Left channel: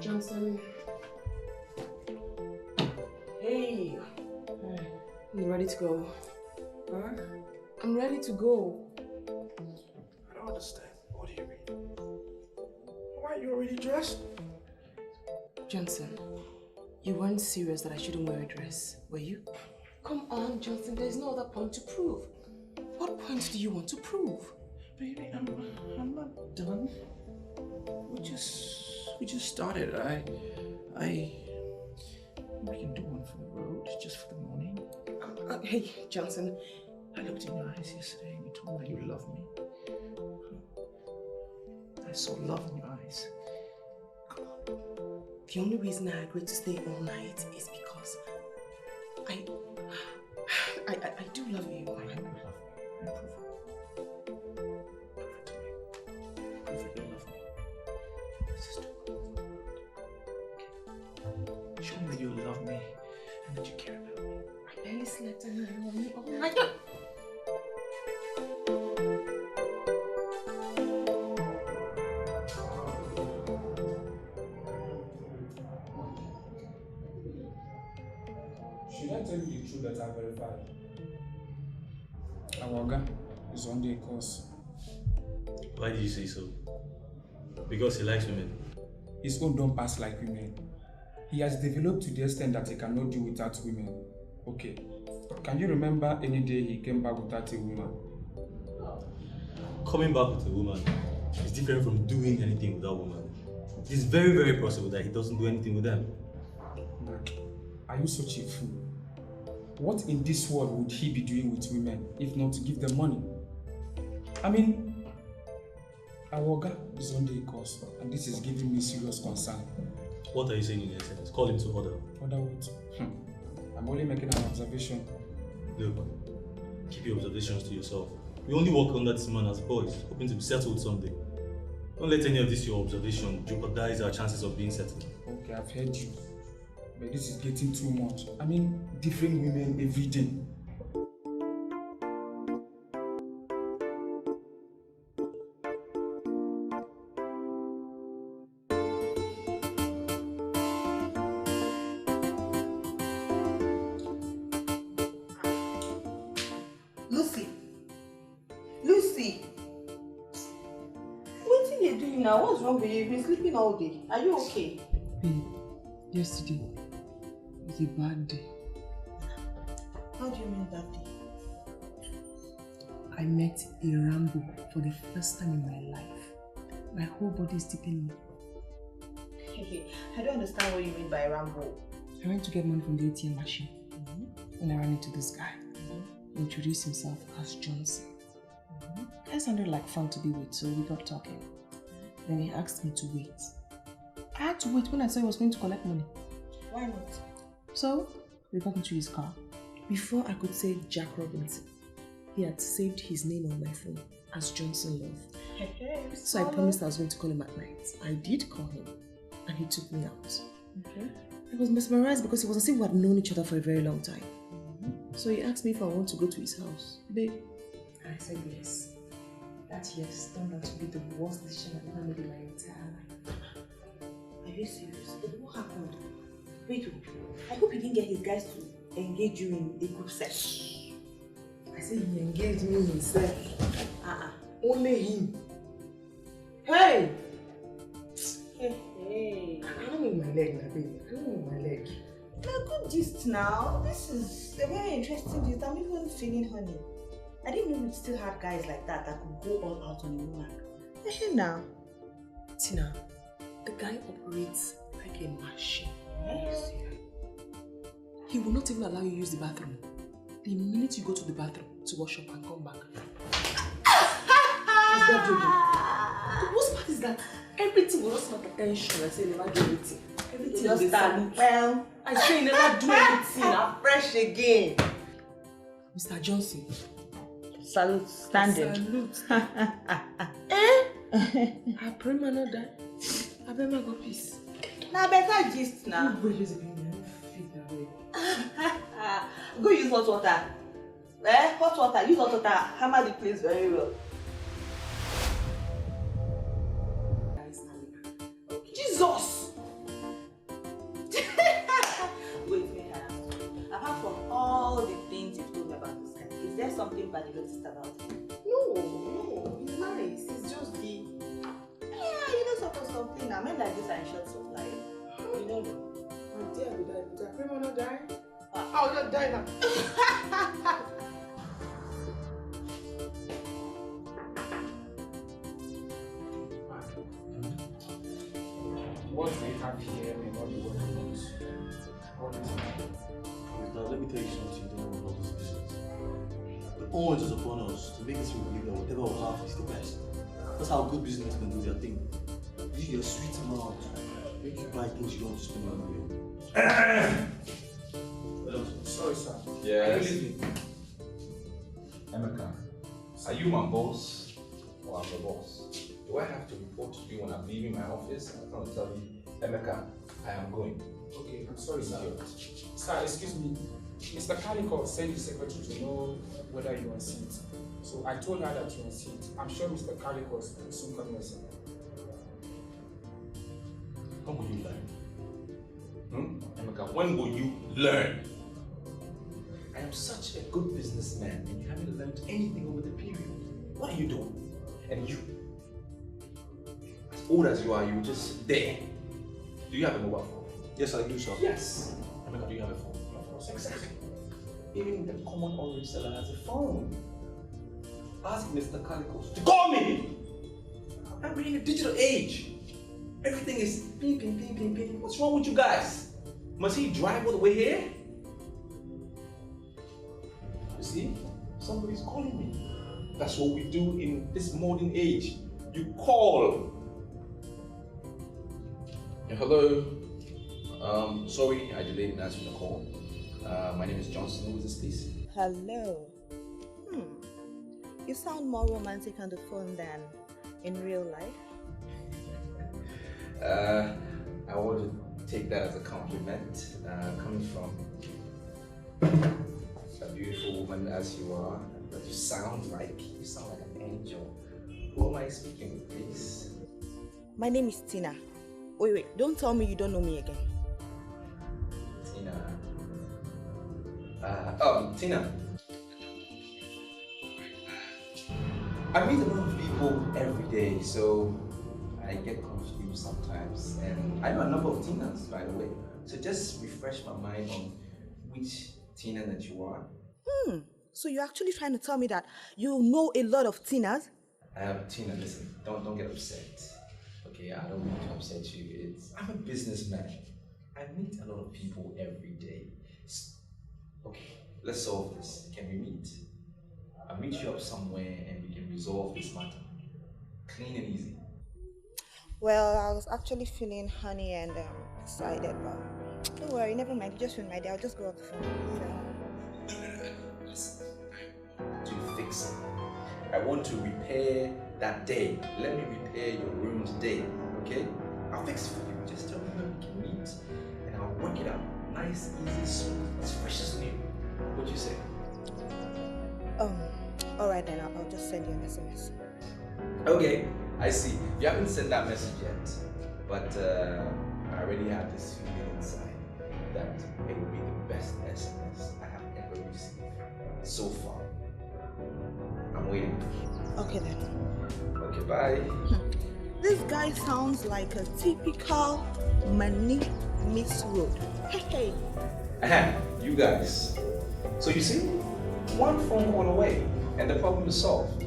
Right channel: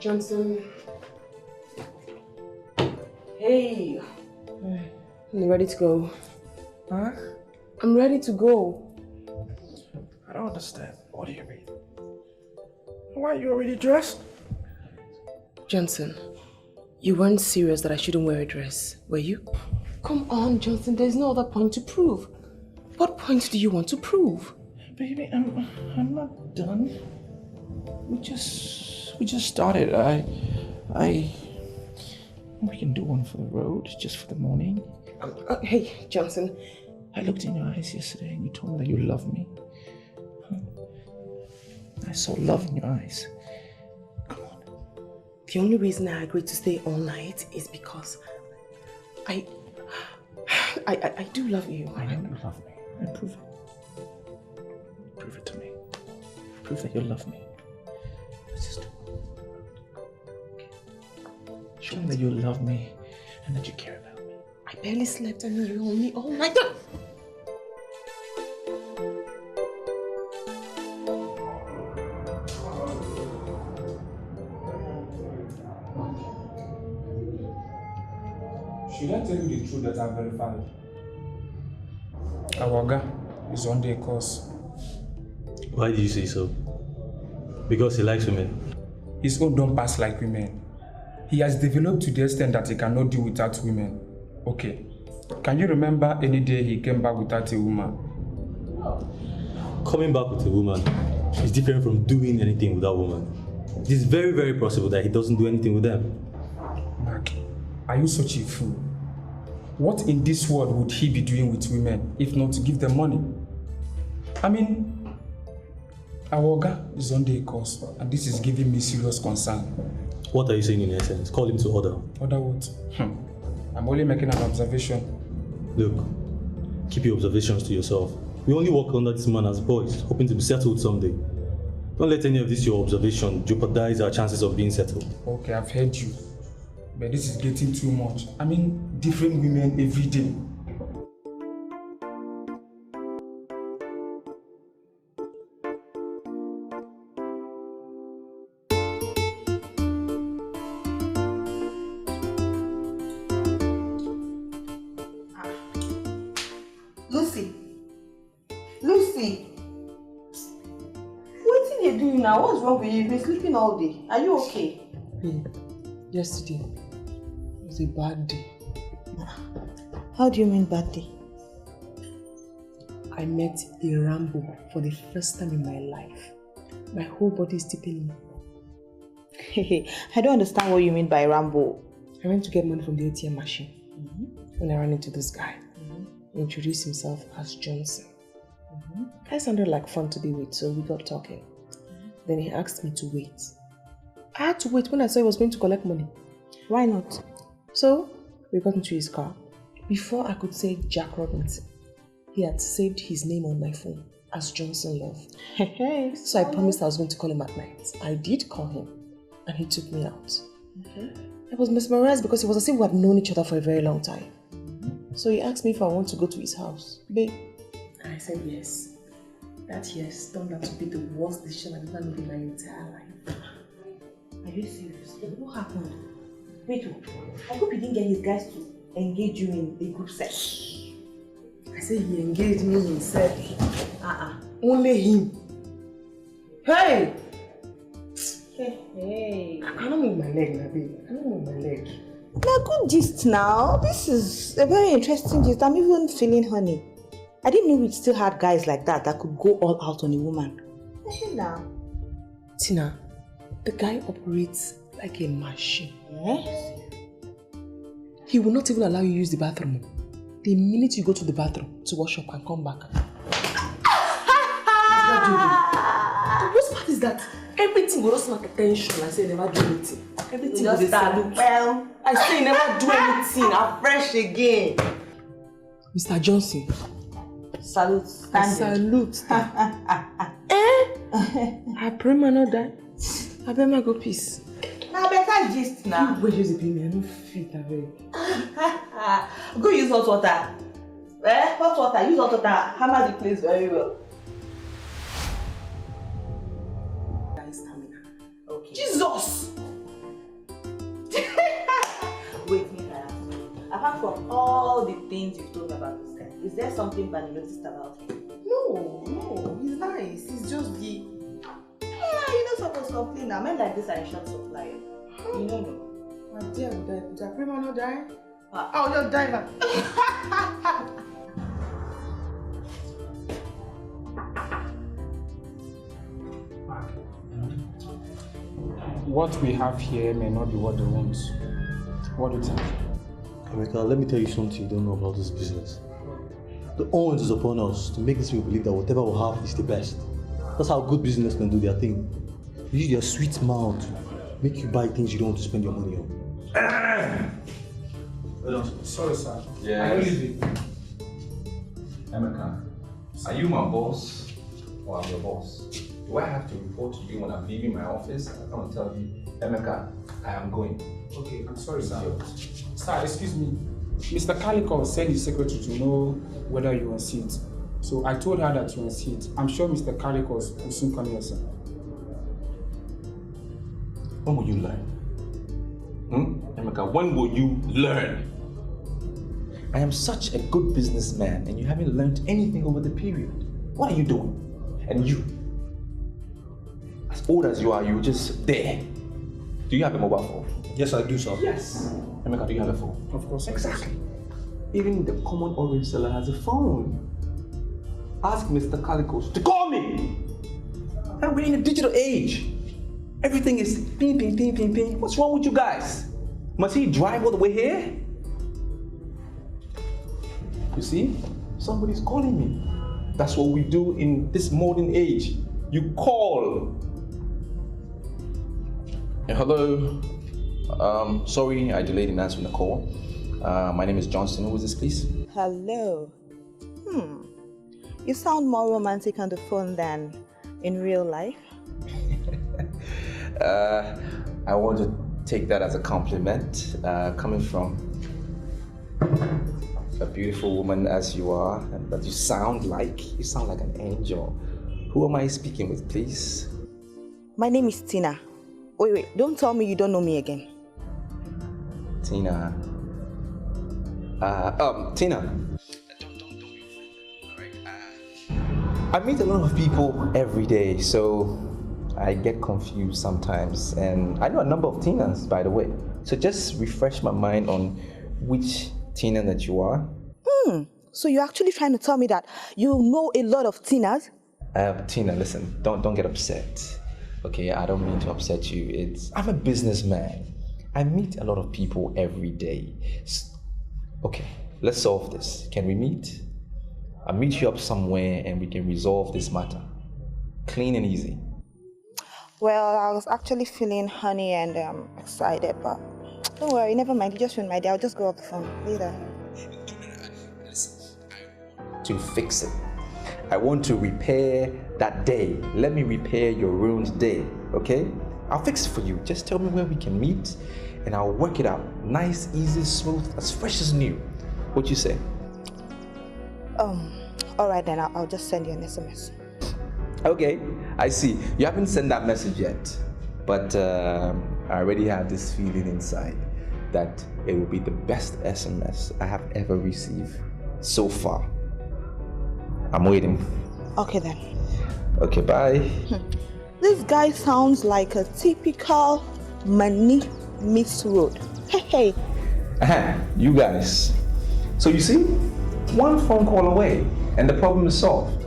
Johnson. Hey. You ready to go? Huh? I'm ready to go. I don't understand. What do you mean? Why are you already dressed? Johnson, you weren't serious that I shouldn't wear a dress, were you? Come on, Johnson, there's no other point to prove. What point do you want to prove? Baby, I'm not done. We just started. We can do one for the road, just for the morning. Hey, Johnson. I looked in your eyes yesterday and you told me that you love me. I saw love in your eyes. Come on. The only reason I agreed to stay all night is because I do love you. I know you love me. And prove it. Prove it to me. Prove that you love me. Let's just do it. Okay. Show me that you love me and that you care about me. I barely slept and you were on me all night. Should I tell you the truth that I've verified? Our guy is on the course. Why did you say so? Because he likes women. His own don't pass like women. He has developed to the extent that he cannot do without women. Okay. Can you remember any day he came back without a woman? Coming back with a woman is different from doing anything with that woman. It is very, very possible that he doesn't do anything with them. Like, are you such a fool? What in this world would he be doing with women if not to give them money? I mean, Awoga is on the course and this is giving me serious concern. What are you saying in essence? Call him to order. Order what? I'm only making an observation. Look, keep your observations to yourself. We only work under this man as boys, hoping to be settled someday. Don't let any of this your observation jeopardize our chances of being settled. Okay, I've heard you. But this is getting too much. I mean, different women every day. Lucy! What are you doing now? What's wrong with you? You've been sleeping all day. Are you okay? Babe, yesterday was a bad day. How do you mean bad day? I met a Rambo for the first time in my life. My whole body is tipping me. I don't understand what you mean by Rambo. I went to get money from the ATM machine. When I ran into this guy, he introduced himself as Johnson. I sounded like fun to be with, so we got talking. Then he asked me to wait. I had to wait when I saw he was going to collect money. Why not? So we got into his car. Before I could say Jack Robinson, he had saved his name on my phone as Johnson Love. So I promised I was going to call him at night. I did call him, and he took me out. I was mesmerized because it was as if we had known each other for a very long time. So he asked me if I want to go to his house. Babe, and I said yes. That yes turned out to be the worst decision I've ever made in my entire life. Are you serious? What happened? Wait, I hope he didn't get his guys to engage you in a group sex. I said he engaged me himself. Only him. Hey! Hey. I don't move my leg, my baby. I don't move my leg. Now, good gist now. This is a very interesting gist. I'm even feeling honey. I didn't know we still had guys like that could go all out on a woman. Now. Tina, the guy operates like a machine. Yes? He will not even allow you to use the bathroom. The minute you go to the bathroom to wash up and come back. He's not joking. The worst part is that everything will just make attention. I say never do anything. Everything will start. Well, I say never do anything. I'm fresh again. Mr. Johnson. Salute. Salute. I pray man not die. I bet my go peace. Now better gist now. Go use the cleaner. I don't fit that way. Go use hot water. Hot water. Use hot water. Hammer the place very well. Okay. Jesus! and you noticed about him? No, he's nice. He's just the... Yeah, you're not supposed to complain now. Men like this are in short supply. You know me. My dear, would I pray man not die? Oh, you're dying now. What we have here may not be what they want. What do you think? America, let me tell you something you don't know about this business. The onus is upon us to make these people believe that whatever we have is the best. That's how good businessmen do their thing. They use their sweet mouth to make you buy things you don't want to spend your money on. Sorry, sir. Yes. Emeka, are you my boss or I'm your boss? Do I have to report to you when I'm leaving my office? I can't tell you, Emeka, I am going. Okay, I'm sorry, sir. Sir, excuse me. Mr. Calico sent the secretary to know whether you're on seat. So I told her that you're on seat. I'm sure Mr. Calico will soon come here, sir. When will you learn? Emeka, when will you learn? I am such a good businessman and you haven't learned anything over the period. What are you doing? And you, as old as you are, you're just there. Do you have a mobile phone? Yes, I do, sir. Yes. Emeka, do you have a phone? Of course. Exactly. Even the common orange seller has a phone. Ask Mr. Calicos to call me. And we're in a digital age. Everything is ping, ping, ping, ping, ping. What's wrong with you guys? Must he drive all the way here? You see, somebody's calling me. That's what we do in this modern age. You call. Hello. Sorry I delayed in answering the call. My name is Johnson. Who is this, please? Hello. You sound more romantic on the phone than in real life. I want to take that as a compliment, coming from a beautiful woman as you are, but you sound like an angel. Who am I speaking with, please? My name is Tina. Wait, don't tell me you don't know me again. Tina. Tina. I meet a lot of people every day, so I get confused sometimes. And I know a number of Tinas, by the way. So just refresh my mind on which Tina that you are. So you're actually trying to tell me that you know a lot of Tinas? Tina, listen, don't get upset. Okay, I don't mean to upset you. I'm a businessman. I meet a lot of people every day. Okay, let's solve this. Can we meet? I'll meet you up somewhere and we can resolve this matter. Clean and easy. Well, I was actually feeling honey and excited, but don't worry, never mind. You just ruined my day. I'll just go off the phone. Later. Listen, I want to fix it. I want to repair that day. Let me repair your ruined day, okay? I'll fix it for you. Just tell me where we can meet and I'll work it out. Nice, easy, smooth, as fresh as new. What you say? All right then, I'll just send you an SMS. Okay, I see. You haven't sent that message yet, but I already have this feeling inside that it will be the best SMS I have ever received so far. I'm waiting. Okay then. Okay, bye. This guy sounds like a typical money Miss Road. Hey. You guys. So you see, one phone call away and the problem is solved.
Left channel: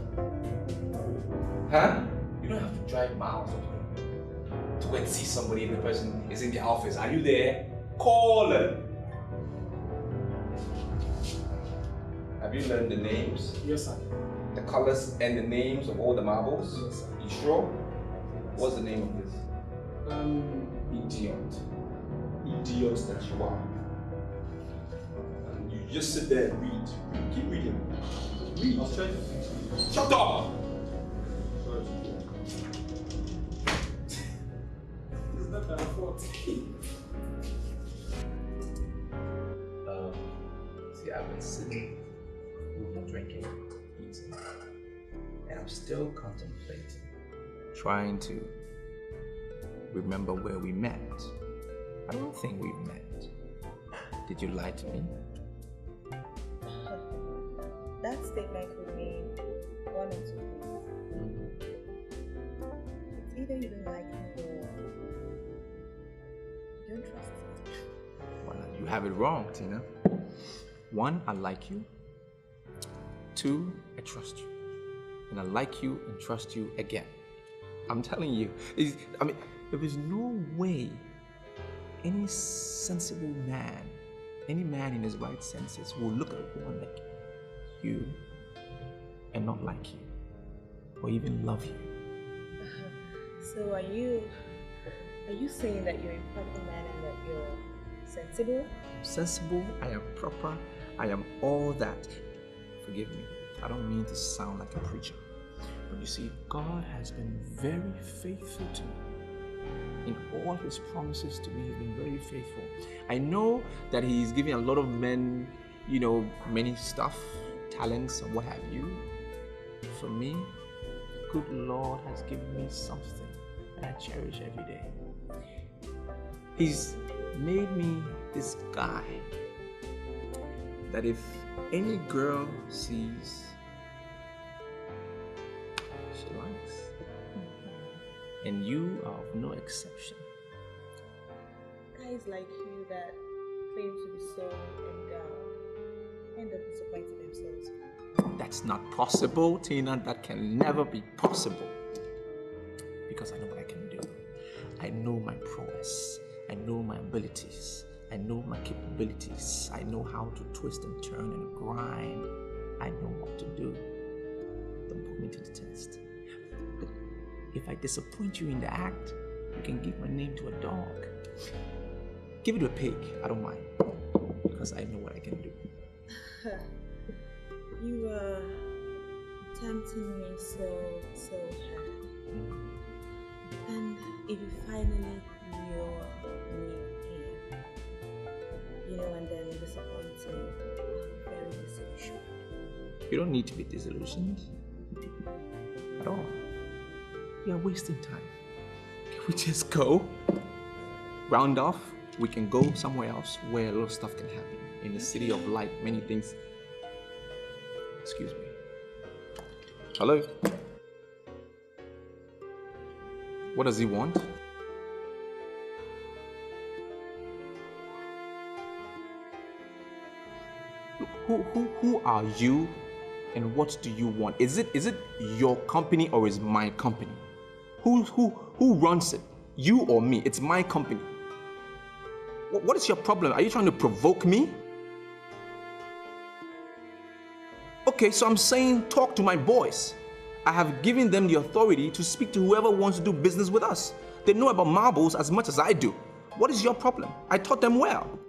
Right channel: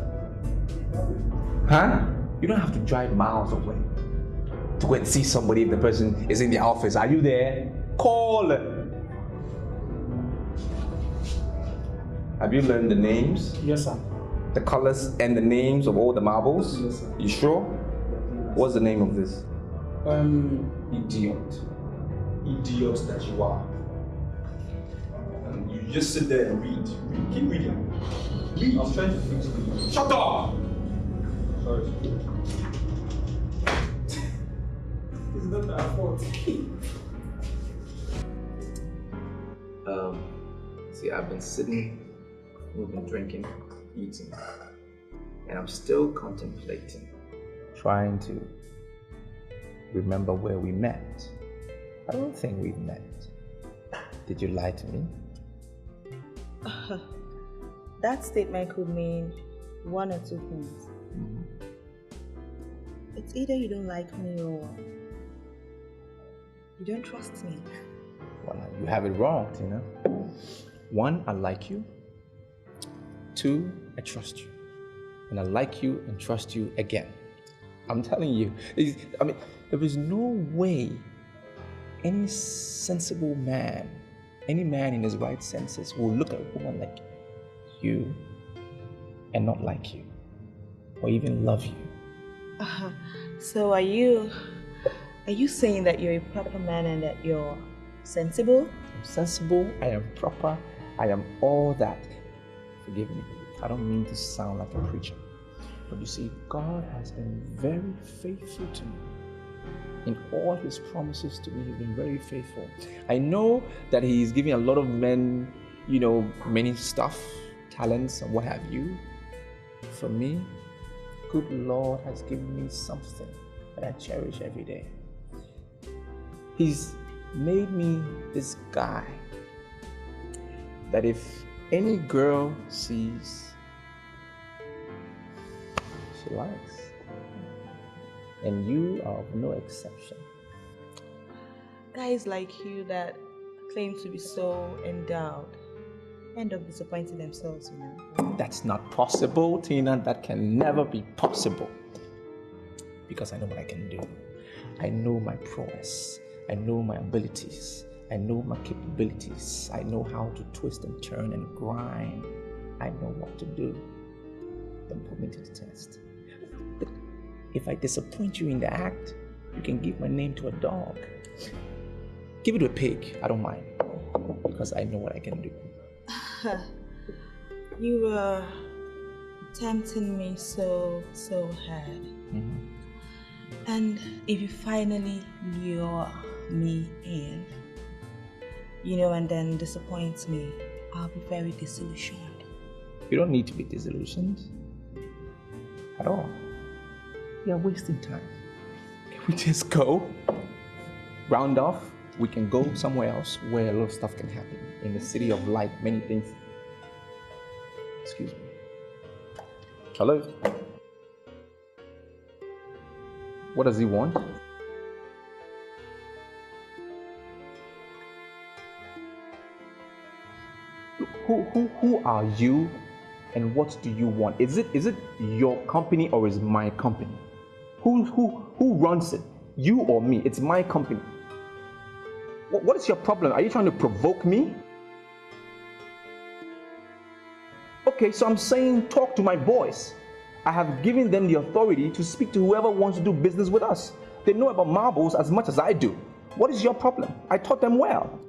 Huh? You don't have to drive miles away to go and see somebody if the person is in the office. Are you there? Call them. Have you learned the names? Yes, sir. The colors and the names of all the marbles? Yes, sir. You sure? What's the name of this? Idiot. Idiot that you are. And you just sit there and read. Keep reading. Read. I'm trying to fix it. Shut up! Sorry. It's not our fault. See, I've been sitting, we've been drinking, eating, and I'm still contemplating, trying to remember where we met. I don't think we've met. Did you lie to me? that statement could mean one or two things. It's either you don't like me or you don't trust me. Well, you have it wrong, Tina. 1, I like you. 2, I trust you. And I like you and trust you again. I'm telling you, there is no way any sensible man, any man in his right senses will look at a woman like you and not like you or even love you. So are you saying that you're a proper man and that you're sensible? I'm sensible, I am proper, I am all that. Forgive me, I don't mean to sound like a preacher. But you see, God has been very faithful to me. In all his promises to me, he's been very faithful. I know that he's giving a lot of men, many stuff, talents and what have you. For me, good Lord has given me something that I cherish every day. He's made me this guy that if any girl sees, she likes. And you are of no exception. Guys like you that claim to be so endowed end up disappointing themselves, That's not possible, Tina. That can never be possible. Because I know what I can do. I know my prowess. I know my abilities. I know my capabilities. I know how to twist and turn and grind. I know what to do. Don't put me to the test. But if I disappoint you in the act, you can give my name to a dog. Give it to a pig. I don't mind. Because I know what I can do. You were tempting me so hard. And if you finally lure me in, and then disappoint me, I'll be very disillusioned. You don't need to be disillusioned at all. You're wasting time. Can we just go? Round off, we can go somewhere else where a lot of stuff can happen. In the city of light, many things. Excuse me. Hello? What does he want? Who are you and what do you want? Is it your company or is my company? Who runs it? You or me? It's my company. What is your problem? Are you trying to provoke me? Okay, so I'm saying talk to my boys. I have given them the authority to speak to whoever wants to do business with us. They know about marbles as much as I do. What is your problem? I taught them well.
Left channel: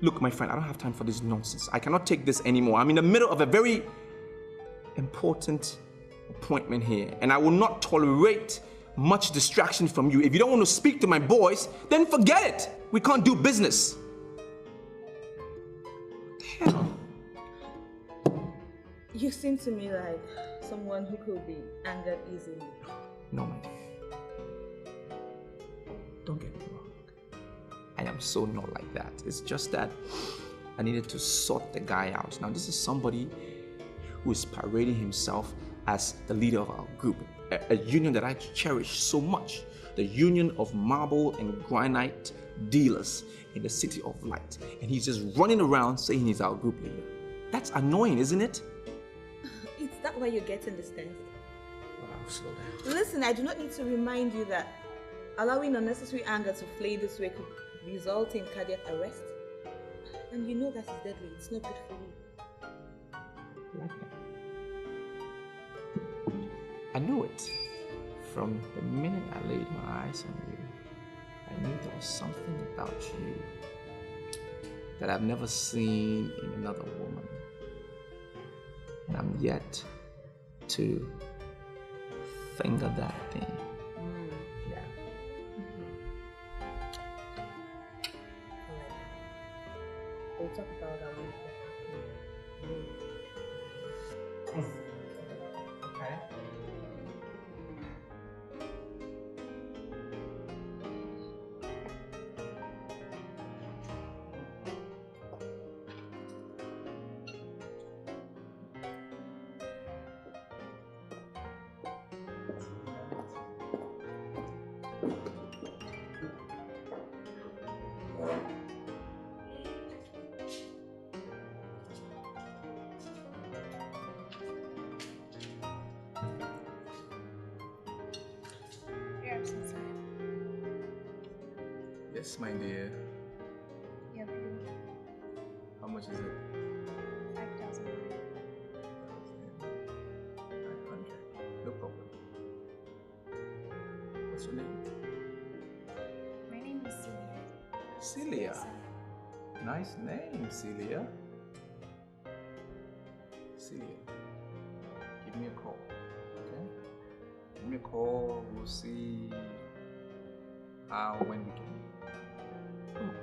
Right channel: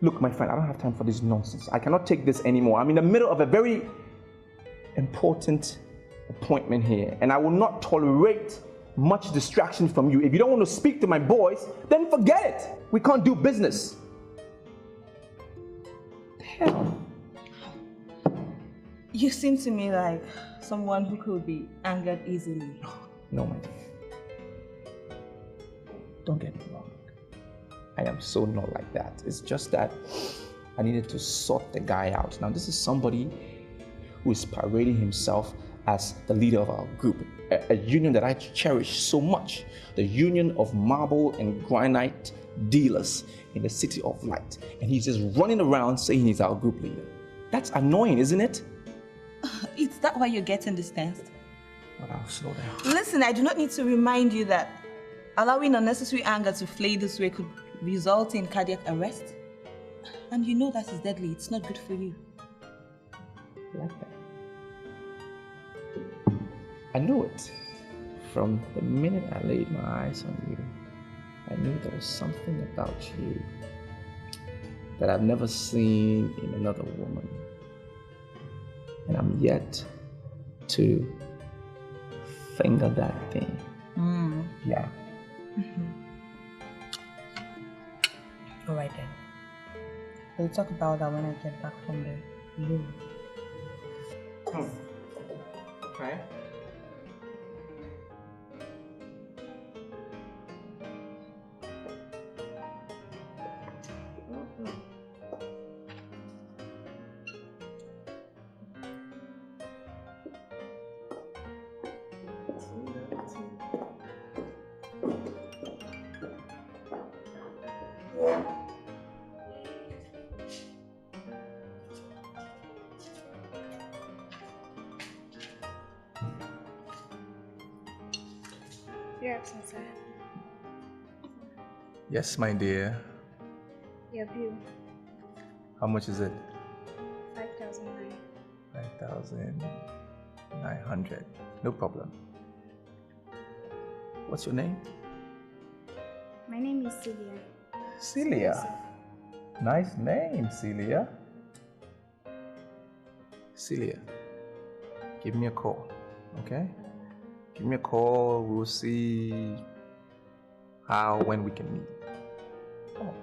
Look, my friend, I don't have time for this nonsense. I cannot take this anymore. I'm in the middle of a very important appointment here, and I will not tolerate much distraction from you. If you don't want to speak to my boys, then forget it. We can't do business. Hell. You seem to me like someone who could be angered easily. No, my dear. Don't get me wrong. I am so not like that. It's just that I needed to sort the guy out. Now, this is somebody who is parading himself as the leader of our group, a union that I cherish so much, the union of marble and granite dealers in the city of light. And he's just running around saying he's our group leader. That's annoying, isn't it? Is that why you're getting this tense? Well, I'll slow down. Listen, I do not need to remind you that allowing unnecessary anger to flay this way could result in cardiac arrest. And you know that is deadly. It's not good for you. Like that. I knew it. From the minute I laid my eyes on you, I knew there was something about you that I've never seen in another woman. And I'm yet to finger that thing. Yeah. All right then. We'll talk about that when I get back from the room. Okay. Yes, inside. Yes, my dear. Your bill. How much is it? 5,000. 5,900. No problem. What's your name? My name is Celia. Celia. Nice name, Celia. Celia, give me a call, okay? Give me a call. We'll see when we can meet. Come on.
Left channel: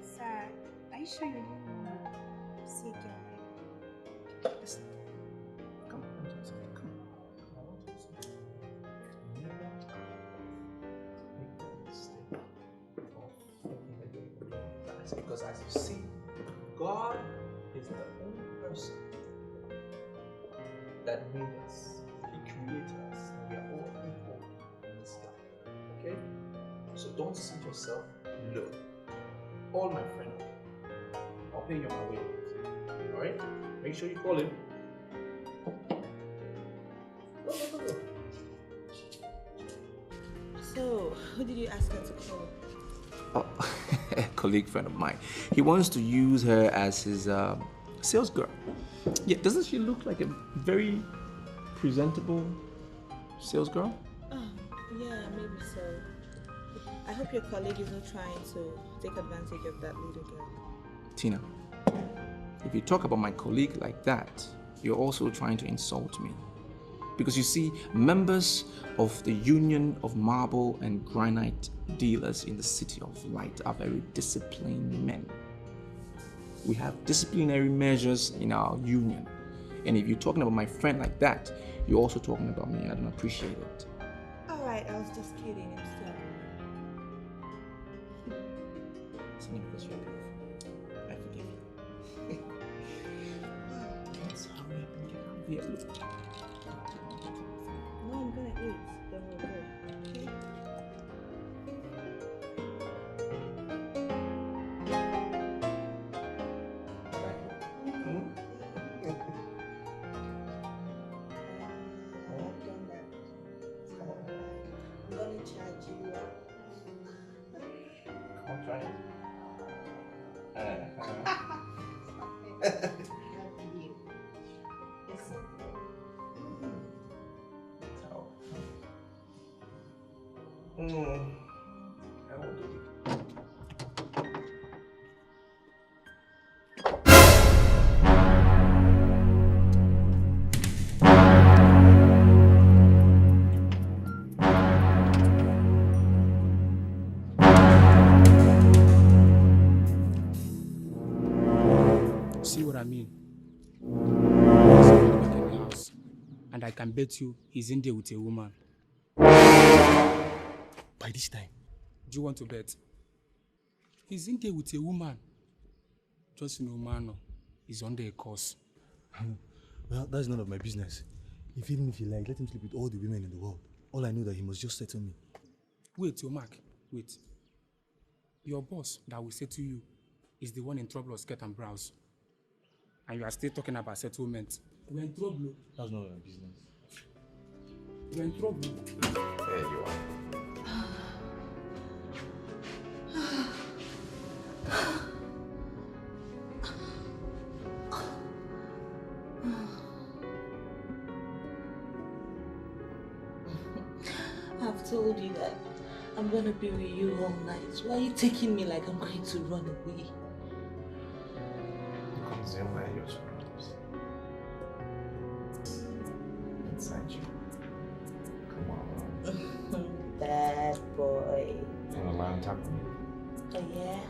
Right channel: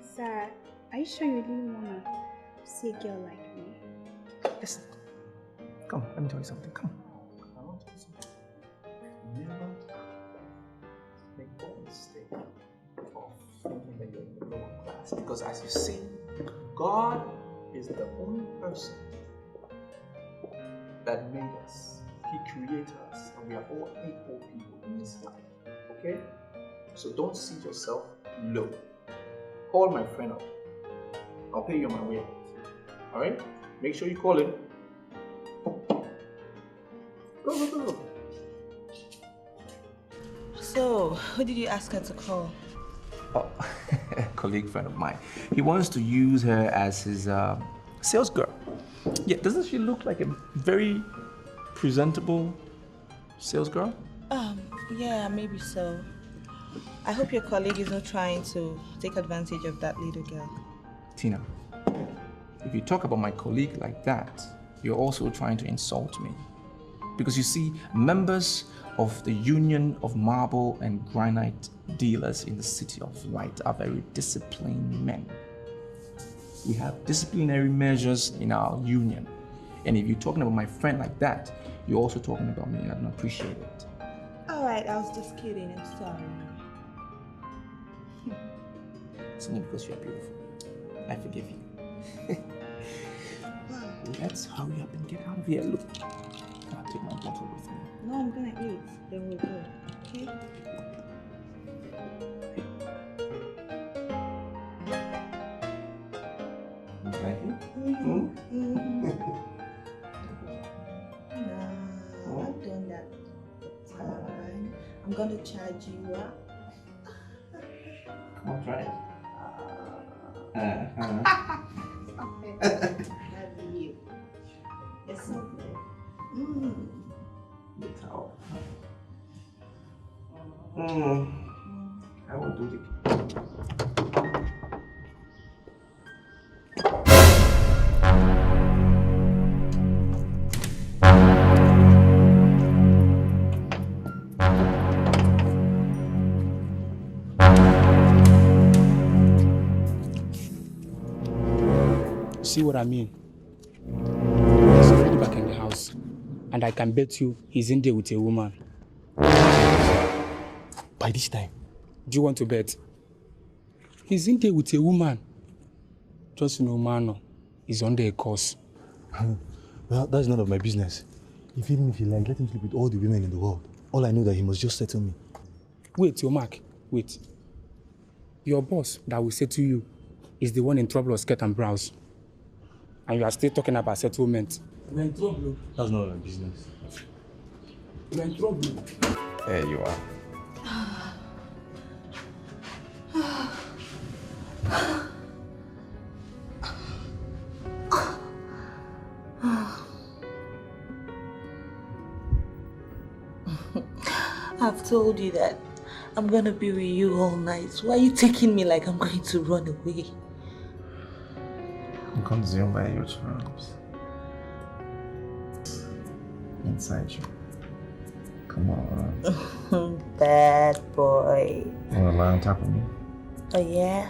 Sir, are you sure you really want to see a girl like me? Yes. Come, let me tell you something. Come. I want to tell you something. Never make the mistake of thinking that you're lower class. Because as you see, God is the only person that made us. He created us. And we are all equal people in this life. Okay? So don't see yourself low. Call my friend up. I'll pay you on my way. Alright? Make sure you call him. Go. So, who did you ask her to call? Oh, a colleague friend of mine. He wants to use her as his sales girl. Yeah, doesn't she look like a very presentable sales girl? Yeah, maybe so. I hope your colleague is not trying to take advantage of that little girl. Tina, if you talk about my colleague like that, you're also trying to insult me. Because you see, members of the Union of Marble and Granite Dealers in the City of Light are very disciplined men. We have disciplinary measures in our union. And if you're talking about my friend like that, you're also talking about me. I don't appreciate it. Alright, I was just kidding. I'm sorry. It's only because you're beautiful. I forgive you. Let's hurry up and get out of here. Look, I'll take my bottle with me. No, I'm gonna eat. Then we'll go. Okay? I've done that time. I'm gonna charge you up. Come on, try it. I love you. It's so good. I will do it. See what I mean? He's already back in the house. And I can bet you he's in there with a woman. By this time? Do you want to bet? He's in there with a woman. Just no man, he's under a course. Well, that's none of my business. Even if he like, let him sleep with all the women in the world. All I know that he must just settle me. Wait, your Mark, wait. Your boss that will settle you is the one in trouble of skirt and brows. And you are still talking about settlement. You're in trouble. That's not my business. You're in trouble. There you are. I've told you that I'm gonna be with you all night. Why are you taking me like I'm going to run away? I'm consumed by your charms. Inside you. Come on. Bad boy. You want to lie on top of me? Oh yeah?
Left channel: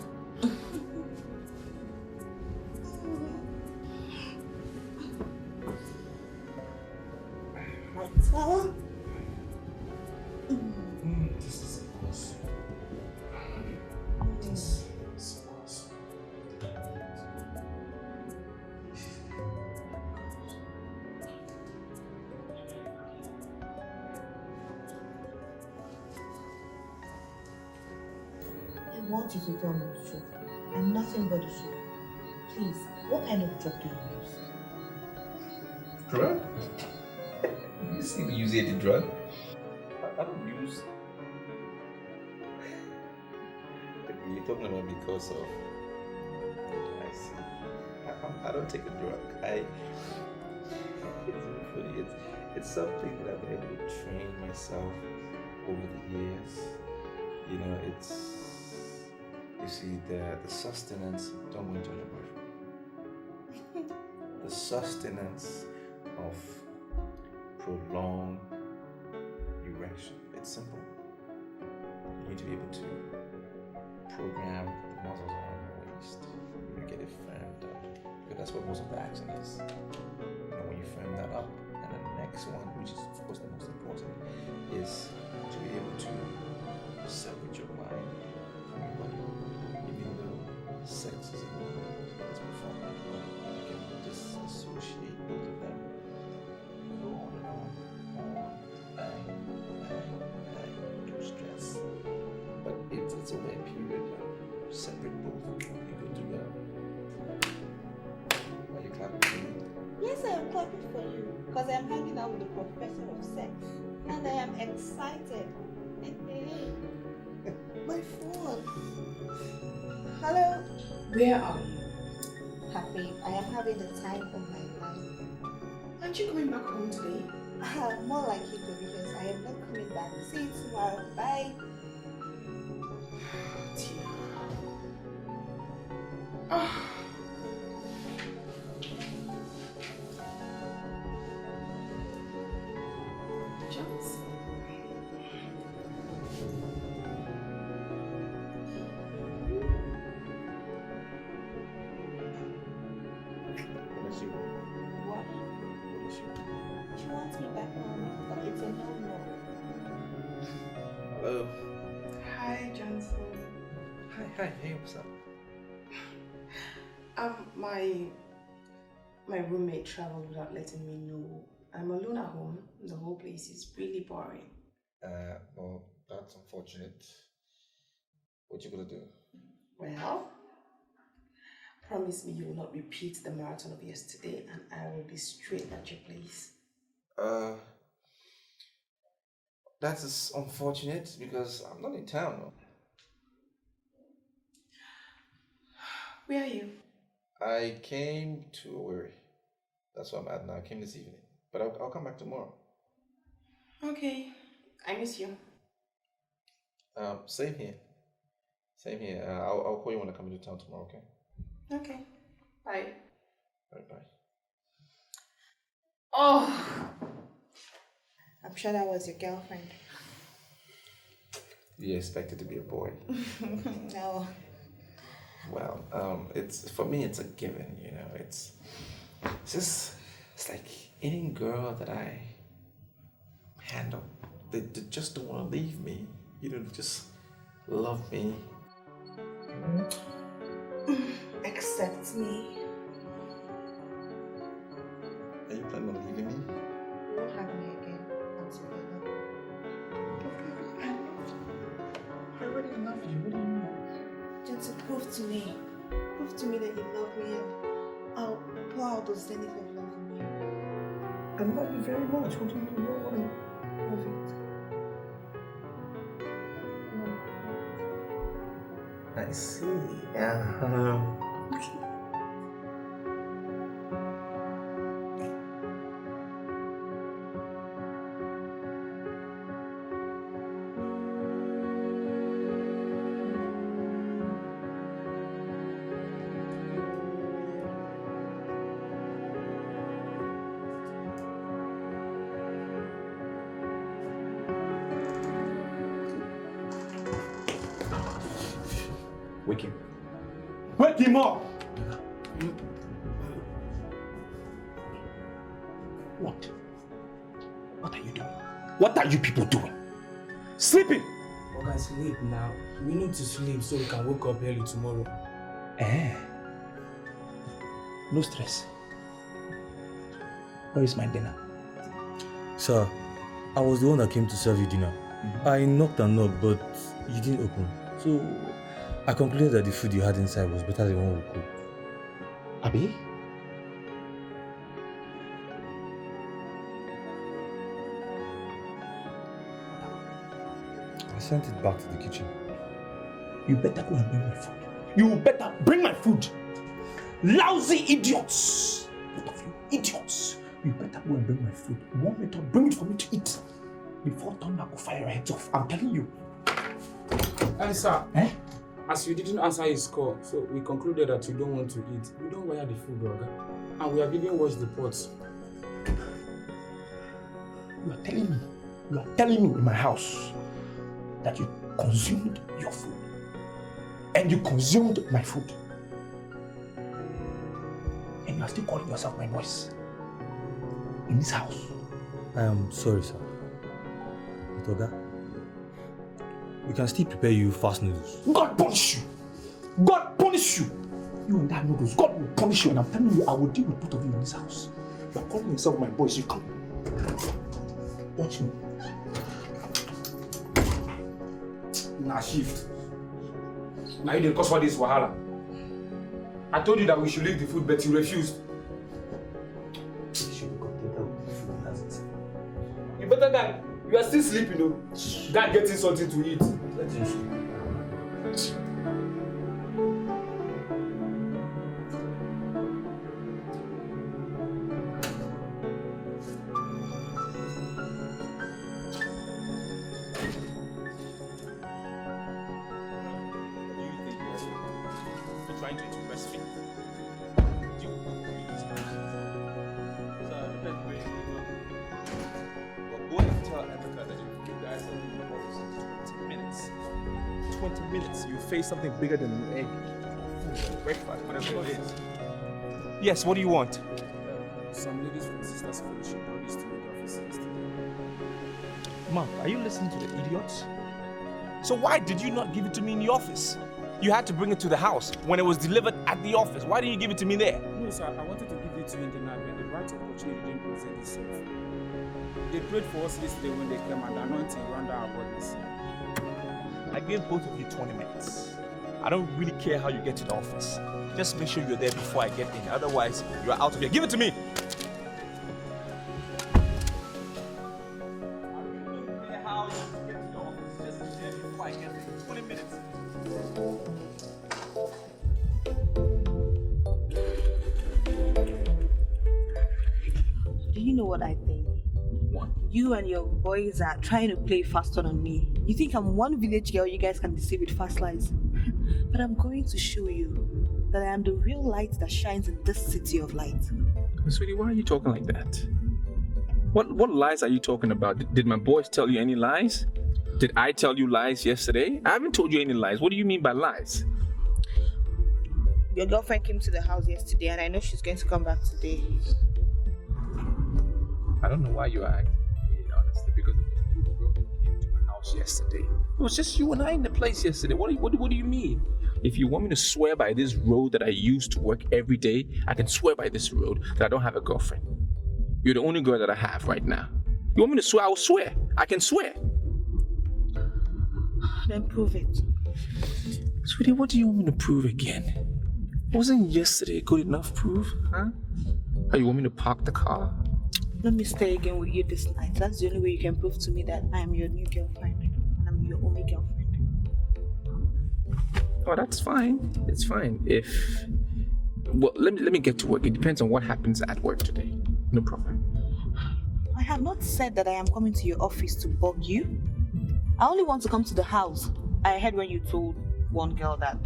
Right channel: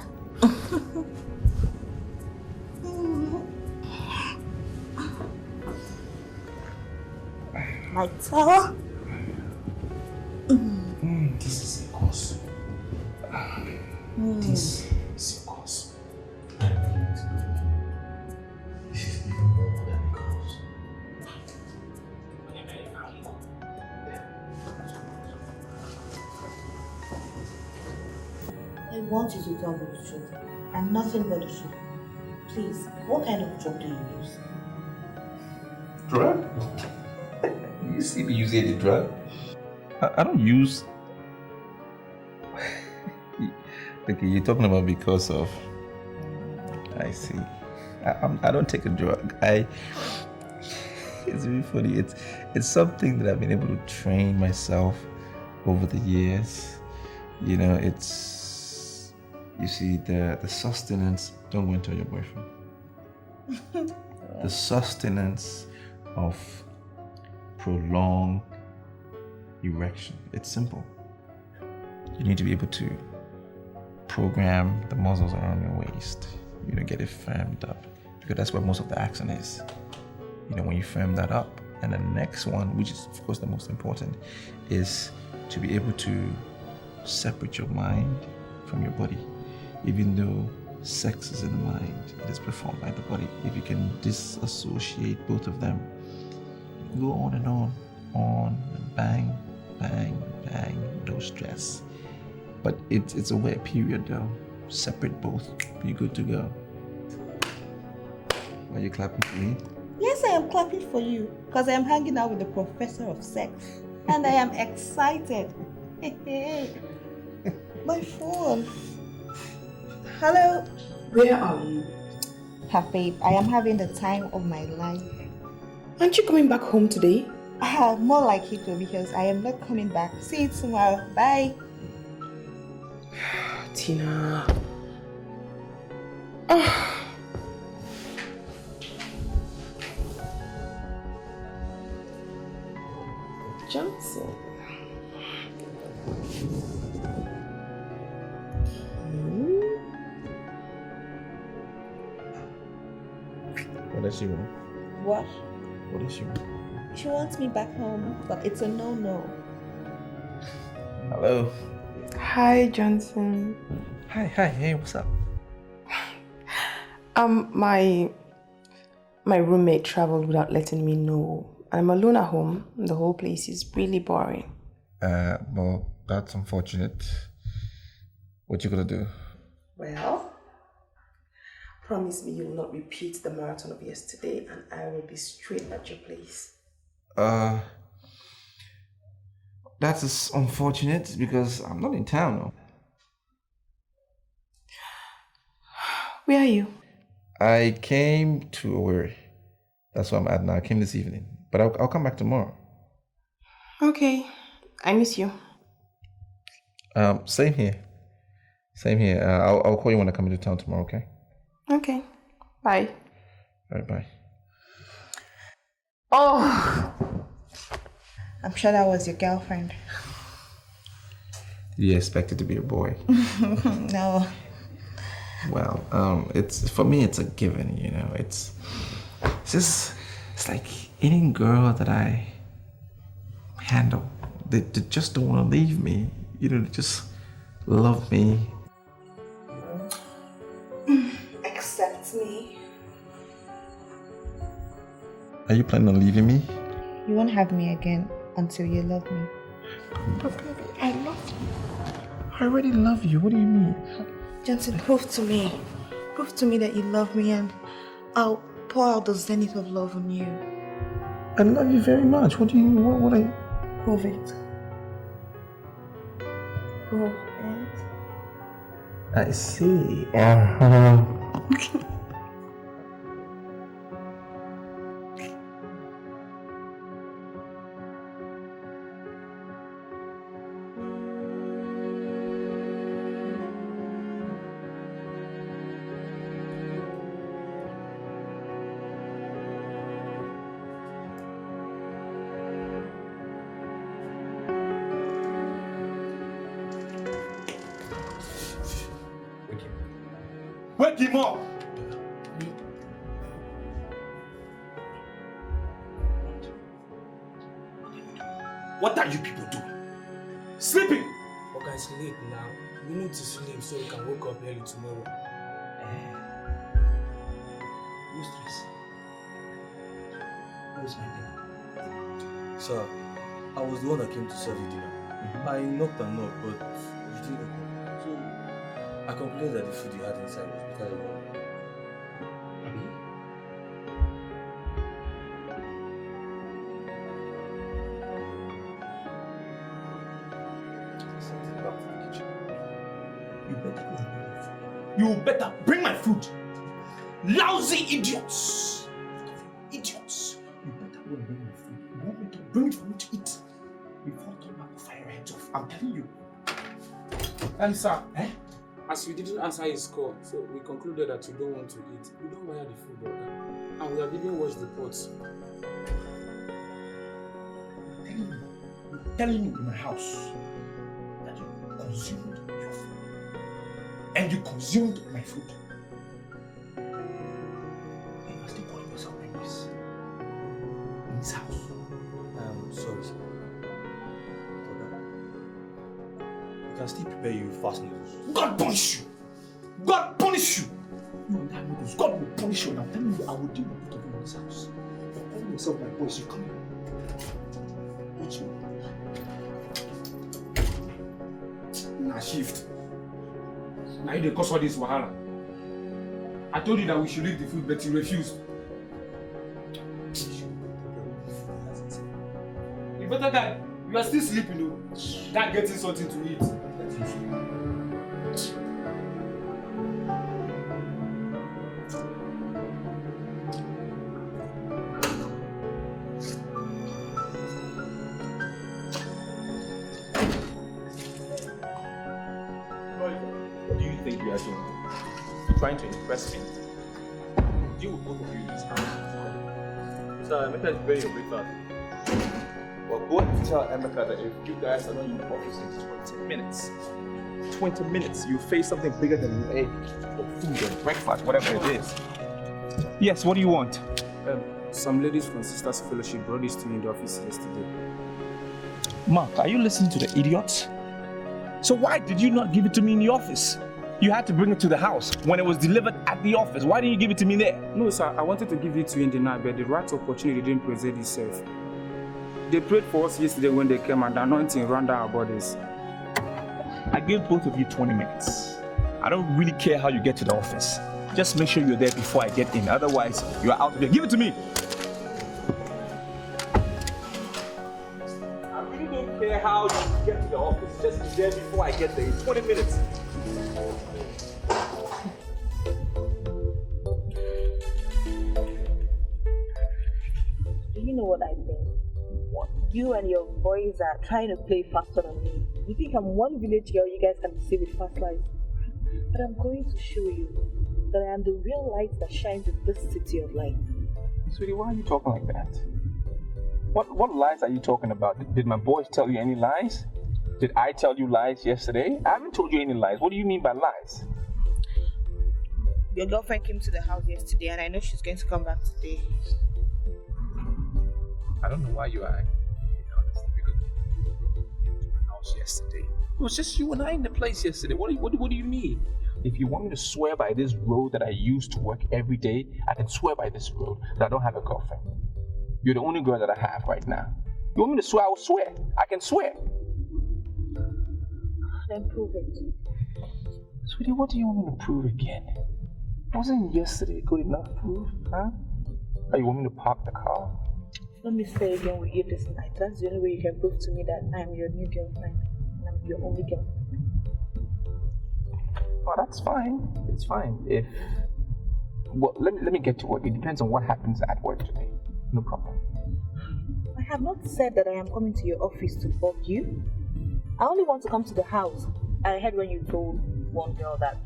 Like so? This is a course. This is a course. This is even more than a course. I want you to tell me the truth, and nothing but the truth. Please, what kind of drug do you use? Drug? You see me using the drug? I don't use. Okay, you're talking about because of. I see. I don't take a drug. It's really funny. It's something that I've been able to train myself over the years. You know, it's. You see, the sustenance. Don't go and tell your boyfriend. The sustenance of prolonged erection. It's simple. You need to be able to program the muscles around your waist. You know, get it firmed up, because that's where most of the action is. You know, when you firm that up, and the next one, which is of course the most important, is to be able to separate your mind from your body. Even though sex is in the mind, it is performed by the body. If you can disassociate both of them, go on and on, bang, bang, bang, no stress. But it's a weird period though. Separate both, you're good to go. Are you clapping for me? Yes, I am clapping for you because I am hanging out with the professor of sex and I am excited. My phone. Hello. Where are you? Babe, I am having the time of my life. Aren't you coming back home today? More like you do, because I am not coming back. See you tomorrow. Bye. Tina. Oh. Johnson. What does she want? What? What does she want? She wants me back home, but it's a no-no. Hello. Hi, Johnson. Hi, hey, what's up? My roommate traveled without letting me know. I'm alone at home. The whole place is really boring. Well, that's unfortunate. What you gonna do? Well, promise me you will not repeat the marathon of yesterday and I will be straight at your place. That's unfortunate because I'm not in town now. Where are you? I came to Owerri. That's where I'm at now. I came this evening, but I'll come back tomorrow. Okay, I miss you. Same here. Same here. I'll call you when I come into town tomorrow, okay? Okay, bye. All right, bye. Oh! I'm sure that was your girlfriend. Did you expect it to be a boy? No. Well, it's for me. It's a given, you know. It's like any girl that I handle. They just don't want to leave me. You know, they just love me. Accept me. Are you planning on leaving me? You won't have me again until you love me. But baby, I love you. I already love you. What do you mean? Johnson, prove to me. Prove to me that you love me and I'll pour out the zenith of love on you. I love you very much. What do you what I Prove it. Prove it. I see. Wake him. Wake him up! What? What are you doing? What are you people doing? Sleeping! Oh guys, late now. We need to sleep so we can wake up early tomorrow. No stress. Where is my dinner? Sir, I was the one that came to serve you dinner. I knocked and knocked, but you didn't open. So I concluded that the food you had inside was better than one we cooked. Abi? sent it back to the kitchen. You better go and bring my food. You better bring my food. Lousy idiots. Idiots. You better go and bring my food. You want me to bring it for me to eat before Tom will fire your heads off. I'm telling you. And sir, as you didn't answer his call, so we concluded that you don't want to eat. We don't wire the food, brother. And we have even washed the pots. You are telling me in my house that you consumed your food. And you consumed my food. And you are still calling yourself my boss. In this house. I am sorry, sir. But Oga, we can still prepare you fast noodles. God punish you! God punish you! You and that noodles, God will punish you, and I'm telling you, I will deal with both of you in this house. You are calling yourself my boss, you come. Watch me. Nah, shift. Now you didn't cause for this wahala. I told you that we should leave the food, but you refused. You better guy, you are still sleeping though. Guy getting something to eat. What do you think you are doing? You're trying to impress me? You will both agree this time. Sir, Emeka is very breakfast. Well, go and tell Emeka that if you guys are in the office in 20 minutes, 20 minutes, you face something bigger than an egg or food or breakfast, whatever it is. Yes, what do you want? Some ladies from Sisters Fellowship brought this to me in the office yesterday. Mark, are you listening to the idiots? So why did you not give it to me in the office? You had to bring it to the house when it was delivered at the office. Why didn't you give it to me there? No, sir, I wanted to give it to you in the night, but the right opportunity didn't present itself. They prayed for us yesterday when they came and the anointing ran down our bodies. I gave both of you 20 minutes. I don't really care how you get to the office. Just make sure you're there before I get in. Otherwise, you're out of here. Give it to me! I really don't care how you get to the office. Just be there before I get there in 20 minutes. Do you know what I think? What? You and your boys are trying to play faster on me. You think I'm one village girl you guys can deceive with fast lies? But I'm going to show you that I am the real light that shines in this city of light. Sweetie, why are you talking like that? What lies are you talking about? Did my boys tell you any lies? Did I tell you lies yesterday? I haven't told you any lies. What do you mean by lies? Your girlfriend came to the house yesterday and I know she's going to come back today. I don't know why you are acting weird, honestly, because it was two girls who came to my house yesterday. It was just you and I in the place yesterday. What do you mean? If you want me to swear by this road that I use to work every day, I can swear by this road that I don't have a girlfriend. You're the only girl that I have right now. You want me to swear? I will swear. I can swear. Then prove it. Sweetie, what do you want me to prove again? Wasn't yesterday good enough proof, huh? Oh, you want me to park the car? Let me stay again with you this night. That's the only way you can prove to me that I am your new girlfriend and I'm your only girlfriend. Oh, that's fine. It's fine. Well, let me get to work. It depends on what happens at work today. No problem. I have not said that I am coming to your office to bug you. I only want to come to the house. I heard when you told one girl that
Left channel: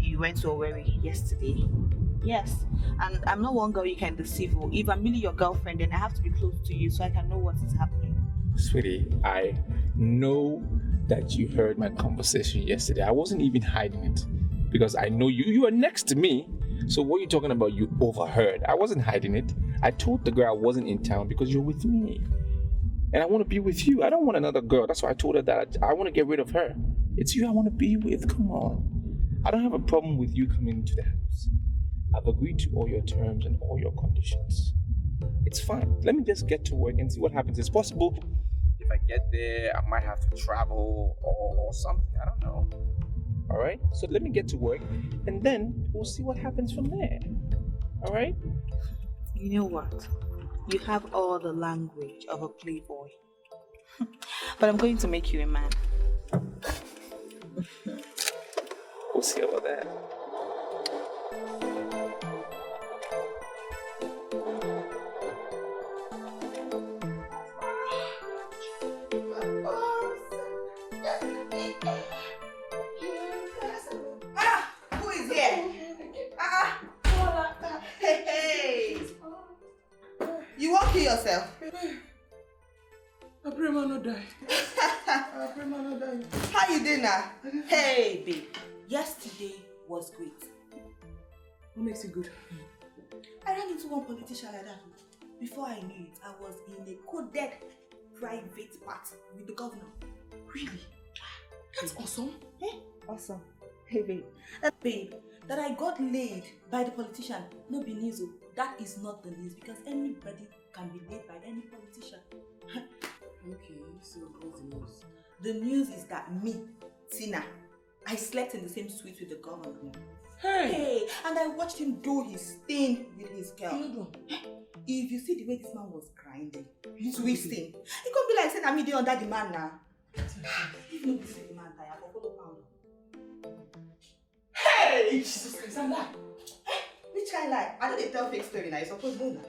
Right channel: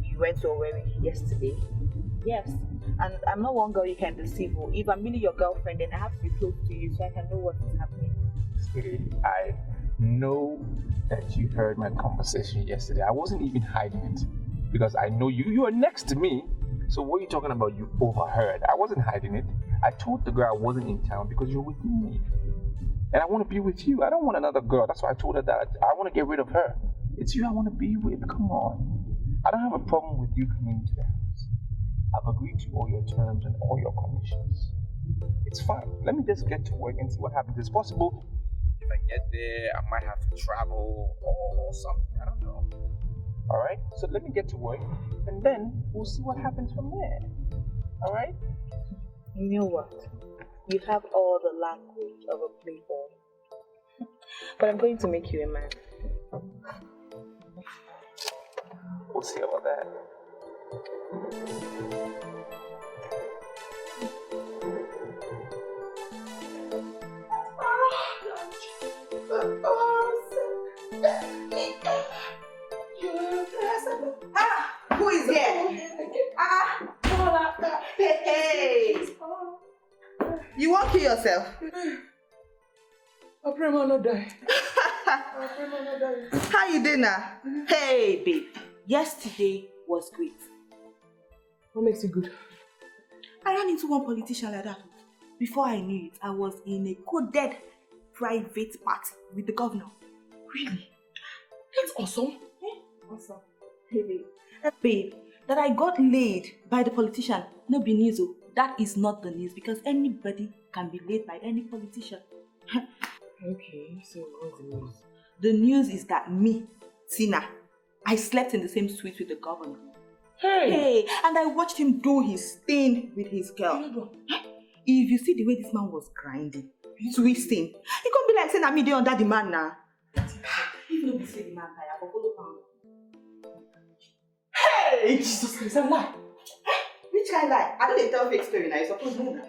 you went to Owerri yesterday. Yes, and I'm not one girl you can deceive. If I'm really your girlfriend, then I have to be close to you so I can know what is happening. Sweetie, I know that you heard my conversation yesterday. I wasn't even hiding it because I know you. You are next to me. So what are you talking about? You overheard. I wasn't hiding it. I told the girl I wasn't in town because you're with me. And I want to be with you. I don't want another girl. That's why I told her that I want to get rid of her. It's you I want to be with. Come on. I don't have a problem with you coming into the house. I've agreed to all your terms and all your conditions. It's fine. Let me just get to work and see what happens. It's possible if I get there, I might have to travel or something. I don't know. All right? So let me get to work and then we'll see what happens from there. All right? You know what? You have all the language of a playboy. But I'm going to make you a man. we'll see about that. Who is here? Hey. You won't kill yourself. I pray man not die. How you doing now? Hey, babe. Yesterday was great. What makes it good? I ran into one politician like that. Before I knew it, I was in a coded private party with the governor. Really? That's awesome. Awesome. Hey, babe. Babe, that I got laid by the politician, no be news. That is not the news because anybody can be laid by any politician. Okay, so what's the news? The news is that me, Tina, I slept in the same suite with the governor. Hey, and I watched him do his thing with his girl. If you see the way this man was grinding, twisting, it can't be like saying I'm me under the man now. Even though we say the man tired, but follow pound. Hey, Jesus Christ, I'm lying. Which kind lie? I don't tell fake story now. You supposed to know now.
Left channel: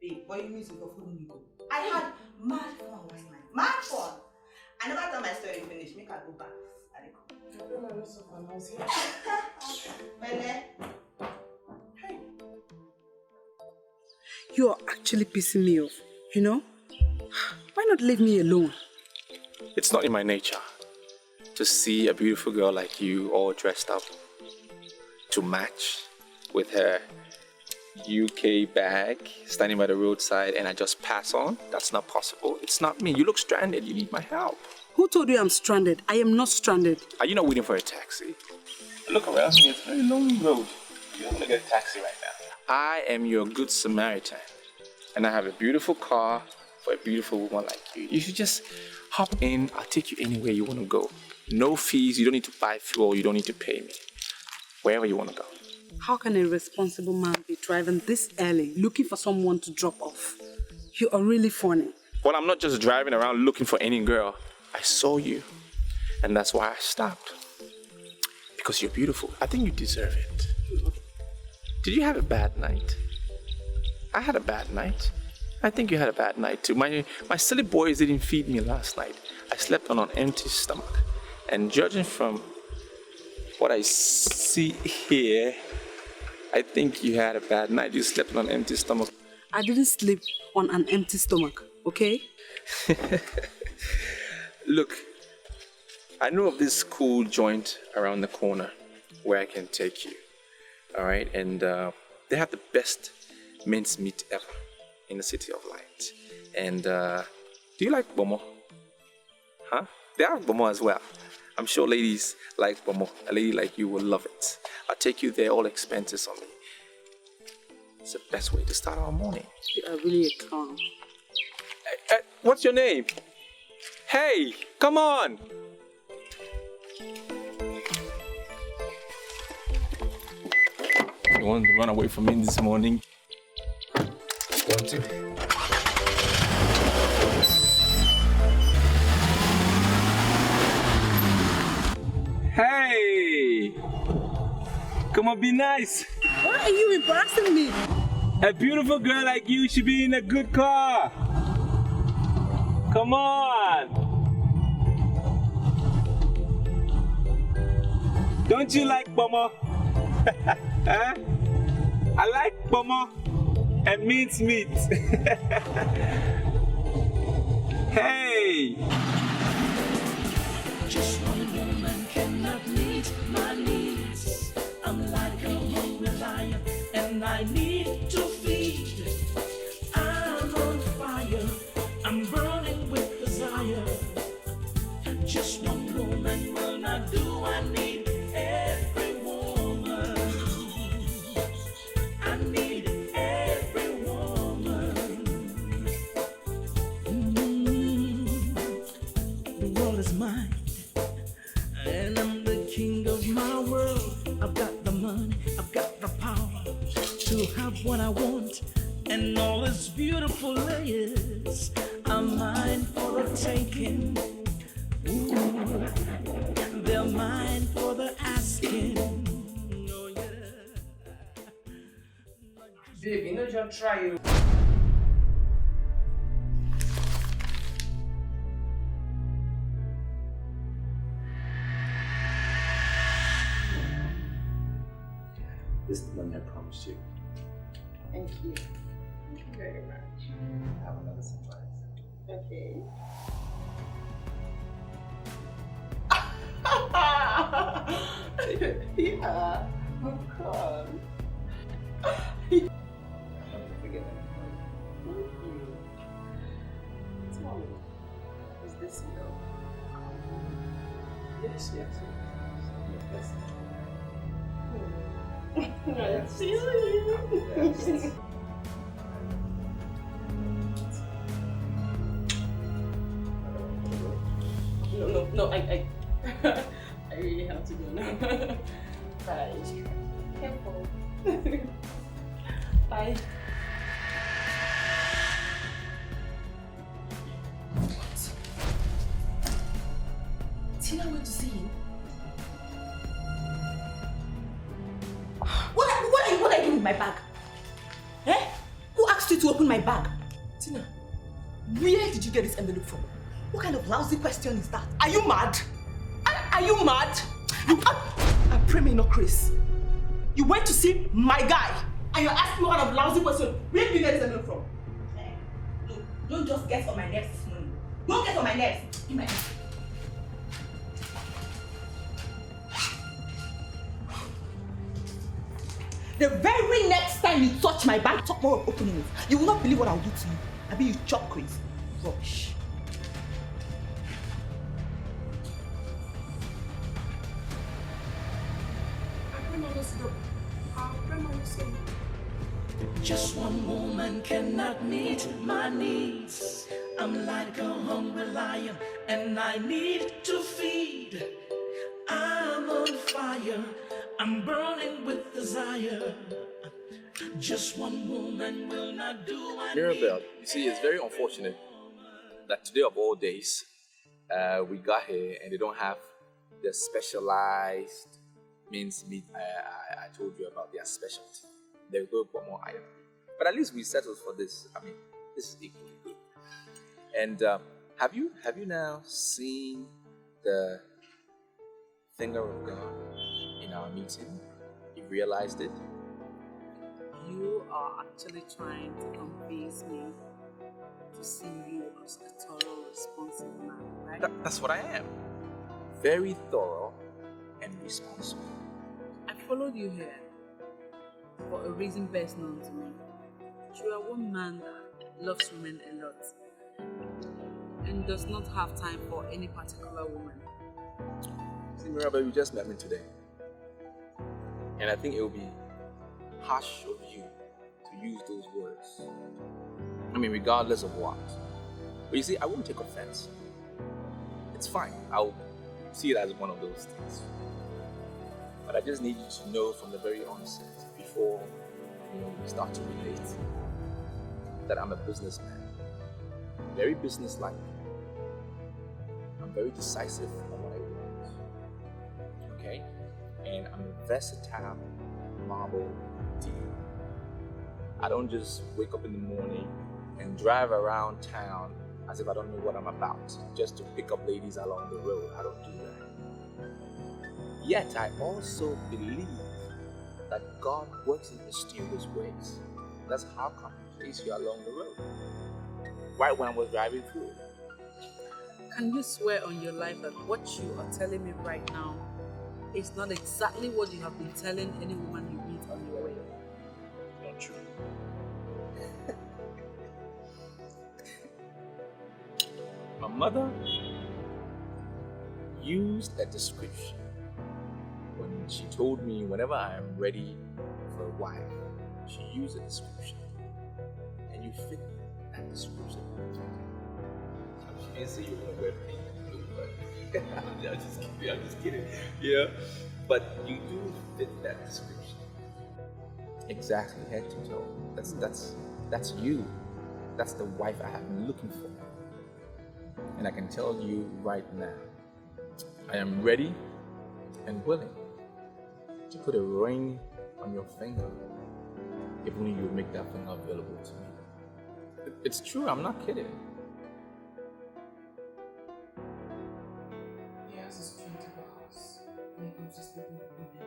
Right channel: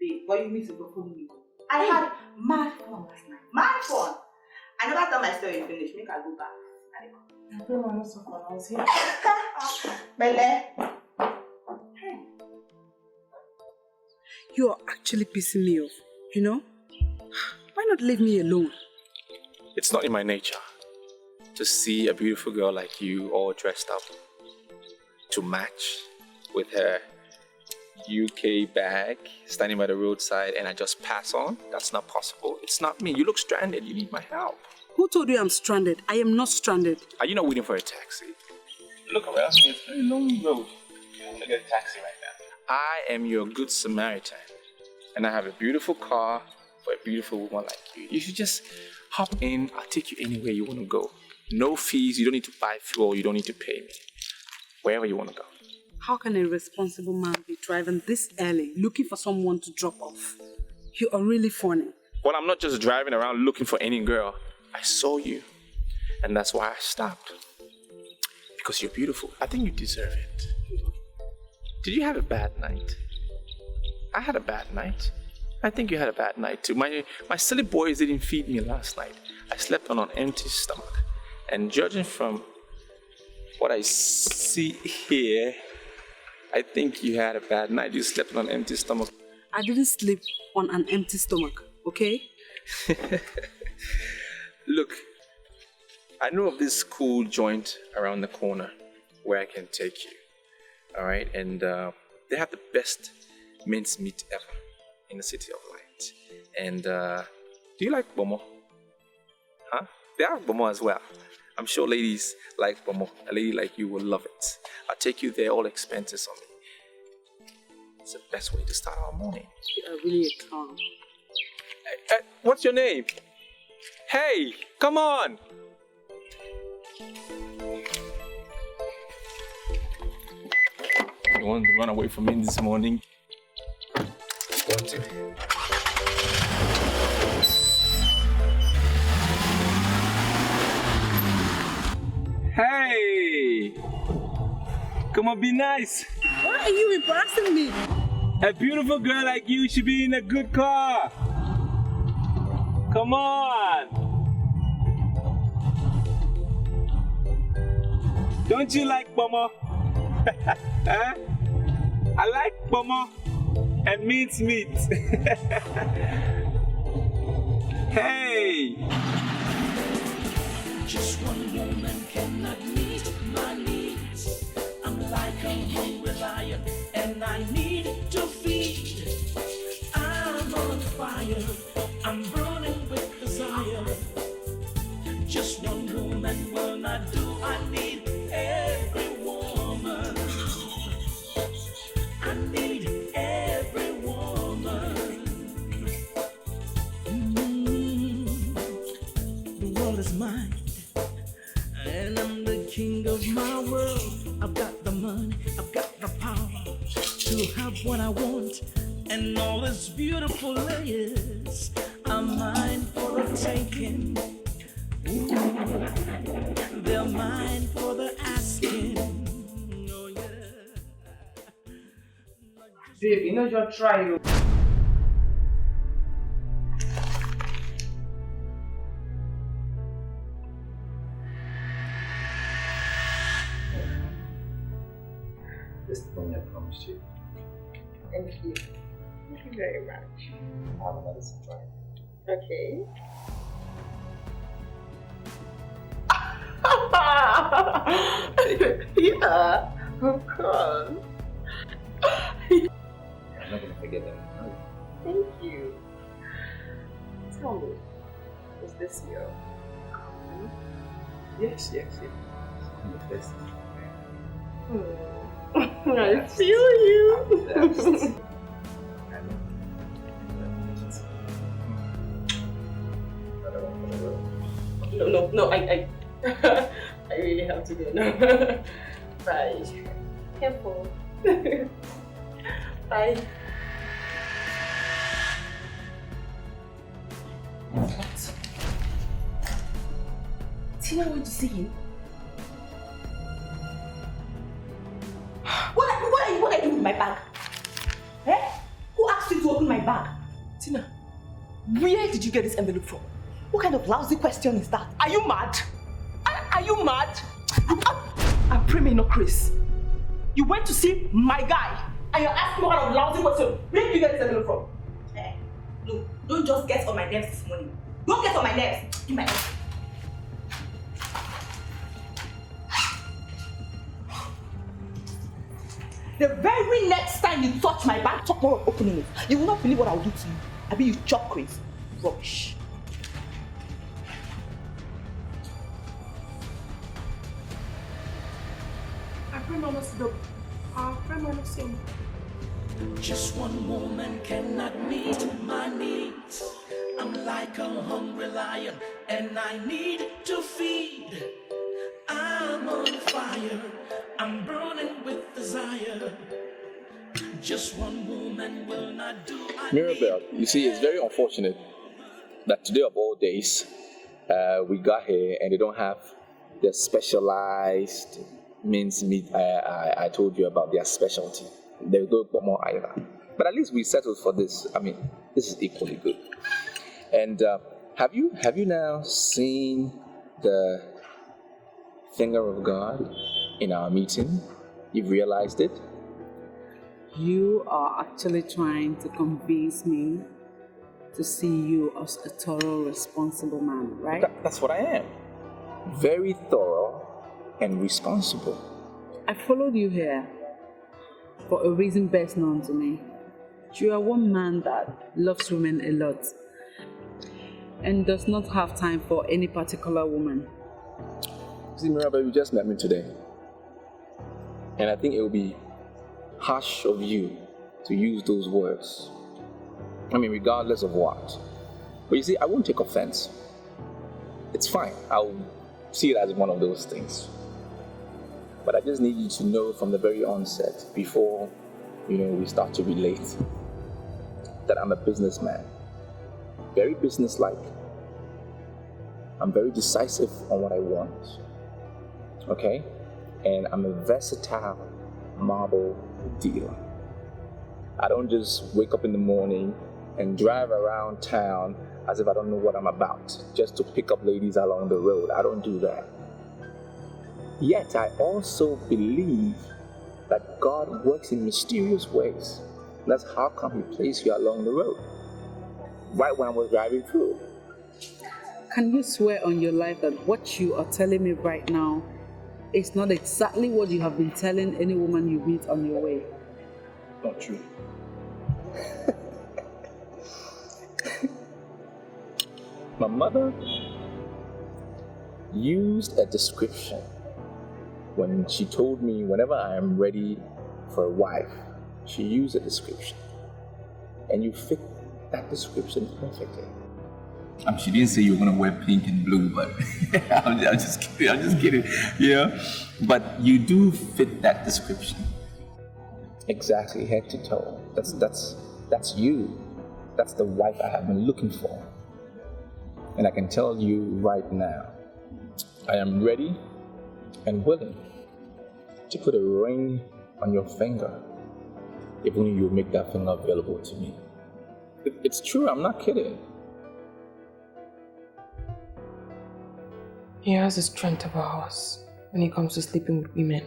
Babe, what you mean to go follow me? I had mad fun last night. Mad fun. I never tell my story finish. Make I go back. I don't know. I'm not so fun. I was here. Bele. You are actually pissing me off, you know? Why not leave me alone? It's not in my nature to see a beautiful girl like you all dressed up to match with her UK bag standing by the roadside and I just pass on. That's not possible. It's not me. You look stranded. You need my help. Who told you I'm stranded? I am not stranded. Are you not waiting for a taxi? Look around here. It's a very long road. You don't want to get a taxi right now. I am your good Samaritan. And I have a beautiful car for a beautiful woman like you. You should just hop in. I'll take you anywhere you want to go. No fees. You don't need to buy fuel. You don't need to pay me. Wherever you want to go. How can a responsible man be driving this early, looking for someone to drop off? You are really funny. Well, I'm not just driving around looking for any girl. I saw you. And that's why I stopped. Because you're beautiful. I think you deserve it. Did you have a bad night? I had a bad night. I think you had a bad night too. My silly boys didn't feed me last night. I slept on an empty stomach. And judging from what I see here, I think you had a bad night. You slept on an empty stomach. I didn't sleep on an empty stomach, okay? Look, I know of this cool joint around the corner where I can take you. All right? And they have the best mince meat ever in the City of Light. And do you like Bomo? Huh? They have Bomo as well. I'm sure ladies like Bomo. A lady like you will love it. I'll take you there, all expenses on me. It's the best way to start our morning. You are really a clown. What's your name? Hey, come on! You want to run away from me this morning? Want to? Hey! Come on, be nice. Why are you embarrassing me? A beautiful girl like you should be in a good car. Come on. Don't you like Bomo? Huh? I like Bomo and mince meat. Hey! Just one woman cannot meet my needs. I'm like a hungry lion and I need to feed. I'm on fire, I'm burning with desire. Just one woman will not do, I need every woman. I need every woman. The world is mine. And I'm the king of my world. I've got the money, I've got the power to have what I want. And all its beautiful layers are mine for the taking. Ooh, they're mine for the asking. skin. Oh yeah. Babe, you know just try you. This is the money I promised you. Thank you. Thank you very much. I have another surprise. Okay. Yeah, of course. I'm not gonna forget that. Thank you. Tell me, is this your? Yes. I'm the best. I feel you. No, I I really have to go now. Bye. Careful. Bye. What? Tina went to see him? What are you doing with my bag? Eh? Who asked you to open my bag? Tina, where did you get this envelope from? What kind of lousy question is that? Are you mad? Are you mad? I pray me no Chris. You went to see my guy and you're asking what kind of lousy question. Where did you get this envelope from? Hey, look, don't just get on my nerves this morning. Don't get on my nerves. In my nerves. The very next time you touch my bag, talk more of opening it. You will not believe what I'll do to you. I mean, you chop crazy. Rubbish. Just one woman cannot meet my needs. I'm like a hungry lion and I need to feed. I'm on fire, I'm burning with desire. Just one woman will not do my Mirabelle, you see, it's very unfortunate that today of all days, we got here and they don't have the specialized minced meat I told you about, their specialty. There's no more either. But at least we settled for this. I mean, this is equally good. And have you now seen the finger of God in our meeting? You've realized it? You are actually trying to convince me to see you as a thorough, responsible man, right? That's what I am. Very thorough and responsible. I followed you here for a reason best known to me. You are one man that loves women a lot and does not have time for any particular woman. See, Mirabelle, you just met me today. And I think it will be harsh of you to use those words. I mean, regardless of what. But you see, I won't take offense. It's fine. I'll see it as one of those things. But I just need you to know from the very onset, before, we start to relate, that I'm a businessman. Very businesslike. I'm very decisive on what I want. Okay? And I'm a versatile marble dealer. I don't just wake up in the morning and drive around town as if I don't know what I'm about, just to pick up ladies along the road. I don't do that. Yet I also believe that God works in mysterious ways. That's how come He placed you along the road, right when I was driving through. Can you swear on your life that what you are telling me right now is not exactly what you have been telling any woman you meet on your way? Not true. My mother used a description when she told me whenever I am ready for a wife. She used a description, and you fit that description perfectly. She didn't say you were gonna wear pink and blue, but I'm just kidding. Yeah, but you do fit that description exactly, head to toe. That's you. That's the wife I have been looking for. And I can tell you right now, I am ready and willing to put a ring on your finger if only you make that finger available to me. It's true, I'm not kidding. He has the strength of a horse when it comes to sleeping with women.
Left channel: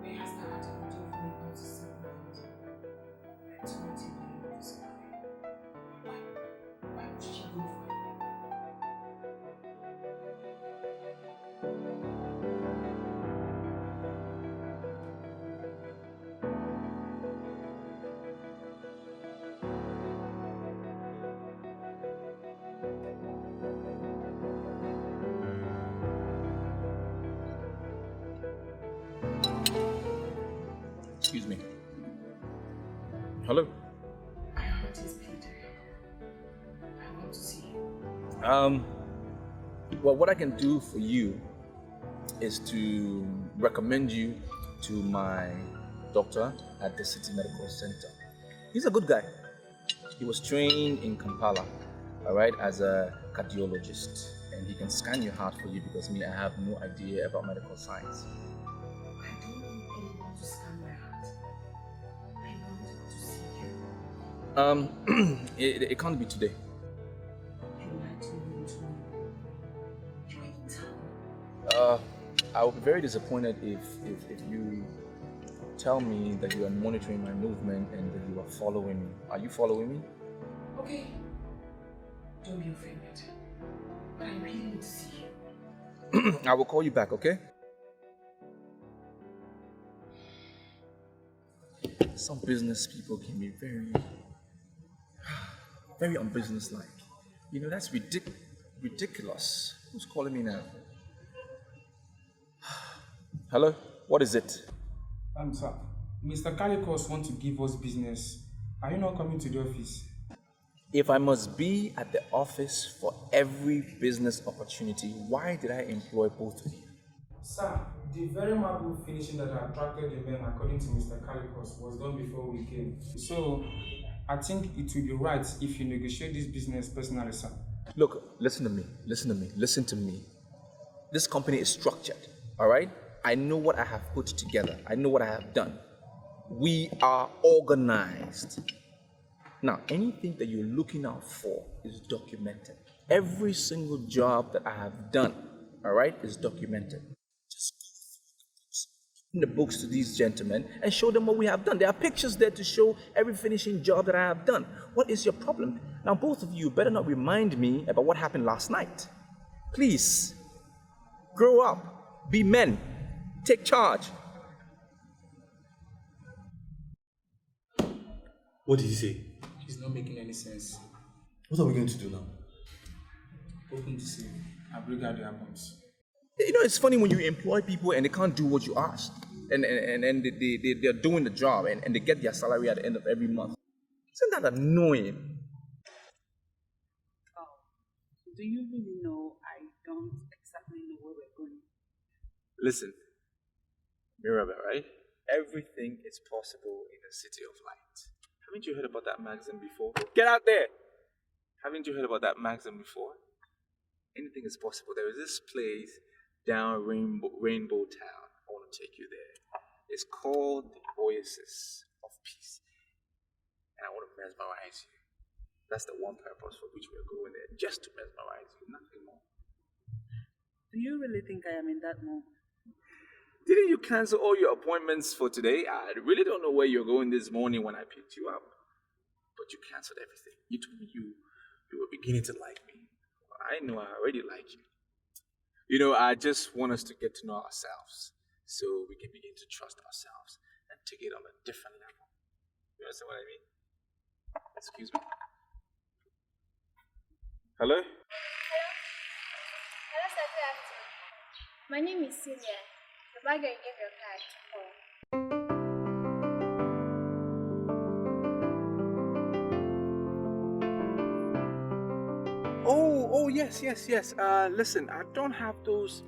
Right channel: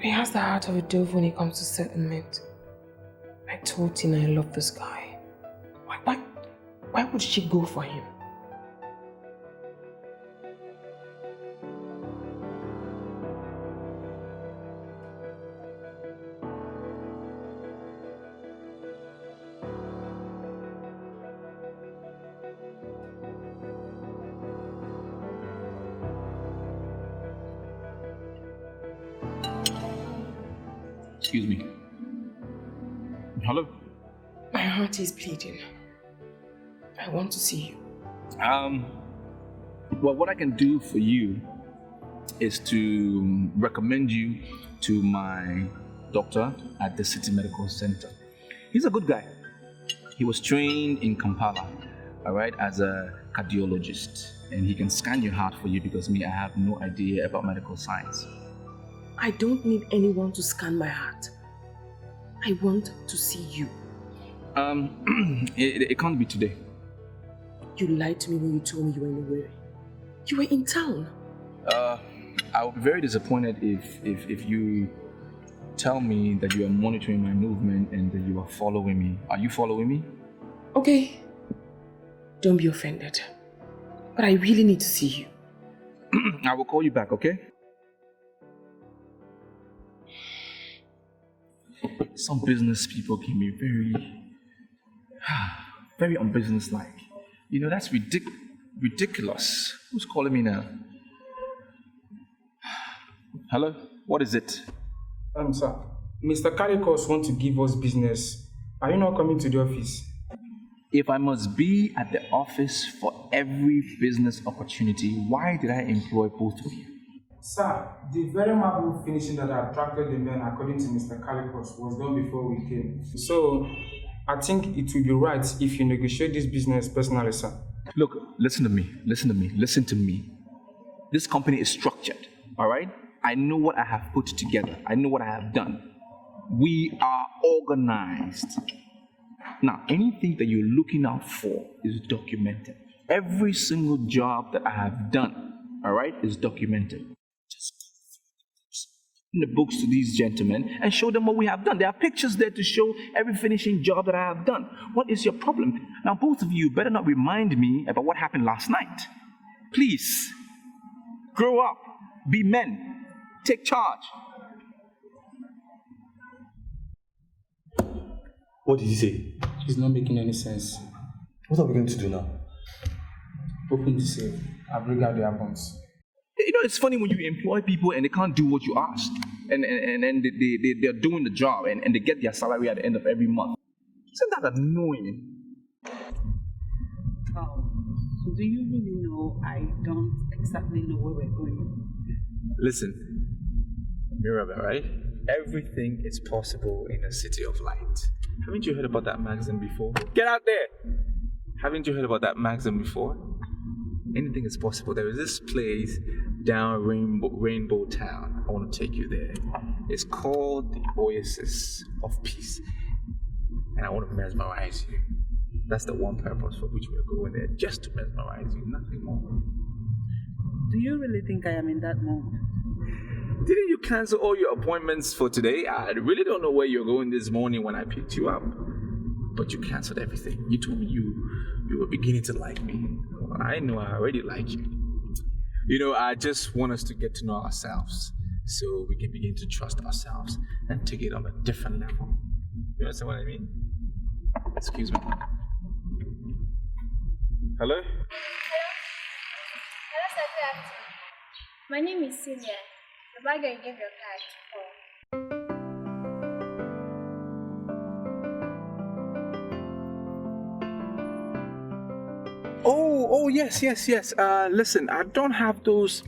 He has the heart of a dove when it comes to settlement. I told Tina I love this guy. Why would she go for him? Excuse me. Hello? My heart is bleeding. I want to see you. Well, what I can do for you is to recommend you to my doctor at the City Medical Center. He's a good guy. He was trained in Kampala, all right, as a cardiologist, and he can scan your heart for you because I have no idea about medical science. I don't need anyone to scan my heart. I want to see you. It can't be today. You lied to me when you told me you were in Owerri. You were in town. I would be very disappointed if you tell me that you are monitoring my movement and that you are following me. Are you following me? Okay. Don't be offended. But I really need to see you. I will call you back, okay? Some business people can be very unbusinesslike. You know, that's ridiculous. Who's calling me now? Hello? What is it? Sir, Mr. Calicos wants to give us business. Are you not coming to the office? If I must be at the office for every business opportunity, why did I employ both of you? Sir, the very marble finishing that attracted the men, according to Mr. Calicos, was done before we came. So, I think it will be right if you negotiate this business personally, sir. Look, listen to me. This company is structured, all right? I know what I have put together. I know what I have done. We are organized. Now, anything that you're looking out for is documented. Every single job that I have done, all right, is documented. Just go through the books to these gentlemen and show them what we have done. There are pictures there to show every finishing job that I have done. What is your problem? Now, both of you better not remind me about what happened last night. Please, grow up, be men, take charge. What did he say? It's not making any sense. What are we going to do now? Open the safe and bring out the albums. You know, it's funny when you employ people and they can't do what you ask. And they're doing the job and they get their salary at the end of every month. Isn't that annoying? Oh, so do you really know I don't exactly know where we're going? Listen, Mirabel, right? Everything is possible in a city of light. Haven't you heard about that magazine before? Get out there! Haven't you heard about that magazine before? Anything is possible. There is this place down Rainbow Town. I want to take you there. It's called the Oasis of Peace. And I want to mesmerize you. That's the one purpose for which we're going there, just to mesmerize you, nothing more. Do you really think I am in that mood? Didn't you cancel all your appointments for today? I really don't know where you're going this morning when I picked you up. But you canceled everything. You told me you were beginning to like me. Well, I know I already like you. You know, I just want us to get to know ourselves so we can begin to trust ourselves and take it on a different level. You understand what I mean? Excuse me. Hello? Hello, sir. Good afternoon. My name is Celia. The bagger gave your card to call. Oh, yes. Listen, I don't have those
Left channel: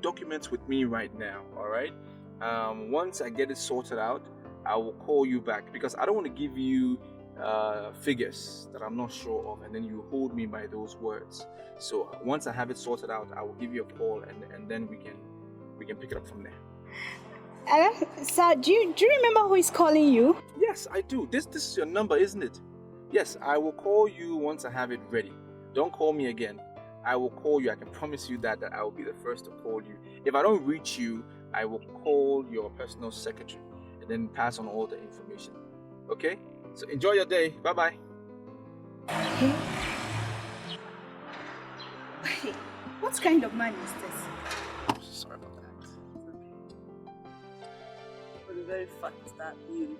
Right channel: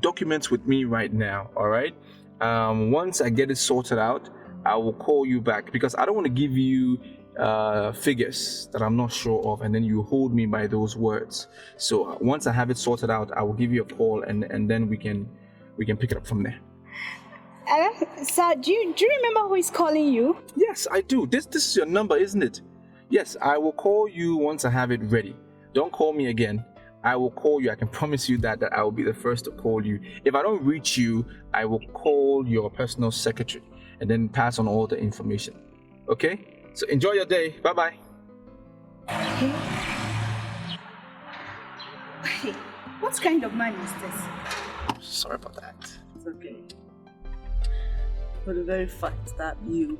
documents with me right now, all right? Once I get it sorted out, I will call you back because I don't want to give you figures that I'm not sure of and then you hold me by those words. So once I have it sorted out, I will give you a call and then we can pick it up from there. Hello? Sir, do you remember who is calling you? Yes, I do. This is your number, isn't it? Yes, I will call you once I have it ready. Don't call me again. I will call you. I can promise you that I will be the first to call you. If I don't reach you, I will call your personal secretary and then pass on all the information. Okay? So enjoy your day. Bye-bye. Okay. Wait, what kind of man is this? Sorry about that. It's okay. For the very fact that you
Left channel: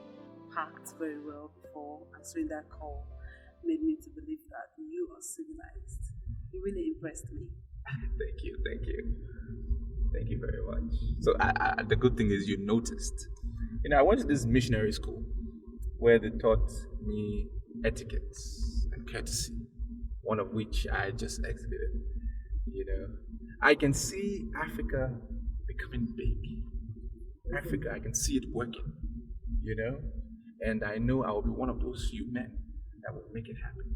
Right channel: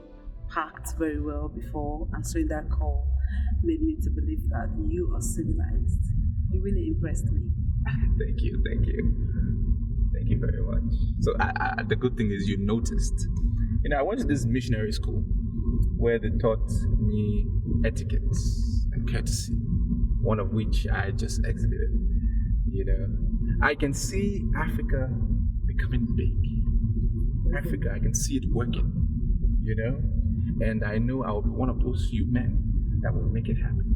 packed very well before answering that call made me to believe that you are civilized. You really impressed me. Thank you. Thank you very much. So the good thing is you noticed. You know, I went to this missionary school where they taught me etiquettes and courtesy, one of which I just exhibited. You know, I can see Africa becoming big. Africa, I can see it working, you know, and I know I will be one of those few men that will make it happen.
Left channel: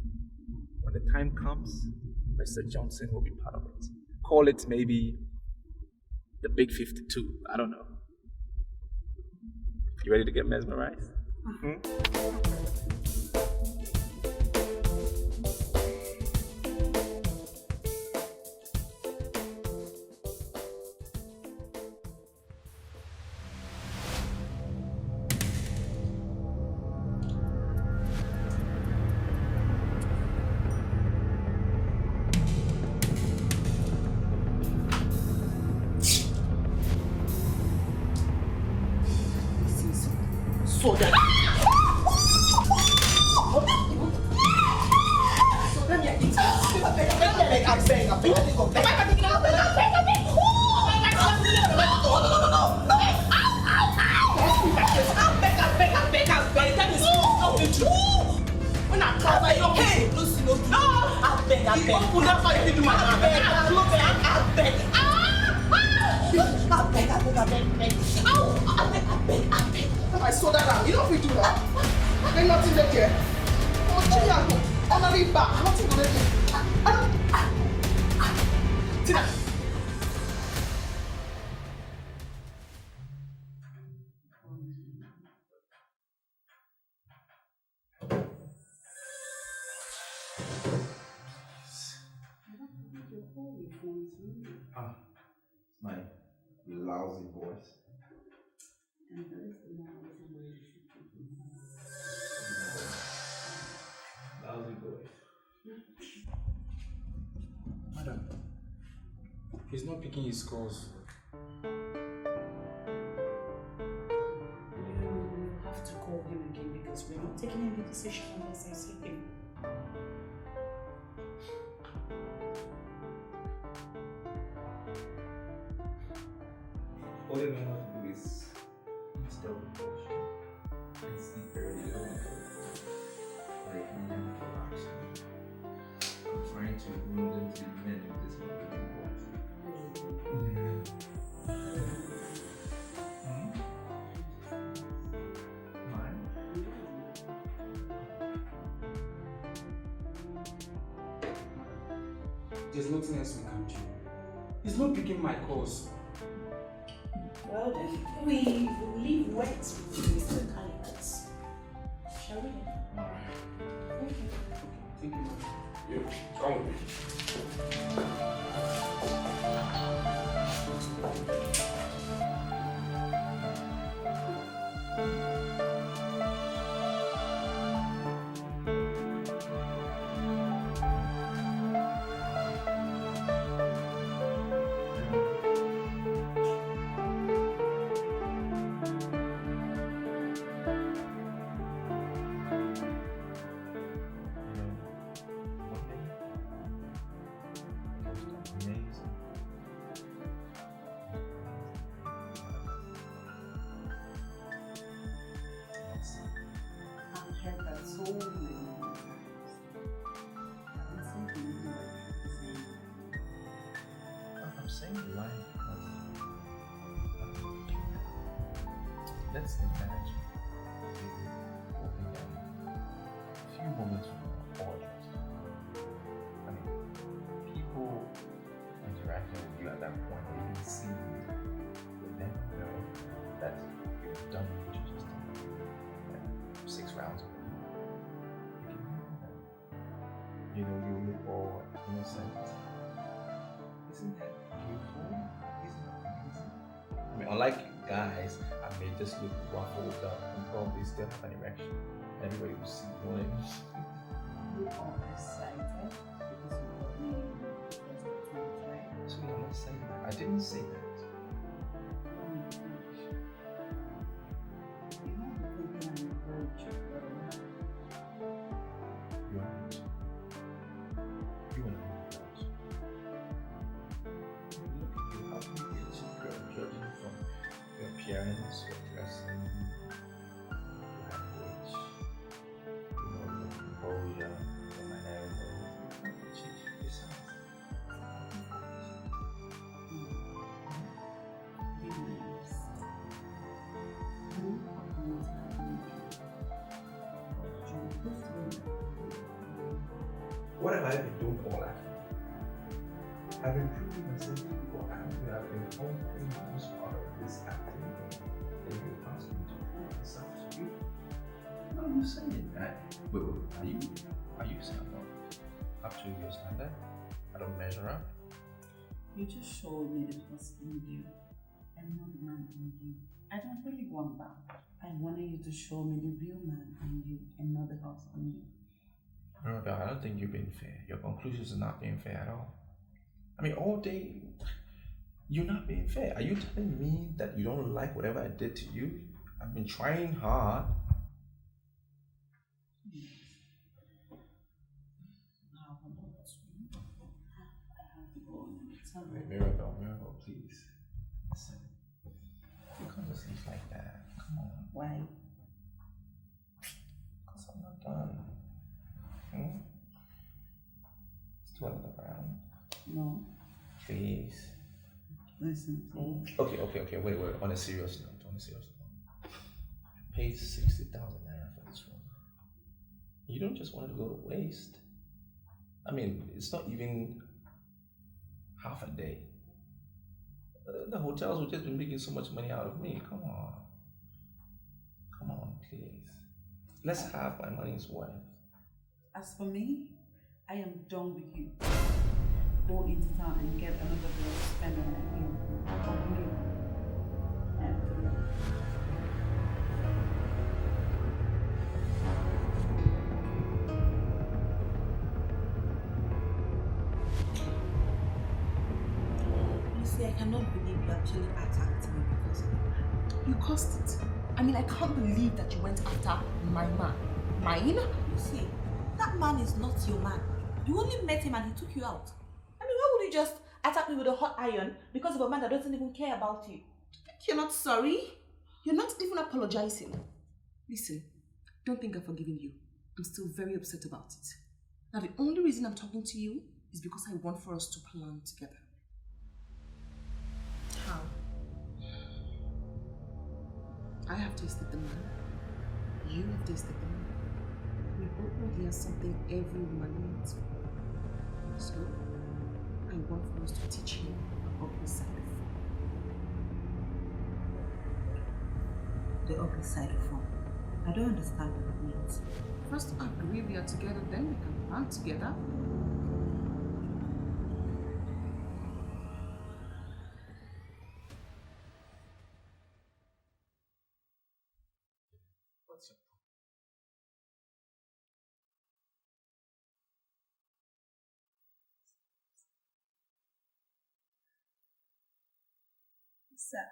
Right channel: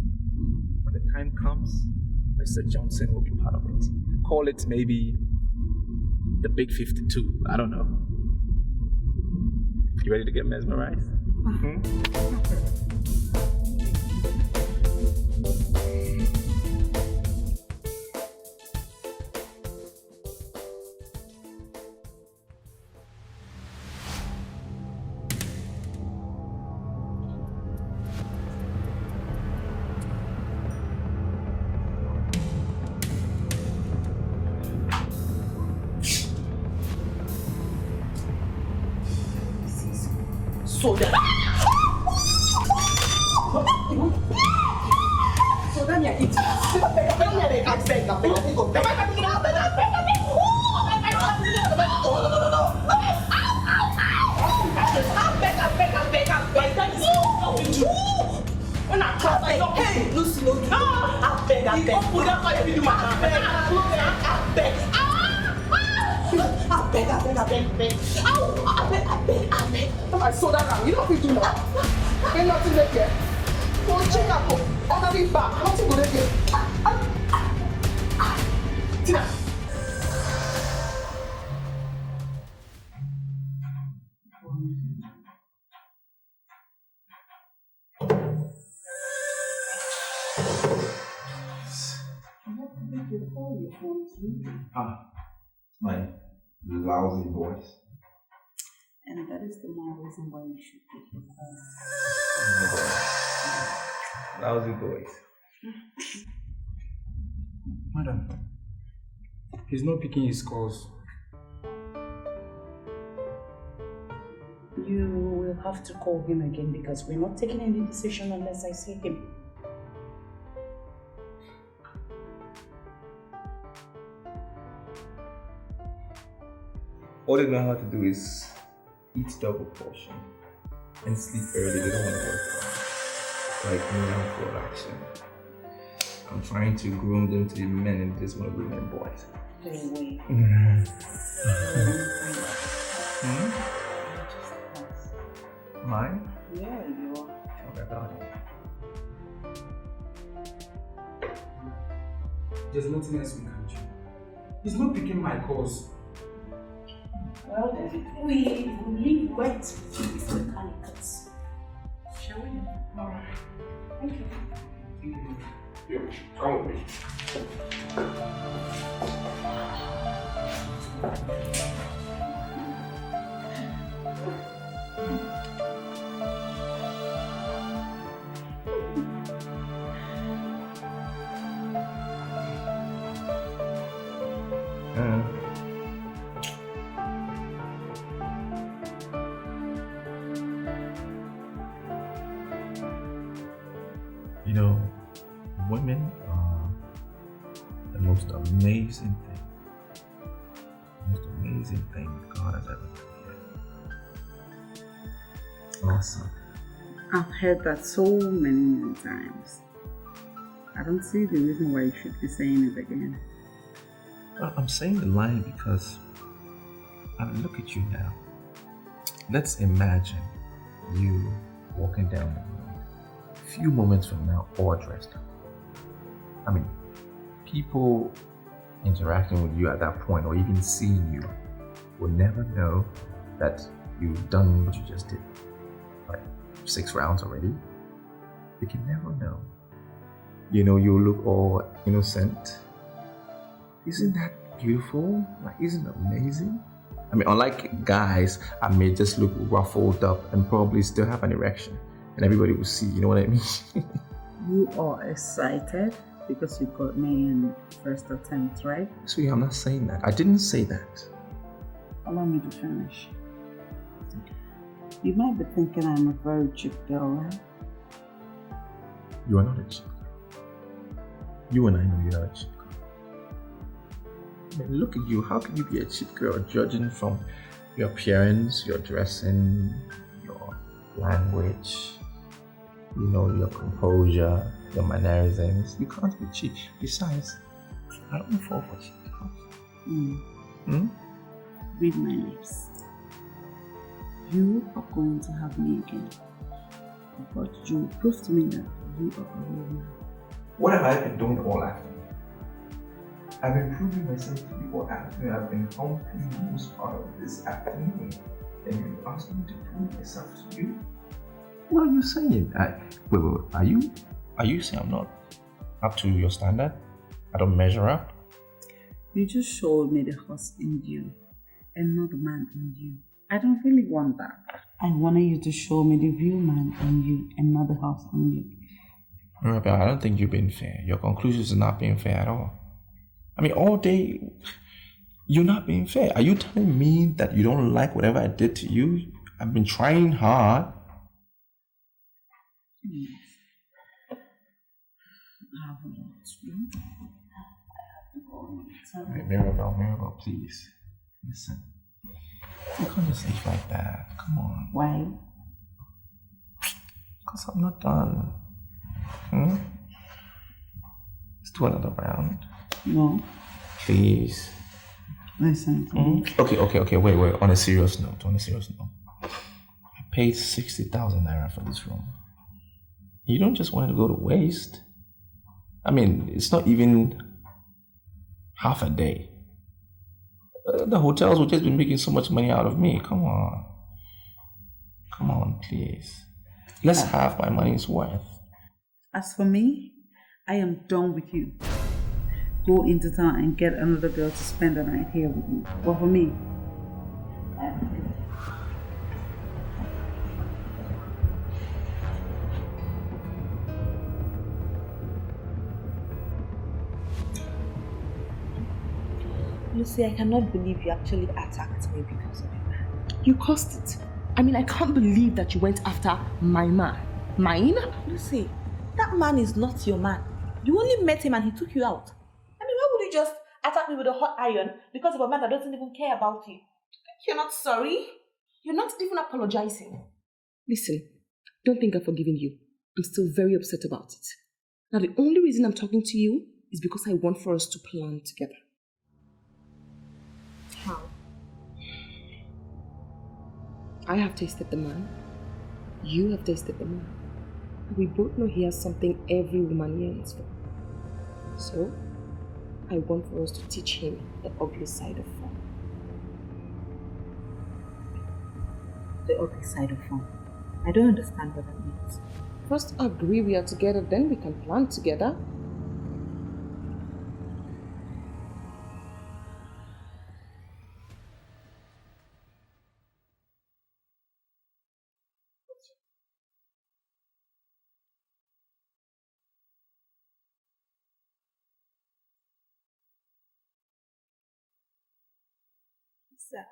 When the time comes, Mr. Johnson will be part of it. Call it maybe the Big 52. I don't know. You ready to get mesmerized? So that. I saw that now. You know if you do what? I'm not in the care. Go change and go. On the way back. I don't think we're there. Tina. My lousy voice. And that is the more reason why you should pick him home. Lousy voice. Madam, he's not picking his calls. You will have to call him again because we're not taking any decision unless I see him. All they know how to do is eat double portion and sleep early. They don't want to work. Like me, I'm for action. I'm trying to groom them to be men and this one will be men boys. Mine? Yeah, you are. Okay, about it. There's nothing else we can do. He's not picking my calls. Well, then we will leave wet with the calicots. Shall we? All right. Thank you. Thank you. You, come with me. You know, women are the most amazing thing. The most amazing thing God has ever made. Awesome. I've heard that so many times. I don't see the reason why you should be saying it again. Well, I'm saying the line because I mean, look at you now. Let's imagine you walking down the road. A few moments from now, all dressed up. I mean, people interacting with you at that point or even seeing you will never know that you've done what you just did. Like 6 rounds already. You can never know. You know, you look all innocent. Isn't that beautiful? Like, isn't it amazing? I mean, unlike guys, I may just look ruffled up and probably still have an erection. And everybody will see, you know what I mean? You are excited because you got me in first attempt, right? Sweetie, I'm not saying that. I didn't say that. Allow me to finish. You might be thinking I'm a very cheap girl, right? You are not a cheap. You and I know you're not a cheap girl. I mean, look at you. How can you be a cheap girl judging from your appearance, your dressing, your language, you know, your composure, your mannerisms? You can't be cheap. Besides, I don't fall for cheap. Read my lips. You are going to have me again. But you prove to me that you are a woman. What have I been doing all afternoon? I've been proving myself to you all afternoon. I've been helping most part of this afternoon. And you asked me to prove myself to you? What are you saying? Wait. Are you saying I'm not up to your standard? I don't measure up? You just showed me the horse in you and not the man in you. I don't really want that. I wanted you to show me the real man in you and not the horse in you. Mirabelle, I don't think you're being fair. Your conclusions are not being fair at all. I mean, all day, you're not being fair. Are you telling me that you don't like whatever I did to you? I've been trying hard. Yes. I have a lot to do. I have to go on my time. Mirabelle, please. Listen. You can't just leave like that. Come on. Why? Because I'm not done. Let's do another round. No. Please. Listen to me. Okay. Wait. On a serious note. I paid 60,000 naira for this room. You don't just want it to go to waste. I mean, it's not even half a day. The hotels will just be making so much money out of me. Come on, please. Let's have my money's worth. As for me, I am done with you. Go into town and get another girl to spend the night here with me. But for me, I am done. Lucy, I cannot believe you actually attacked me because of it. You caused it. I mean, I can't believe that you went after my man. Mine? Lucy, that man is not your man. You only met him and he took you out. I mean, why would you just attack me with a hot iron because of a man that doesn't even care about you? You're not sorry? You're not even apologizing. Listen, don't think I've forgiven you. I'm still very upset about it. Now, the only reason I'm talking to you is because I want for us to plan together. How? I have tasted the man. You have tasted the man. We both know he has something every woman yearns for. So, I want for us to teach him the obvious side of fun. The ugly side of fun. I don't understand what that means. First agree we are together, then we can plan together. Sir,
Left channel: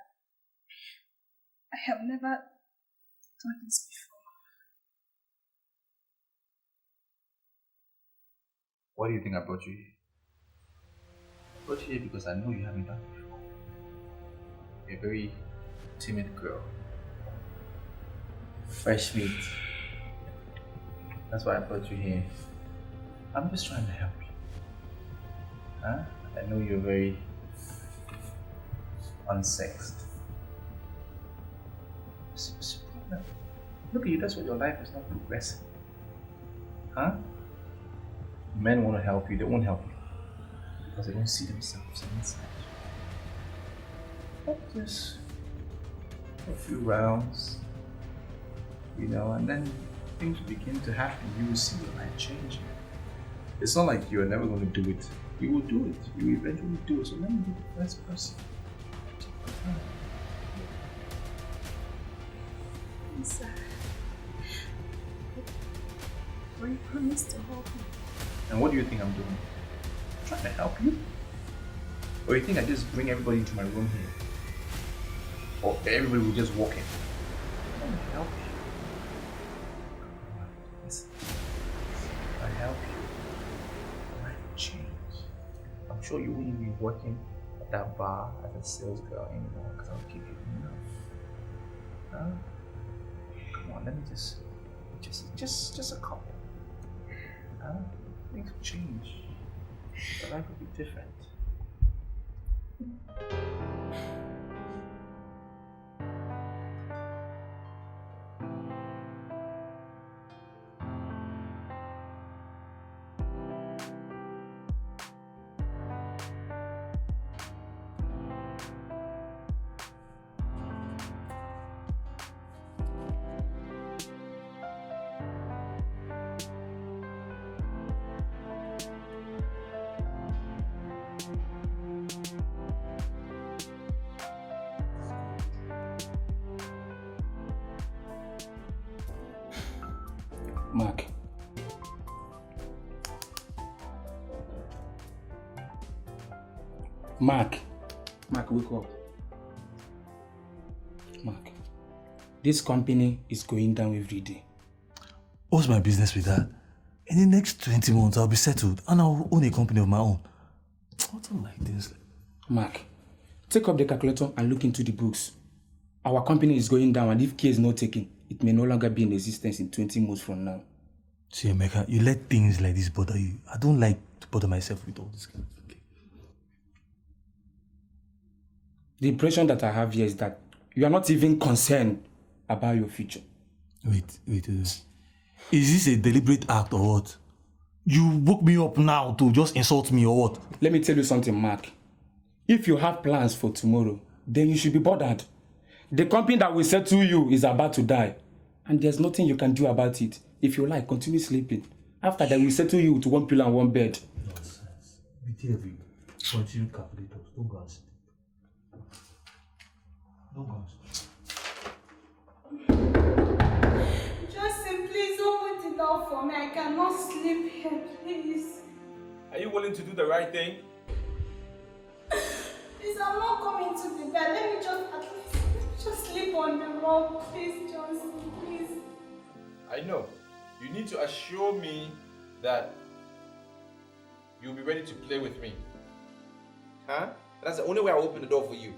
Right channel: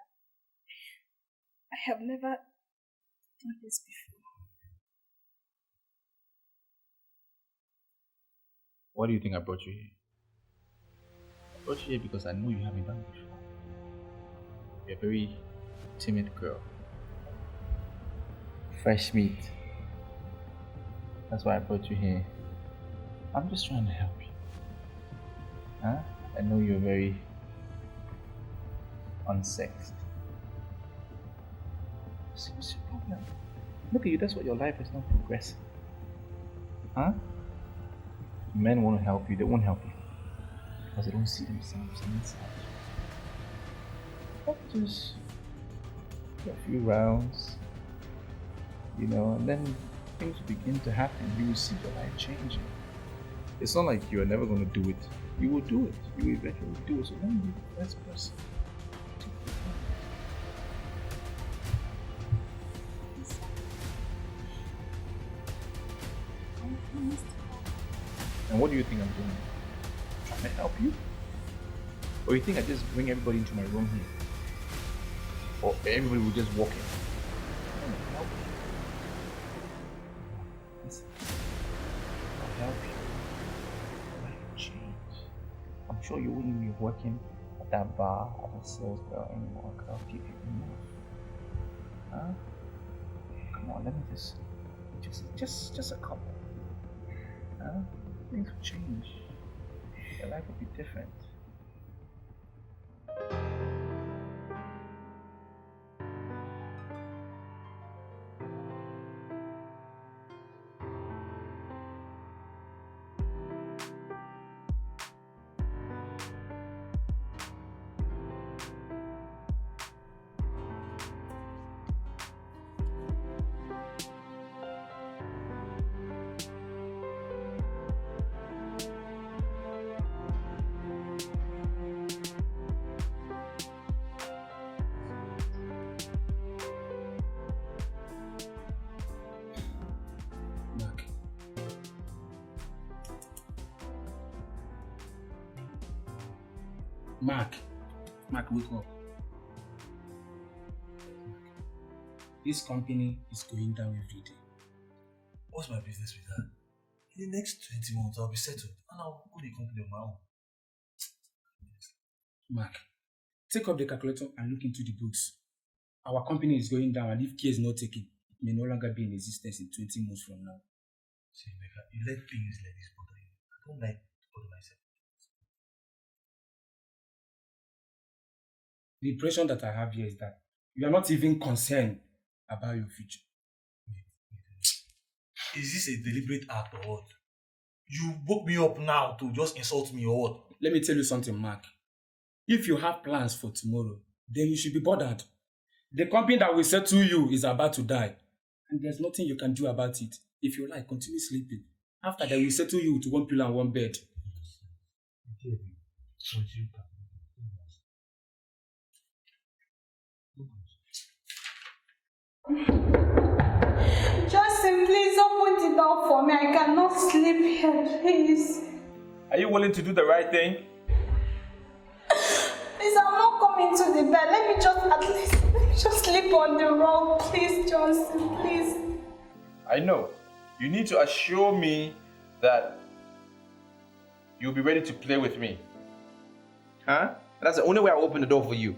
I have never done this before. Why do you think I brought you here? I brought you here because I know you haven't done it before. You're a very timid girl. Fresh meat. That's why I brought you here. I'm just trying to help you. Huh? I know you're very unsexed. What's your problem? Look at you, that's why your life is not progressing. Huh? Men want to help you, they won't help you. Because they don't see themselves inside. Just a few rounds, and then things begin to happen. You will see your life changing. It's not like you're never going to do it. You will do it. You will eventually do it. So let me be the first person. Yes, sir. I promise to help you. And what do you think I'm doing? I'm trying to help you? Or you think I just bring everybody into my room here? Or everybody will just walk in? I'm trying to help you. Listen, if I help you, your life will change. I'm sure you wouldn't be working at that bar as a sales girl anymore because I'll give you enough. Huh? Come on, let me just a couple. Things will change. Your life will be different. Mark. Mark, wake up. Mark, this company is going down every day. What's my business with that? In the next 20 months, I'll be settled and I'll own a company of my own. I don't like this. Mark, take up the calculator and look into the books. Our company is going down, and if care is not taken, it may no longer be in existence in 20 months from now. See, Emeka, you let things like this bother you. I don't like to bother myself with all this kind of thing. The impression that I have here is that you are not even concerned about your future. Wait. Is this a deliberate act or what? You woke me up now to just insult me or what? Let me tell you something, Mark. If you have plans for tomorrow, then you should be bothered. The company that will settle you is about to die, and there's nothing you can do about it. If you like, continue sleeping. After that, we settle you to one pillow and one bed. Nonsense. BTV. Continue calculators. Don't go and sleep. Don't go and sleep. Justin, please open the door for me. I cannot sleep here, please. Are you willing to do the right thing? Please, I'm not coming to the bed. Let me just sleep on the rug. Please, Johnson, please. I know. You need to assure me that you'll be ready to play with me. Huh? That's the only way I'll open the door for you.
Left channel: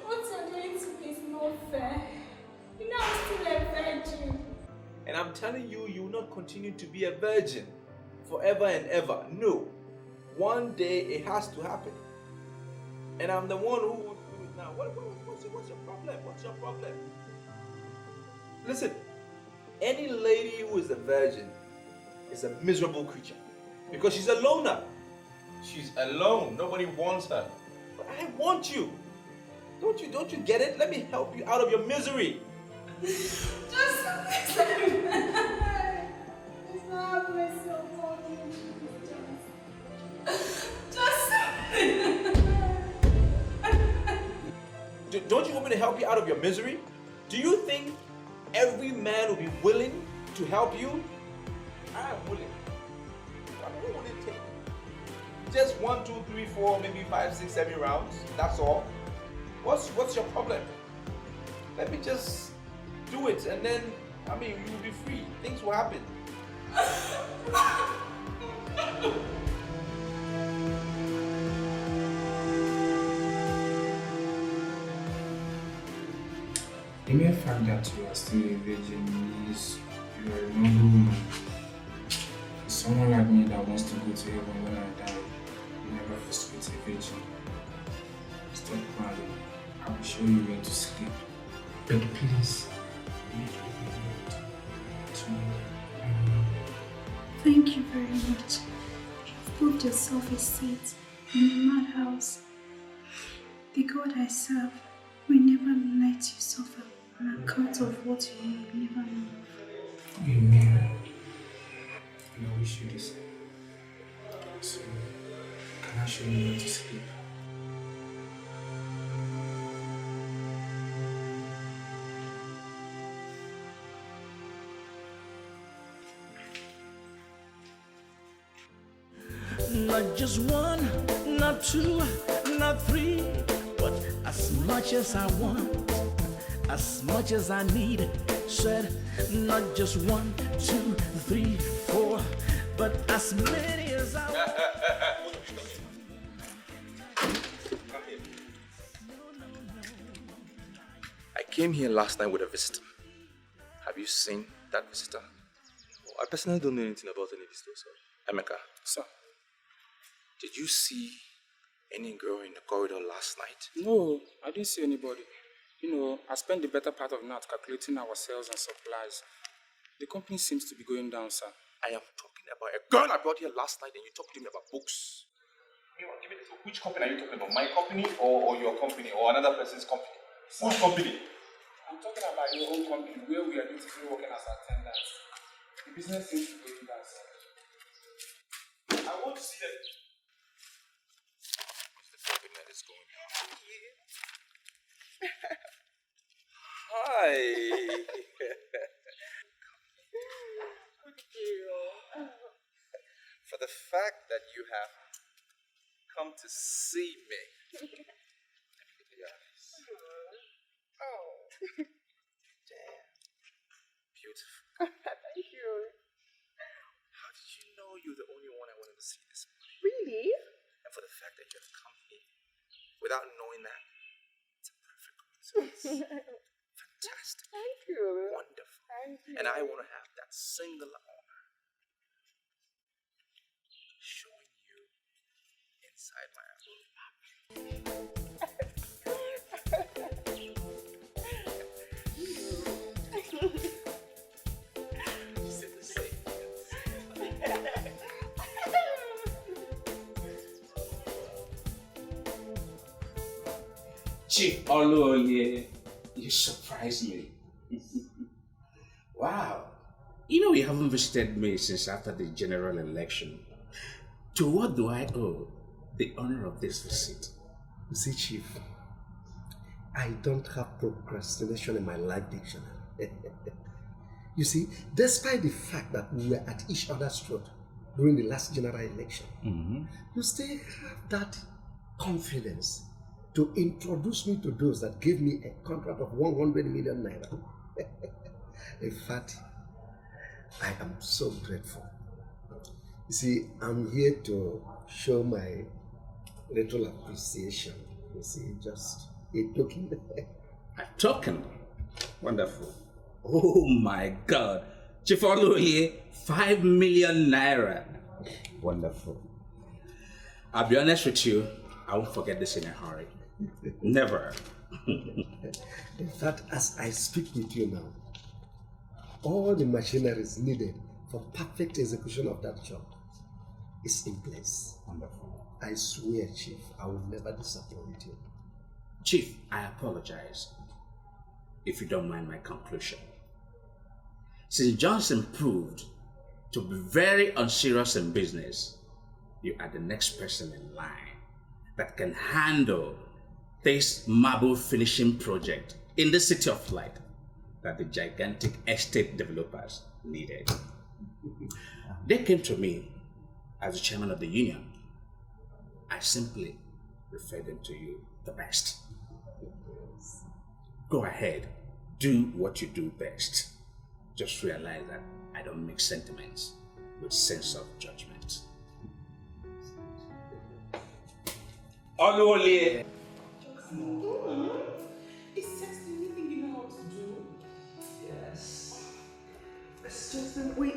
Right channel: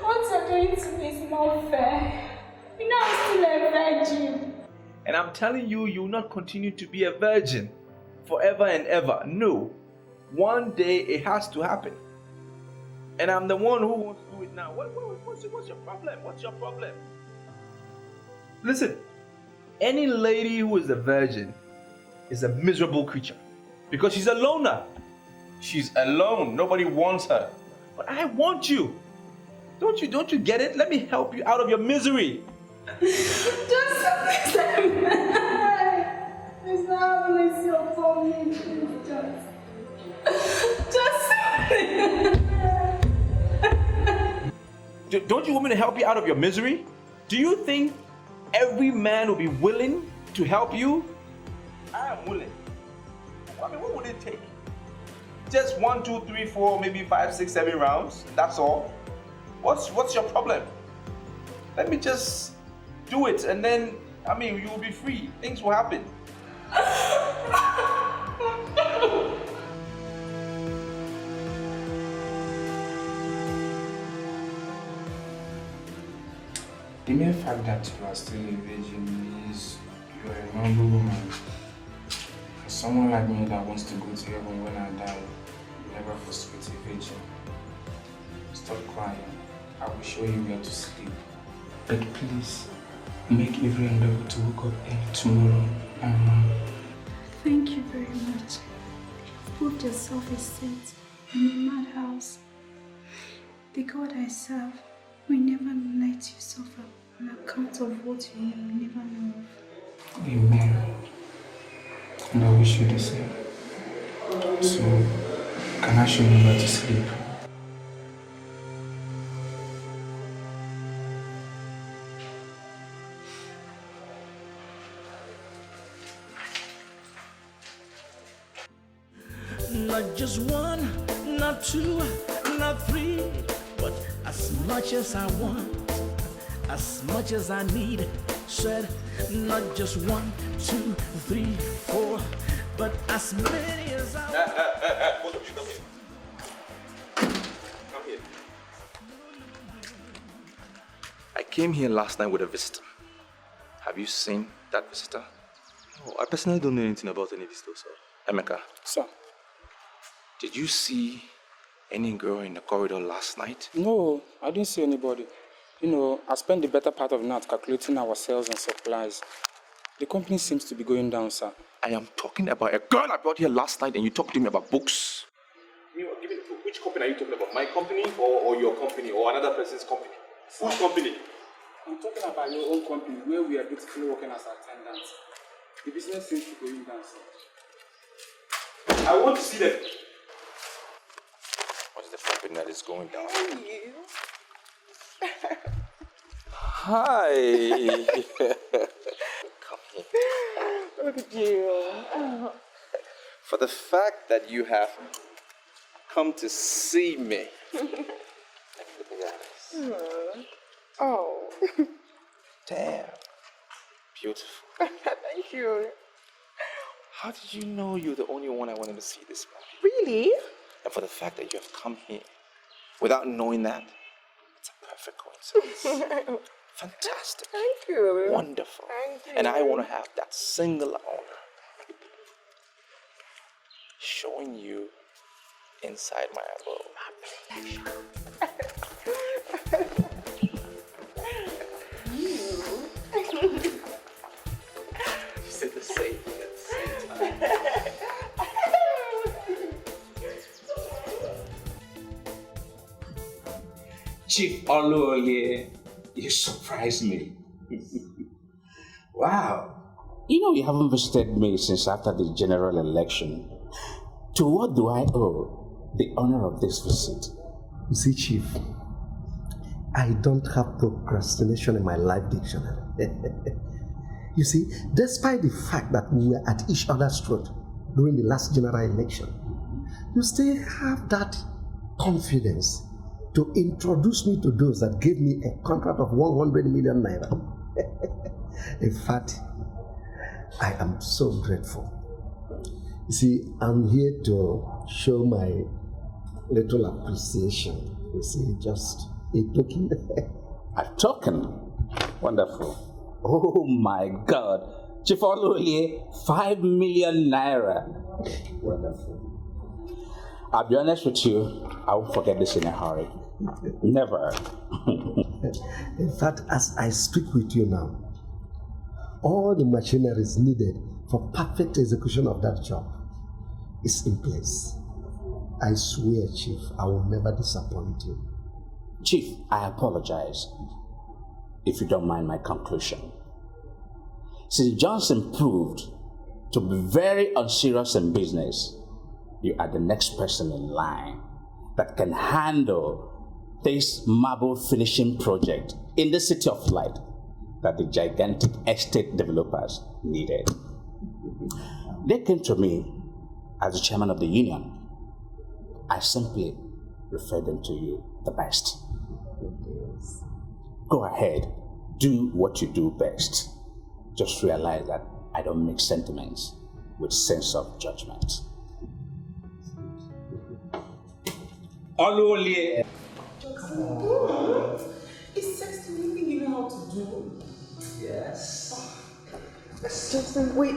What you're doing to me is not fair. You know I'm still a virgin. And I'm telling you, you will not continue to be a virgin forever and ever. No. One day it has to happen. And I'm the one who wants to do it now. What's your problem? What's your problem? Listen, any lady who is a virgin is a miserable creature because she's a loner. She's alone. Nobody wants her. But I want you. Don't you get it? Let me help you out of your misery. Just please have mercy upon me, please, Don't you want me to help you out of your misery? Do you think every man will be willing to help you? I am willing. I mean, what would it take? Just 1, 2, 3, 4, maybe 5, 6, 7 rounds. That's all. What's your problem? Let me just do it, and then you will be free. Things will happen. The mere fact that you are still a virgin means you are a noble woman. Someone like me that wants to go to heaven when I die will never frustrate a virgin. Stop crying. I will show you where to sleep. But please, make every endeavor to wake up early tomorrow. Thank you very much. You've proved yourself a saint in a madhouse. The God I serve will never let you suffer on account of what you never know of. Amen. And I wish you the same. So, can I show you where to sleep? Not just one, not two, not three, but as much as I want, as much as I need. Said not just 1, 2, 3, 4, but as many as I want. I came here last night with a visitor. Have you seen that visitor? Oh, I personally don't know anything about any visitors, sir. Emeka, Sir? did you see any girl in the corridor last night? No, I didn't see anybody. You know, I spent the better part of the night calculating our sales and supplies. The company seems to be going down, sir. I am talking about a girl I brought here last night and you talked to me about books. Give me which company are you talking about? My company or your company or another person's company? Which company? I'm talking about your own company where we are basically working as attendants. The business seems to be going down, sir. I want to see them. What's the company that is going down? Hi. Come here. Look at you. For the fact that you have come to see me. Let me look at your eyes. Oh. Damn. Beautiful. Thank you. How did you know you're the only one I wanted to see this morning? Really? And for the fact that you have come here without knowing that, it's a perfect coincidence. Fantastic. Thank you. Wonderful. Thank you. And I want to have that singular honor showing you inside my abode. You said the same thing at the same time. Chief Oluoye, you surprised me. Wow. You know, you haven't visited me since after the general election. To what do I owe the honor of this visit? You see, Chief, I don't have procrastination in my life dictionary. You see, despite the fact that we were at each other's throat during the last general election, you still have that confidence to introduce me to those that gave me a contract of 100 million naira. In fact, I am so grateful. You see, I'm here to show my little appreciation. You see, just a token. A token? Wonderful. Oh my God. Chief Oluoye, 5 million naira. Wonderful. I'll be honest with you, I won't forget this in a hurry. Never. In fact, as I speak with you now, all the machinery is needed for perfect execution of that job is in place. I swear, Chief, I will never disappoint you. Chief, I apologize if you don't mind my conclusion. Since Johnson proved to be very unserious in business, you are the next person in line that can handle this marble finishing project in the City of Light that the gigantic estate developers needed. They came to me as the chairman of the union. I simply referred them to you the best. Go ahead, do what you do best. Just realize that I don't mix sentiments with sense of judgment. Oluoye. It's sexy, anything you know how to do. Yes. Justin, wait.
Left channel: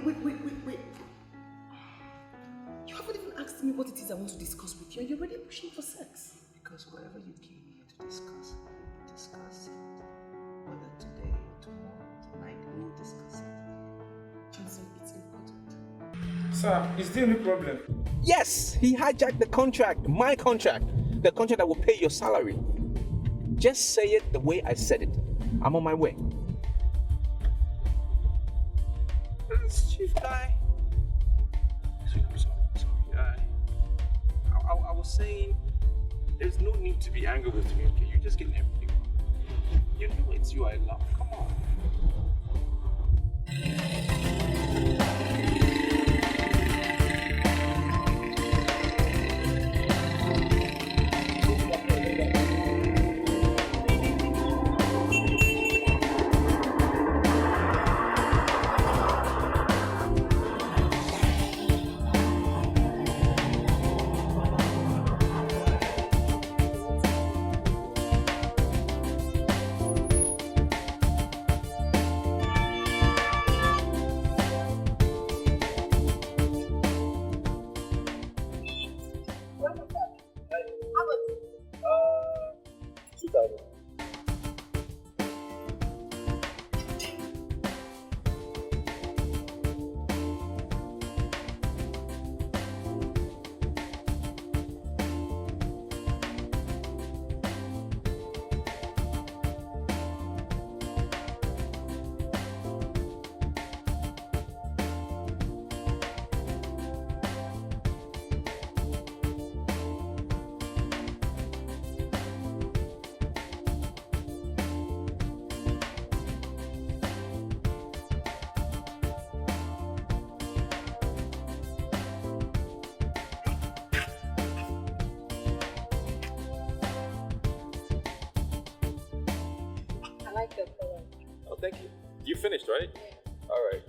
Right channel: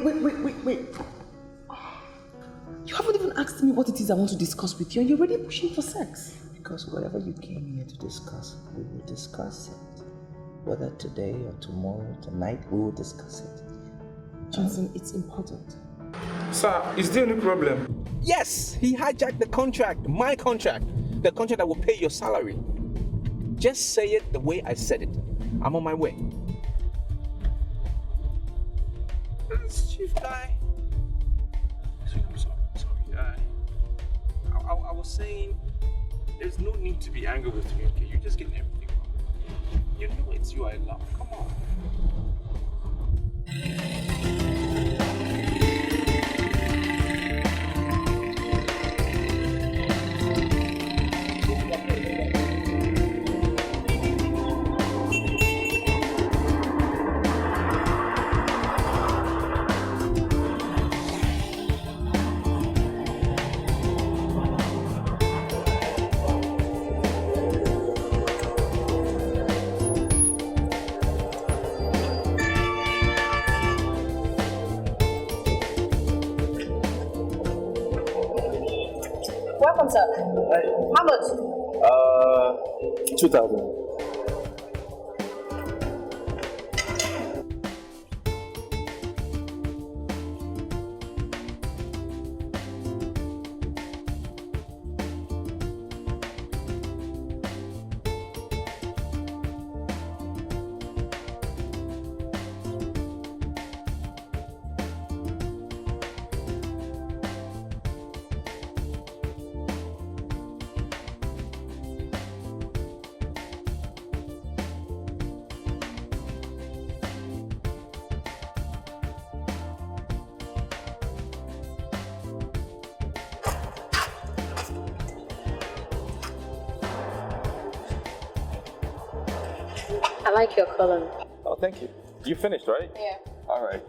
You haven't even asked me what it is I want to discuss with you, and you're already pushing for sex. Because whatever you came here to discuss, we will discuss it. Whether today or tomorrow, tonight, we will discuss it. Johnson, it's important. Sir, is there any problem? Yes, he hijacked the contract, my contract, the contract that will pay your salary. Just say it the way I said it. I'm on my way. Chief guy. I'm sorry. I was saying there's no need to be angry with me, okay? You're just getting everything wrong. You know it's you I love. Come on. Welcome, sir. How much? 2,000. I like your color. Oh, thank you. You finished, right? Yeah. All right.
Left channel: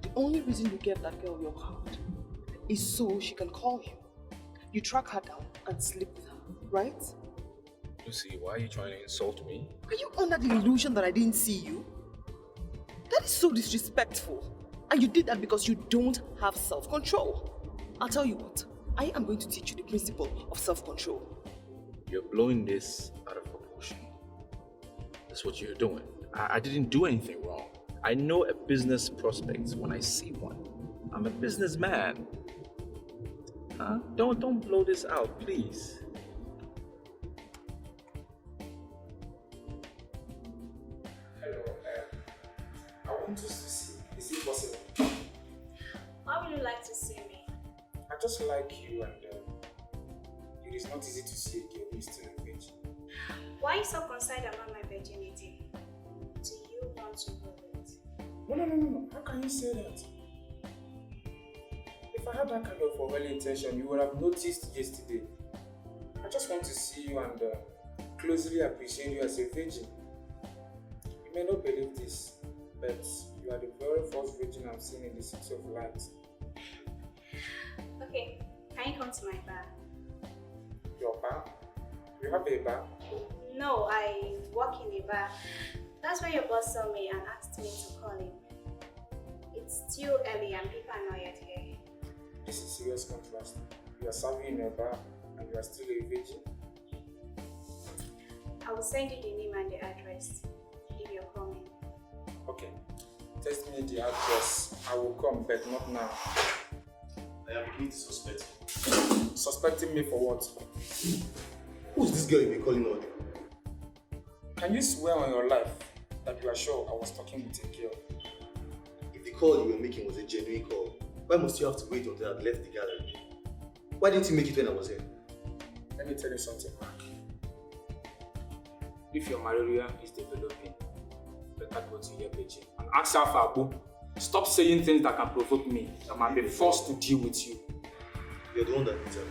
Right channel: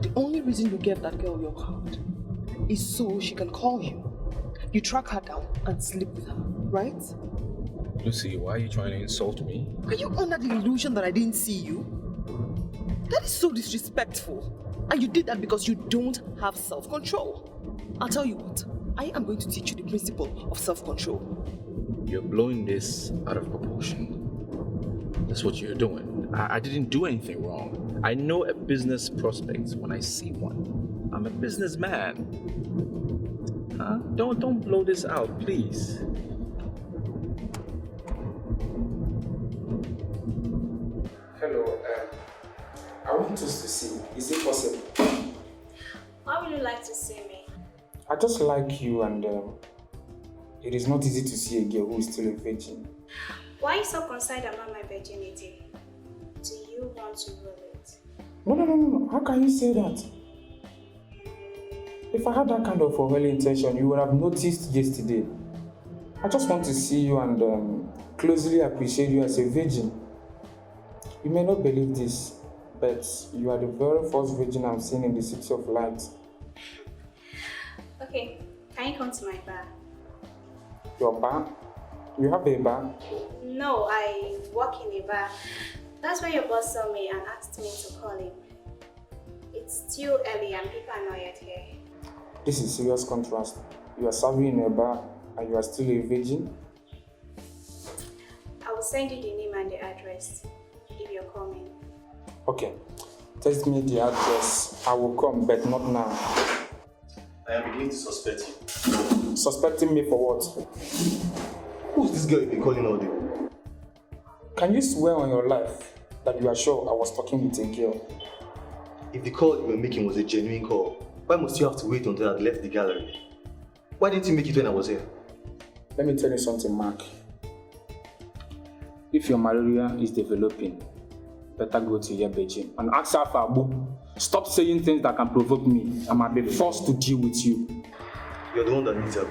The only reason you gave that girl your card is so she can call you. You track her down and sleep with her, right? Lucy, why are you trying to insult me? Are you under the illusion that I didn't see you? That is so disrespectful. And you did that because you don't have self-control. I'll tell you what, I am going to teach you the principle of self-control. You're blowing this out of proportion. That's what you're doing. I didn't do anything wrong. I know a business prospect when I see one. I'm a businessman. Huh? Don't blow this out, please. Hello, I want us to see. Is it possible? Why would you like to see me? I just like you, and it is not easy to see a girl who is still a virgin. Why are you so concerned about my virginity? Do you want to ruin it? No. How can you say that? If I had that kind of a intention, you would have noticed yesterday. I just want to see you and closely appreciate you as a virgin. You may not believe this, but you are the very first virgin I'm seeing in the City of Light. Okay, can you come to my bar? Your bar? You have a bar? No, I work in a bar. That's why your boss saw me and asked me to call him. It's still early and people are not yet here. This is serious contrast. You are serving in a bar and you are still a virgin? I will send you the name and the address if you're coming. Okay. Text me the address. I will come, but not now. I am beginning to suspect you. Suspecting me for what? Who's this girl you've been calling all day? Can you swear on your life that you are sure I was talking with a girl? If the call you were making was a genuine call, why must you have to wait until I had left the gallery? Why didn't you make it when I was here? Let me tell you something, Mark. If your malaria is developing, better go to your bedroom and ask her for a book. Stop saying things that can provoke me. I might be forced to deal with you. You're the one that needs a book.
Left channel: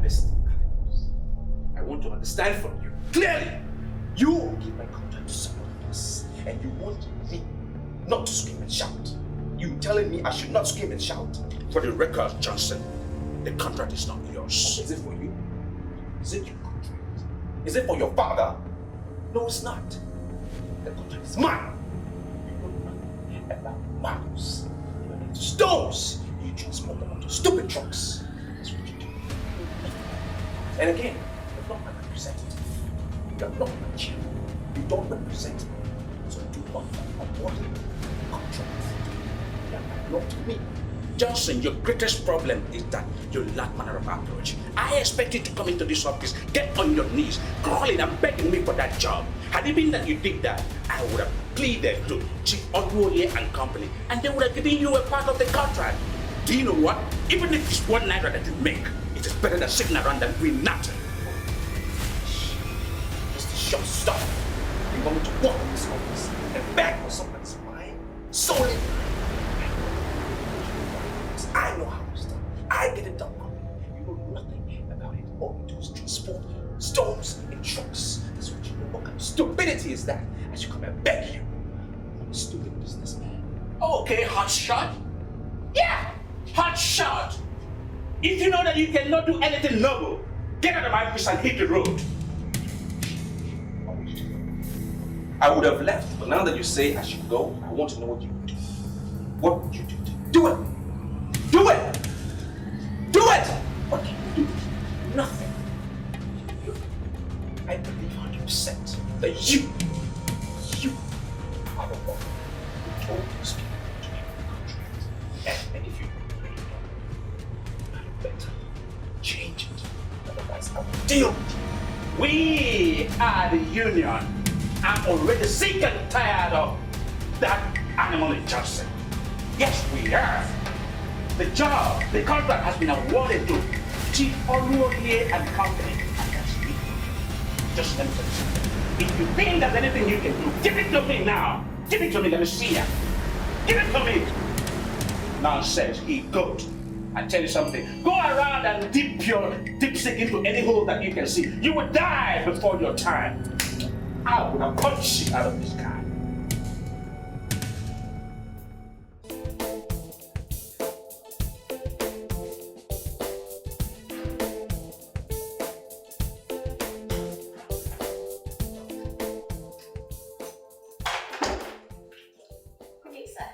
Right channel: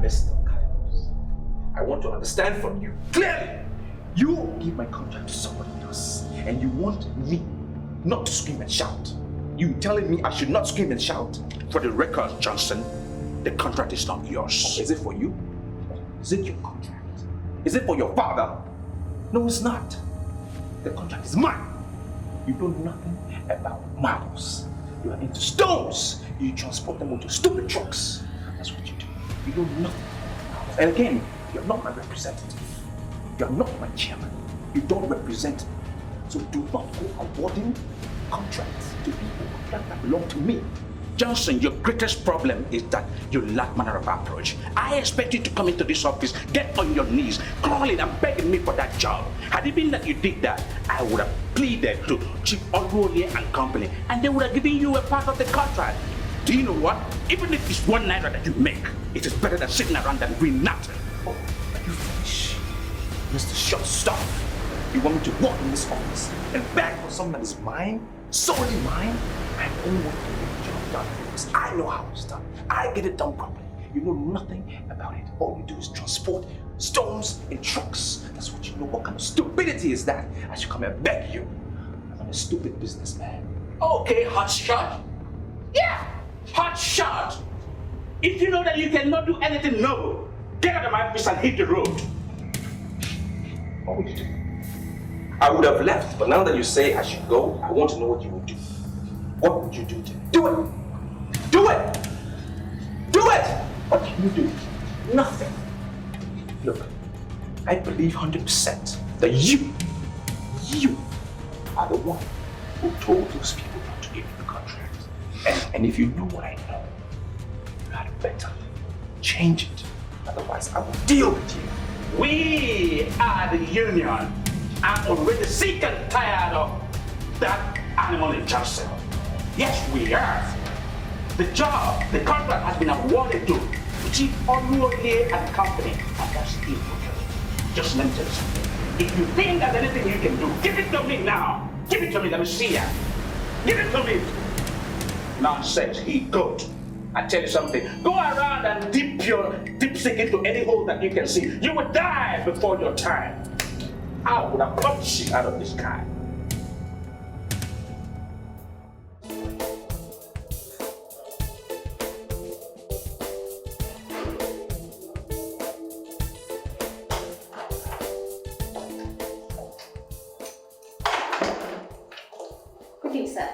Mr. Carlos, I want to understand from you clearly. You give my contract to somebody else, and you want me not to scream and shout. You telling me I should not scream and shout? For the record, Johnson, the contract is not yours. Is it for you? Is it your contract? Is it for your father? No, it's not. The contract is mine. You know nothing about marbles. You are into stones. You transport them onto stupid trucks. That's what you do. You know nothing. And again, you're not my representative. You're not my chairman. You don't represent me. So do not go awarding contracts to people that belong to me. Johnson, your greatest problem is that you lack manner of approach. I expect you to come into this office, get on your knees, crawling and begging me for that job. Had it been that you did that, I would have pleaded to Chief Unruly and Company, and they would have given you a part of the contract. Do you know what? Even if it's 1 naira that you make, it is better than sitting around and doing nothing. Oh, you finish. Mr. Short Stuff. You want me to walk in this office and beg for something that is mine, solely mine? I only want to get the job done because I know how it's done. I get it done properly. You know nothing about it. All you do is transport stones in trucks. That's what you know. What kind of stupidity is that? I should come and beg you. I'm a stupid businessman. Okay, hotshot. Yeah, hotshot. If you know that you cannot do anything noble, get out of my office and hit the road. What would you do? I would have left, but now that you say I should go, I want to know what you would do. What would you do? Do it! Do it! Do it! What can you do? Nothing. Look, I believe 100% that you are the one who told those people not to give you the contract. And if you know what I know, you had better change it. Otherwise, I will deal with you. We are the union. I'm already sick and tired of that animal in Johnson. Yes, we have. The job, the contract has been awarded to Chief Unruly and Company, and that's it. Just let me tell you something. If you think there's anything you can do, give it to me now. Give it to me, let me see ya. Give it to me. Nonsense, he goat. I tell you something, go around and dip your dipstick into any hole that you can see. You will die before your time. I would have punched you out of this guy. Good day, sir.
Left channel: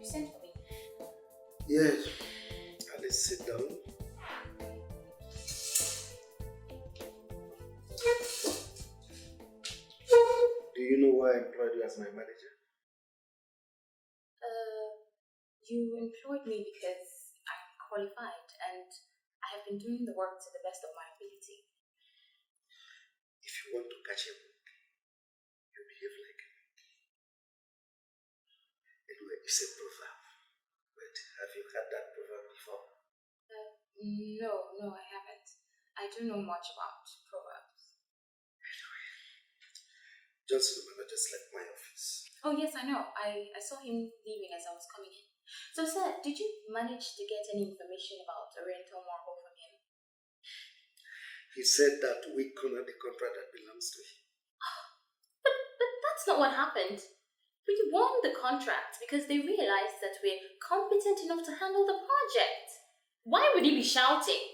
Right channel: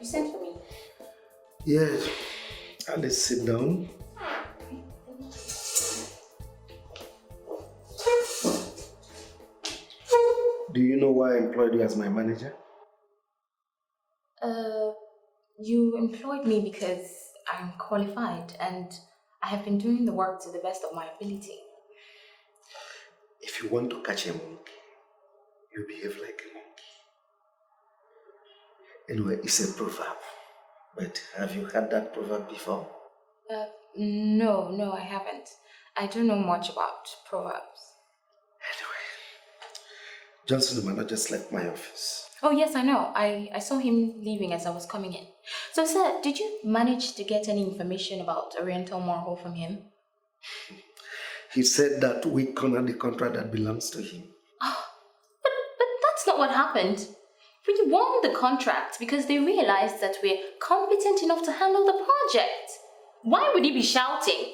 You sent for me. Yes. Let's sit down. Do you know why I employed you as my manager? You employed me because I'm qualified and I have been doing the work to the best of my ability. If you want to catch a monkey, you behave like a monkey. Anyway, it's a proverb. But have you heard that proverb before? No, I haven't. I don't know much about proverbs. Johnson, the manager, just left my office. Oh, yes, I know. I saw him leaving as I was coming in. So, sir, did you manage to get any information about Oriental Marhole from him? He said that we cornered the contract that belongs to him. Oh, but that's not what happened. We won the contract because they realized that we're competent enough to handle the project. Why would he be shouting?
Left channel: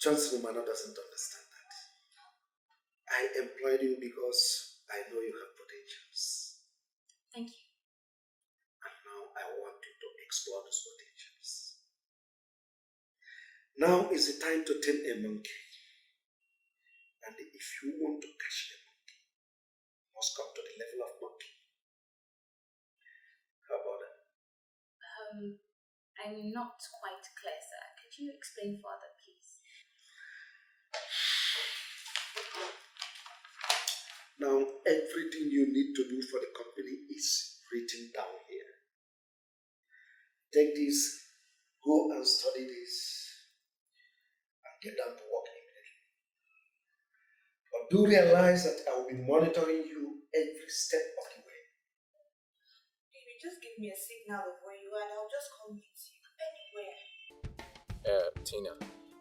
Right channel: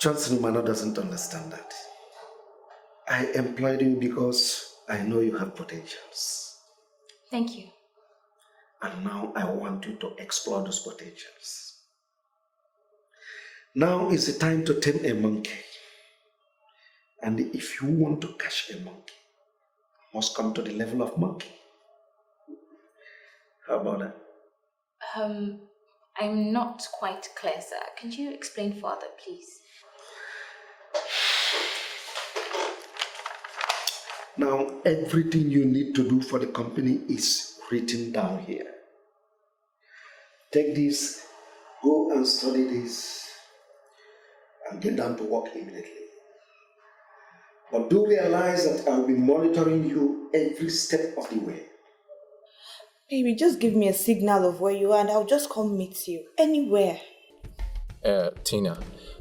Johnson Umano doesn't understand that. I employed you because I know you have potentials. Thank you. And now I want you to explore those potentials. Now is the time to tame a monkey. And if you want to catch a monkey, you must come to the level of monkey. How about that? I'm not quite clear, sir. Can you explain further, please? Now, everything you need to do for the company is written down here. Take this, go and study this, and get down to work immediately. But do realize that I'll be monitoring you every step of the way. Baby, just give me a signal of where you are and I'll just come meet you. Anywhere. Tina,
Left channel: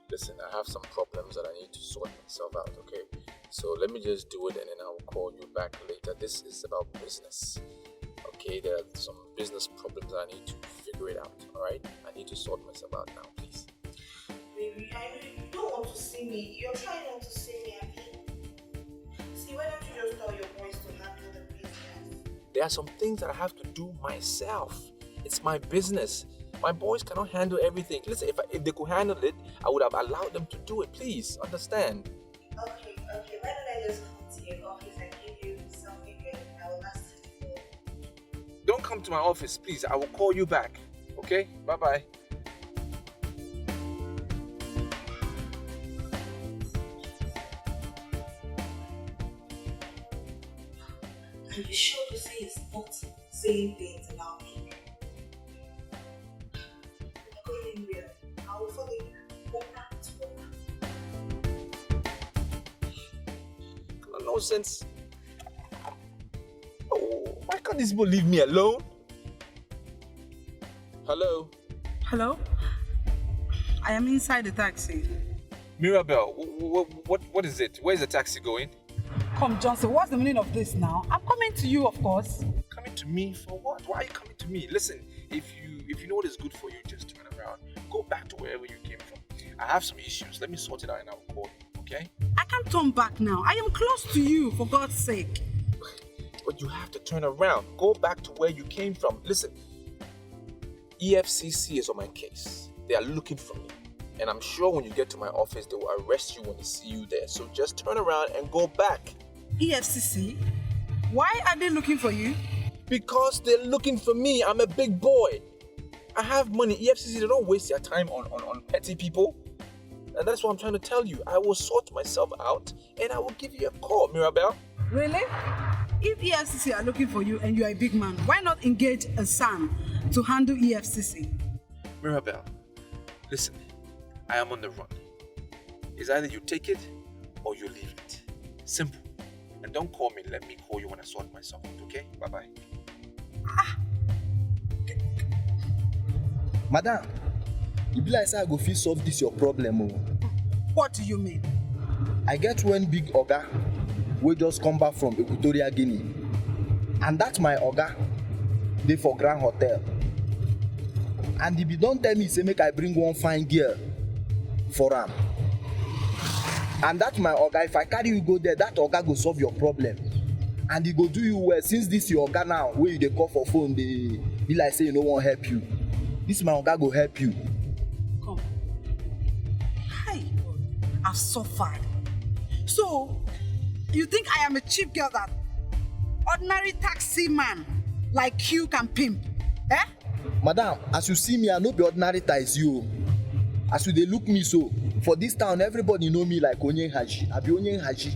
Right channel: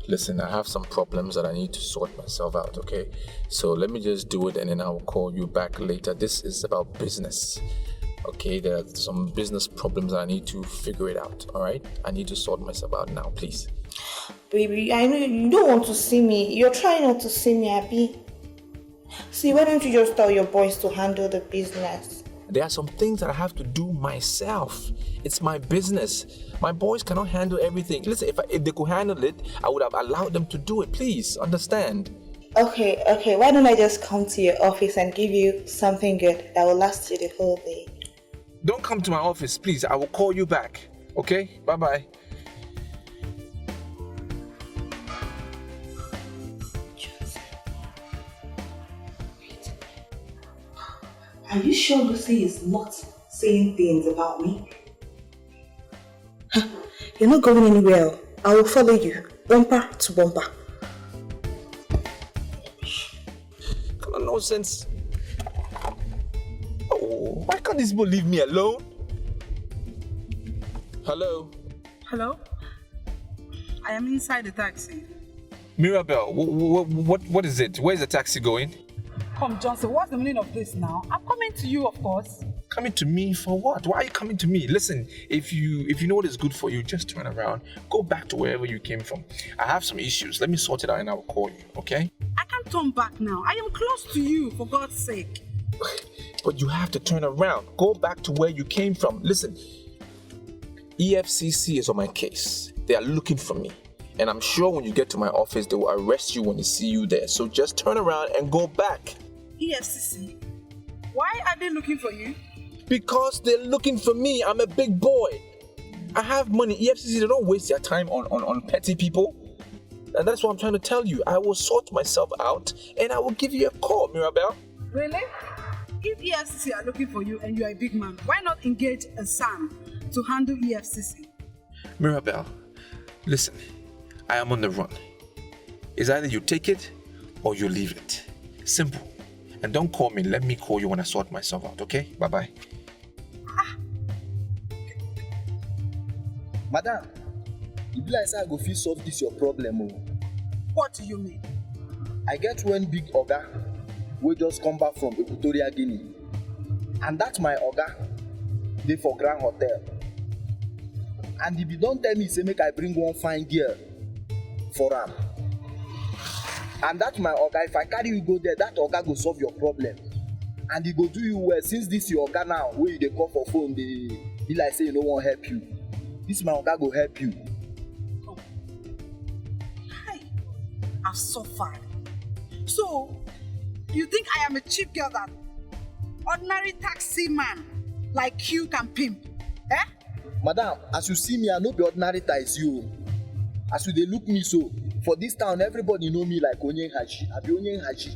listen, I have some problems that I need to sort myself out, okay? So let me just do it and then I'll call you back later. This is about business, okay? There are some business problems that I need to figure it out, all right? I need to sort myself out now, please. Baby, I know you don't want to see me. You're trying not to see me, Abby. See, why don't you just tell your boys to handle the business? There are some things that I have to do myself. It's my business. My boys cannot handle everything. Listen, if they could handle it, I would have allowed them to do it. Please, understand. Okay, why don't I just come to your office and give you something good that will last you the whole day? Don't come to my office, please. I will call you back. Okay? Bye-bye. Are you sure Lucy is not saying things about me? You're not going anywhere. I will follow you, bumper to bumper. Kind of nonsense. Oh, why can't these people leave me alone? Hello? Hello? I am inside the taxi. Mirabelle, what is it? Where's the taxi going? Come, Johnson, what's the meaning of this now? I'm coming to you, of course. Coming to me for what? Why are you coming to me? Listen, if you know what is good for you, just turn around. Go back to wherever you came from. I have some issues. Let me sort it out and I will call you, okay? I can't turn back now. I am close to you, for God's sake. But you have to turn around. Go back to where you came from. Listen, EFCC is on my case. They are looking for me. And I'm sure when you get to my office, they will arrest you when they see you there. So just turn around and go back. EFCC? Why are they looking for you? Because they're looking for me. I'm a big boy. I have money. EFCC, they don't waste their time on petty people. And that's what I'm trying to tell you. I will sort myself out and I will give you a call, Mirabelle. Really? If EFCC are looking for you and you are a big man, why not engage a son to handle EFCC? Mirabelle, listen, I am on the run. It's either you take it or you leave it. Simple. And don't call me. Let me call you when I sort myself out, okay? Bye-bye. Madam, you be like say I go fit solve this your problem. Oh. What do you mean? I get one big oga wey just come back from Equatorial Guinea. And that's my oga. Dey for Grand Hotel. And if you don't tell me, say make I bring one fine girl for am. And that's my oga. If I carry you go there, that oga go solve your problem. And he go do you well. Since this your oga now, where you dey call for phone, they be like say you no wan help you. This my oga go help you. Come. Hi. I've suffered. So, you think I am a cheap girl that ordinary taxi man like you can pimp? Eh? Madam, as you see me, I no be ordinary taxi you. As you dey look me so, for this town, everybody know me like Onye Haji. I be Onye Haji.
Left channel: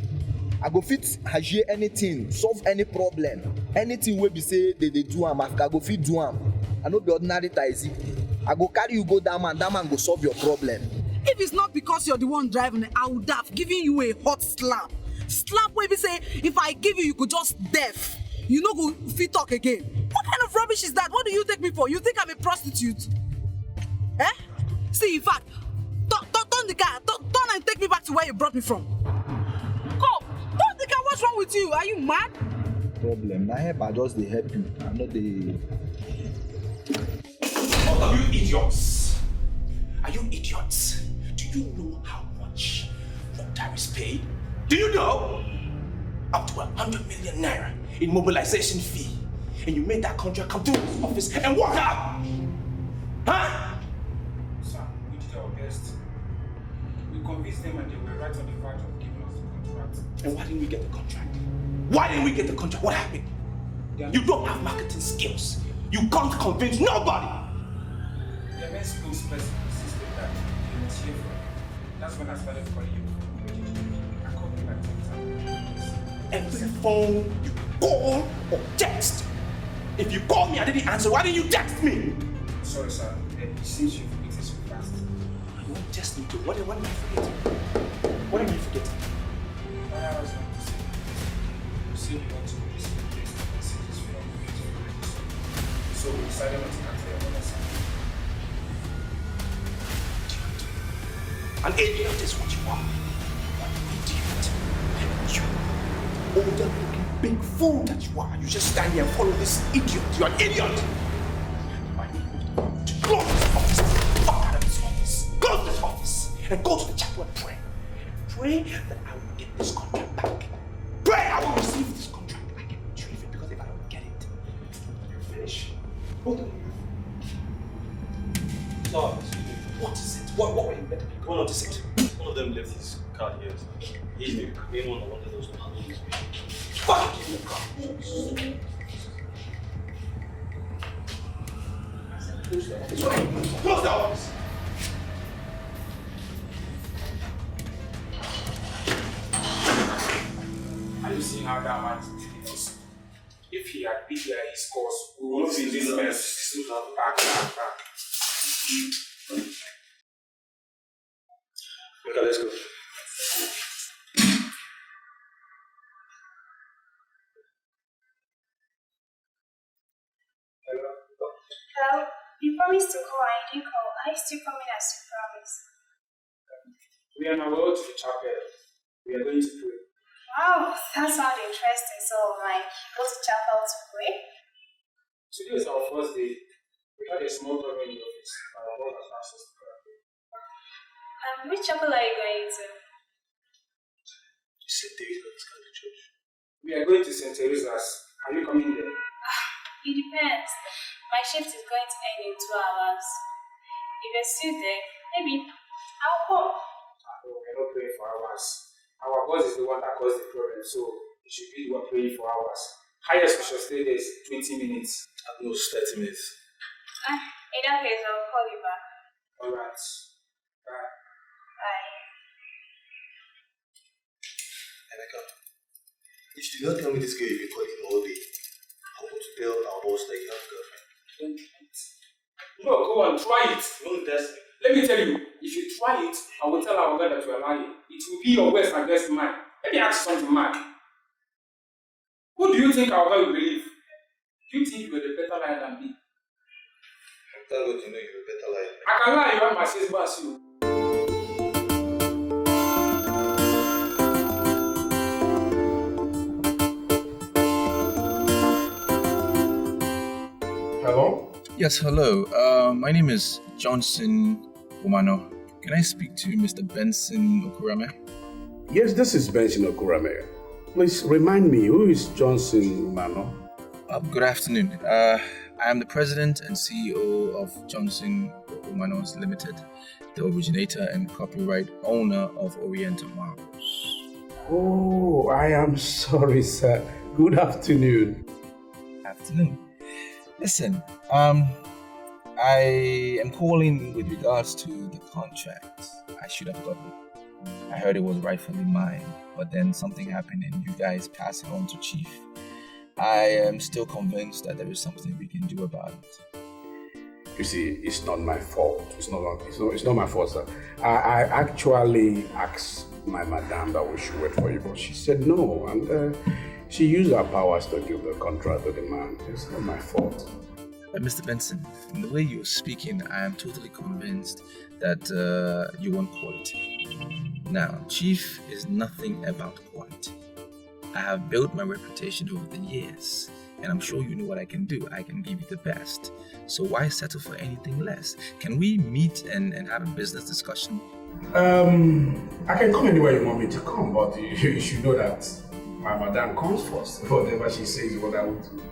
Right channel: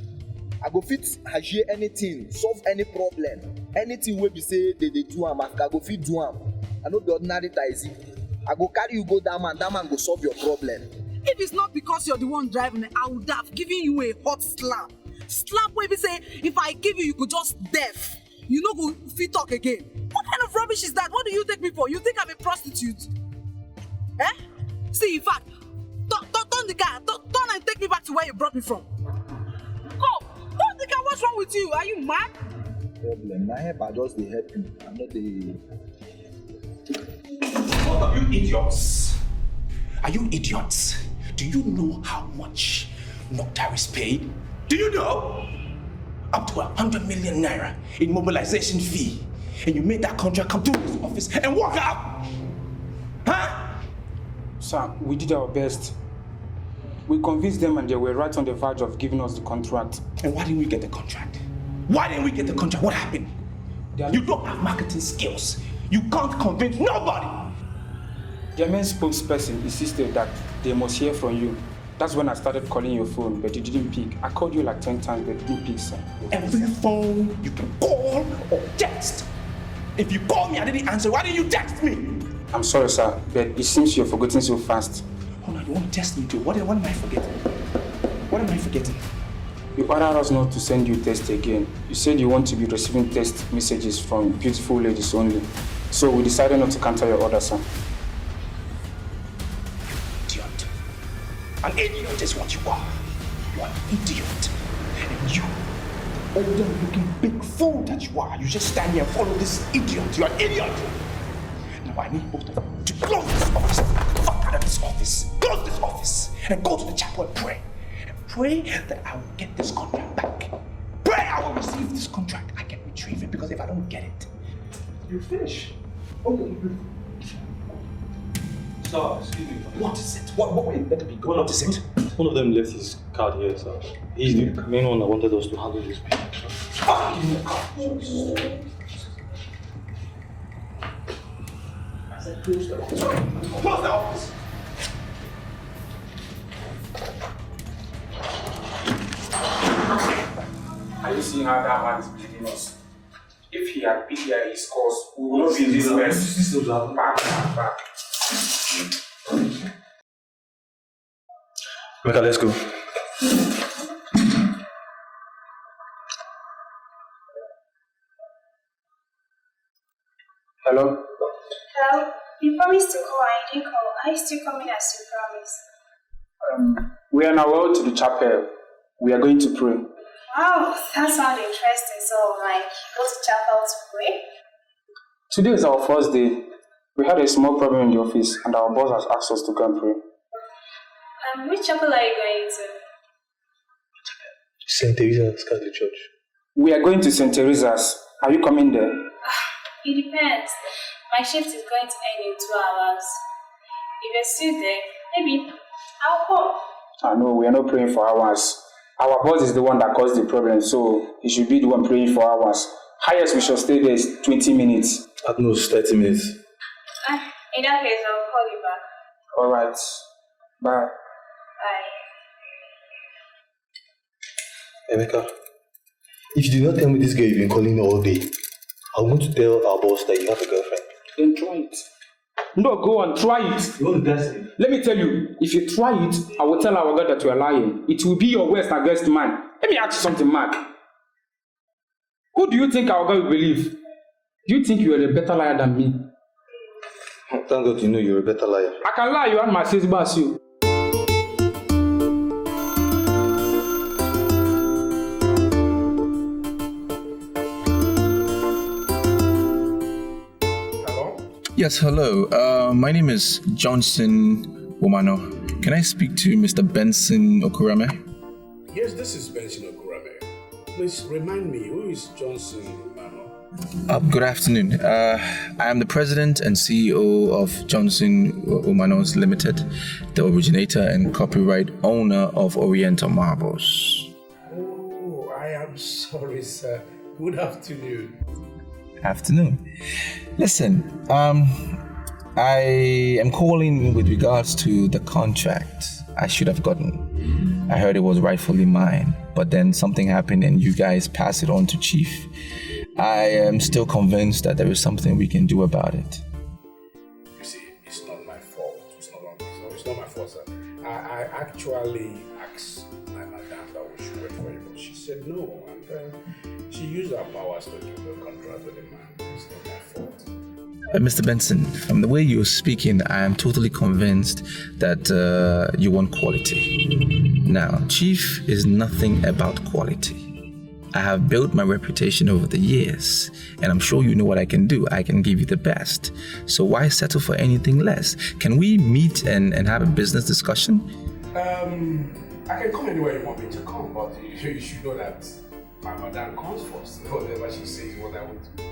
I go fit Haji anything, solve any problem. Anything wey be say they do am, I go fit do am. I no be ordinary taxi. I go carry you go that man go solve your problem. If it's not because you're the one driving it, I would have given you a hot slap. Slap where we say, if I give you, you could just deaf. You no go fit talk again. What kind of rubbish is that? What do you take me for? You think I'm a prostitute? Eh? See, in fact, turn the car. Turn and take me back to where you brought me from. Go! Turn the car. What's wrong with you? Are you mad? Problem. Na help, I just dey help you. I'm not the. What are you idiots? Are you idiots? Do you know how much Noctar is paid? Do you know? Up to 100 million naira in mobilization fee. And you made that contract come to this office and walk out! Huh? Sir, we did our best. We convinced them and they were right on the verge of giving us the contract. And why didn't we get the contract? Why didn't we get the contract? What happened? You don't have marketing skills. You can't convince nobody. Their main spokesperson insisted that they must hear from you. That's when I started calling your phone, but you didn't pick. I called you like 10 times, but you didn't pick, sir. Every phone you can call or text. If you call me, I didn't answer. Why didn't you text me? I'm sorry, sir, but it seems you're forgetting so fast. Oh no, you want to test me too? What am I forgetting? What am I forgetting? You ordered us not to send you text again. You said you want to be receiving text messages from beautiful ladies only. So we decided not to cancel your order, sir. Idiot. An idiot is what you are. You are an idiot. And you, older looking big fool that you are, you just stand here and follow this idiot. You are an idiot. Now I need both of you to close this office. Fuck out of this office. Close this office. And go to the chapel and pray. And pray that I will get this contract back. Pray I will receive this contract. I can retrieve it, because if I don't get it, you finish. Oh, you. Sir, excuse me. What is it? What will it better be? What is it? One of them left his card here, sir. He's the main one that wanted us to handle this business. Fuck you! I said close the office. Close the office! Are you seeing how that man is beating us? If he had been there his cause, we would not be in this mess. Back. Mecca, let's go. Hello? Hello? You promised to call and you didn't call. Are you still coming as you promised? We are on our way to the chapel. We are going to pray. Wow, that sounds interesting. So, go to chapel to pray? Today is our first day. We had a small problem in the office and our boss has asked us to go and pray. Which chapel are you going to? St. Teresa's Catholic Church. We are going to St. Teresa's. Are you coming there? It depends. My shift is going to end in 2 hours. If you're still there, maybe I'll come. No, we are not praying for hours. Our boss is the one that caused the problem, so he should be the one praying for hours. Highest we shall stay there is 20 minutes. At most 30 minutes. In that case, I'll call you back. Alright. Bye. Bye. Emeka, if you do not tell me this girl you've been calling all day, I'm going to tell our boss that you have a girlfriend. Then try it. No, go and try it. You want to dance me? Let me tell you, if you try it, I will tell our God that you are lying. It will be your worst against mine. Let me ask you something, Mark. Who do you think our God will believe? Do you think you are a better liar than me? Thank God you know you're a better liar. I can lie, you and my sis bass you. Yes, hello. My name is Johnson Umano. Can I speak to Mr. Benson Okurame? Yes, this is Benson Okurame. Please remind me, who is Johnson Umano? Good afternoon. I am the president and CEO of Johnson Umanos Limited, the originator and copyright owner of Oriental Marbles. Oh, I am sorry, sir. Good afternoon. Afternoon. Listen, I am calling with regards to the contract I should have gotten. I heard it was rightfully mine, but then something happened and you guys passed it on to Chief. I am still convinced that there is something we can do about it. You see, it's not my fault. It's not my fault, sir. I actually asked my madam that we should wait for you, but she said no, and she used her powers to give the contract to the man. It's not my fault. Mr. Benson, from the way you're speaking, I am totally convinced that you want quality. Now, Chief is nothing about quality. I have built my reputation over the years, and I'm sure you know what I can do. I can give you the best. So why settle for anything less? Can we meet and have a business discussion? I can come anywhere you want me to come, but you should know that my madam comes first. Whatever she says is what I would do.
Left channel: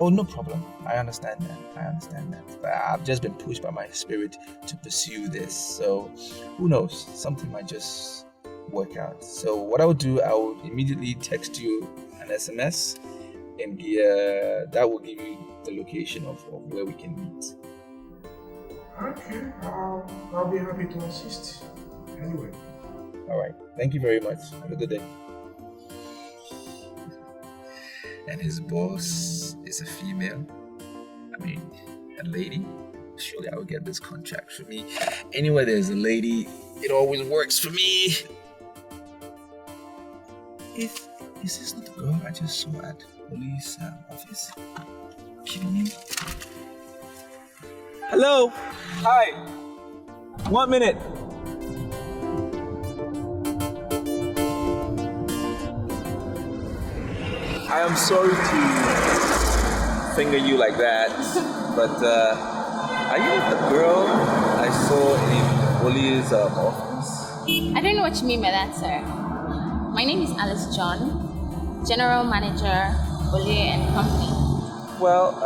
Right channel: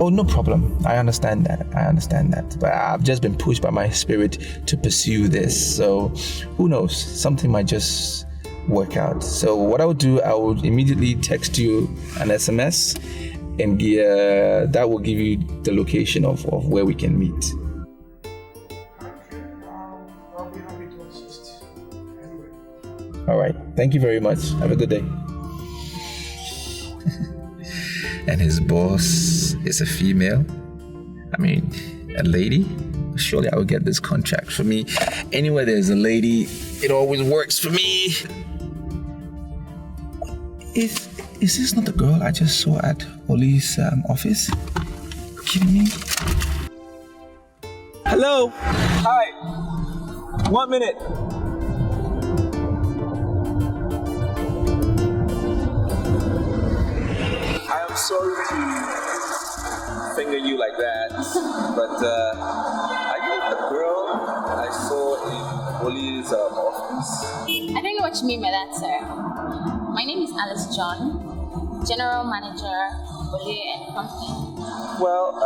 Oh, no problem. I understand that. But I've just been pushed by my spirit to pursue this. So who knows? Something might just work out. So what I would do, I would immediately text you an SMS, and that will give you the location of where we can meet. Okay, I'll be happy to assist. Anyway. All right. Thank you very much. Have a good day. And his boss is a female. I mean, a lady. Surely I will get this contract. For me, anywhere there's a lady, it always works for me. Is this not the girl I just saw at Oli's office? Kidding me? Hello. Hi. 1 minute. I am sorry to finger you like that, but are you the girl I saw in Oli's office? I don't know what you mean by that, sir. My name is Alice John. General Manager, Oli and Company. Well,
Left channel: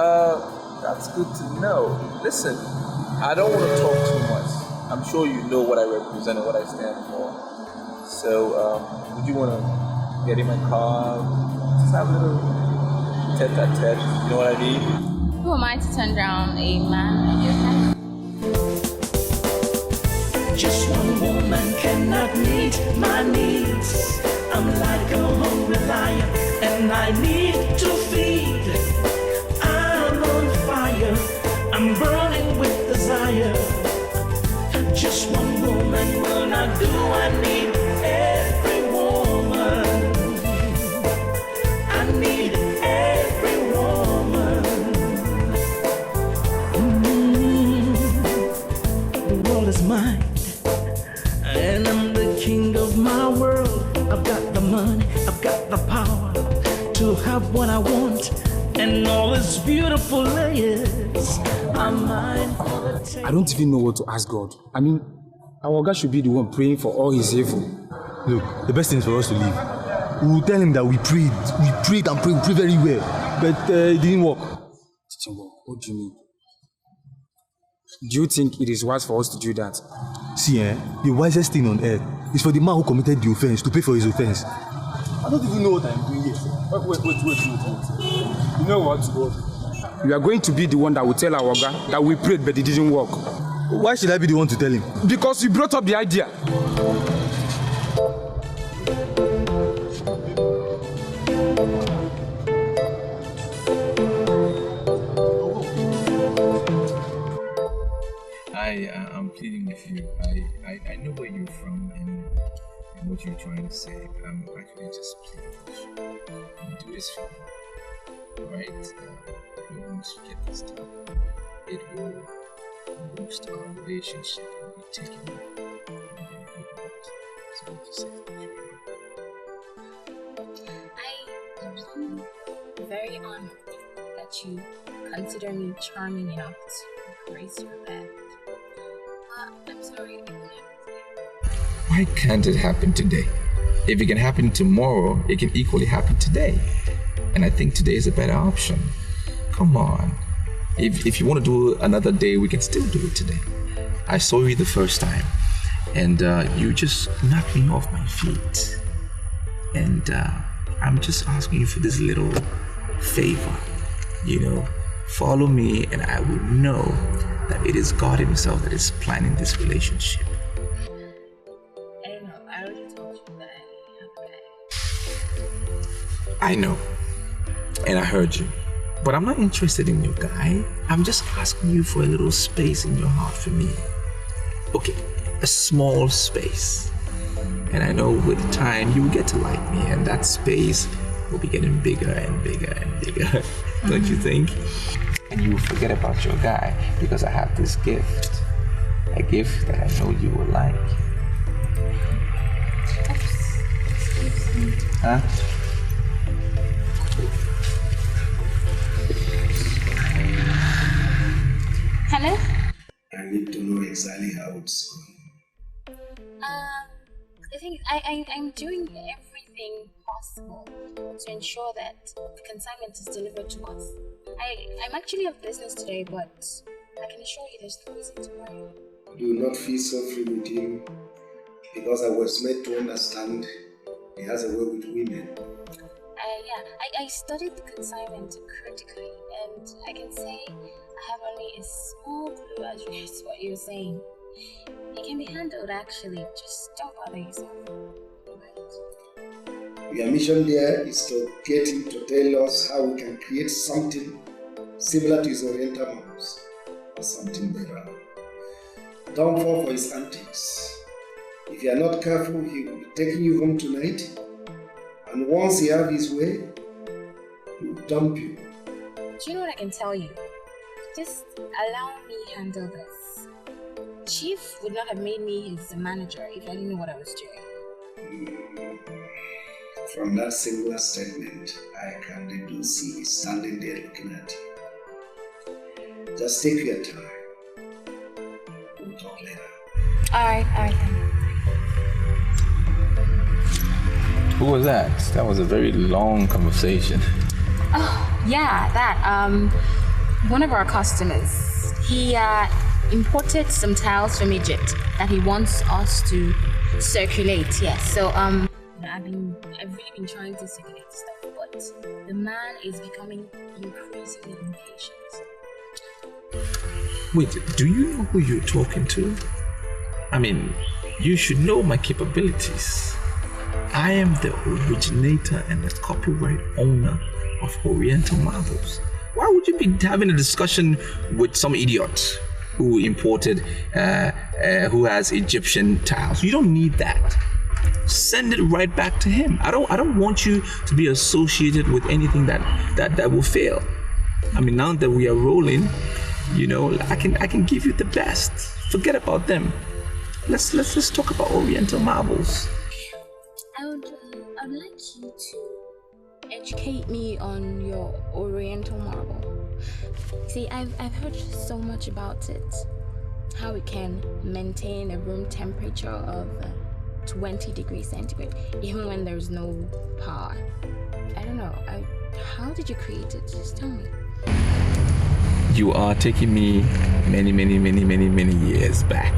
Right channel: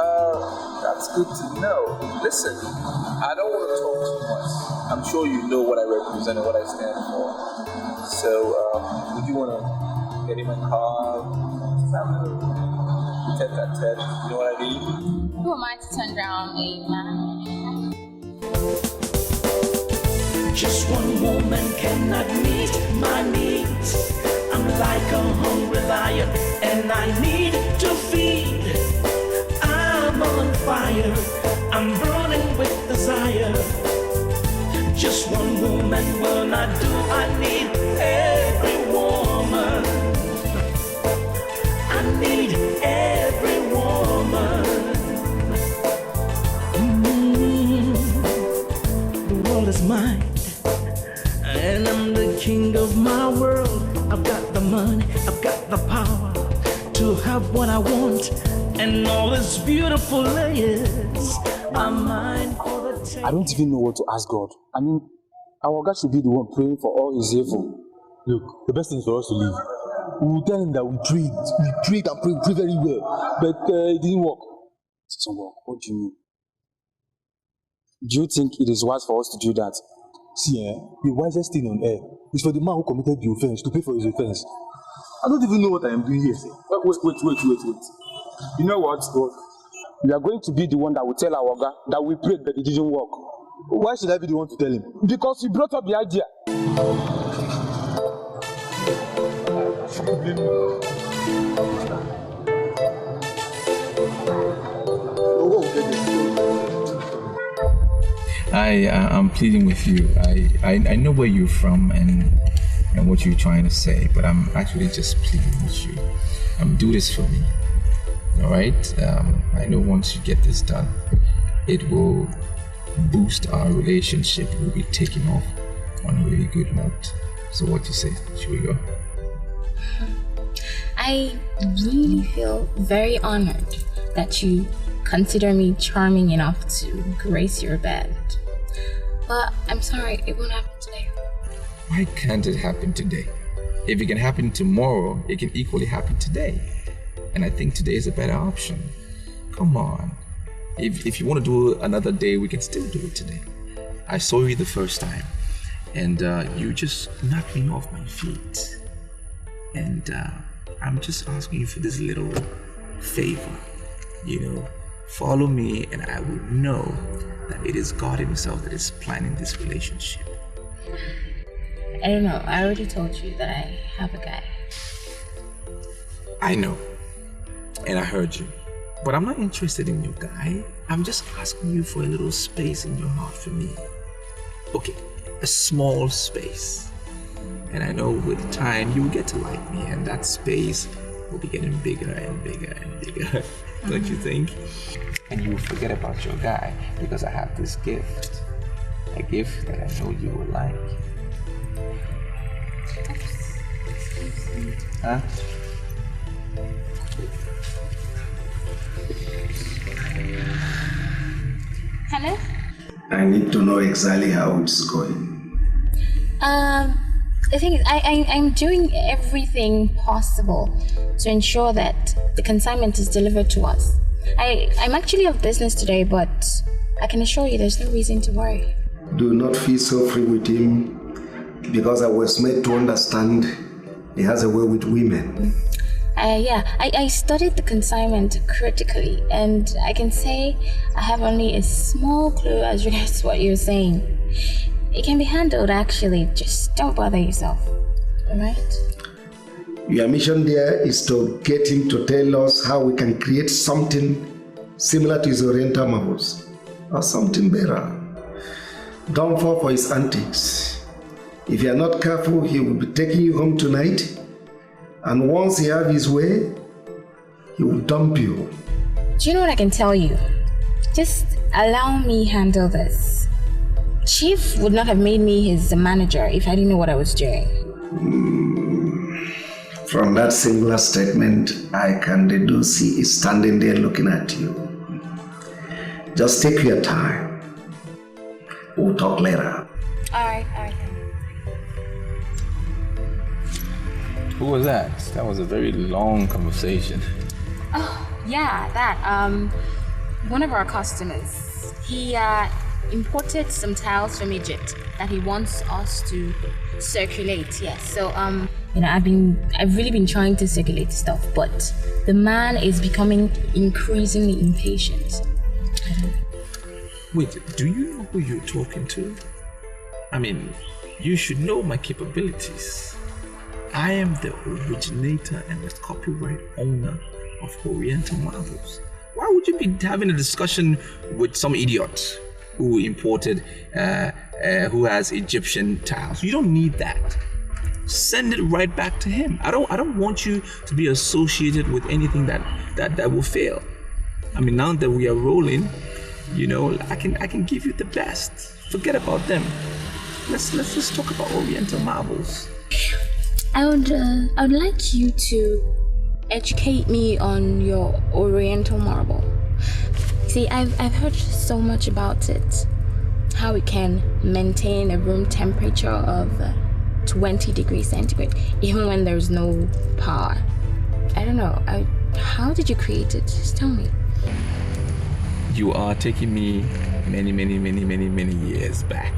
that's good to know. Listen, I don't want to talk too much. I'm sure you know what I represent and what I stand for. So, would you want to get in my car? Just have a little tete-a-tete, you know what I mean? Who am I to turn down a man like your type? Just one woman cannot meet my needs. I'm like a hungry lion and I need to feed. I'm on fire, I'm burning with desire. Just one woman will not do, I need every woman. I need every woman. The world is mine, and I'm the king of my world. I've got the money, I've got the power to have what I want, and all its beautiful layers are mine for the taking. I don't even know what to ask God. I mean, our God should be the one praying for all his evil. Look, the best thing is for us to leave. We will tell him that we prayed and prayed very well, but it didn't work. It didn't work? What do you mean? Do you think it is wise for us to do that? See, the wisest thing on earth is for the man who committed the offense to pay for his offense. I don't even know what I am doing here, sir. Wait. You know what? You are going to be the one that will tell our God that we prayed but it didn't work. Why should I be the one to tell him? Because you brought up the idea. I'm pleading with you. I know where you're from and what you're trying to say, but I'm actually just pleading with you. Do this for me. All right? I know once you get this done, it will boost our relationship. We'll be taking off on a really good note. So what do you say? Should we go? I really feel very honored that you consider me charming enough to grace your bed. But I'm sorry, it won't happen today. Why can't it happen today? If it can happen tomorrow, it can equally happen today. And I think today is a better option. Come on. If you want to do another day, we can still do it today. I saw you the first time, and you just knocked me off my feet. And I'm just asking you for this little favor. Follow me, and I will know that it is God himself that is planning this relationship. I don't know. I already told you that I have a guy. I know. And I heard you. But I'm not interested in your guy. I'm just asking you for a little space in your heart for me. Okay, a small space. And I know with time you will get to like me, and that space will be getting bigger and bigger and bigger. Don't you think? And you will forget about your guy because I have this gift. A gift that I know you will like. Huh? Hello? I need to know exactly how it's going. The thing is, I'm doing everything possible to ensure that the consignment is delivered to us. I'm actually off business today, but I can assure you there's no reason to worry. Do not feel so free with him, because I was made to understand he has a way with women. I studied the consignment critically, and I can say I have only a small clue as regards to what you're saying. It can be handled, actually. Just don't bother yourself, alright? Your mission there is to get him to tell us how we can create something similar to his Oriental marvels, or something better. Don't fall for his antics. If you are not careful, he will be taking you home tonight, and once he has his way, he will dump you. Do you know what I can tell you? Just allow me handle this. Chief would not have made me his manager if I didn't know what I was doing. From that singular statement, I can deduce he is standing there looking at you. Just take your time. We'll talk later. Alright then. Who was that? That was a very long conversation. Oh, yeah, that. One of our customers, he imported some tiles from Egypt that he wants us to circulate. Yes, so I've really been trying to circulate stuff, but the man is becoming increasingly impatient. Wait, do you know who you're talking to? I mean, you should know my capabilities. I am the originator and the copyright owner of Oriental Marbles. Why would you be having a discussion with some idiot who imported, who has Egyptian tiles? You don't need that. Send it right back to him. I don't want you to be associated with anything that will fail. I mean, now that we are rolling, I can give you the best. Forget about them. Let's talk about Oriental Marbles. I would like you to educate me on your Oriental marble. See, I've heard so much about it. How it can maintain a room temperature of 20 degrees centigrade, even when there's no power. I don't know. How did you create it? Just tell me. You are taking me many years back.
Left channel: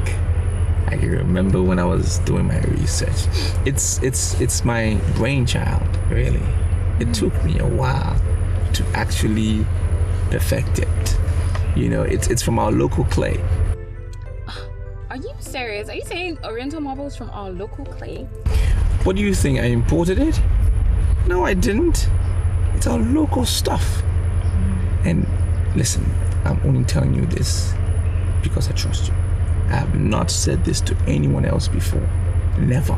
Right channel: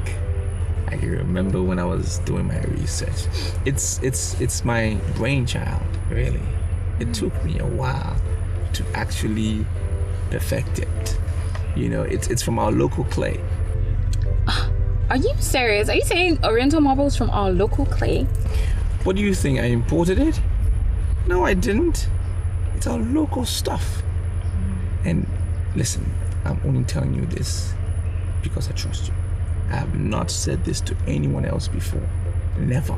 I can remember when I was doing my research. It's my brainchild, really. It took me a while to actually perfect it. It's from our local clay. Are you serious? Are you saying Oriental marbles from our local clay? What do you think? I imported it? No, I didn't. It's our local stuff. And listen, I'm only telling you this because I trust you. I have not said this to anyone else before. Never.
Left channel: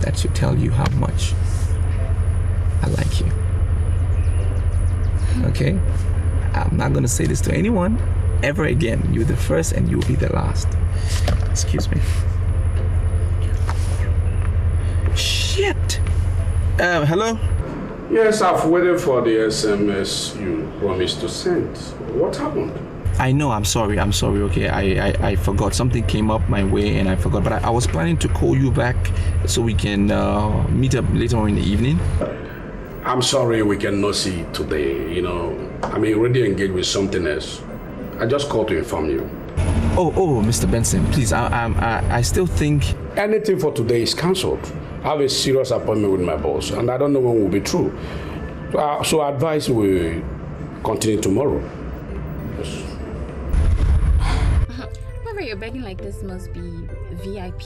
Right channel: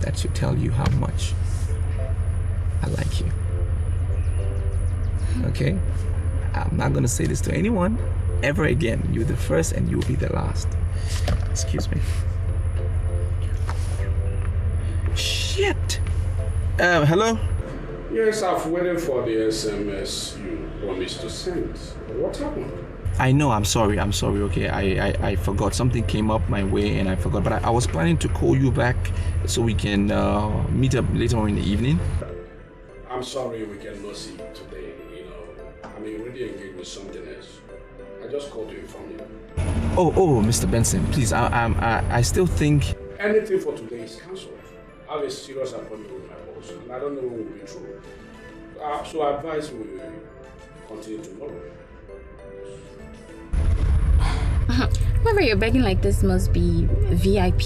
That should tell you how much I like you. Okay? I'm not gonna say this to anyone ever again. You're the first and you'll be the last. Excuse me. Shit! Hello? Yes, I've waited for the SMS you promised to send. What happened? I know, I'm sorry, okay? I forgot. Something came up my way and I forgot. But I was planning to call you back so we can meet up later on in the evening. I'm sorry we cannot see today, I'm already engaged with something else. I just called to inform you. Oh, Mr. Benson, please, I still think... Anything for today is cancelled. I have a serious appointment with my boss and I don't know when will be true. So I advise we continue tomorrow. Whoever you're begging like this must be VIP.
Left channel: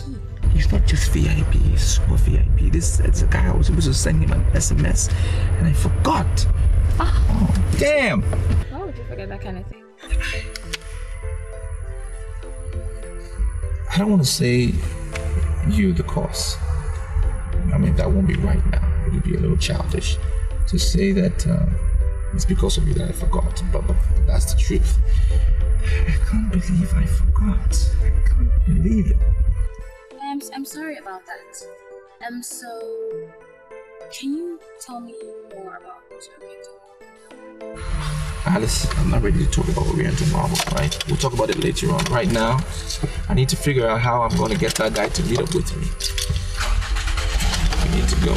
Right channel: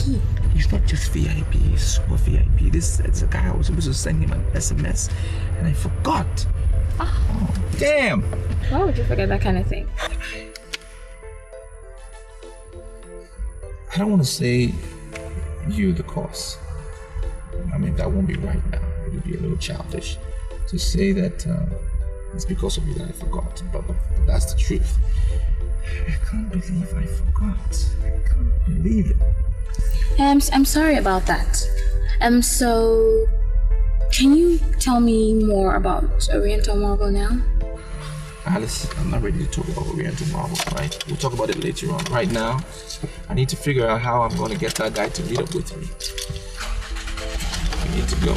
He's not just VIP, he's super VIP. It's a guy I was supposed to send him an SMS and I forgot. Oh, damn! Why would you forget that kind of thing? I don't want to say you the cause. I mean, that won't be right now. It would be a little childish to say that it's because of you that I forgot, but that's the truth. I can't believe I forgot. I can't believe it. I'm sorry about that. So can you tell me more about Oriental marble now? Alice, I'm not ready to talk about Oriental marble, right? We'll talk about it later on. Right now, I need to figure out how I'm going to get that guy to meet up with me. I need to go.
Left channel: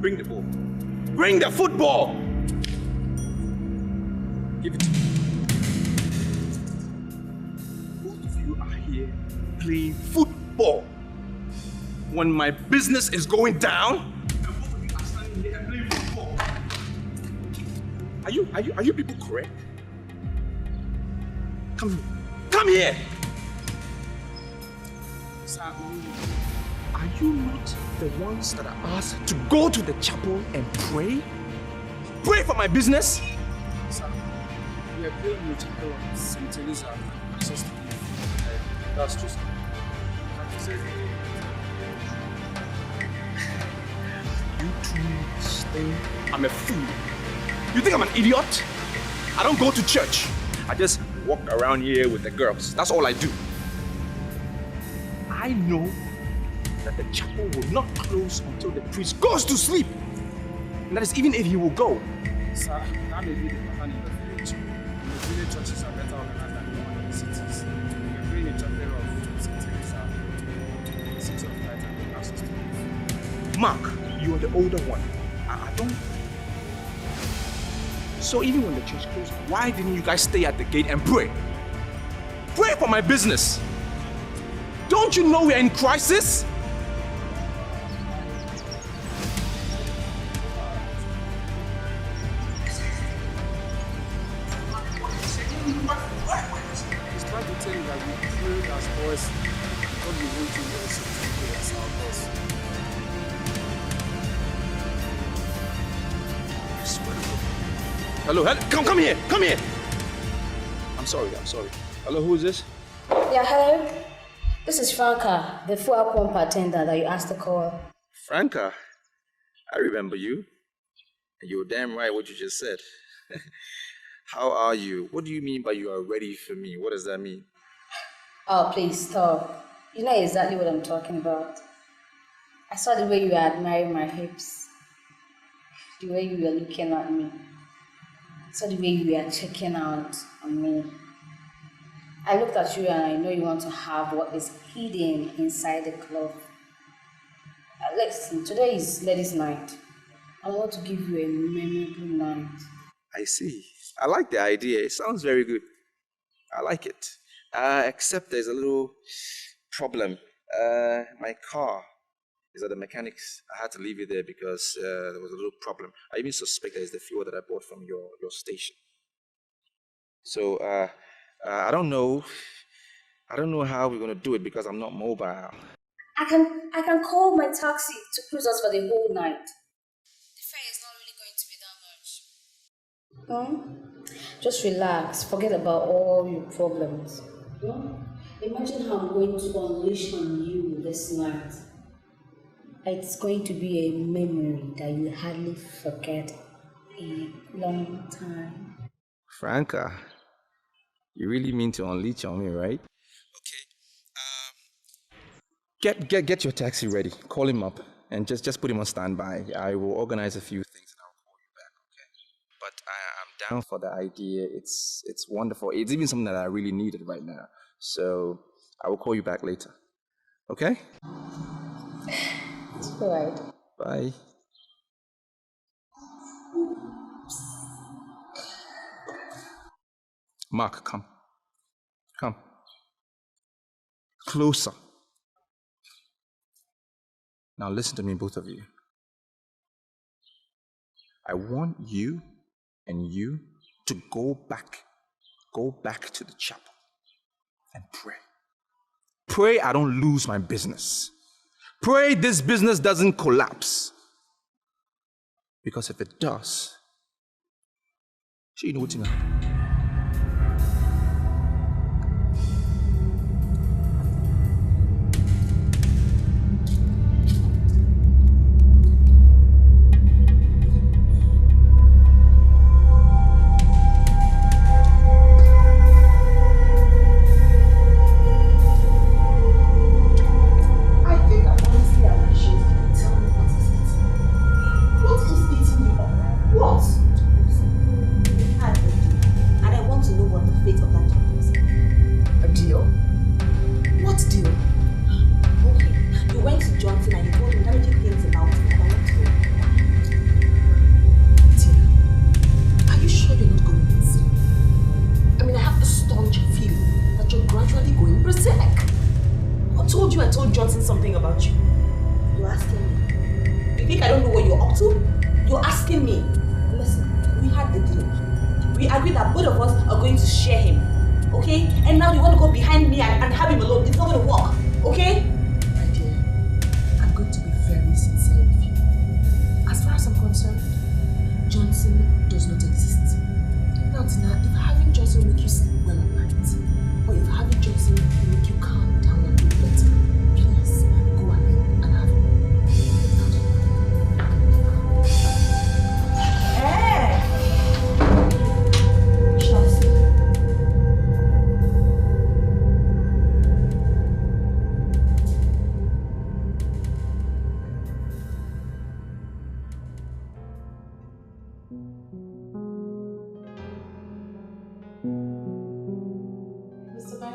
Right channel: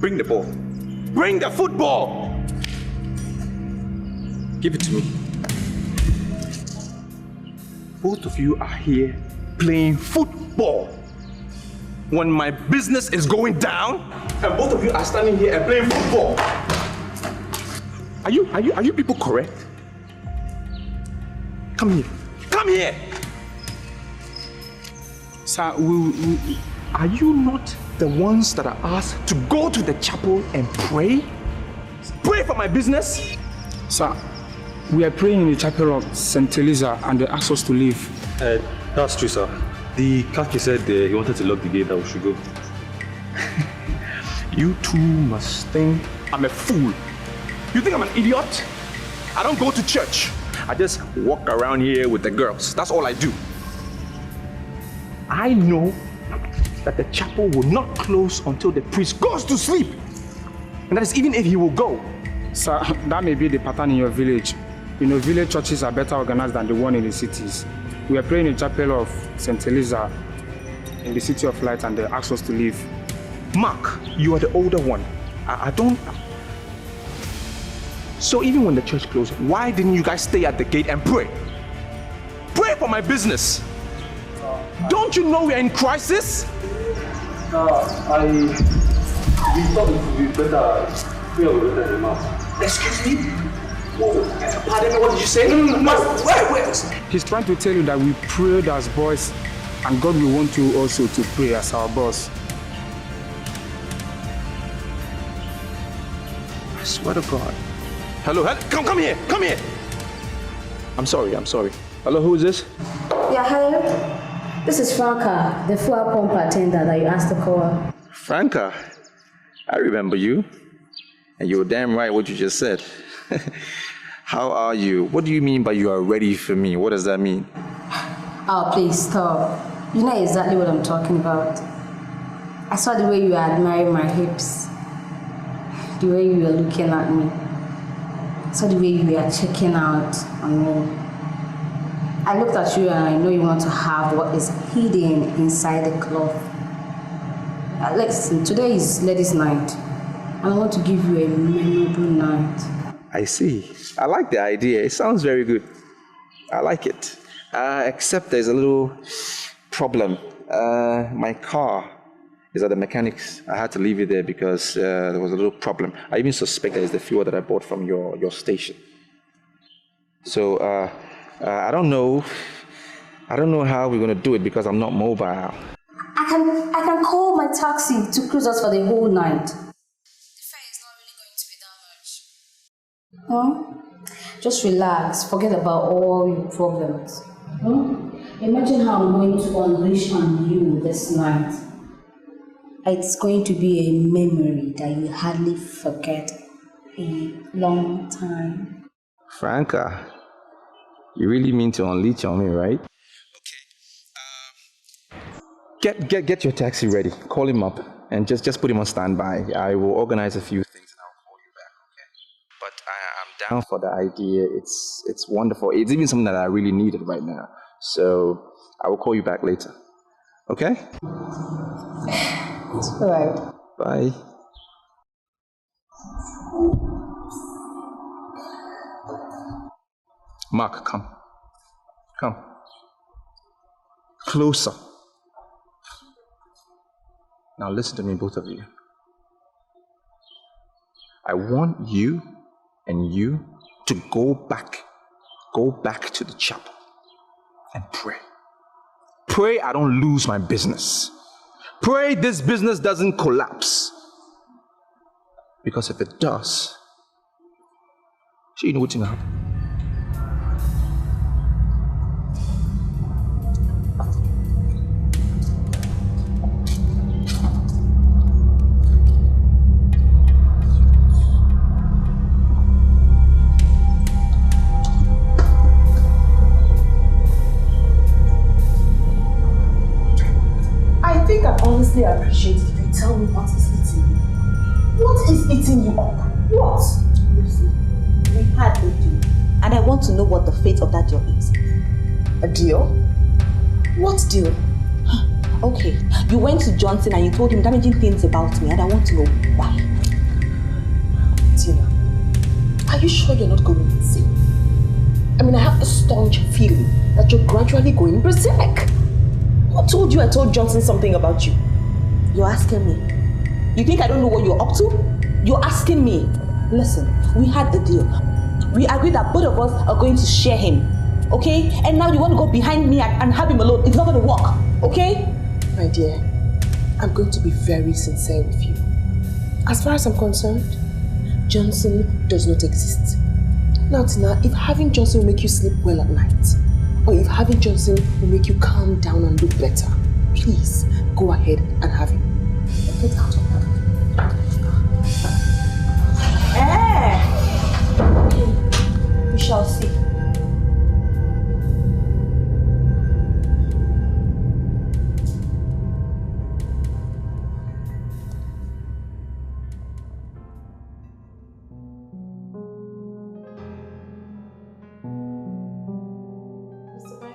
Bring the ball. Bring the football! Give it to me. Both of you are here playing football when my business is going down, and both of you are standing here and playing football. Are you people correct? Come here. Come here! Sir, are you not the ones that are asked to go to the chapel and pray? Pray for my business? Sir, we are praying in the chapel of St. Teresa and they asked us to leave. That's true, sir. The Kaki said he wanted to lock the gate that we should go. You two must think I'm a fool. You think I'm an idiot? I don't go to church. I just walk around here with the girls. That's all I do. I know that the chapel will not close until the priest goes to sleep. And that is even if he will go. Sir, that may be the pattern in your village. You know, village churches are better organized than the one in the cities. We are praying in the chapel of St. Eliza in the City of Light and they asked us to leave. Mark, you are the older one. I don't... So even when the church closed, why didn't you guys stay at the gate and pray? Pray for my business. Don't you know we're in crisis? We thought it would be better here with the mouth. Excuse me? Pardon me, what did you say? Wait. He's trying to tell you that we prayed as boys and God will want you also to pray as our boss. I swear to God. Hello, come here. I'm sorry. Hello, who is this? Yeah, hello. This is Franca, the fuel pump attendant that you asked to call. Franca, I remember you. And you're damn right what you just said. How are you? What do you mean by you are ready for me? What does that mean? Oh, please stop. You know exactly what I'm talking about. I saw the way you were admiring my hips. The way you were looking at me. I saw the way you were checking out on me. I looked at you and I know you want to have what is hidden inside the cloth. Listen, today is ladies' night. I want to give you a memorable night. I see. I like the idea. It sounds very good. I like it. Except there's a little problem. My car is at the mechanics. I had to leave it there because there was a little problem. I even suspect that it's the fuel that I bought from your station. So I don't know how we're gonna do it because I'm not mobile. I can call my taxi to cruise us for the whole night. The fare is not really going to be that much. Just relax. Forget about all your problems. Imagine how I'm going to unleash on you this night. It's going to be a memory that you hardly forget a long time. Franca, you really mean to unleash on me, right? Okay. Get your taxi ready. Call him up and just put him on standby. I will organize a few things and I'll call you back, okay? But I'm down for the idea. It's wonderful. It's even something that I really needed right now. So I will call you back later. Okay? It's all right. Bye. Mark, come. Closer. Now listen to me, both of you. I want you and you to go back to the chapel and pray. Pray I don't lose my business. Pray this business doesn't collapse. Because if it does, you know what's gonna happen. I appreciate it if you tell me what is eating you. What is eating you up? What? Lucy, we had a deal, and I want to know what the fate of that deal is. A deal? What deal? Okay, you went to Johnson and you told him damaging things about me, and I want to know why. Tina, are you sure you're not going insane? I mean, I have a staunch feeling that you're gradually going berserk. Who told you I told Johnson something about you? You're asking me. You think I don't know what you're up to? You're asking me. Listen, we had a deal. We agreed that both of us are going to share him. Okay? And now you want to go behind me and have him alone. It's not going to work. Okay? My dear, I'm going to be very sincere with you. As far as I'm concerned, Johnson does not exist. Now, Tina, if having Johnson will make you sleep well at night, or if having Johnson will make you calm down and look better, please go ahead and have him. Get out of here. We shall see.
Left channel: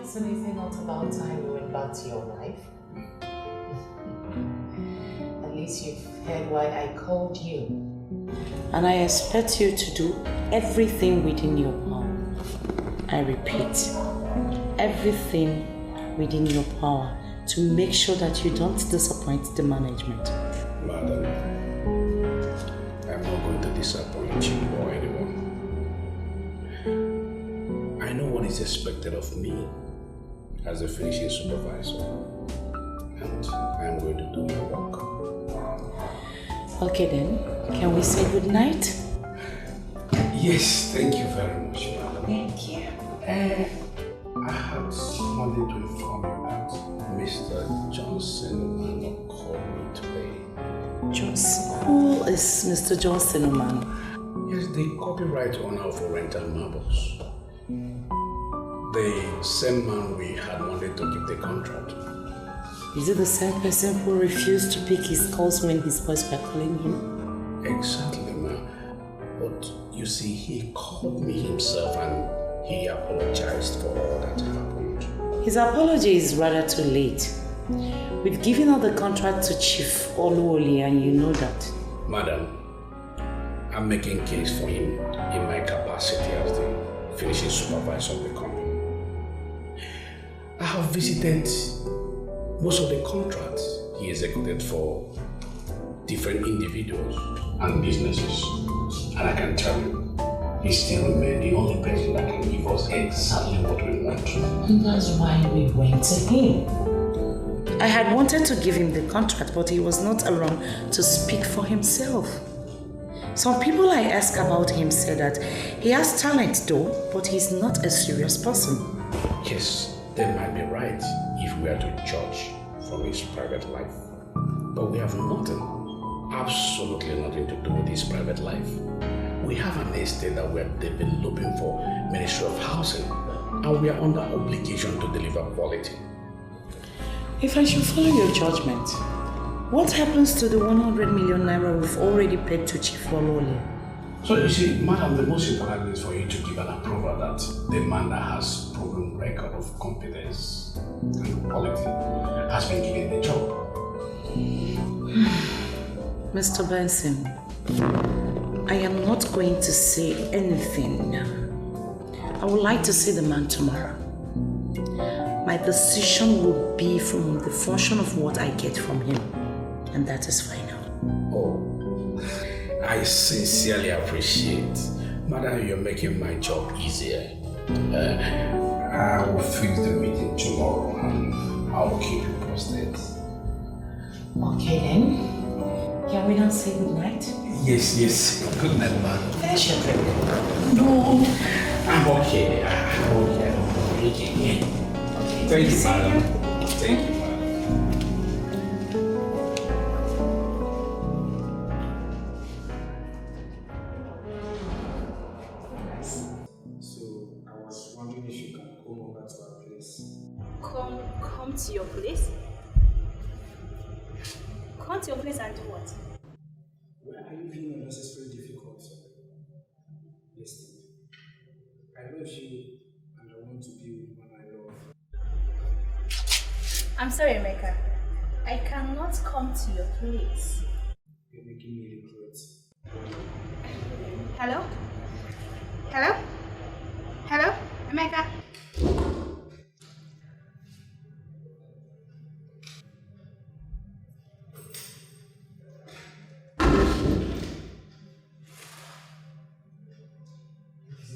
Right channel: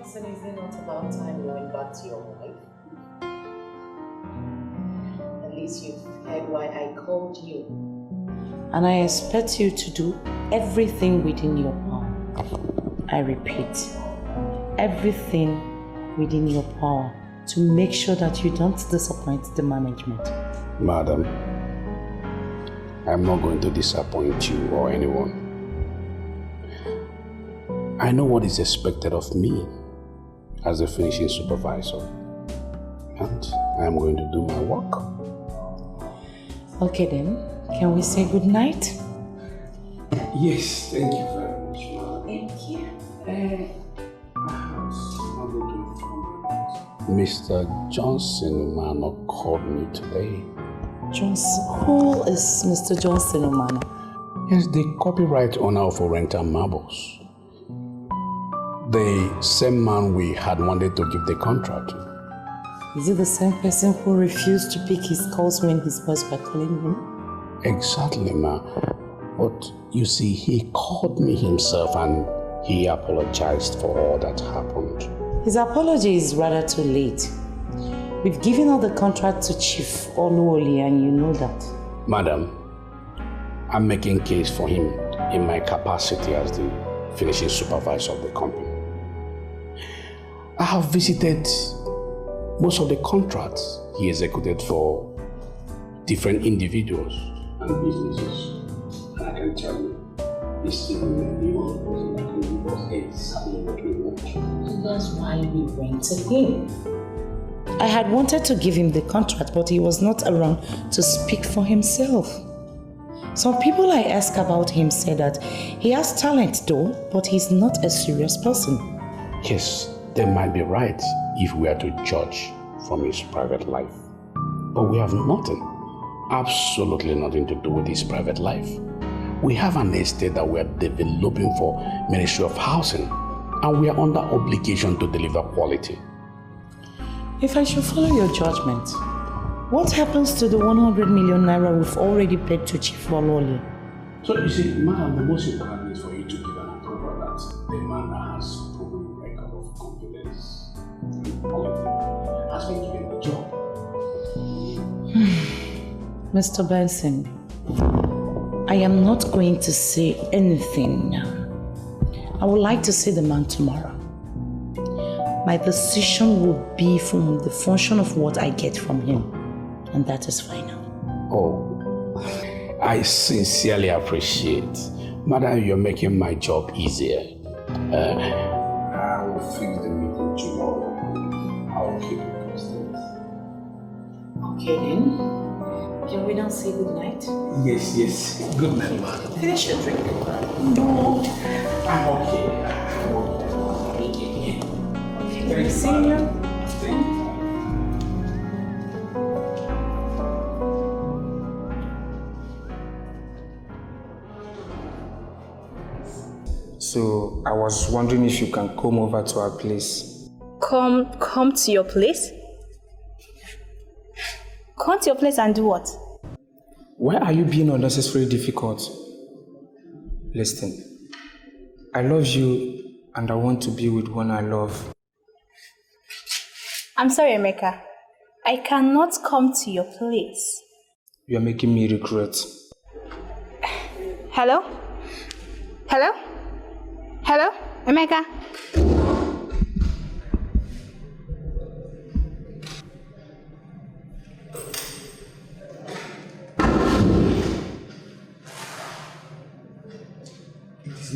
Is it not about time you went back to your wife? At least you've heard why I called you. And I expect you to do everything within your power. I repeat, everything within your power to make sure that you don't disappoint the management. Madam, I'm not going to disappoint you or anyone. I know what is expected of me as a finishing supervisor, and I am going to do my work. Okay then, can we say good night? Yes, thank you very much, madam. Thank you. I had something to inform you that Mr. Johnson Omano called me today. Johnson? Who is Mr. Johnson Omano? Yes, the copyright owner of Oriental Marbles. The same man we had wanted to give the contract. Is it the same person who refused to pick his calls when his boys were calling him? Exactly, ma. But you see, he called me himself and he apologized for all that happened. His apology is rather too late. We've given all the contract to Chief Oluwole and you know that. Madam, I'm making case for him in my capacity as the finishing supervisor of the company. I have visited most of the contracts he executed for different individuals and businesses. And I can tell you, he still remains the only person that can give us exactly what we want. And that's why we went to him. I had wanted to give him the contract, but he was not around to speak for himself. Some people I asked about him said that he has talent though, but he's not a serious person. Yes, they might be right if we are to judge from his private life. But we have nothing, absolutely nothing to do with his private life. We have an estate that we are developing for Ministry of Housing, and we are under obligation to deliver quality. If I should follow your judgment, what happens to the 100 million naira we've already paid to Chief Oluwole? So you see, madam, the most important thing is for you to give an approval that the man that has proven record of competence and quality has been given the job. Mr. Benson, I am not going to say anything now. I would like to see the man tomorrow. My decision will be from the function of what I get from him, and that is final. Oh, I sincerely appreciate. Madam, you're making my job easier. I will fix the meeting tomorrow and I'll keep you posted. Okay then. Can we not say good night? Yes. Good night, madam. Finish your drink. No, I'm okay. Okay. Thank you, madam. Thank you. So I was wondering if you can come over to our place. Come to your place? Come to your place and do what? Why are you being unnecessarily difficult? Listen, I love you and I want to be with one I love. I'm sorry, Emeka. I cannot come to your place. You are making me regret. Hello? Hello? Hello? Emeka?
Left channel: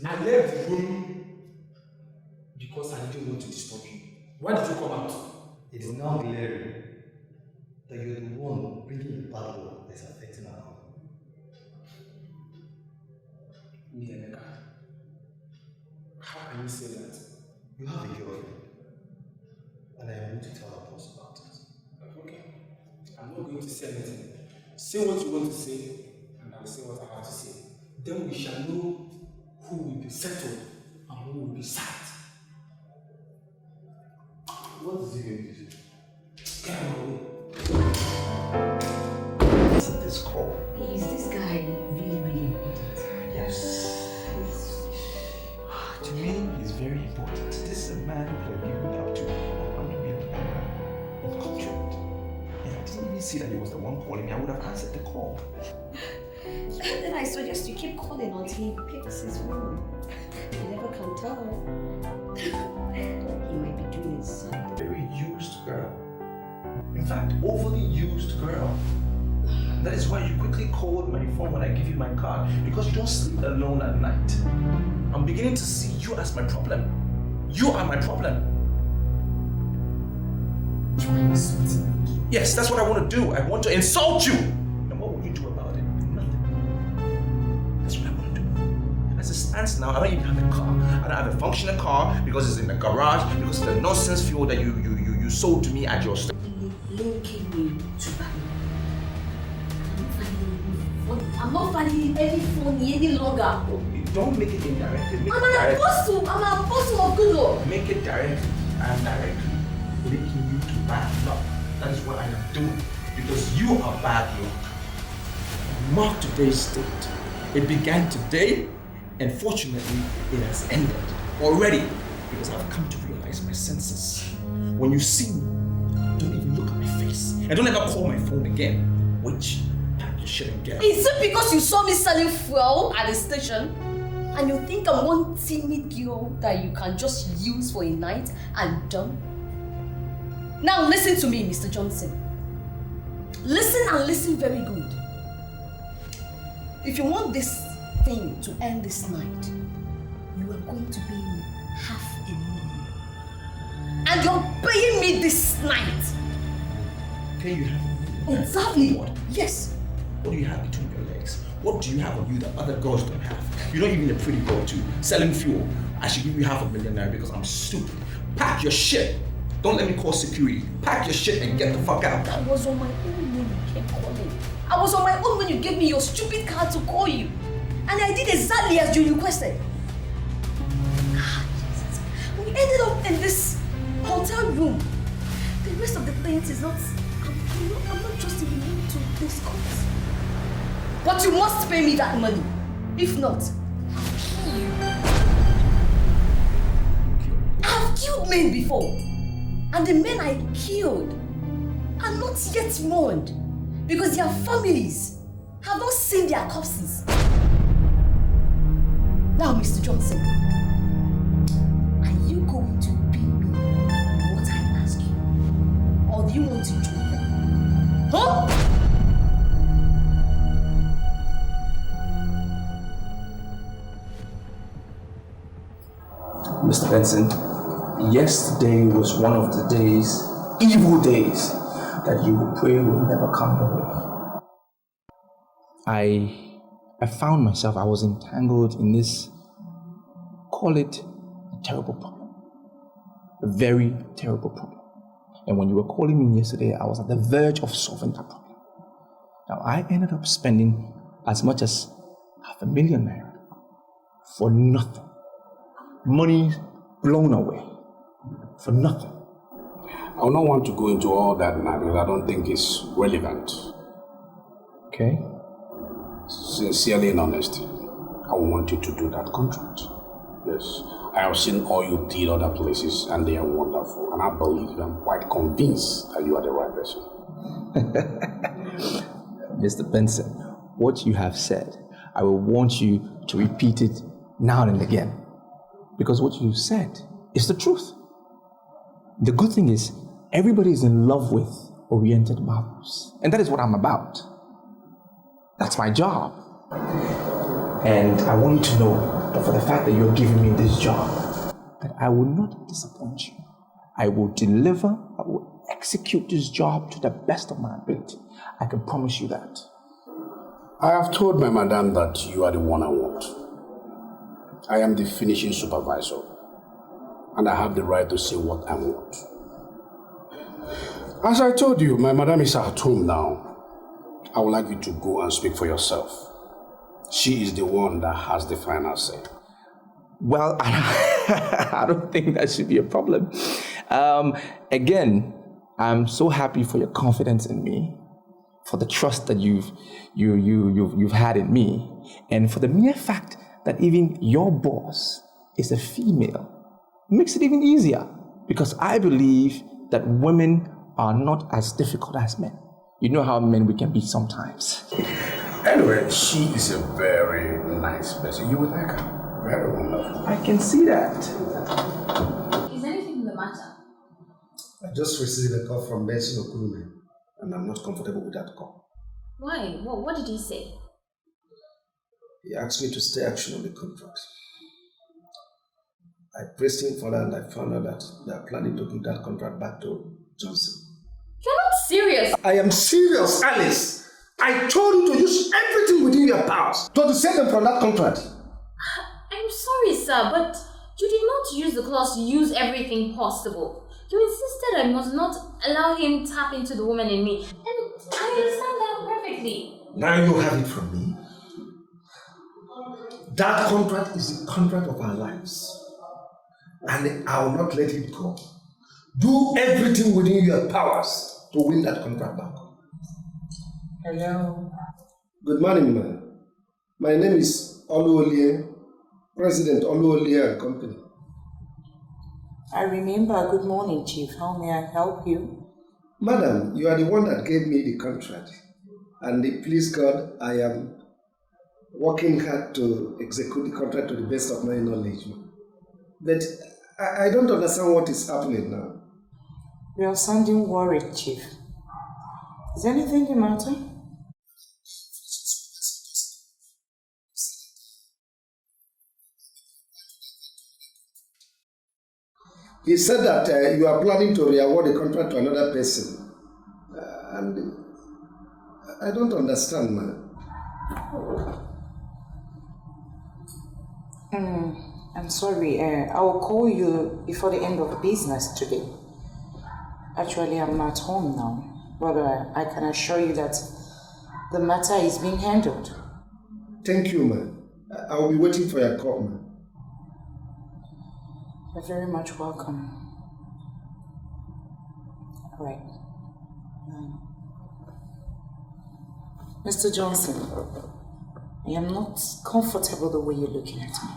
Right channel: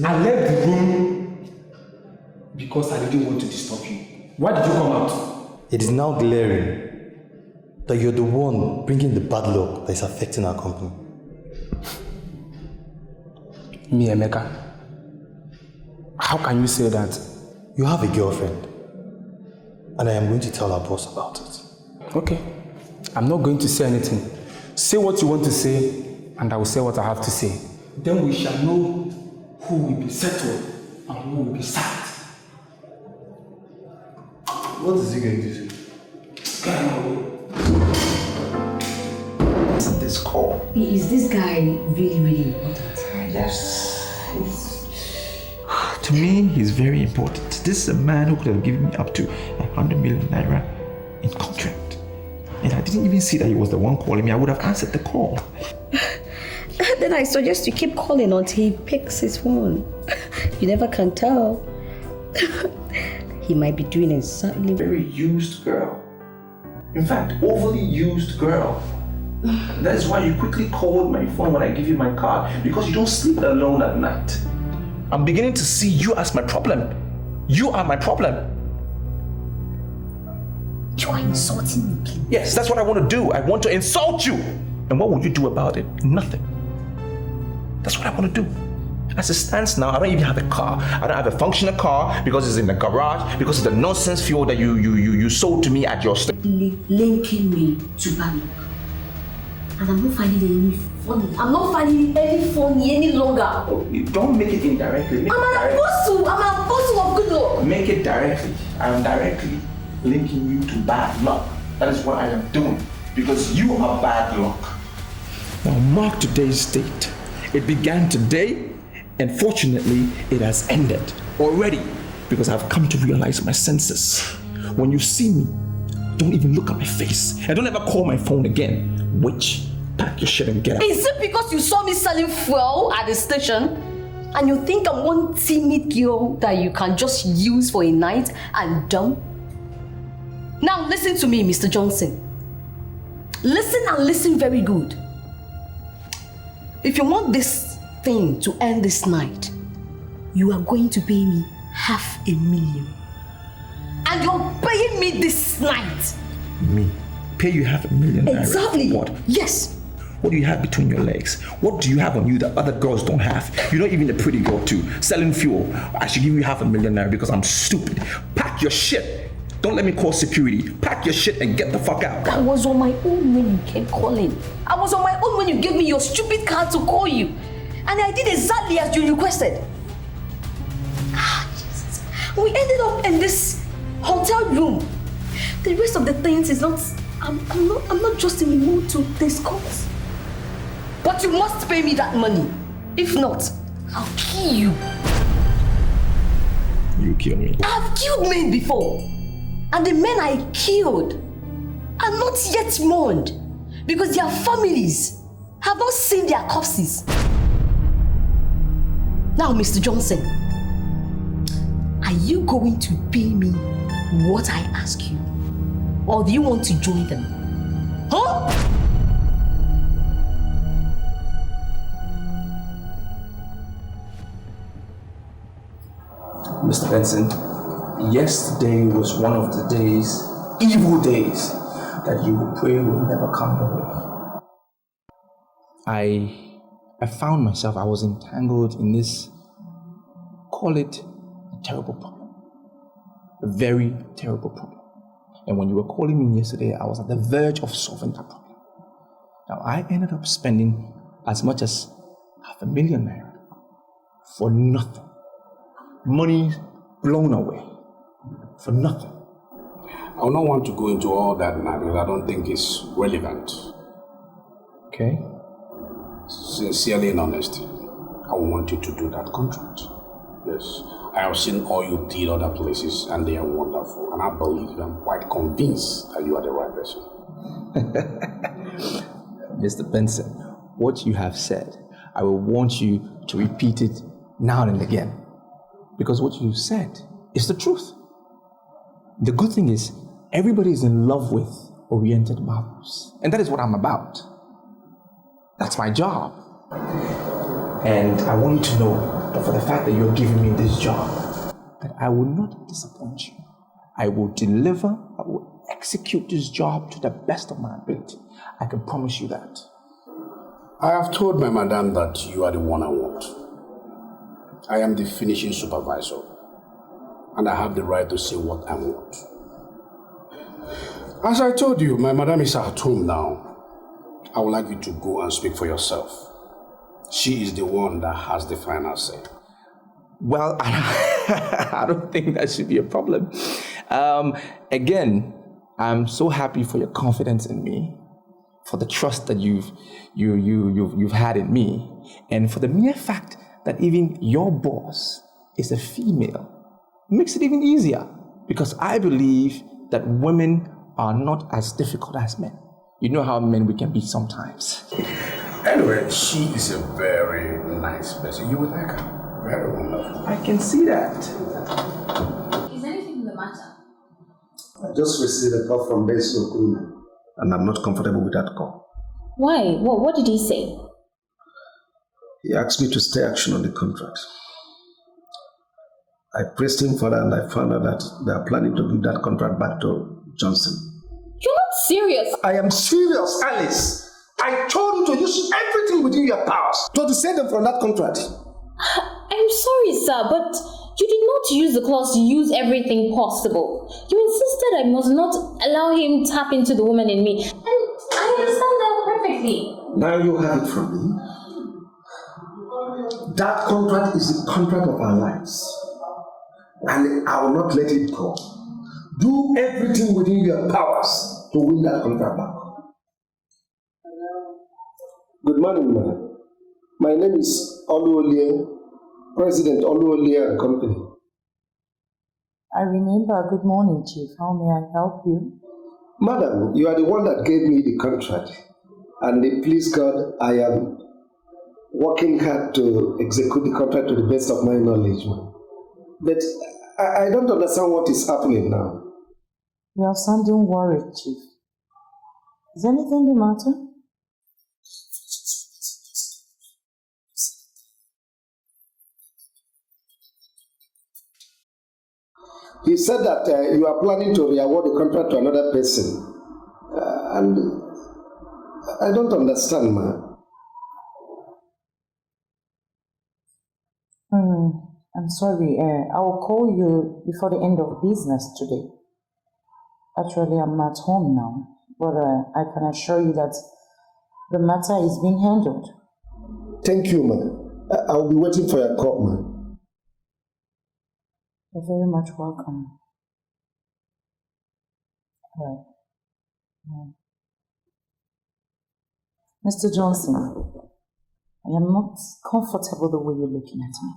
I left the room because I didn't want to disturb you. Why did you come out? It is now glaring that you're the one bringing the bad luck that is affecting our company. Me, Emeka? How can you say that? You have a girlfriend. And I am going to tell our boss about it. Okay. I'm not going to say anything. Say what you want to say, and I will say what I have to say. Then we shall know who will be settled and who will be sacked. What is he going to do? Listen to this call. Is this guy really, really important? Yes. To me, he's very important. This is a man who could have given me up to 100 million naira in contract. And I didn't even see that he was the one calling me. I would have answered the call. Then I suggest you keep calling until he picks his phone. You never can tell. He might be doing exactly. Very used girl. In fact, overly used girl. That is why you quickly called my phone when I give you my card, because you don't sleep alone at night. I'm beginning to see you as my problem. You are my problem. You are insulting me. Yes, that's what I want to do. I want to insult you. And what will you do about it? Nothing. That's what I want to do. As it stands now, I don't even have a car. I don't have a functional car because it's in the garage, because of the nonsense fuel that you sold to me at your store. Linking me to bad luck. And I'm not finding any funny. I'm not finding any funny any longer. Oh, don't make it indirectly. I'm an apostle of good luck. Make it directly. I'm directly linking you to bad luck. That is what I am doing. Because you are bad luck. Now mark today's date. It began today, and fortunately, it has ended already. Because I've come to realize my senses. When you see me, don't even look at my face. And don't ever call my phone again. Witch, pack your shit and get out. Is it because you saw me selling fuel at the station? And you think I'm one timid girl that you can just use for a night and dump? Now listen to me, Mr. Johnson. Listen and listen very good. If you want this thing to end this night, you are going to pay me 500,000. And you're paying me this night. Me? Pay you 500,000 naira? Exactly. What? Yes. What do you have between your legs? What do you have on you that other girls don't have? You're not even a pretty girl too. Selling fuel. I should give you 500,000 naira because I'm stupid. Pack your shit. Don't let me call security. Pack your shit and get the fuck out. I was on my own when you kept calling. I was on my own when you gave me your stupid card to call you. And I did exactly as you requested. Jesus. We ended up in this hotel room. The rest of the things is not... I'm not just in the mood to discuss. But you must pay me that money. If not, I'll kill you. You kill me. I've killed men before. And the men I killed are not yet mourned because their families have not seen their corpses. Now, Mr. Johnson, are you going to pay me what I ask you? Or do you want to join them? Huh? Mr. Benson, yesterday was one of the days, evil days, that you will pray will never come your way. I found myself, I was entangled in this, call it a terrible problem. A very terrible problem. And when you were calling me yesterday, I was at the verge of solving that problem. Now, I ended up spending as much as 500,000 naira for nothing. Money blown away for nothing. I would not want to go into all that now because I don't think it's relevant. Okay. Sincerely and honestly, I want you to do that contract. Yes. I have seen all you did other places and they are wonderful. And I believe, I'm quite convinced that you are the right person. Mr. Benson, what you have said, I will want you to repeat it now and again. Because what you said is the truth. The good thing is, everybody is in love with oriented marbles. And that is what I'm about. That's my job. And I want you to know that for the fact that you're giving me this job, that I will not disappoint you. I will deliver, I will execute this job to the best of my ability. I can promise you that. I have told my madam that you are the one I want. I am the finishing supervisor. and I have the right to say what I want. As I told you, my madam is at home now. I would like you to go and speak for yourself. She is the one that has the final say. Well, I don't think that should be a problem. Again, I'm so happy for your confidence in me, for the trust that you've had in me, and for the mere fact that even your boss is a female makes it even easier, because I believe that women are not as difficult as men. You know how men we can be sometimes. Anyway, she is a very nice person. You would like her. Very wonderful. I can see that. Is anything the matter? I just received a call from Benson Okunme, and I'm not comfortable with that call. Why? What did he say? He asked me to stay action on the contract. I pressed him further, and I found out that they are planning to give that contract back to Johnson. You're not serious! I am serious, Alice! I told you to use everything within your powers to dissuade them from that contract. I'm sorry, sir, but you did not use the clause to use everything possible. You insisted I must not allow him tap into the woman in me, and I understand that perfectly. Now you have it from me. That contract is the contract of our lives, and I will not let it go. Do everything within your powers to win that contract back. Hello. Good morning, ma'am. My name is Oluolie, President Oluolie and Company. I remember. Good morning, Chief. How may I help you? Madam, you are the one that gave me the contract. And please God, I am working hard to execute the contract to the best of my knowledge. But I don't understand what is happening now. You are sounding worried, Chief. Is anything the matter? He said that you are planning to re-award the contract to another person. And I don't understand, man. I'm sorry. I will call you before the end of business today. Actually, I'm not home now, but I can assure you that the matter is being handled. Thank you, man. I will be waiting for your call, man. You're very much welcome. All right. Mr. Johnson, I am not comfortable the way you're looking at me.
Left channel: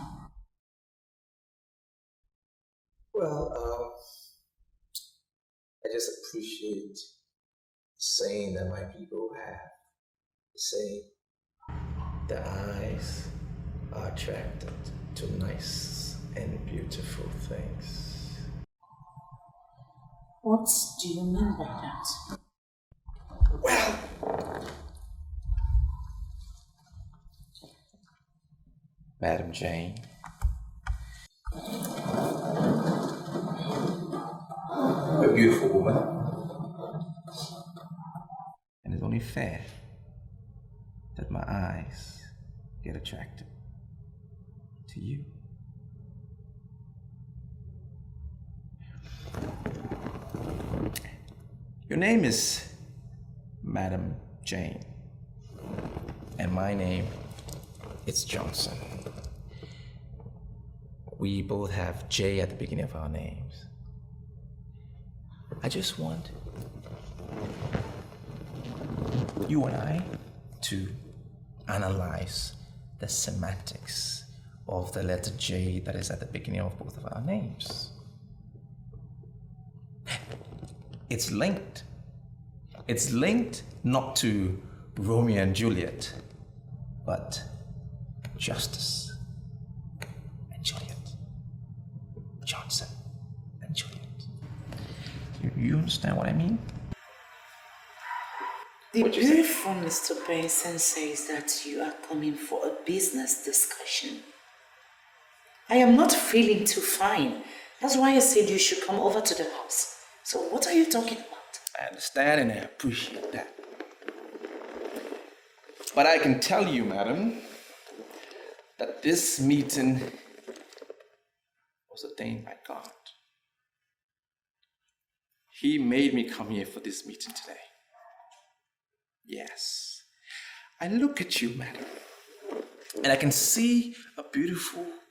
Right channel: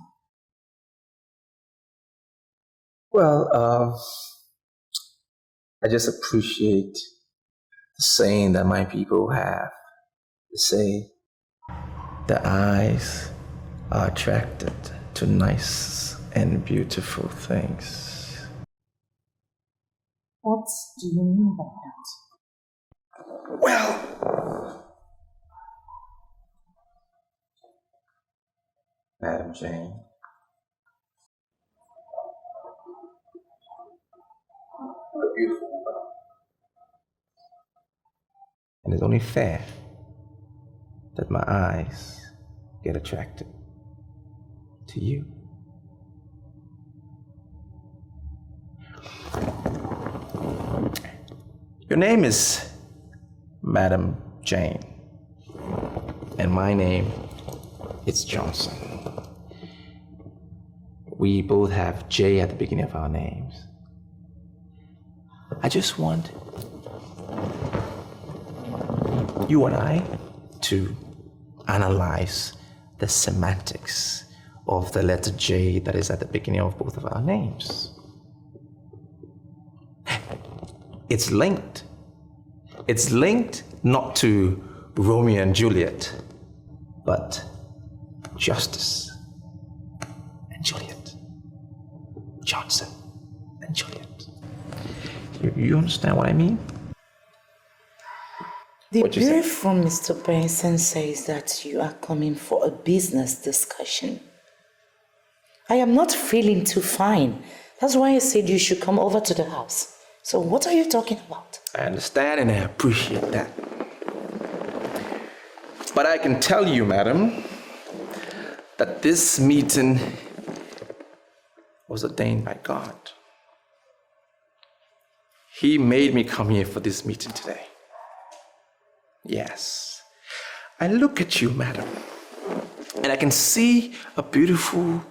Well, I just appreciate the saying that my people have. They say, the eyes are attracted to nice and beautiful things. What do you mean by that? Well, Madam Jane, you're a beautiful woman, and it's only fair that my eyes get attracted to you. Your name is Madam Jane, and my name is Johnson. We both have J at the beginning of our names. I just want you and I to analyze the semantics of the letter J that is at the beginning of both of our names. It's linked. It's linked not to Romeo and Juliet, but Justice and Juliet. Johnson and Juliet. You understand what I mean? The brief from Mr. Benson says that you are coming for a business discussion. I am not feeling too fine. That's why I said you should come over to the house. So what are you talking about? I understand and I appreciate that. But I can tell you, madam, that this meeting was ordained by God. He made me come here for this meeting today. Yes. I look at you, madam, and I can see a beautiful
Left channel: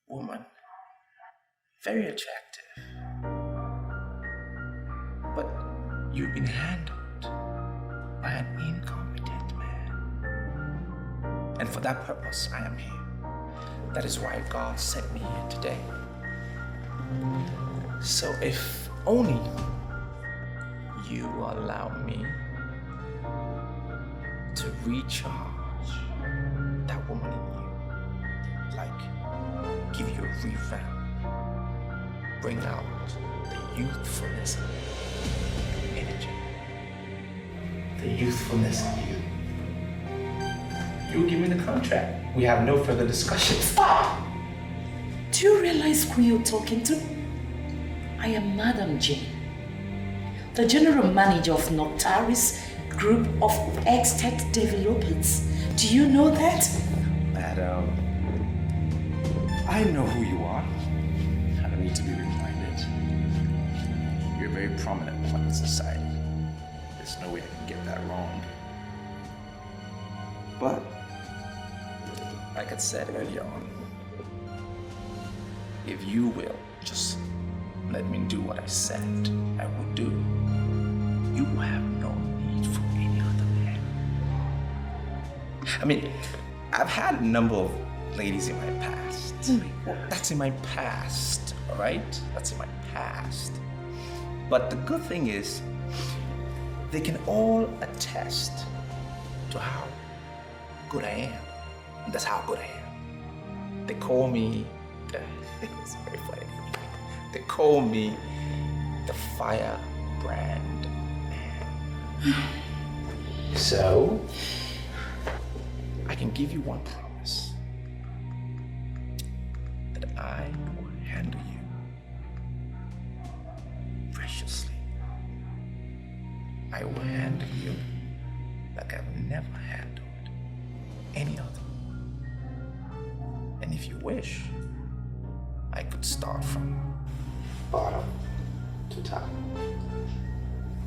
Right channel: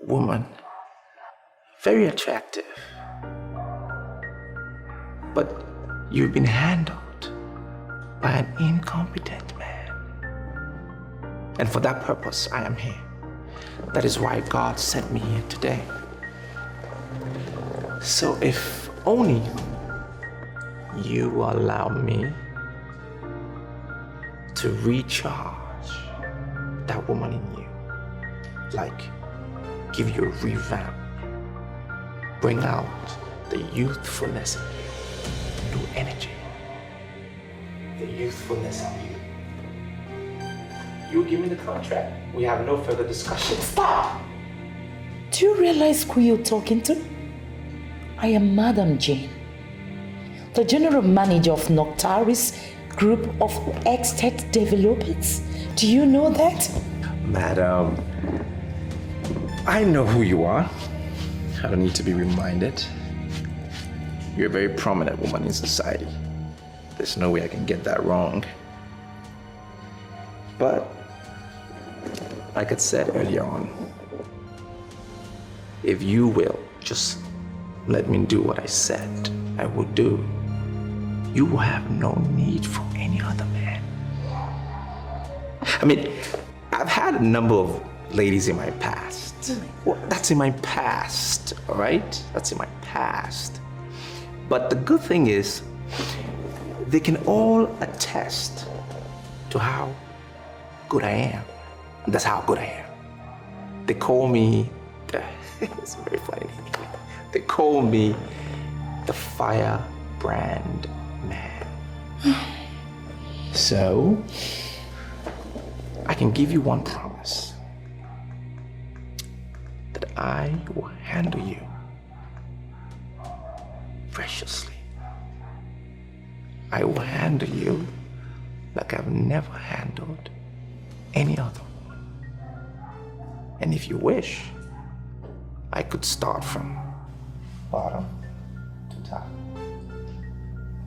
woman, very attractive. But you've been handled by an incompetent man. And for that purpose, I am here. That is why God sent me here today. So if only you allow me to recharge that woman in you, like give you a revamp, bring out the youthfulness in you, new energy, the youthfulness in you. You give me the contract. We have no further discussion. Stop! Do you realize who you're talking to? I am Madam Jane, the general manager of Noctaris Group of Estate Developers. Do you know that? Madam, I know who you are. I don't need to be reminded. You're a very prominent woman in society. There's no way I can get that wrong. But, like I said earlier on, if you will just let me do what I said I would do, you will have no need for any other man. I mean, I've had a number of ladies in my past. Well, that's in my past, all right? That's in my past. But the good thing is, they can all attest to how good I am. That's how good I am. They call me, it's very funny. They call me the firebrand man. So, I can give you one promise, that I will handle you preciously. I will handle you like I've never handled any other woman. And if you wish, I could start from bottom to top.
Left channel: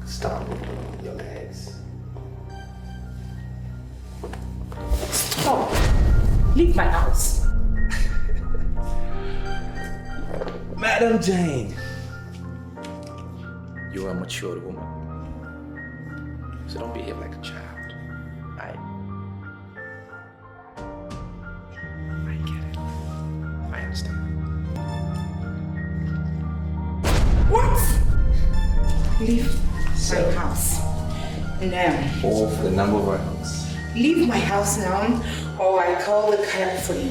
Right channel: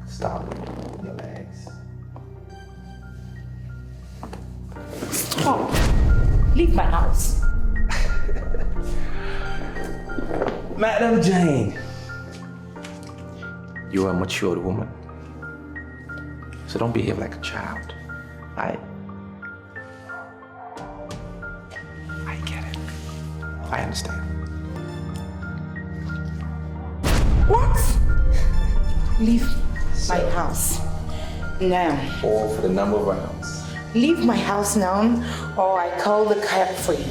Start with your legs. Stop! Leave my house. Madam Jane, you are a matured woman, so don't behave like a child. I get it. I understand. What? Leave my house now. Or for the number of rounds. Leave my house now, or I call the cab for you.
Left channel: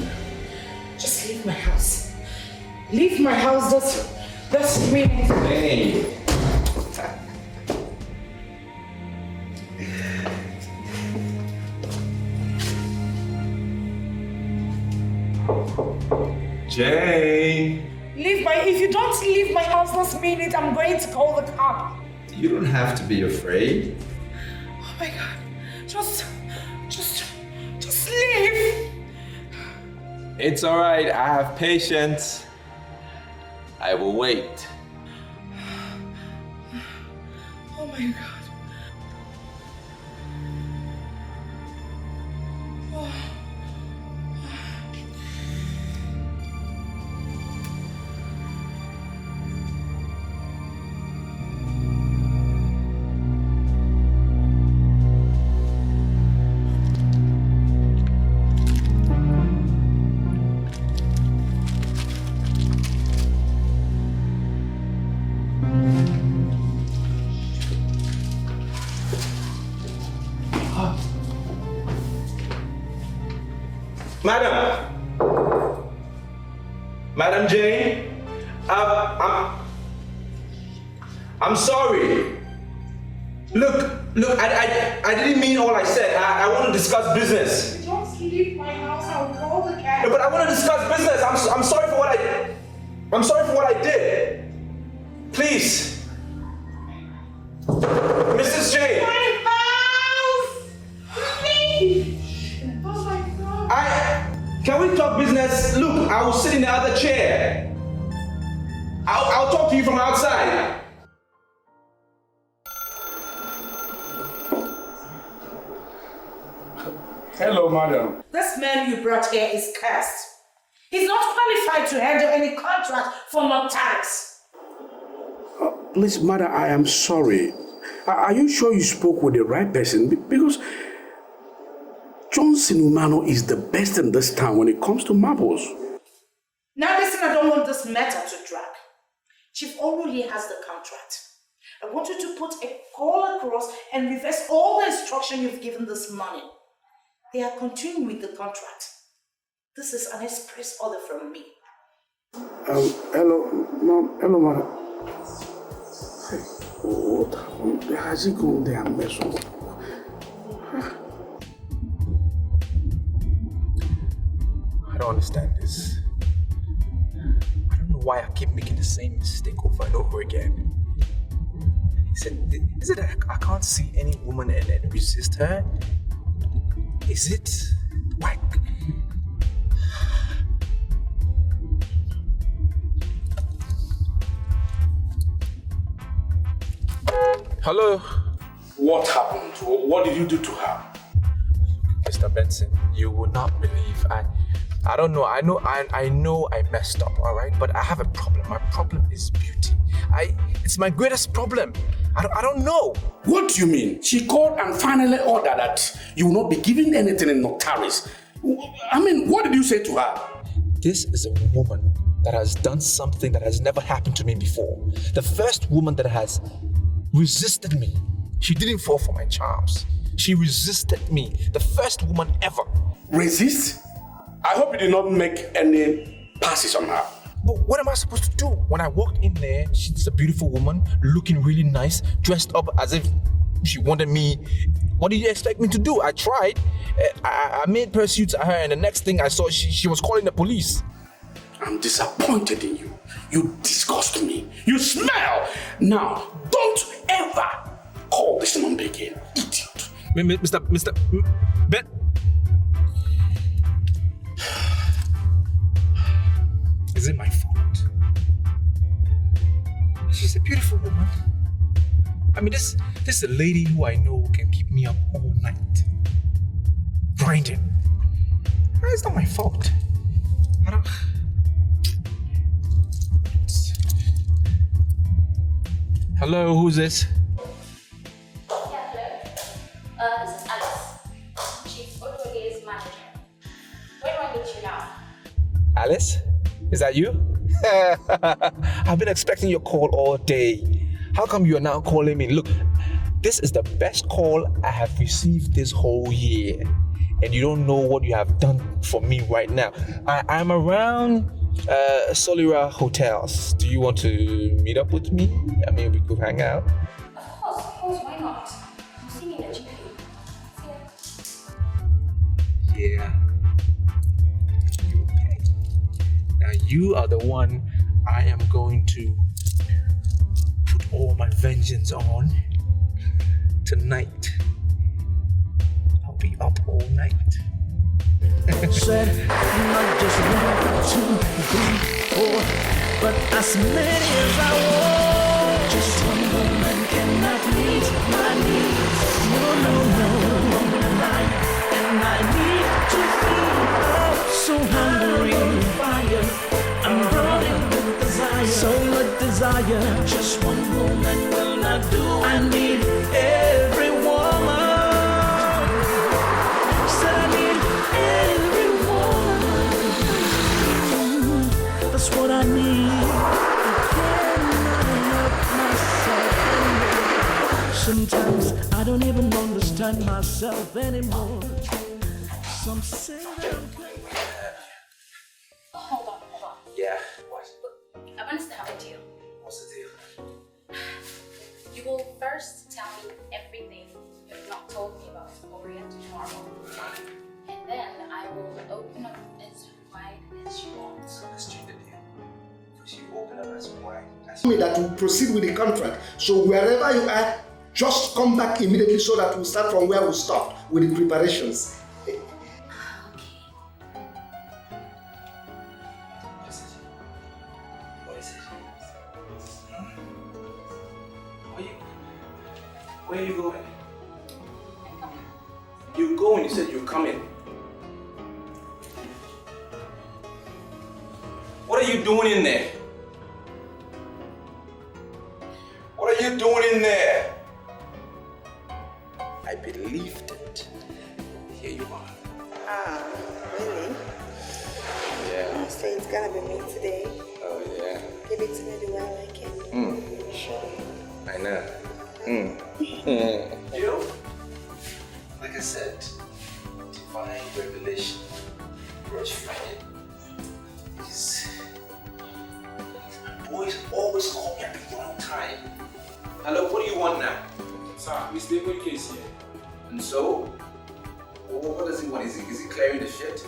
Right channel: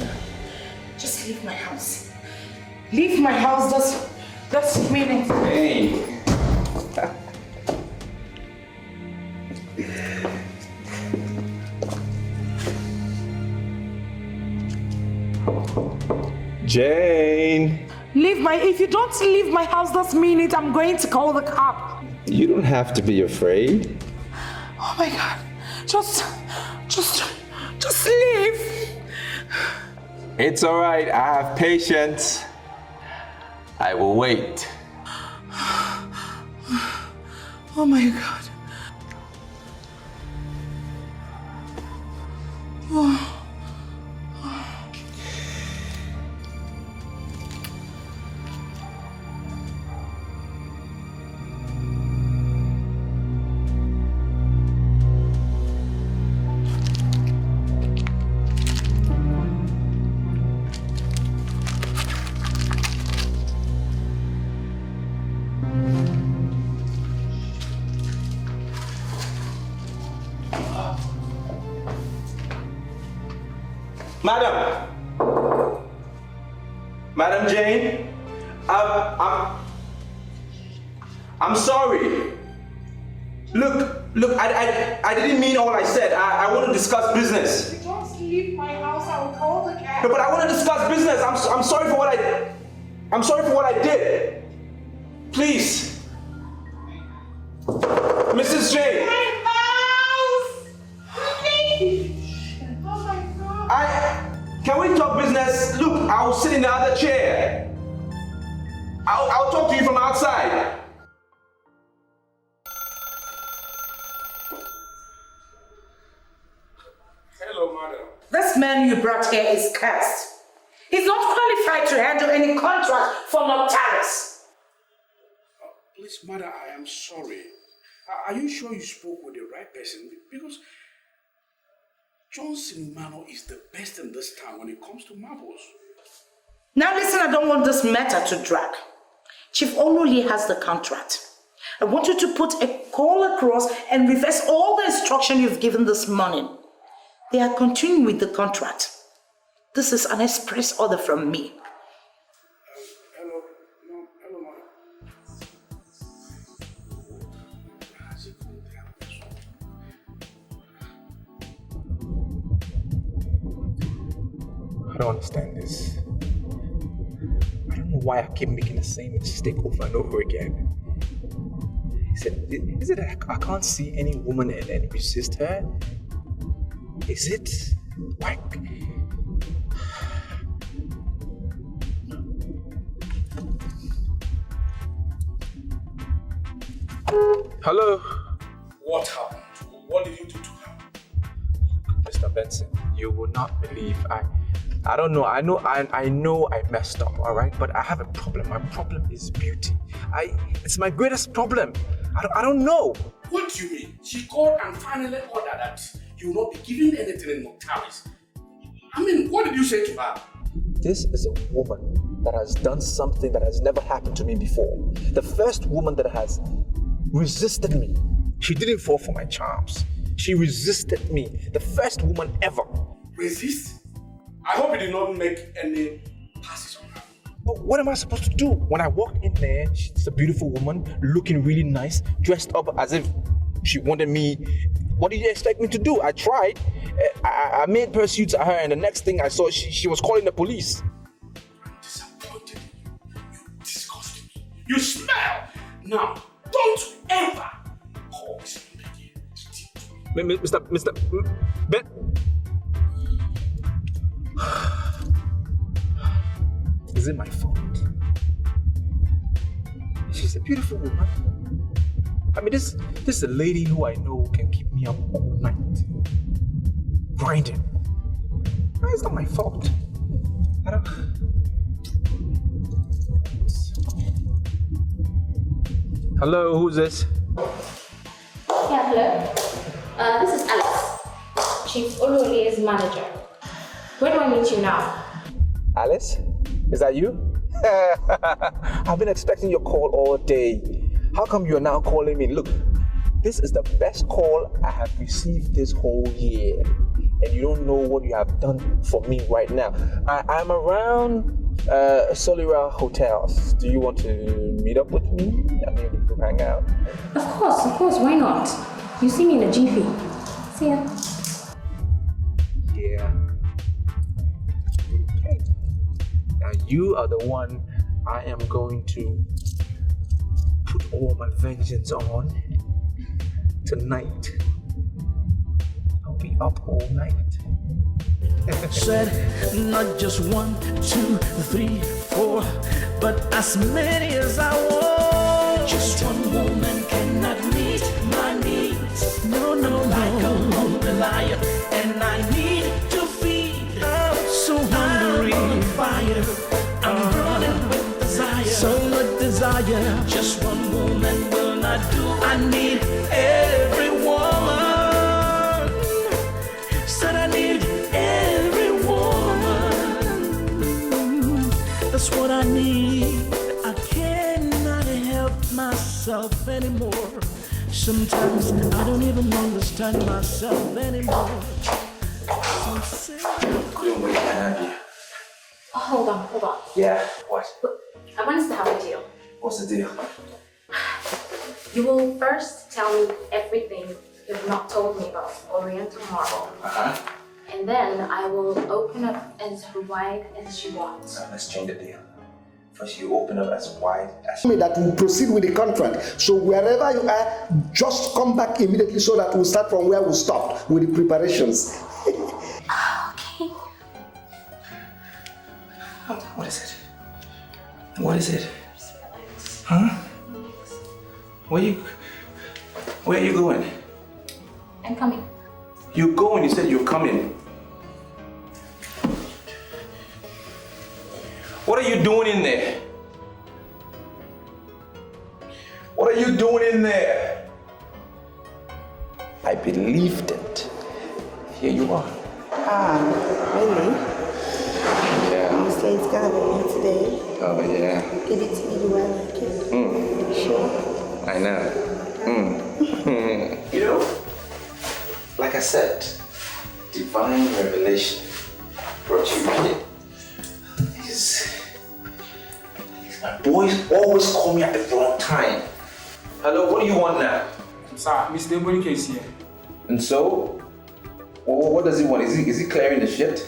Just leave my house. Leave my house this minute. Hey. Jane. If you don't leave my house this minute, I'm going to call the cop. You don't have to be afraid. Oh my God. Just leave. It's all right. I have patience. I will wait. Oh my God. Oh. Madam Jane, I'm sorry. Look, I didn't mean all I said. I want to discuss business. Just leave my house, I'll call the cab. No, but I want to discuss business. I'm sorry for what I did. Please. Mrs. Jane. My house! Please! Oh my God. Can we talk business? Look, I will sit in the other chair. I'll talk to you from outside. Hello, madam. This man you brought here is cursed. He's not qualified to handle any contract for Noctalis. Please, madam, I am sorry. Are you sure you spoke with the right person? Because Johnson Umano is the best in this town when it comes to marbles. Now listen, I don't want this matter to drag. Chief Oluli has the contract. I want you to put a call across and reverse all the instruction you've given this morning. They are continuing with the contract. This is an express order from me. Hello, ma'am. Hello, madam. Hey, what happened? Has it gone there and messed up? I don't understand this. I don't know why I keep making the same mistake over and over again. Is it that I can't see any woman and resist her? Is it? Why? Hello? What happened? What did you do to her? Mr. Benson, you will not believe. I don't know. I know I messed up, all right? But I have a problem. My problem is beauty. It's my greatest problem. I don't know. What do you mean? She called and finally ordered that you will not be giving anything in Noctalis. I mean, what did you say to her? This is a woman that has done something that has never happened to me before. The first woman that has resisted me. She didn't fall for my charms. She resisted me. The first woman ever. Resist? I hope you did not make any passes on her. But what am I supposed to do? When I walked in there, she's a beautiful woman, looking really nice, dressed up as if she wanted me. What do you expect me to do? I tried. I made pursuits at her, and the next thing I saw, she was calling the police. I'm disappointed in you. You disgust me. You smell. Now, don't ever call this number again. Idiot. Mr. Ben. Is it my fault? She's a beautiful woman. I mean, this is a lady who I know can keep me up all night. Grinding. It's not my fault. I don't... Hello, who's this? Yeah, hello. This is Alice, Chief Oluli's manager. Where do I meet you now? Alice? Is that you? I've been expecting your call all day. How come you're now calling me? Look, this is the best call I have received this whole year. And you don't know what you have done for me right now. I'm around Solera Hotels. Do you want to meet up with me? I mean, we could hang out. Of course, why not? You see me in a jiffy. See ya. Yeah. Okay. Now you are the one I am going to put all my vengeance on tonight. I'll be up all night. Said not just 1, 2, 3, 4, but as many as I want. Just one woman cannot meet my needs. No. I'm a liar, and I need to feed. I'm so hungry. I'm on fire. I'm burning with desire. So much desire. Just one woman will not do. I need every woman. Said I need every woman. That's what I need. I cannot help myself anymore. Sometimes I don't even understand myself anymore. Some say Hold on. Yeah, what? I want us to have a deal. What's the deal? You will first tell me everything you've not told me about Oriental Marble. And then I will open up as wide as you want. Let's change the deal. First, you open up as wide as you that will proceed with the contract. So wherever you are, just come back immediately so that we'll start from where we stopped with the preparations. Okay. What is it? Huh? Where are you going? I'm coming. You go and you said you're coming. What are you doing in there? What are you doing in there? I believed it. Here you are. Ah, really? Yeah. You say it's gonna be today. Oh, yeah. Give it to me the way I like it. Sure. I know. You know, like I said, divine revelation brought you here. These boys always call me at the wrong time. Hello, what do you want now? Sir, Mr. Dikeh is here. And so, what does he want? Is he clearing the shit?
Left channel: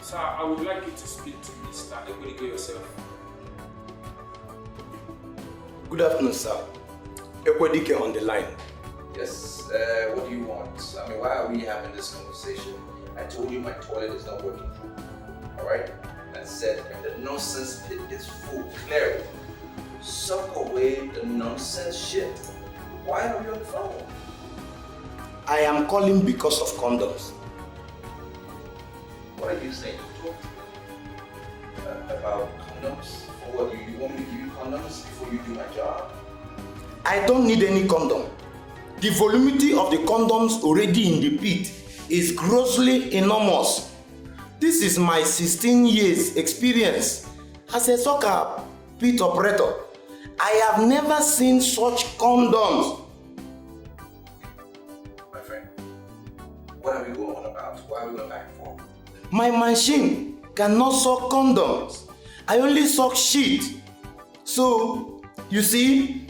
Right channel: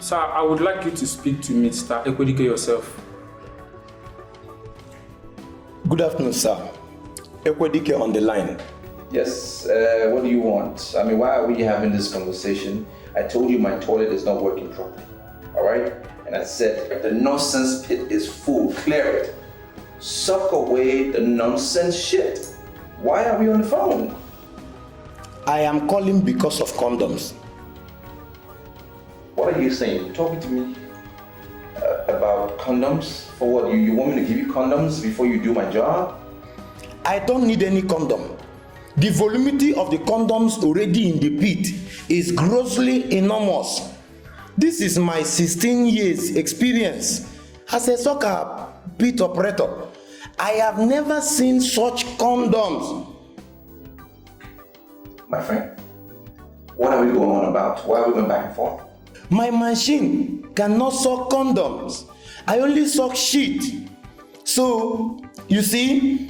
Sir, I would like you to speak to Mr. Dikeh yourself. Good afternoon, sir. Dikeh on the line. Yes, what do you want? I mean, why are we having this conversation? I told you my toilet is not working properly, all right? And I said, if the nonsense pit is full, clear it. Suck away the nonsense shit. Why are we on the phone? I am calling because of condoms. What are you saying? Talking to me about condoms? For what? You want me to give you condoms before you do my job? I don't need any condom. The voluminity of the condoms already in the pit is grossly enormous. This is my 16 years experience as a soccer pit operator. I have never seen such condoms. My friend, what are we going on about? Why are we going back and forth? My machine cannot suck condoms. I only suck shit. So, you see,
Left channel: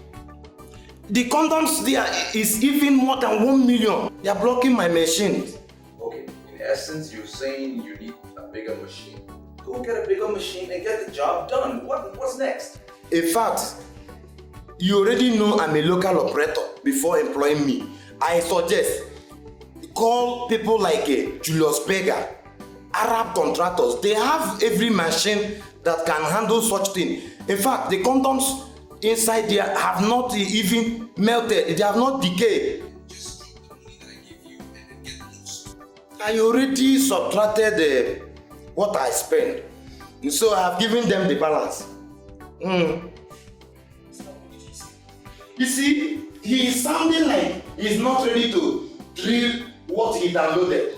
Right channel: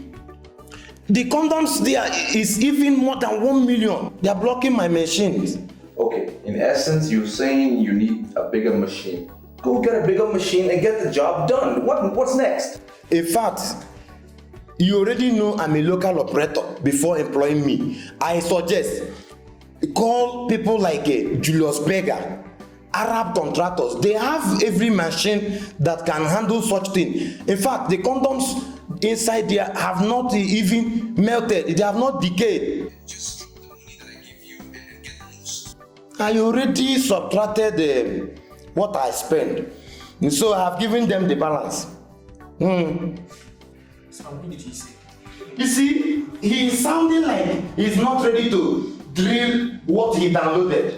the condoms there is even more than 1 million. They are blocking my machines. Okay, in essence, you're saying you need a bigger machine. Go get a bigger machine and get the job done. What's next? In fact, you already know I'm a local operator before employing me. I suggest call people like Julius Berger, Arab contractors. They have every machine that can handle such thing. In fact, the condoms inside there have not even melted. They have not decayed. Just drop the money that I give you and get loose. I already subtracted what I spend. And so I have given them the balance. You see, he is sounding like he's not ready to drill what he downloaded.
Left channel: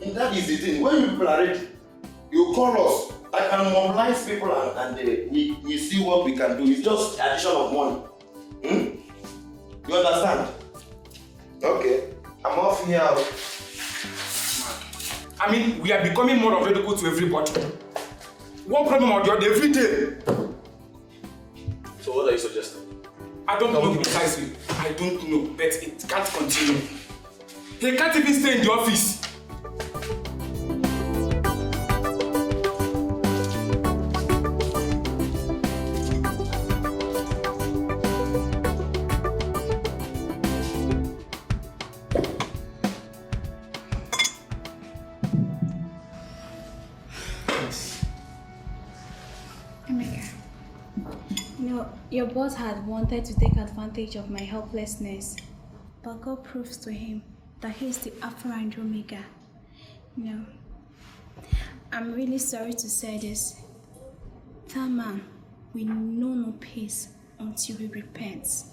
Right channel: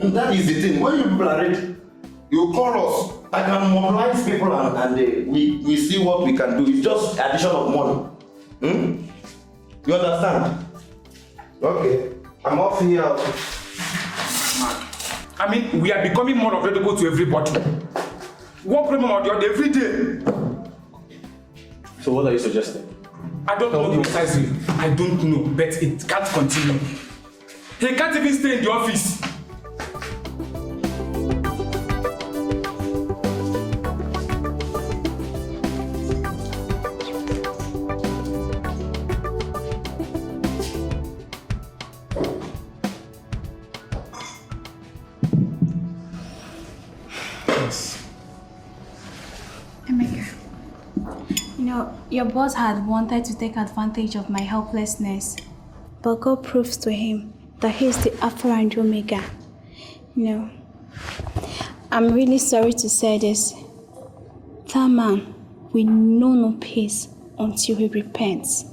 And that is the thing. When you people are ready, you call us. I can mobilize people and we see what we can do. It's just addition of money. You understand? Okay. I'm off here. I mean, we are becoming more available to everybody. One problem or the other every day. So what are you suggesting? I don't know precisely. I don't know, but it can't continue. He can't even stay in the office. Your boss had wanted to take advantage of my helplessness, but God proves to him that he is the Alpha and Omega. I'm really sorry to say this. That man will know no peace until he repents.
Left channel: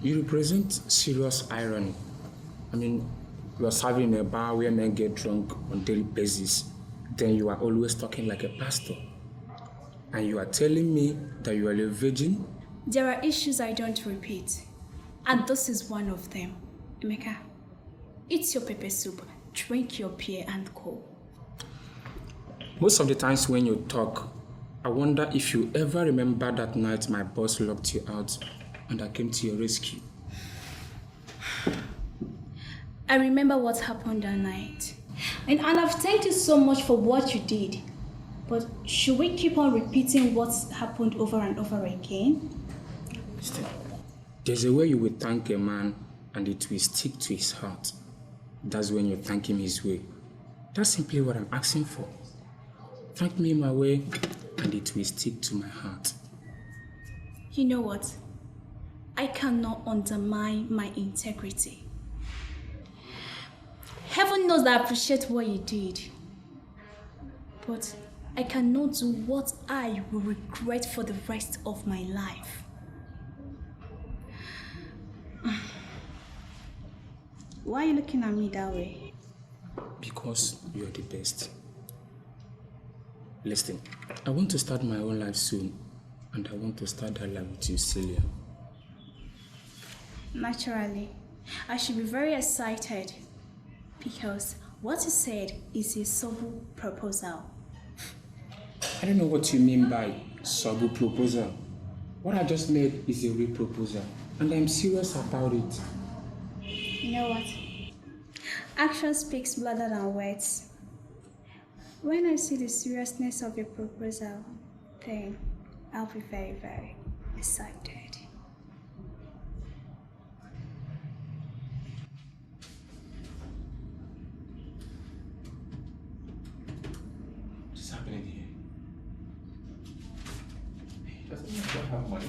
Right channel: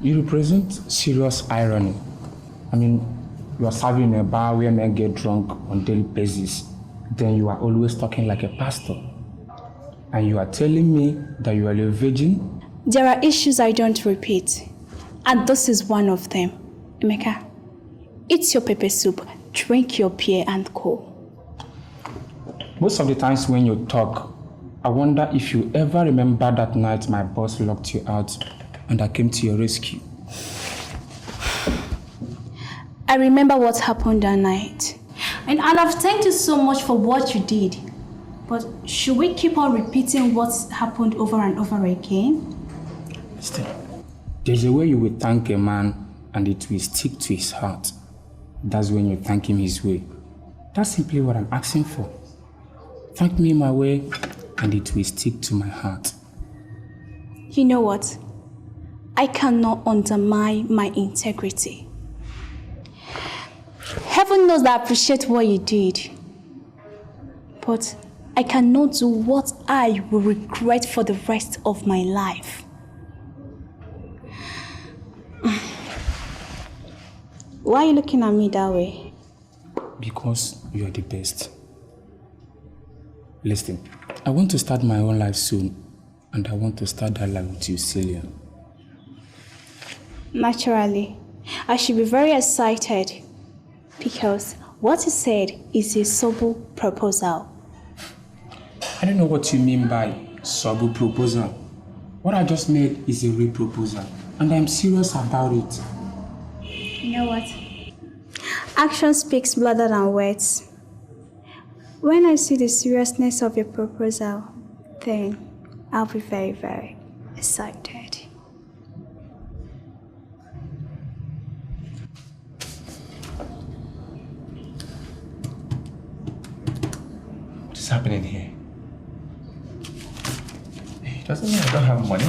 You represent serious irony. I mean, you are serving in a bar where men get drunk on daily basis. Then you are always talking like a pastor. And you are telling me that you are a virgin? There are issues I don't repeat, and this is one of them. Emeka, eat your pepper soup, drink your beer, and go. Most of the times when you talk, I wonder if you ever remember that night my boss locked you out and I came to your rescue. I remember what happened that night. And I've thanked you so much for what you did. But should we keep on repeating what's happened over and over again? Stay. There's a way you will thank a man and it will stick to his heart. That's when you thank him his way. That's simply what I'm asking for. Thank me my way and it will stick to my heart. You know what? I cannot undermine my integrity. Heaven knows that I appreciate what you did. But I cannot do what I will regret for the rest of my life. Why are you looking at me that way? Because you are the best. Listen, I want to start my own life soon, and I want to start that life with you, Celia. Naturally, I should be very excited because what you said is a subtle proposal. I don't know what you mean by subtle proposal. What I just made is a real proposal, and I'm serious about it. You know what? Action speaks louder than words. When I see the seriousness of your proposal, then I'll be very, very excited. What is happening here? It doesn't mean I don't have money.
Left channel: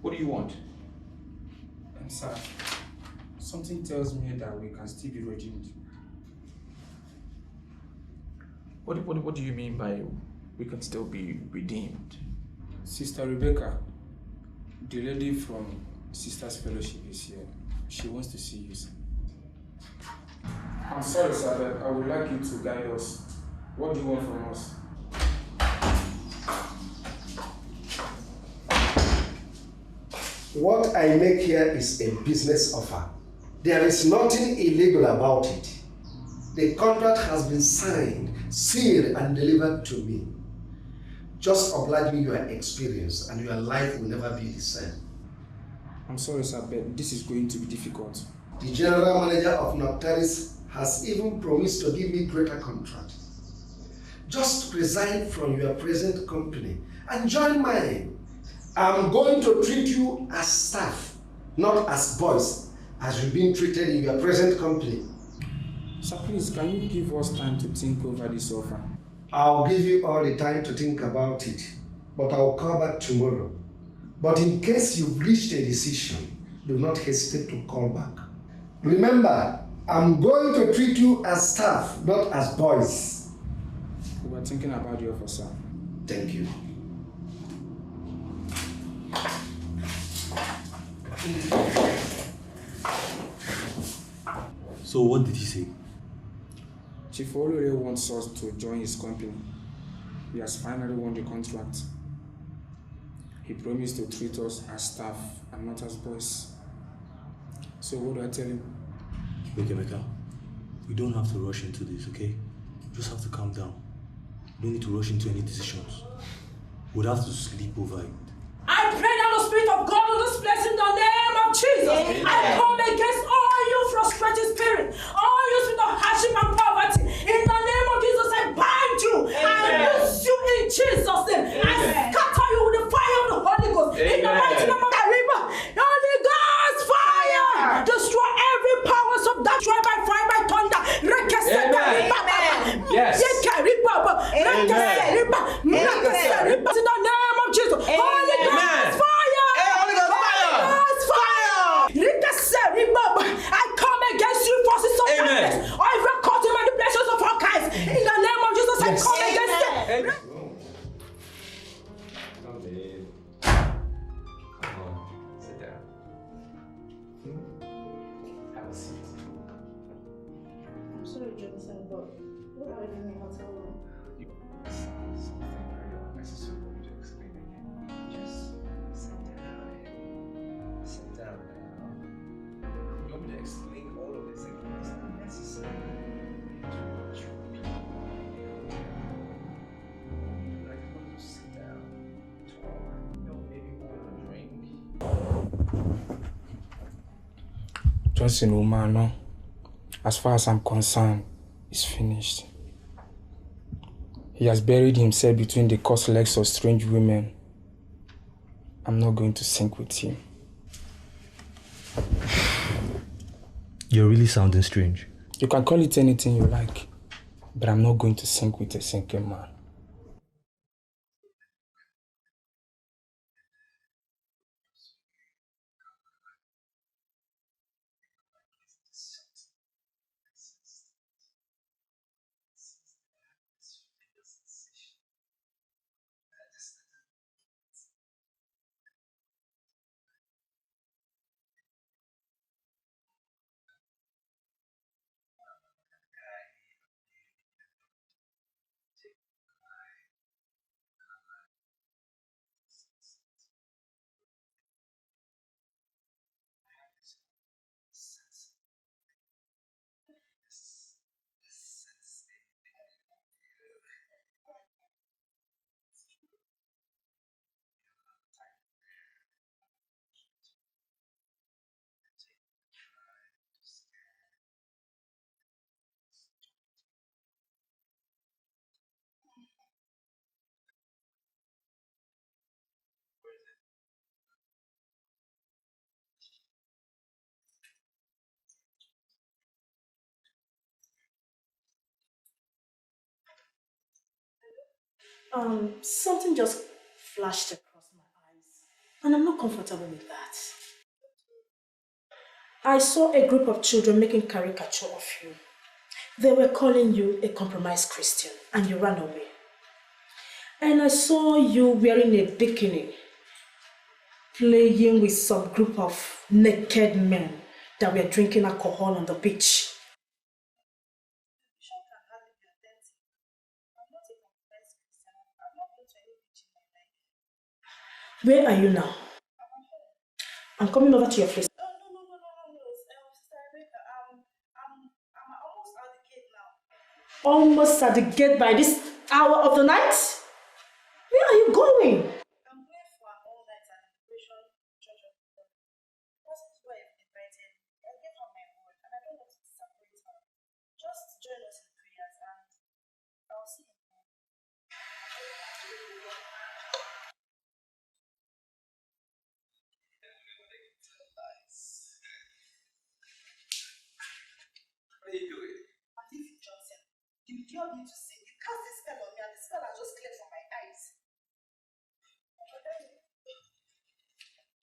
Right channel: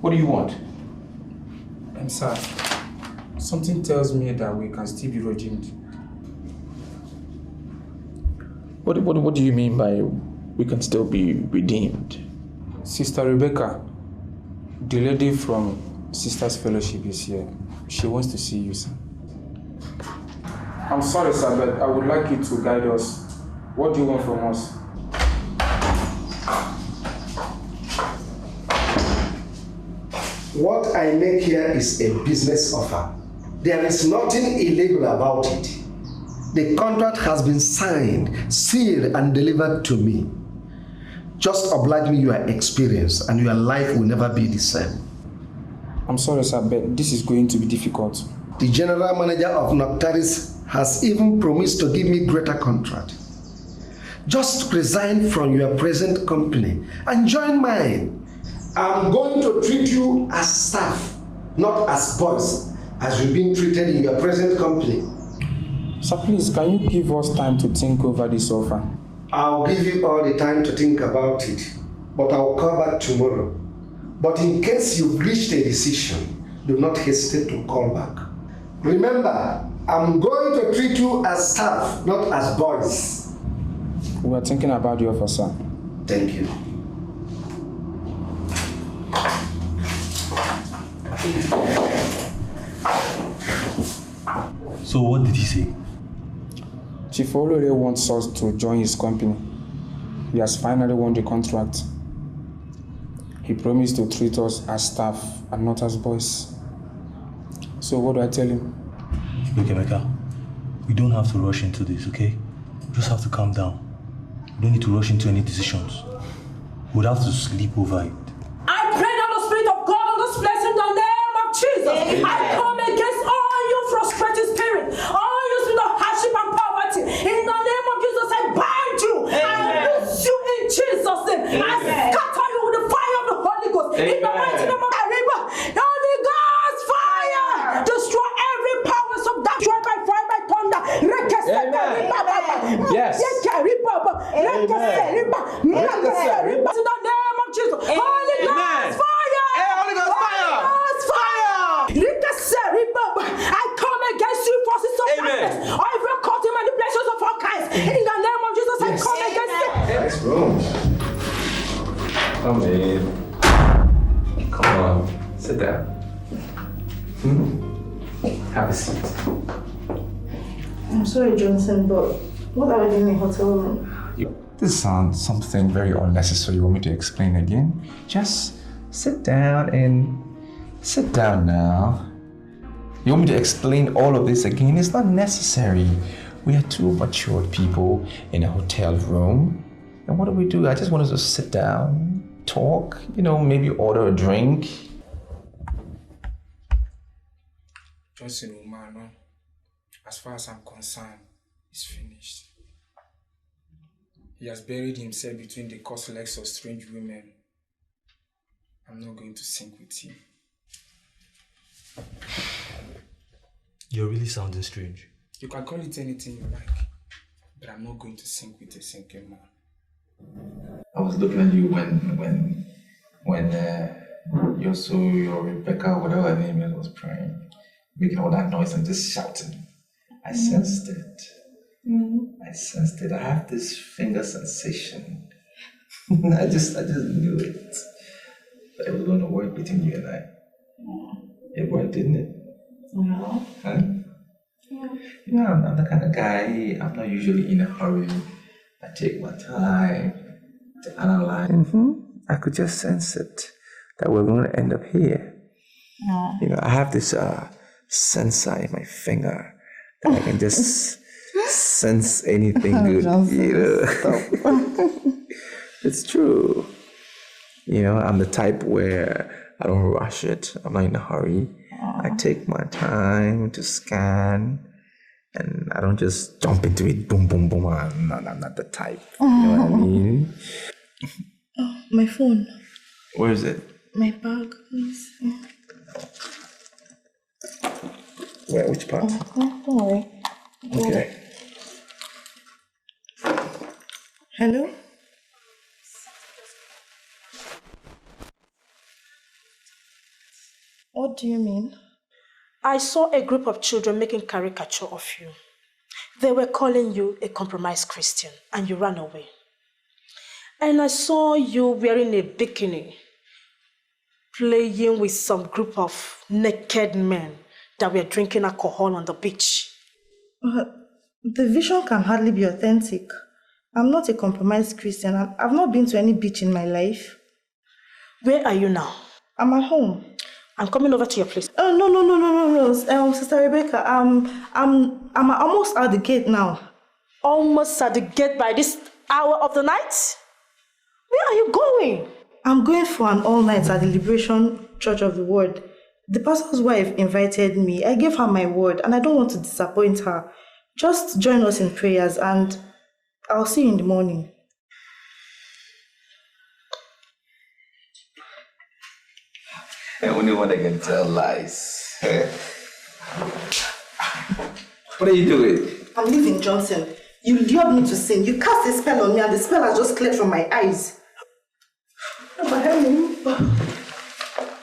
What do you want? I'm sad. Something tells me that we can still be redeemed. What do you mean by we can still be redeemed? Sister Rebecca, the lady from Sisters Fellowship is here. She wants to see you, sir. I'm sorry, sir, but I would like you to guide us. What do you want from us? What I make here is a business offer. There is nothing illegal about it. The contract has been signed, sealed, and delivered to me. Just oblige me your experience, and your life will never be the same. I'm sorry, sir, but this is going to be difficult. The general manager of Noctaris has even promised to give me greater contract. Just resign from your present company and join mine. I'm going to treat you as staff, not as boys, as you've been treated in your present company. Sir, please, can you give us time to think over this offer? I'll give you all the time to think about it, but I'll call back tomorrow. But in case you've reached a decision, do not hesitate to call back. Remember, I'm going to treat you as staff, not as boys. We are thinking about the offer, sir. Thank you. So what did he say? Chief Olore wants us to join his company. He has finally won the contract. He promised to treat us as staff and not as boys. So what do I tell him? Look, Emeka, we don't have to rush into this, okay? We just have to calm down. We don't need to rush into any decisions. We'll have to sleep over it. I pray that the Spirit of God will displace in the name of Jesus. Amen. I come against all you frustrated spirits, all you in the hardship and poverty. In the name of Jesus, I bind you. Amen. I loose you in Jesus' name. Amen. I scatter you with the fire of the Holy Ghost. Amen. In the mighty name of the river, the Holy Ghost fire. Destroy every powers of that. Destroy by fire, by thunder. Yes. In the name of Jesus. Holy Ghost fire. Holy Ghost fire. I come against you forces of darkness. I record in manipulations of all kinds. In the name of Jesus, I come against it. Come in. Come on. Sit down. Have a seat. I'm sorry, Johnson, but what are we doing in a hotel room? This sounds something very unnecessary. You want me to explain again? Just sit down now. You want me to explain all of this again? It's not necessary. We are two matured people in a hotel room. And what do? I just want us to sit down, talk, maybe order a drink. Johnson, woman, as far as I'm concerned, it's finished. He has buried himself between the crossed legs of strange women. I'm not going to sink with him. You're really sounding strange. You can call it anything you like. but I'm not going to sink with a sinking man. I was looking at you when your Rebecca, whatever her name is, was praying, making all that noise and just shouting. I sensed it. I sensed it. I have this finger sensation. I just knew it. But it was going to work between you and I. It worked, didn't it? No. Huh? Yeah. You know, I'm the kind of guy, I'm not usually in a hurry. I take my time to analyze. I could just sense it, that we're going to end up here. No. You know, I have this sensor in my finger that I can just sense anything good, you know. It's true. You know, I'm the type where I don't rush it. I'm not in a hurry. I take my time to scan, and I don't just jump into it, boom, boom, boom. I'm not the type. You know what I mean? Oh, my phone. Where is it? My bag, please. Where? Which part? Don't worry. Okay. Hello? Something just flashed up. And I'm not comfortable with that. What do you mean? I saw a group of children making caricature of you. They were calling you a compromised Christian, and you ran away. And I saw you wearing a bikini, playing with some group of naked men that were drinking alcohol on the beach. The vision can hardly be authentic. I'm not a compromised Christian. I've not been to any beach in my life. Where are you now? I'm at home. I'm coming over to your place. Oh, no. Sister Rebecca, I'm almost at the gate now. Almost at the gate by this hour of the night? Where are you going? I'm going for an all-night at the Liberation Church of the Word. The pastor's wife invited me. I gave her my word, and I don't want to disappoint her. Just join us in prayers, and I'll see you in the morning. The only one that can tell lies. What are you doing? I'm leaving, Johnson. You lured me to sin. You cast a spell on me, and the spell has just cleared from my eyes. But Helen,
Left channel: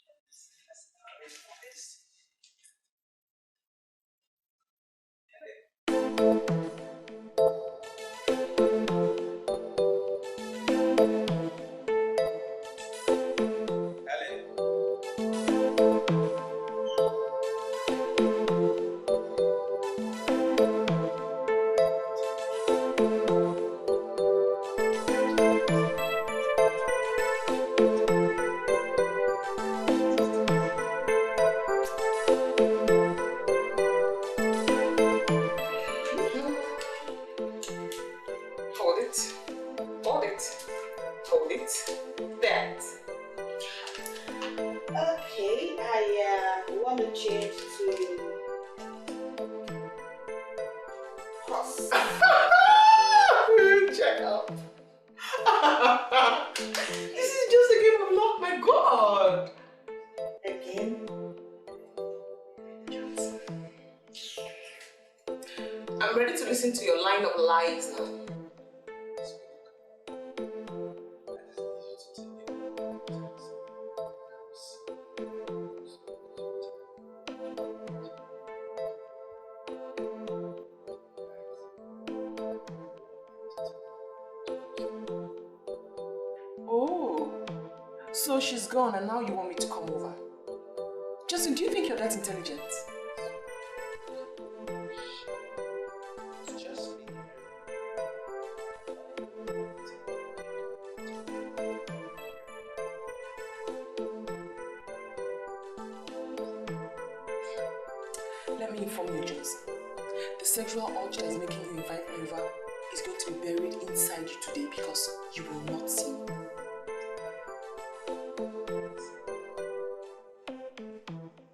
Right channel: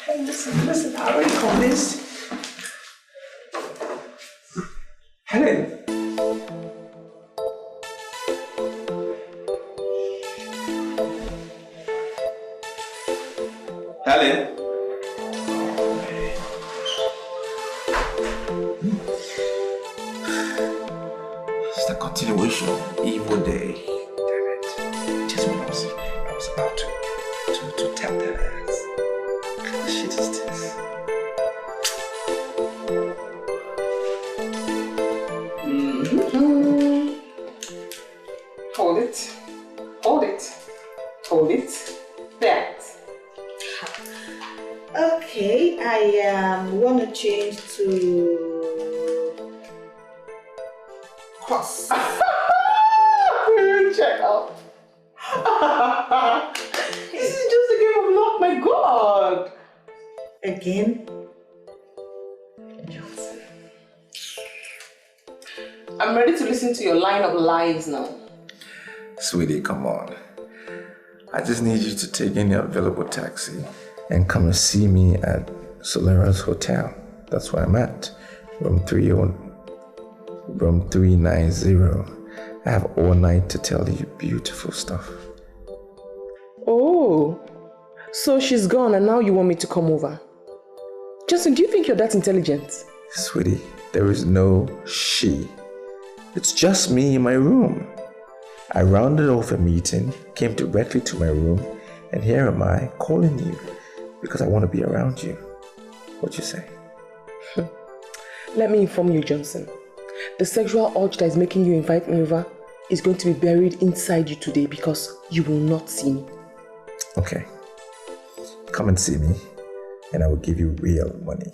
hey, listen, I already convinced. Helen. Helen. It's the continuation of evil day. Damn it. Just what I was about to tell them. What the shit is this? Hold it. That. Okay, I want to change to cross. Will you check out? This is just a game of luck, my God. Again? I'm ready to listen to your line of lies now. Sweetie, come on. I just need you to take any available taxi and come and see me at Solera's Hotel. That's where I'm at. Room 390. I have all night to tell you beautiful stuff. Oh, so she's gone and now you want me to come over? Justin, do you think you're that intelligent? Sweetie, there is no she. It's just me in my room. I rounded off a meeting, came directly to my room, and here am I calling you because I want to be around you. What you say? Let me inform you, Johnson. The sexual urge that is making you invite me over is going to be buried inside you today because you will not see me. Okay. Come and see me, and I will give you real money.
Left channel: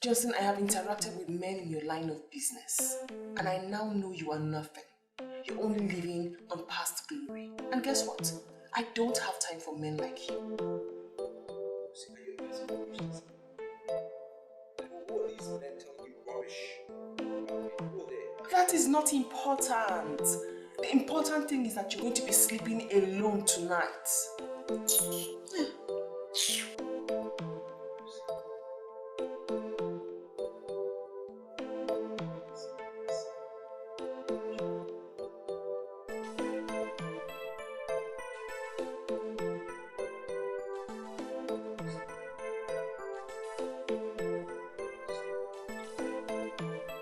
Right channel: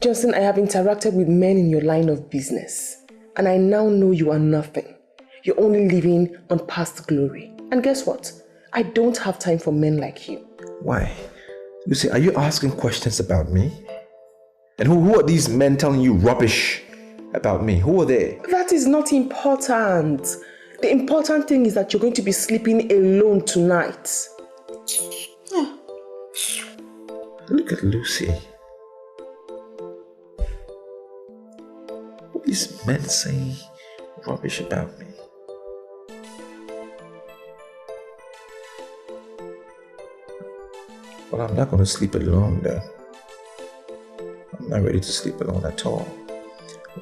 Justin, I have interacted with men in your line of business, and I now know you are nothing. You're only living on past glory. And guess what? I don't have time for men like you. Why? Lucy, are you asking questions about me? And who are these men telling you rubbish? About me? Who were they? That is not important. The important thing is that you're going to be sleeping alone tonight. Yeah. Look at Lucy. What these men saying rubbish about me? Well, I'm not going to sleep alone then. I'm not ready to sleep alone at all.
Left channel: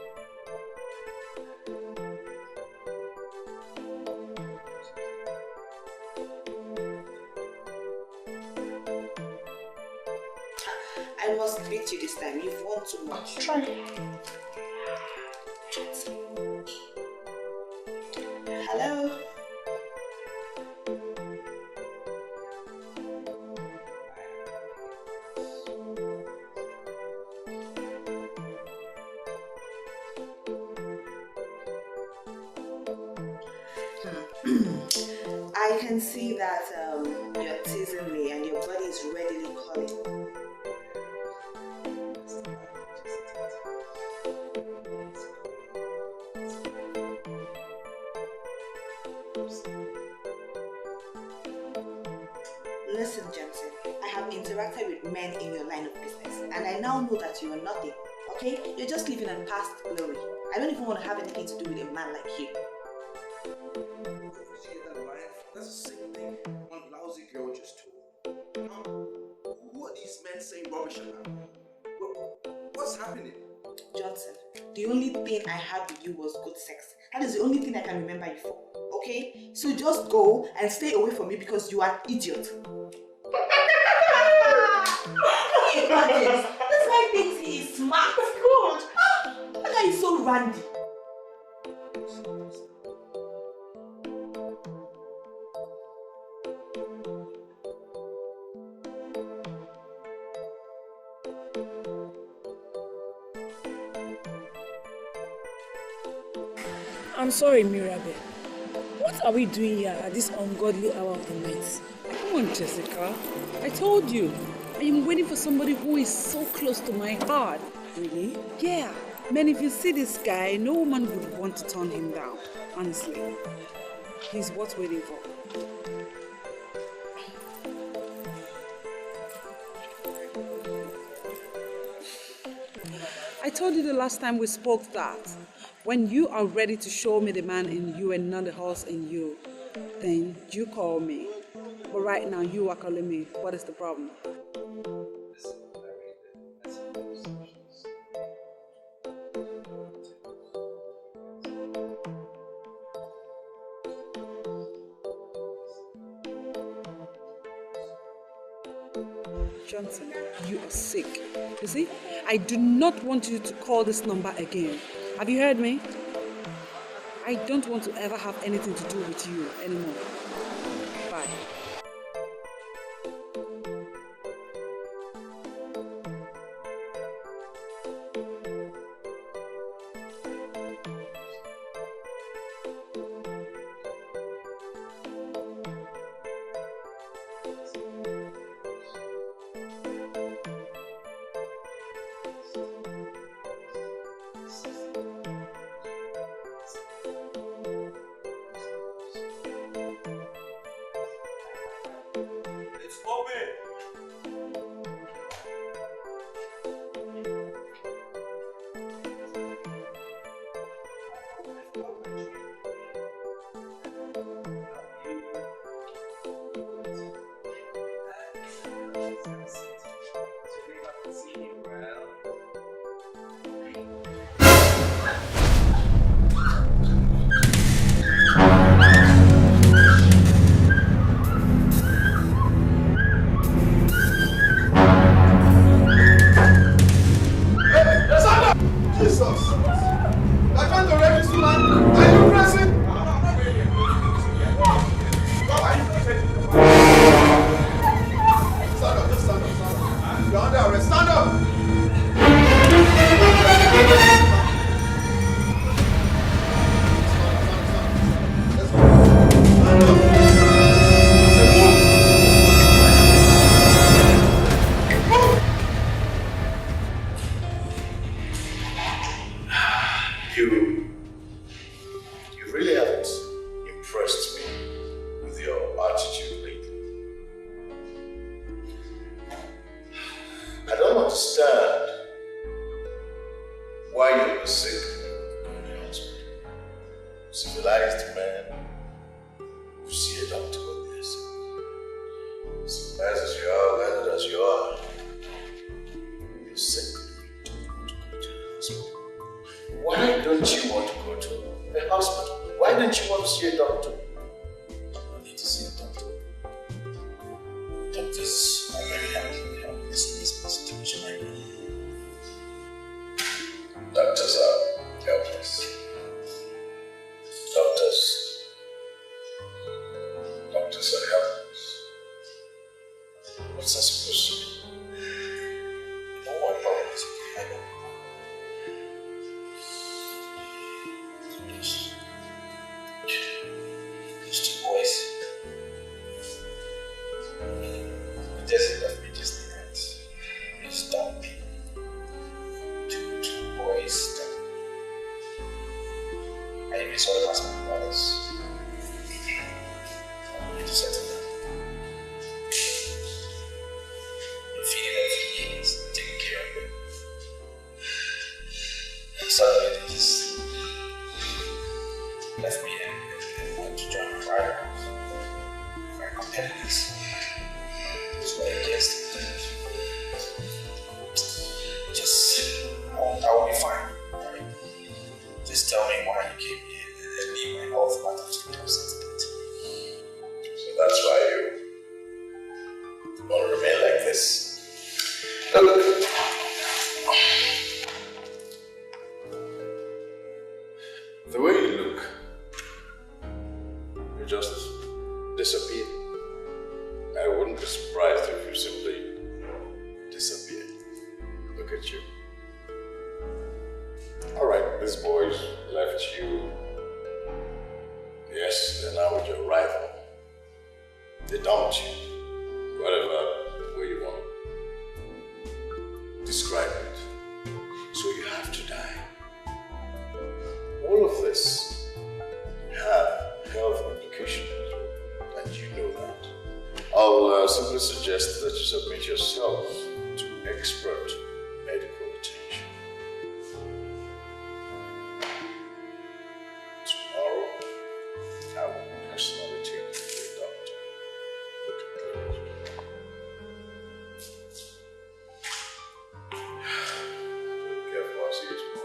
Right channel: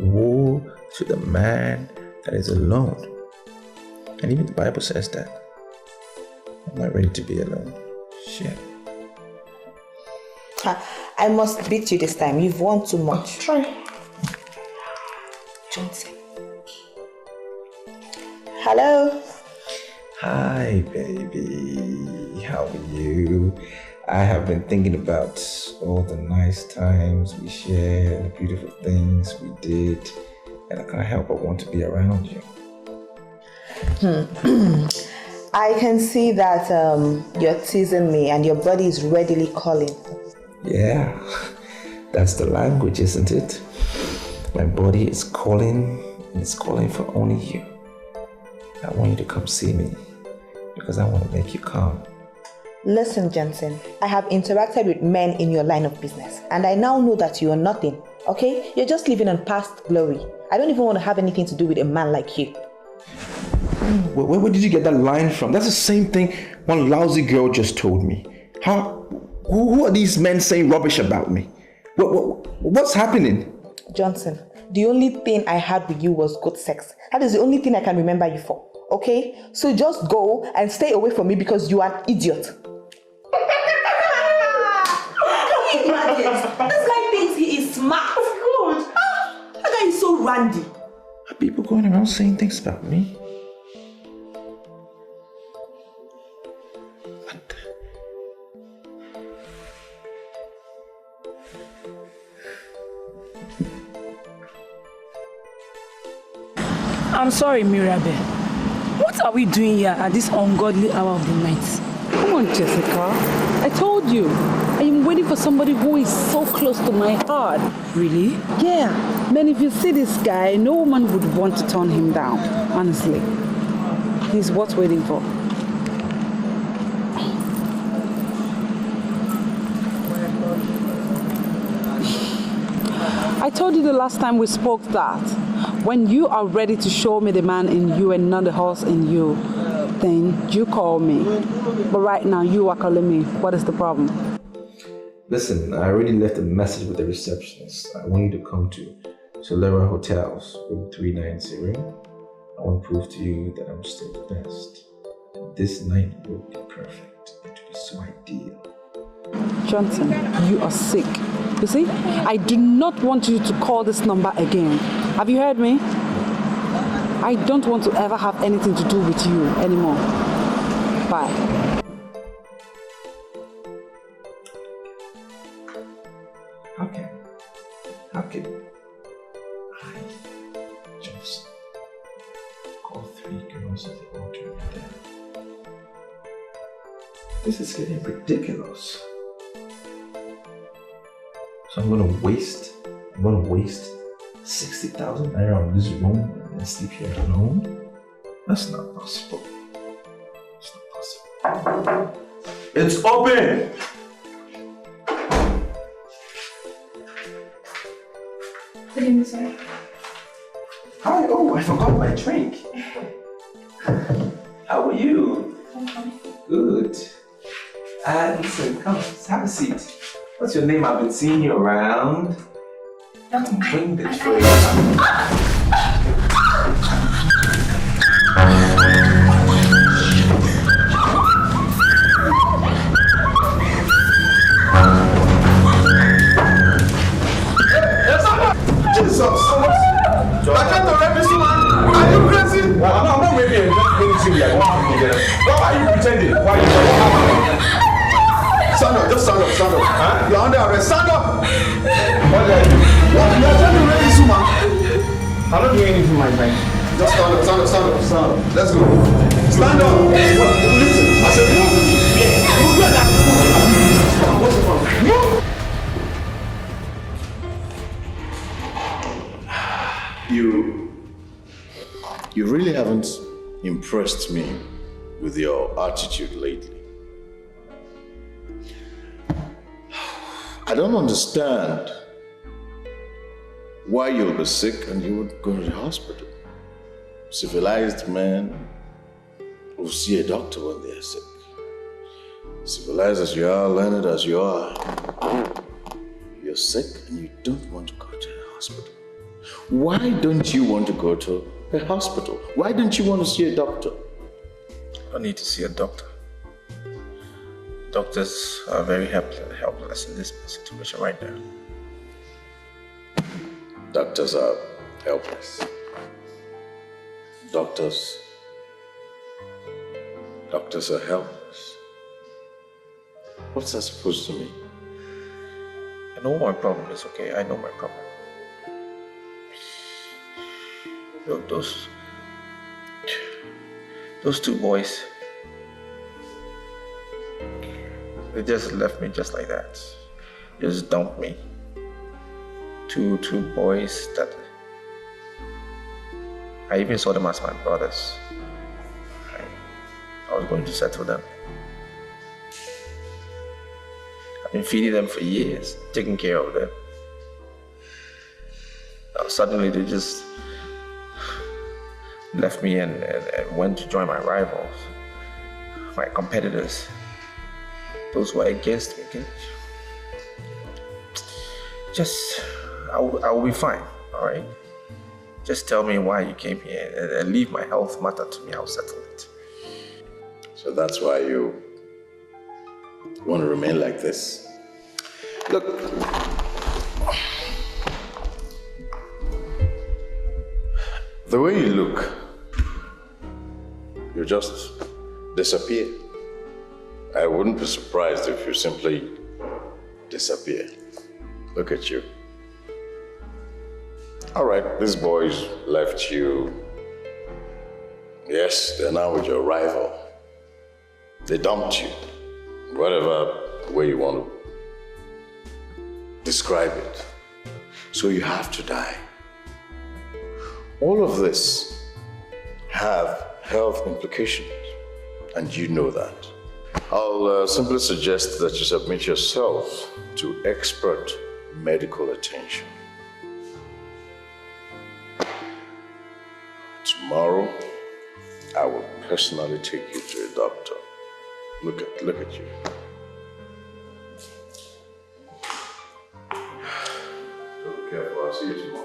Woe to the man that is alone. And even the Bible says that. I'm not ready to be alone. Shit. I must beat you this time. You've won too much. Try. Johnson. Hello. Hi, baby. How are you? I have been thinking about all the nice times we shared and the beautiful things we did, and I can't help but want to be around you. I can see that you're teasing me and your body is readily calling. Yeah, that's the language, isn't it? My body is calling, and it's calling for only you. I want you to come see me because I want to make you calm. Listen, Jensen, I have interacted with men in your line of business, and I now know that you are nothing, okay? You're just living on past glory. I don't even want to have anything to do with a man like you. Where did you get that line from? That's the same thing one lousy girl just told me. Who are these men saying rubbish about me? What's happening? Johnson, the only thing I had with you was good sex. That is the only thing I can remember you for, okay? So just go and stay away from me because you are an idiot. Can you imagine? This guy thinks he is smart. Good. That guy is so randy. Are people going around saying things about me? I'm sorry, Mirabel. What are we doing here at this ungodly hour of the night? Come on, Jessica. I told you. I am waiting for somebody who is so close to my heart. Really? Yeah. Man, if you see this guy, no woman would want to turn him down. Honestly. He's worth waiting for. I told you the last time we spoke that when you are ready to show me the man in you and not the horse in you, then you call me. But right now, you are calling me. What is the problem? Listen, I already left a message with the receptionist. I want you to come to Solera Hotels, room 390. I want to prove to you that I'm still the best. This night will be perfect. It will be so ideal. Johnson, you are sick. You see, I do not want you to call this number again. Have you heard me? I don't want to ever have anything to do with you anymore. Bye. How can I just call 3 girls at the hotel? This is getting ridiculous. So I'm gonna waste 60,000 naira on this room and sleep here alone? That's not possible. It's open! Hi, oh, I forgot my drink. How are you? Good. Listen, come, have a seat. What's your name? I've been seeing you around. Don't bring the drink. Jesus! I can't already see man. Are you crazy? I'm not maybe just see me. Why are you pretending? Why are you? Stand up, just stand up, stand up. Huh? You're under arrest. Stand up! I'm not doing anything, my friend. Just stand up, stand up, stand up, stand up. Let's go. Stand up! I said, move! impressed me with your attitude lately. I don't understand why you'll be sick and you would go to the hospital. Civilized men will see a doctor when they're sick. Civilized as you are, learned as you are, you're sick and you don't want to go to the hospital. Why don't you want to go to a hospital? Why don't you want to see a doctor? I need to see a doctor. Doctors are very helpless in this situation right now. Doctors are helpless. Doctors are helpless. What's that supposed to mean? I know my problem is, okay? I know my problem. Those two boys, they just left me just like that. Just dumped me. Two boys that I even saw them as my brothers. I was going to settle them. I've been feeding them for years, taking care of them. Now suddenly they just left me and went to join my rivals, my competitors, those who are against me. I will be fine, all right? Just tell me why you came here and leave my health matter to me. I'll settle it. So that's why you want to remain like this. Look. The way you look, you just disappear. I wouldn't be surprised if you simply disappear. Look at you. All right, these boys left you. Yes, they're now with your rival. They dumped you. Whatever way you want to describe it. So you have to die. All of this have health implications, and you know that. I'll simply suggest that you submit yourself to expert medical attention. Tomorrow, I will personally take you to a doctor. Look at you. Be careful, I'll see you tomorrow.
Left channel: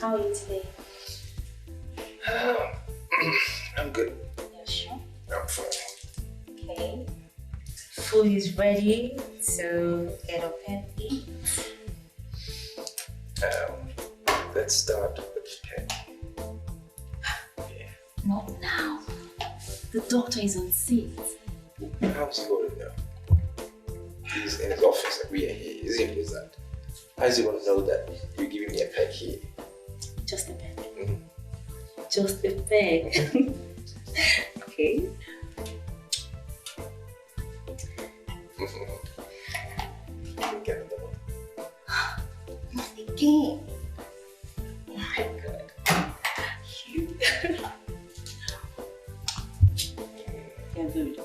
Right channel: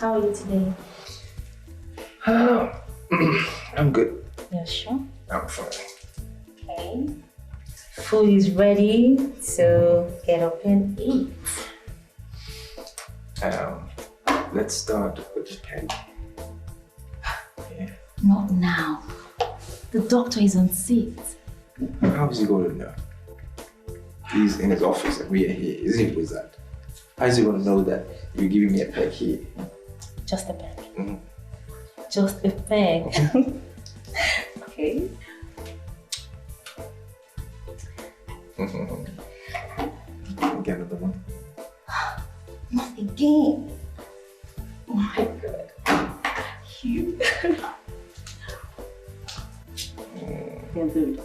How are you today? I'm good. Yeah, sure. I'm fine. Okay. Food is ready, so get up and eat. Let's start with the pen. Not now. The doctor is on seat. How is he going to know? He's in his office and we are here. Is he with that? How is he going to know that you're giving me a peg here? Just a peg. Mm-hmm. Just a peg. Okay. Get another one. Not again. Oh my god. You. You're good.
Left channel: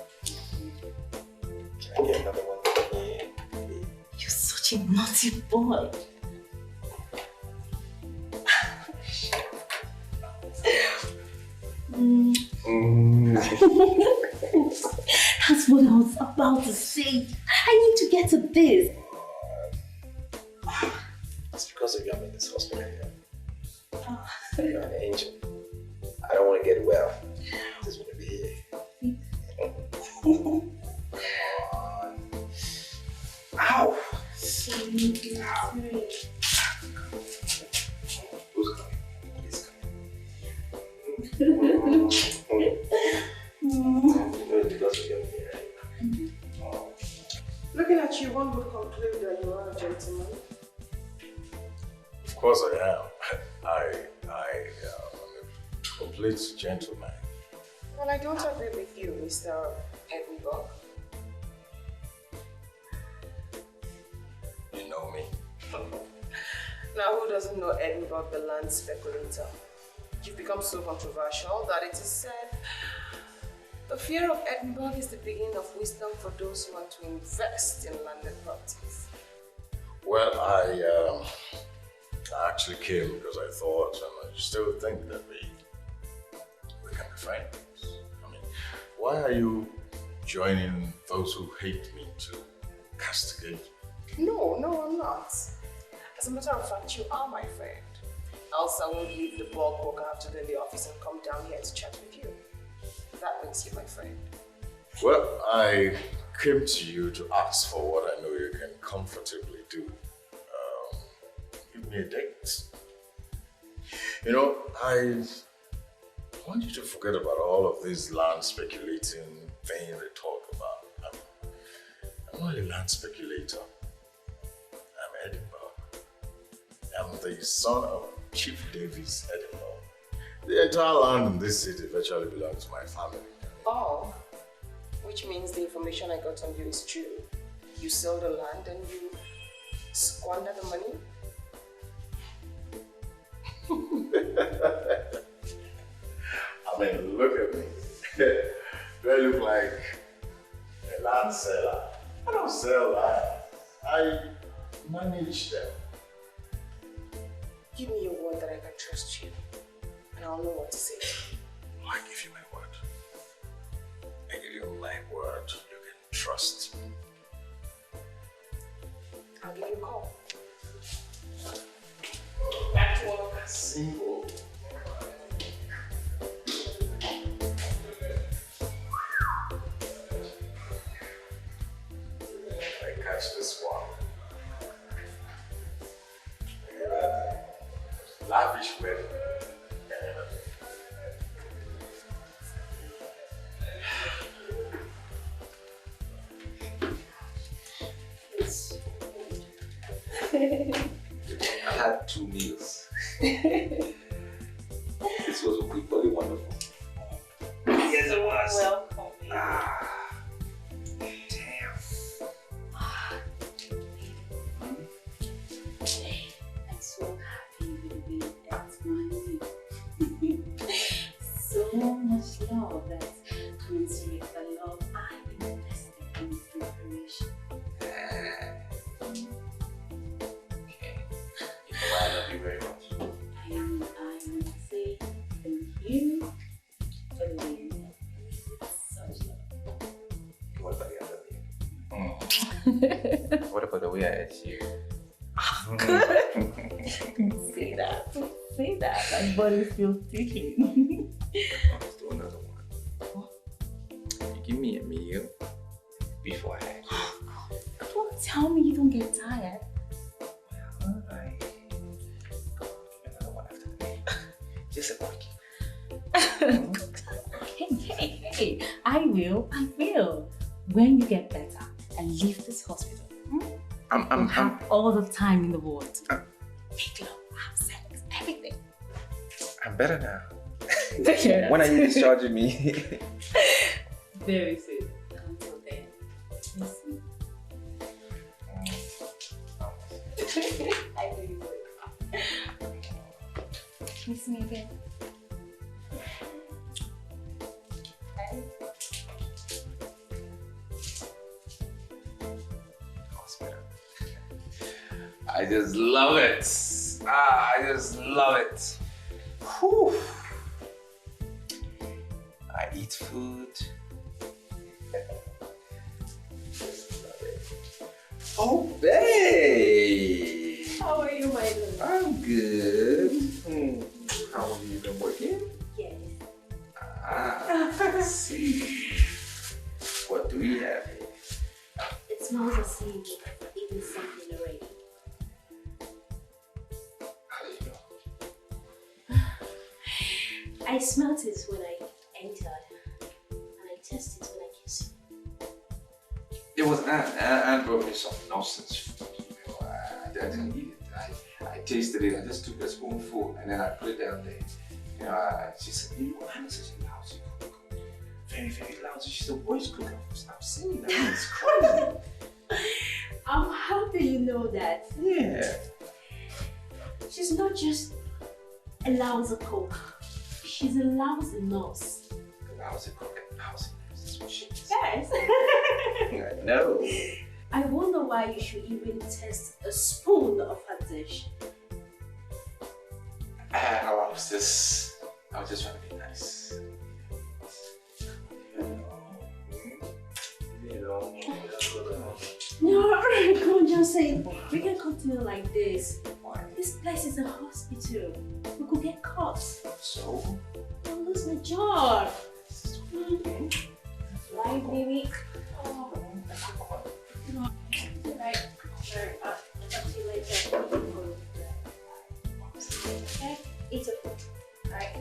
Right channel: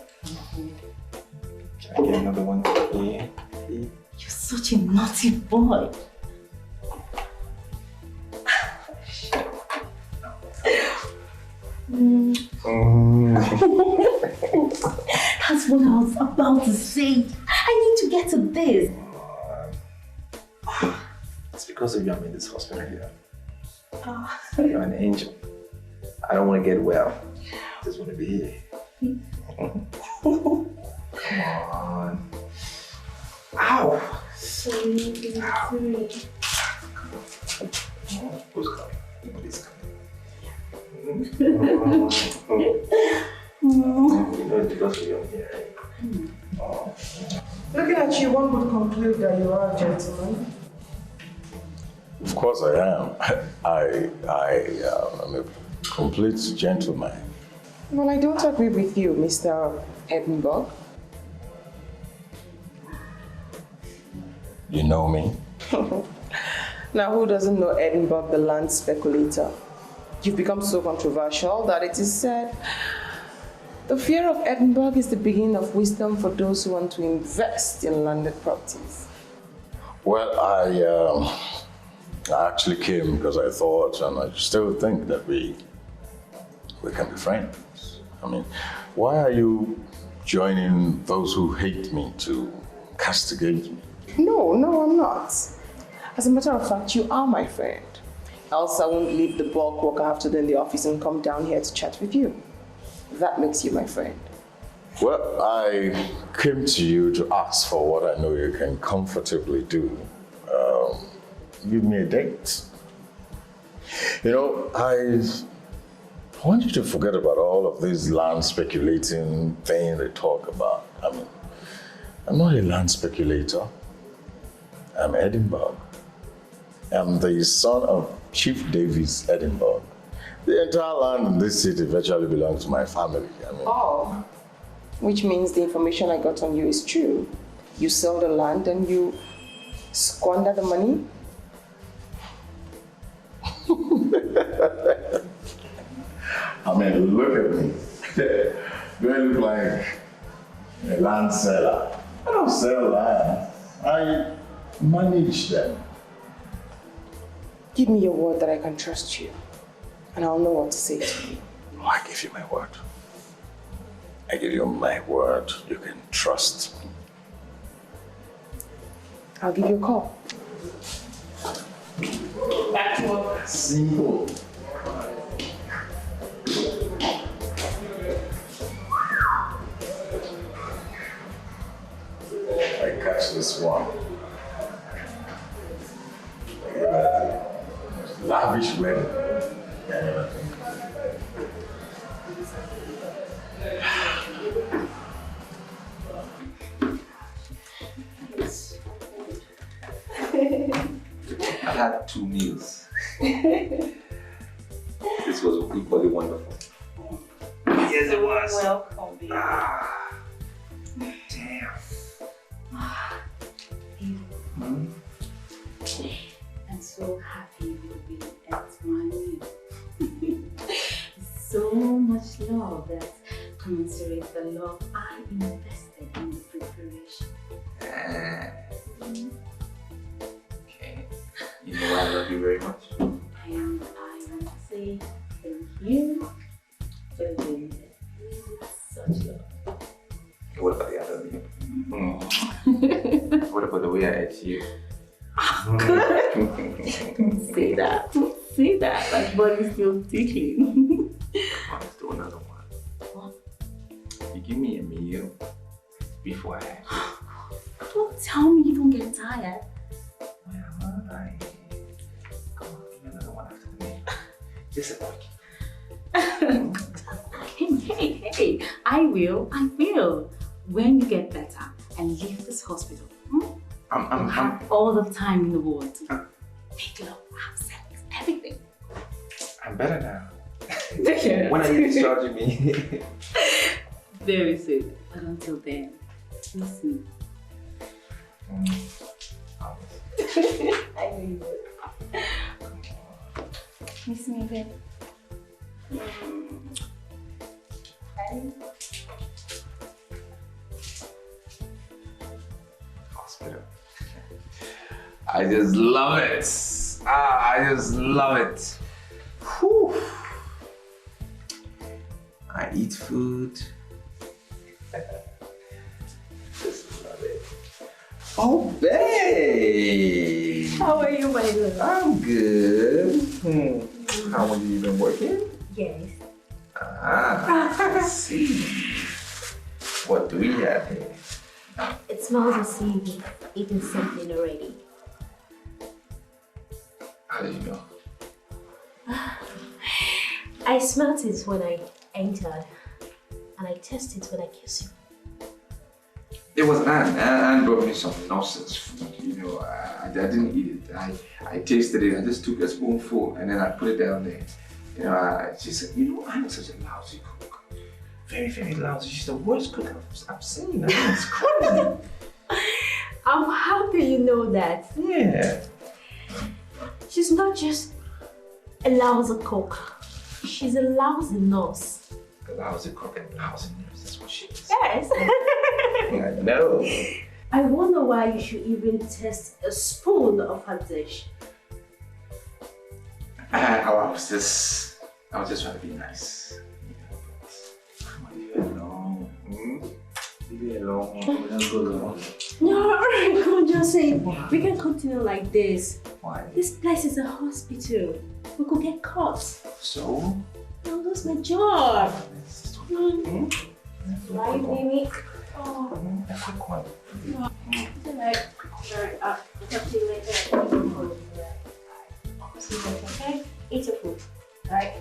Can I get another one? Yeah. You're such a naughty boy. That's what I was about to say. I need to get to this. It's because of you I'm in this hospital here. You're an angel. I don't want to get well. I just want to be here. Come on. Ow! Sorry. Who's coming? Nobody's coming. Looking at you, one would conclude that you are a gentleman. Of course I am. I am a complete gentleman. Well, I don't agree with you, Mr. Edinburgh. You know me? Now, who doesn't know Edinburgh, the land speculator? You've become so controversial that it is said the fear of Edinburgh is the beginning of wisdom for those who want to invest in landed properties. Well, I actually came because I thought, and I still think, that we can be friends. I mean, why are you joining those who hate me to castigate me? No, I'm not. As a matter of fact, you are my friend. Else I won't leave the bulk work I have to do in the office and come down here to chat with you. That makes you my friend. Well, I came to you to ask for what I know you can comfortably do. Give me a date. You know, I want you to forget about all of this land speculating thing they talk about. I mean, I'm not a land speculator. I'm Edinburgh. I'm the son of Chief Davis Edinburgh. The entire land in this city virtually belongs to my family. I mean, Oh, which means the information I got on you is true. You sell the land and you squander the money? I mean, look at me. Do I look like a land seller? I don't sell land. I manage them. Give me your word that I can trust you, and I'll know what to say to you. Oh, I give you my word. I give you my word. You can trust me. I'll give you a call. Simple. I catch this one. Lavish wedding. I never think. I had 2 meals. This was equally wonderful. Yes, it was. Welcome, baby. Damn. I'm so happy you'll be at my so much love that commensurates the love I invested in the preparation. Okay. You know I love you very much. I want to say thank you for the way that such love. What about the other you? What about the way I ate you? Say that. Say that. My body's still ticking. Let's do another one. You give me a meal before I. Don't tell me you don't get tired. Just a quick. Hey, I will. When you get better and leave this hospital, I'm all the time in the world. Make love, have sex, everything. I'm better now. When are you discharging me? Very soon. But until then, listen. I need it. Kiss me again. I just love it. I just love it. Whew. I eat food. Oh, babe. How are you, my love? I'm good. How are you been working? Yes. I see. What do we have here? It smells as if you've eaten something already. How do you know? I smelt it when I entered, and I tasted it when I kissed you. It was Anne. Anne brought me some nonsense food. I didn't eat it. I tasted it. I just took a spoonful and then I put it down there. She said, Anne is such a lousy cook. Very, very lousy. She's the worst cook I've seen. It's crazy. I'm happy you know that. Yeah. She's not just a lousy cook. She's a lousy nurse. A lousy cook and lousy nurse. That's what she is. Yes. I know. I wonder why you should even test a spoon of her dish. I was just trying to be nice. Leave it alone. Leave it alone. Don't go alone. No, come on, Johnson. We can continue like this. Why? This place is a hospital. We could get caught. So? I'll lose my job. Right, baby? Oh. Alright. I'll talk to you later. Okay? Eat your food. Alright?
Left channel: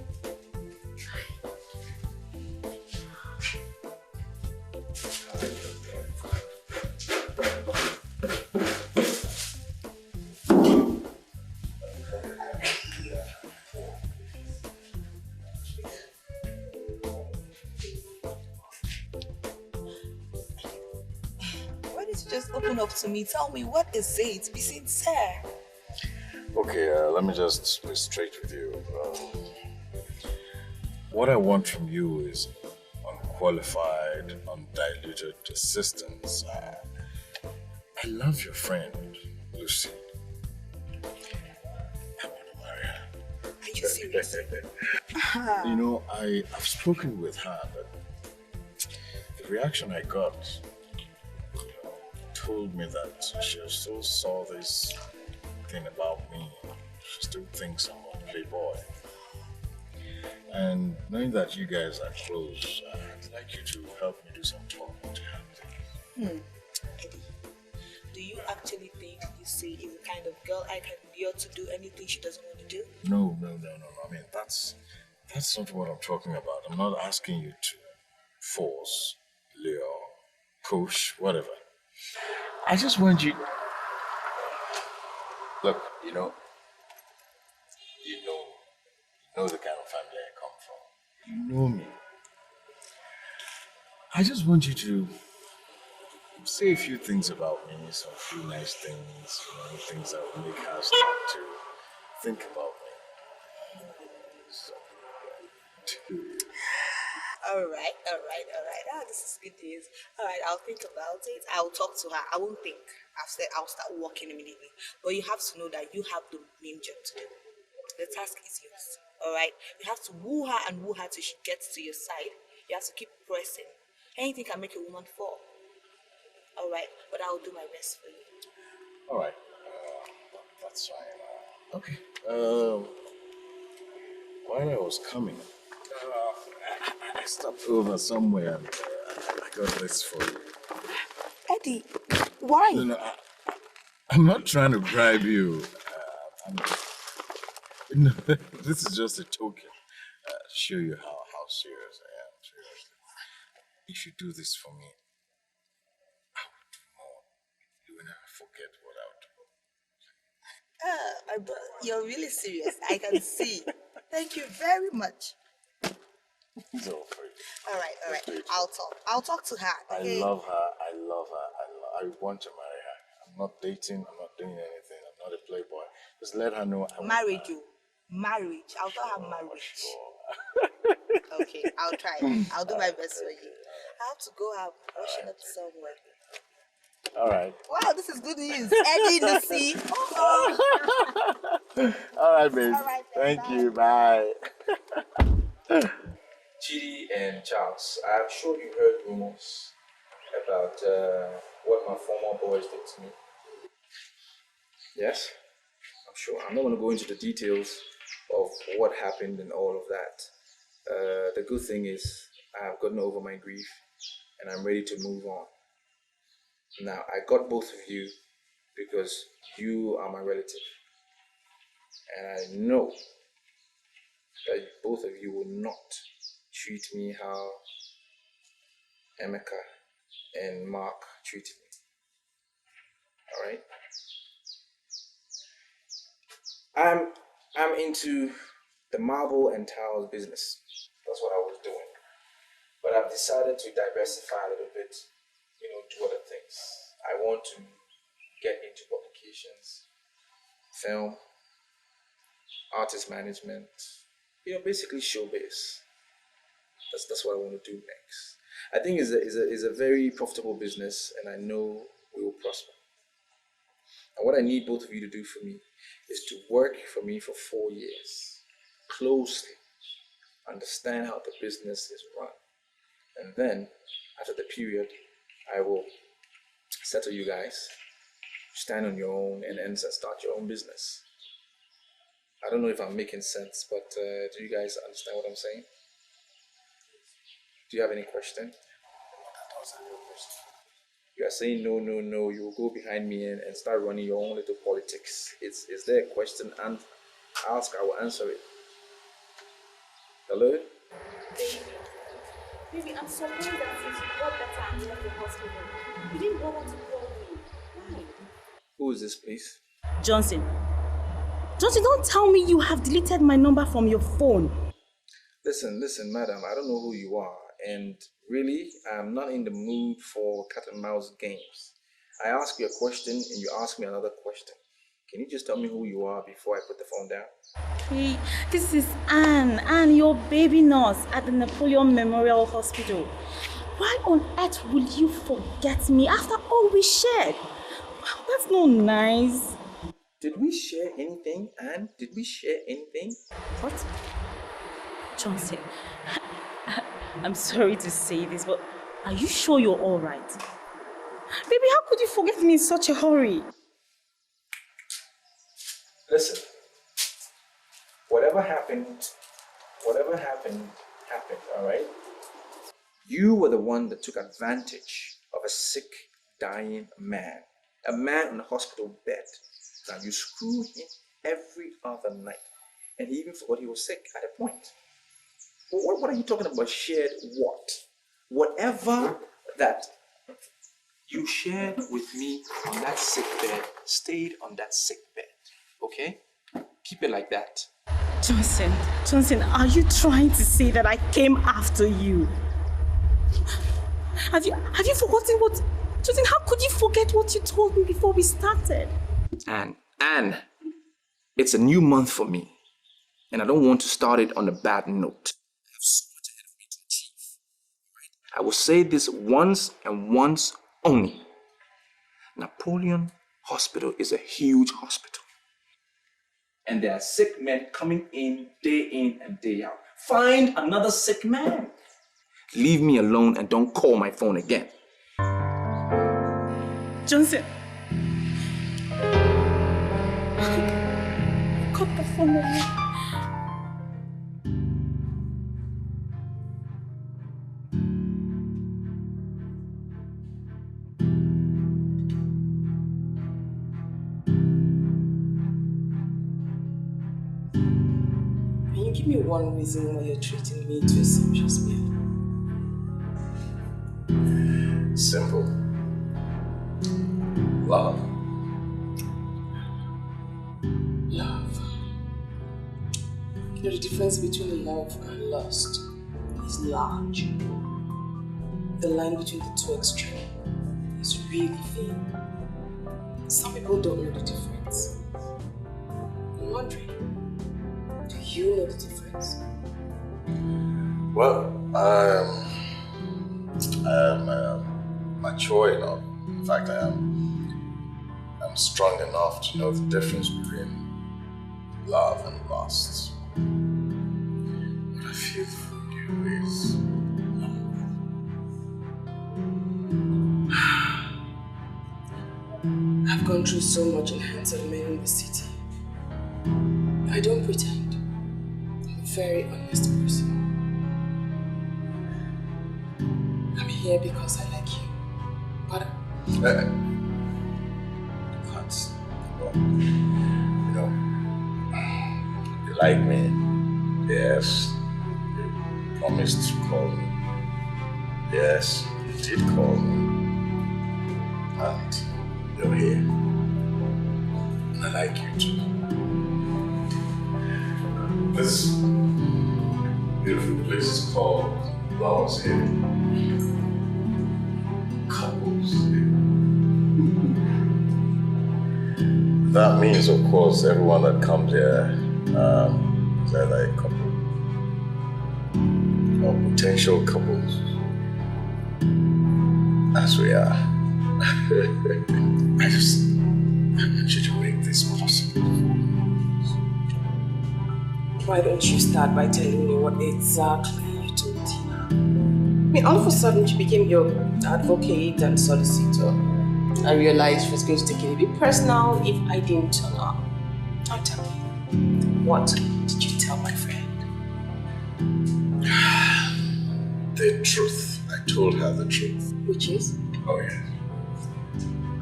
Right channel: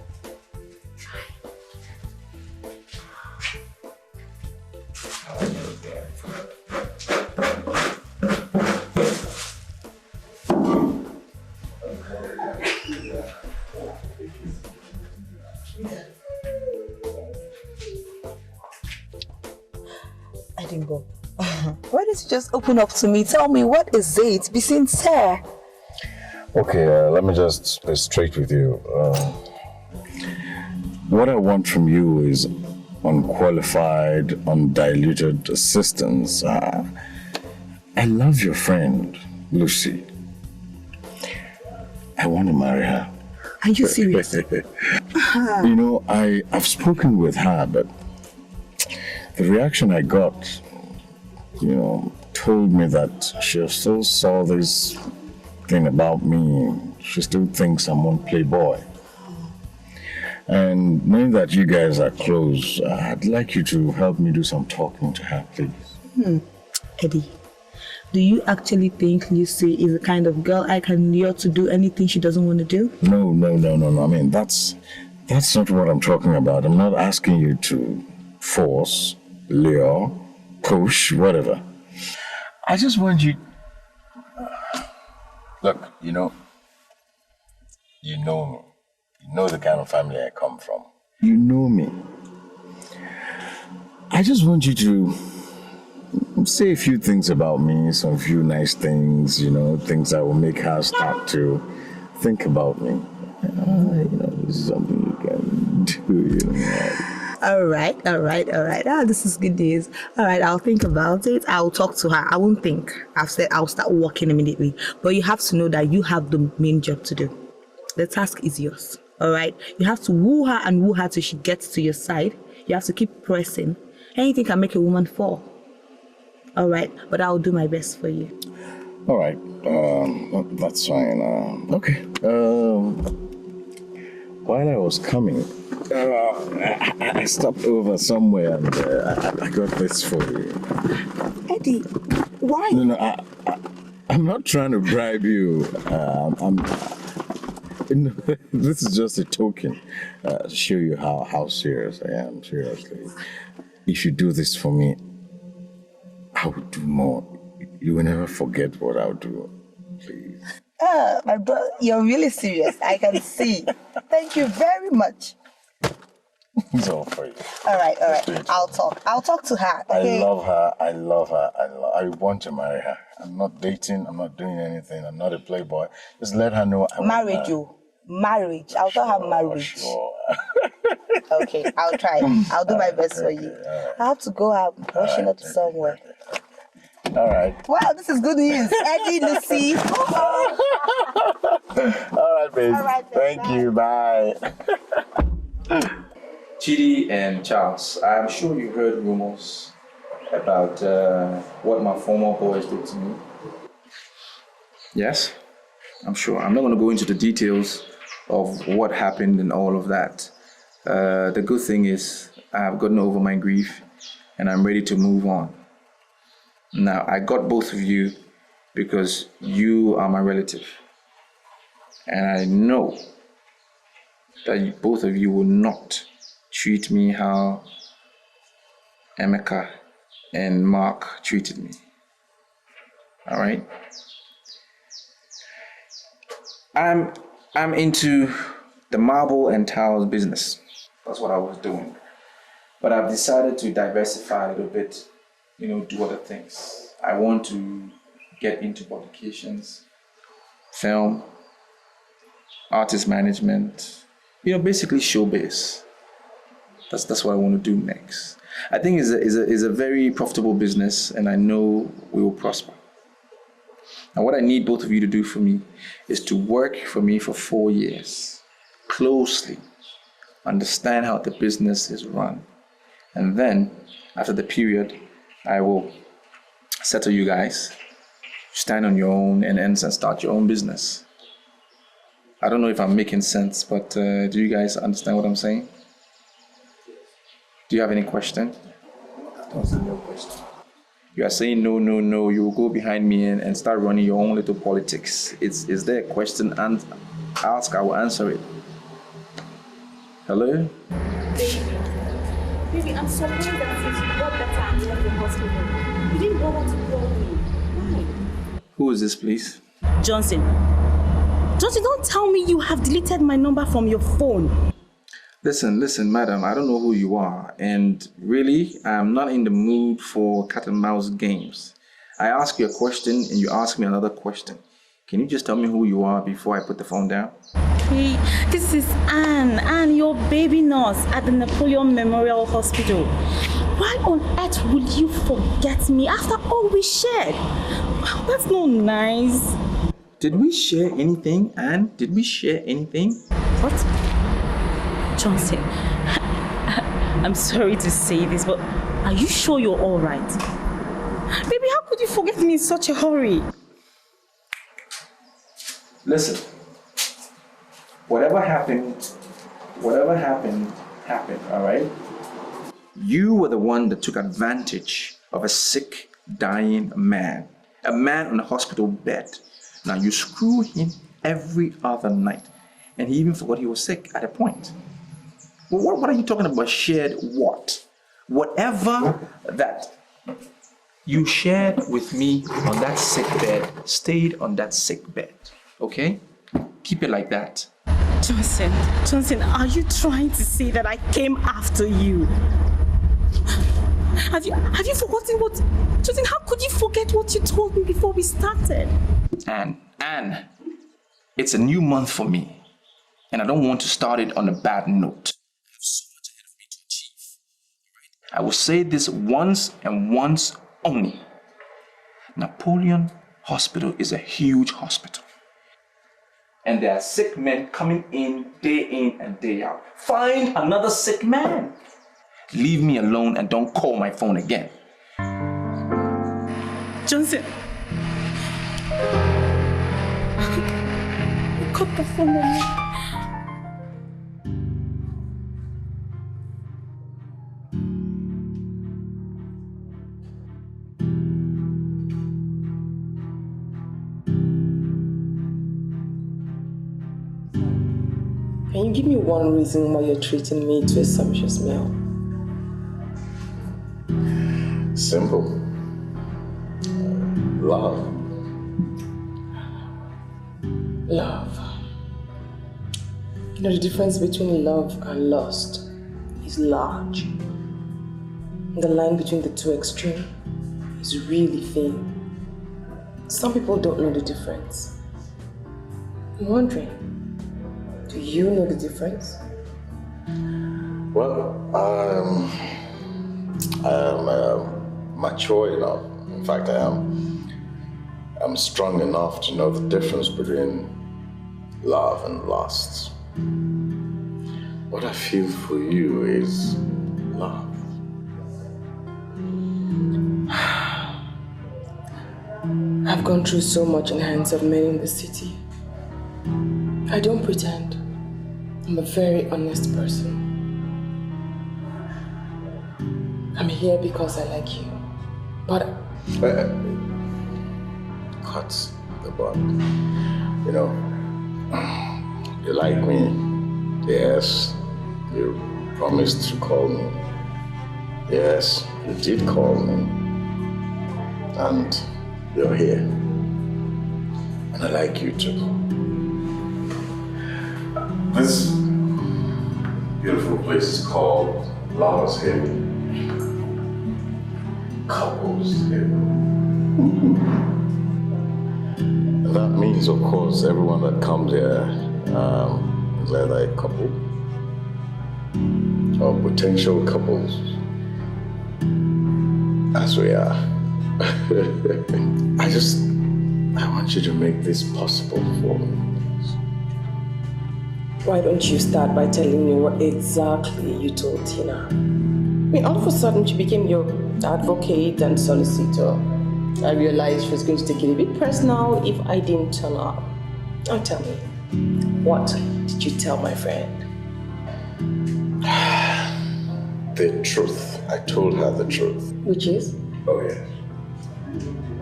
I didn't go. Why did you just open up to me? Tell me, what is it? Be sincere. Okay, let me just be straight with you. What I want from you is unqualified, undiluted assistance. I love your friend, Lucy. I want to marry her. Are you serious? I've spoken with her, but the reaction I got, told me that she still saw this thing about me. She still thinks I'm one playboy. And knowing that you guys are close, I'd like you to help me do some talking to her, please. Eddie, do you actually think Lucy is the kind of girl I can lure to do anything she doesn't want to do? No. I mean, that's not what I'm talking about. I'm not asking you to force, lure, push, whatever. I just want you... Look, you know me. You know the kind of family I come from. You know me. I just want you to say a few things about me, some few nice things, things that will make her start to think about me. This is something you can do, All right. This is good news. All right, I'll think about it. I'll talk to her. I won't think. I've said I'll start working immediately. But you have to know that you have the main job to do. The task is yours. All right? You have to woo her till she gets to your side. You have to keep pressing. Anything can make a woman fall. All right? But I'll do my best for you. All right. That's fine. Okay. While I was coming, I stopped over somewhere and I got this for you. Eddie, why? No, I'm not trying to bribe you. This is just a token to show you how serious I am, seriously. If you do this for me, I will do more. You will never forget what I'll do, please. My brother, you're really serious. I can see. Thank you very much. It's all for you. All right. I'll talk to her. Okay? I love her. I want to marry her. I'm not dating. I'm not doing anything. I'm not a playboy. Just let her know I want marriage. Marriage. I'll tell her marriage. Sure. Okay, I'll try. I'll do my best for you. I have to go out rushing up to somewhere. All right. Wow, this is good news. Eddie, Lucy. All right, babe. Thank you. Bye. Chidi and Charles, I'm sure you heard rumors about what my former boys did to me. Yes, I'm sure. I'm not going to go into the details of what happened and all of that. The good thing is I've gotten over my grief and I'm ready to move on. Now, I got both of you because you are my relative. And I know that both of you will not treat me how Emeka and Mark treated me. All right? I'm into the marble and tiles business. That's what I was doing. But I've decided to diversify a little bit, do other things. I want to get into publications, film, artist management, basically showbiz. That's what I want to do next. I think it's a very profitable business, and I know we will prosper. And what I need both of you to do for me is to work for me for 4 years, closely, understand how the business is run. And then, after the period, I will settle you guys, stand on your own and start your own business. I don't know if I'm making sense, but do you guys understand what I'm saying? Do you have any question? No question. You are saying no, you will go behind me and start running your own little politics. Is there a question and ask, I will answer it. Hello? Baby, I'm surprised that since you got better and left the hospital, you didn't bother to call me. Why? Who is this, please? Johnson, don't tell me you have deleted my number from your phone. Listen, madam, I don't know who you are, and really, I'm not in the mood for cat and mouse games. I ask you a question and you ask me another question. Can you just tell me who you are before I put the phone down? Okay, this is Anne, your baby nurse at the Napoleon Memorial Hospital. Why on earth would you forget me after all we shared? That's not nice. Did we share anything, Anne? Did we share anything? What? Johnson, I'm sorry to say this, but are you sure you're all right? Baby, how could you forget me in such a hurry? Listen, whatever happened, all right? You were the one that took advantage of a sick, dying man, a man on a hospital bed. Now you screw him every other night, and he even forgot he was sick at a point. Well, what are you talking about? Shared what? Whatever that you shared with me on that sick bed stayed on that sick bed. Okay? Keep it like that. Johnson, are you trying to say that I came after you? Have you forgotten what... Johnson, how could you forget what you told me before we started? Anne, it's a new month for me, and I don't want to start it on a bad note. I have so much ahead of me to achieve. I will say this once and once only. Napoleon Hospital is a huge hospital. And there are sick men coming in and day out. Find another sick man. Leave me alone and don't call my phone again. Johnson. Cut the phone on me. Can you give me one reason why you're treating me to a sumptuous meal? Simple. Love. Love. You know, the difference between love and lust is large. And the line between the two extremes is really thin. Some people don't know the difference. I'm wondering, do you know the difference? Well, I'm mature enough. In fact, I'm strong enough to know the difference between love and lust. What I feel for you is love. I've gone through so much in the hands of men in the city. I don't pretend. I'm a very honest person. I'm here because I like you. But... Cut the bud. You know, you like me, Yes, you promised to call me. Yes, you did call me. And you're here. And I like you too. This beautiful place is called Lovers Hill. Couples Hill. That means, of course, everyone that comes here is either a couple or potential couples, as we are. I want you to make this possible for me. Why don't you start by telling me what exactly you told Tina? I mean, all of a sudden she became your advocate and solicitor. I realized she was going to take it a bit personal if I didn't turn up. Now tell me, what did you tell my friend? The truth. I told her the truth. Which is? Oh, yes.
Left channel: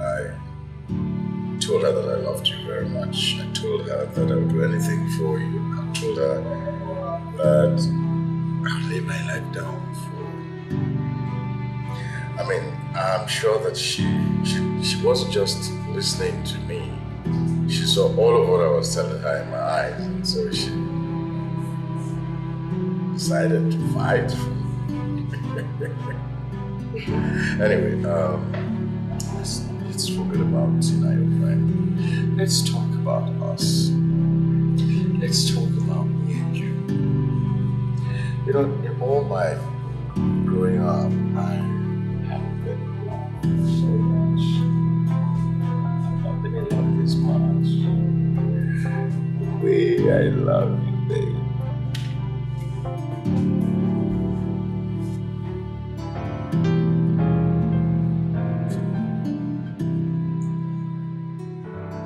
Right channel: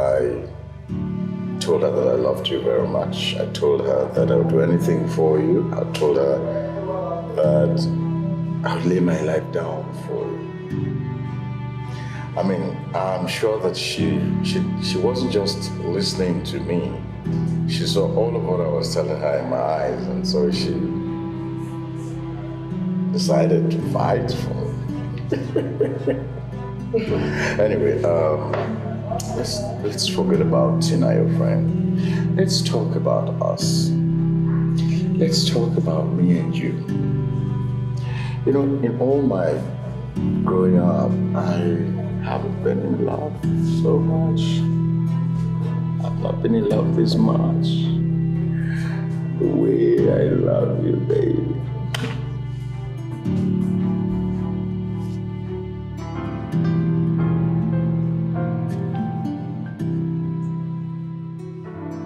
I told her that I loved you very much. I told her that I would do anything for you. I told her that I would lay my life down for you. I mean, I'm sure that she wasn't just listening to me. She saw all of what I was telling her in my eyes, and so she decided to fight for me. Anyway, let's forget about Tina, your friend. Let's talk about us. Let's talk about me and you. You know, in all my growing up, I haven't been in love so much. I've not been in love this much. The way I love you, baby.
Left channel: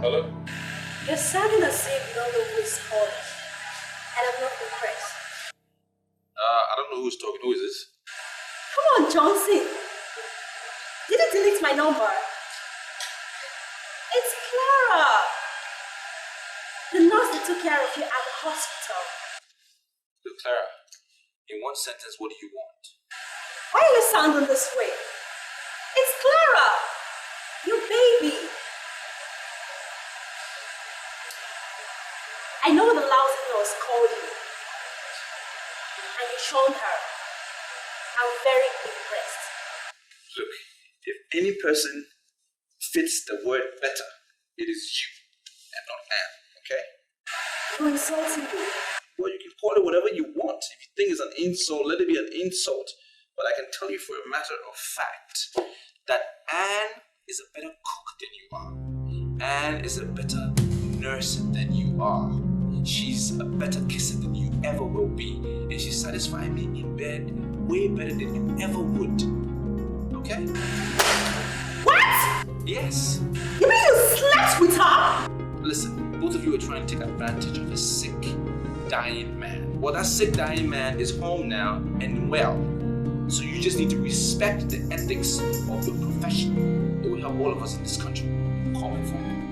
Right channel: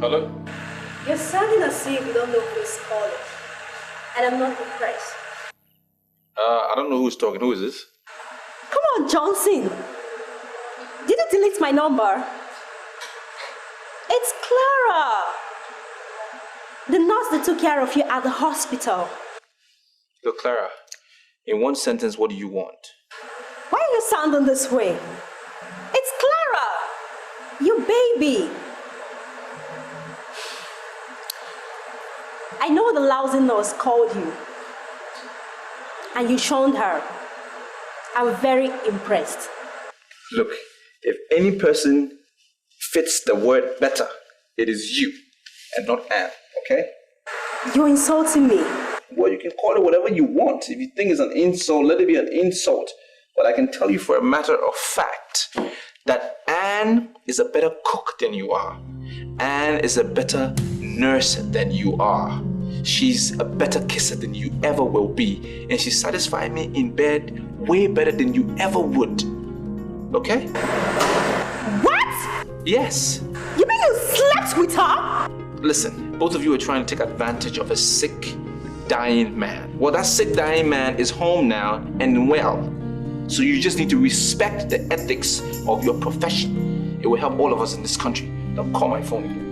Hello? You're sounding as if you don't know who is calling. And I'm not impressed. I don't know who's talking. Who is this? Come on, Johnson. Did you delete my number? It's Clara. The nurse that took care of you at the hospital. Look, Clara, in one sentence, what do you want? Why are you sounding this way? It's Clara. You baby. I know the lousy nurse called you. And you shunned her. I'm very impressed. Look, if any person fits the word better, it is you and not Anne, okay? You're insulting me. Well, you can call it whatever you want. If you think it's an insult, let it be an insult. But I can tell you for a matter of fact that Anne is a better cook than you are. Anne is a better nurse than you are. She's a better kisser than you ever will be. And she satisfied me in bed way better than you ever would. Okay? What? Yes. You mean you slept with her? Listen, both of you are trying to take advantage of a sick, dying man. Well, that sick, dying man is home now and well. So you just need to respect the ethics of your profession. It will help all of us in this country. Don't call my phone.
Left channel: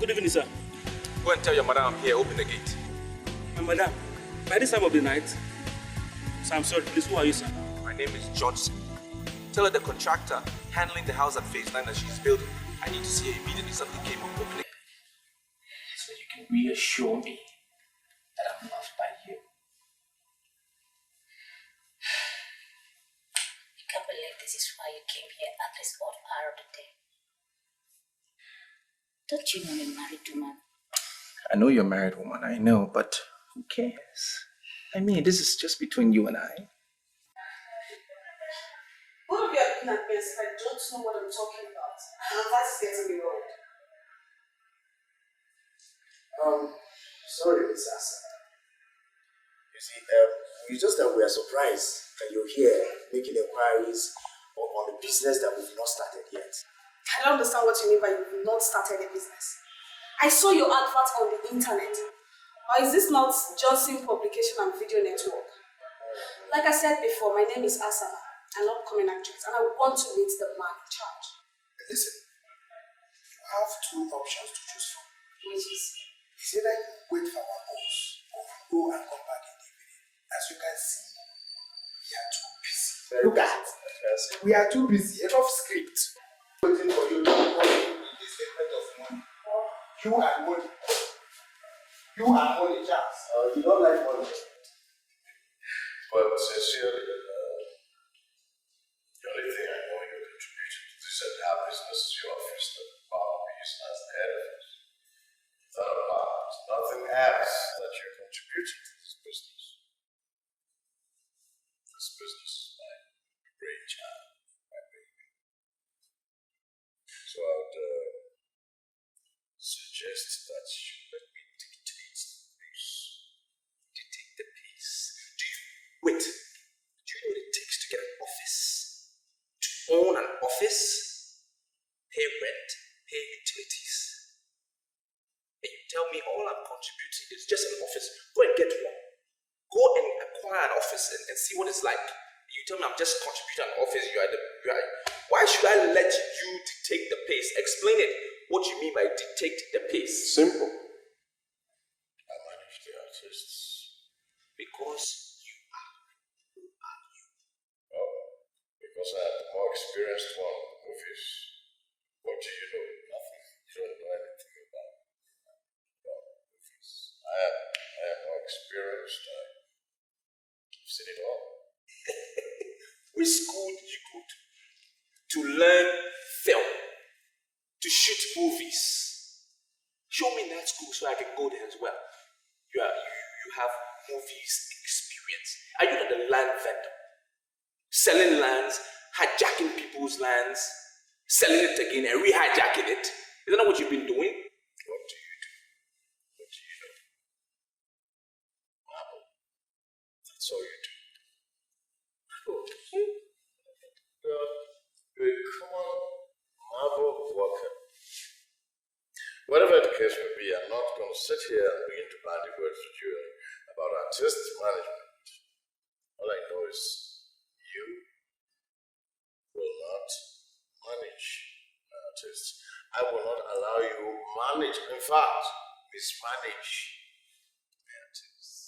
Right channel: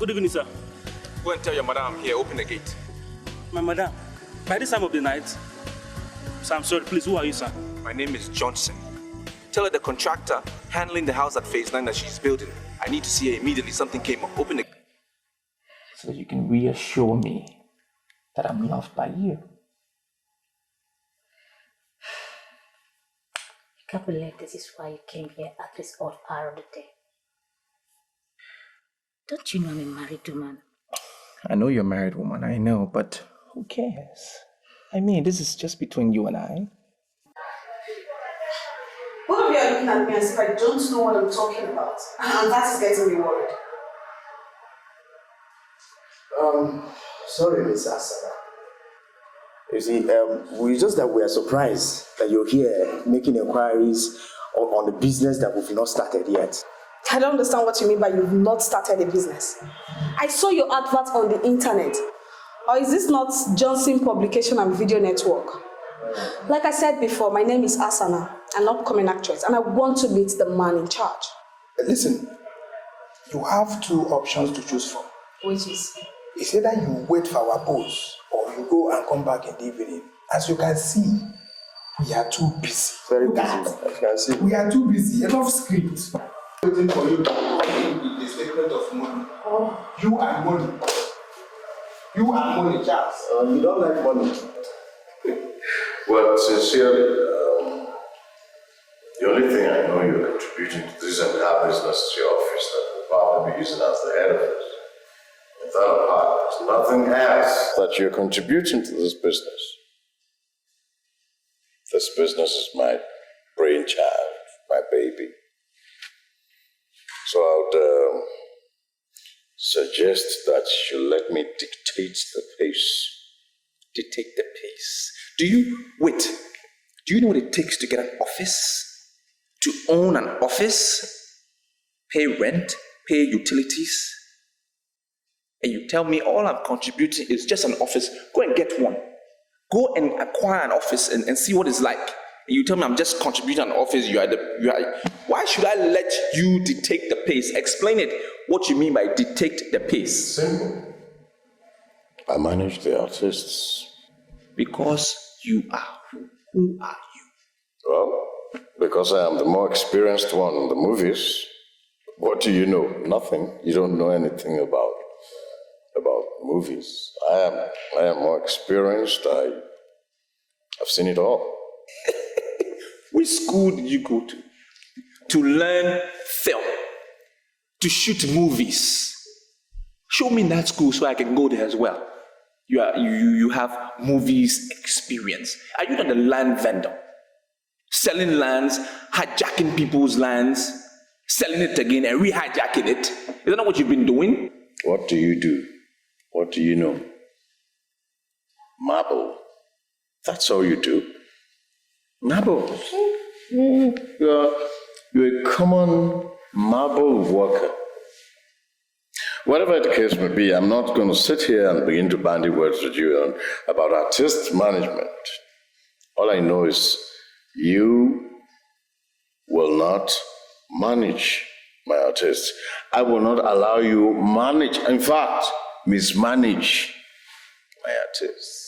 Good evening, sir. Go and tell your madam I'm here. Open the gate. My madam, by this time of the night, sir, I'm sorry, please, who are you, sir? My name is Johnson. Tell her the contractor handling the house at Phase 9 that she's building. I need to see her immediately. Something came up. Open the gate. So that you can reassure me that I'm loved by you. I can't believe this is why you came here at this odd hour of the day. Don't you know I'm a married woman? I know you're a married woman, I know, but who cares? I mean, this is just between you and I. Both of you are looking at me as if I don't know what I'm talking about. And that is getting me worried. Sorry, Miss Asada. You see, we just that we are surprised that you're here making inquiries on the business that we've not started yet. I don't understand what you mean by you've not started a business. I saw your advert on the internet. Or is this not Johnson Publication and Video Network? Like I said before, my name is Asana, an upcoming actress, and I want to meet the man in charge. Listen, you have two options to choose from. Which is? It's either you wait for our boss or you go and come back in the evening. As you can see, we are too busy. Very Look busy, at, as you can see. we are too busy. Enough script. Waiting for you to give the statement of money. Oh. You and money. You and money, Charles. You don't like money. Well, sincerely, the only thing I know you're contributing to this entire business is your office that will probably be using as the head of it. With that apart, there's nothing else that you're contributing to this business. This business is my brainchild, my baby. So I would suggest that you let me dictate the pace. Dictate the pace. Do you know what it takes to get an office? To own an office? Pay rent? Pay utilities? And you tell me all I'm contributing is just an office. Go and get one. Go and acquire an office and see what it's like. And you tell me I'm just contributing an office. Why should I let you dictate the pace? Explain it. What you mean by dictate the pace? Simple. I manage the artists. Because you are who are you? Well, because I am the more experienced one in the movies. What do you know? Nothing. You don't know anything about movies. I am more experienced. I've seen it all. Which school did you go to? To learn film? To shoot movies? Show me that school so I can go there as well. You have movies experience. Are you not a land vendor? Selling lands, hijacking people's lands, selling it again and re-hijacking it? Is that not what you've been doing? What do you do? What do you know? Marble. That's all you do. Marble. You're a common marble worker. Whatever the case may be, I'm not going to sit here and begin to bandy words with you about artist management. All I know is you will not manage my artists. I will not allow you manage, in fact, mismanage my artists.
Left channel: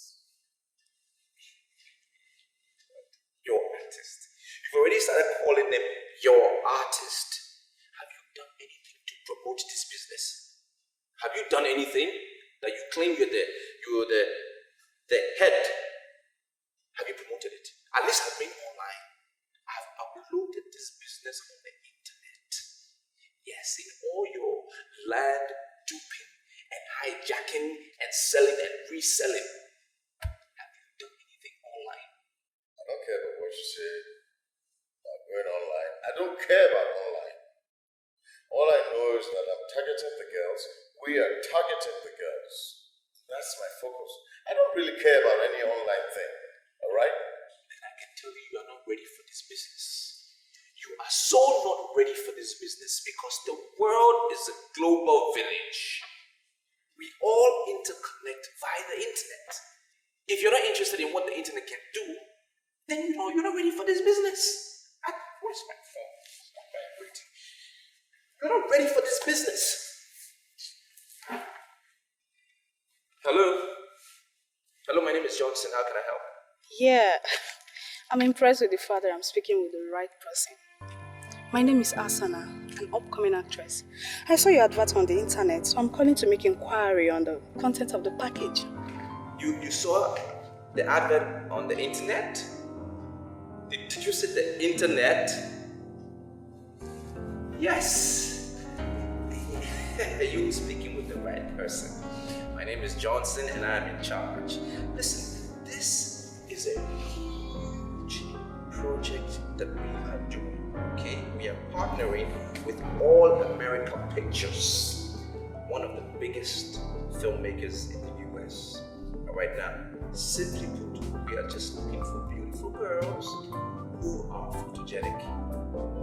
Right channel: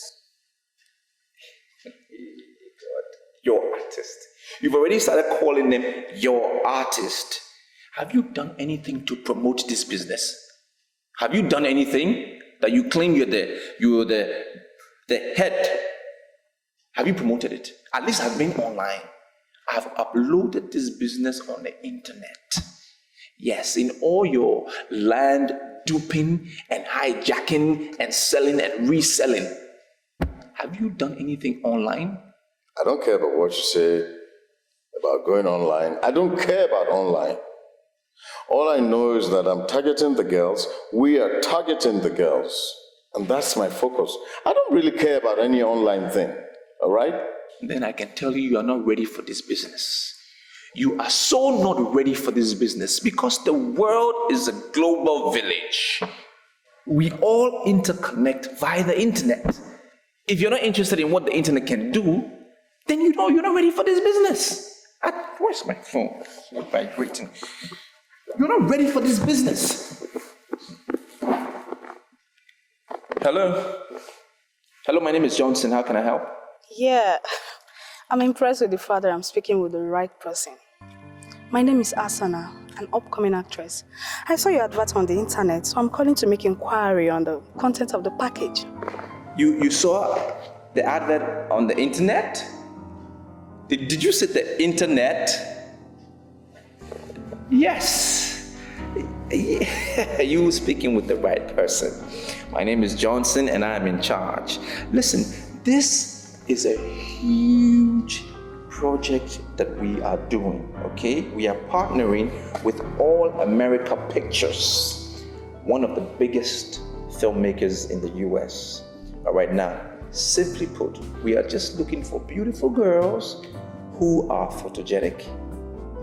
Your artist. You've already started calling them your artist. Have you done anything to promote this business? Have you done anything that you claim you're the head? Have you promoted it? At least I've been online. I've uploaded this business on the internet. Yes, in all your land duping and hijacking and selling and reselling. Have you done anything online? I don't care about what you say about going online. I don't care about online. All I know is that I'm targeting the girls. We are targeting the girls. And that's my focus. I don't really care about any online thing. All right? Then I can tell you are not ready for this business. You are so not ready for this business because the world is a global village. We all interconnect via the internet. If you're not interested in what the internet can do, then you know you're not ready for this business. Where's my phone? It's vibrating. You're not ready for this business. Hello? Hello, my name is Johnson. How can I help? Yeah, I'm impressed with the fact that I'm speaking with the right person. My name is Asana, an upcoming actress. I saw your advert on the internet, so I'm calling to make inquiry on the content of the package. You saw the advert on the internet? Did you say the internet? Yes. You were speaking with the right person. My name is Johnson and I am in charge. Listen, this is a huge project that we are doing, okay? We are partnering with All America Pictures, one of the biggest filmmakers in the US. But right now, simply put, we are just looking for beautiful girls who are photogenic.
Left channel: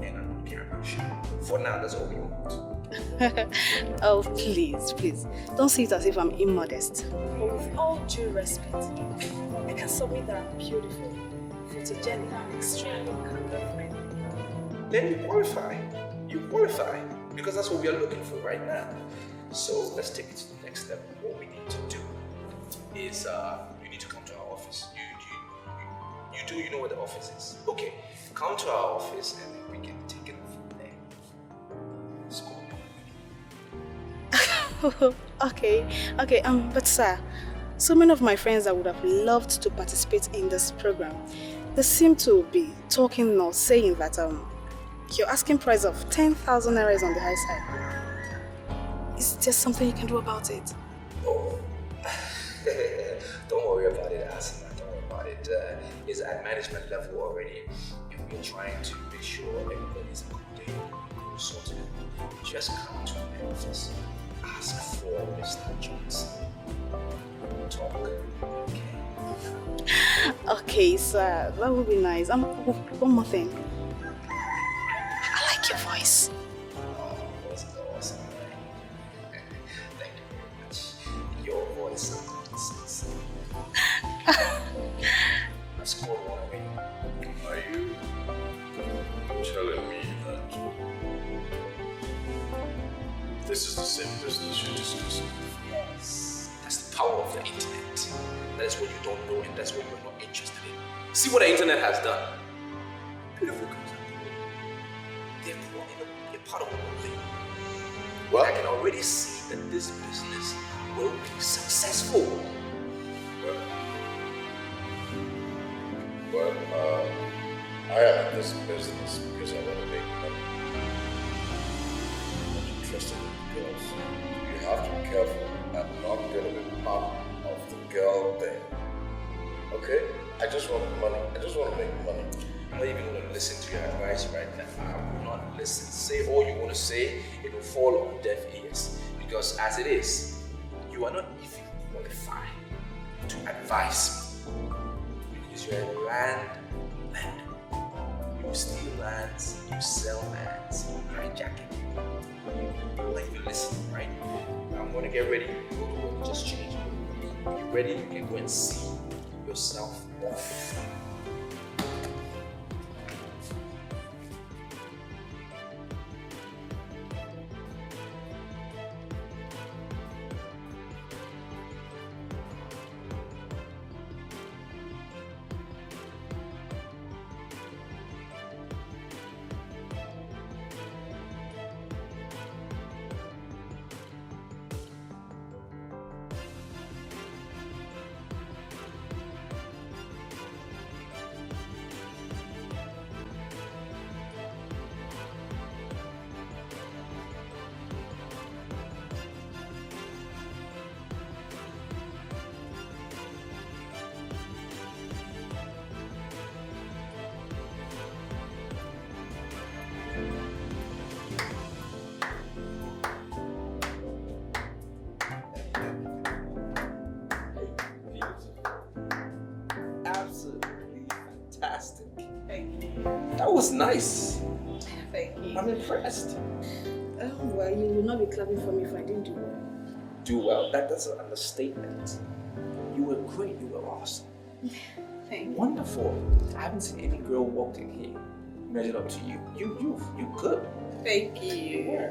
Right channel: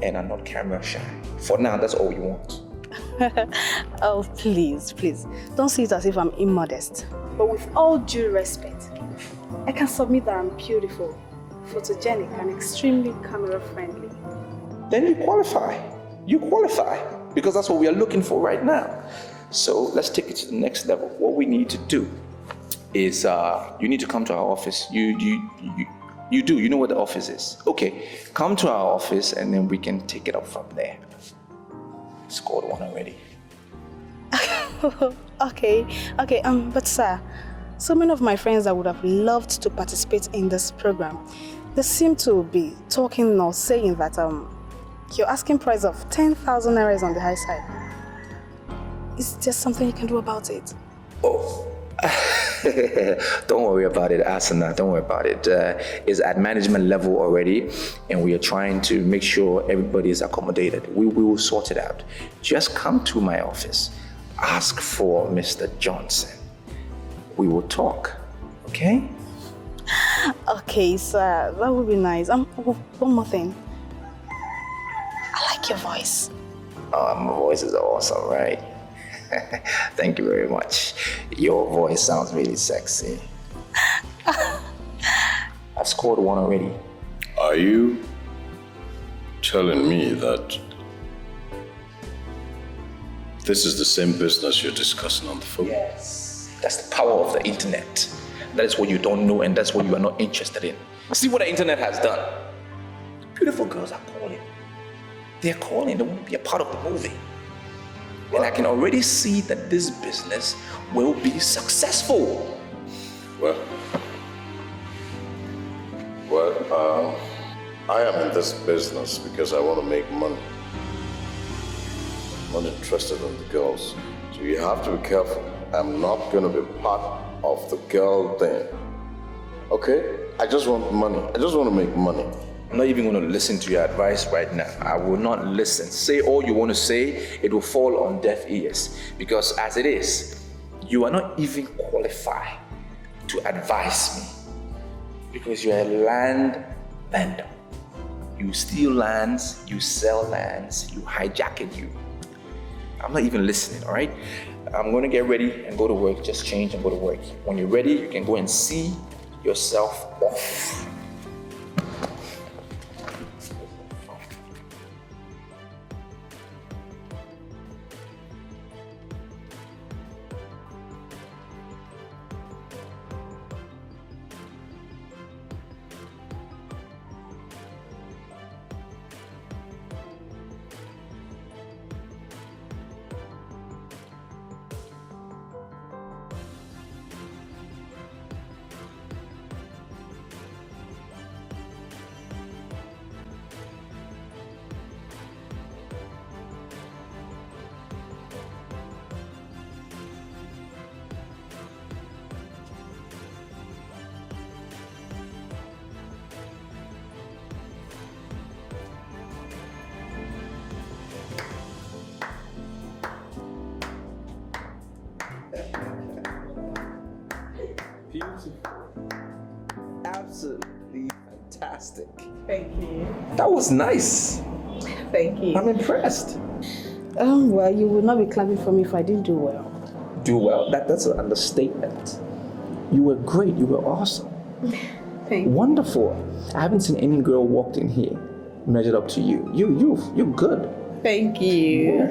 and are not camera shy. For now, that's all you want. Oh, please, please. Don't see it as if I'm immodest. But with all due respect, I can submit that I'm beautiful, photogenic, and extremely camera-friendly. Then you qualify. You qualify. Because that's what we are looking for right now. So let's take it to the next level. What we need to do is you need to come to our office. You know where the office is. Okay, come to our office and then we can take it up from there. Scored one already. Okay, but sir, so many of my friends that would have loved to participate in this program, they seem to be talking or saying that your asking price of 10,000 naira is on the high side. Is there something you can do about it? Oh, don't worry about it, Asana. Don't worry about it. It's at management level already, and we are trying to make sure everybody is accommodated. We will sort it out. Just come to my office. Ask for Mr. Johnson. We will talk, okay? Okay, sir, that would be nice. One more thing. I like your voice. My voice is awesome, right? Thank you very much. Your voice sounds really sexy. I've scored one already. Are you telling me that this is the same business you're discussing on the phone? Yes. That's the power of the internet. That is what you don't know, and that's what you are not interested in. See what the internet has done. Beautiful girls are calling. They're calling. They want to be a part of the movie. And I can already see that this business will be successful. I am in this business because I want to make money. I'm not interested in the girls. So you have to be careful. I'm not going to be part of the girl thing. Okay? I just want money. I just want to make money. I'm not even going to listen to your advice right now. I will not listen. Say all you want to say, it will fall on deaf ears. Because as it is, you are not even qualified to advise me. Because you're a land vendor. You steal lands, you sell lands, you hijack it, I'm not even listening, all right? I'm going to get ready and go to work. Just change and go to work. When you're ready, you can go and see yourself off. Absolutely fantastic. Thank you. That was nice. Thank you. I'm impressed. Well, you would not be clapping for me if I didn't do well. Do well? That's an understatement. You were great. You were awesome. Thank you. Wonderful. I haven't seen any girl walked in here measured up to you. You're good. Thank you.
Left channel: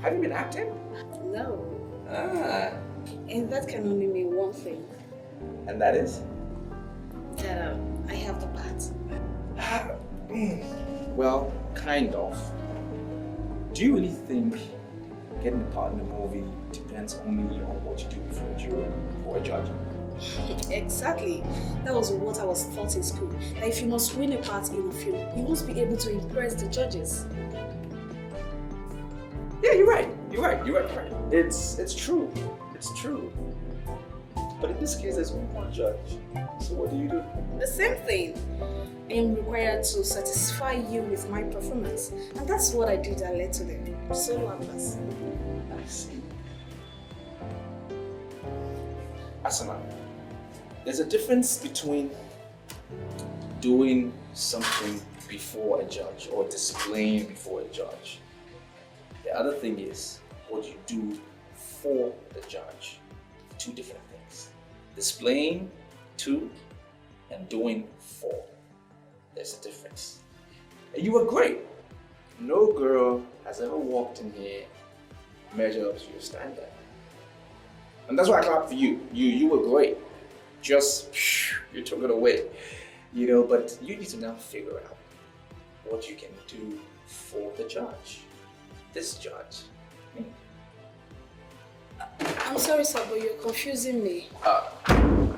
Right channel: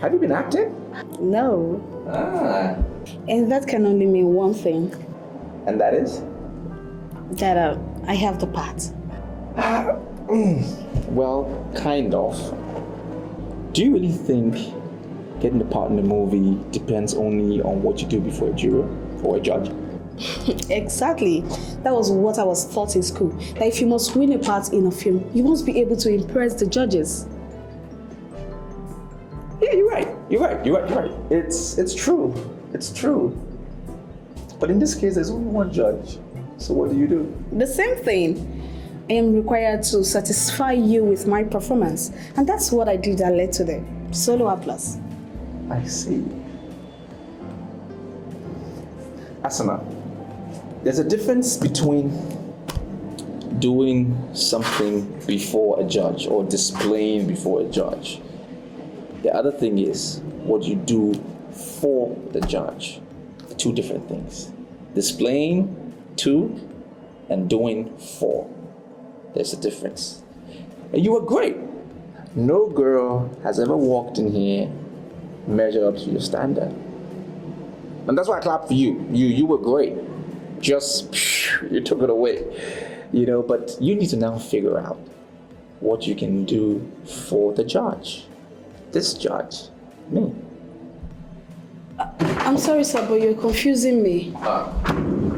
Have you been acting? No. Ah. And that can only mean one thing. And that is? That I have the part. Well, kind of. Do you really think getting the part in the movie depends only on what you do before a jury or a judge? Exactly. That was what I was taught in school. That if you must win a part in a film, you must be able to impress the judges. Yeah, you're right. It's true. It's true. But in this case, there's only one judge. So what do? The same thing. I am required to satisfy you with my performance. And that's what I did that led to the solo applause. I see. Asana, there's a difference between doing something before a judge or displaying before a judge. The other thing is what you do for the judge. Two different things. Displaying to and doing for. There's a difference. And you were great. No girl has ever walked in here measured up to your standard. And that's why I clapped for you. You were great. Just, you took it away. You know, but you need to now figure out what you can do for the judge. This judge, me. I'm sorry, sir, but you're confusing me.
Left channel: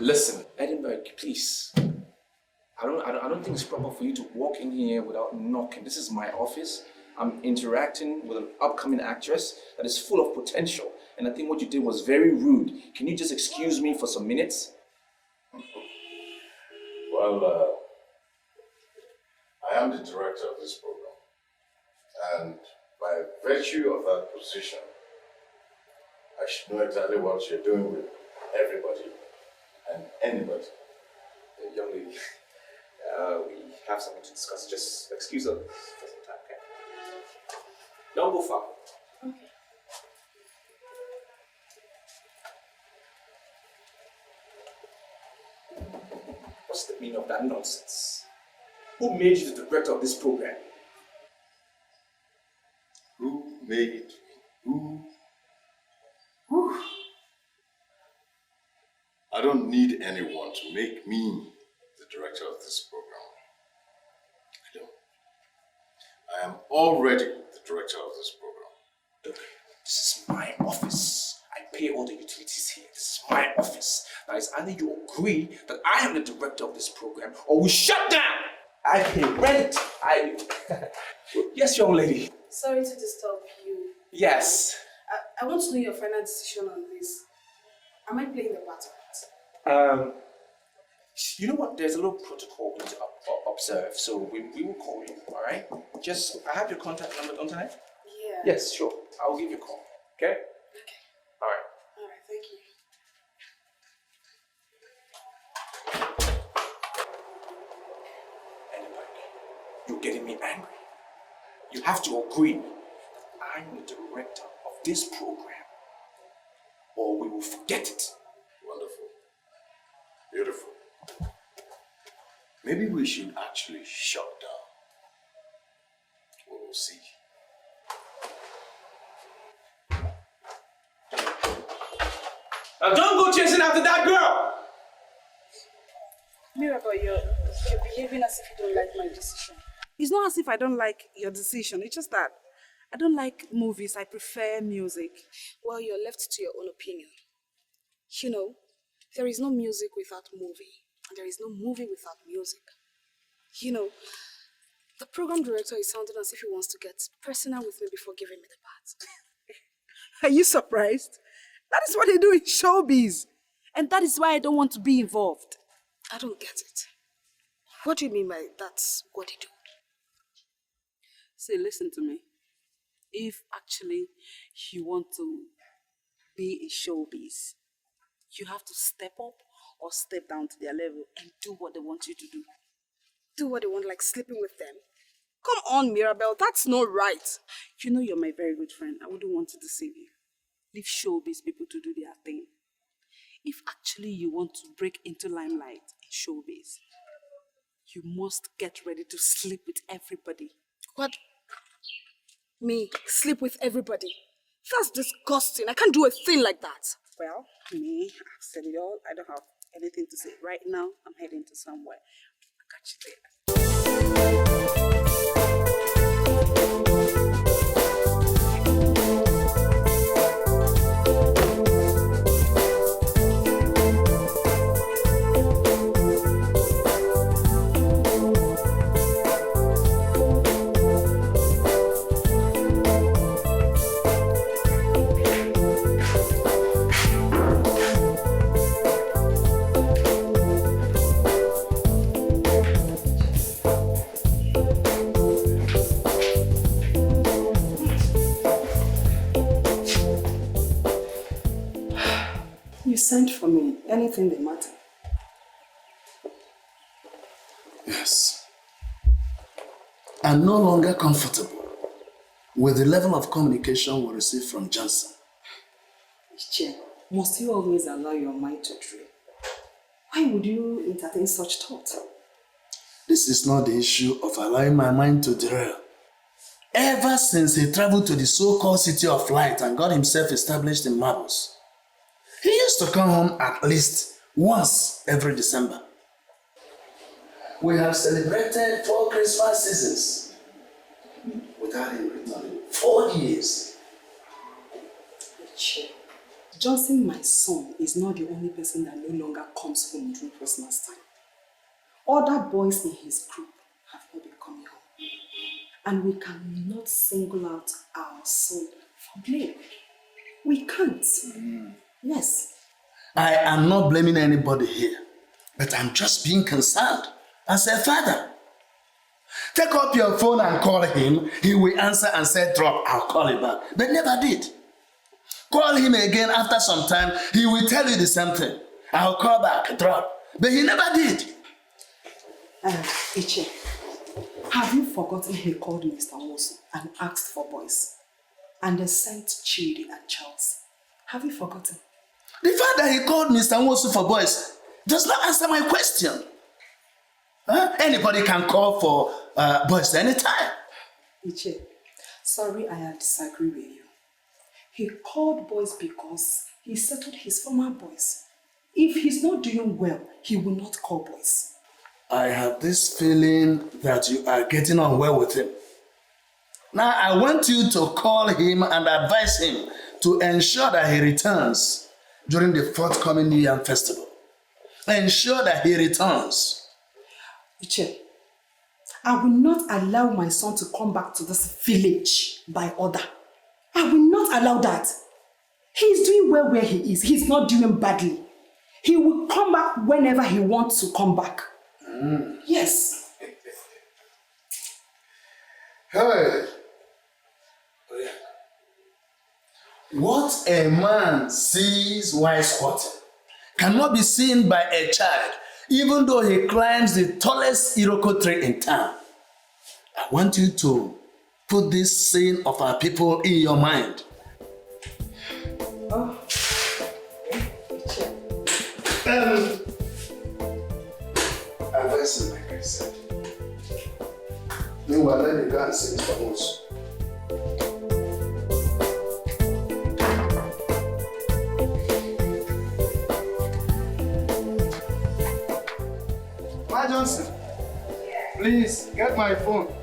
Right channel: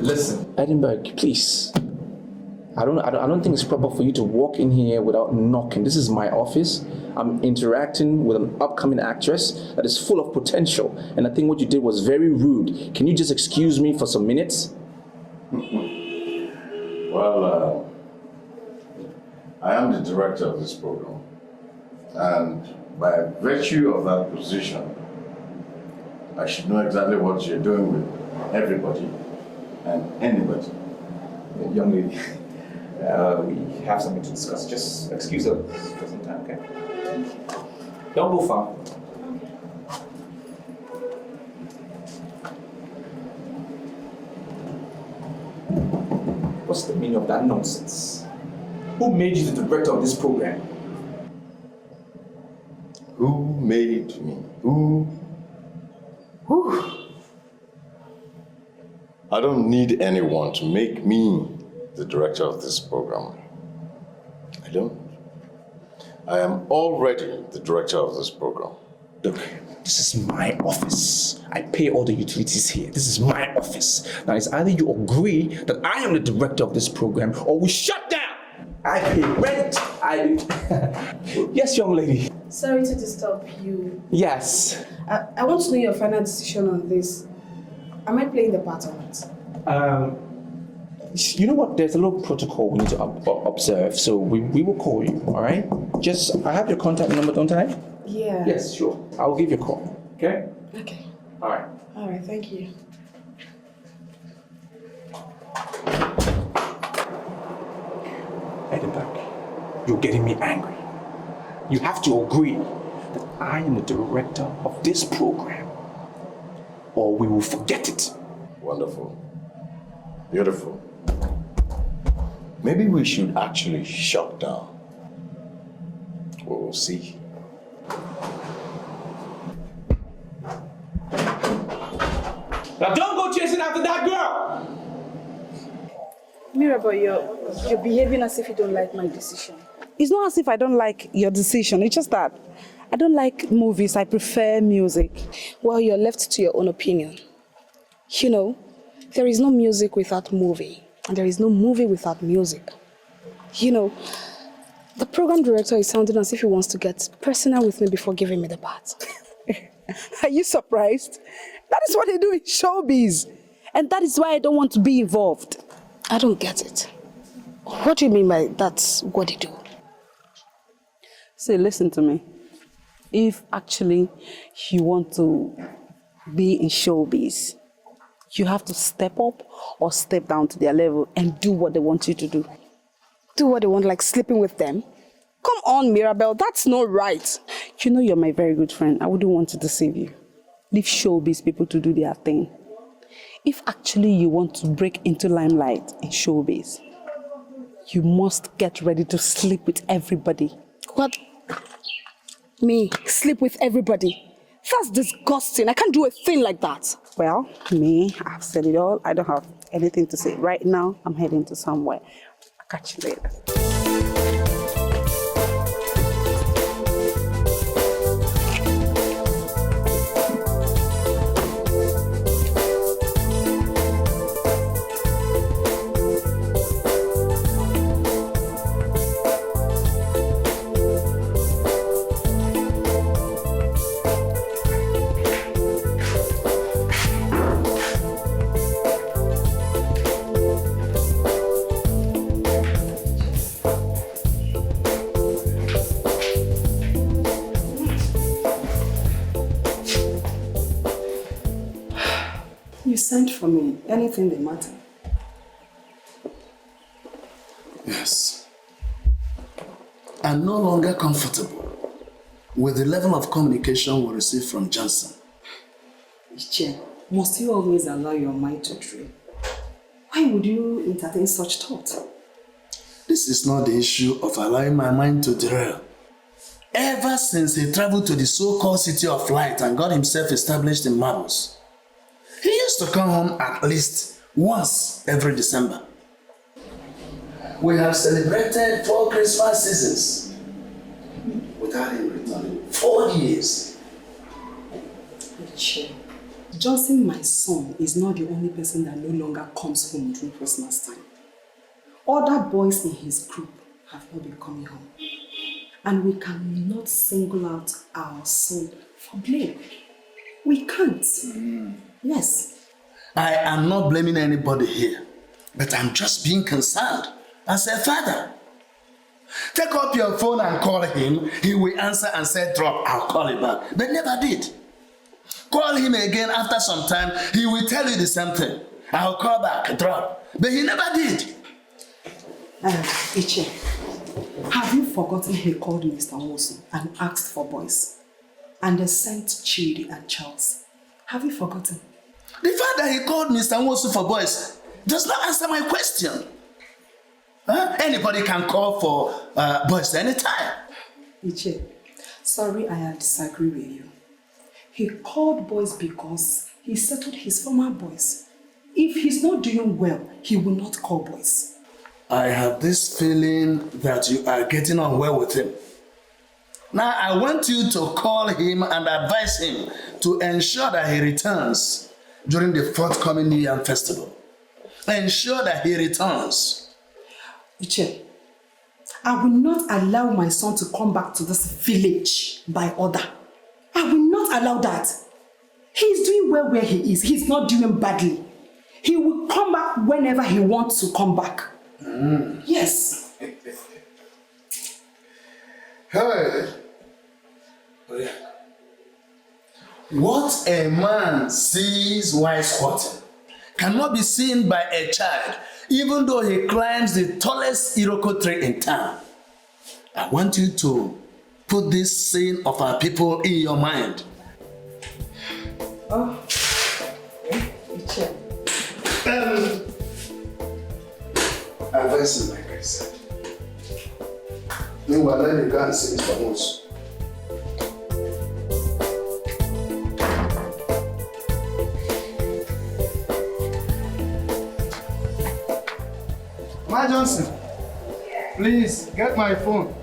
Listen, Edinburgh, please. I don't think it's proper for you to walk in here without knocking. This is my office. I'm interacting with an upcoming actress that is full of potential. And I think what you did was very rude. Can you just excuse me for some minutes? Well, I am the director of this program. And by virtue of that position, I should know exactly what you're doing with everybody and anybody. Young lady, we have something to discuss. Just excuse us for some time, okay? Don't go far. What's the meaning of that nonsense? Who made you the director of this program? Who made me? Who? I don't need anyone to make me the director of this program. I don't. I am already the director of this program. Look, this is my office. I pay all the utilities here. This is my office. Now it's either you agree that I am the director of this program or we shut down. I pay rent. Yes, young lady. Sorry to disturb you. Yes. I want to know your final decision on this. Am I playing the part or not? You know what? There's a little protocol we need to observe, so we will call you, all right? Just, I have your contact number, don't I? Yeah. Yes, sure. I will give you a call, okay? Okay. All right. All right, thank you. Edinburgh, you're getting me angry. You have to agree that I am the director of this program, or we will forget it. Wonderful. Beautiful. Maybe we should actually shut down. We'll see. Now don't go chasing after that girl! Mirabel, you're behaving as if you don't like my decision. It's not as if I don't like your decision. It's just that I don't like movies. I prefer music. Well, you're left to your own opinion. You know, there is no music without movie, and there is no movie without music. You know, the program director is sounding as if he wants to get personal with me before giving me the part. Are you surprised? That is what they do in showbiz. And that is why I don't want to be involved. I don't get it. What do you mean by that's what they do? See, listen to me. If actually you want to be in showbiz, you have to step up or step down to their level and do what they want you to do. Do what they want, like sleeping with them? Come on, Mirabel, that's not right. You know you're my very good friend. I wouldn't want to deceive you. Leave showbiz people to do their thing. If actually you want to break into limelight in showbiz, you must get ready to sleep with everybody. What? Me? Sleep with everybody? That's disgusting. I can't do a thing like that. Well, me, I've said it all. I don't have anything to say. Right now, I'm heading to somewhere. I'll catch you later. You sent for me. Anything that matter. Yes. I'm no longer comfortable with the level of communication we receive from Johnson. Iche, must you always allow your mind to dream? Why would you entertain such thoughts? This is not the issue of allowing my mind to derail. Ever since he traveled to the so-called City of Light and got himself established in Marbles, he used to come home at least once every December. We have celebrated 4 Christmas seasons without him returning. 4 years. Iche, Johnson, my son, is not the only person that no longer comes home during Christmas time. Other boys in his group have not been coming home. And we cannot single out our son for blame. We can't. Yes. I am not blaming anybody here, but I'm just being concerned as a father. Take up your phone and call him. He will answer and say, drop, I'll call you back. But never did. Call him again after some time, he will tell you the same thing. I'll call back, drop. But he never did. Iche, have you forgotten he called Mr. Wilson and asked for boys? And they sent Chidi and Charles. Have you forgotten? The fact that he called Mr. Wilson for boys does not answer my question. Anybody can call for boys anytime. Iche, sorry I disagree with you. He called boys because he settled his former boys. If he's not doing well, he will not call boys. I have this feeling that you are getting on well with him. Now I want you to call him and advise him to ensure that he returns during the forthcoming New Year festival. Ensure that he returns. Iche, I will not allow my son to come back to this village by order. I will not allow that. He is doing well where he is. He's not doing badly. He will come back whenever he wants to come back. Yes. Hey. What a man sees while squatting cannot be seen by a child, even though he climbs the tallest Iroko tree in town. I want you to put this saying of our people in your mind. Oh. Advice like I said. Meanwhile, let me go and see Mr. Moose. Ma Johnson, please get my phone.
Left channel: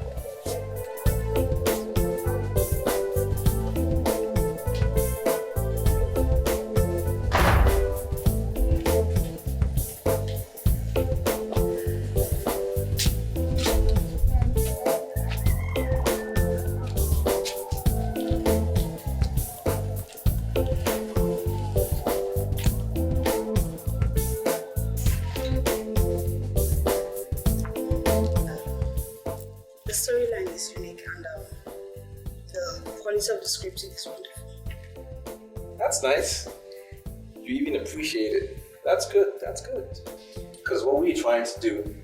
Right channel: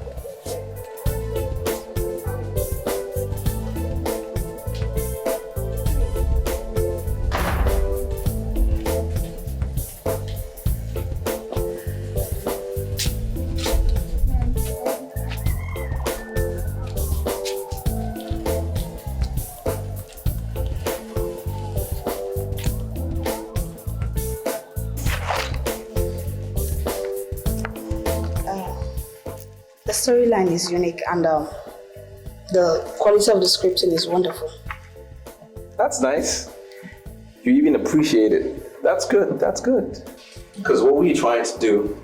The storyline is unique and the quality of the scripting is wonderful. That's nice. You even appreciate it. That's good. That's good. Because what we're trying to do,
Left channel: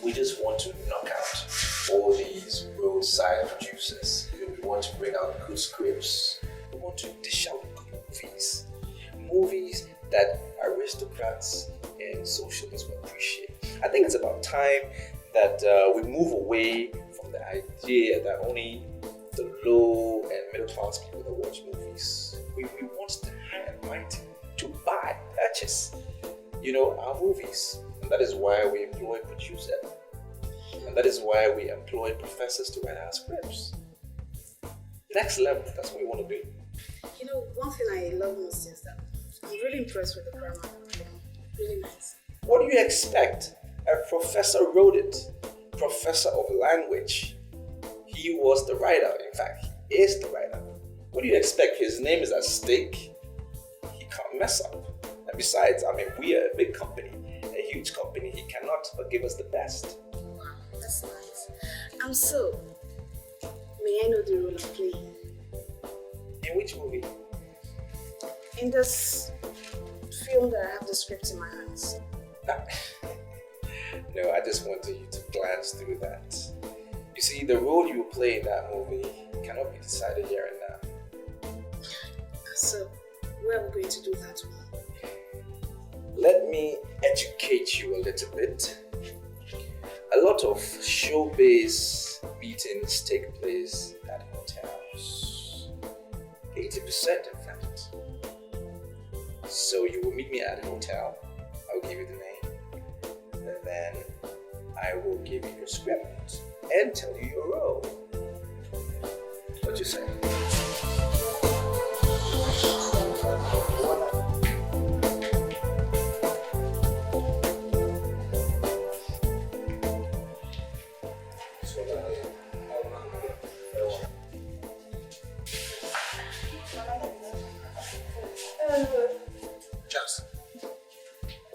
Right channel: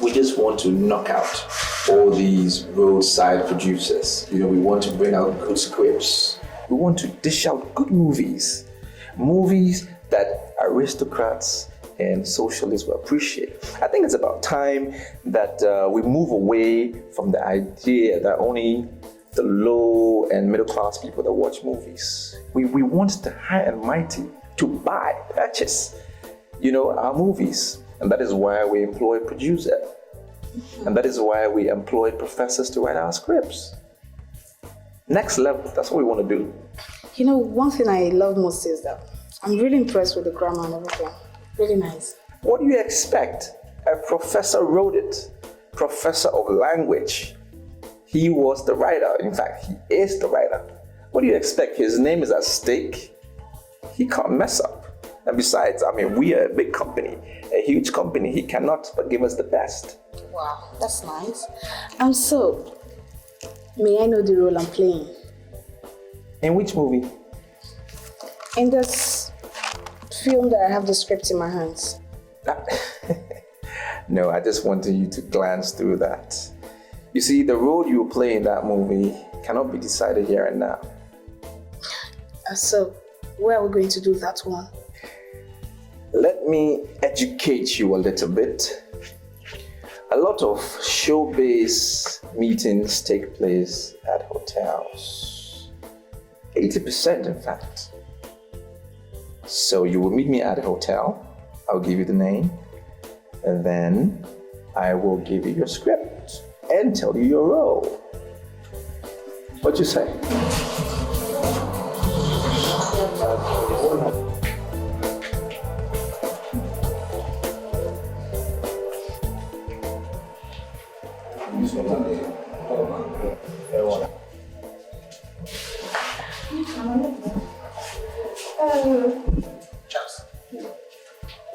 we just want to knock out all these roadside producers. You know, we want to bring out good scripts. We want to dish out good movies. Movies that aristocrats and socialists will appreciate. I think it's about time that we move away from the idea that only the low and middle class people that watch movies. We want the high and mighty to purchase, our movies. And that is why we employ producers. And that is why we employ professors to write our scripts. Next level, that's what we want to do. One thing I love most is that I'm really impressed with the grammar and everything. Really nice. What do you expect? A professor wrote it. Professor of language. He was the writer. In fact, he is the writer. What do you expect? His name is at stake. He can't mess up. And besides, we are a big company, a huge company. He cannot but give us the best. Wow, that's nice. So, may I know the role I'm playing? In which movie? In this film that I have the script in my hands. No, I just wanted you to glance through that. You see, the role you play in that movie cannot be decided here and now. So, where are we going to do that one? Let me educate you a little bit. A lot of showbiz meetings take place at hotels. 80%, in fact. So you will meet me at a hotel. I'll give you the name. And then I will give you your script and tell you your role. What you say? Charles,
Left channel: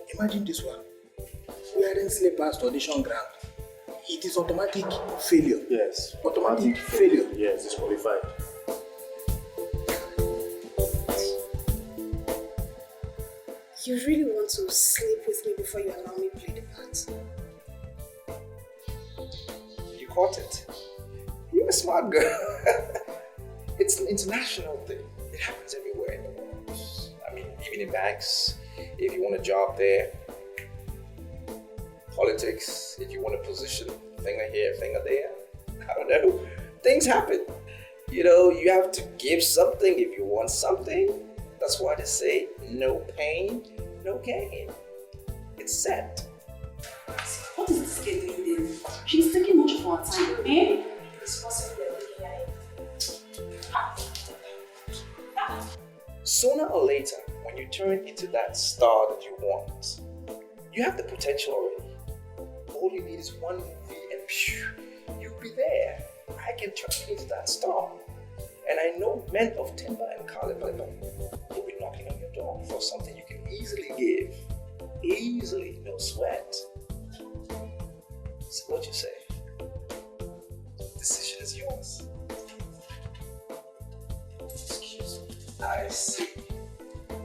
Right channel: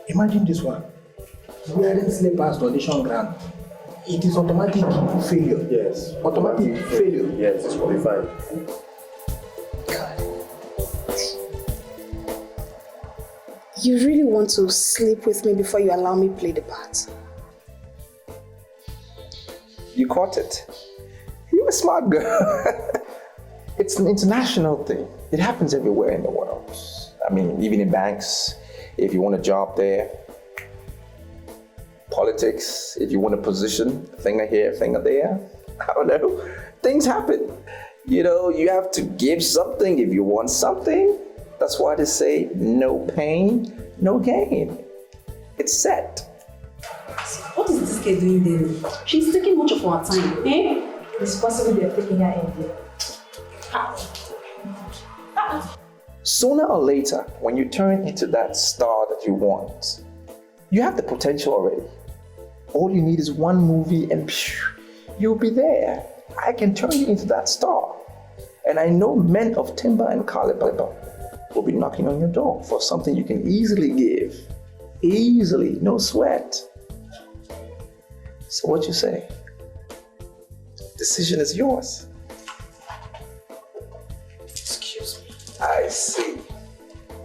imagine this one. Wearing slippers to audition ground. It is automatic failure. Yes. Automatic failure. Yes, it's qualified. You really want to sleep with me before you allow me play the part? You caught it. You're a smart girl. It's an international thing. It happens everywhere in the world. I mean, even in banks, if you want a job there, politics, if you want a position, finger here, finger there, I don't know, things happen. You know, you have to give something if you want something. That's why they say no pain, no gain. It's set. What is this girl doing there? She's taking much of our time. Eh? It's possible they're taking her in there. Sooner or later, when you turn into that star that you want, you have the potential already. All you need is one movie and you'll be there. I can turn you into that star. And I know men of timber and caliber will be knocking on your door for something you can easily give. Easily, no sweat. So what you say? Decision is yours. Excuse me. I see.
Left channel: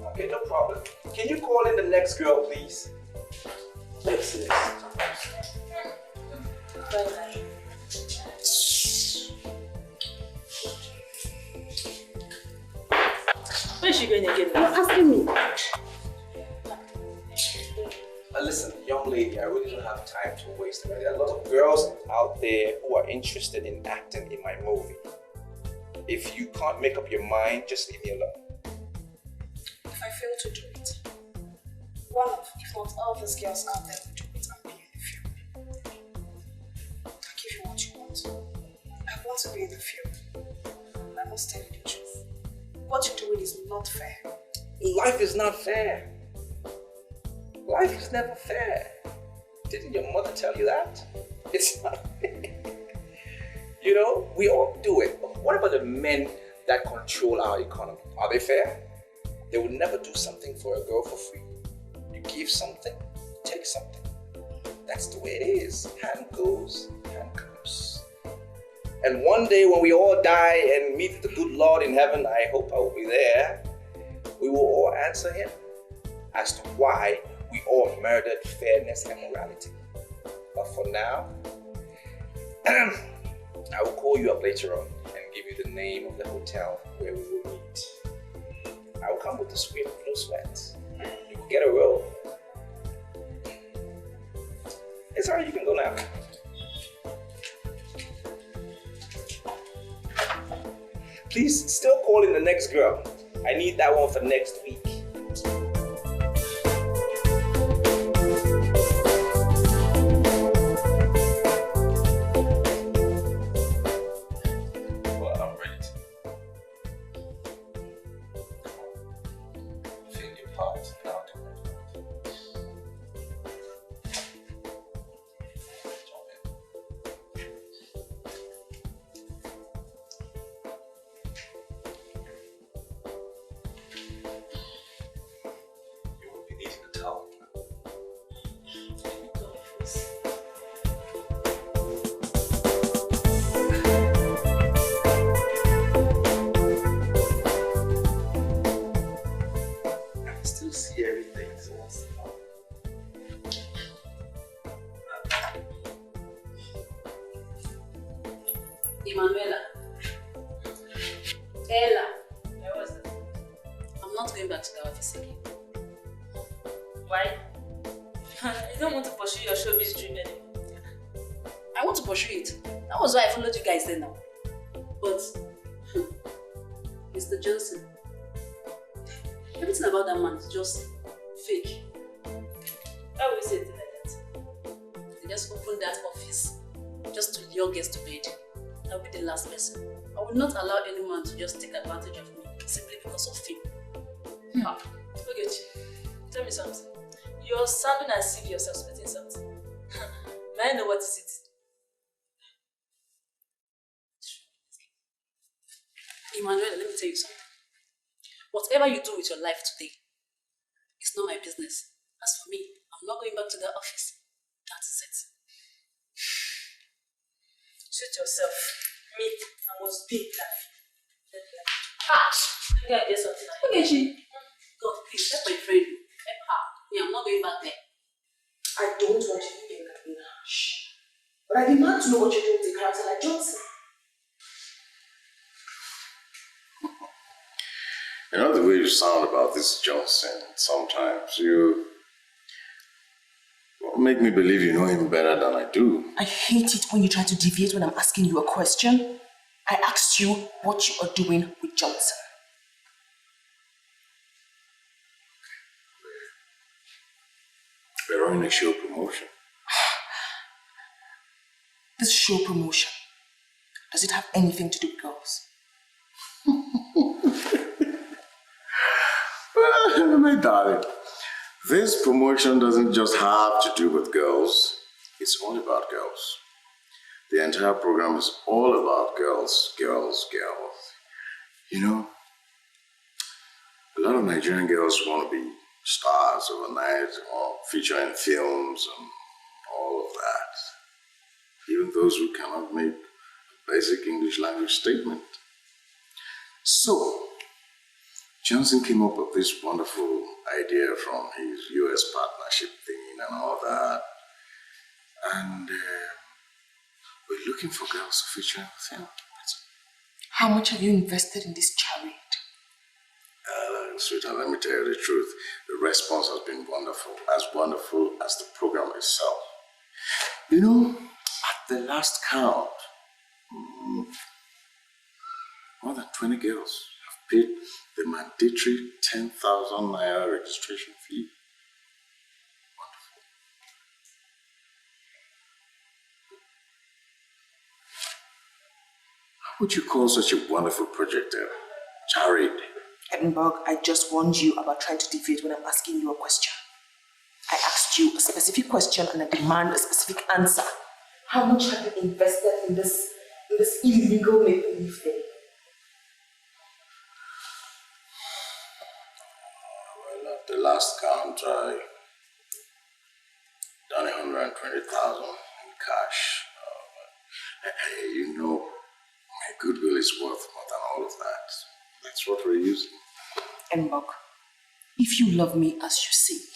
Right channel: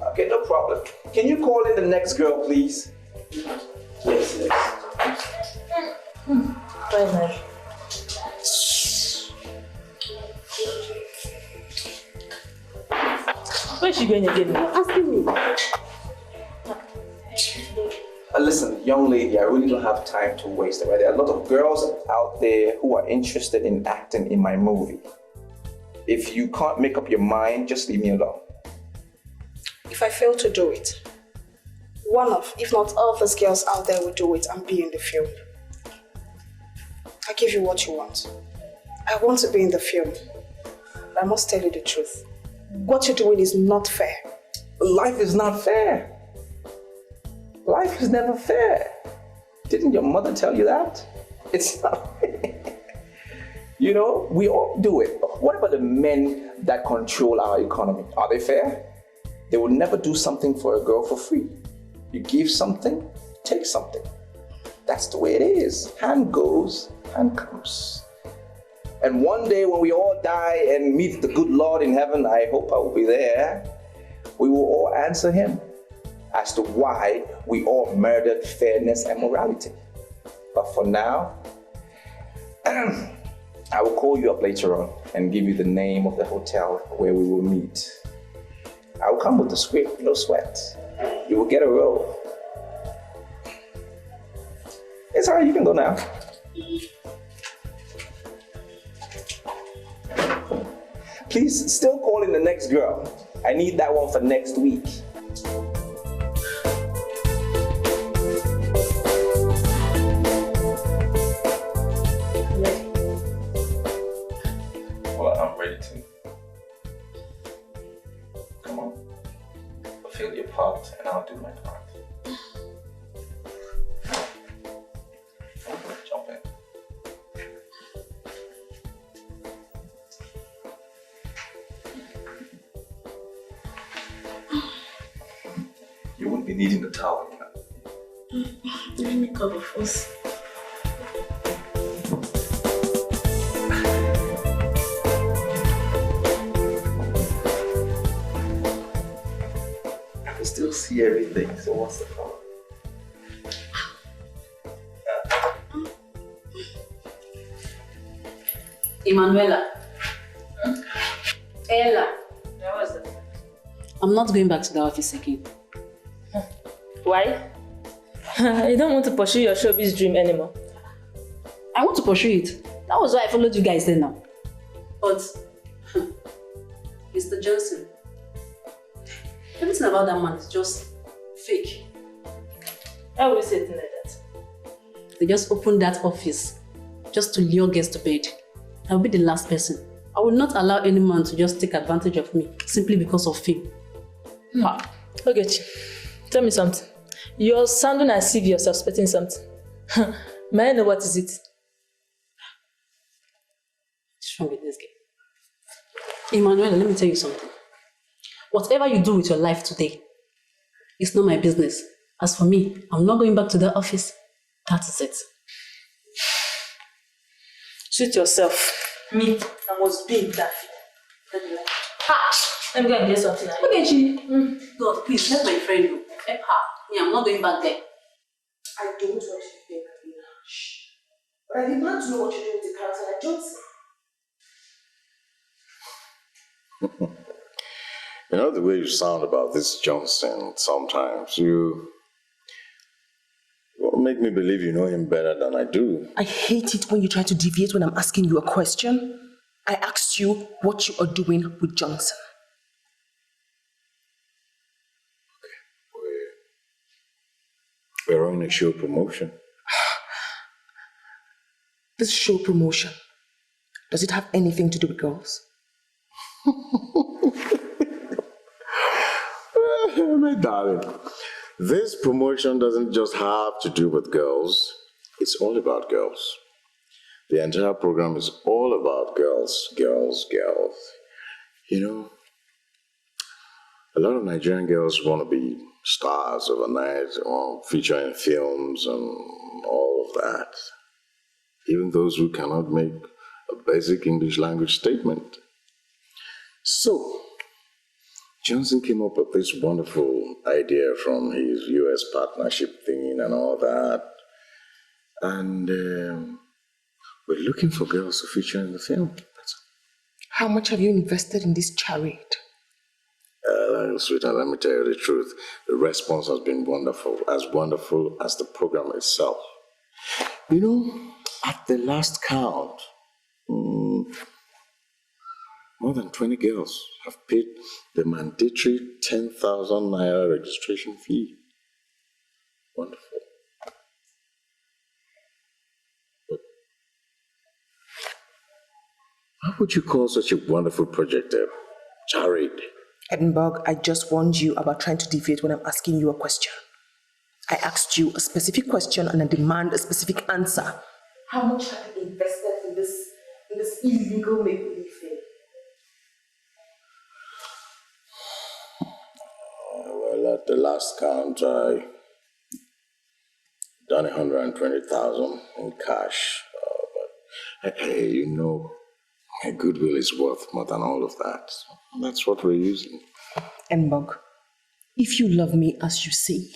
Okay, no problem. Can you call in the next girl, please? Yes, yes. Bye-bye. Where is she going again? You're asking me. Listen, young lady, I really don't have time to waste. Right? There are a lot of girls out there who are interested in acting in my movie. If you can't make up your mind, just leave me alone. If I fail to do it, one of, if not all of these girls out there will do it and be in the film. I give you what you want. I want to be in the film. But I must tell you the truth. What you're doing is not fair. Life is not fair. Life is never fair. Didn't your mother tell you that? It's not fair. You know, we all do it. What about the men that control our economy? Are they fair? They will never do something for a girl for free. You give something, take something. That's the way it is. Hand goes, hand comes. And one day when we all die and meet the good Lord in heaven, I hope I will be there, we will all answer him as to why we all murdered fairness and morality. But for now, I will call you up later on and give you the name of the hotel where we will meet. I will come with the script, no sweat. You will get a role. It's alright, you can go now. Please still call in the next girl. I need that one for next week. Well, I'm ready to. Come on. Fulfill your part and I'll do my part. Jump in. You won't be needing the towel, you know. Let me cover first. I can still see everything, so what's the problem? Emanuela. Ella. I'm not going back to the office again. Why? You don't want to pursue your showbiz dream anymore. I want to pursue it. That was why I followed you guys there now. But, Mr. Johnson, everything about that man is just fake. Why would you say things like that? They just opened that office just to lure guests to bed. I'll be the last person. I will not allow any man to just take advantage of me simply because of fame. Okay, tell me something. You're sounding as if you're suspecting something. May I know what is it? What's wrong with this guy? Emmanuel, let me tell you something. Whatever you do with your life today, it's not my business. As for me, I'm not going back to the office. That is it. Suit yourself. Me, I must be in that field. Let me go and get something. Okay, Chi. God, please, let my friend know. Help her. Me, I'm not going back there. I don't want you to get Karina. Shh. But I demand to know what you're doing with a character like Johnson. You know the way you sound about this Johnson sometimes, you make me believe you know him better than I do. I hate it when you try to deviate when I'm asking you a question. I asked you what you are doing with Johnson. We're running a show promotion. This show promotion, does it have anything to do with girls? My darling, this promotion doesn't just have to do with girls. It's all about girls. The entire program is all about girls, girls, girls. You know, a lot of Nigerian girls want to be stars overnight or feature in films and all of that. Even those who cannot make a basic English language statement. So, Johnson came up with this wonderful idea from his US partnership thing and all that. And we're looking for girls to feature in the film. How much have you invested in this charade? Sweetheart, let me tell you the truth. The response has been wonderful as the program itself. You know, at the last count, more than 20 girls have paid the mandatory 10,000 naira registration fee. Wonderful. But how would you call such a wonderful project a charade? Edinburgh, I just warned you about trying to deviate when I'm asking you a question. I asked you a specific question and I demand a specific answer. How much have you invested in this illegal make-believe thing? Well, at the last count, I done 120,000 in cash. But hey, you know, my goodwill is worth more than all of that. That's what we're using. Edinburgh, if you love me as you say,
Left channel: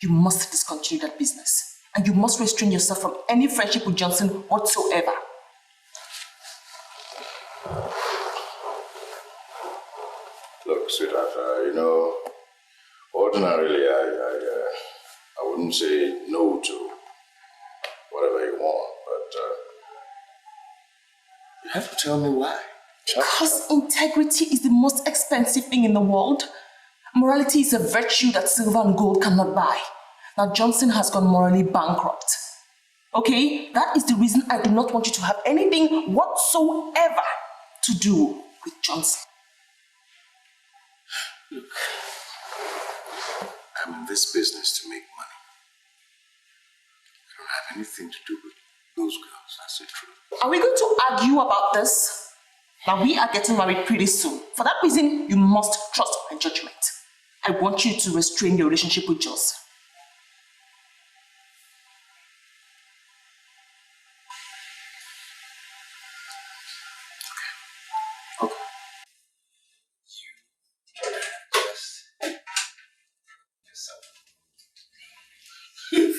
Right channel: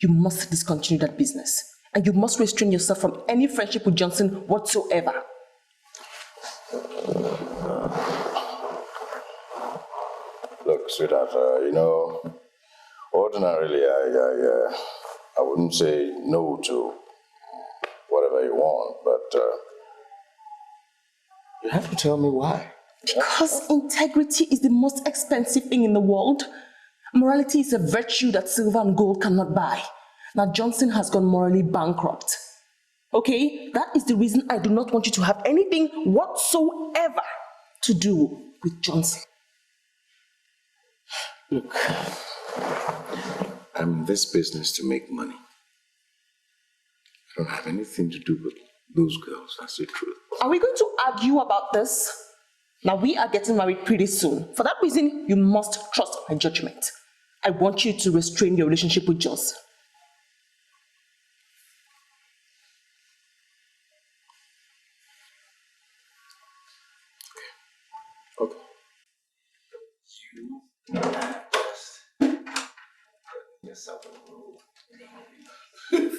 you must discontinue that business. And you must restrain yourself from any friendship with Johnson whatsoever. Look, sweetheart, you know, ordinarily I wouldn't say no to whatever you want, but you have to tell me why. Because integrity is the most expensive thing in the world. Morality is a virtue that silver and gold cannot buy. Now Johnson has gone morally bankrupt. Okay? That is the reason I do not want you to have anything whatsoever to do with Johnson. Look, I'm in this business to make money. I don't have anything to do with those girls, that's the truth. Are we going to argue about this? Now we are getting married pretty soon. For that reason, you must trust my judgment. I want you to restrain your relationship with Johnson. Okay. You just put yourself in the mood.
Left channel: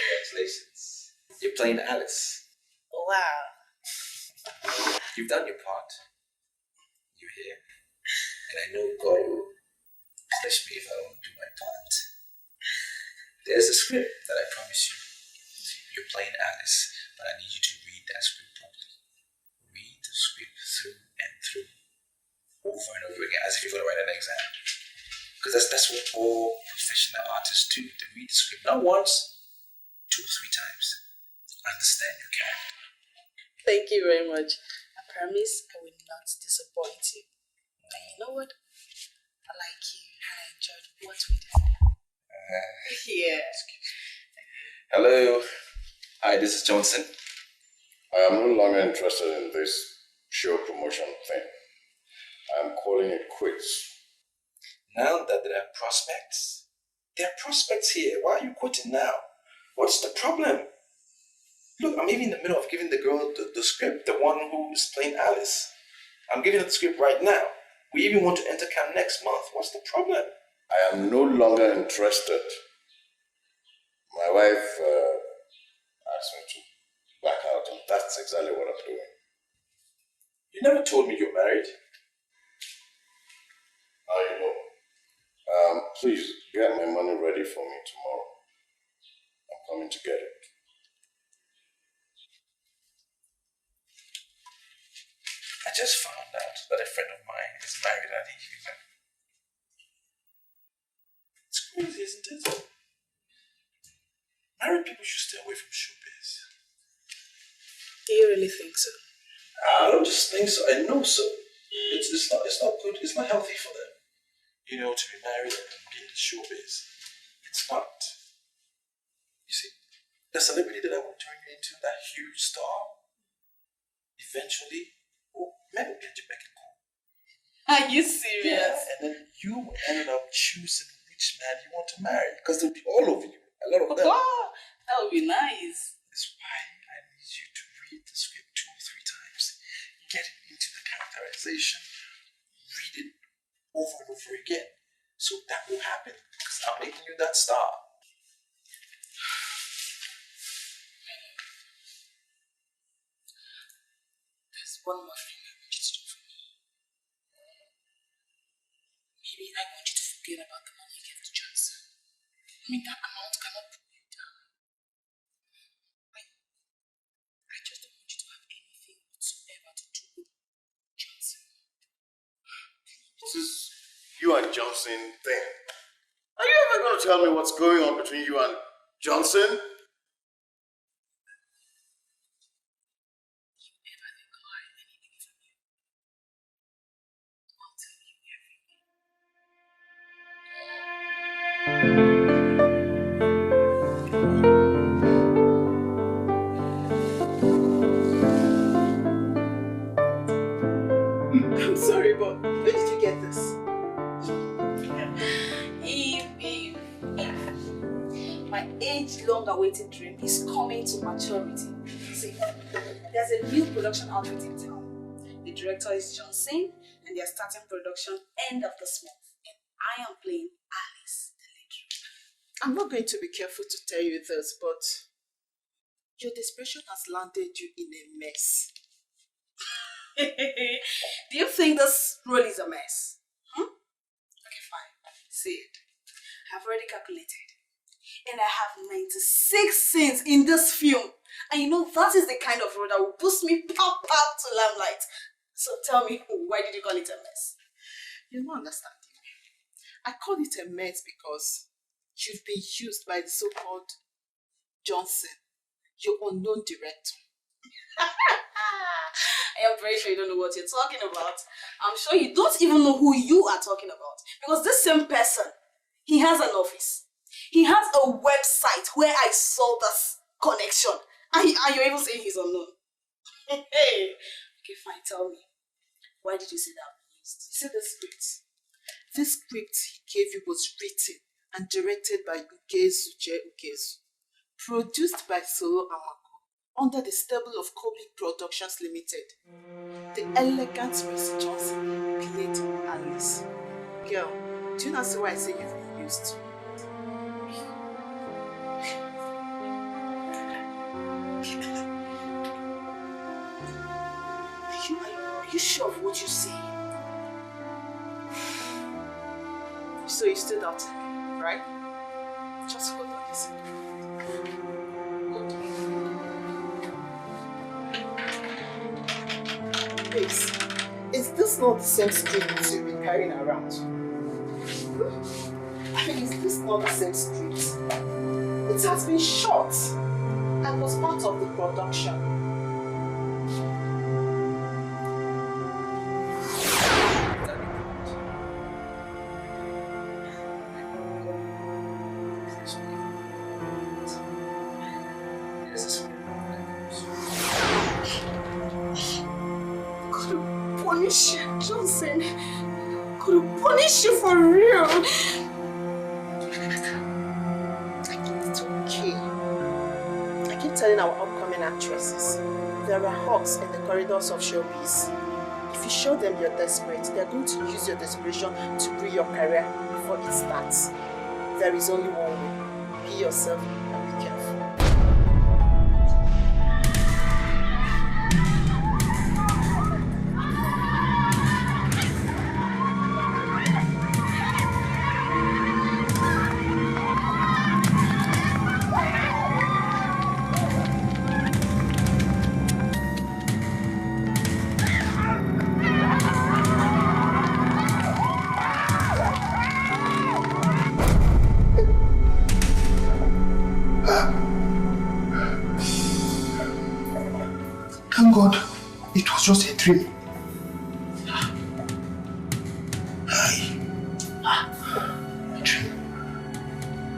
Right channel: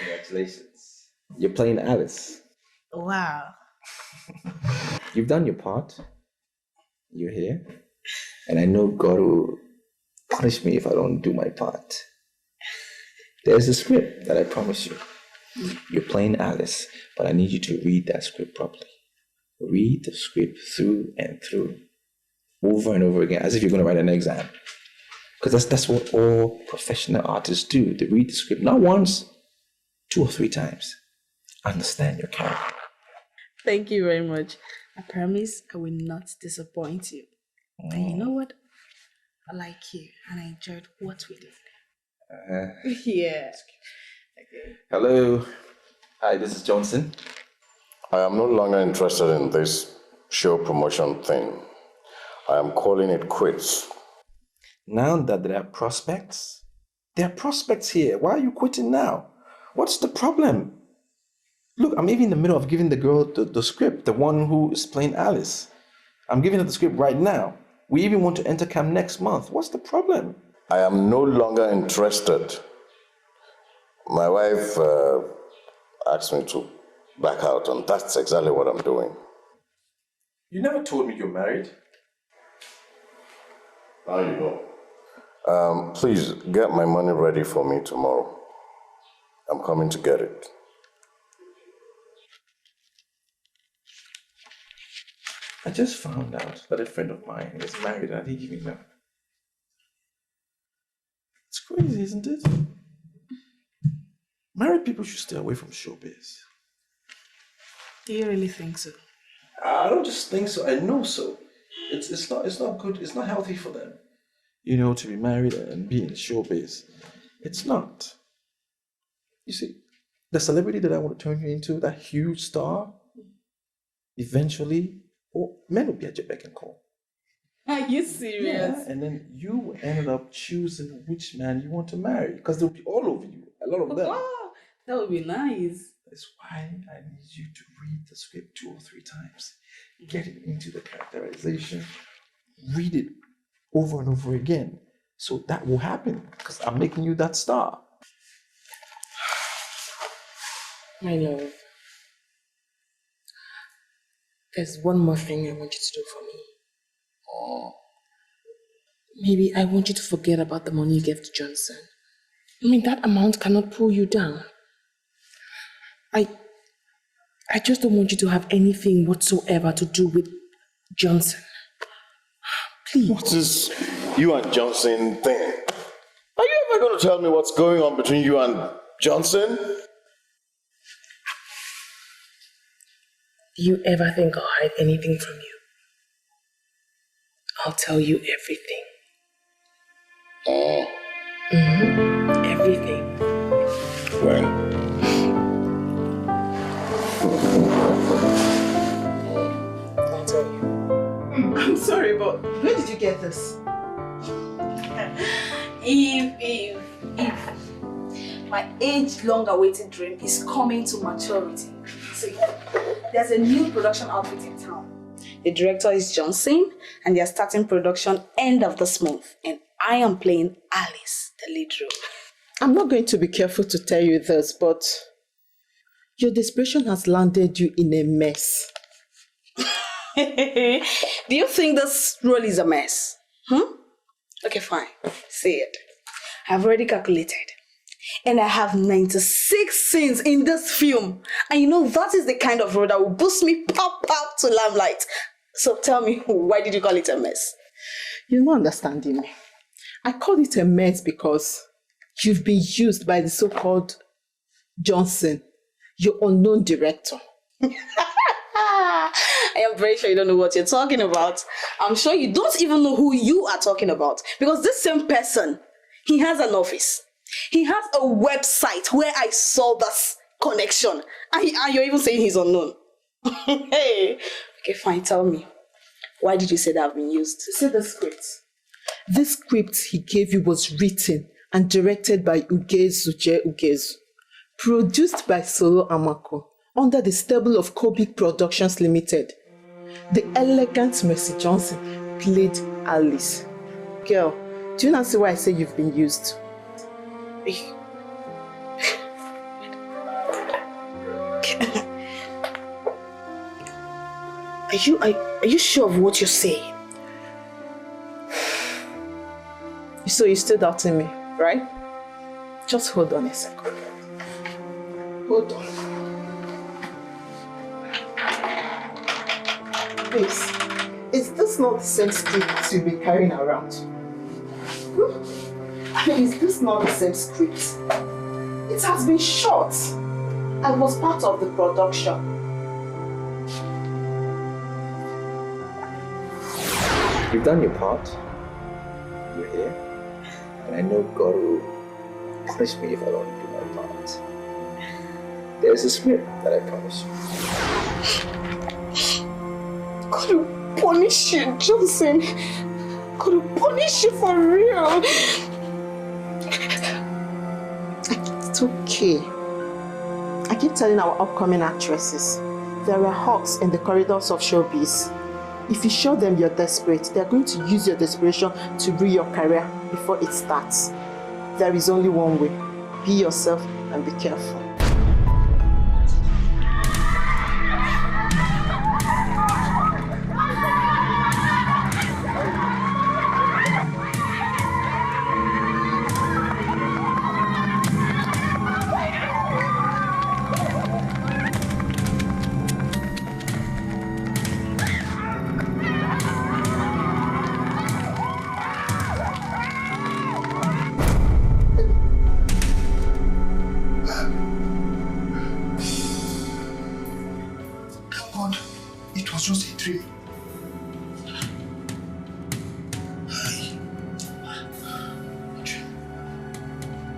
Congratulations. You're playing Alice. Wow. You've done your part. You're here. And I know God will punish me if I don't do my part. There's a script that I promise you. You're playing Alice, but I need you to read that script properly. Read the script through and through, over and over again, as if you're going to write an exam. Because that's what all professional artists do. They read the script not once, 2 or 3 times. Understand your character. Thank you very much. I promise I will not disappoint you. And you know what? I like you and I enjoyed what we did. Yeah. Hello. Hi, this is Johnson. I am no longer interested in this show promotion thing. I am calling it quits. Now that there are prospects here. Why are you quitting now? What's the problem? Look, I'm even in the middle of giving the girl the script, the one who is playing Alice. I'm giving her the script right now. We even want to enter camp next month. What's the problem? I am no longer interested. My wife asked me to back out, and that's exactly what I'm doing. You never told me you're married. Now you know. Please get my money ready for me tomorrow. I'm coming to get it. I just found out that a friend of mine is married and I didn't even know. It's crazy, isn't it? Married people should stay away from showbiz. Do you really think so? I don't just think so, I know so. It's not good, it's not healthy for them. You know, to be married and be in showbiz. It's not. You see, the celebrity that I want to turn you into, that huge star, eventually, men will be at your beck and call. Are you serious? Yeah, and then you ended up choosing which man you want to marry, because they'll be all over you, a lot of them. That would be nice. That's why I need you to read the script 2 or 3 times. Get it into the characterization. Read it over and over again. So that will happen, because I'm making you that star. My love, there's one more thing I want you to do for me. Maybe I want you to forget about the money you gave to Johnson. I mean, that amount cannot pull you down. I just don't want you to have anything whatsoever to do with Johnson. Please. What's this you and Johnson thing? Are you ever going to tell me what's going on between you and Johnson? Do you ever think I'll hide anything from you? I'll tell you everything. Everything. When? I'll tell you. I'm sorry, but where did you get this? If my age-long awaited dream is coming to maturity. See, there's a new production outfit in town. The director is Johnson, and they are starting production end of this month. And I am playing Alice, the lead role. I'm not going to be careful to tell you this, but your desperation has landed you in a mess. Do you think this role is a mess? Okay, fine. Say it. I've already calculated. And I have 96 scenes in this film. And you know, that is the kind of role that will boost me pop to limelight. So tell me, why did you call it a mess? You're not understanding me. I call it a mess because you've been used by the so-called Johnson, your unknown director. I am very sure you don't know what you're talking about. I'm sure you don't even know who you are talking about. Because this same person, he has an office. He has a website where I saw this connection. And you're even saying he's unknown. Hey. Okay, fine, tell me. Why did you say that I've been used? See the script. This script he gave you was written and directed by Ugezu J. Ugezu. Produced by Solo Amako under the stable of Kobik Productions Limited. The elegant Mercy Johnson played Alice. Girl, do you not see why I say you've been used? Are you sure of what you're saying? So you're still doubting me, right? Just hold on a second. Hold on. Please, is this not the same script you've been carrying around? Is this not the same script? It has been shot. I was part of the production. You've done your part. You're here. And I know God will punish me if I don't do my part. There's a script that I promise you. God will punish you, Johnson. God will punish you for real. It's okay. I keep telling our upcoming actresses, there are hawks in the corridors of showbiz. If you show them you're desperate, they're going to use your desperation to ruin your career before it starts. There is only one way. Be yourself and be careful. Thank God, it was just a dream.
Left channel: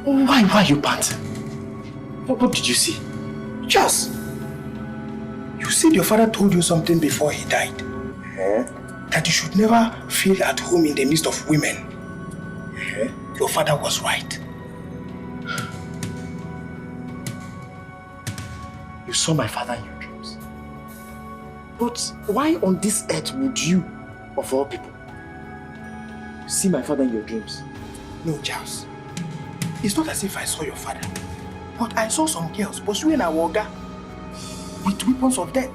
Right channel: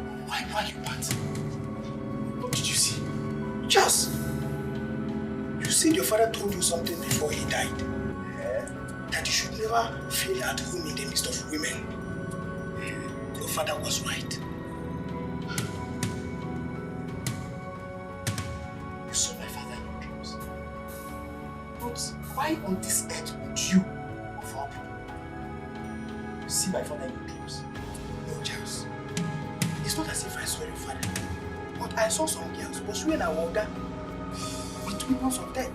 Why are you panting? What did you see? Just. You said your father told you something before he died. That you should never feel at home in the midst of women. Your father was right. You saw my father in your dreams. But why on this earth would you, of all people, see my father in your dreams? No, Charles. It's not as if I saw your father. But I saw some girls pursuing a Awoga with weapons of death.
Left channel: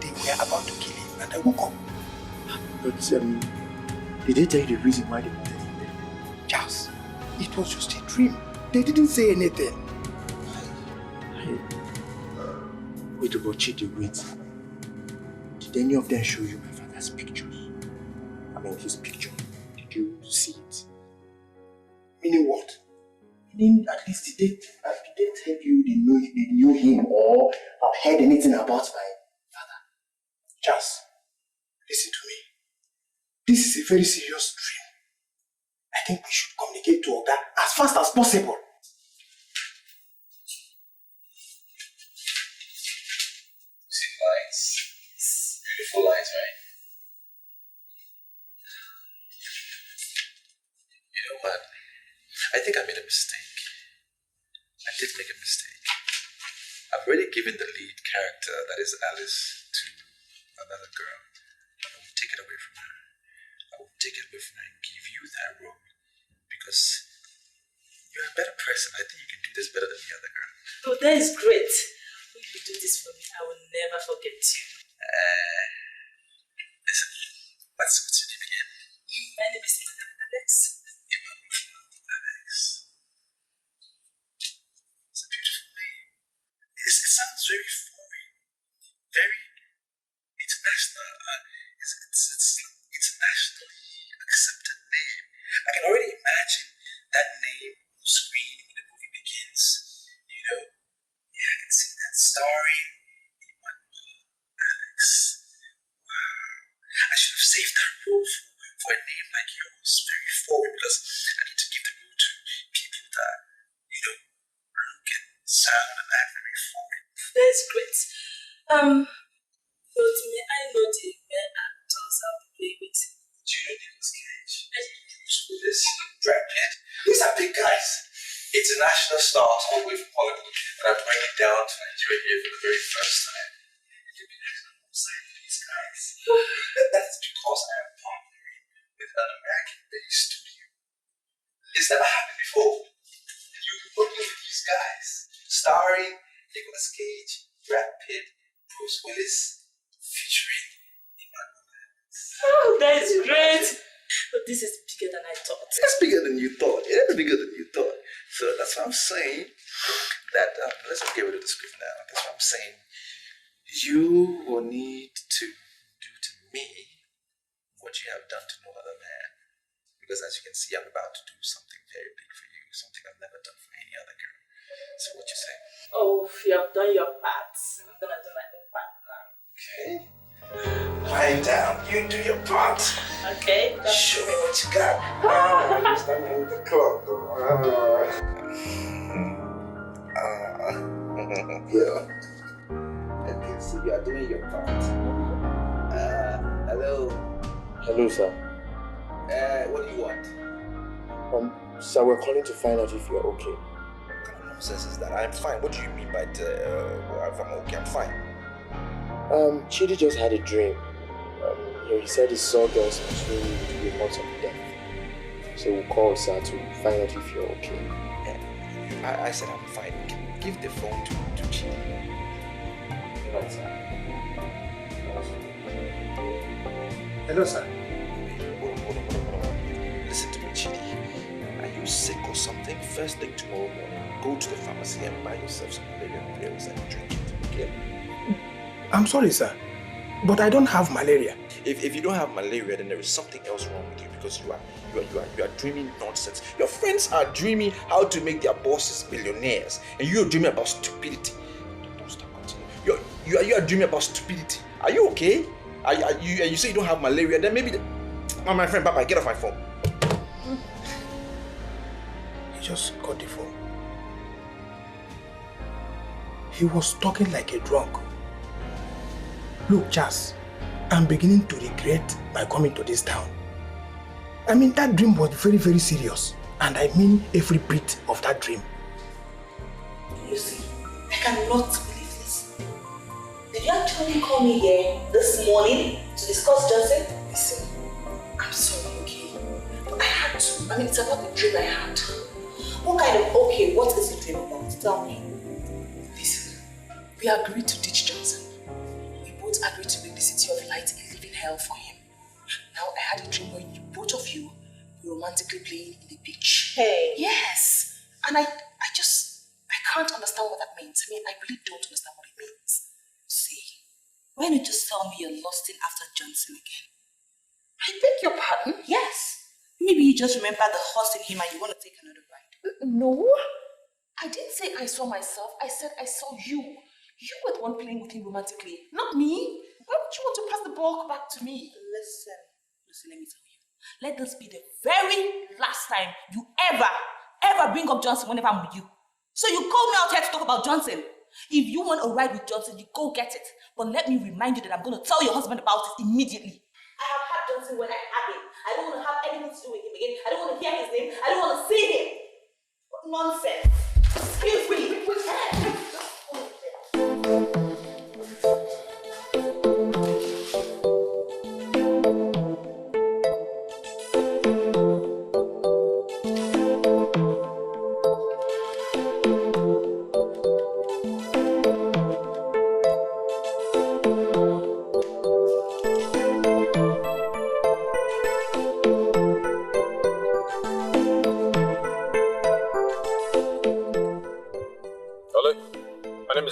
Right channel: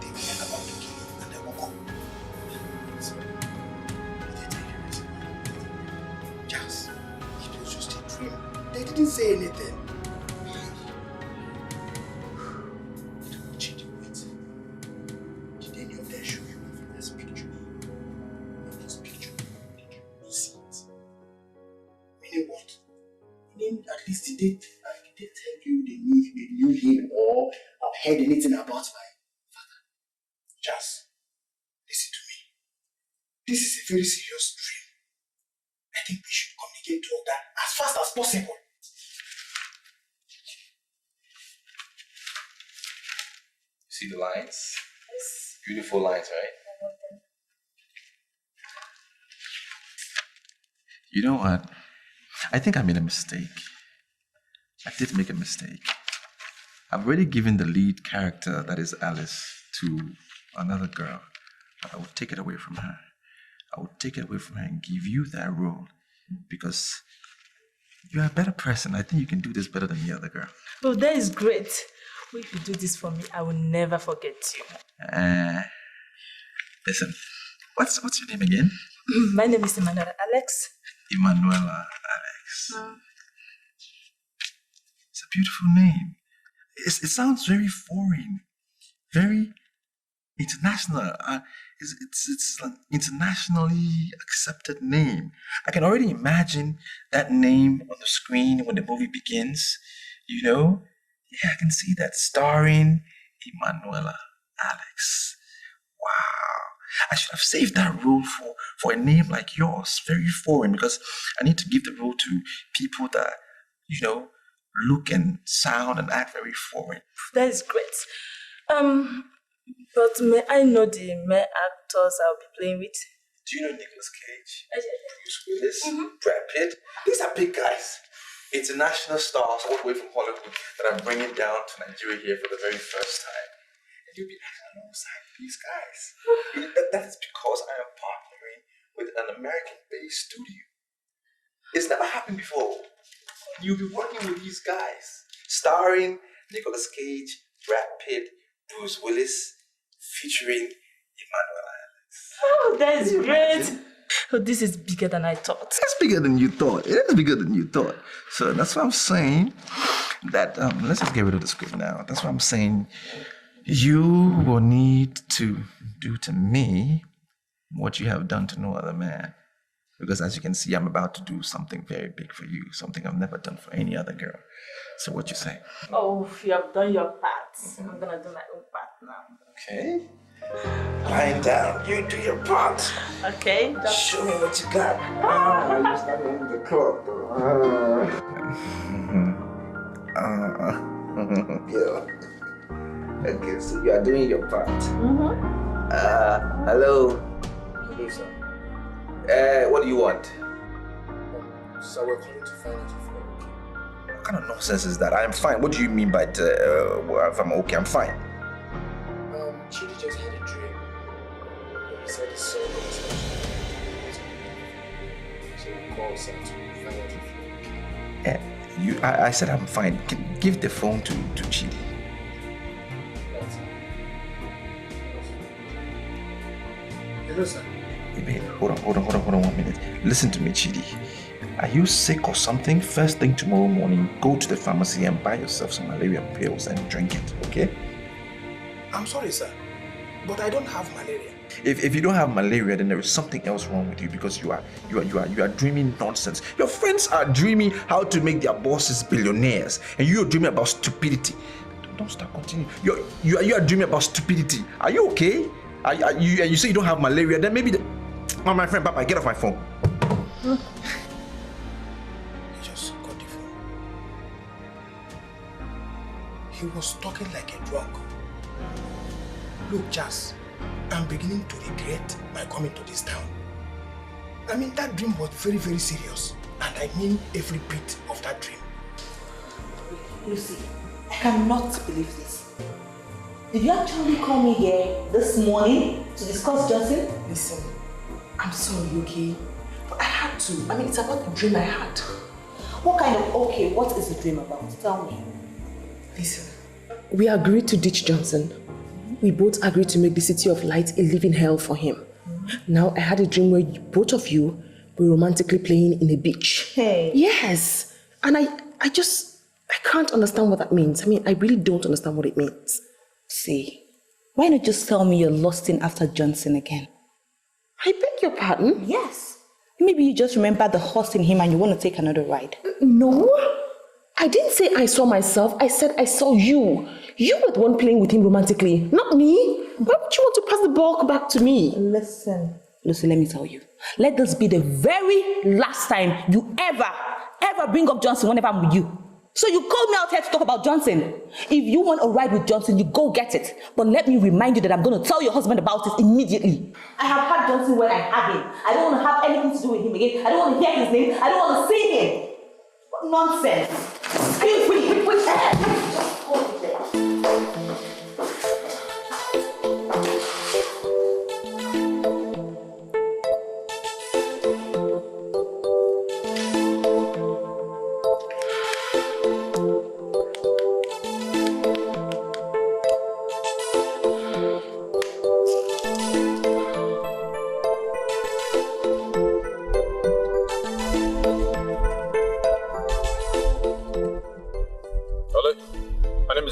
They were about to kill him and I woke up. But did they tell you the reason why they wanted him? Charles, it was just a dream. They didn't say anything. Wait to go cheat the wait. Did any of them show you my father's pictures? I mean his picture. Did you see it? Meaning what? Meaning at least did they tell you they knew him or have heard anything about my father? Charles, listen to me. This is a very serious dream. I think we should communicate to Oga as fast as possible. See the lines? Yes. Beautiful lines, right? You know what? I think I made a mistake. I did make a mistake. I've already given the lead character, that is Alice, to another girl. But I would take it away from her. I would take it away from her and give you that role. Because you're a better person. I think you can do this better than the other girl. Oh, that is great. If you do this for me, I will never forget you. Listen, what's your name again? My name is Emanuela Alex. Emanuela Alex. It's a beautiful name. It sounds very foreign, very international. It's an internationally accepted name. I can already imagine that name on the screen when the movie begins. You know? Yeah, I can see that, starring Emanuela Alex. Wow. I should have saved that role for a name like yours, very foreign, because I need to give the role to people that, you know, look and sound and act very foreign. That is great. But may I know the male actors I'll be playing with? Do you know Nicolas Cage, Bruce Willis, Brad Pitt? These are big guys. International stars all the way from Hollywood that I'm bringing down to Nigeria here for the very first time. And you'll be acting alongside these guys. That is because I am partnering with an American-based studio. It's never happened before. You'll be working with these guys, starring Nicolas Cage, Brad Pitt, Bruce Willis, featuring Oh, that is great. Oh, this is bigger than I thought. It's bigger than you thought. It is bigger than you thought. So that's what I'm saying. That let's just get rid of the script now. That's what I'm saying. You will need to do to me what you have done to no other man. Because as you can see, I'm about to do something very big for you, something I've never done for any other girl. So what you say? Oh, you have done your part. I'm gonna do my own part now. Okay. Lying down, you do your part. Okay. Show me what you got. You're starting with the clock, though. Yeah. Okay, so you are doing your part. Hello. Hello, sir. What do you want? Sir, we're calling to find out if you're okay. What kind of nonsense is that? I'm fine. What do you mean by if I'm okay? I'm fine. Chidi just had a dream. He said he saw those between the reports of death. So we'll call sir to find out if you're okay. I said I'm fine. Give the phone to Chidi. Right, sir. Hello, sir. Wait, hold on 1 minute. Listen to me, Chidi. Are you sick or something? First thing tomorrow morning, go to the pharmacy and buy yourself some malaria pills and drink it, okay? I'm sorry, sir, but I don't have malaria. If you don't have malaria, then there is something else wrong with you because you are dreaming nonsense. Your friends are dreaming how to make their bosses billionaires, and you are dreaming about stupidity. Don't stop, continue. You are dreaming about stupidity. Are you okay? You say you don't have malaria, then maybe my friend Papa, get off my phone. You just got the phone. He was talking like a drunk. Look, Charles, I'm beginning to regret my coming to this town. I mean, that dream was very, very serious. And I mean every bit of that dream. Lucy, I cannot believe this. Did you actually call me here this morning to discuss Johnson? Listen, I'm sorry, okay? But I had to. I mean, it's about the dream I had. What kind of, okay, what is the dream about? Tell me. Listen, we agreed to ditch Johnson. We both agreed to make the city of light a living hell for him. Now I had a dream where both of you were romantically playing in a beach. Hey. Yes. And I can't understand what that means. I mean, I really don't understand what it means. See, why not just tell me you're lusting after Johnson again? I beg your pardon? Yes. Maybe you just remember the horse in him and you want to take another ride. No. I didn't say I saw myself. I said I saw you. You were the one playing with him romantically, not me. Why would you want to pass the ball back to me? Listen, Lucy, let me tell you. Let this be the very last time you ever bring up Johnson whenever I'm with you. So you called me out here to talk about Johnson. If you want a ride with Johnson, you go get it. But let me remind you that I'm going to tell your husband about it immediately. I have had Johnson when I had him. I don't want to have anything to do with him again. I don't want to hear his name. I don't want to see him. What nonsense. Excuse me. Just hold it there.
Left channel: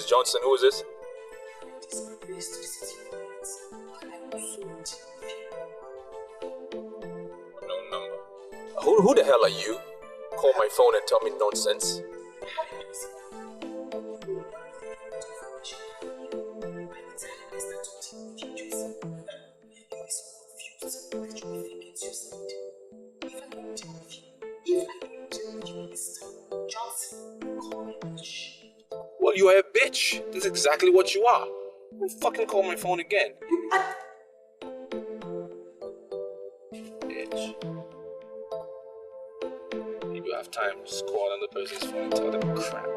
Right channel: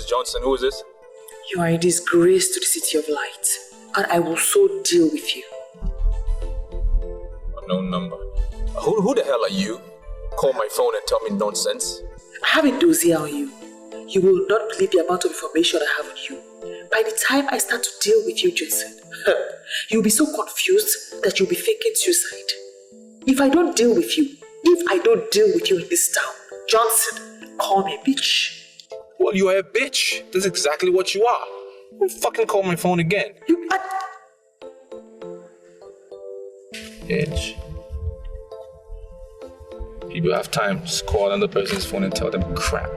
Johnson, who is this? You are a disgrace to the city of light, and I will so deal with you. Unknown number. Who the hell are you? Call my phone and tell me nonsense. I have a dossier on you. You will not believe the amount of information I have on you. By the time I start to deal with you, Johnson, you'll be so confused that you'll be thinking suicide. If I don't deal with you in this town, Johnson, call me bitch. Well, you are a bitch. That's exactly what you are. Don't fucking call my phone again. You are... Bitch. People have time. Just call another person's phone and tell them crap.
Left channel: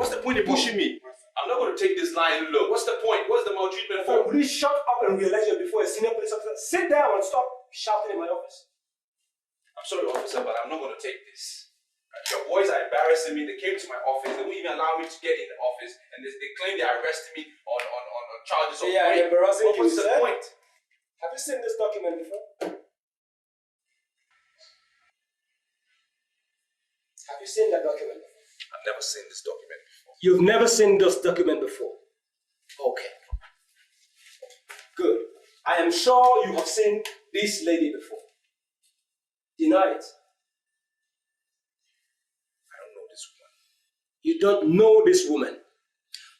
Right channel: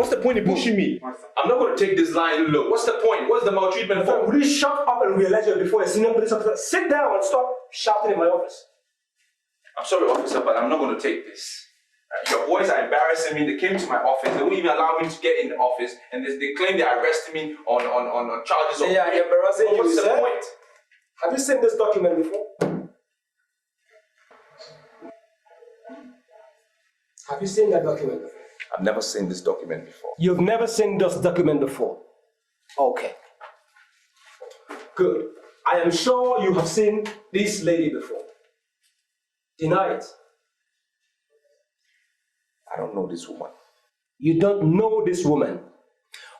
What's the point in pushing me? I'm not going to take this line low. What's the point? What's the maltreatment for? Will you shut up and realize you're before a senior police officer? Sit down and stop shouting in my office. I'm sorry, officer, but I'm not going to take this. Your boys are embarrassing me. They came to my office. They won't even allow me to get in the office, and they claim they arrested me on charges of rape. Yeah, embarrassing you, What's the sir? point? Have you seen this document before? Have you seen that document before? I've never seen this document before. You've never seen this document before? Okay. Good. I am sure you have seen this lady before. Deny it. I don't know this woman. You don't know this woman.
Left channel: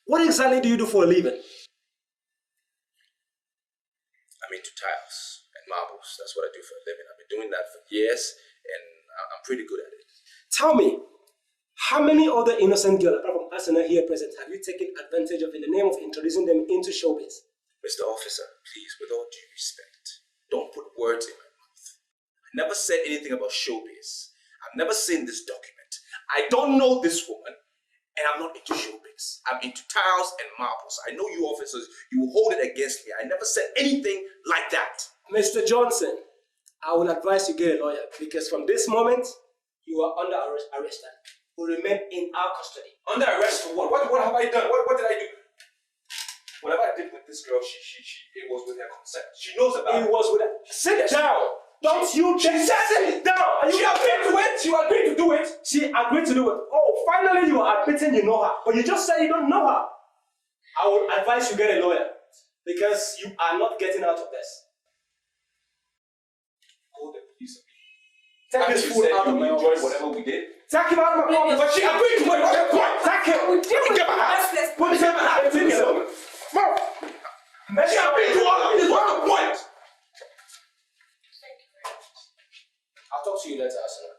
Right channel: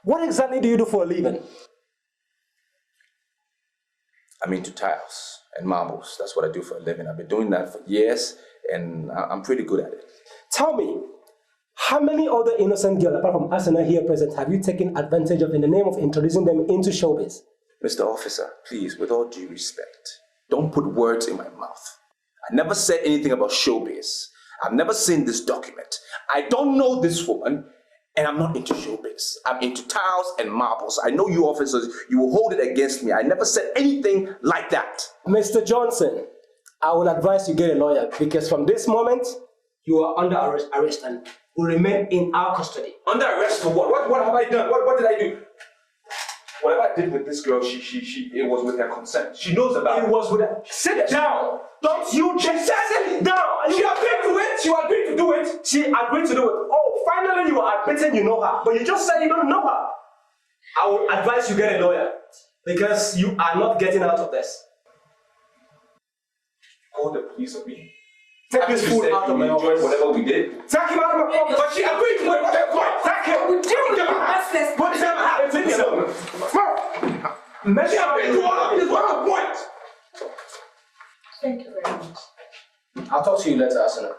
What exactly do you do for a living? I'm into tiles and marbles. That's what I do for a living. I've been doing that for years, and I'm pretty good at it. Tell me, how many other innocent girls, apart from Asana here present, have you taken advantage of in the name of introducing them into showbiz? Mr. Officer, please, with all due respect, don't put words in my mouth. I never said anything about showbiz. I've never seen this document. I don't know this woman, and I'm not into showbiz. I'm into tiles and marbles. I know you officers, you will hold it against me. I never said anything like that. Mr. Johnson, I will advise you get a lawyer, because from this moment, you are under arrest and will remain in our custody. Under arrest for what? What have I done? What did I do? Whatever I did with this girl, it was with her consent. She knows about it. It was with her. Sit down! Don't you just sit down! She agreed to it! She agreed to do it! She agreed to do it. Oh, finally you are admitting you know her, but you just said you don't know her. I would advise you get a lawyer, because you are not getting out of this. Call the police on me. Take this fool out of my office. Whatever we did. Take him out of my office. But she agreed to it. Take him. What is ever happened to you? She agreed to all of this. What's the point? Thank you very much. I'll talk to you later, Asana.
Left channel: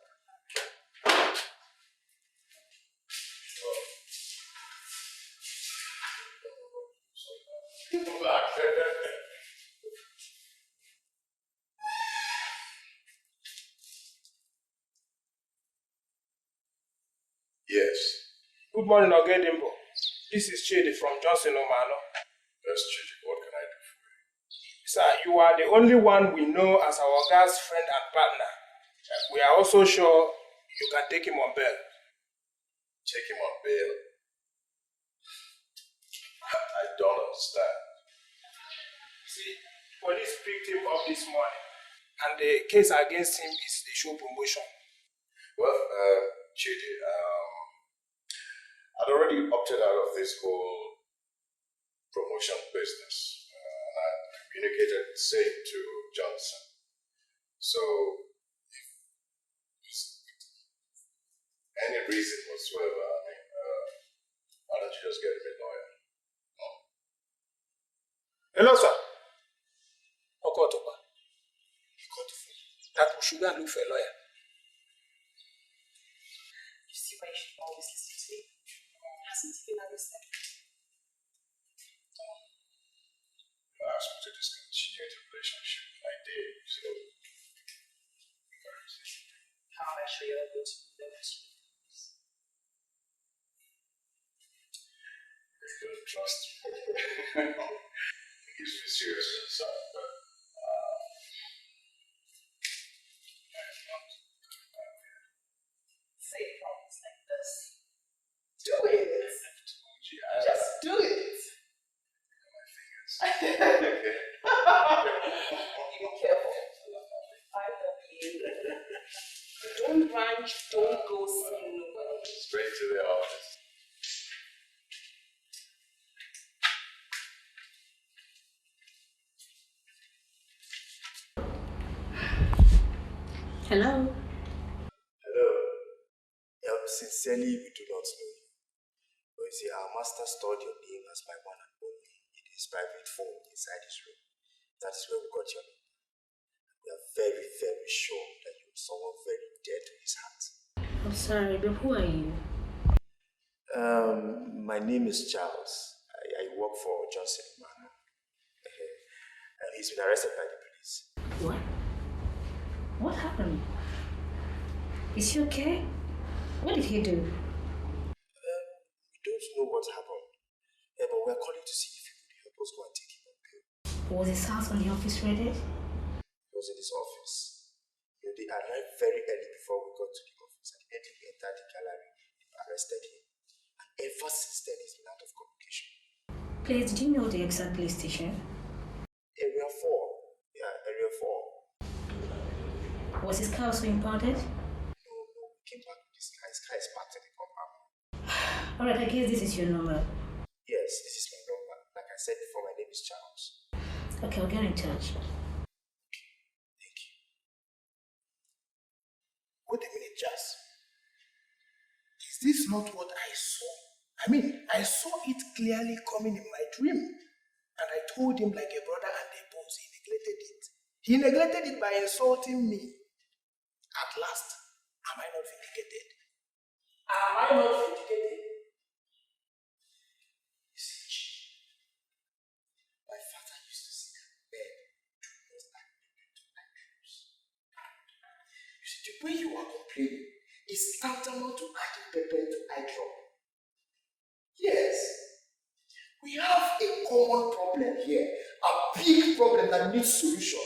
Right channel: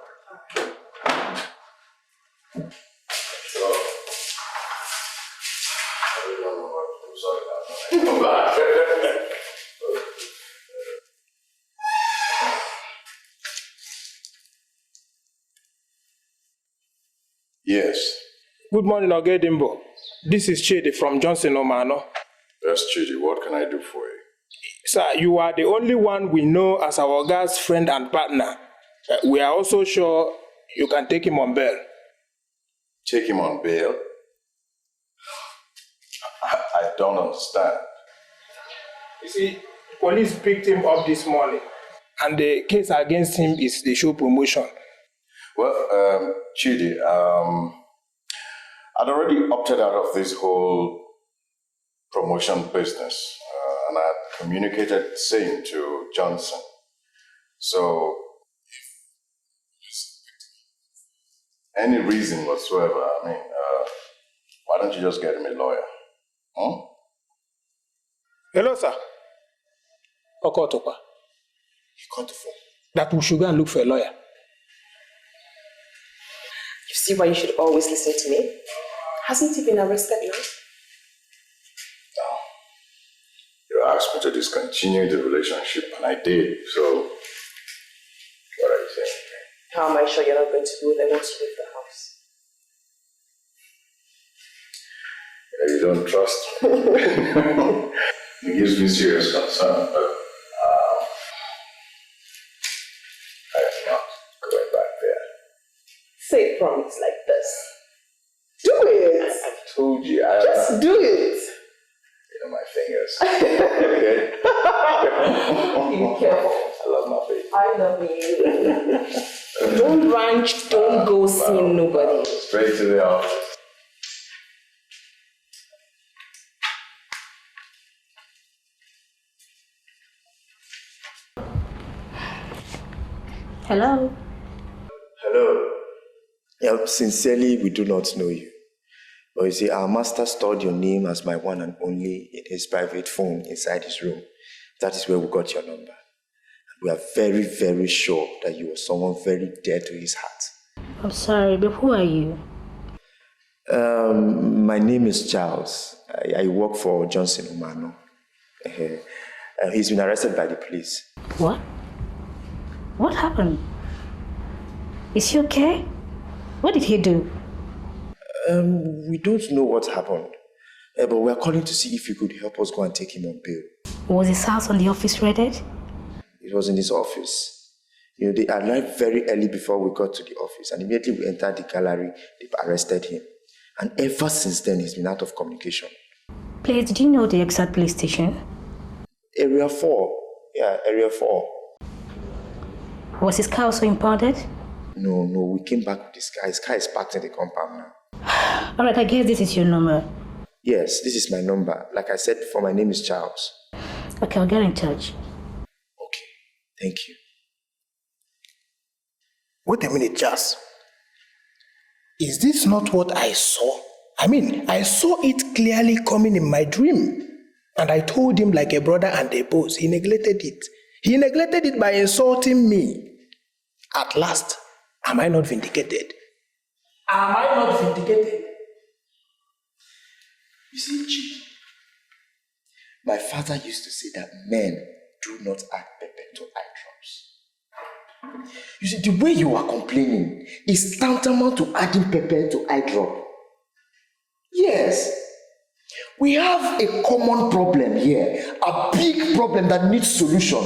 Yes. Good morning, Ogedimbo. This is Chidi from Johnson Omano. Yes, Chidi, what can I do for you? Sir, you are the only one we know as our guy's friend and partner. We are also sure you can take him on bail. Take him on bail? I don't understand. You see, police picked him up this morning, and the case against him is the show promotion. Well, Chidi, I'd already opted out of this whole promotion business, and I had communicated the same to Johnson. So, if there's any reason whatsoever, why don't you just get him a lawyer? Huh? Hello, sir. Okotopa. You got the phone. That we should go and look for a lawyer. You see why you should always listen to me? Hasn't he been arrested now? No. You asked me to discontinue the relationship, and I did. So, what are you saying? How am I sure you're not going to go there once you leave the house? You don't trust me. It gives me serious concern, but I am not going back there. Say promise like this. Do it! I've told you. Just do it! You know my fingers. Okay? Be careful. I love my baby. I love you. Don't ranch, don't go seeing nobody. Straight to the office. Hello. Hello. Yeah, sincerely, we do not know you. But you see, our master stored your name as my one and only in his private phone inside his room. That is where we got your number. We are very, very sure that you are someone very dear to his heart. I'm sorry, but who are you? My name is Charles. I work for Johnson Omano. He's been arrested by the police. What? What happened? Is he okay? What did he do? We don't know what happened. But we're calling to see if you could help us go and take him on bail. Was his house on the office raided? It was in his office. They arrived very early before we got to the office, and immediately we entered the gallery, they arrested him. And ever since then, he's been out of communication. Please, did you know the exact police station? Area 4. Yeah, Area 4. Was his car also impounded? No, we came back with his car. His car is parked in the compound now. Alright, I guess this is your number. Yes, this is my number. Like I said before, my name is Charles. Okay, I'll get in touch. Okay, thank you. Wait a minute, Charles. Is this not what I saw? I mean, I saw it clearly coming in my dream. And I told him like a brother and a boss. He neglected it. He neglected it by insulting me. At last, am I not vindicated? Am I not vindicated? You see, Chief, my father used to say that men do not add pepper to eye drops. You see, the way you are complaining is tantamount to adding pepper to eye drop. Yes, we have a common problem here, a big problem that needs solution.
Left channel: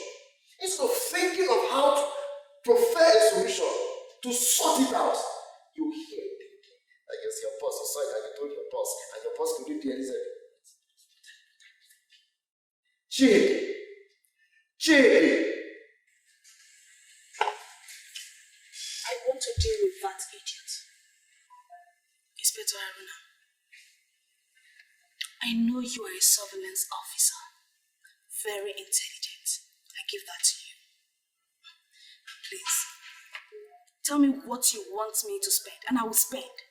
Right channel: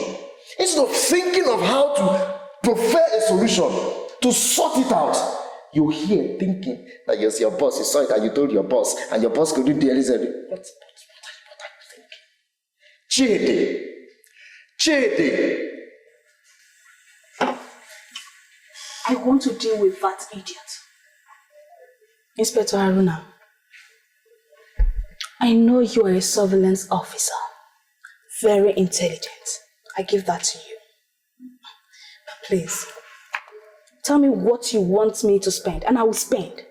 Instead of thinking of how to prefer a solution, to sort it out, you're here thinking that you're your boss, you saw it and you told your boss, and your boss couldn't do anything. What are you thinking? Chidi! I want to deal with that idiot. Inspector Haruna, I know you are a surveillance officer. Very intelligent. I give that to you. But please, tell me what you want me to spend, and I will spend.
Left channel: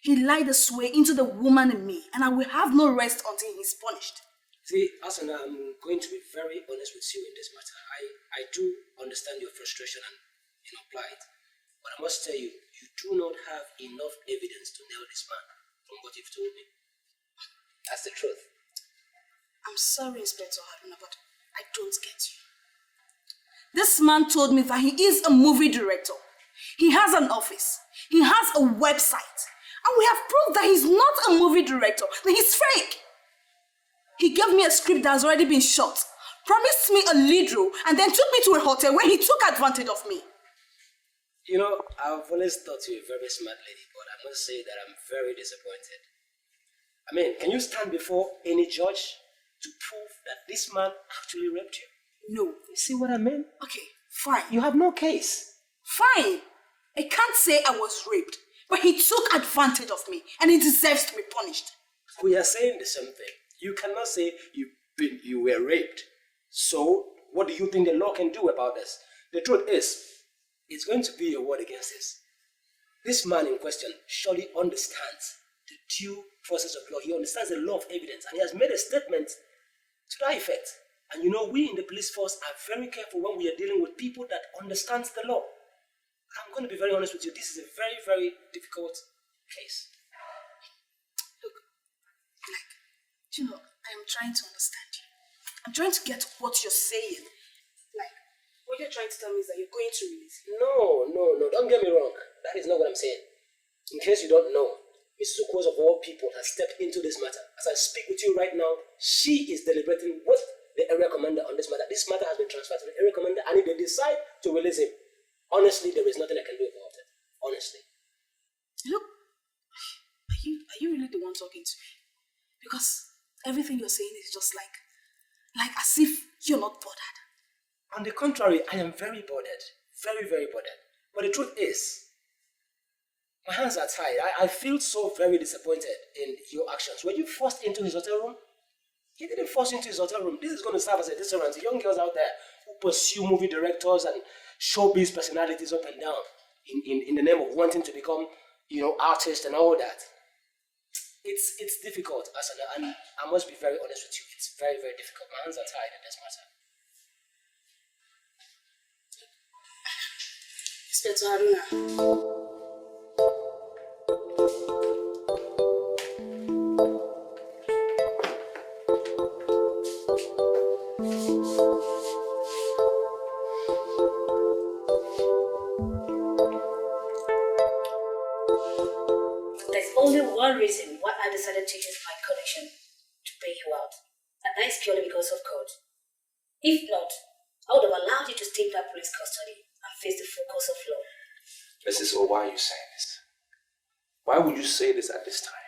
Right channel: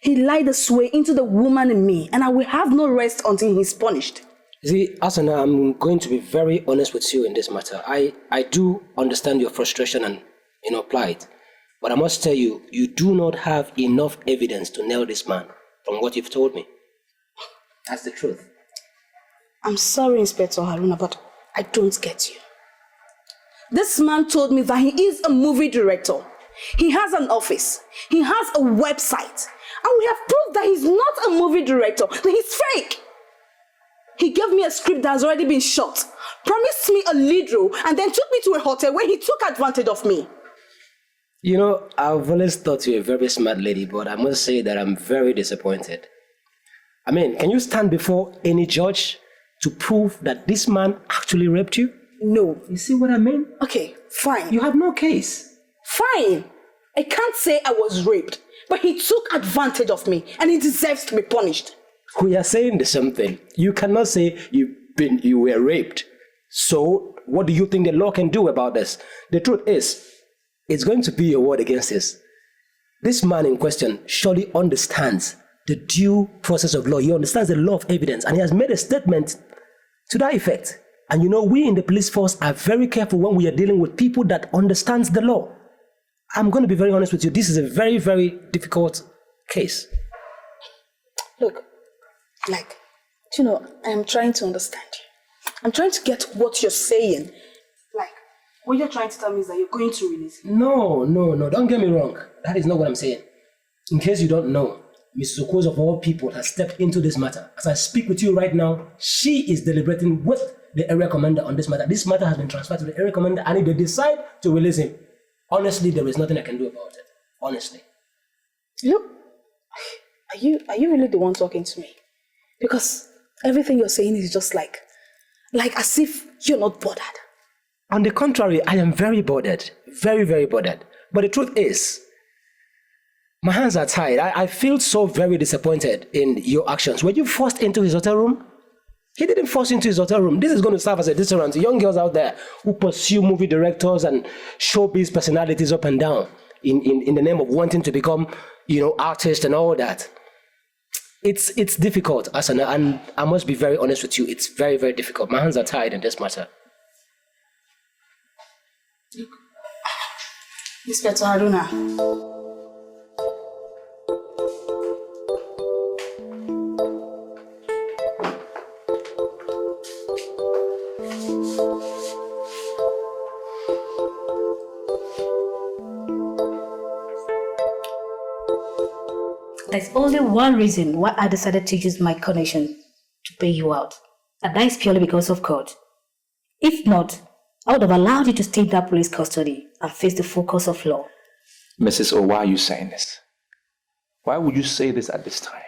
He lied this way into the woman in me, and I will have no rest until he's punished. See, Asana, I'm going to be very honest with you in this matter. I do understand your frustration and plight. But I must tell you, you do not have enough evidence to nail this man from what you've told me. That's the truth. I'm sorry, Inspector Haruna, but I don't get you. This man told me that he is a movie director. He has an office. He has a website. And we have proved that he's not a movie director, that he's fake. He gave me a script that has already been shot, promised me a lead role, and then took me to a hotel where he took advantage of me. You know, I've always thought you a very smart lady, but I must say that I'm very disappointed. I mean, can you stand before any judge to prove that this man actually raped you? No. You see what I mean? Okay, fine. You have no case. Fine. I can't say I was raped, but he took advantage of me, and he deserves to be punished. We are saying the same thing. You cannot say you were raped. So, what do you think the law can do about this? The truth is, it's going to be a word against this. This man in question surely understands the due process of law. He understands the law of evidence, and he has made a statement to that effect. And you know, we in the police force are very careful when we are dealing with people that understands the law. I'm going to be very honest with you. This is a very, very difficult case. Look, I'm trying to understand you. I'm trying to get what you're saying. What you're trying to tell me is that you're going to release him. No. Don't get me wrong. That is not what I'm saying. In case you don't know, Mrs. Okos of all people has stepped into this matter. As I speak with you right now, she is deliberating with the area commander on this matter. This matter has been transferred to the area commander, and if they decide to release him, honestly, there is nothing I can do about it. Honestly. Look, are you really the one talking to me? Because everything you're saying is just like as if you're not bothered. On the contrary, I am very bothered. Very, very bothered. But the truth is, my hands are tied. I feel so very disappointed in your actions. Were you forced into his hotel room? He didn't force you into his hotel room. This is going to serve as a deterrent to young girls out there who pursue movie directors and showbiz personalities up and down in the name of wanting to become, artists and all that. It's difficult, Asana, and I must be very honest with you. It's very, very difficult. My hands are tied in this matter. Inspector Haruna. There's only one reason why I decided to use my connection to pay you out, and that is purely because of God. If not, I would have allowed you to stay in that police custody and face the full course of law. Mrs. O, why are you saying this? Why would you say this at this time?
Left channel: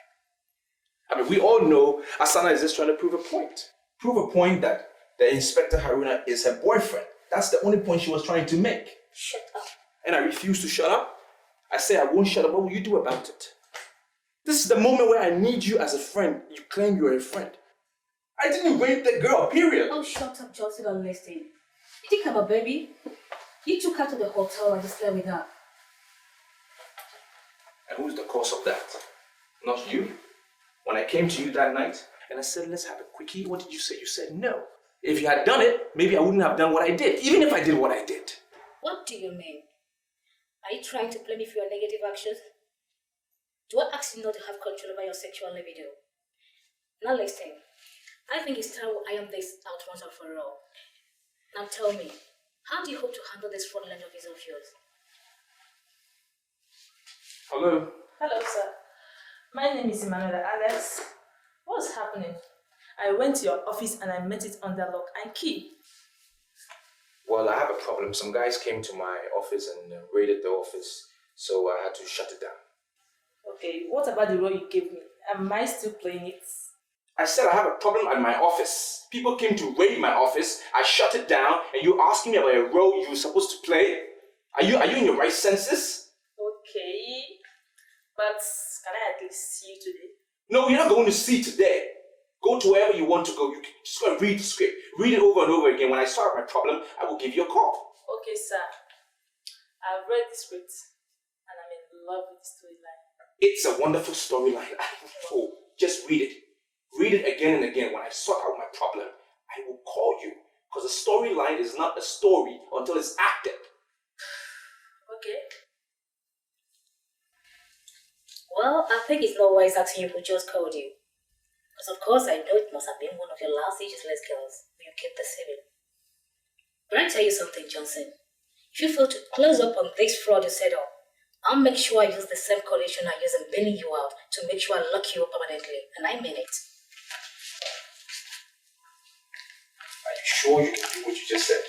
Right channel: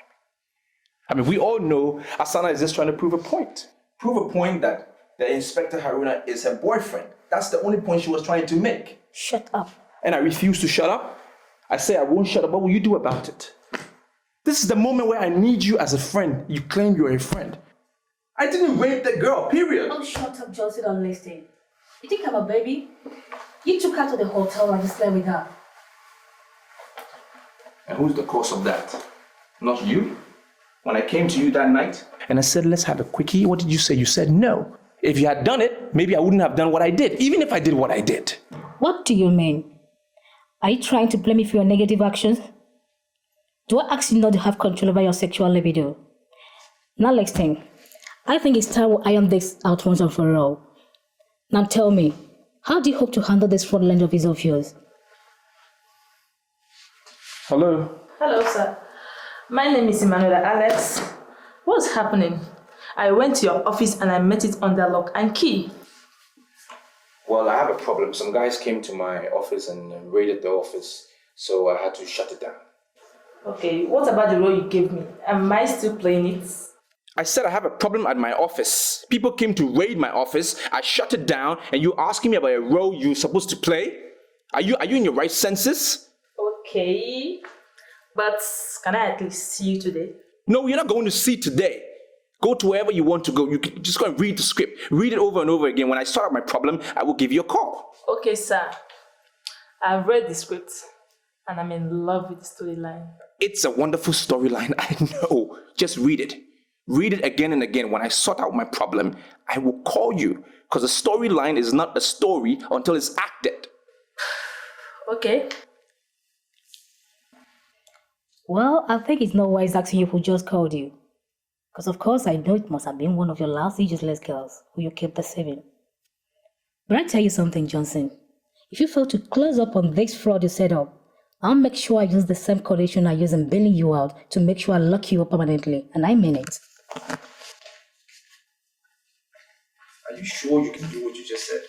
I mean, we all know Asana is just trying to prove a point. Prove a point that the Inspector Haruna is her boyfriend. That's the only point she was trying to make. Shut up. And I refuse to shut up. I say I won't shut up. What will you do about it? This is the moment where I need you as a friend. You claim you're a friend. I didn't rape the girl, period. Oh, shut up, Johnson, don't listen. You think I'm a baby? You took her to the hotel and you slept with her. And who's the cause of that? Not you? When I came to you that night and I said, let's have a quickie, what did you say? You said no. If you had done it, maybe I wouldn't have done what I did, even if I did what I did. What do you mean? Are you trying to blame me for your negative actions? Do I ask you not to have control over your sexual libido? Now next thing, I think it's time we iron this out once and for all. Now tell me, how do you hope to handle this fraudulent office of yours? Hello? Hello, sir. My name is Emmanuela Alex. What's happening? I went to your office and I met it under lock and key. Well, I have a problem. Some guys came to my office and raided the office, so I had to shut it down. Okay, what about the role you gave me? Am I still playing it? I said I have a problem at my office. People came to raid my office, I shut it down, and you asking me about a role you're supposed to play? Are you in your right senses? Okay, but can I at least see you today? No, you're not going to see today. Go to wherever you want to go. You can just go and read the script. Read it over and over again. When I solve my problem, I will give you a call. Okay, sir. I've read the script and I'm in love with the storyline. It's a wonderful storyline, I know. Just read it. Read it again and again. When I sort out my problem, I will call you. Because a storyline is not a story until it's acted. Okay. Well, I think it's not wise asking you who just called you. Because of course I know it must have been one of your last useless girls who you kept deceiving. But I tell you something, Johnson. If you fail to close up on this fraud you set up, I'll make sure I use the same condition I use in bailing you out to make sure I lock you up permanently. And I mean it. Are you sure you can do what you just said?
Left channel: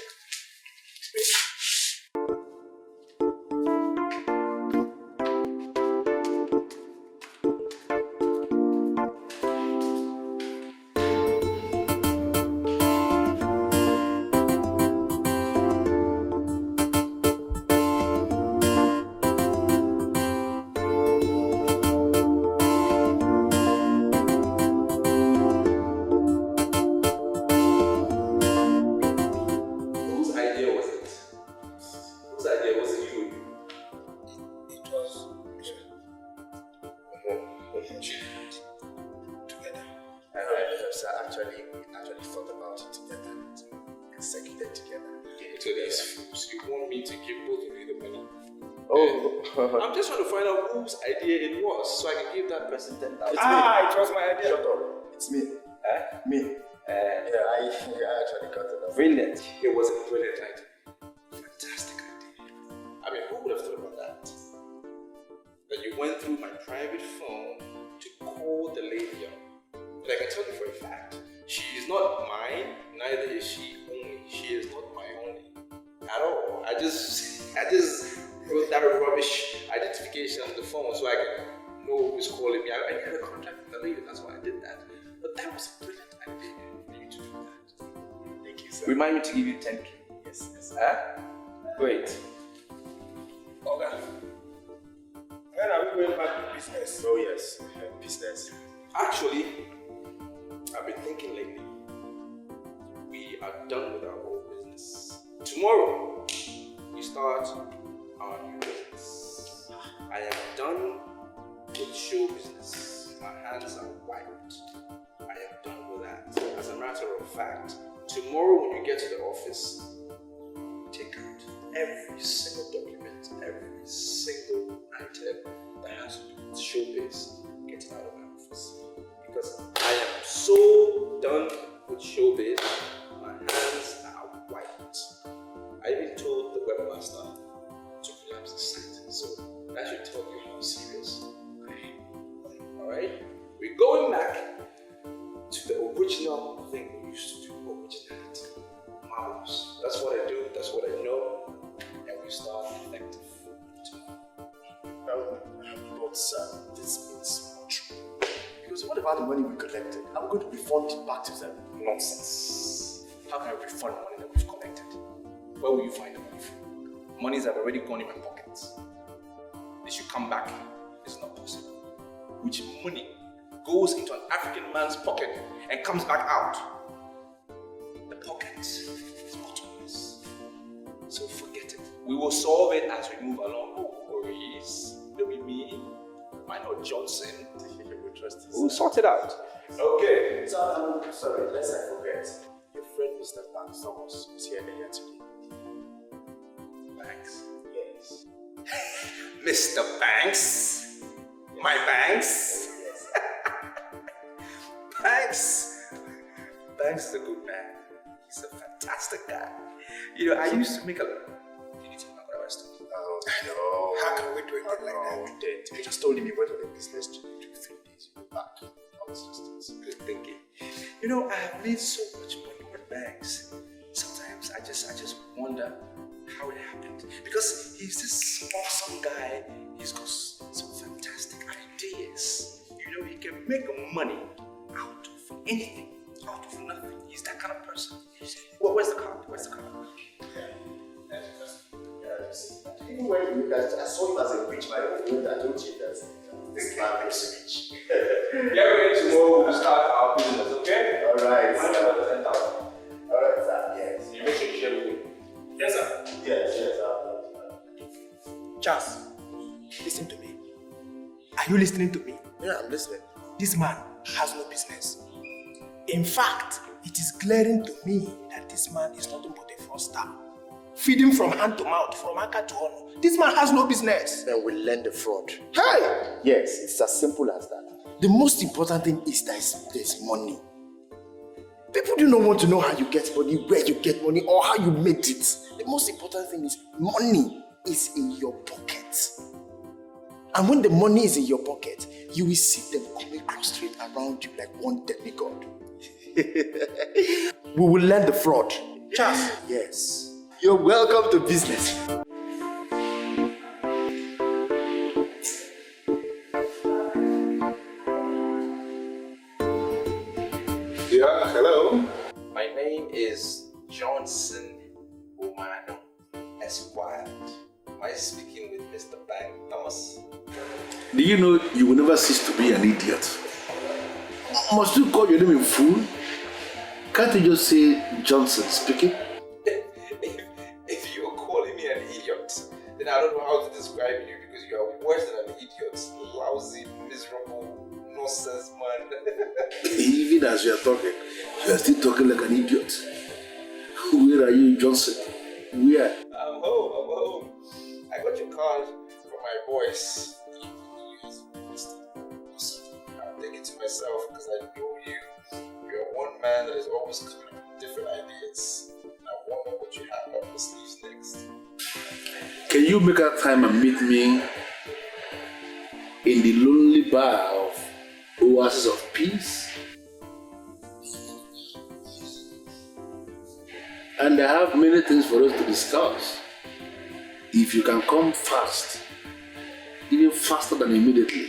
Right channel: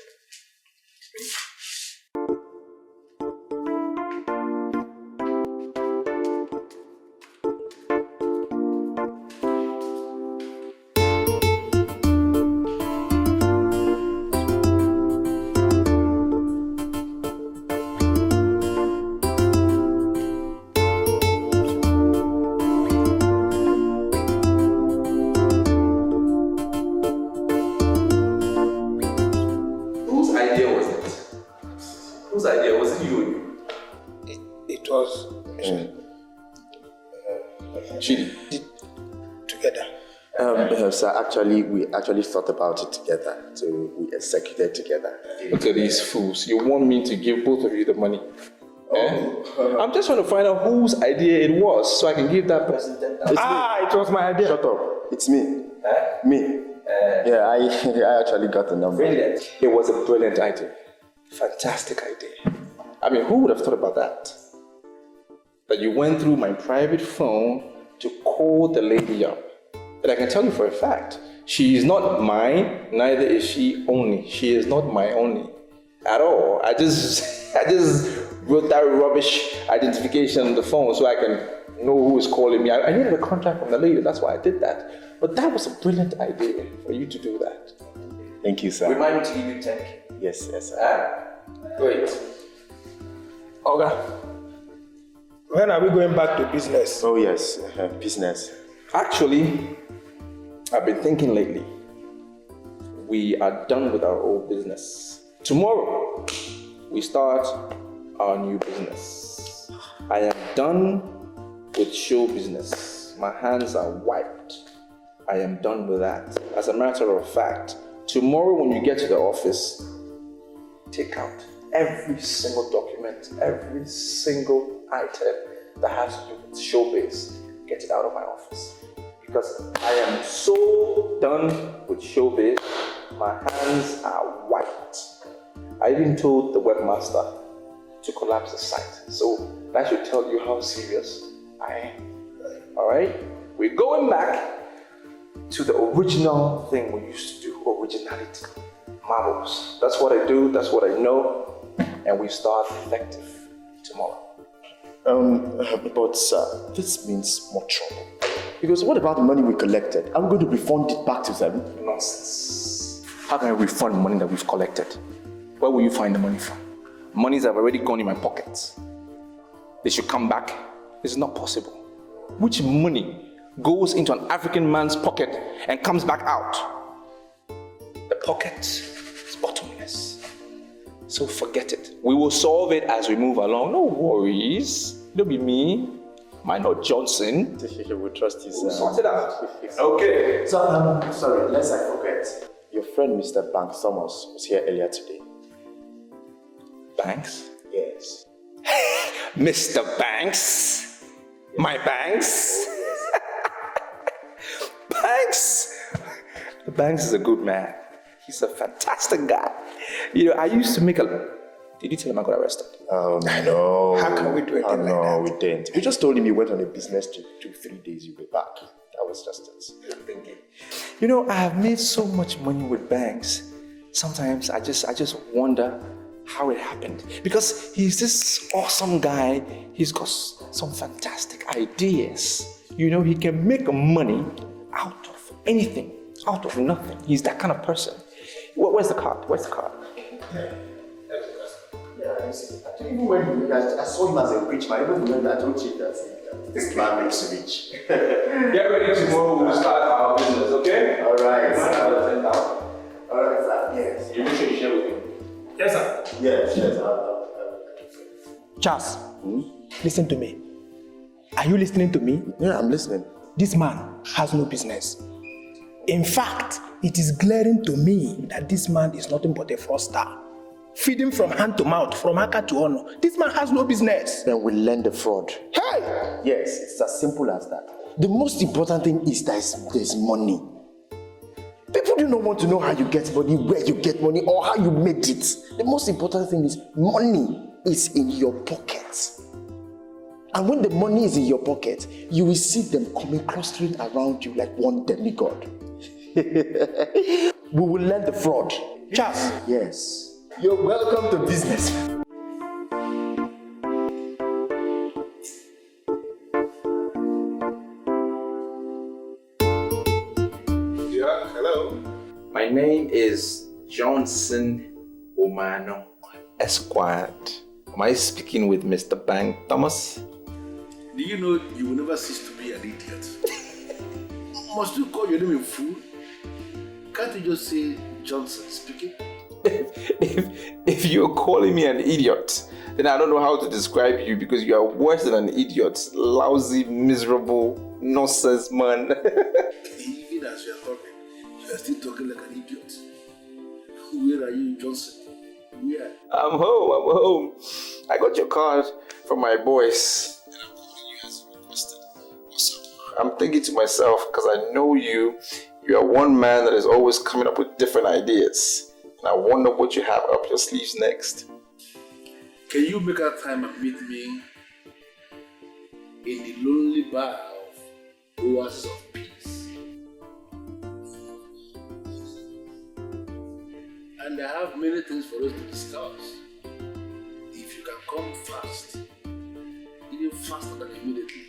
We actually thought about it together, so we executed together. Look at these fools. You want me to give both of you the money? Oh. I'm just trying to find out whose idea it was so I can give that person $10,000. It was my idea. Shut up. It's me. Me. I actually got the number. Brilliant. It was a brilliant idea. Fantastic idea. I mean, who would have thought about that? That you went through my private phone to call the lady up. But I can tell you for a fact, she is not mine, neither is she only. She is not my only at all. I just wrote that rubbish identification on the phone so I can know who is calling me. I needed a contract from the lady, that's why I did that. But that was a brilliant idea for you to do that. Thank you, sir. Remind me to give you 10K. Yes, sir. Great. Okay. When are we going back to business? Oh, yes, business. Actually, I've been thinking lately. We are done with our old business. Tomorrow, we start our new business. I am done with show business. My hands are wiped. I am done with that. As a matter of fact, tomorrow when you get to the office, take out every single document, every single item that has to do with showbiz. Get it out of my office. Because I am so done with showbiz, my hands are wiped. I even told the webmaster to collapse the site. So that should tell you how serious I am. Alright? We're going back to the original thing we used to do, originality. Marbles. That's what I do, that's what I know, and we start effective tomorrow. But sir, this means more trouble. Because what about the money we collected? Are we going to refund it back to them? Nonsense. How can I refund money that we've collected? Where will you find the money from? Monies have already gone in my pockets. They should come back. It's not possible. Which money goes into an African man's pocket and comes back out? The pocket is bottomless. So forget it. We will solve it as we move along. No worries. Don't be me. Mine or Johnson. We trust you, sir. We'll sort it out. Okay. So, sorry, lest I forget. Your friend Mr. Banks Thomas was here earlier today. Banks? Yes. Mr. Banks? My Banks? Banks? Banks is a good man. He's a fantastic guy. You know, I used to make a... Did you tell him I got arrested? Oh, no. How can we do it? No, we didn't. You just told him you went on a business trip. 2-3 days, you'll be back. That was just it. Good thinking. You know, I have made so much money with banks. Sometimes I just wonder how it happened. Because he's this awesome guy. He's got some fantastic ideas. You know, he can make money out of anything, out of nothing. He's that kind of person. Where's the card? Where's the card? Even when I saw him as a rich man, even when I told you that this man is rich. Get ready tomorrow, we'll start our business, okay? Alright. Alright, sir. Yes. You make sure you share with me. Yes, sir. Yes. Charles, listen to me. Are you listening to me? Yeah, I'm listening. This man has no business. In fact, it is glaring to me that this man is nothing but a fraudster. Feeding from hand to mouth, from Aka to honor. This man has no business. Then we learn the fraud. Hey! Yes, it's as simple as that. The most important thing is that there's money. People do not want to know how you get money, where you get money, or how you made it. The most important thing is money is in your pocket. And when the money is in your pocket, you will see them coming clustering around you like one demigod. We will learn the fraud. Charles. Yes. You're welcome to business. Yeah, hello. My name is Johnson Omano, Esquire. Am I speaking with Mr. Bank Thomas? Do you know you will never cease to be an idiot? Must you call your name in full? Can't you just say Johnson speaking? If you're calling me an idiot, then I don't know how to describe you because you are worse than an idiot. Lousy, miserable, nonsense man. Even as you are talking, you are still talking like an idiot. Where are you, Johnson? Where? I'm home. I got your card from my boys. I'm thinking to myself, because I know you are one man that is always coming up with different ideas. And I wonder what you have up your sleeves next. Can you make out time and meet me in the lonely bar of Oasis of Peace? And I have many things for us to discuss. If you can come fast, even faster than immediately,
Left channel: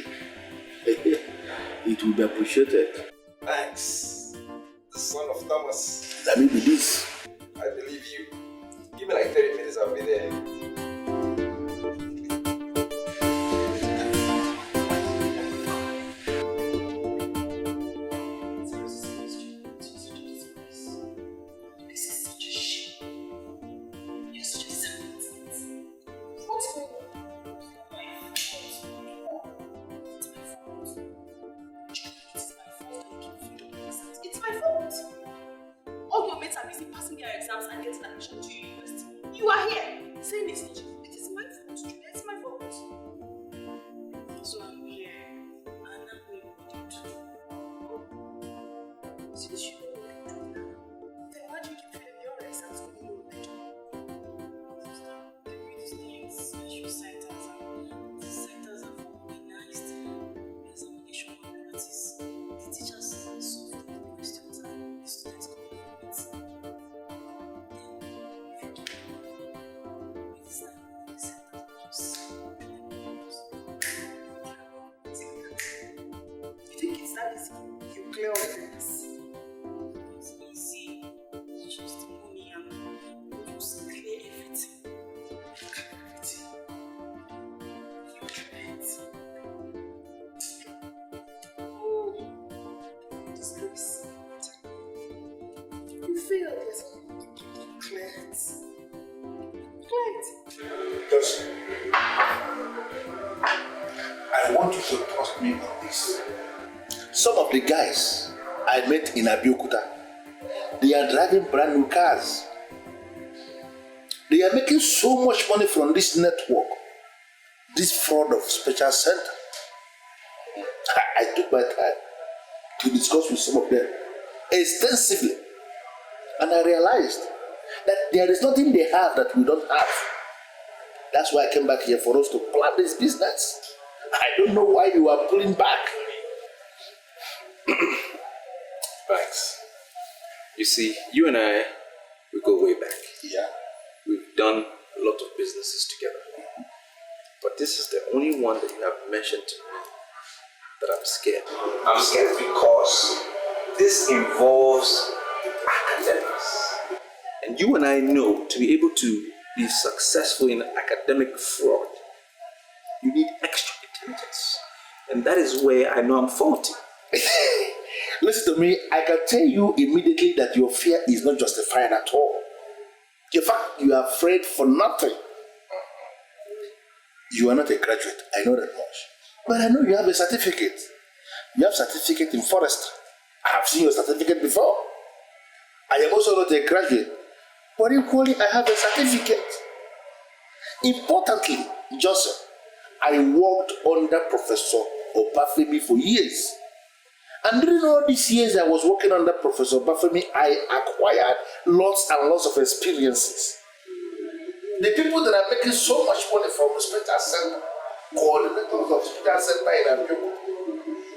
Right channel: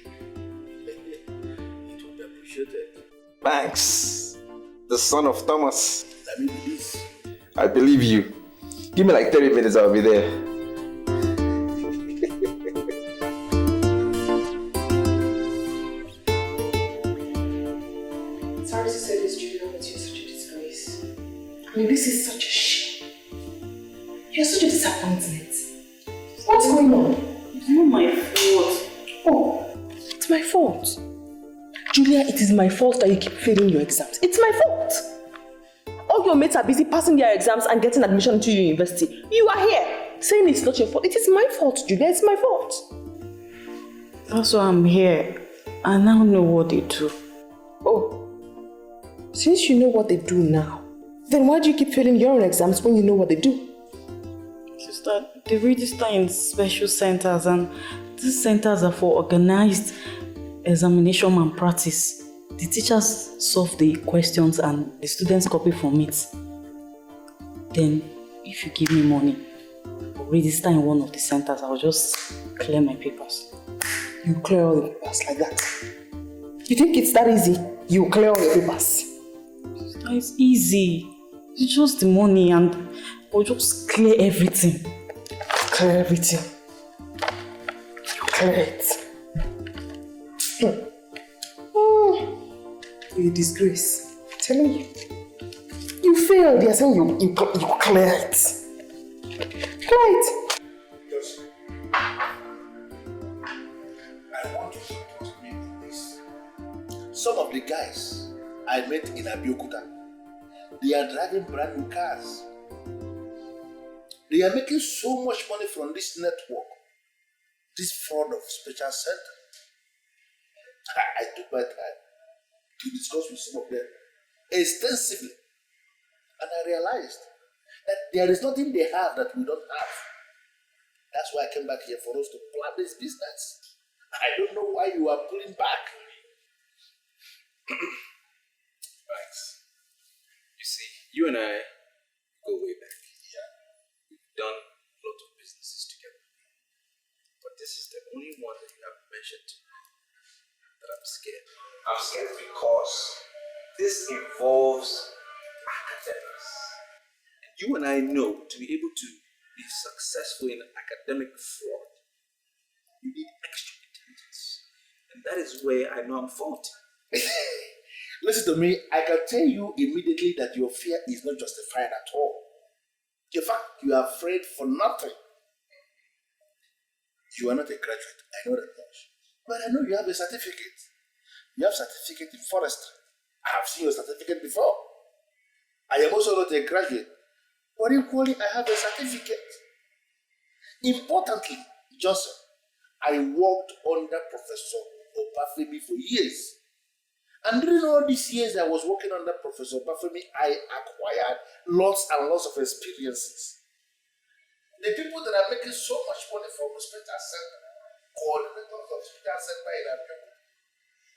it will be appreciated. Thanks. The son of Thomas. That may be this. I believe you. Give me like 30 minutes, I'll be there. Sorry to say this, Julia, but you're such a disgrace. I mean, this is such a shame. You're such a disappointment. What's going on? It's not my fault. Oh, it's my fault. Julia, it is my fault that you keep failing your exams. It's my fault. All your mates are busy passing their exams and getting admission to your university. You are here saying it's not your fault. It is my fault, Julia. It's my fault. That's why I'm here. I now know what they do. Oh, since you know what they do now, then why do you keep failing your own exams when you know what they do? Sister, they register in special centers, and these centers are for organized examination malpractice. The teachers solve the questions and the students copy from it. Then, if you give me money, register in one of the centers, I'll just clear my papers. You clear all the papers like that? You think it's that easy? You clear all your papers? It's easy. It's just the money and I'll just clear everything. Clear everything. You clear it. You're a disgrace. I'm telling you. You failed. You're saying you clear it. Clear it. Just, I want you to trust me on this. Some of the guys I met in Abeokuta, they are driving brand new cars. They are making so much money from this network, this fraud of special center. I took my time to discuss with some of them extensively, and I realized that there is nothing they have that we don't have. That's why I came back here, for us to plan this business. I don't know why you are pulling back. Thanks. You see, you and I, we go way back. Yeah. We've done a lot of businesses together. But this is the only one that you have mentioned to me that I'm scared. I'm scared because this involves academics. And you and I know to be able to be successful in academic fraud, you need extra intelligence. And that is where I know I'm faulty. Listen to me, I can tell you immediately that your fear is not justified at all. In fact, you are afraid for nothing. You are not a graduate, I know that much. But I know you have a certificate. You have a certificate in forestry. I have seen your certificate before. I am also not a graduate, but equally I have a certificate. Importantly, Joseph, I worked under Professor Obafemi for years. And during all these years I was working under Professor Obafemi, I acquired lots and lots of experiences. The people that are making so much money from the special center, coordinators of special center in Abeokuta,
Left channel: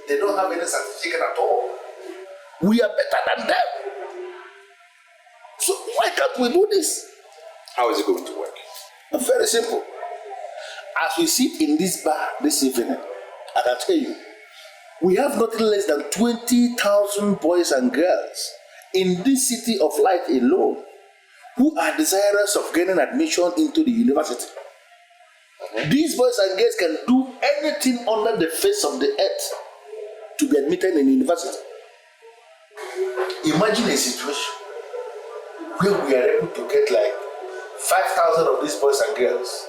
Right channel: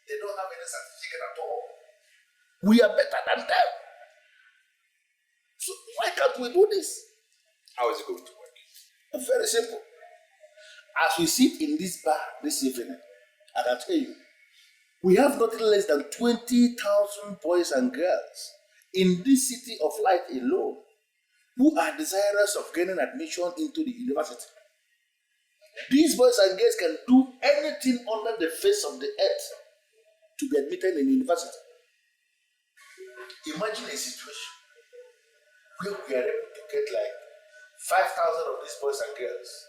they don't have any certificate at all. We are better than them. So why can't we do this? How is it going to work? Very simple. As we sit in this bar this evening, I can tell you, we have nothing less than 20,000 boys and girls in this city of light alone who are desirous of gaining admission into the university. These boys and girls can do anything under the face of the earth to be admitted in the university. Imagine a situation where we are able to get like 5,000 of these boys and girls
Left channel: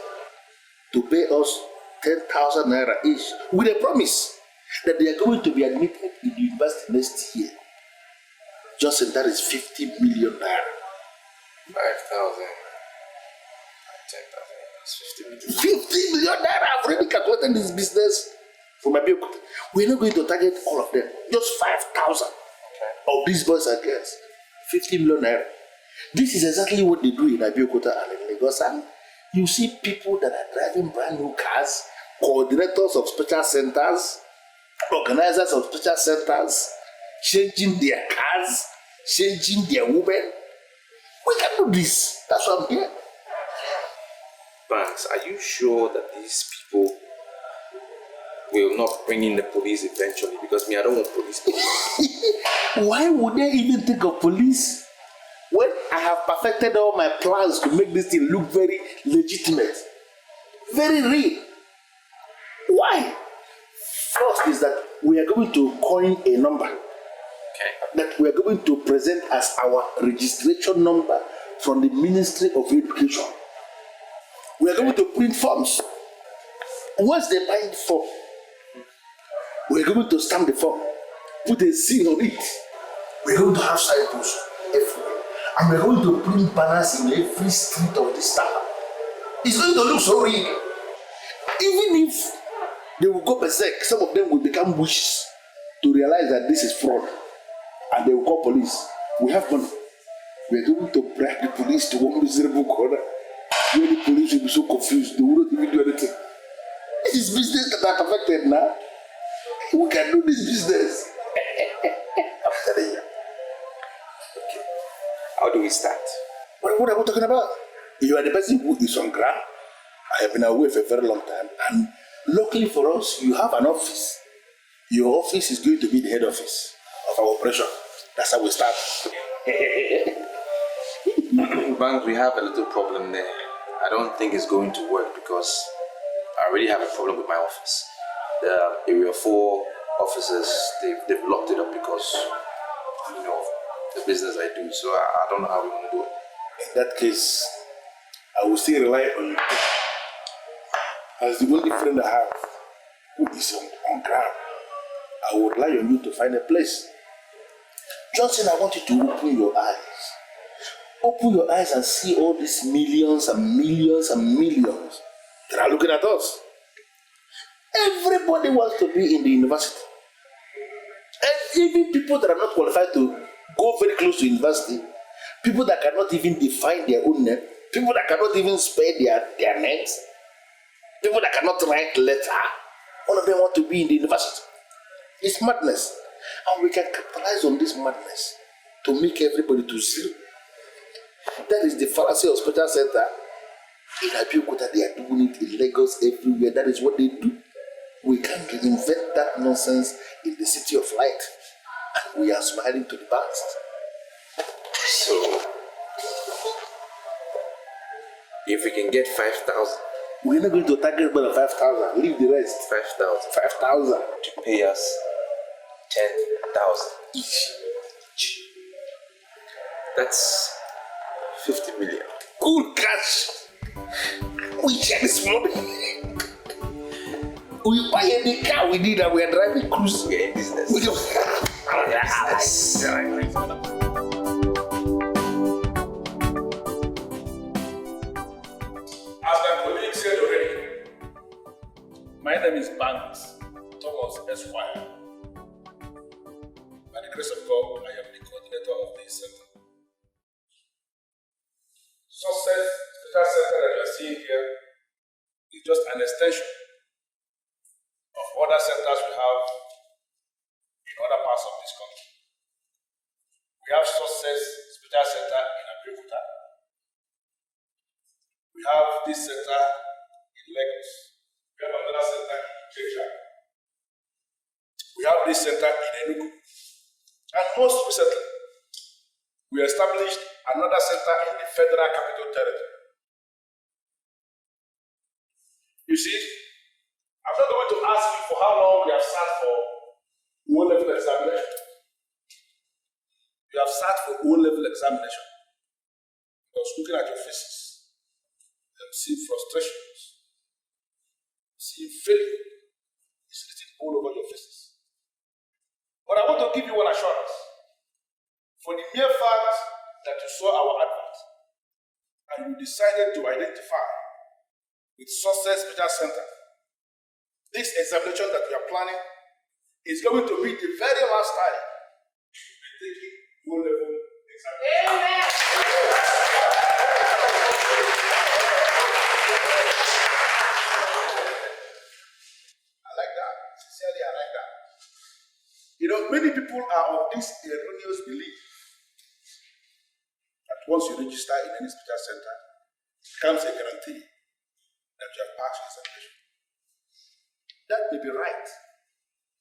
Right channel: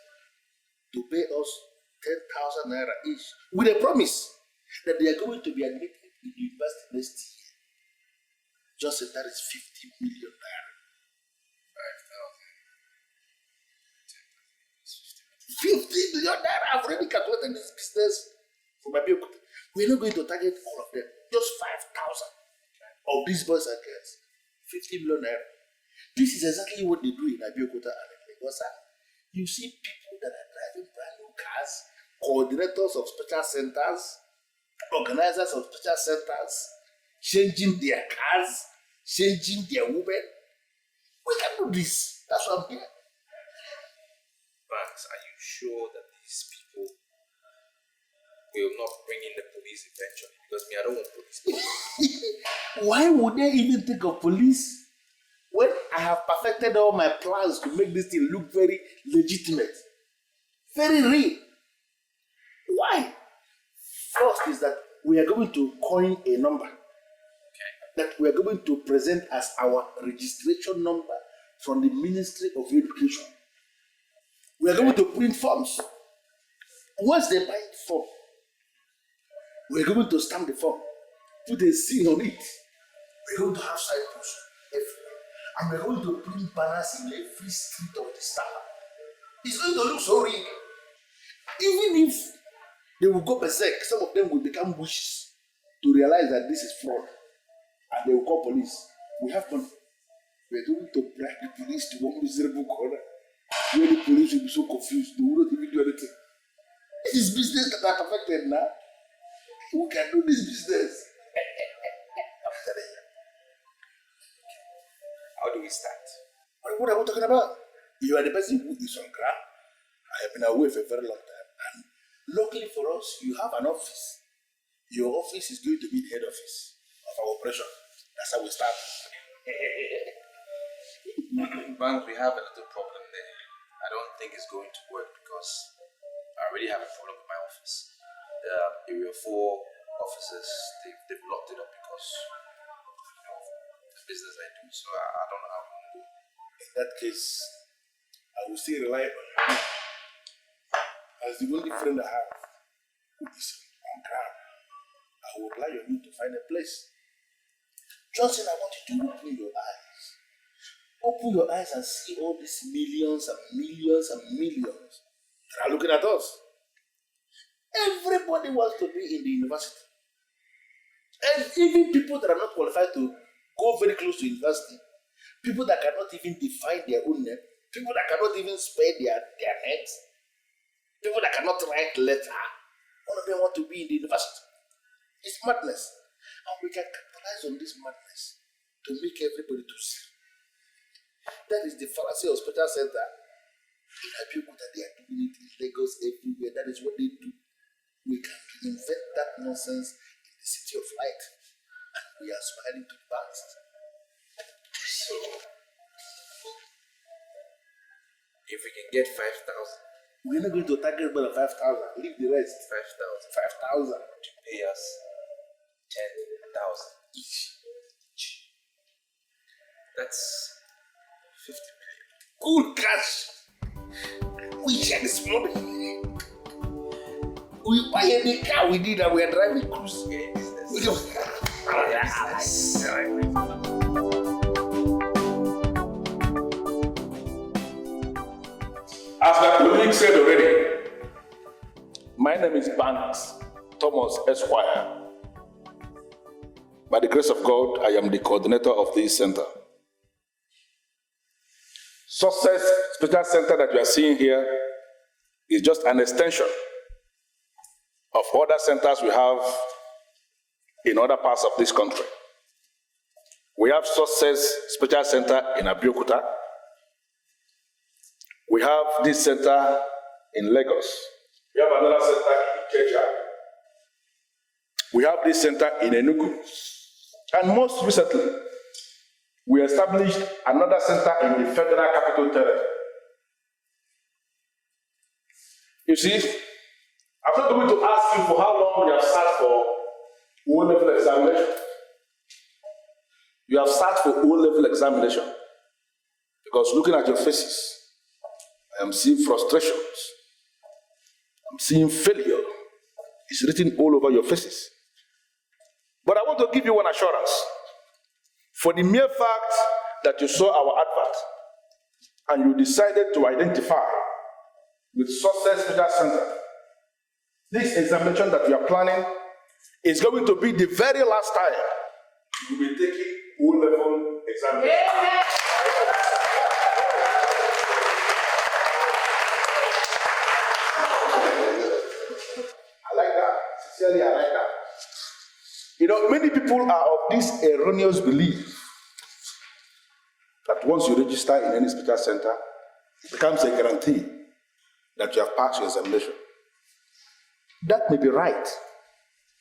to pay us 10,000 naira each with a promise that they are going to be admitted in the university next year. Just in that is 50 million naira. 5,000, 10,000, 50 million. 50 million naira! I've already calculated this business for my bill. We're not going to target all of them, just 5,000 of these boys and girls. 50 million naira. This is exactly what they do in Abeokuta and in Lagos. And you see people that are driving brand new cars, coordinators of special centers, organizers of special centers, changing their cars, changing their women. We can do this. That's why I'm here. Banks, are you sure that these people will not bring in the police eventually? Because me, I don't want police. Why would they even think of police when I have perfected all my plans to make this thing look very legitimate, very real? Why? First is that we are going to coin a number that we are going to present as our registration number from the Ministry of Education. We are going to print forms. Once they buy the form, we are going to stamp the form, put a seal on it. We are going to have signposts everywhere. And we are going to print banners in every street of this town. It's going to look so real. Even if they will go berserk, some of them will become witches to realize that this is fraud. And they will call police. We have money. We are going to bribe the police to one miserable corner where the police will be so confused, they will not even do anything. This is business that are affected now. We can do this business. I'm telling you. How do we start? What are we talking about? You are the person who is on ground. I have been away for a very long time. And luckily for us, you have an office. Your office is going to be the head office of our operation. That's how we start. Banks, we have a little problem there. I don't think it's going to work because I already have a problem with my office. The Area 4 officers, they've locked it up because, the business I do. So I don't know how we're going to do it. In that case, I will still rely on you. As the only friend I have who is on ground, I will rely on you to find a place. Johnson, I want you to open your eyes. Open your eyes and see all these millions and millions and millions that are looking at us. Everybody wants to be in the university. And even people that are not qualified to go very close to university, people that cannot even define their own name, people that cannot even spell their names, people that cannot write letter, all of them want to be in the university. It's madness. And we can capitalize on this madness to make everybody to see. That is the fallacy of special center. In Abeokuta, they are doing it in Lagos, everywhere. That is what they do. We can reinvent that nonsense in the city of light. And we are smiling to the past. So, if we can get 5,000. We're not going to target more than 5,000. Leave the rest. 5,000. 5,000. To pay us 10,000 each. That's 50 million. Good catch. We share this money. We buy any car we need and we are driving cruise. We are in business. We just... business. As my colleague said already, my name is Banks Thomas Esquire. By the grace of God, I am the coordinator of this center. Success Special Center that you are seeing here is just an extension of other centers we have in other parts of this country. We have Success Special Center in Abeokuta. We have this center in Lagos. We have another center in Kenya. We have this center in Enugu. And most recently, we established another center in the Federal Capital Territory. You see, I'm not going to ask you for how long you have sat for O-level examination. You have sat for O-level examination because looking at your faces, I am seeing frustrations. I'm seeing failure. It's written all over your faces. But I want to give you one assurance. For the mere fact that you saw our advert and you decided to identify with Success Special Center, this examination that you are planning is going to be the very last time you will be taking O-level examination. Amen. I like that. Sincerely, I like that. Many people are of this erroneous belief that once you register in any special center, it becomes a guarantee that you have passed your examination. That may be right,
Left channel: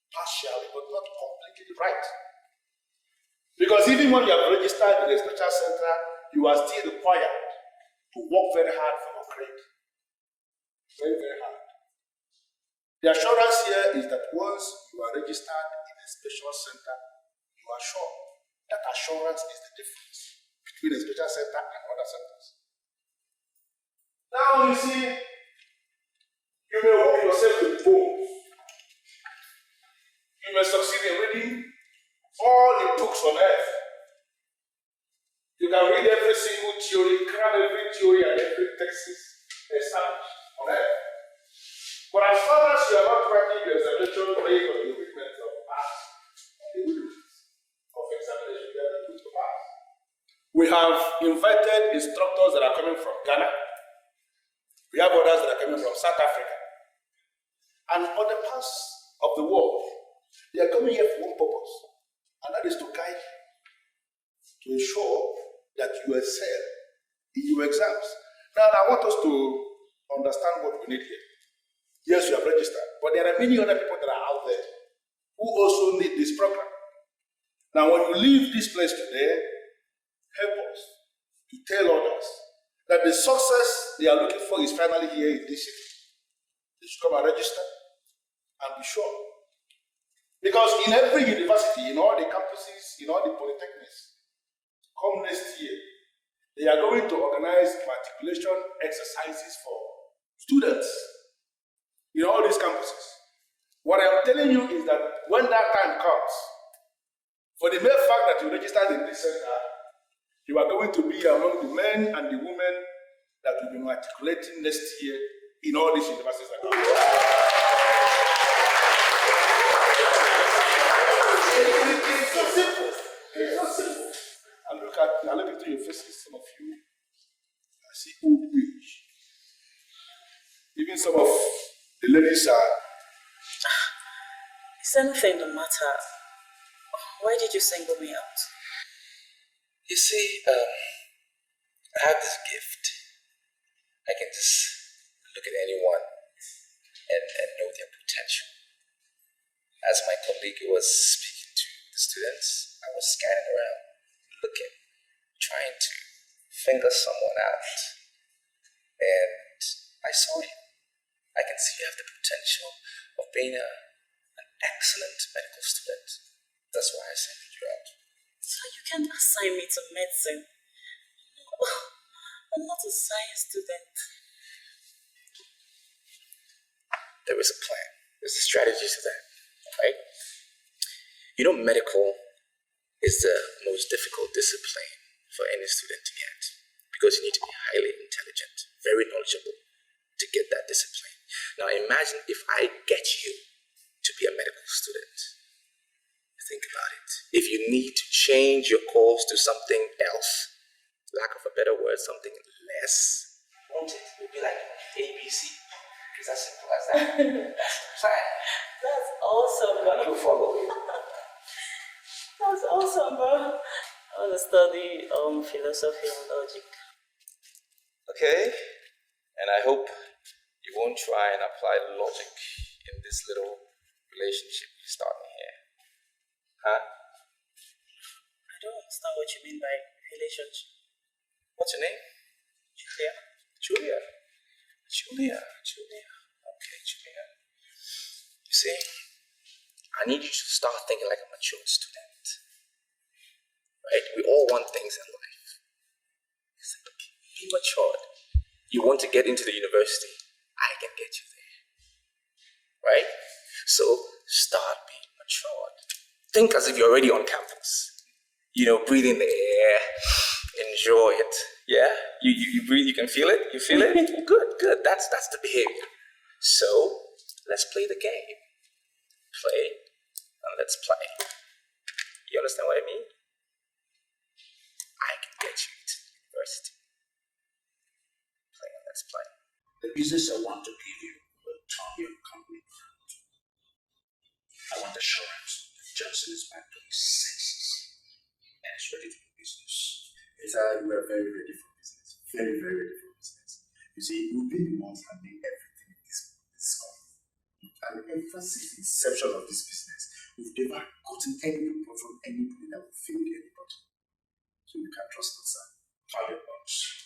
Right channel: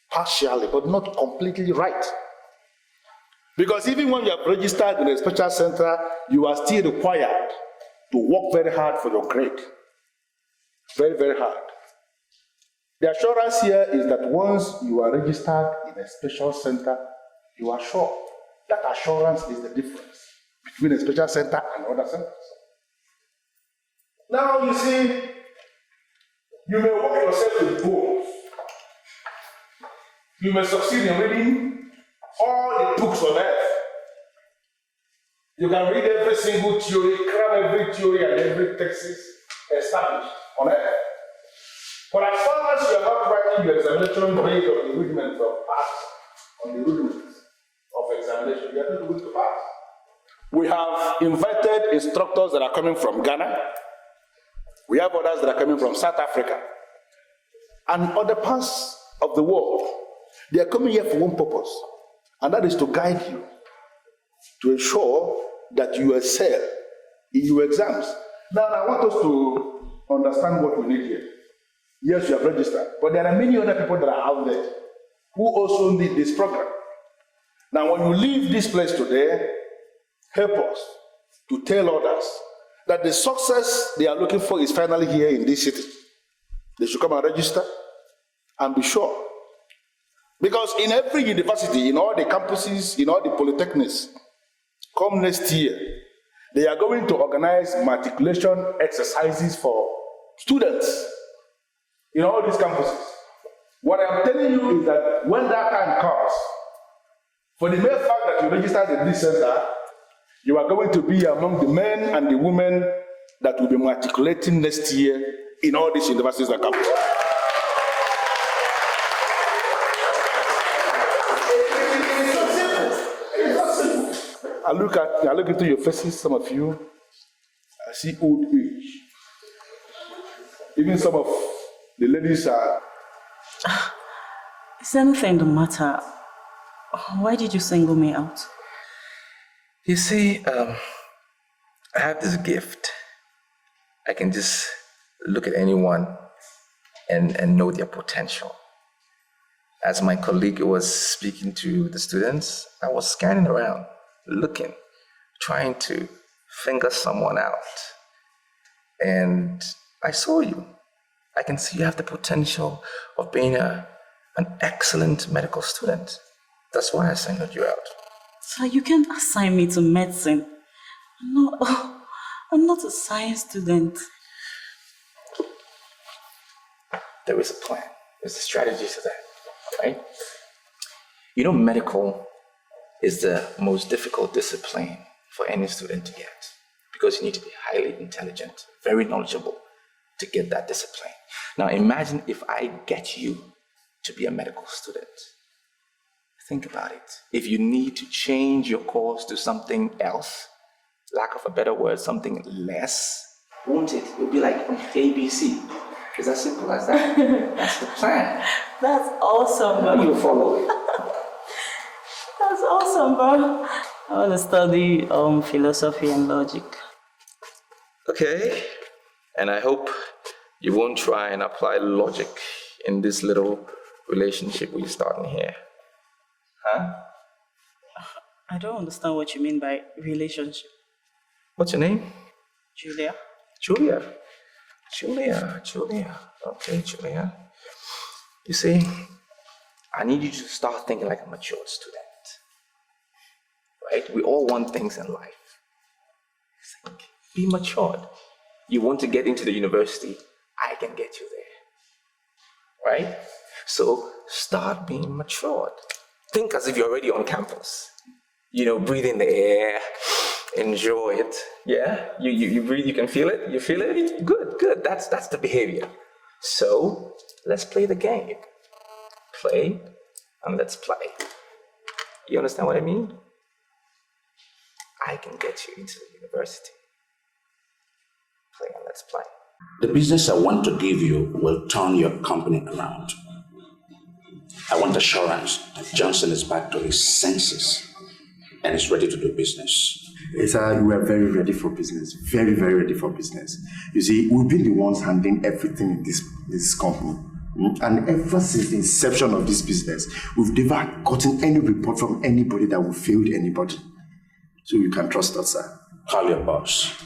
partially, but not completely right. Because even when you have registered in a special center, you are still required to work very hard for your grade. Very, very hard. The assurance here is that once you are registered in a special center, you are sure. That assurance is the difference between a special center and other centers. Now you see, you may work yourself with goals. You may succeed in reading all the books on earth. You can read every single theory, cram every theory and every thesis established on earth. But as far as you are not writing your examination based on the rudiments of pass, on the rudiments of examination, you are not going to pass. We have invited instructors that are coming from Ghana. We have others that are coming from South Africa and other parts of the world They are coming here for one purpose, and that is to guide you, to ensure that you excel in your exams. Now, I want us to understand what we need here. Yes, you have registered, but there are many other people that are out there who also need this program. Now, when you leave this place today, help us to tell others that the success they are looking for is finally here in this city. They should come and register and be sure. Because in every university, in all the campuses, in all the polytechnics, come next year, they are going to organize matriculation exercises for students in all these campuses. What I'm telling you is that when that time comes, for the mere fact that you registered in this center, you are going to be among the men and the women that will be matriculating next year in all these universities and campuses. I look into your faces, some of you, I see old age. Even some of the ladies are... Is anything the matter? Why did you single me out? You see, I have this gift. I can just look at anyone and know their potential. As my colleague was speaking to the students, I was scanning around, looking, trying to finger someone out. And I saw you. I can see you have the potential of being an excellent medical student. That's why I singled you out. So you can't assign me to medicine. I'm not a science student. There is a plan. There's a strategy to that, right? You know, medical is the most difficult discipline for any student to get because you need to be highly intelligent, very knowledgeable to get that discipline. Now imagine if I get you to be a medical student. Think about it. If you need to change your course to something else, lack of a better word, something less, won't it? It would be like ABC. It's as simple as that. That's the plan. That's awesome, bro. You follow it. That's awesome, bro. I want to study philosophy and logic. Okay. And I hope you won't try and apply logic in this little relationship we're starting here. Huh? I don't understand what you mean by relationship. What's your name? Julia. Julia. Okay, Julia. You see, I need you to start thinking like a mature student. Right? We all want things in life. Think, be matured. You want to get into the university, I can get you there. Right? So start being matured. Think as if you're already on campus. You know, breathe in the air, enjoy it. Yeah? You breathe, you can feel it? You feel it? Good. That's the behavior. So let's play the game. Play and let's play. You understand what I mean? I can get you into the university. Play and let's play. The business I want to give you will turn your company around. I want assurance that Johnson is back to his senses and is ready to do business. Yes, we are very ready for business. Very, very ready for business. You see, we've been the ones handling everything in this company. And ever since the inception of this business, we've never gotten any report from anybody that we failed anybody. So you can trust us, sir. Call your boss.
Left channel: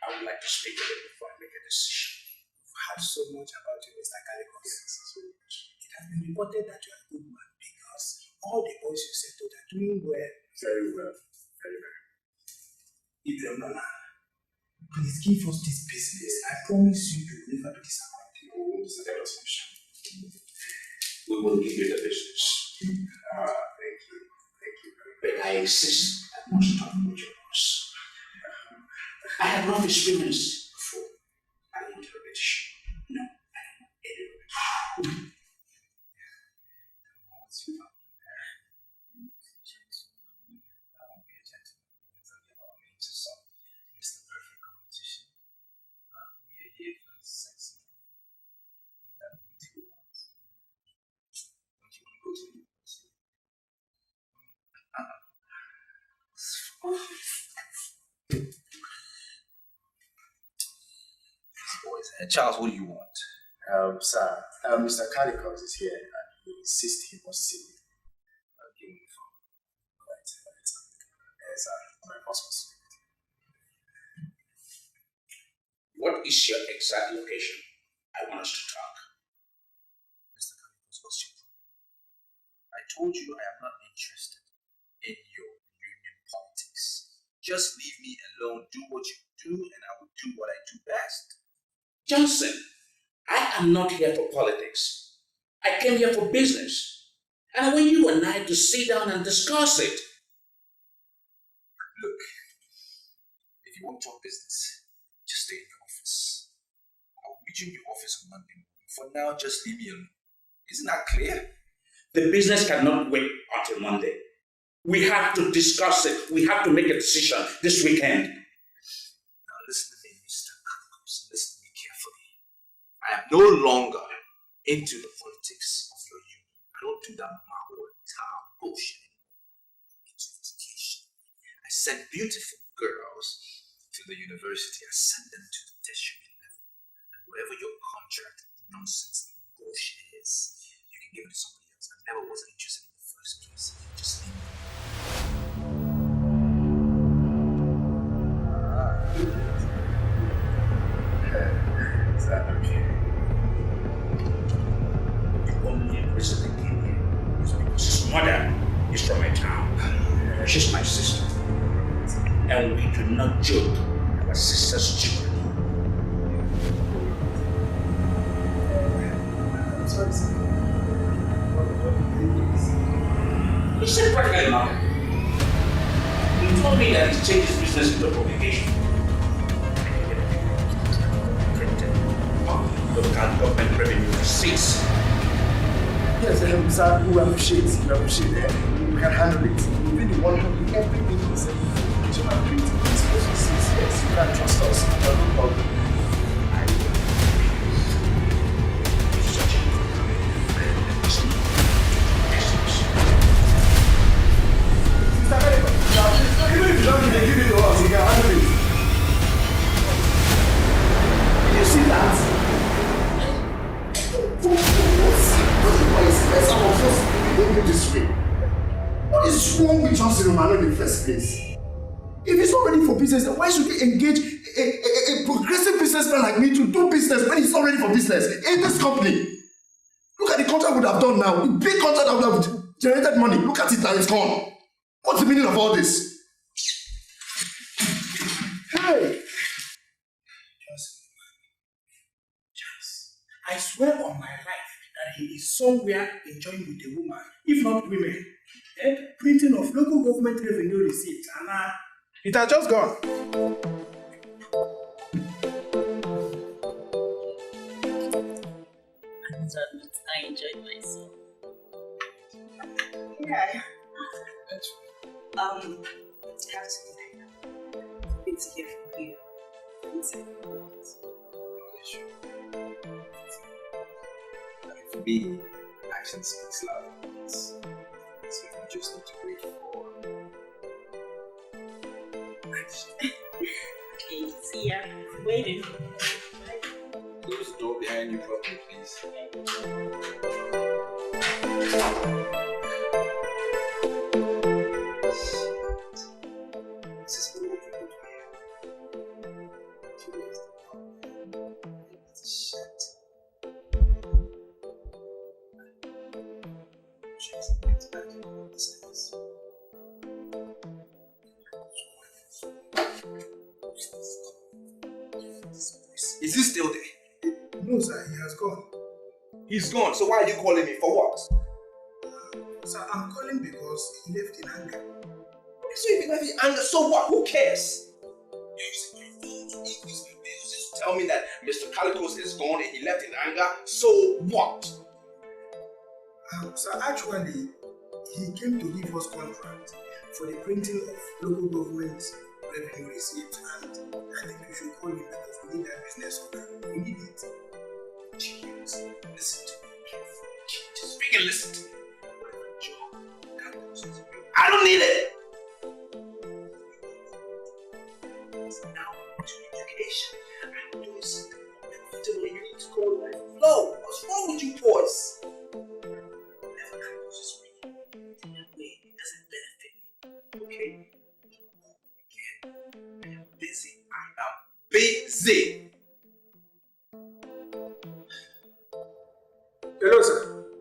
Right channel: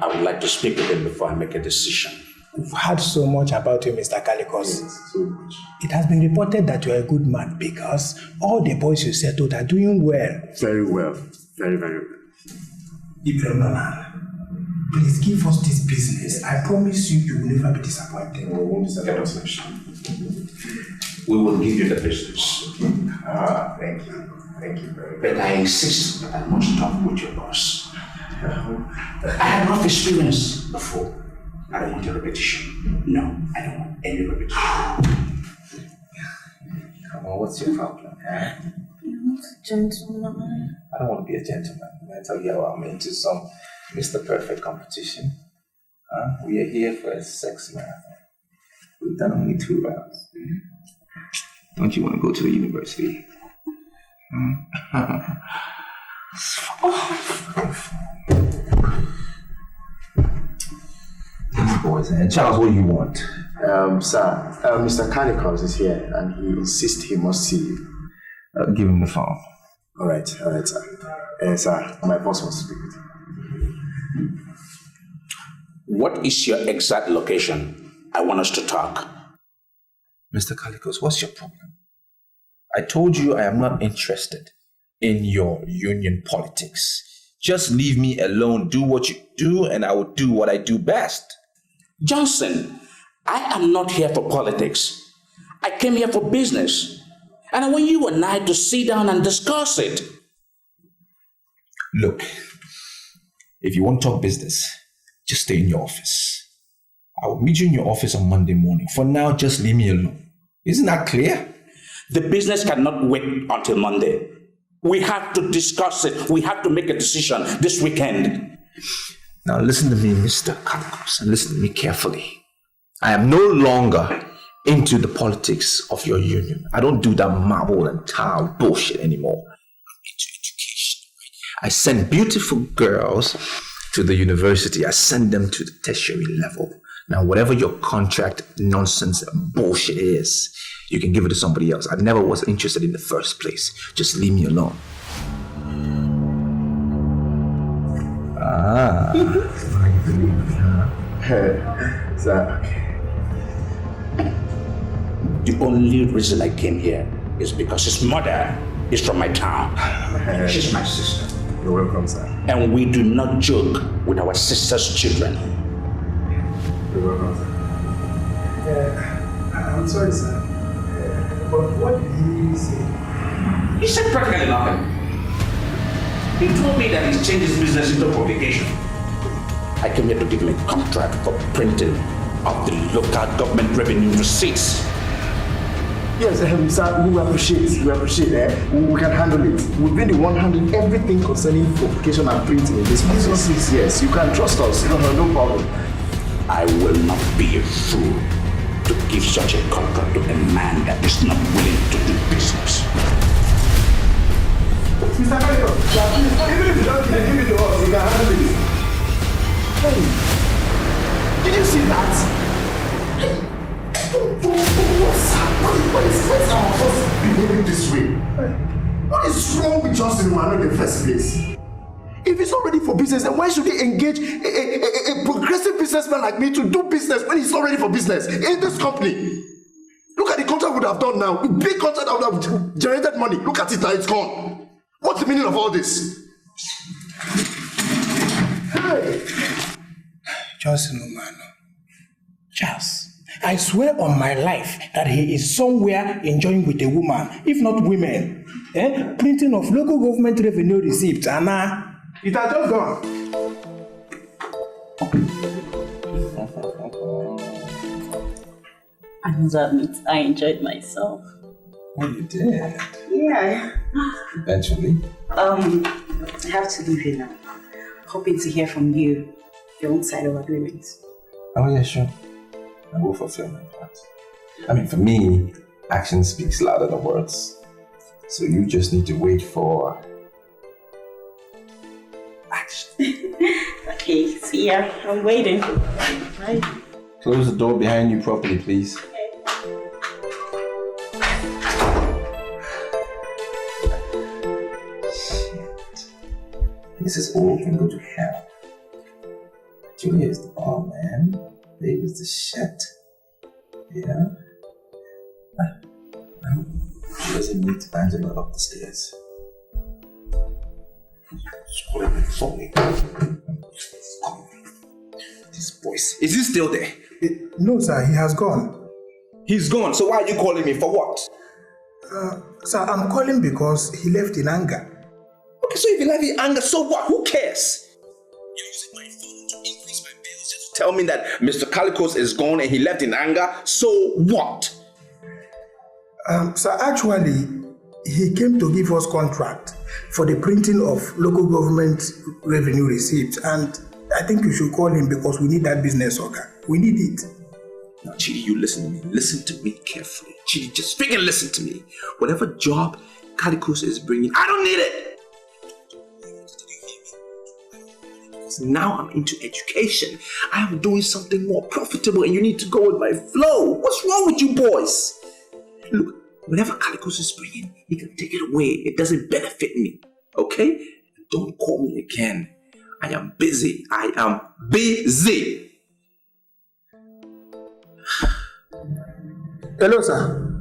I would like to speak with him before I make a decision. We've heard so much about you, Mr. Kalikos. Yes, so much. It has been reported that you're a good man because all the boys you settled are doing well. Very well. Very, very well. Ibrahim, please give us this business. I promise you, you will never be disappointed. We won't disappoint us. We will give you the business. Thank you. Thank you very much. But I insist that I must talk with your boss. I had rough experience before. I don't want a repetition. No, I don't want any repetition. Come on, what's your problem? Huh? You're not a gentleman. I don't want to be a gentleman. I tell you how I'm into some Mr. Perfect competition. We are here for a sex marathon. We've done only 2 rounds. Don't you want to go to the university? These boys, and Charles, what do you want? Sir, Mr. Calicos is here and he insists he must see you. Give him the phone. All right, sir. Sir, my boss wants to speak with you. What is your exact location? I want us to talk. Mr. Calicos, what's your problem? I told you I am not interested in your union politics. Just leave me alone, do what you do, and I will do what I do best. Johnson, I am not here for politics. I came here for business. And I want you and I to sit down and discuss it. Look, if you want to talk business, just stay in your office. I will meet you in your office on Monday morning. For now, just leave me alone. Isn't that clear? The business cannot wait until Monday. We have to discuss it. We have to make a decision this weekend. Now listen to me, Mr. Calicos, and listen to me carefully. I am no longer into the politics of your union. I don't do that marble and tile bullshit anymore. I'm into education. I send beautiful girls to the university. I send them to the tertiary level. Now, whatever your contract nonsense and bullshit is, you can give it to somebody else. I never was interested in the first place. Just leave me alone. Sir. The only reason I came here is because his mother is from my town. She's my sister. You're welcome, sir. And we do not joke with our sister's children. You're welcome, sir. I'm sorry, sir. But what did he say? He said practically nothing. He told me that he's changed his business into publication. I came here to give him a contract for printing of the local government revenue receipts. Yes, sir, we appreciate it. We can handle it. We've been the one handling everything concerning publication and printing in this business. Yes, you can trust us. No problem. I will not be a fool to give such a contract to a man that is not willing to do business. Mr. Calicos, even if you don't give it to us, we can handle it. Did you see that? Why is some of us behaving this way? What is wrong with Johnson Umano in the first place? If he's not ready for business, then why should he engage a progressive businessman like me to do business when he's not ready for business in this company? Look at the contract we would have done now. A big contract that would have generated money. Look at it now, it's gone. What's the meaning of all this? Hey! Johnson Umano. Charles. I swear on my life that he is somewhere enjoying with a woman, if not women. Printing of local government revenue receipts, and it has just gone. I must admit, I enjoyed myself. Oh, you did? Yeah. Eventually. I have to leave you now. Hoping to hear from you, your own side of agreement. Oh, yeah, sure. I will fulfill my part. I mean, for me, action speaks louder than words. So you just need to wait for action. Okay, see ya. I'm waiting. Bye. Close the door behind you properly, please. This is all can go to hell. Julia is the bomb, man. Babe is the shit. Yeah? I hope she doesn't meet Angela up the stairs. This voice. Is he still there? No, sir, he has gone. He's gone, so why are you calling me? For what? Sir, I'm calling because he left in anger. Okay, so if he left in anger, so what? Who cares? You're using my phone to increase my bills just to tell me that Mr. Calicos is gone and he left in anger, so what? Sir, actually, he came to give us contract for the printing of local government revenue receipts, and I think you should call him because we need that business order. We need it. Now, Chidi, you listen to me carefully. Chidi, just freaking listen to me. Whatever job Calicos is bringing, I don't need it. Now I'm into education. I am doing something more profitable and you need to go with my flow. What's wrong with you boys? Look, whatever Calicos is bringing, he can take it away. It doesn't benefit me, okay? Don't call me again. I am busy. I am busy. Hello, sir.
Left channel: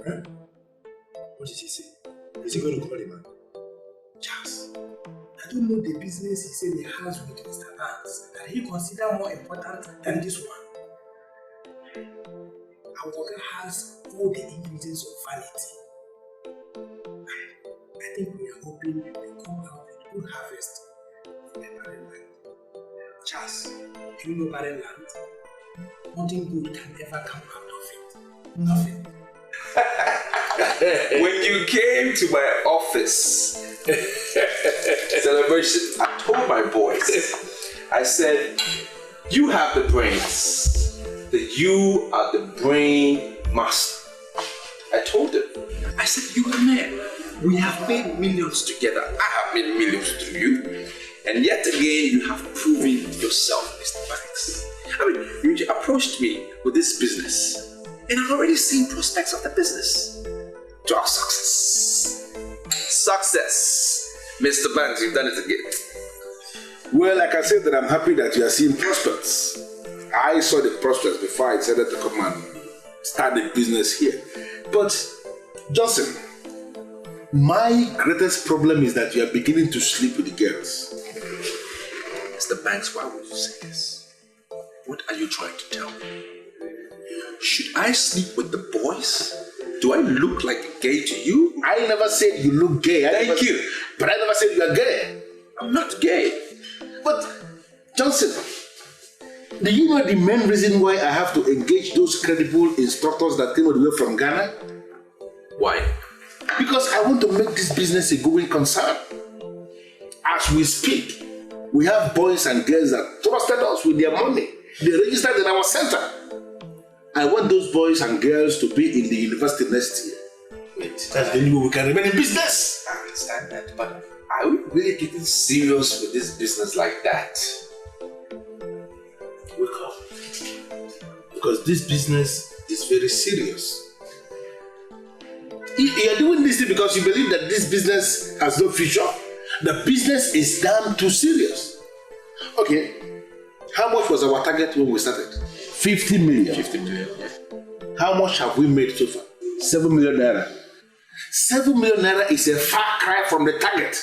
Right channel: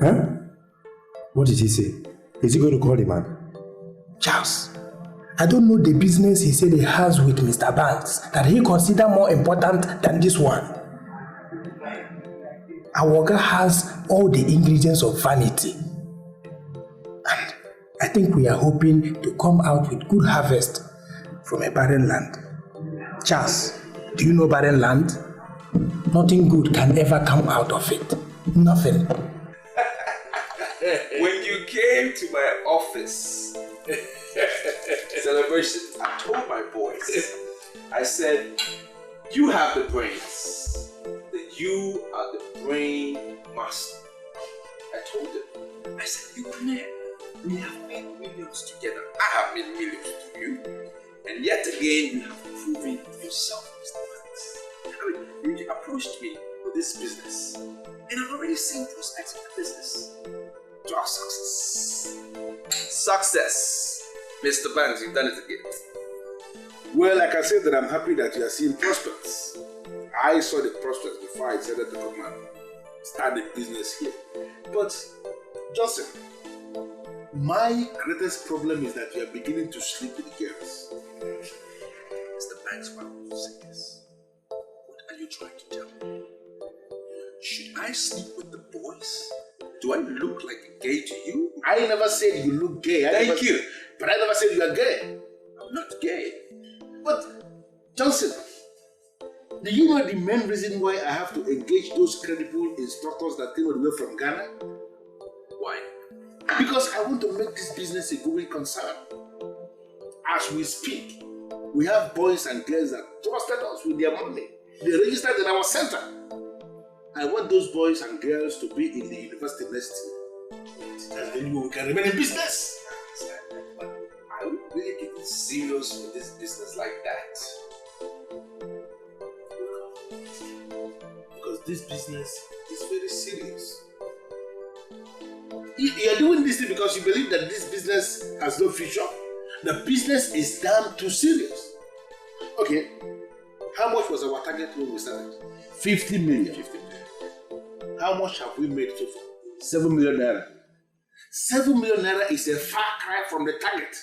Huh? What did he say? Is he going to call the man? Charles, I don't know the business he said he has with Mr. Banks that he considers more important than this one. Our guy has all the ingredients of vanity. And I think we are hoping to come out with good harvest from a barren land. Charles, do you know barren land? Nothing good can ever come out of it. Nothing. When you came to my office, celebration, I told my boys, I said, you have the brains, that you are the brain master. I told them, I said, you are man. We have made millions together. I have made millions through you. And yet again, you have proven yourself, Mr. Banks. I mean, you approached me with this business, and I've already seen prospects of the business. To our success. Success. Mr. Banks, you've done it again. Well, like I said, that I'm happy that you are seeing prospects. I saw the prospects before I decided to come and start the business here. But, Johnson, my greatest problem is that you are beginning to sleep with the girls. Mr. Banks, why would you say this? What are you trying to tell me? Should I sleep with the boys? Do I look like gay to you? I never said you look gay. Thank you. But I never said you are gay. I'm not gay. But, Johnson, do you know the main reason why I have to engage those credible instructors that came all the way from Ghana? Why? Because I want to make this business a going concern. As we speak, we have boys and girls that trusted us with their money. They registered in our center. I want those boys and girls to be in the university next year. Wait, that's the only way we can remain in business. I understand that, but are we really getting serious with this business like that? Wake up. Because this business is very serious. You are doing this thing because you believe that this business has no future. The business is damn too serious. Okay, how much was our target when we started? 50 million. 50 million. How much have we made so far? 7 million naira. 7 million naira is a far cry from the target.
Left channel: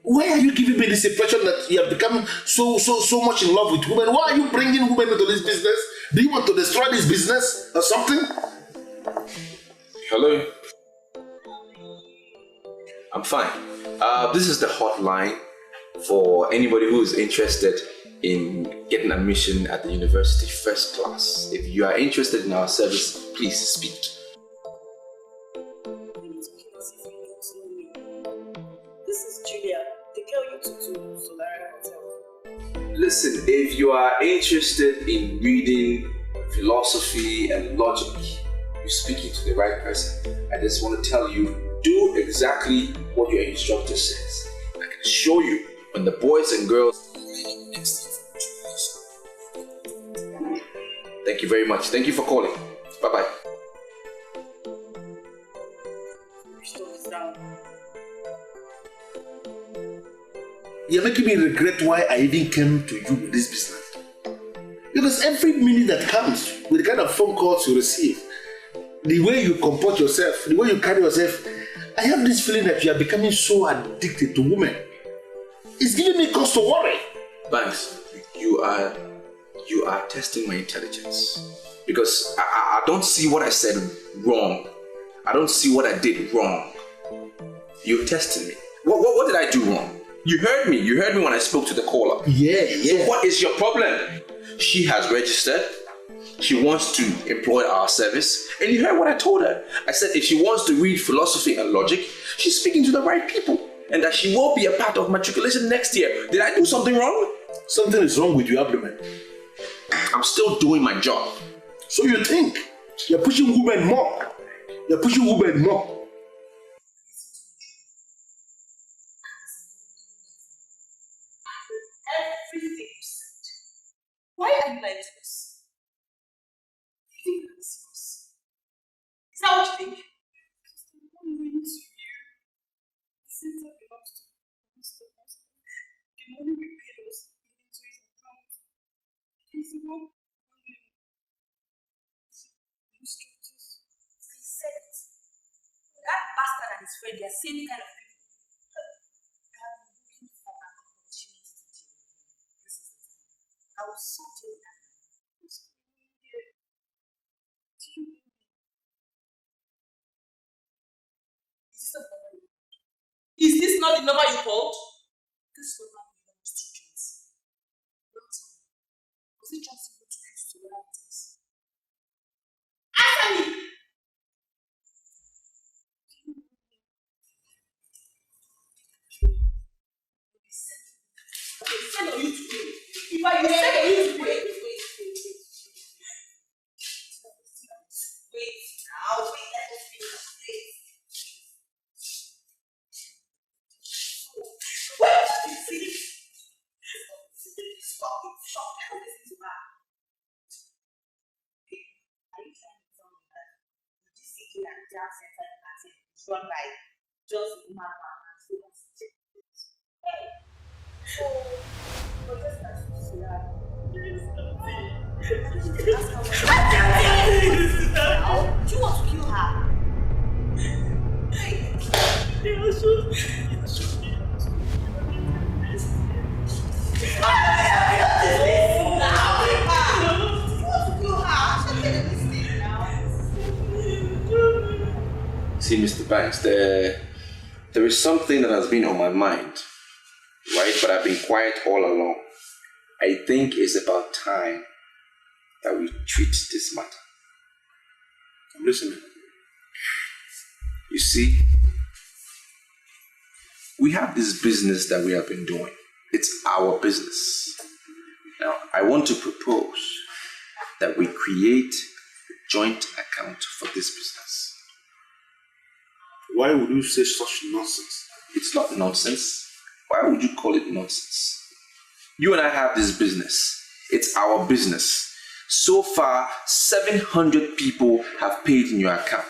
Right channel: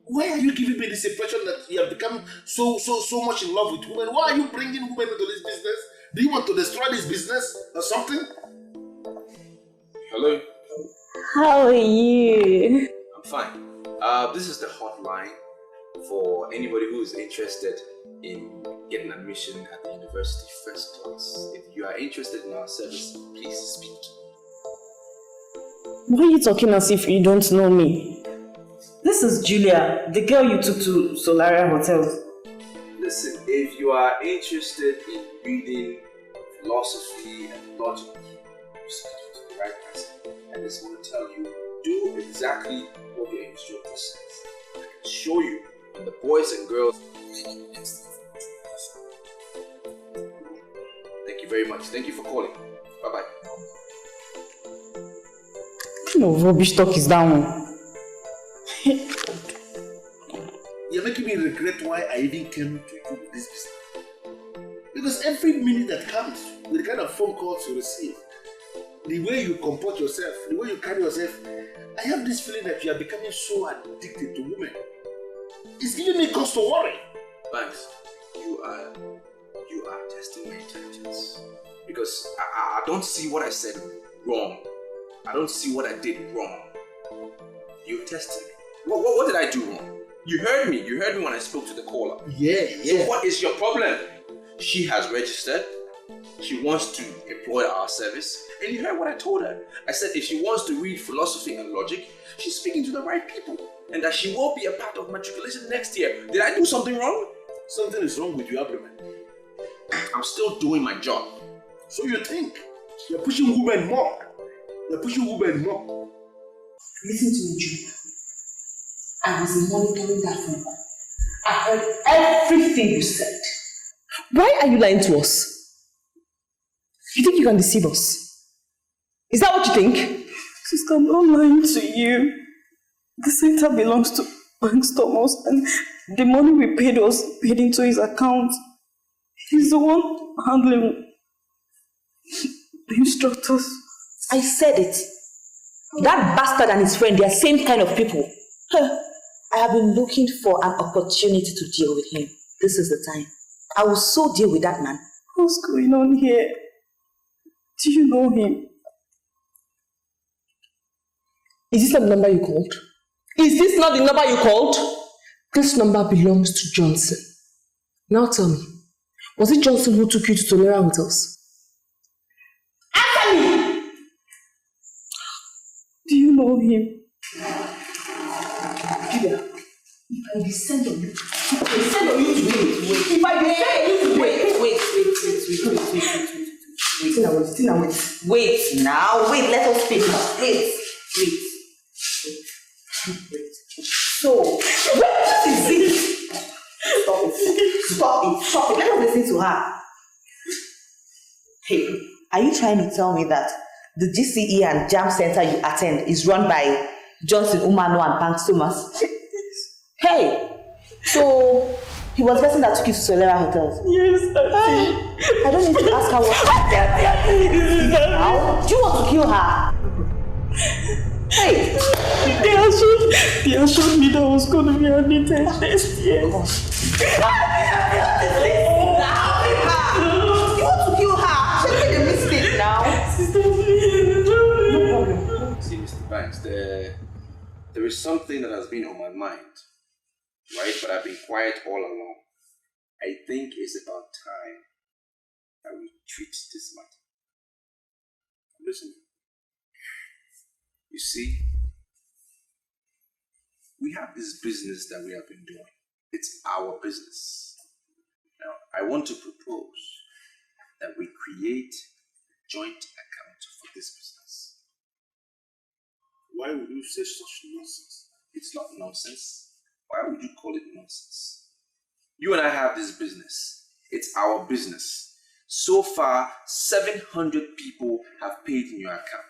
Why are you giving me this impression that you have become so much in love with women? Why are you bringing women into this business? Do you want to destroy this business or something? Hello. How are you? I'm fine. This is the hotline for anybody who is interested in getting admission at the university first class. If you are interested in our service, please speak. Why are you talking as if you don't know me? This is Julia, the girl you took to Solaria Hotel. Listen, if you are interested in reading philosophy and logic, you're speaking to the right person. I just want to tell you, do exactly what your instructor says. I can assure you, when the boys and girls... Thank you very much. Thank you for calling. Bye-bye. No rubbish talk is that one. You're making me regret why I even came to you with this business. Because every minute that comes with the kind of phone calls you receive, the way you comport yourself, the way you carry yourself, I have this feeling that you are becoming so addicted to women. It's giving me cause to worry. Banks, you are testing my intelligence. Because I don't see what I said wrong. I don't see what I did wrong. You're testing me. What did I do wrong? You heard me. You heard me when I spoke to the caller. Yeah. So what is your problem? She has registered. She wants to employ our service. And you heard what I told her. I said if she wants to read philosophy and logic, she's speaking to the right people. And that she will be a part of matriculation next year. Did I do something wrong? Something is wrong with your abdomen. I'm still doing my job. So you think you're pushing women more? You're pushing women more. Listen to me, Julia. I was monitoring that phone call. I heard everything you said. Why are you lying to us? You think you can deceive us? Is that what you think? Sister, I'm not lying to you. The center belongs to Bank Thomas, and the money we paid was paid into his account. He's the one handling the instructors. I said it. That bastard and his friend, they are same kind of people. I have been looking for an opportunity to deal with him. This is the time. I will so deal with that man. What's going on here? Do you know him? Is this not the number you called? Is this not the number you called? This number belongs to Johnson. Now tell me, was it Johnson who took you to Tolera Hotels? Answer me! Do you know him? Julia, if I descend on you, if I descend on you, Wait now, let us speak now. Wait. So, what is it? Stop it. Let us listen to her. Hey, are you trying to tell me that the GCE and Jam Center you attend is run by Johnson, Umano, and Bank Thomas? Hey, so he was the person that took you to Solera Hotels? Yes, Auntie. I don't need to ask her what happened. Now, do you want to kill her? Hey! They assured me that I was going to be admitted next year. You want to kill her? She made a mistake now. See, Mr. Banks, there is something that has been on my mind, right? But I've been quiet all along. I think it's about time that we treat this matter. I'm listening. You see, we have this business that we have been doing. It's our business. Now, I want to propose that we create a joint account for this business. Why would you say such nonsense? It's not nonsense. Why would you call it nonsense? You and I have this business. It's our business. So far, 700 people have paid in your account.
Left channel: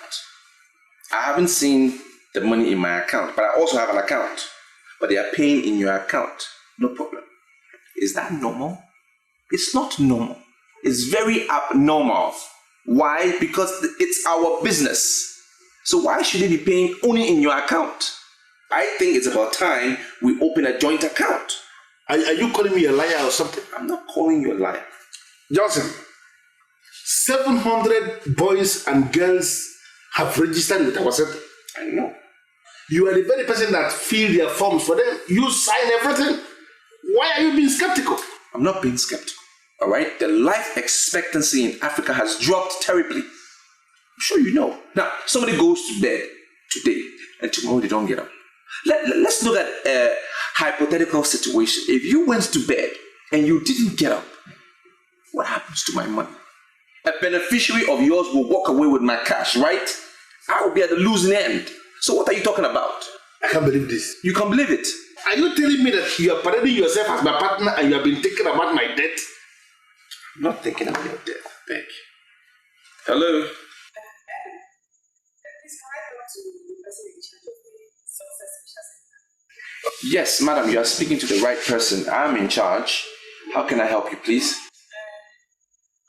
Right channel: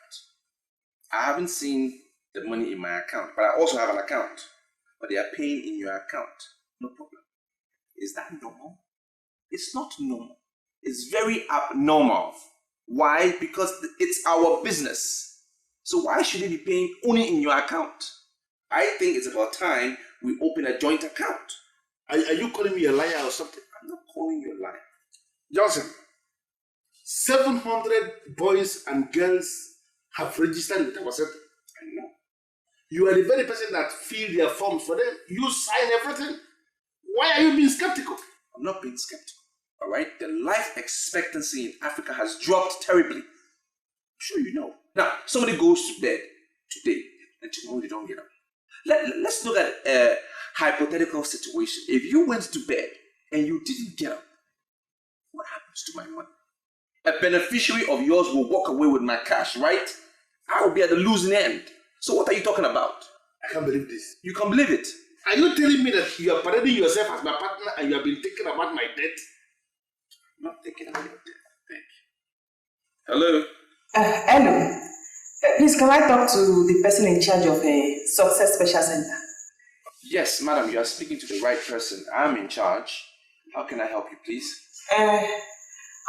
I haven't seen the money in my account, but I also have an account. But they are paying in your account. No problem. Is that normal? It's not normal. It's very abnormal. Why? Because it's our business. So why should they be paying only in your account? I think it's about time we open a joint account. Are you calling me a liar or something? I'm not calling you a liar. Johnson, 700 boys and girls have registered with our center. I know. You are the very person that fill their forms for them. You sign everything. Why are you being skeptical? I'm not being skeptical. All right? The life expectancy in Africa has dropped terribly. I'm sure you know. Now, somebody goes to bed today and tomorrow they don't get up. Let's look at a hypothetical situation. If you went to bed and you didn't get up, what happens to my money? A beneficiary of yours will walk away with my cash, right? I will be at the losing end. So what are you talking about? I can't believe this. You can't believe it. Are you telling me that you are parading yourself as my partner and you have been thinking about my death? I'm not thinking about your death, Beck. Hello? Hello. Please, can I talk to the person in charge of a Success Special Center? Yes, madam, you are speaking to the right person. I'm in charge. How can I help you, please? I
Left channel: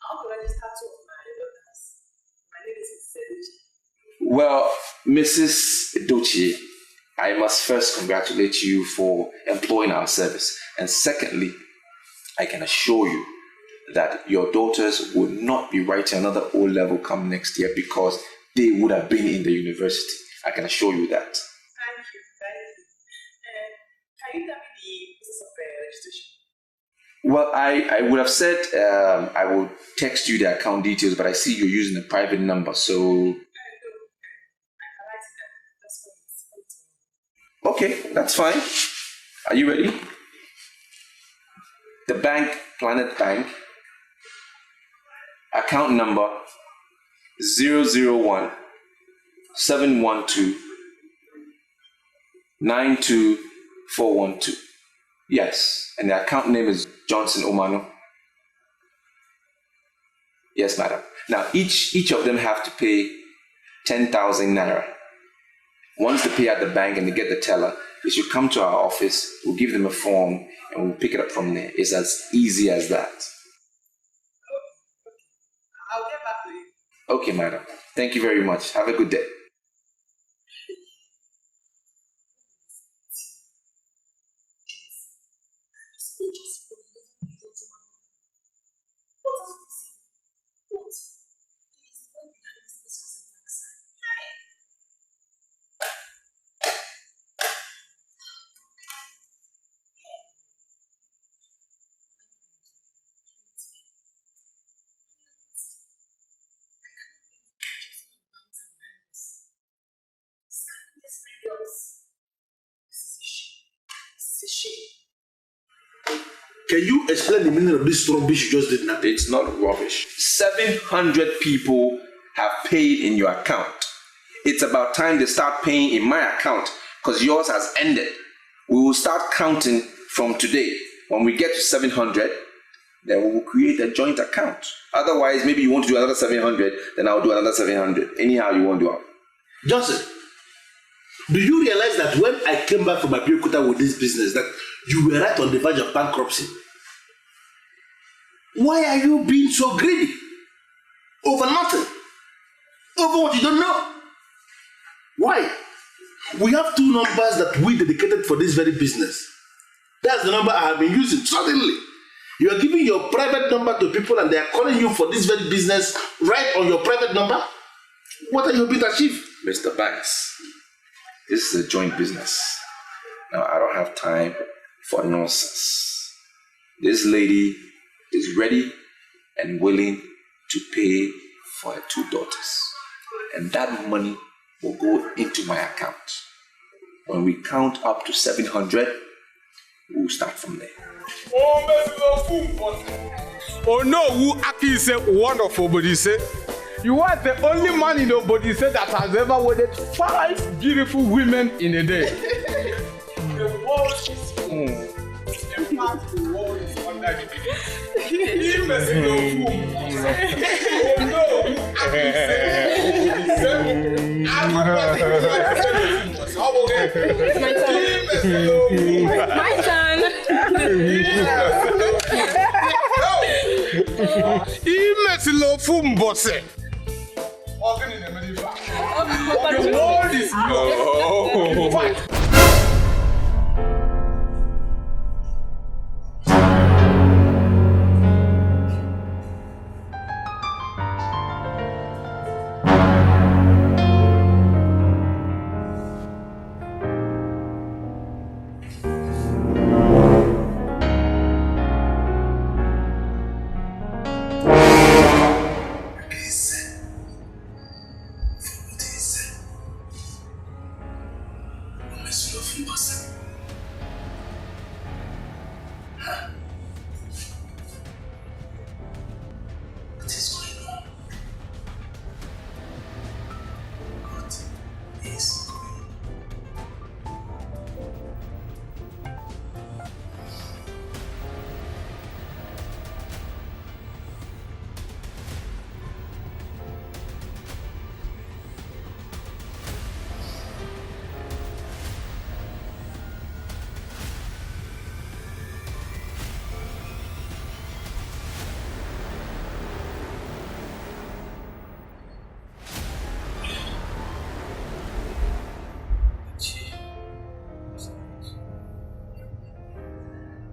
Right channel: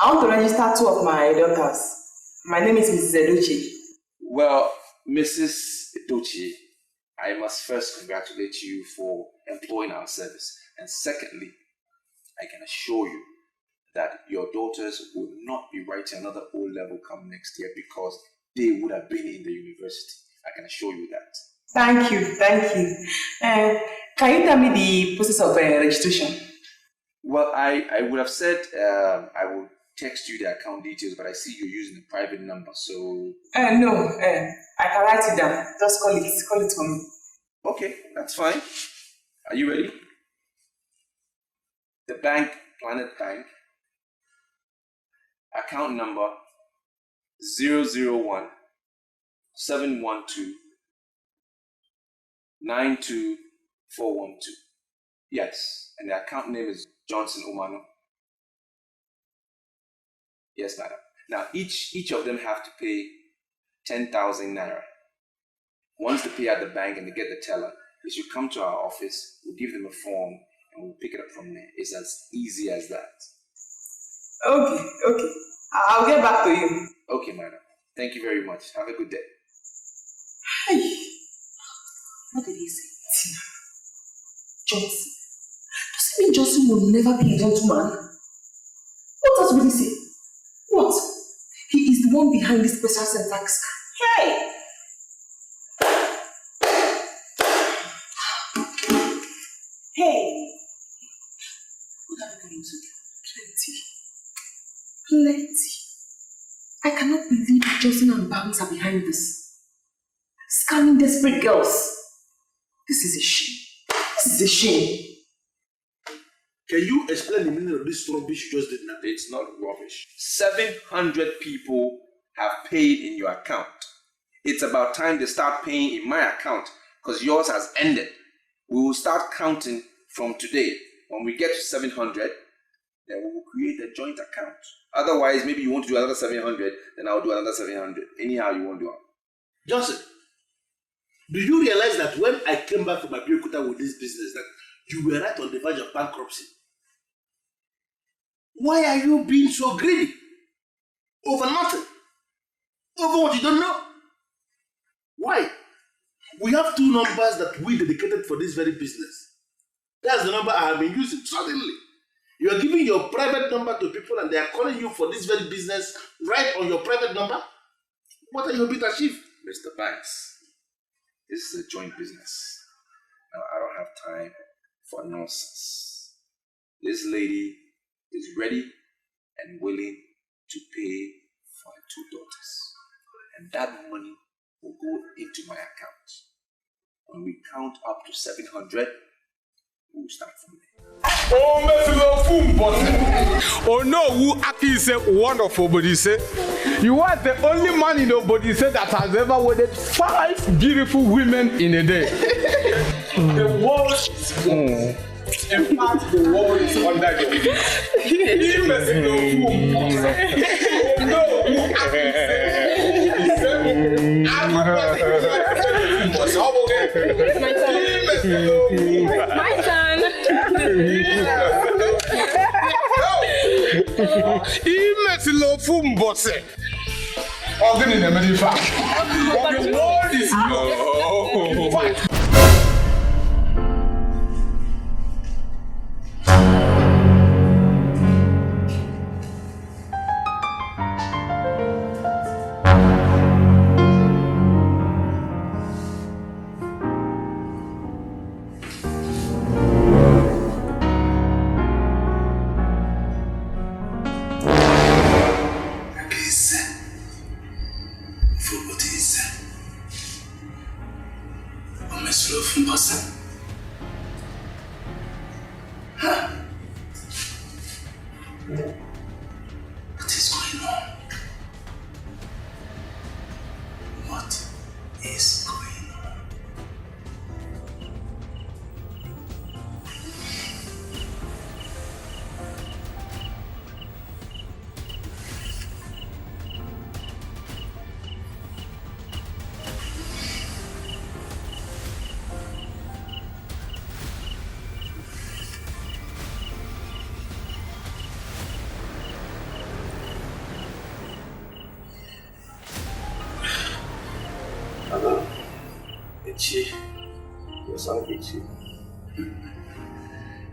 want to register 2 of my daughters. My name is Mrs. Edochie. Well, Mrs. Edochie, I must first congratulate you for employing our service. And secondly, I can assure you that your daughters would not be writing another O-level come next year because they would have been in the university. I can assure you that. Thank you. Can you tell me the process of registration? Well, I would have said I will text you the account details, but I see you're using a private number, so... No, I can write it down. Just call it for me. Okay, that's fine. Are you ready? The bank, Planet Bank, Account number 001 712 92412. Yes, and the account name is Johnson Omano. Yes, madam. Now, each of them have to pay 10,000 naira. Once they pay at the bank and they get the teller, they should come to our office. We'll give them a form and we'll pick it up from there. It's as easy as that. Okay. I'll get back to you. Okay, madam. Thank you very much. Have a good day. Hey, what did he say? Tina. Johnson. Does it mean Johnson will never be a gentleman? What else will he say? What? He is the one behind this special center scam. Hey! Hey! What are we going to do? Plenty. I cannot believe Johnson and Banks are behind this. Scamming desperate girls. This is a shame. This is a shame. Can you explain the meaning of this rubbish you just did now? It's not rubbish. 700 people have paid in your account. It's about time they start paying in my account because yours has ended. We will start counting from today. When we get to 700, then we will create a joint account. Otherwise, maybe you want to do another 700, then I'll do another 700. Anyhow you want to do it. Johnson, do you realize that when I came back from my Abeokuta with this business, that you were right on the verge of bankruptcy? Why are you being so greedy? Over nothing. Over what you don't know. Why? We have two numbers that we dedicated for this very business. That's the number I have been using. Suddenly, you are giving your private number to people and they are calling you for this very business right on your private number? What are you hoping to achieve? Mr. Banks, this is a joint business. Now, I don't have time for nonsense. This lady is ready and willing to pay for her two daughters. And that money will go into my account. When we count up to 700, we'll start from there. Oh no, who Aki say wonderful, but he say you are the only man in nobody say that has ever wedded 5 beautiful women in a day. The world is full. In fact, the world is under the Oh no, who Aki say My turn. Imesilo fumbose. Organ in the middle fact. The world is no.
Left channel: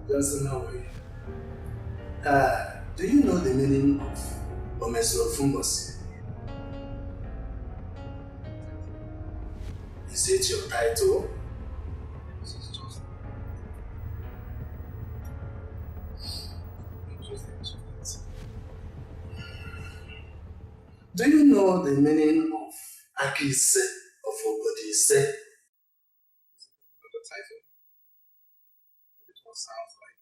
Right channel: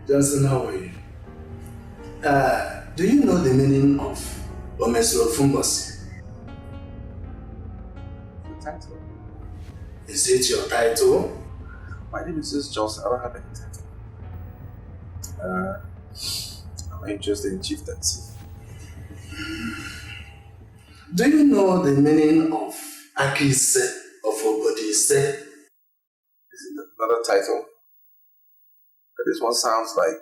Johnson, how are you? Do you know the meaning of Omeslo Fumbos? Title? Is it your title? My name is just Johnson. I don't have any title. I'm interested in chieftaincy. Do you know the meaning of Akise of Obodise? Is it another title? But this one sounds like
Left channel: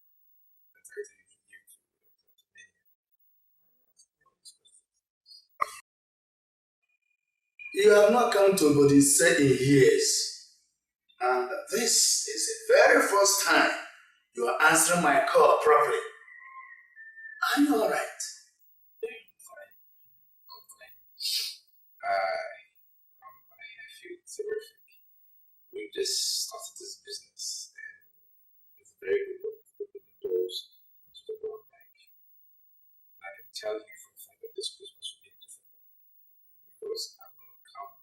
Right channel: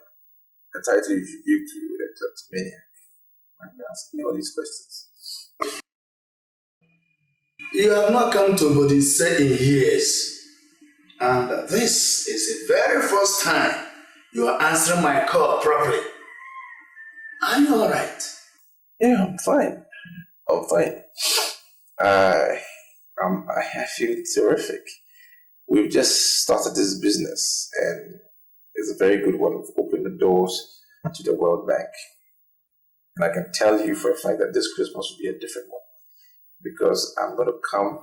a title you should give to a kleptomaniac. Why are you asking me all these questions? You have not come to Body say in years. And this is the very first time you are answering my call properly. Are you alright? Yeah, I'm fine. I'm fine. I feel terrific. We've just started this business, and it's a very good one. We've opened the doors to the World Bank. And I can tell you for a fact that this Christmas will be a different one, because I'm going to come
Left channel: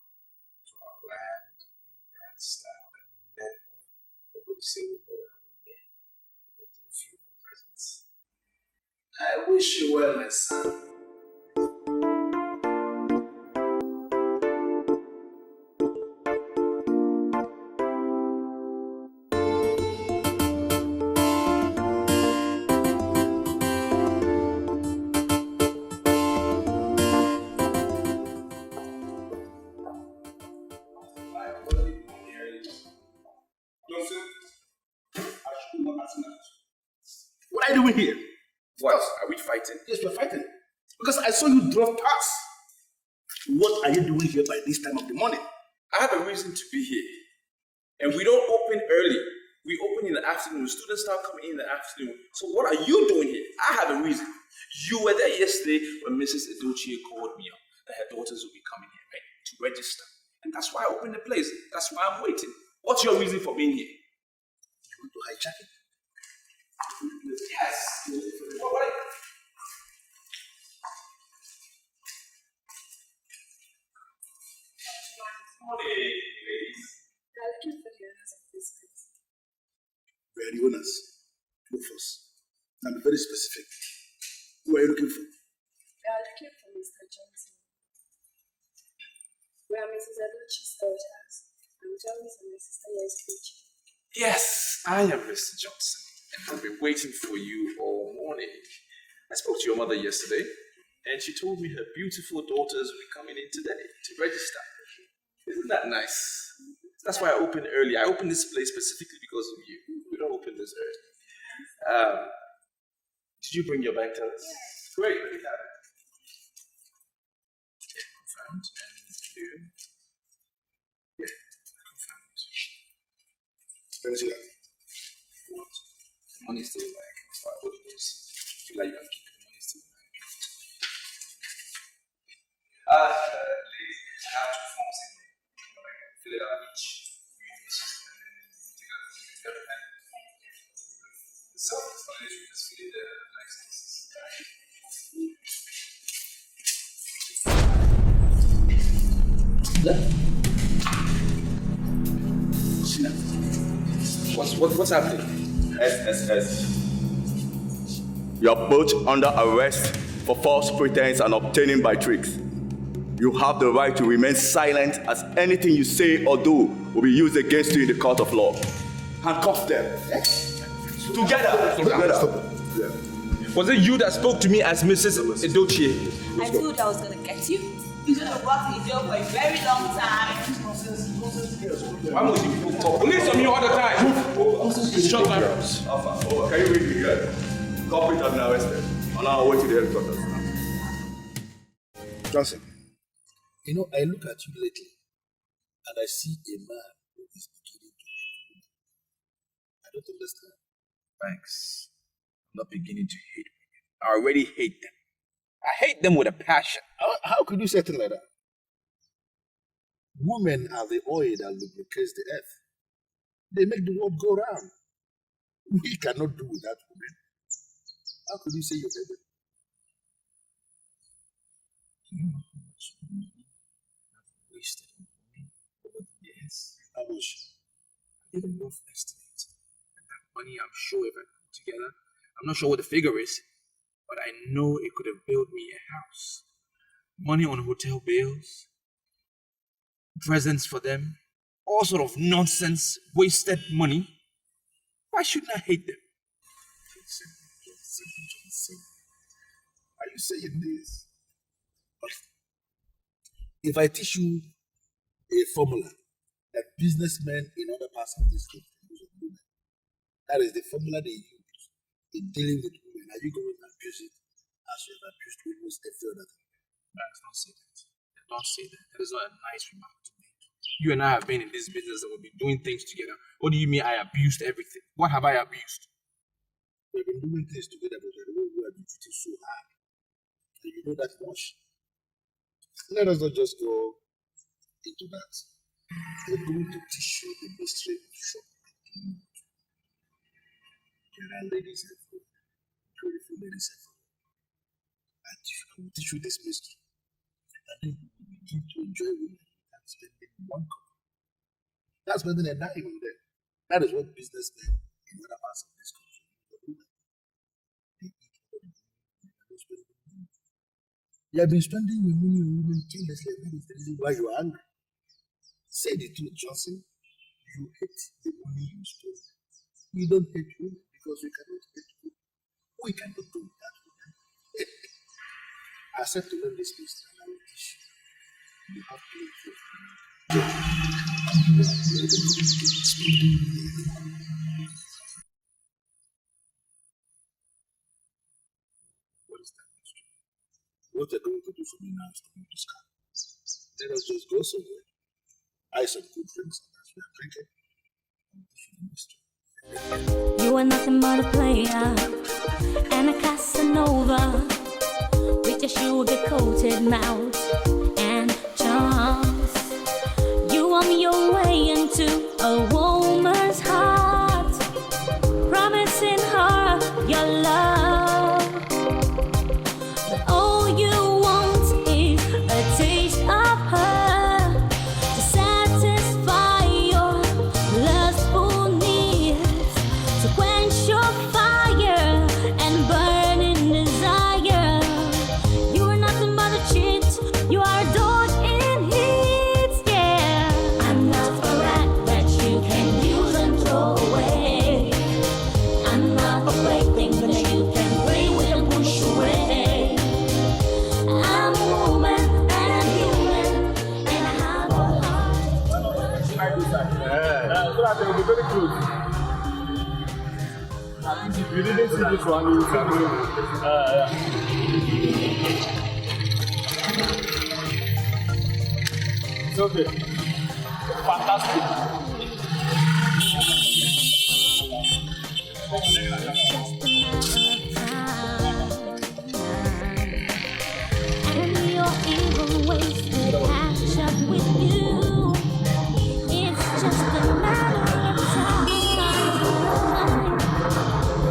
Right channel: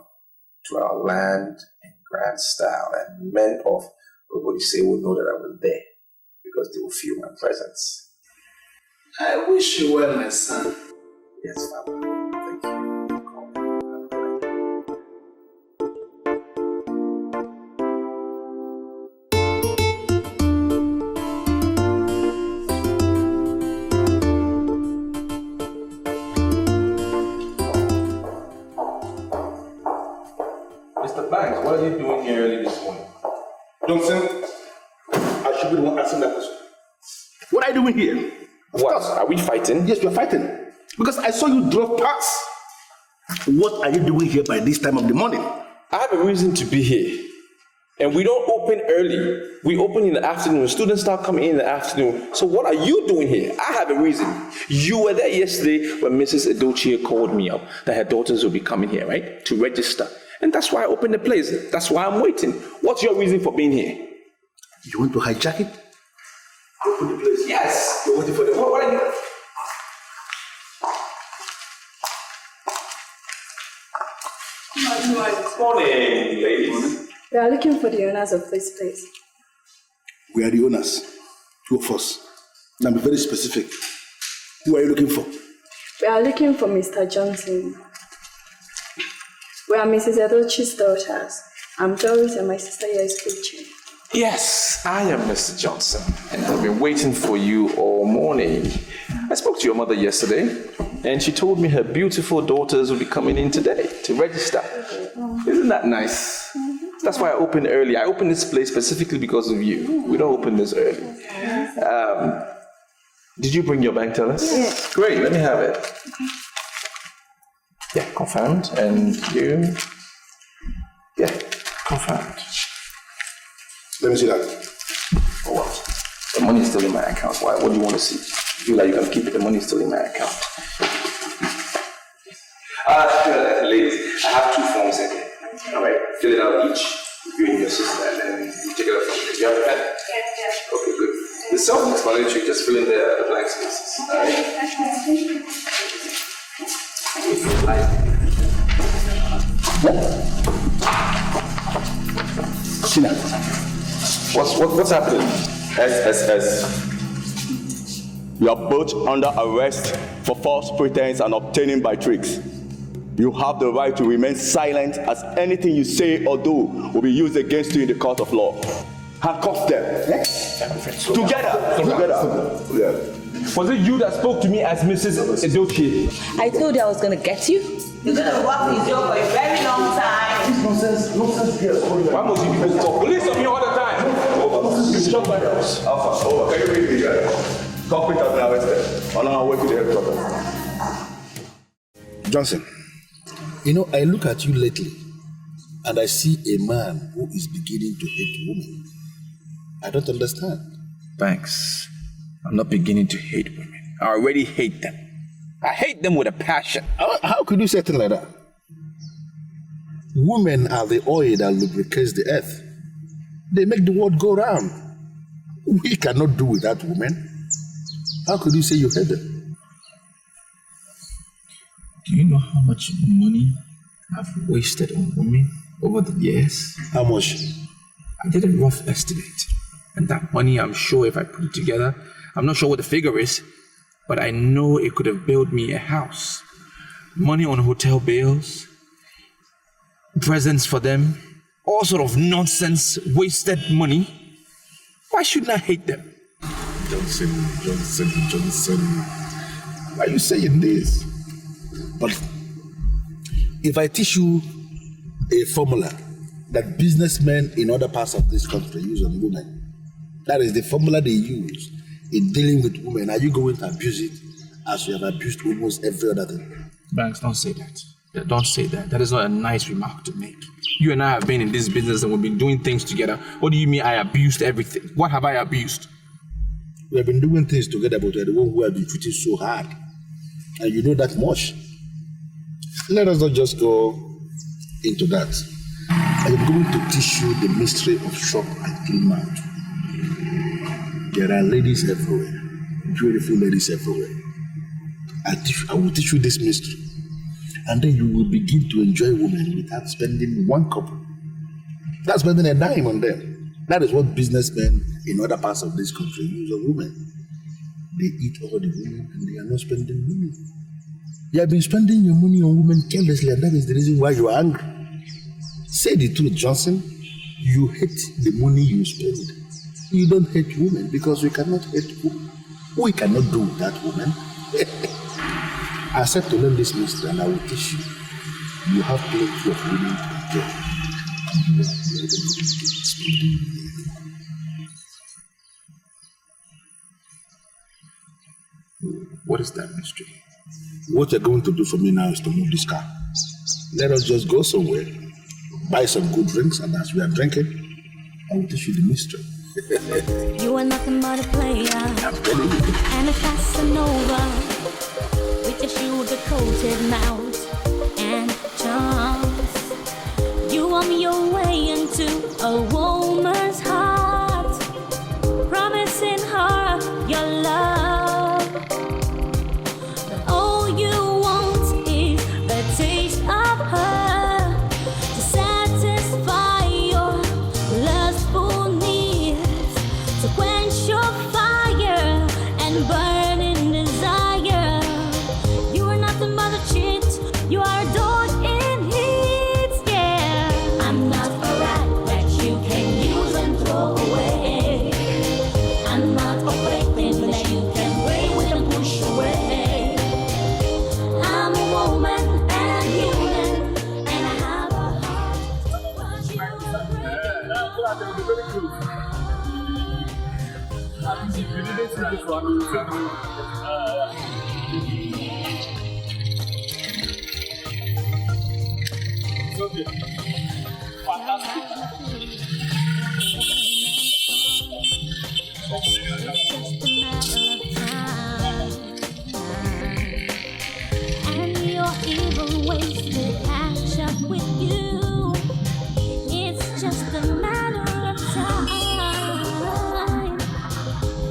to our land in grand style, and men of Obodise will know that I was there, because they will feel my presence. I wish you well, my son. Yes, Father. Mr. Banks, what are you doing here early this morning? Johnson, I should be the one asking that question. What are you doing here? What? Are we fighting? Yes, we're fighting. Because I saw you drove past. What are you doing here by this time of the morning? I have a reason to be here. And we don't open early. We open in the afternoon. Students start coming in the afternoon. So what are you doing here? I have a reason. You were there yesterday when Mrs. Edochie called me up that her daughters will be coming here, right? To register. And that's why I opened the place. That's why I'm waiting. What's your reason for being here? You want to hijack it? Open the place. Yes. You're waiting for them. What are you? Good morning, ladies. We are looking for the owners of this place. We are the owners. Two of us. Now be very specific. Who are you looking for? We are looking for Mr. Johnson. We are Mrs. Edochie's daughters. I'm Doris and my sister here is preaching. Yes, I am Mr. Johnson, and I've been waiting for you all morning. I spoke to your mother yesterday, and she told me her beautiful daughters will be coming in today to register. Isn't that nice? That's why I opened early. I opened this place specifically because of you. We don't open this early. Did you bring your bank tellers? Yes. Great, let me have it. Yeah, confirmed. And you? Yeah, confirmed. Let me see that. For what? The money is still in my account. Why? What do you want to see? You feel like you can keep it, the money is still in my account. Ladies, I have 2 forms in here. All right, fill it out each, you and your sister, and then you take it out from here. Do you have a pen? Yeah. Okay, good. It's self-explanatory, just fill in the blank spaces. All right? If you like. What's happening? SSS. You are both under arrest for false pretense and obtaining by tricks. You have the right to remain silent, as anything you say or do will be used against you in the court of law. Handcuff them. Together. Yeah. Was it you that spoke to me as Mrs. Edochie? I told you I was going to get you. You're going to work with Joe for a very long time. Nonsense girls. Why must you people talk? Police on you all the time. Shut up. Alpha, over. Can you read me, guys? Culprit has been arrested. On our way to the headquarters. Johnson, you know, I look at you lately and I see a man who is beginning to hate women. I don't understand. Banks, I'm not beginning to hate women. I already hate them. I hate them with a passion. How could you say things like that? Women are the oil that lubricates the earth. They make the world go round. We cannot do without women. How could you say you hate them? Do you know how much money I've wasted on women over the years? How much? I did a rough estimate. And that money, I'm sure if I put it together, I'm not sure what the figure is, but I know it could have built me a house. Money on hotel bills, presents for them, all sort of nonsense, wasted money. Why shouldn't I hate them? Johnson. Why are you saying this? But if I teach you a formula that businessmen in other parts of this country use on women, that is the formula they use in dealing with women, are you going to abuse it as you have abused almost every other thing. Banks, don't say that. Don't say that. That is not a nice remark to make. You and I have been in this business and we've been doing things together. What do you mean I abused everything? What have I abused? We have been doing things together, but you're the one who have been treated so hard. And you know that much. Let us not just go into that. I am going to teach you the mystery of shop and clean mouth. There are ladies everywhere, beautiful ladies everywhere. I will teach you this mystery. And then you will begin to enjoy women without spending one couple. Without spending a dime on them. That is what businessmen in other parts of this country use on women. They eat all the women and they are not spending money. You have been spending your money on women carelessly, and that is the reason why you are angry. Say the truth, Johnson. You hate the money you spend. You don't hate women because you cannot hate women. We cannot do that, women. I said to learn this mystery and I will teach you. You have plenty of women to enjoy. What is that mystery? What you're going to do for me now is to move this car. Let us just go somewhere, buy some good drinks, and as we are drinking, I will teach you the mystery. You are nothing but a player and a Casanova with your sugar-coated mouth and charms. You want your way into a woman's heart, promising her your love. But all you want is a taste of her to satisfy your lustful needs, to quench your fire and burning desire. You are nothing but a cheat. You are adored in heat, yeah. I'm not a rat that you can use and throw away. I'm not a plaything that you can play with and push away. I'm a woman and a human and I have a heart. So that they will be very close. At least if you didn't see this one, you will see this one. It's okay. Fantastic. And your evil ways will catch up with you. It's just a matter of time.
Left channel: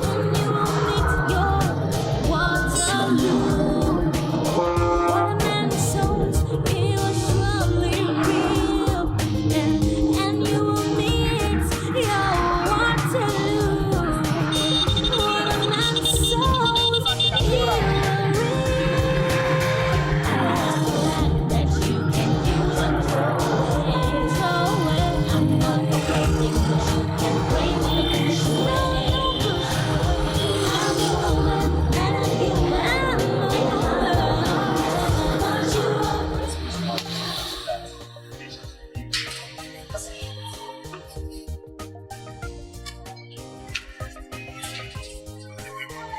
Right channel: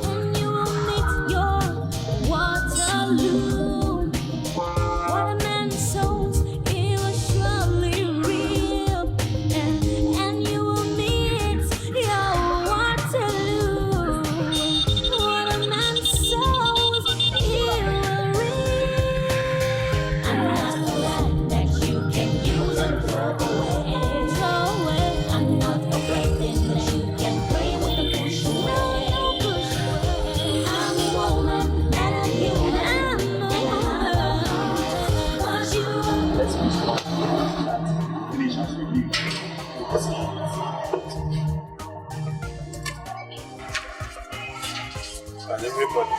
And you will meet your Waterloo. What a man sows, he will surely reap. And you will meet your Waterloo. What a man sows, he will And everybody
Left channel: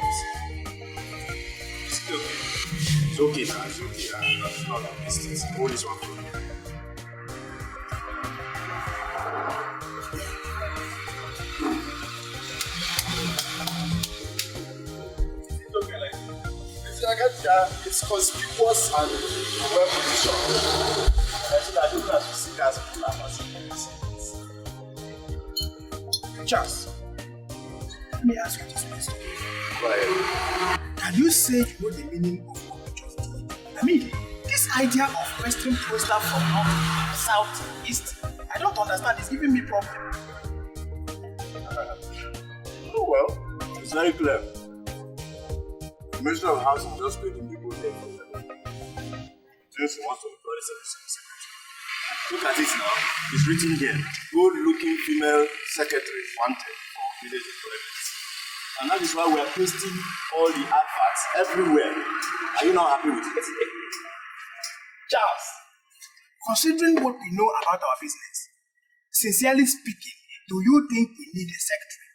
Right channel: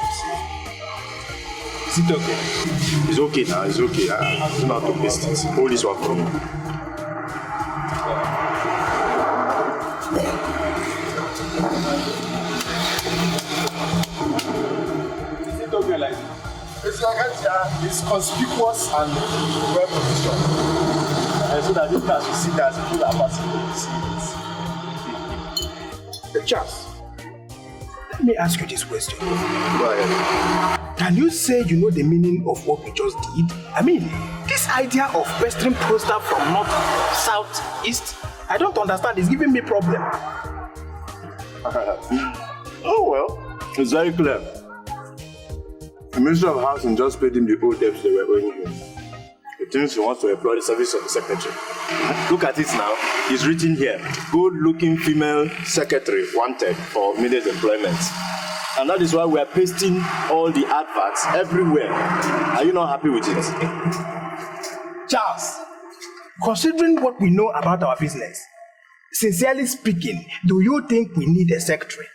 is it okay? It's okay now, it's okay. I do not have to waste it. Hold this one for me. Is it okay like it's like it's conspicuous and well positioned. So that you guys will see that as people that are passing will see it. Charles, let me ask you this question. Go ahead. Can you say you know the meaning of what we just did? I mean, this idea of western poster from north, south, east, I don't understand. It's giving me problem. Oh well, it's very clear. The Minister of Housing just paid him the old debts they were owing him. He thinks he wants to employ the service of the secretary. Look at it now. It's written here. Good-looking female secretary wanted for immediate employment. And that is why we are pasting all the adverts everywhere. Are you not happy with it? Charles, considering what we know about our business, sincerely speaking, do you think we need a secretary?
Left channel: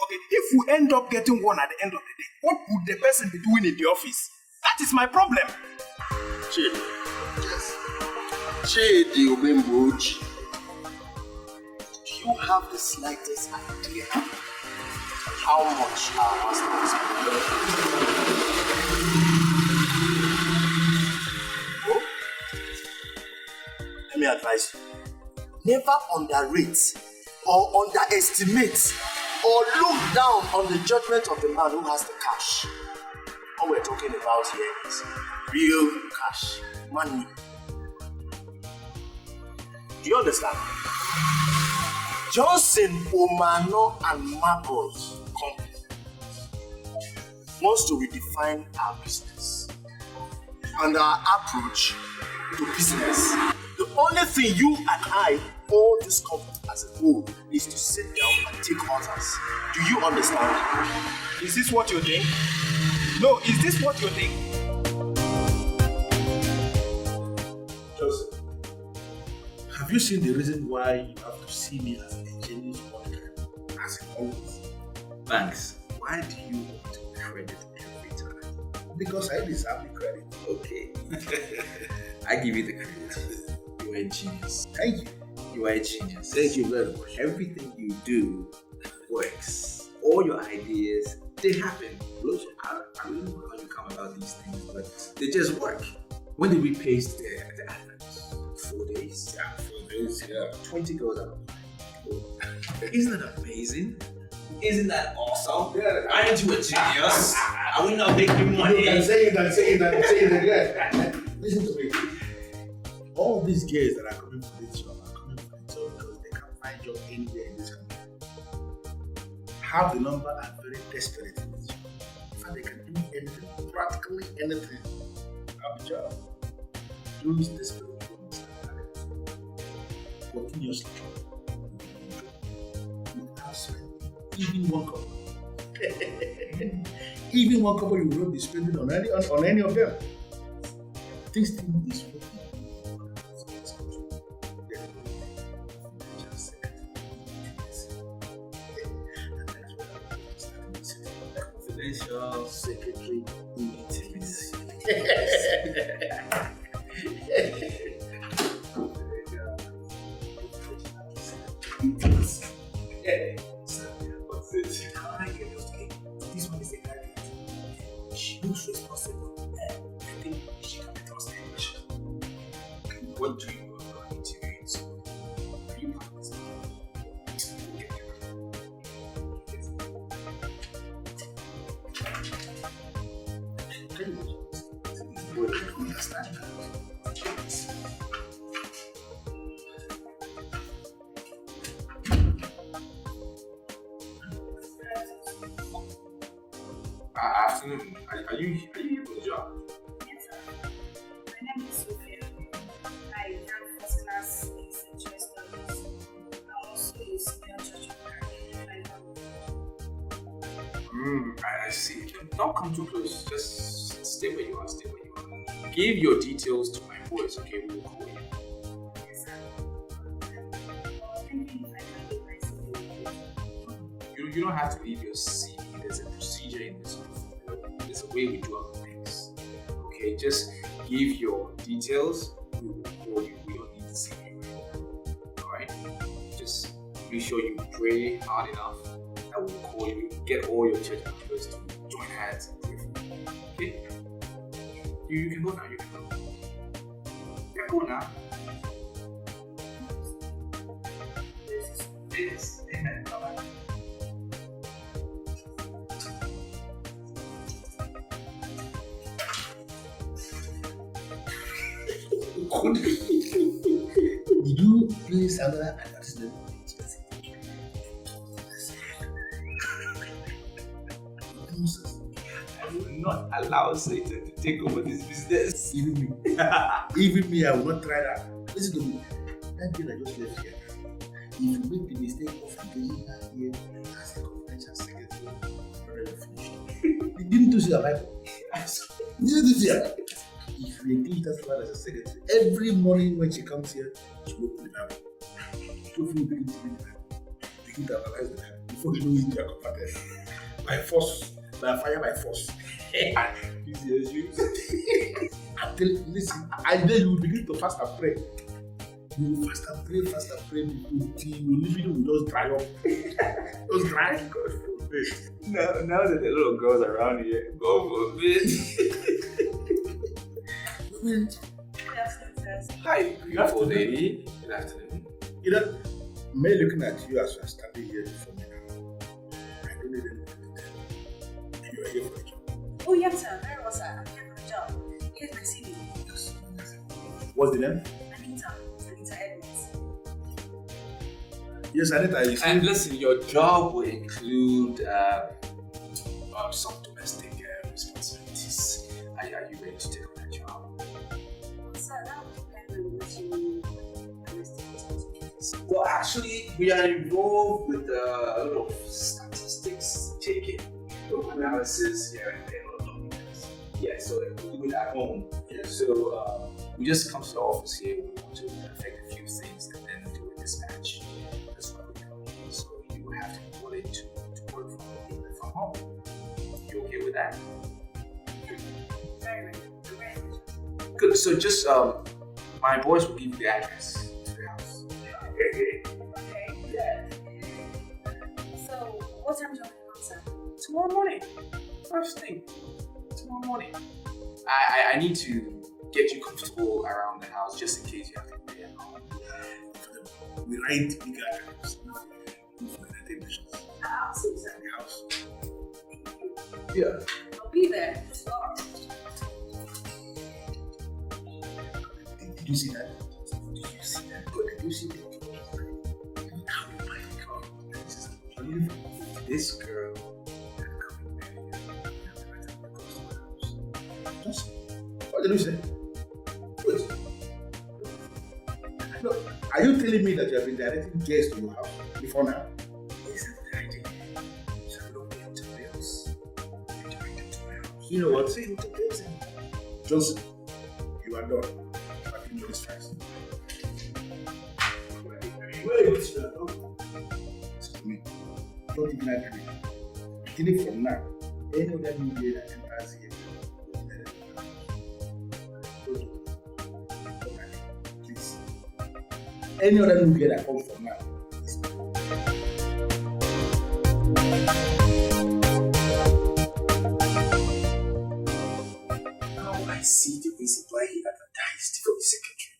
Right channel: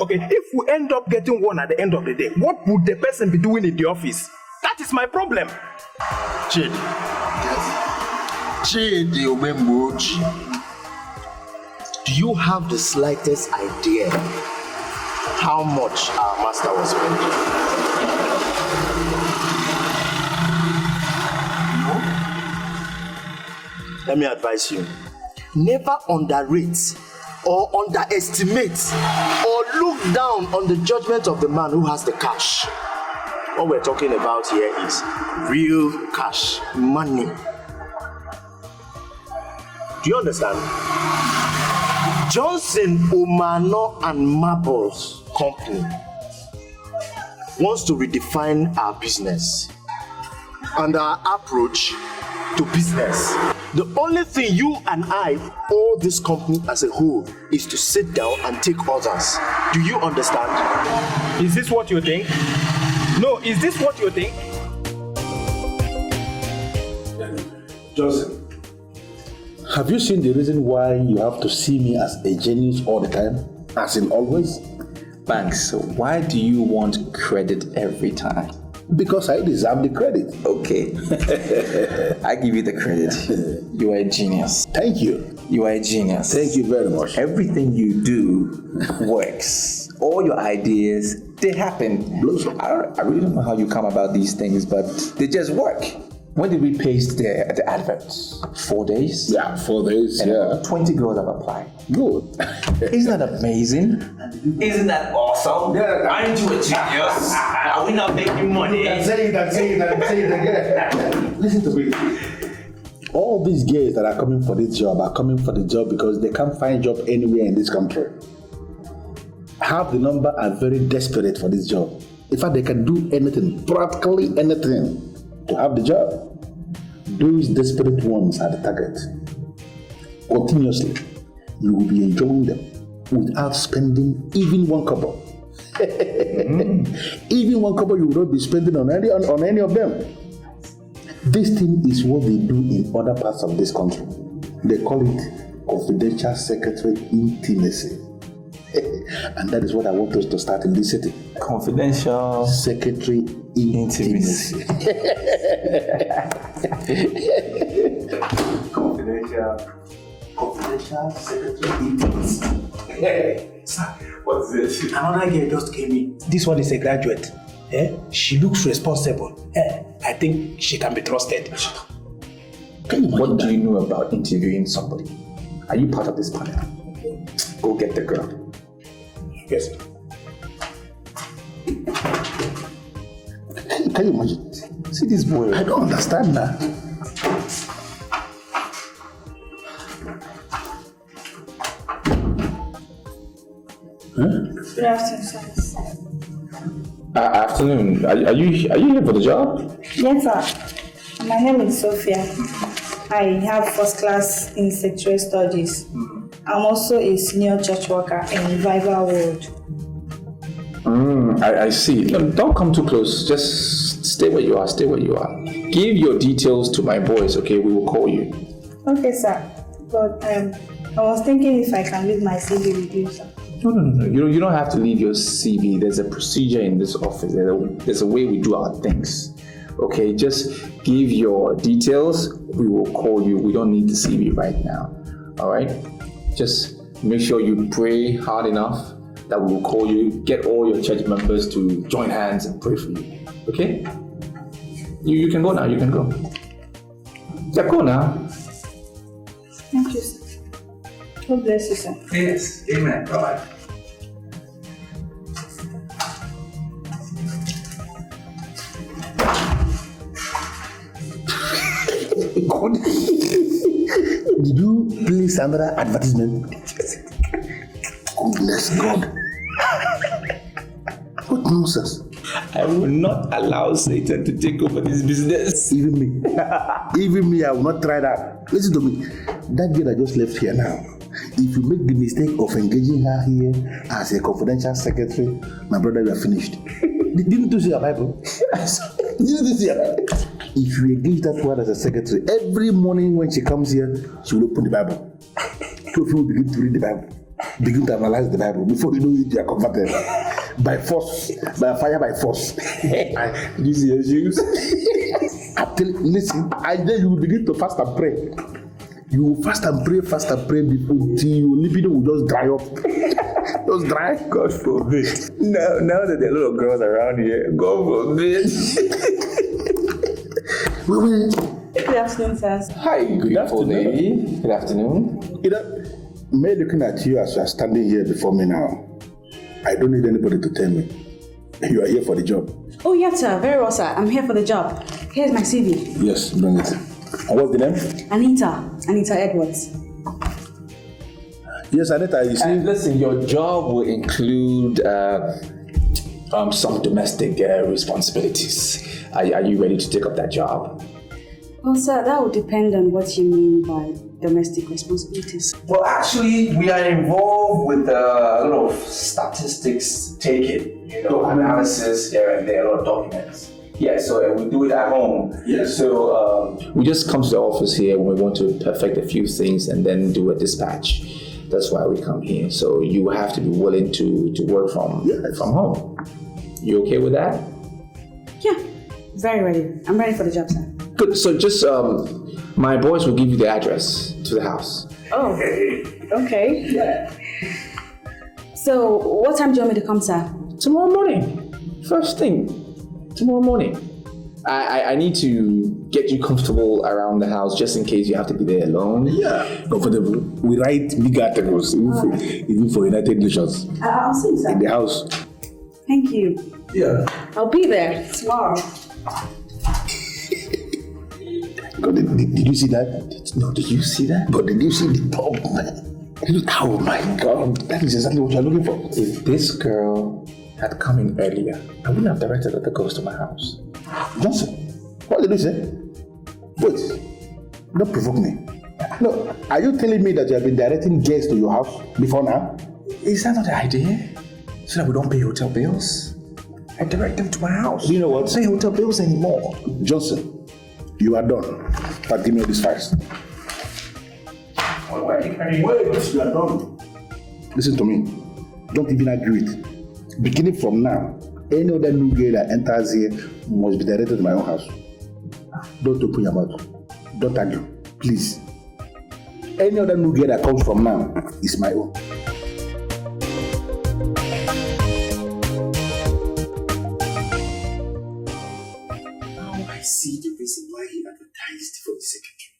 Okay, if we end up getting one at the end of the day, what would the person be doing in the office? That is my problem. Chidi Omemoji, do you have the slightest idea how much our master was spending? No? Let me advise you. Never underrate or underestimate or look down on the judgment of the man who has the cash. What we're talking about here is real cash, money. Do you understand? Johnson, Omano and Marbles Company wants to redefine our business and our approach to business. The only thing you and I owe this company as a whole is to sit down and take orders. Do you understand? Is this what you think? No, is this what you think? Joseph, have you seen the reason why you have to see me as a genius all the time? As in always? Banks, why do you want credit every time? Because I deserve the credit. Okay. I give you the credit. You are a genius. Thank you. You are a genius. Thank you very much. Everything you do works. All your ideas, they happen. I really don't know how you come about these things, but they just work. When did we paste the adverts? 4 days? Yeah, 4 days, and yeah. 20 girls have applied. Good. Isn't that amazing? Isn't that awesome? Yeah. Aren't you a genius? Are we not making money? You can say it again. Listen to me. All these girls that are coming for this job are coming for the job because they can't find job anywhere in this country. Half the number are very desperate for this job. In fact, they can do anything, practically anything, to have the job. Those desperate ones are the target. Continuously, you will be enjoying them without spending even one kobo. Even one kobo you will not be spending on any of them. This thing is what they do in other parts of this country. They call it confidential secretary intimacy. And that is what I want us to start in this city. Confidential secretary intimacy. Confidential secretary intimacy. What's this? Another girl just came in. This one is a graduate. She looks responsible. I think she can be trusted. What do you know about interviewing somebody? Are you part of this panel? Go get the girl. Yes. Can you imagine? See this boy. I don't understand that. Good afternoon, sir. Afternoon. Are you here for the job? Yes, sir. My name is Sophia. I have first class in sexual studies. I'm also a senior church worker in Revival World. I see. No, don't come too close. Just stay where you are. Stay where you are. Give your details to my boys, okay? We will call you. Okay, sir. But I was thinking if I can leave my CV with you, sir. No. You don't have to leave your CV. There's a procedure in this office. There's a way we do our things. Okay, just give your details. We will call you. We don't need the CV right now. All right? Just make sure you pray hard enough that we will call you. Get all your church members to join hands and pray for you. Okay? You can go now. You can go. Yeah, go now. Thank you, sir. God bless you, sir. Yes. Amen. Bye-bye. God. Did you place another advertisement? Goodness God. What nonsense. I will not allow Satan to take over this business. Even me, I will not try that. Listen to me. That girl I just left here now, if you make the mistake of engaging her here as a confidential secretary, my brother, you are finished. Didn't you see your Bible? Didn't you see your Bible? If you engage that one as a secretary, every morning when she comes here, she will open the Bible. So she will begin to read the Bible. begin to analyze the Bible. Before you know it, you are converted. By force, by fire, by force. This is use. Listen, I then you will begin to fast and pray. You will fast and pray until your libido will just dry up. Just dry. God forbid. Now that there are little girls around here, God forbid. Good afternoon, sir. Hi, beautiful lady. Good afternoon. Me looking at you as you are standing here before me now, I don't need anybody to tell me you are here for the job. Oh, yes, sir. Very well, sir. I'm here for the job. Here's my CV. Yes, bring it. And what's the name? Anita Edwards. Yes, Anita, you see. And listen, your job will include some domestic responsibilities. Are you ready to take up that job? Well, sir, that would depend on what you mean by domestic responsibilities. Well, actually, we are involved with a lot of statistics taking, analysis here and there, a lot of documents. Yeah, so we do it at home. Yeah. So we just come to the office here when we want to perfect a few things and then do a dispatch. That's why we come here. So you have to be willing to work from home. You okay with that? Yeah, very ready. I'm ready for the job, sir. Good. So just my boys will give you the address to the house. Oh, okay. Yeah. So what time do you want me to come, sir? Tomorrow morning. First thing. Tomorrow morning. I need to get you comfortable around the house just in case you have to be there alone. Yeah, comfortable. We write big articles, even for United Nations. I'll see you, sir. In the house. Thank you. Yeah. I'll be there tomorrow. God, did you see that? No, did you see that? But did you see the top, man? Oh my God, that is exactly what you're looking for. If this girl had come in earlier, I wouldn't have directed her to go to my house. Johnson, what did you say? Wait, don't provoke me. No, are you telling me that you have been directing guests to your house before now? Is that not the idea? So that we don't pay hotel bills? I direct them to my house. You know what? Don't pay hotel bills anymore. Johnson, you are done. But give me all this first. Wait, you are done. Listen to me. Don't even agree with it. Beginning from now, any other new girl that enters here must be directed to my own house. Don't open your mouth. Don't argue. Please. Any other new girl that comes from now is my own. Now I see the reason why he advertised for the secretary.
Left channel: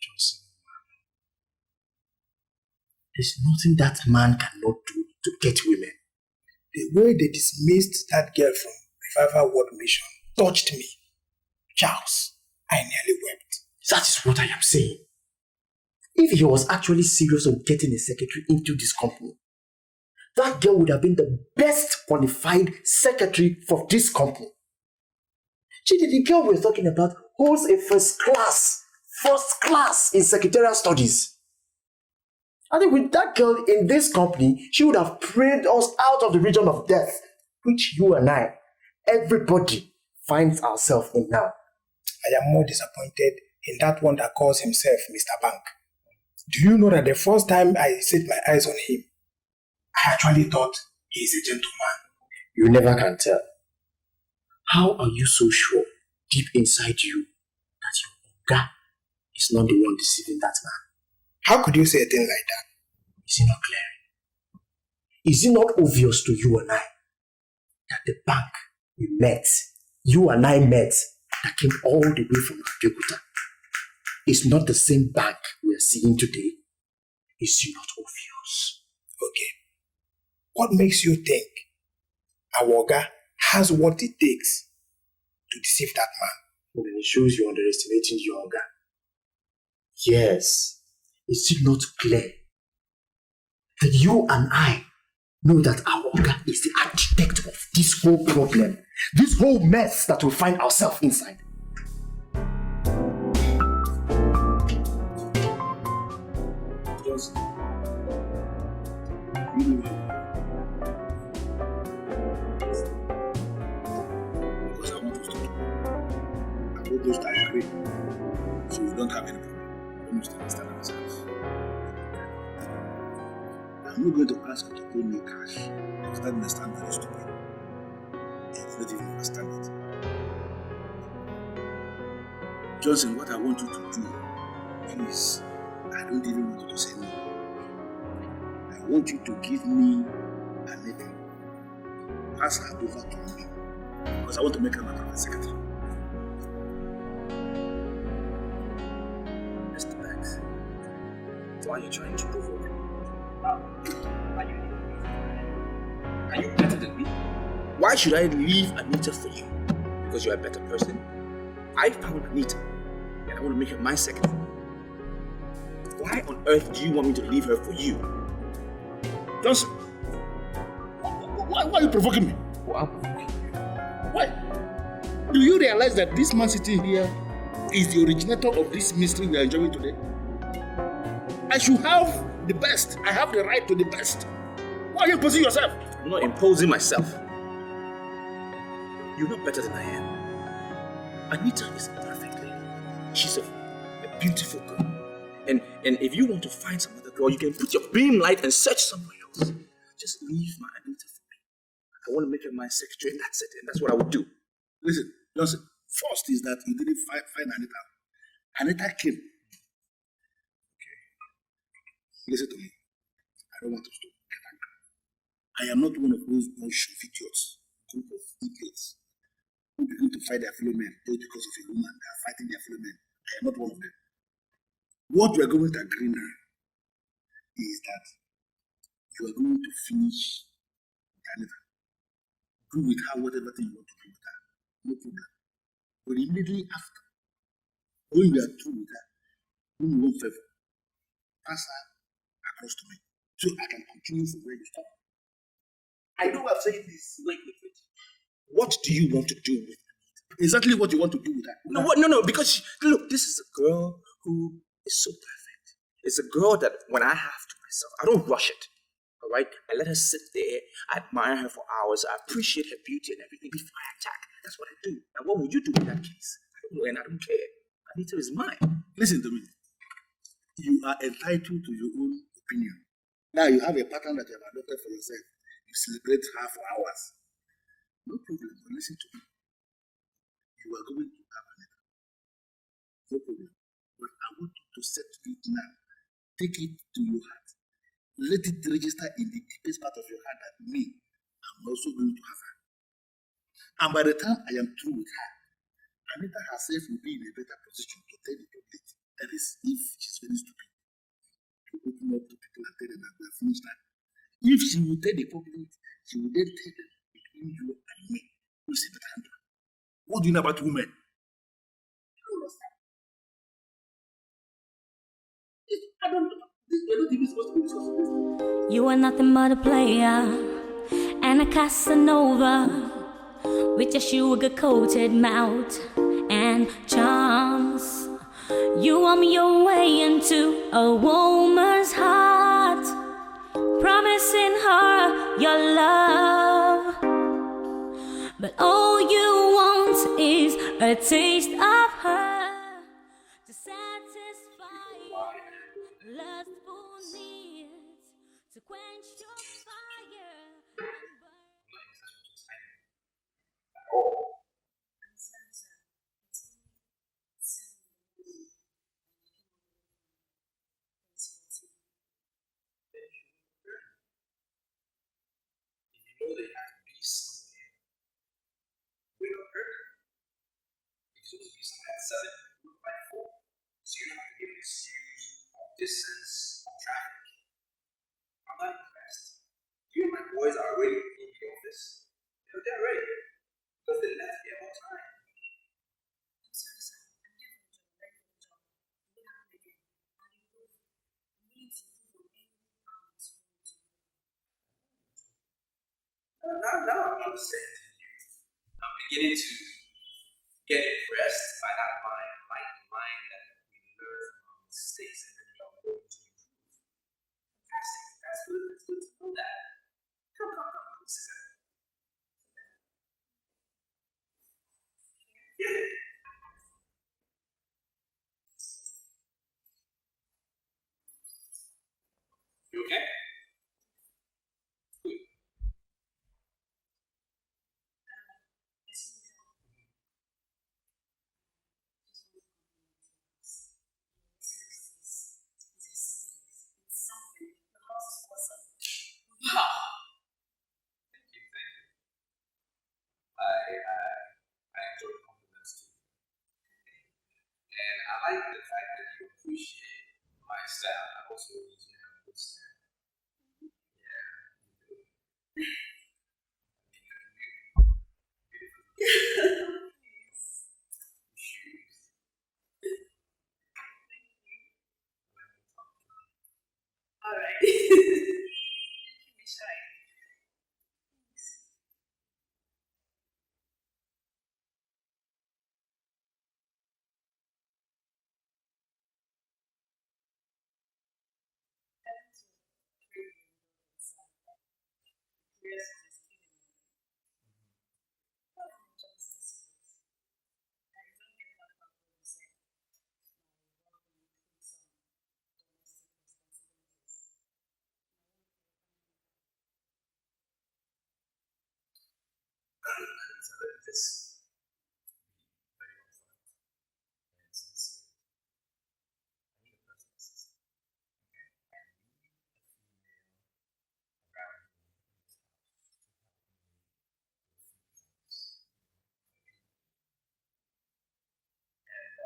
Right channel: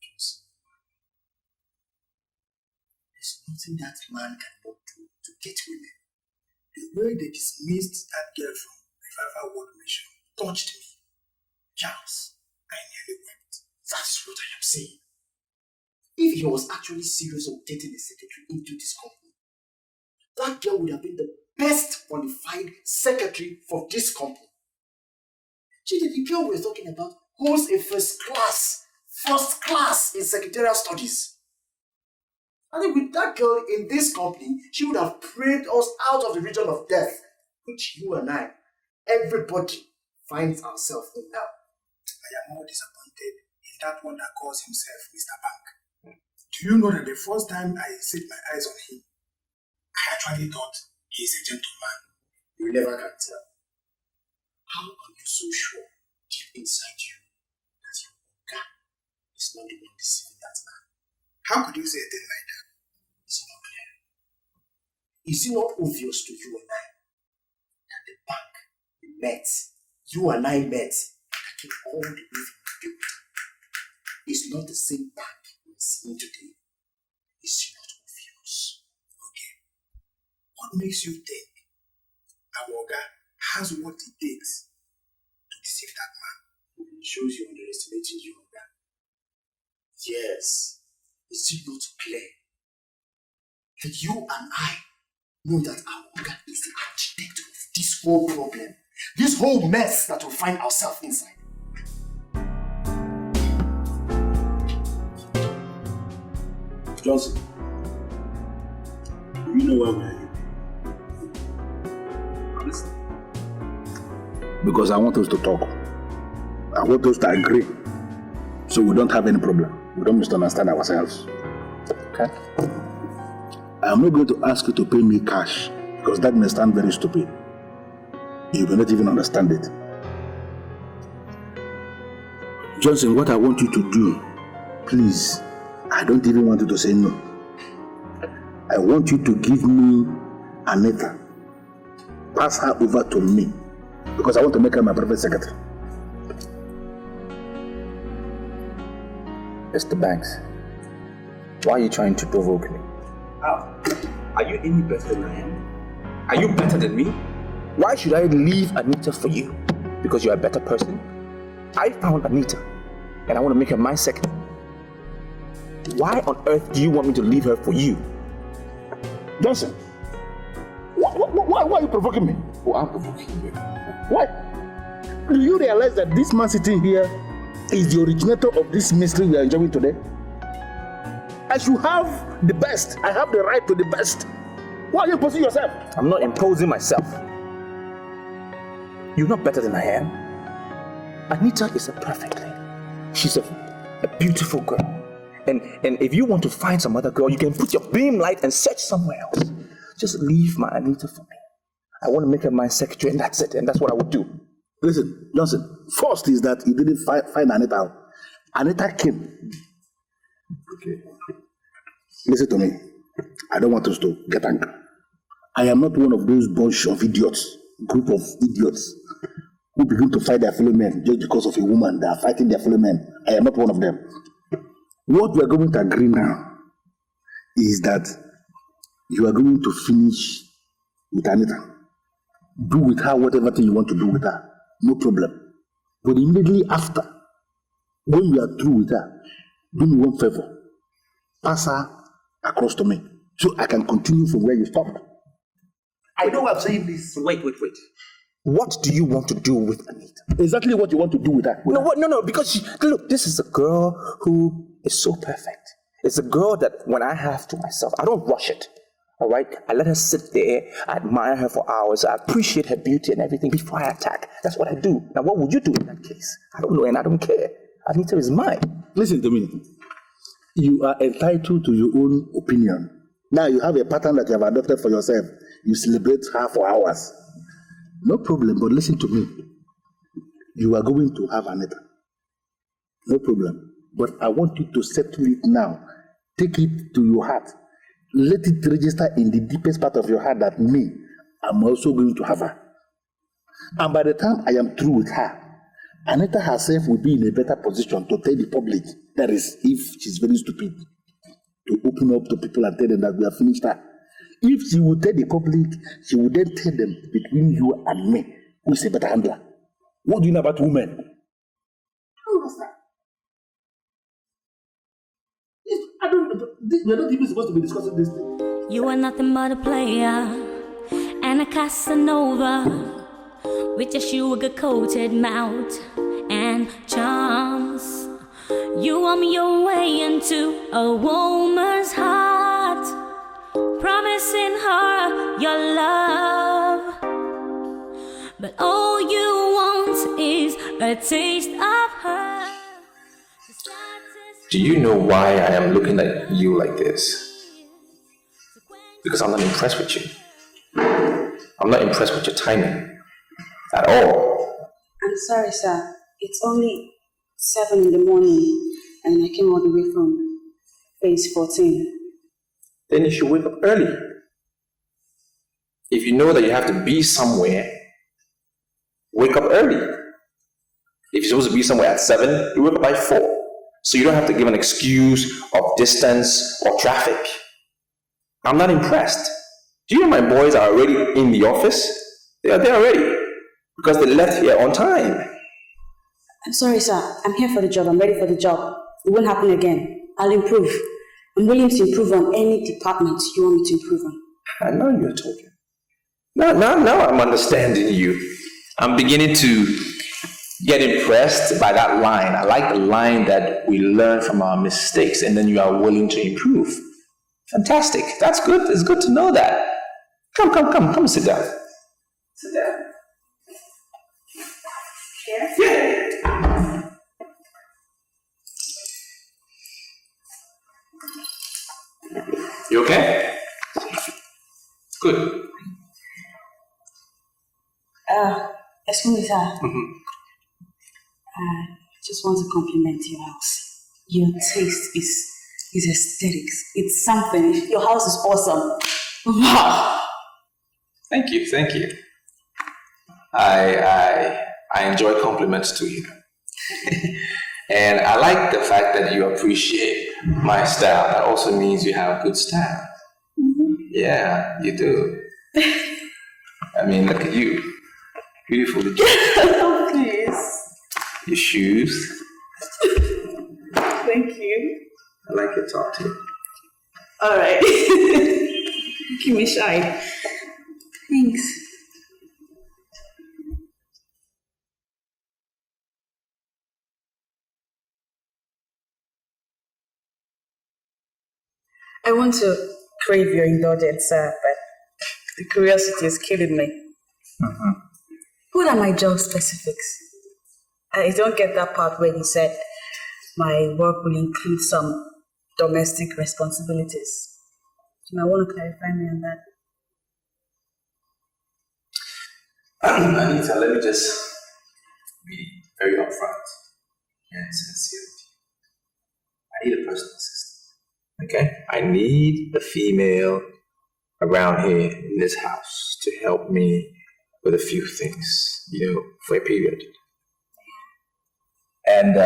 Johnson. There's nothing that man cannot do to get women. The way they dismissed that girl from Revival World Mission touched me. Charles, I nearly wept. That is what I am saying. If he was actually serious on getting a secretary into this company, that girl would have been the best qualified secretary for this company. The girl we're talking about holds a first class in secretarial studies. I think with that girl in this company, she would have prayed us out of the region of death, which you and I, everybody, finds ourselves in now. I am more disappointed in that one that calls himself Mr. Bank. Do you know that the first time I set my eyes on him, I actually thought he is a gentleman. You never can tell. How are you so sure, deep inside you, that your Oga is not the one deceiving that man? How could you say a thing like that? Is it not clear? Is it not obvious to you and I that the bank we met, you and I met, that came all the way from Abeokuta, is not the same bank we are seeing today? Is it not obvious? Okay. What makes you think Awoga has what it takes to deceive that man? Well, then it shows you underestimating your Oga. Yes. Is it not clear that you and I know that our Oga is the architect of this whole problem, this whole mess that we find ourselves inside? Johnson, you know why we're here? Because I want us to talk. I want us to agree. So we don't have any problem. We don't misunderstand ourselves. Okay. I'm not going to ask you to pay me cash because that may sound very stupid. You may not even understand it. Johnson, what I want you to do, please, I don't even want you to say no. I want you to give me Anita. Pass her over to me because I want to make her my private secretary. Mr. Banks, why are you trying to provoke me? Are you any better than I am? Are you better than me? Why should I leave Anita for you? Because you're a better person? I found Anita, and I want to make her my secretary. Why on earth do you want me to leave her for you? Johnson, why are you provoking me? Oh, I'm provoking you. Why? Do you realize that this man sitting here is the originator of this mystery we are enjoying today? I should have the best. I have the right to the best. Why are you imposing yourself? I'm not imposing myself. You're not better than I am. Anita is a perfect lady. She's a beautiful girl. And if you want to find some other girl, you can put your beam light and search somewhere else. Just leave my Anita for me. I want to make her my secretary, and that's it. And that's what I would do. Listen, Johnson, first is that you didn't find Anita out. Anita came. Okay. Listen to me. I don't want us to get angry. I am not one of those bunch of idiots, group of idiots, who begin to fight their fellow men just because of a woman. They are fighting their fellow men. I am not one of them. What we are going to agree now is that you are going to finish with Anita. Do with her whatever thing you want to do with her. No problem. But immediately after, when you are through with her, do me one favor. Pass her across to me so I can continue from where you stopped. I know I'm saying this. Wait. What do you want to do with Anita? Exactly what you want to do with her. No, because look, this is a girl who is so perfect. It's a girl that when I have to myself, I don't rush it. All right? I let her sit there, I admire her for hours, I appreciate her beauty and everything before I attack. That's what I do. Now, what would you do in that case? I don't know, and I don't care. Anita is mine. Listen to me. You are entitled to your own opinion. Now you have a pattern that you have adopted for yourself. You celebrate her for hours. No problem, but listen to me. You are going to have Anita. No problem. But I want you to settle it now. Take it to your heart. Let it register in the deepest part of your heart that me, I'm also going to have her. And by the time I am through with her, Anita herself will be in a better position to tell the public, that is, if she's very stupid, to open up to people and tell them that we have finished her. If she will tell the public, she will then tell them, between you and me, who is a better handler. What do you know about women? We're not even supposed to be discussing this thing. You are nothing but a player and a Casanova with your sugar-coated mouth and charms. You warm your way into a woman's heart, promising her your love. But all you want is a taste of her. Do you know why I am looking at you like this? Because I'm not impressed with you. I'm not impressed with your timing at all. I'm sorry, sir. It's only 7 in the morning and I came all the way from phase 14. Then you should wake up early. If you know that you have to be somewhere, wake up early. If you're supposed to be somewhere at 7, you wake up by 4. So you don't have to give an excuse of distance or traffic. I'm not impressed. Do you know my boys are already in the office? They are there already because they left here on time. I'm sorry, sir. I'm here for the job. I'm ready for the job. It won't happen again. I'll improve. I'm willing to improve on any department you want me to improve on. I know you're talking. Now I'm understanding you. I'm beginning to get impressed by that line. I like the line that we learn from our mistakes and then you are willing to improve. Fantastic. That's good. It's good to know that. Come sit down. Sit down. Here? Yeah. You okay? Good. Excuse me, sir. Mm-hmm. Just want to compliment your house. Your taste is aesthetics. It's something. Your house is awesome. Wow. Thank you. I enjoy compliments to you. And I like the fact that you appreciate my style. That also means you have good style. Mm-hmm. Yeah, you do. I mean, look at you. Beautifully dressed. Oh, please. Your shoes. Thank you. I like your talk too. All right. Give me shy. Thanks. I want to crave your indulgence, sir, but the curiosity is killing me. Mm-hmm. What are my job specifics? I don't get that part where you said my work will include some domestic responsibilities. You might want to clarify me on that. Anita, let me just be very upfront and sincere with you. I need a personal assistant. Okay? I need a female around here in this house to help me with a few things, for a period. And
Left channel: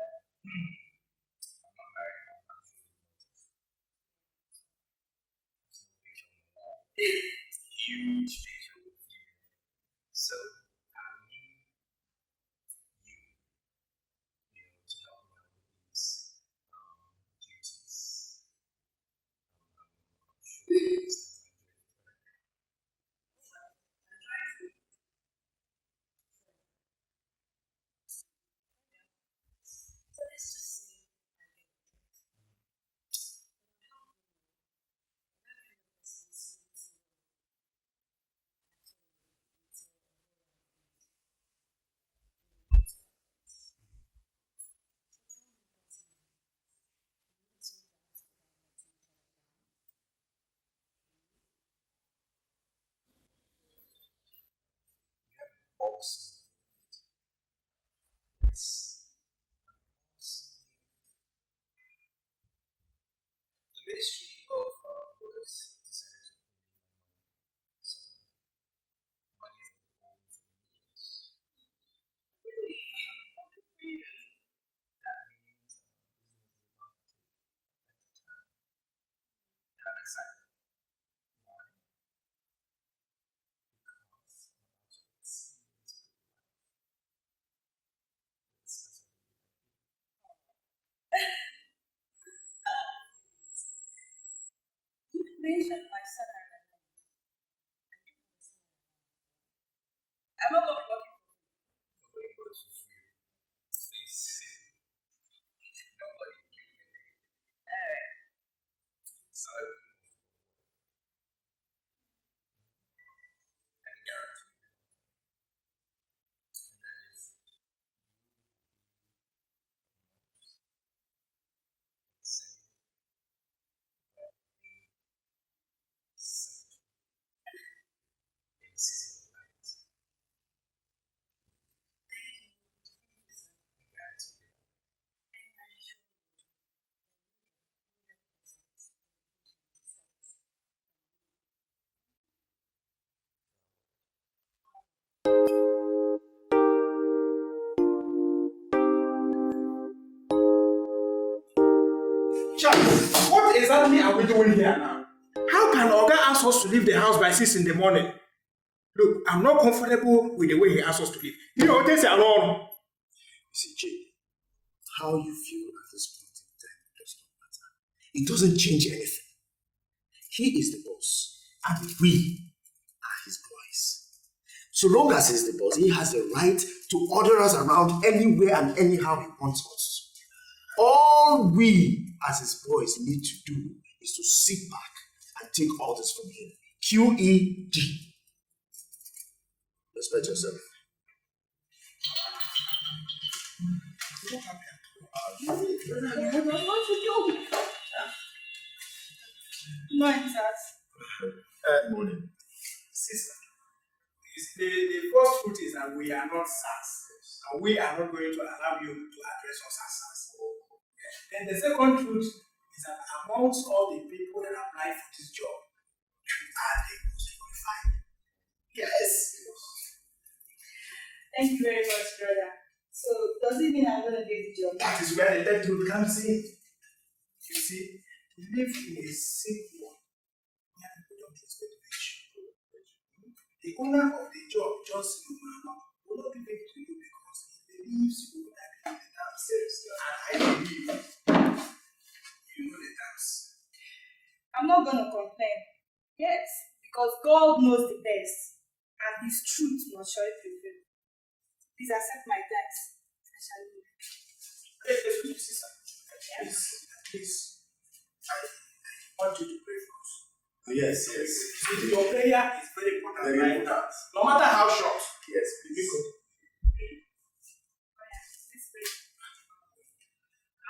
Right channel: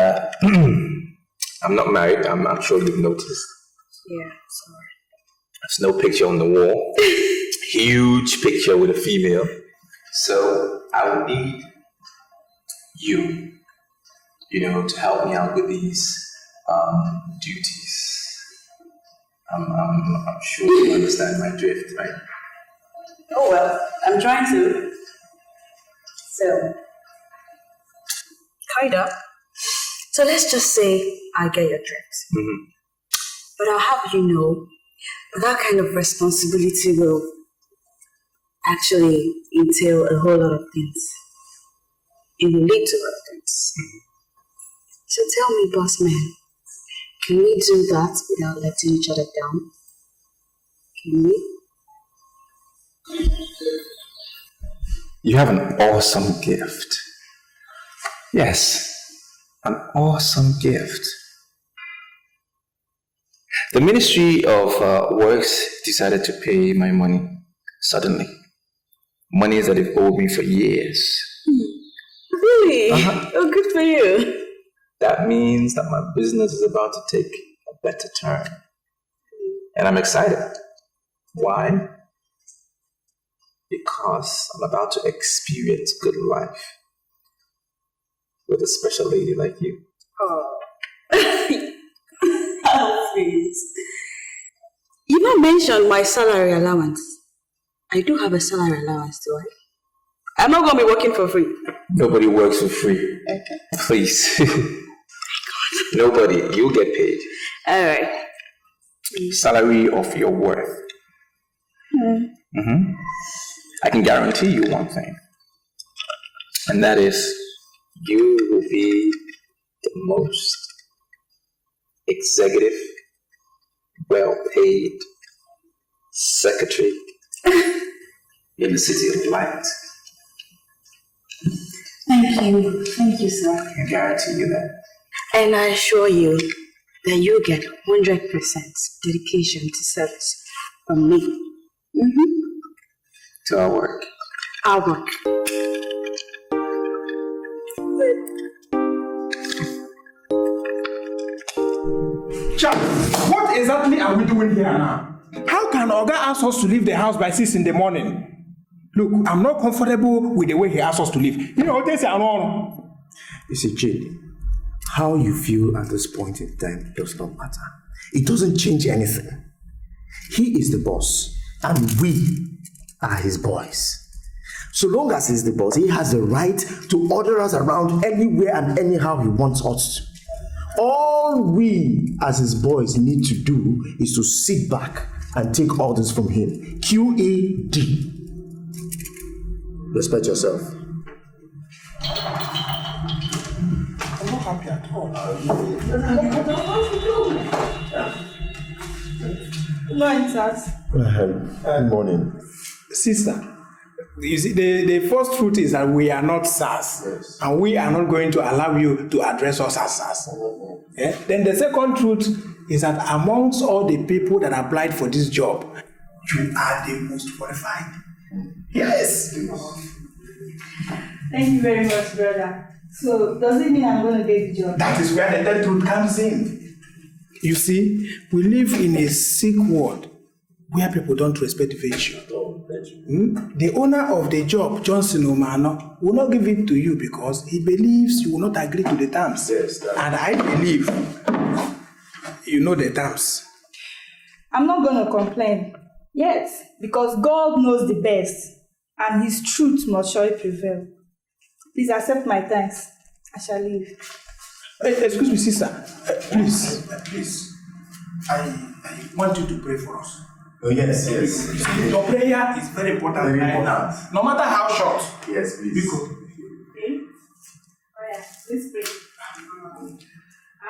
I'm not married, I'm sure you've noticed. Yeah, sorry. There's no picture on the wall. Huge picture with a female. So I would need you, to help me out with these duties. I'm sure you understand my drift, right? Oh, well, I'm trying to. So, kinda. So let's just say I get your drift. Mm-hmm. But I'll have you know that kind of responsibility will actually entail a whole lot of things. It will lead to a lot of things. Mm-hmm. So tell me, boss man, can we do that without letting each other down? Can we? You have an awesome gift. Yes, an awesome gift. The Ministry of Works decided to pay my money suddenly. Money that they've owed me for years. Really? Oh, good for you. That means that my business is about to take a better turn. And I'm excited. Why? Because I'm about to experience good life with a special lady like you. Oh. Oh, please. You not mentioned my salary allowance. I do have a salary allowance, do I? I'm not going to be working for free. Nobody works for free. Okay. Please. Nobody. You'll get paid. All right. Salary of your worth. Mm-hmm. I can guarantee you one thing. And that is, you will be the most executive, well-paid secretary in the City of Light. Thank you, sir. I can guarantee you that. And I assure you that you get 100% dedication to service from me. Mm-hmm. To our work. Our work. Charles, what exactly are we doing here now? How can Oga ask us to leave the house by 6 in the morning? Look, I'm not comfortable with the way he asks us to leave. This is wrong. You see, Jade, how you feel at this point in time does not matter. It doesn't change anything. He is the boss, and we are his boys. So long as he's the boss, he has the right to order us around anywhere and anyhow he wants us to. All we as his boys need to do is to sit back and take orders from him. QED. Respect yourself. I'm not happy at all. No, Sas. Good morning. Sister, you see, the first truth is that we are not SARS, yes. And we are not going to allow you to address us as SARS. Yeah? Then the second truth is that amongst all the people that applied for this job, you are the most qualified. Yes. Thank you very much, brother. So, does it mean I'm going to get the job? That is where the third truth comes in. You see, we live in a sick world where people don't respect virtue. The owner of the job, Johnson Omano, will not give it to you because he believes you will not agree to the terms. Yes, and I believe you know the terms. I'm not going to complain. Yes, because God knows the best and His truth must surely prevail. Please accept my thanks. I shall leave. Excuse me, sister. Please. I want you to pray for us. Oh, yes. Your prayer is very important right now. No matter how short. Yes, please. Okay. Let's pray.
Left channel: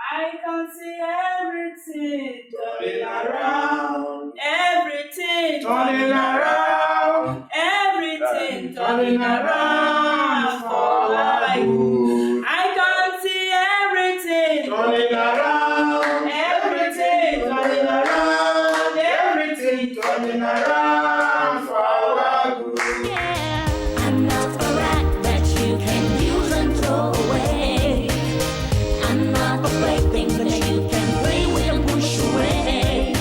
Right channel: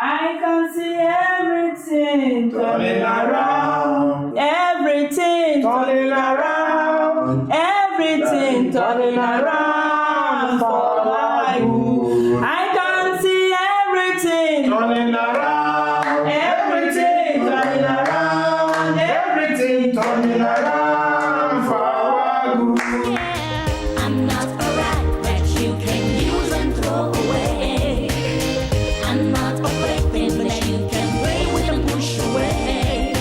I can see everything turning around. Everything turning around. Everything turning around for my good. I can see everything turning around. Everything turning around. Everything turning around for our good. Yeah, I'm not a rat that you can use and throw away. I'm not a plaything that you can play with and push away.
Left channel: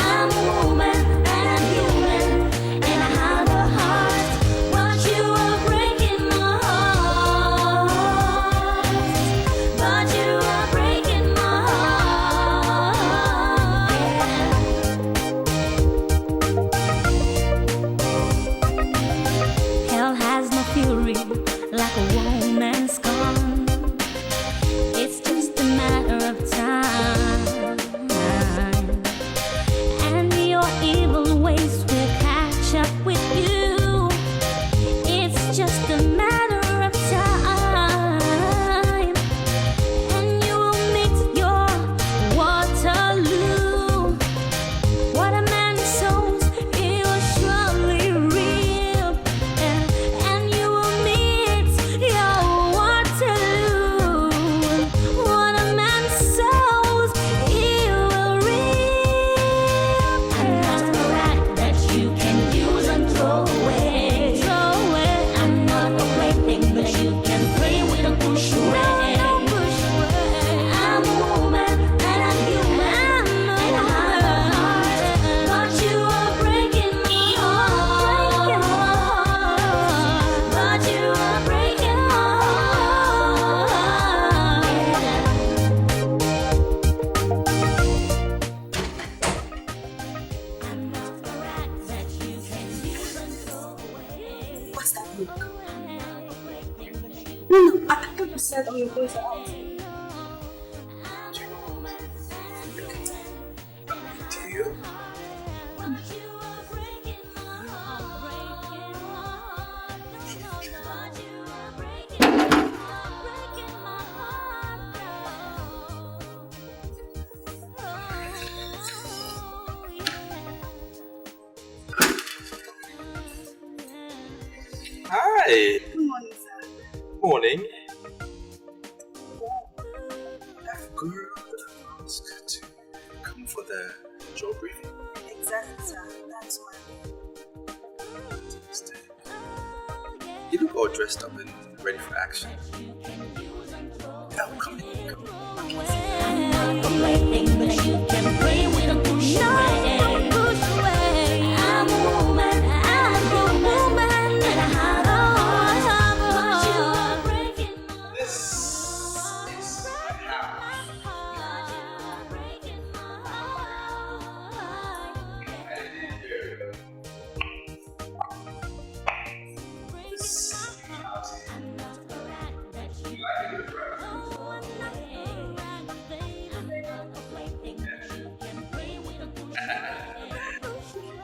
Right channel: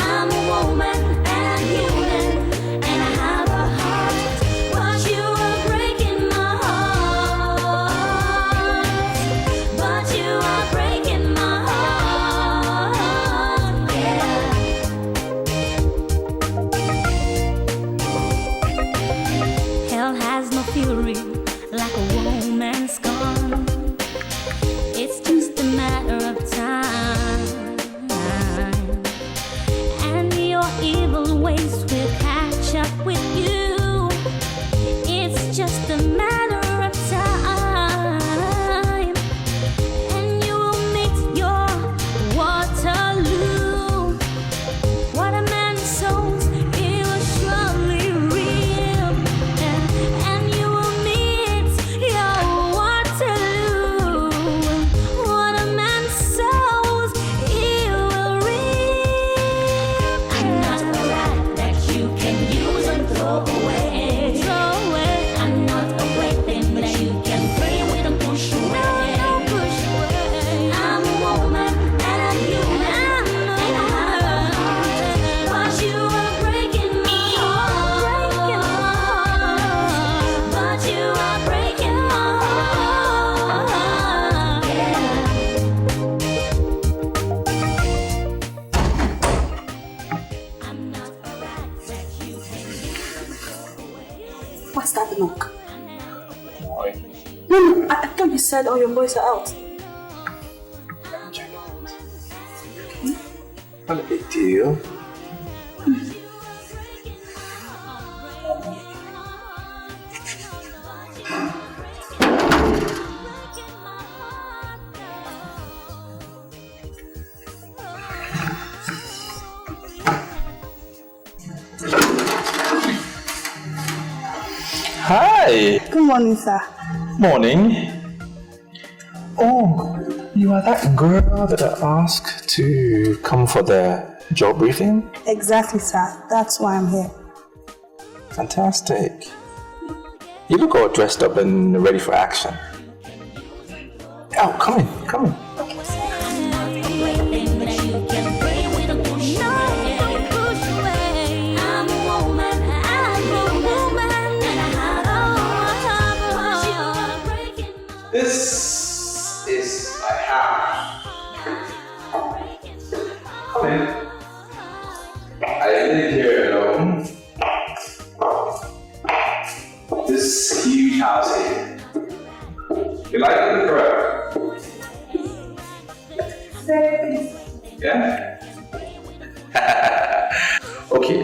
I'm a woman and I'm human and I have a heart, but you are breaking my heart. But you are breaking my heart. Hell has no fury like a woman's gone. It's just a matter of time, and your evil ways will catch up with you. It's just a matter of time, and you will meet your Waterloo. What a man sows, he will surely reap, and you will meet your Waterloo. What a man sows, he will reap. I'm not a rat that you can use and throw away. I'm not a plaything that you can play with and push away. I'm a woman and I'm human and I have a heart, but you are breaking my heart. But you are breaking my What's that knock? No, I can't be sad or your boys are out. Not a big deal. Hi. Good morning, sir. Morning. Oh, you are that girl that I asked to come for the job briefing? Exactly, sir. That's why I'm here. Fantastic. You look all dressed up and ready for action. Oh, come in, come in. This is my house. Come in. I live here alone. This huge house here. You like it, correct? Yeah? Okay,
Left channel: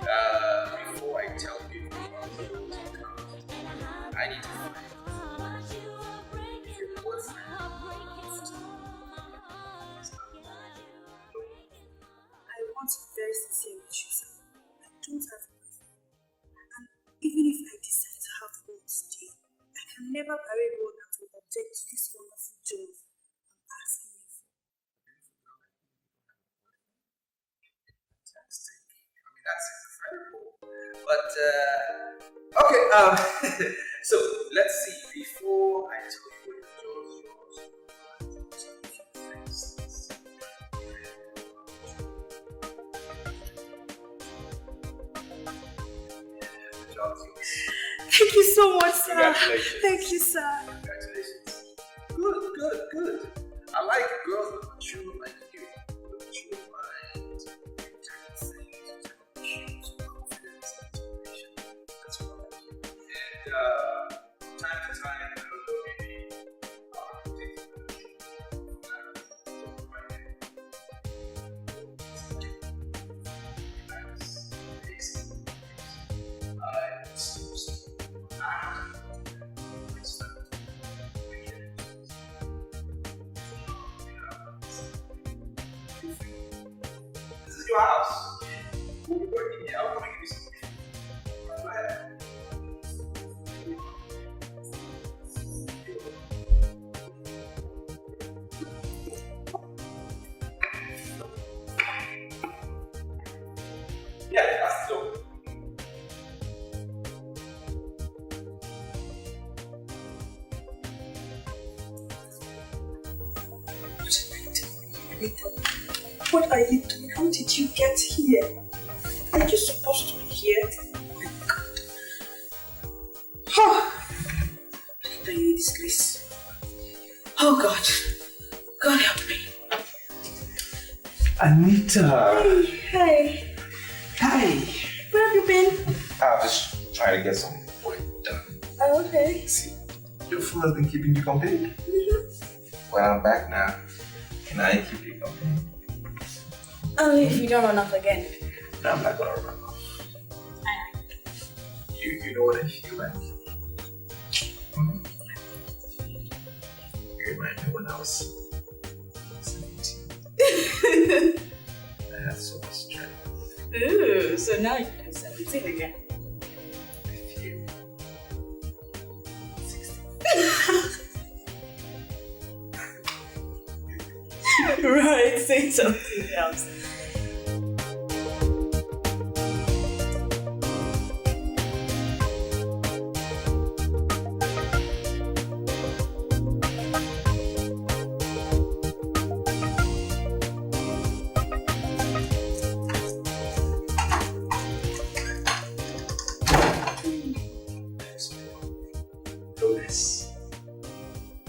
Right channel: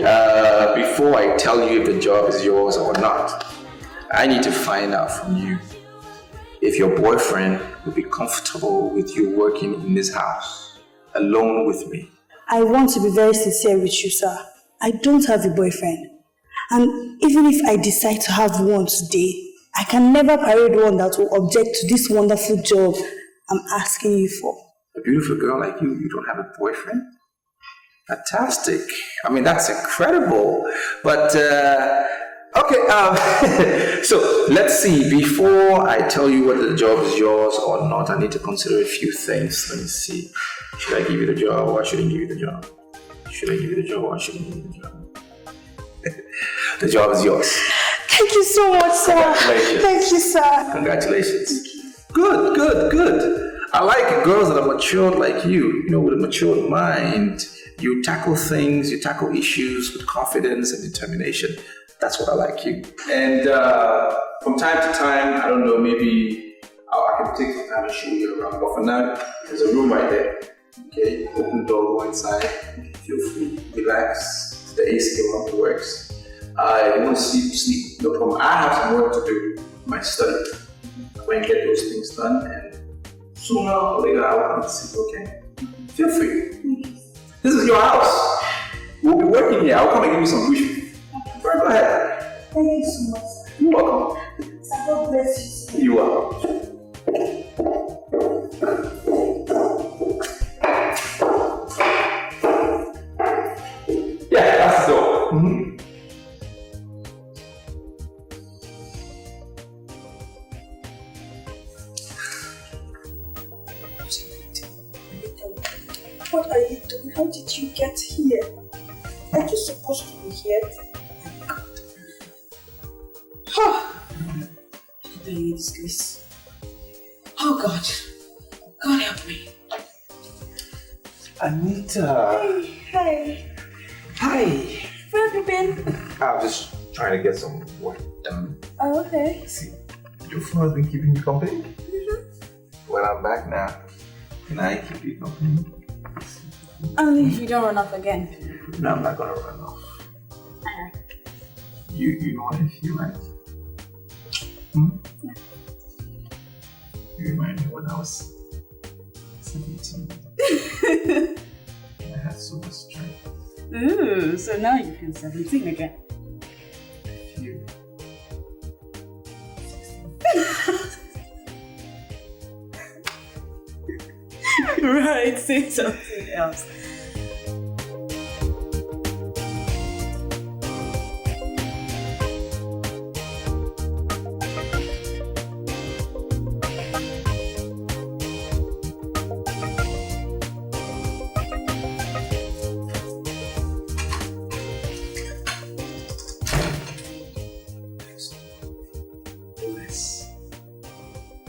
before I tell you if the job is yours or not, I need to find out from you if your boyfriend would be comfortable with you working in this house alone with me. I want to be very sincere with you, sir. I don't have a boyfriend. And even if I decide to have one today, I can never parade one that will object to this wonderful job I'm asking you for. A beautiful girl like you don't have a boyfriend? Fantastic. I mean, that's incredible. But, okay, so let's see. Before I tell you whether the job is yours or not, I need to consider a few things. Let me see. Should I give you the job or shouldn't give you the job? Should I give you the job or shouldn't give you the job? The job is yours. Thank you so much, sir. Congratulations. Thank you, sir. Congratulations. Good, good, good. I like girls that are matured like you, with a matured mind. You tackle things, you tackle issues with confidence and determination. That's what I like you. And from time to time, I don't know, maybe I can take some time and show you around. But for now, there's a room right there. Okay, open the door, go inside. Feel free, relax. The AC room works. You want to sleep, no problem. I have some work to do in my study. I'm going to get those things done, and sooner or later I'll come to sleep, okay? Feel free. This is your house. We'll be working here. I'll come and give you some briefing. Go ahead. Thank you so much. You're welcome. God bless you. You are. Yeah, that's the door. Mm-hmm. What are you doing? How did you get here? Are you supposed to be here? Oh my God. Oh. Anita, you're a disgrace. Oh God. God help me. Anita. Hey. Hi. Where have you been? I'm just trying to get some work done. Oh, okay. See, your phone has been keeping you company? Mm-hmm. Well, I'm back now. Can I keep you company? Only if you don't run off again. No, I'm not gonna run off. Alright. You know what I feel like? Hmm? You remind me when I was 17. I had so much strength. Ooh, so now you feel 17 again. I feel 16. Right, say something else.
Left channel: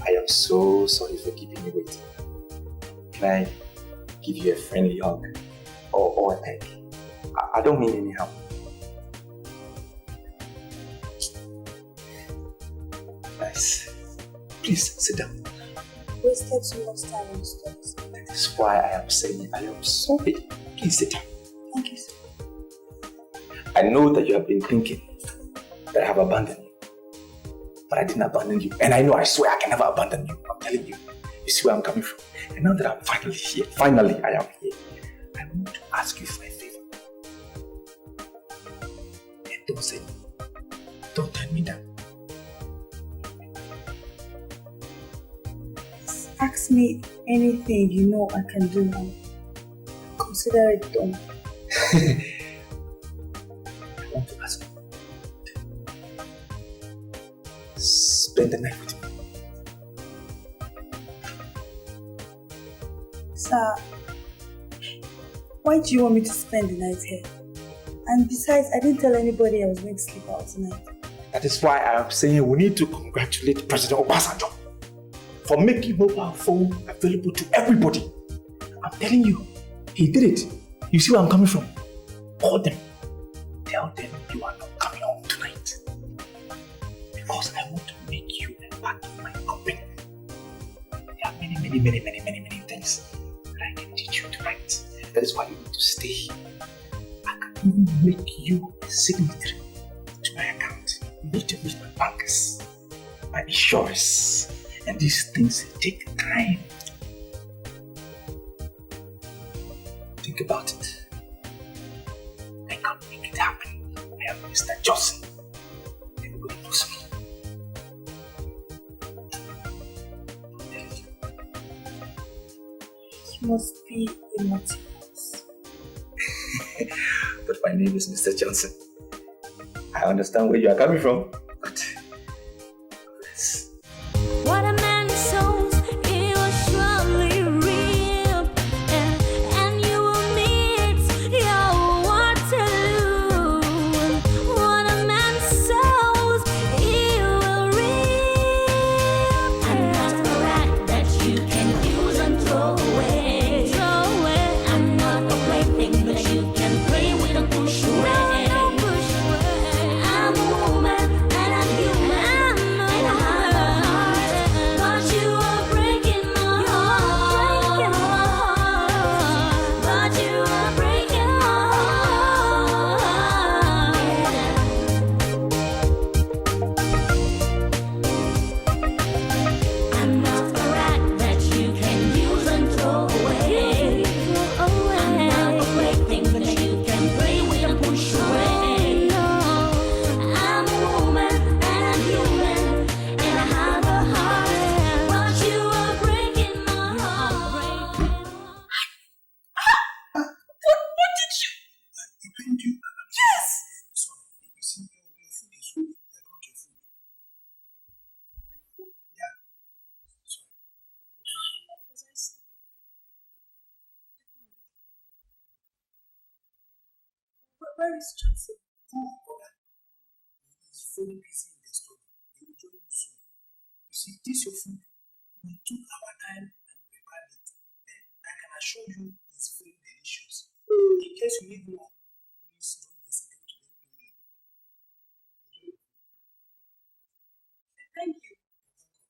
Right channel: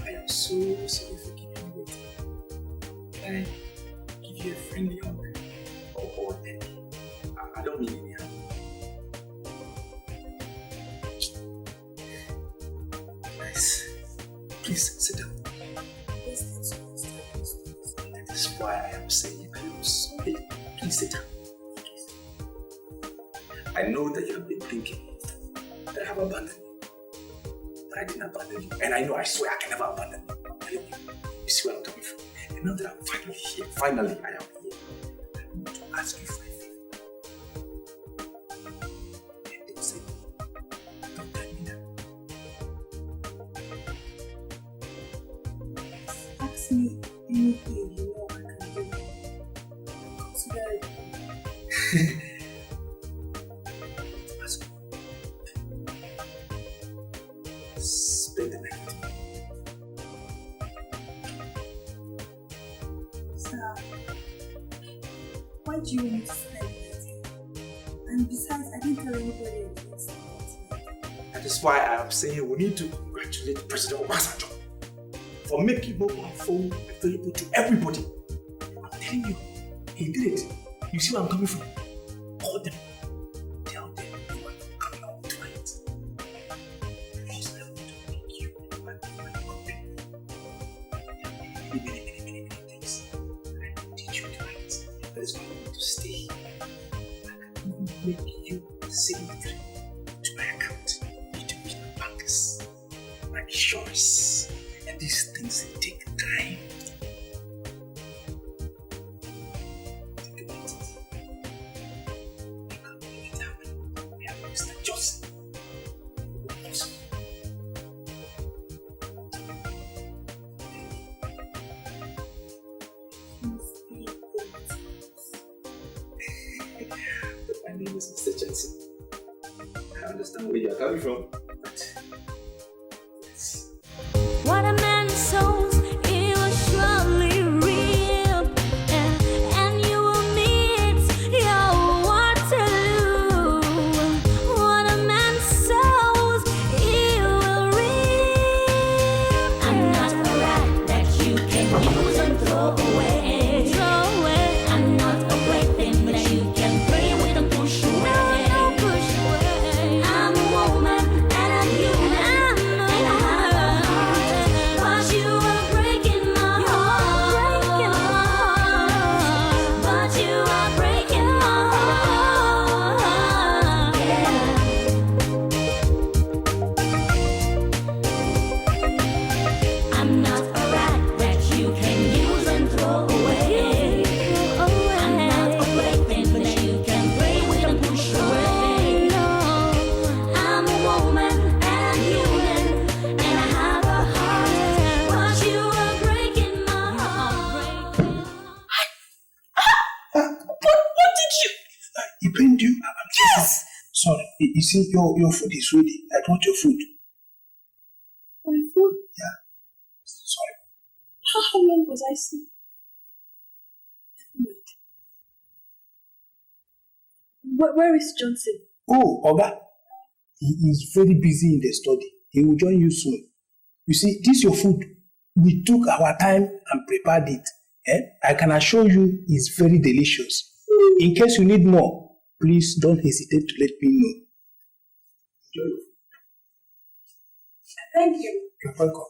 I am so sorry for keeping you waiting. Can I give you a friendly hug or a peck? I don't mean any harm. Nice. Please sit down. Wasted so much time on studies. That is why I am saying I am sorry. Please sit down. Thank you, sir. I know that you have been thinking that I have abandoned you. But I didn't abandon you. And I know, I swear I can never abandon you. I'm telling you. You see where I'm coming from. And now that I'm finally here, I am here, I want to ask you for a favor. And don't say no. Don't turn me down. Ask me anything you know I can do now. Consider it done. I want to ask you. Spend the night with me. Sir, why do you want me to spend the night here? And besides, I didn't tell anybody I was going to sleep out tonight. That is why I am saying we need to congratulate President Obasanjo for making mobile phone available to everybody. I'm telling you, he did it. You see where I'm coming from? Call them. Tell them you are not coming home tonight. Because I want to make you a part of my company. There are many things that I can teach you tonight. That is why you need to stay here. I can even make you a signatory to my account. You need to meet my bankers, my insurers, and these things take time. Think about it. Mr. Johnson. Everybody knows me. It must be a motive. But my name is Mr. Johnson. I understand where you are coming from. What a man sows, he will surely reap, and you will meet your Waterloo. What a man sows, he will reap. I'm not a rat that you can use and throw away. I'm not a plaything that you can play with and push away. No, push away. I'm a woman and I'm human. But you are breaking my heart. But you are breaking my heart. I'm not a rat that you can use and throw away. I'm not a plaything that you can play with and push away. I'm a woman and I'm human, and I have a heart. But you are breaking my heart. What did you? He pained you? Yes! Sorry, you see, your food is ready. I brought your food. My food? Yeah. Sorry. How long was I asleep? Where is Johnson? Oh, Oga. He is very busy in the study. He will join you soon. You see, this your food. We took our time and prepared it. I can assure you it's very delicious. In case you need more, please don't hesitate to let me know. Enjoy. Thank you. You're welcome.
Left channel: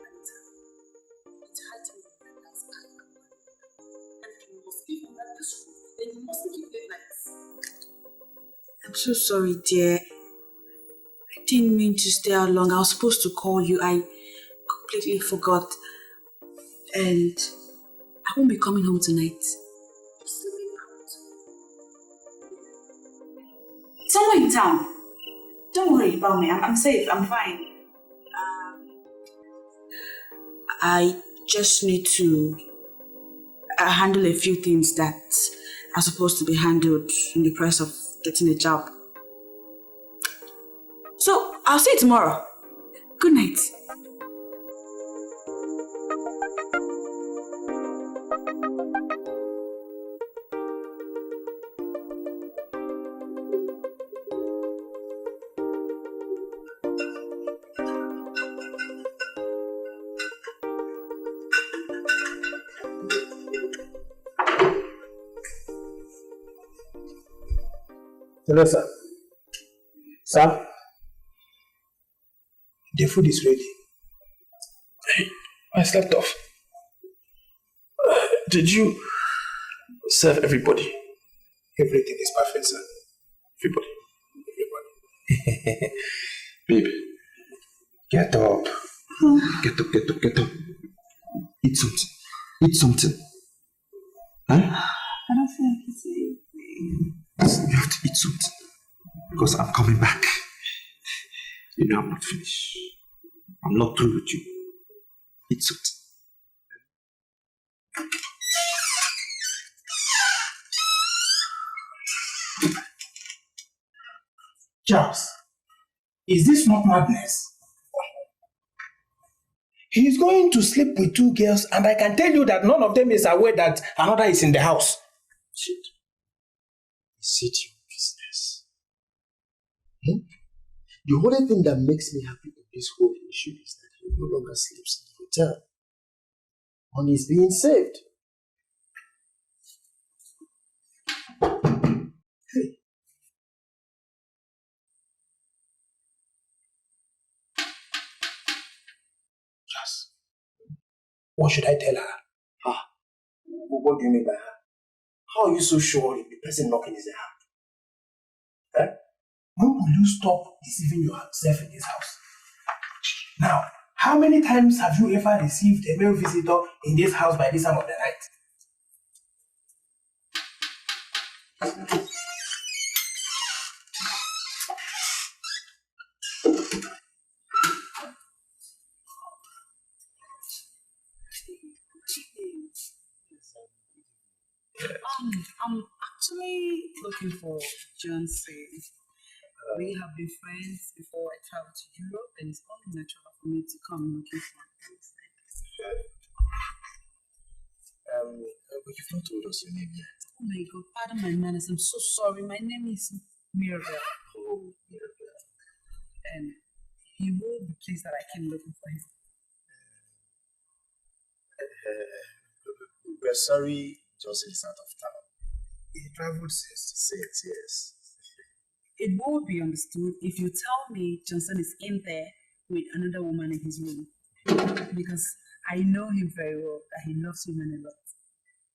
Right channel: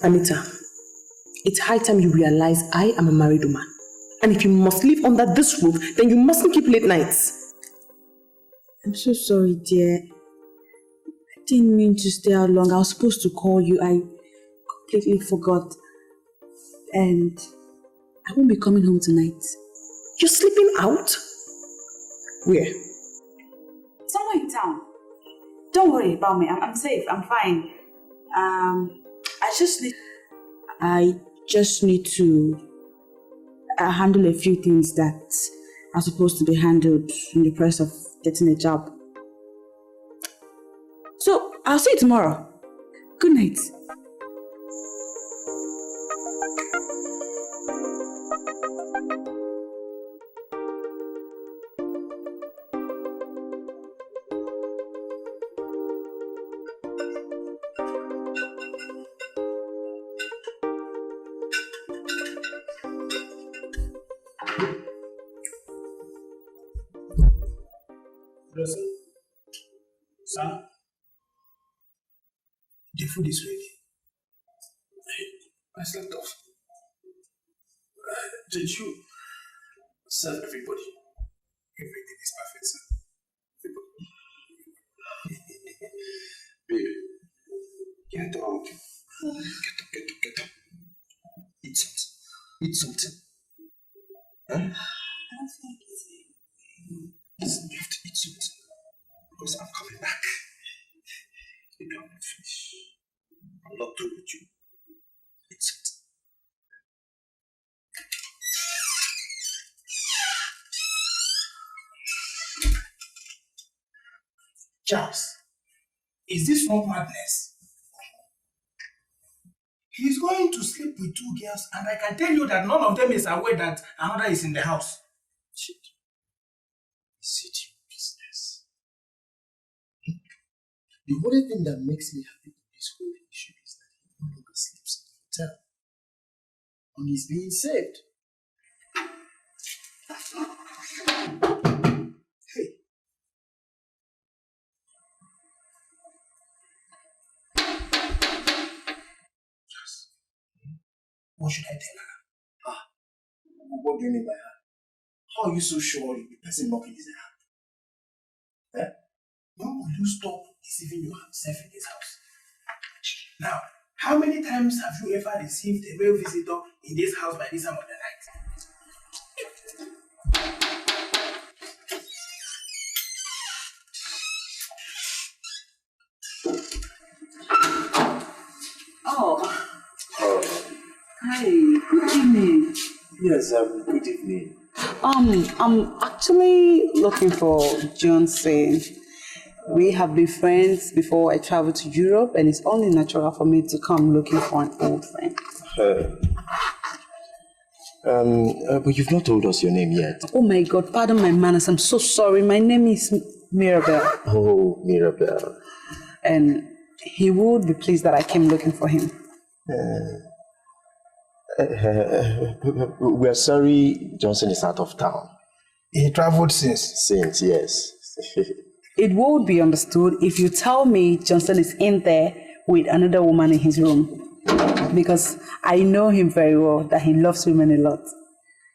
Anita, it's high time you realize I am a married woman. And if you must live under this roof, then you mustn't keep late nights. I'm so sorry, dear. I didn't mean to stay out long. I was supposed to call you. I completely forgot. And I won't be coming home tonight. You're sleeping out? Where? Somewhere in town. Don't worry about me. I'm safe. I'm fine. I just need to handle a few things that are supposed to be handled in the process of getting a job. So, I'll see you tomorrow. Good night. Hello, sir. Sir? The food is ready. I slept off. Did you serve everybody? Everything is perfect, sir. Everybody. Babe, get up. Get up. Eat something. Eat something. Huh? I don't feel like eating. You have to eat something. Because I'm coming back. You know I'm not finished. I'm not through with you. Eat something. Charles, is this not madness? He's going to sleep with two girls, and I can tell you that none of them is aware that another is in the house. Shit. Is it your business? The only thing that makes me happy in His whole issue is that he no longer sleeps in the hotel. Money is being saved. Hey. Yes. What should I tell her? Ah, what do you mean by her? How are you so sure the person knocking is a her? Eh? When will you stop deceiving yourself in this house? Now, how many times have you ever received a male visitor in this house by this time of the night? Oh. Hi, good evening. Yes, good evening. I'm actually looking for Johnson. We have been friends before I traveled to Europe, and it's only natural for me to come looking for an old friend. But you've not told us your name yet. Oh my God, pardon my manners. I'm so sorry. My name is Mirabel. Oh, Mirabel. And he would be pleased that I came looking for him. We're sorry Johnson is out of town. He traveled since? Since, yes. It would be understood if you tell me Johnson is in there with another woman in his room. Because I know him very well, that he loves women a lot.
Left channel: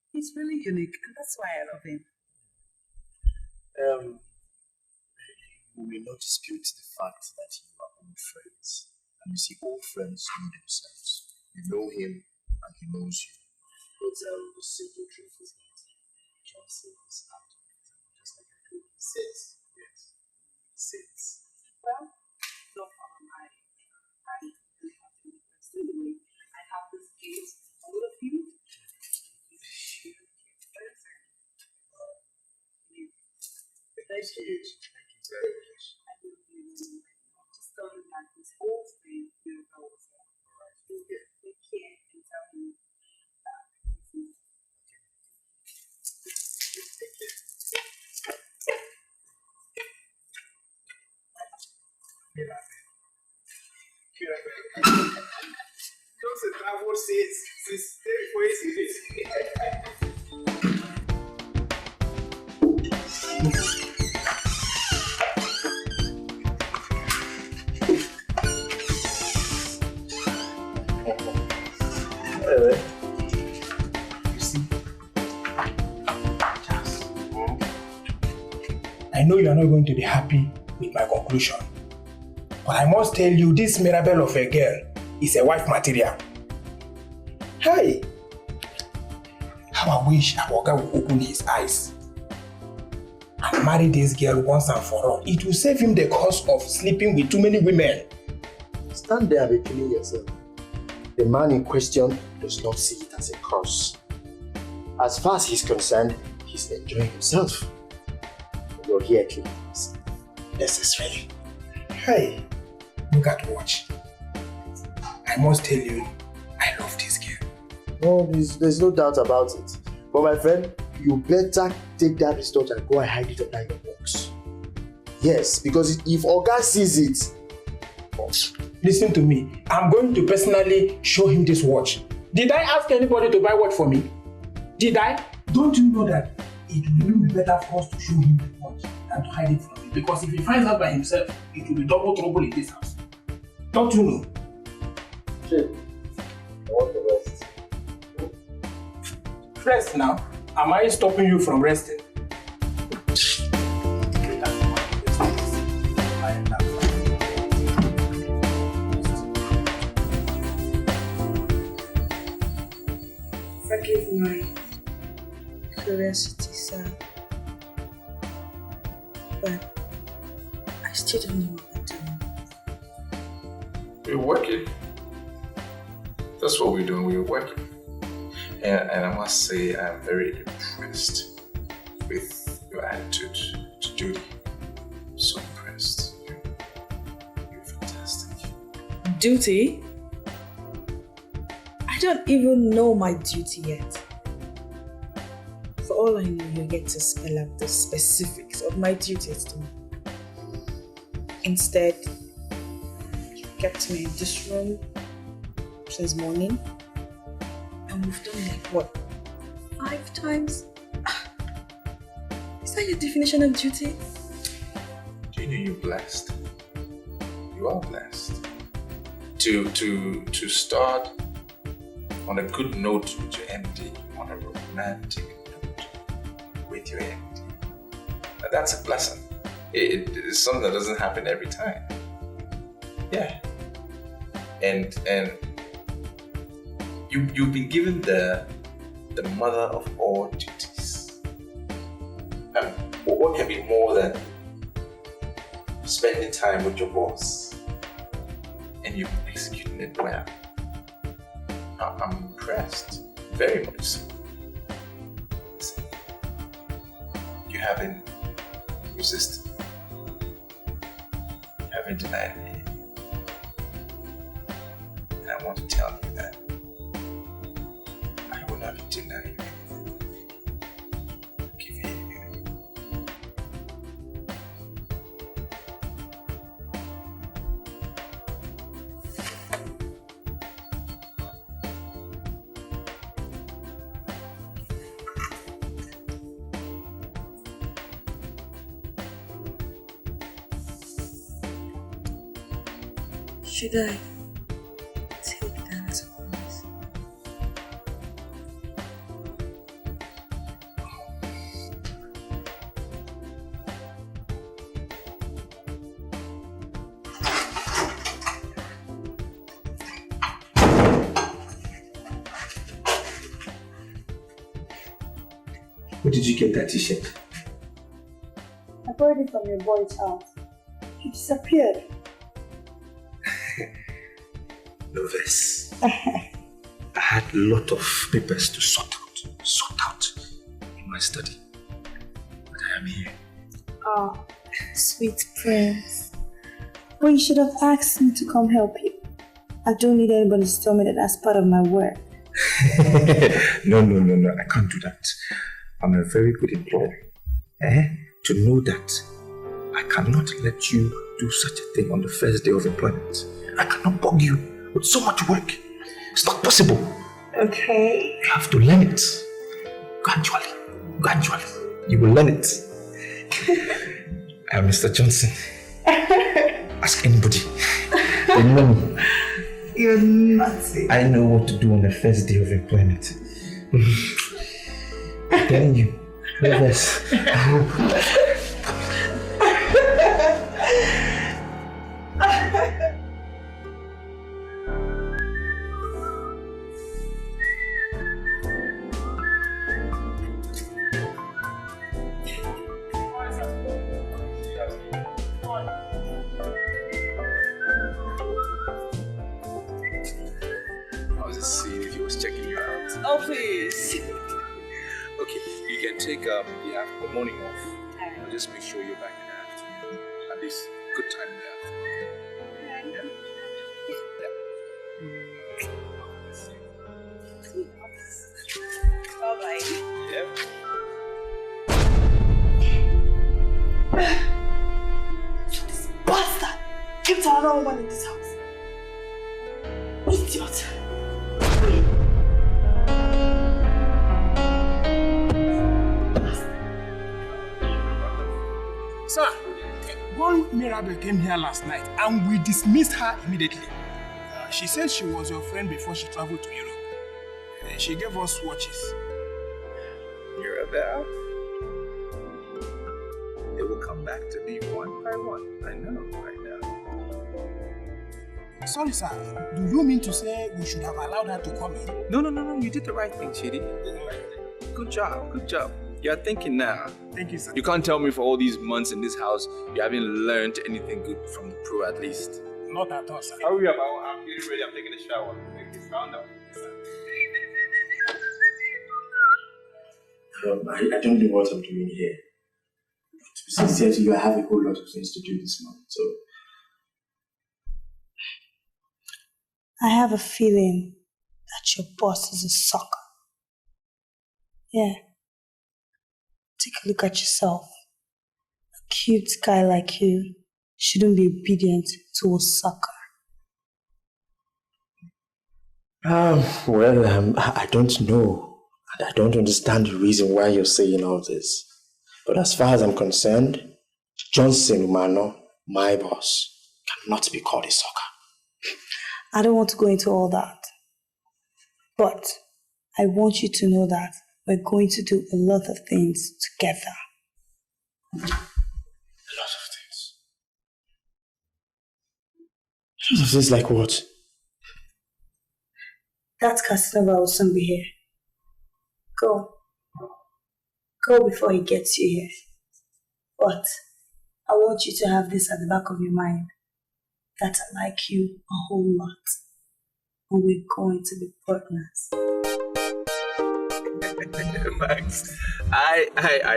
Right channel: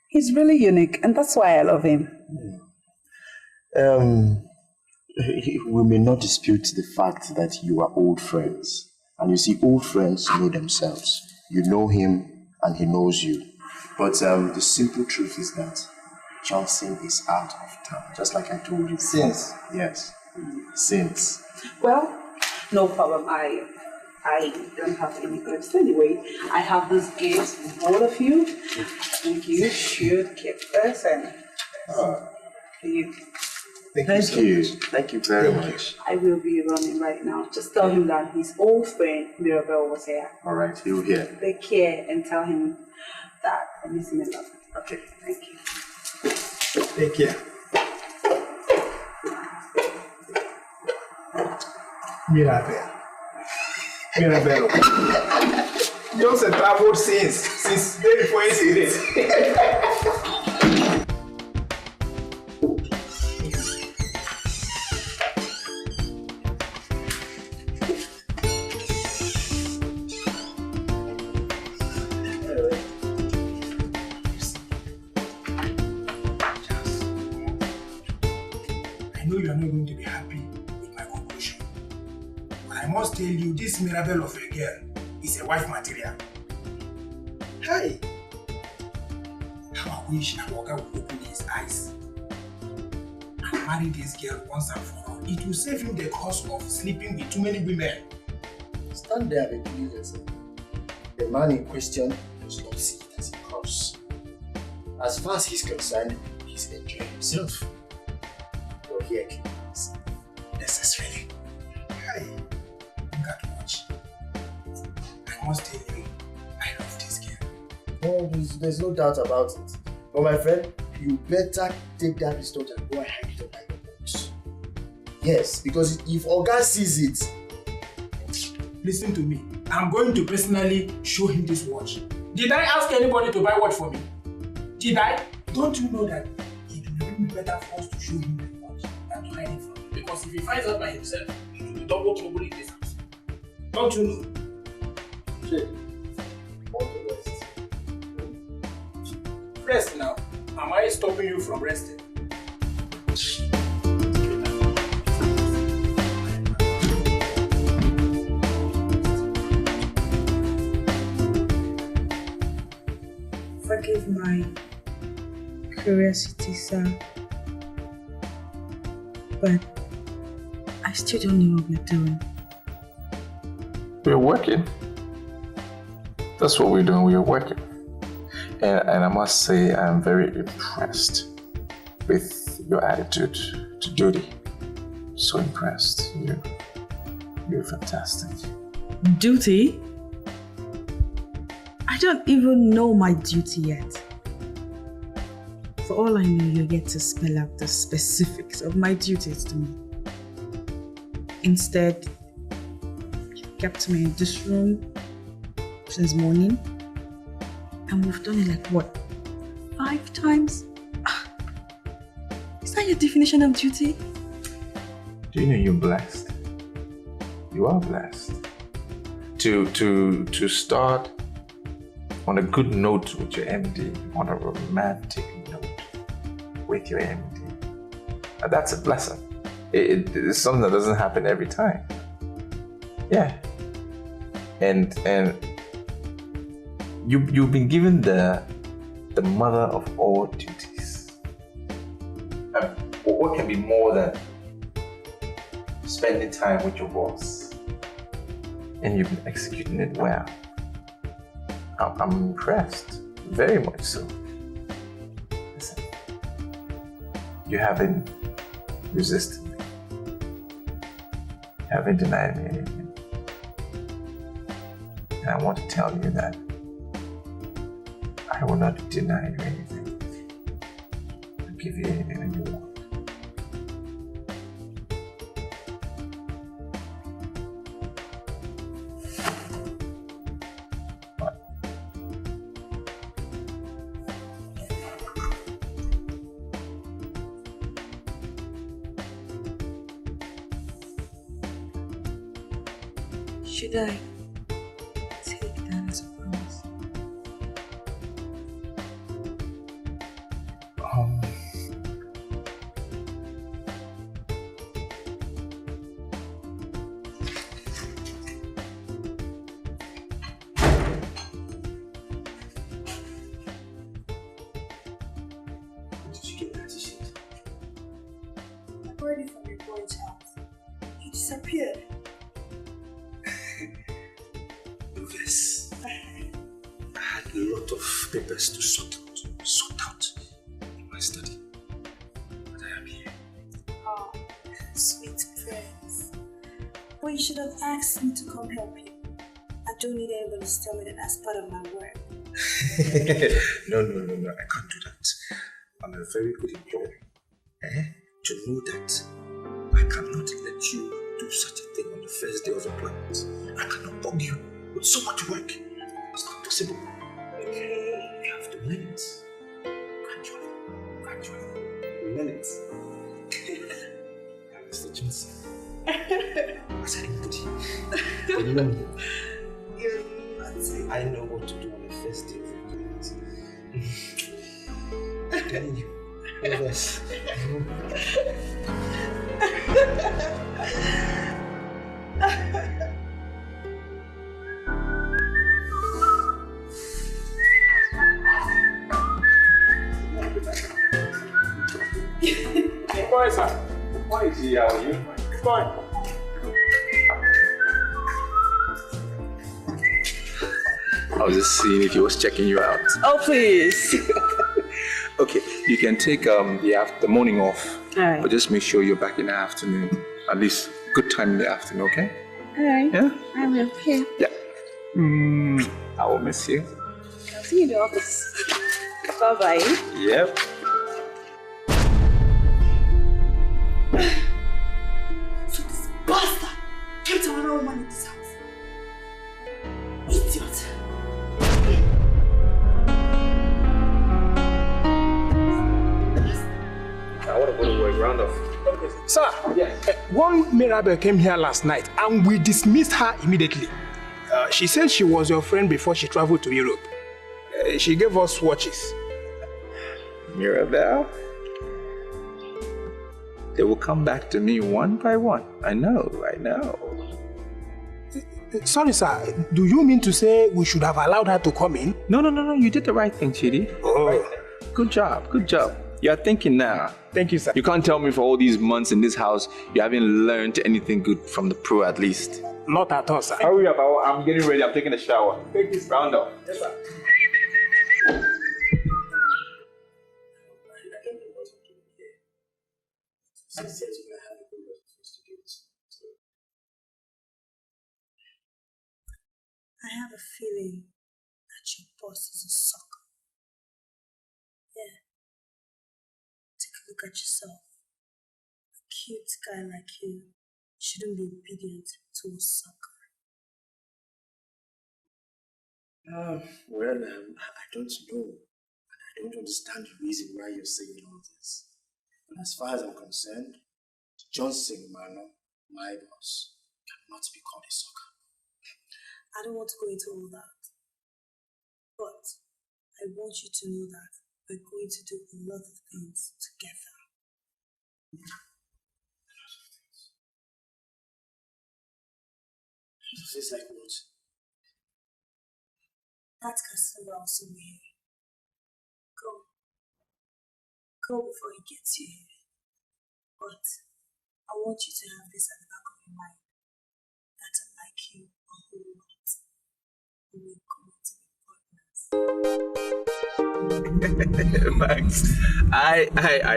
He's really unique, and that's why I love him. We may not dispute the fact that you are old friends. And you see, old friends know themselves. You know him, and he knows you. But the simple truth is that Johnson is out of town, just like I told you. Since? Yes, since. Well, no problem. I don't have any clips anyway. I have this gift for all of you. I think you should keep this and you. Thank you. Thank you very much. I will be running right now. Just tell him that his old friend Mirabel was here. All right, he'll hear. Take care and tell him that I miss him a lot. Okay. Thank you. Take care. Mirabel. Johnson traveled since day before yesterday. I know you are not going to be happy with my conclusion, but I must tell you this Mirabel of a girl is a wife material. Hey! How I wish our guy would open his eyes and marry this girl once and for all. It will save him the cost of sleeping with too many women. Stand there and be killing yourself. The man in question does not see it as a curse. As far as he's concerned, he's enjoying himself. You're here killing us. Necessarily. Hey, look at watch. I must tell you, I love this girl. No, there's no doubt about it. But my friend, you better take that result and go and hide it under your box. Yes, because if Oga sees it... Listen to me. I'm going to personally show him this watch. Did I ask anybody to buy watch for me? Did I? Don't you know that it will be better for us to show him the watch than to hide it from him? Because if he finds out by himself, it will be double trouble in this house. Don't you know? Shit. I want the rest. Rest now. Am I stopping you from resting? Forgive my curiosity, sir, but I still don't know what we're doing. We're working. That's what we're doing. We are working. And I must say, I'm very impressed with your attitude to Judy. So impressed. You're fantastic. Duty? I don't even know my duty yet. For all I know, you're yet to spell out the specifics of my duties to me. Instead, you kept me in this room since morning. And we've done it like what? 5 times? Is that your definition of duty? Do you know you're blessed? You are blessed. To start on a good note with your MD, on a romantic note with your MD. And that's a blessing. It's something that doesn't happen every time. Yeah. And you've been given the mother of all duties. What can be more than spending time with your boss? And you've been executing it well. I'm impressed, very much so. Listen, you haven't resisted me. You haven't denied me anything. And I want to tell you that I will not deny you anything. I'll give you anything that you want. Should I take that as a promise? Where did you get that t-shirt? I borrowed it from your boy's house. He disappeared. Nervous. I had a lot of papers to sort out in my study. But I am here. Oh, sweet prince. But you should have asked me to come help you. I don't need anybody to tell me that that's part of my work. No, I can't do that. I'm a very good employer. To know that I cannot let you do such a thing on the first day of employment. I cannot bug you with so much work. It's not possible. Okay. You have to learn it. Gradually. You will learn it. I am Mr. Johnson. Ask anybody. They know me. You're nutsy. I know what to do on the first day of employment. I'm telling you. Nervous. How are you? Fine. I was just seeing if he was checking you out. Oh, please. Okay, you can take the morning off. All right. But just make sure you're back in the afternoon. At least good time in the afternoon, okay? All right. Yeah? I will. Yeah. Yeah. I will miss you. I'll see you in the office. Bye-bye. Yep. So this bastard came to another woman in this house. Idiot. Sir, one Mirabel came here last night and we dismissed her immediately. She said she was your friend before she traveled to Europe. She gave us watches. Mirabel? They will come back to me one by one. I know. Sorry, sir. Do you mean to say we should have allowed her to come in? No. You did the right thing, Chidi. Oh. Good job. You're thinking now. Thank you, sir. You can't tell me for all these months in this house you haven't learned anything good from the pro at least. Not at all, sir. Hurry up, I'm getting ready. I'm taking a shower. Take this round up. Yes, sir. I don't know what I'm doing here. To be sincere to you, I have a whole lot of things to do this morning, so... I have a feeling that your boss is a sucker. Yeah. Take a look at yourself. A cute guy like you shouldn't be obedient to a sucker. I don't know. And I don't understand the reason why you're saying all this. But as far as I'm concerned, Johnson Umano, my boss, cannot be called a sucker. I don't want to go into all that. But I want you to know that we're going to do a lot of things together. A lot of things. A lot of things like what? That Casanova will soon be here. Go. Go before he gets you here. But I want you to have this at the back of your mind. That I like you a whole lot. And we're going to be partners. Max, I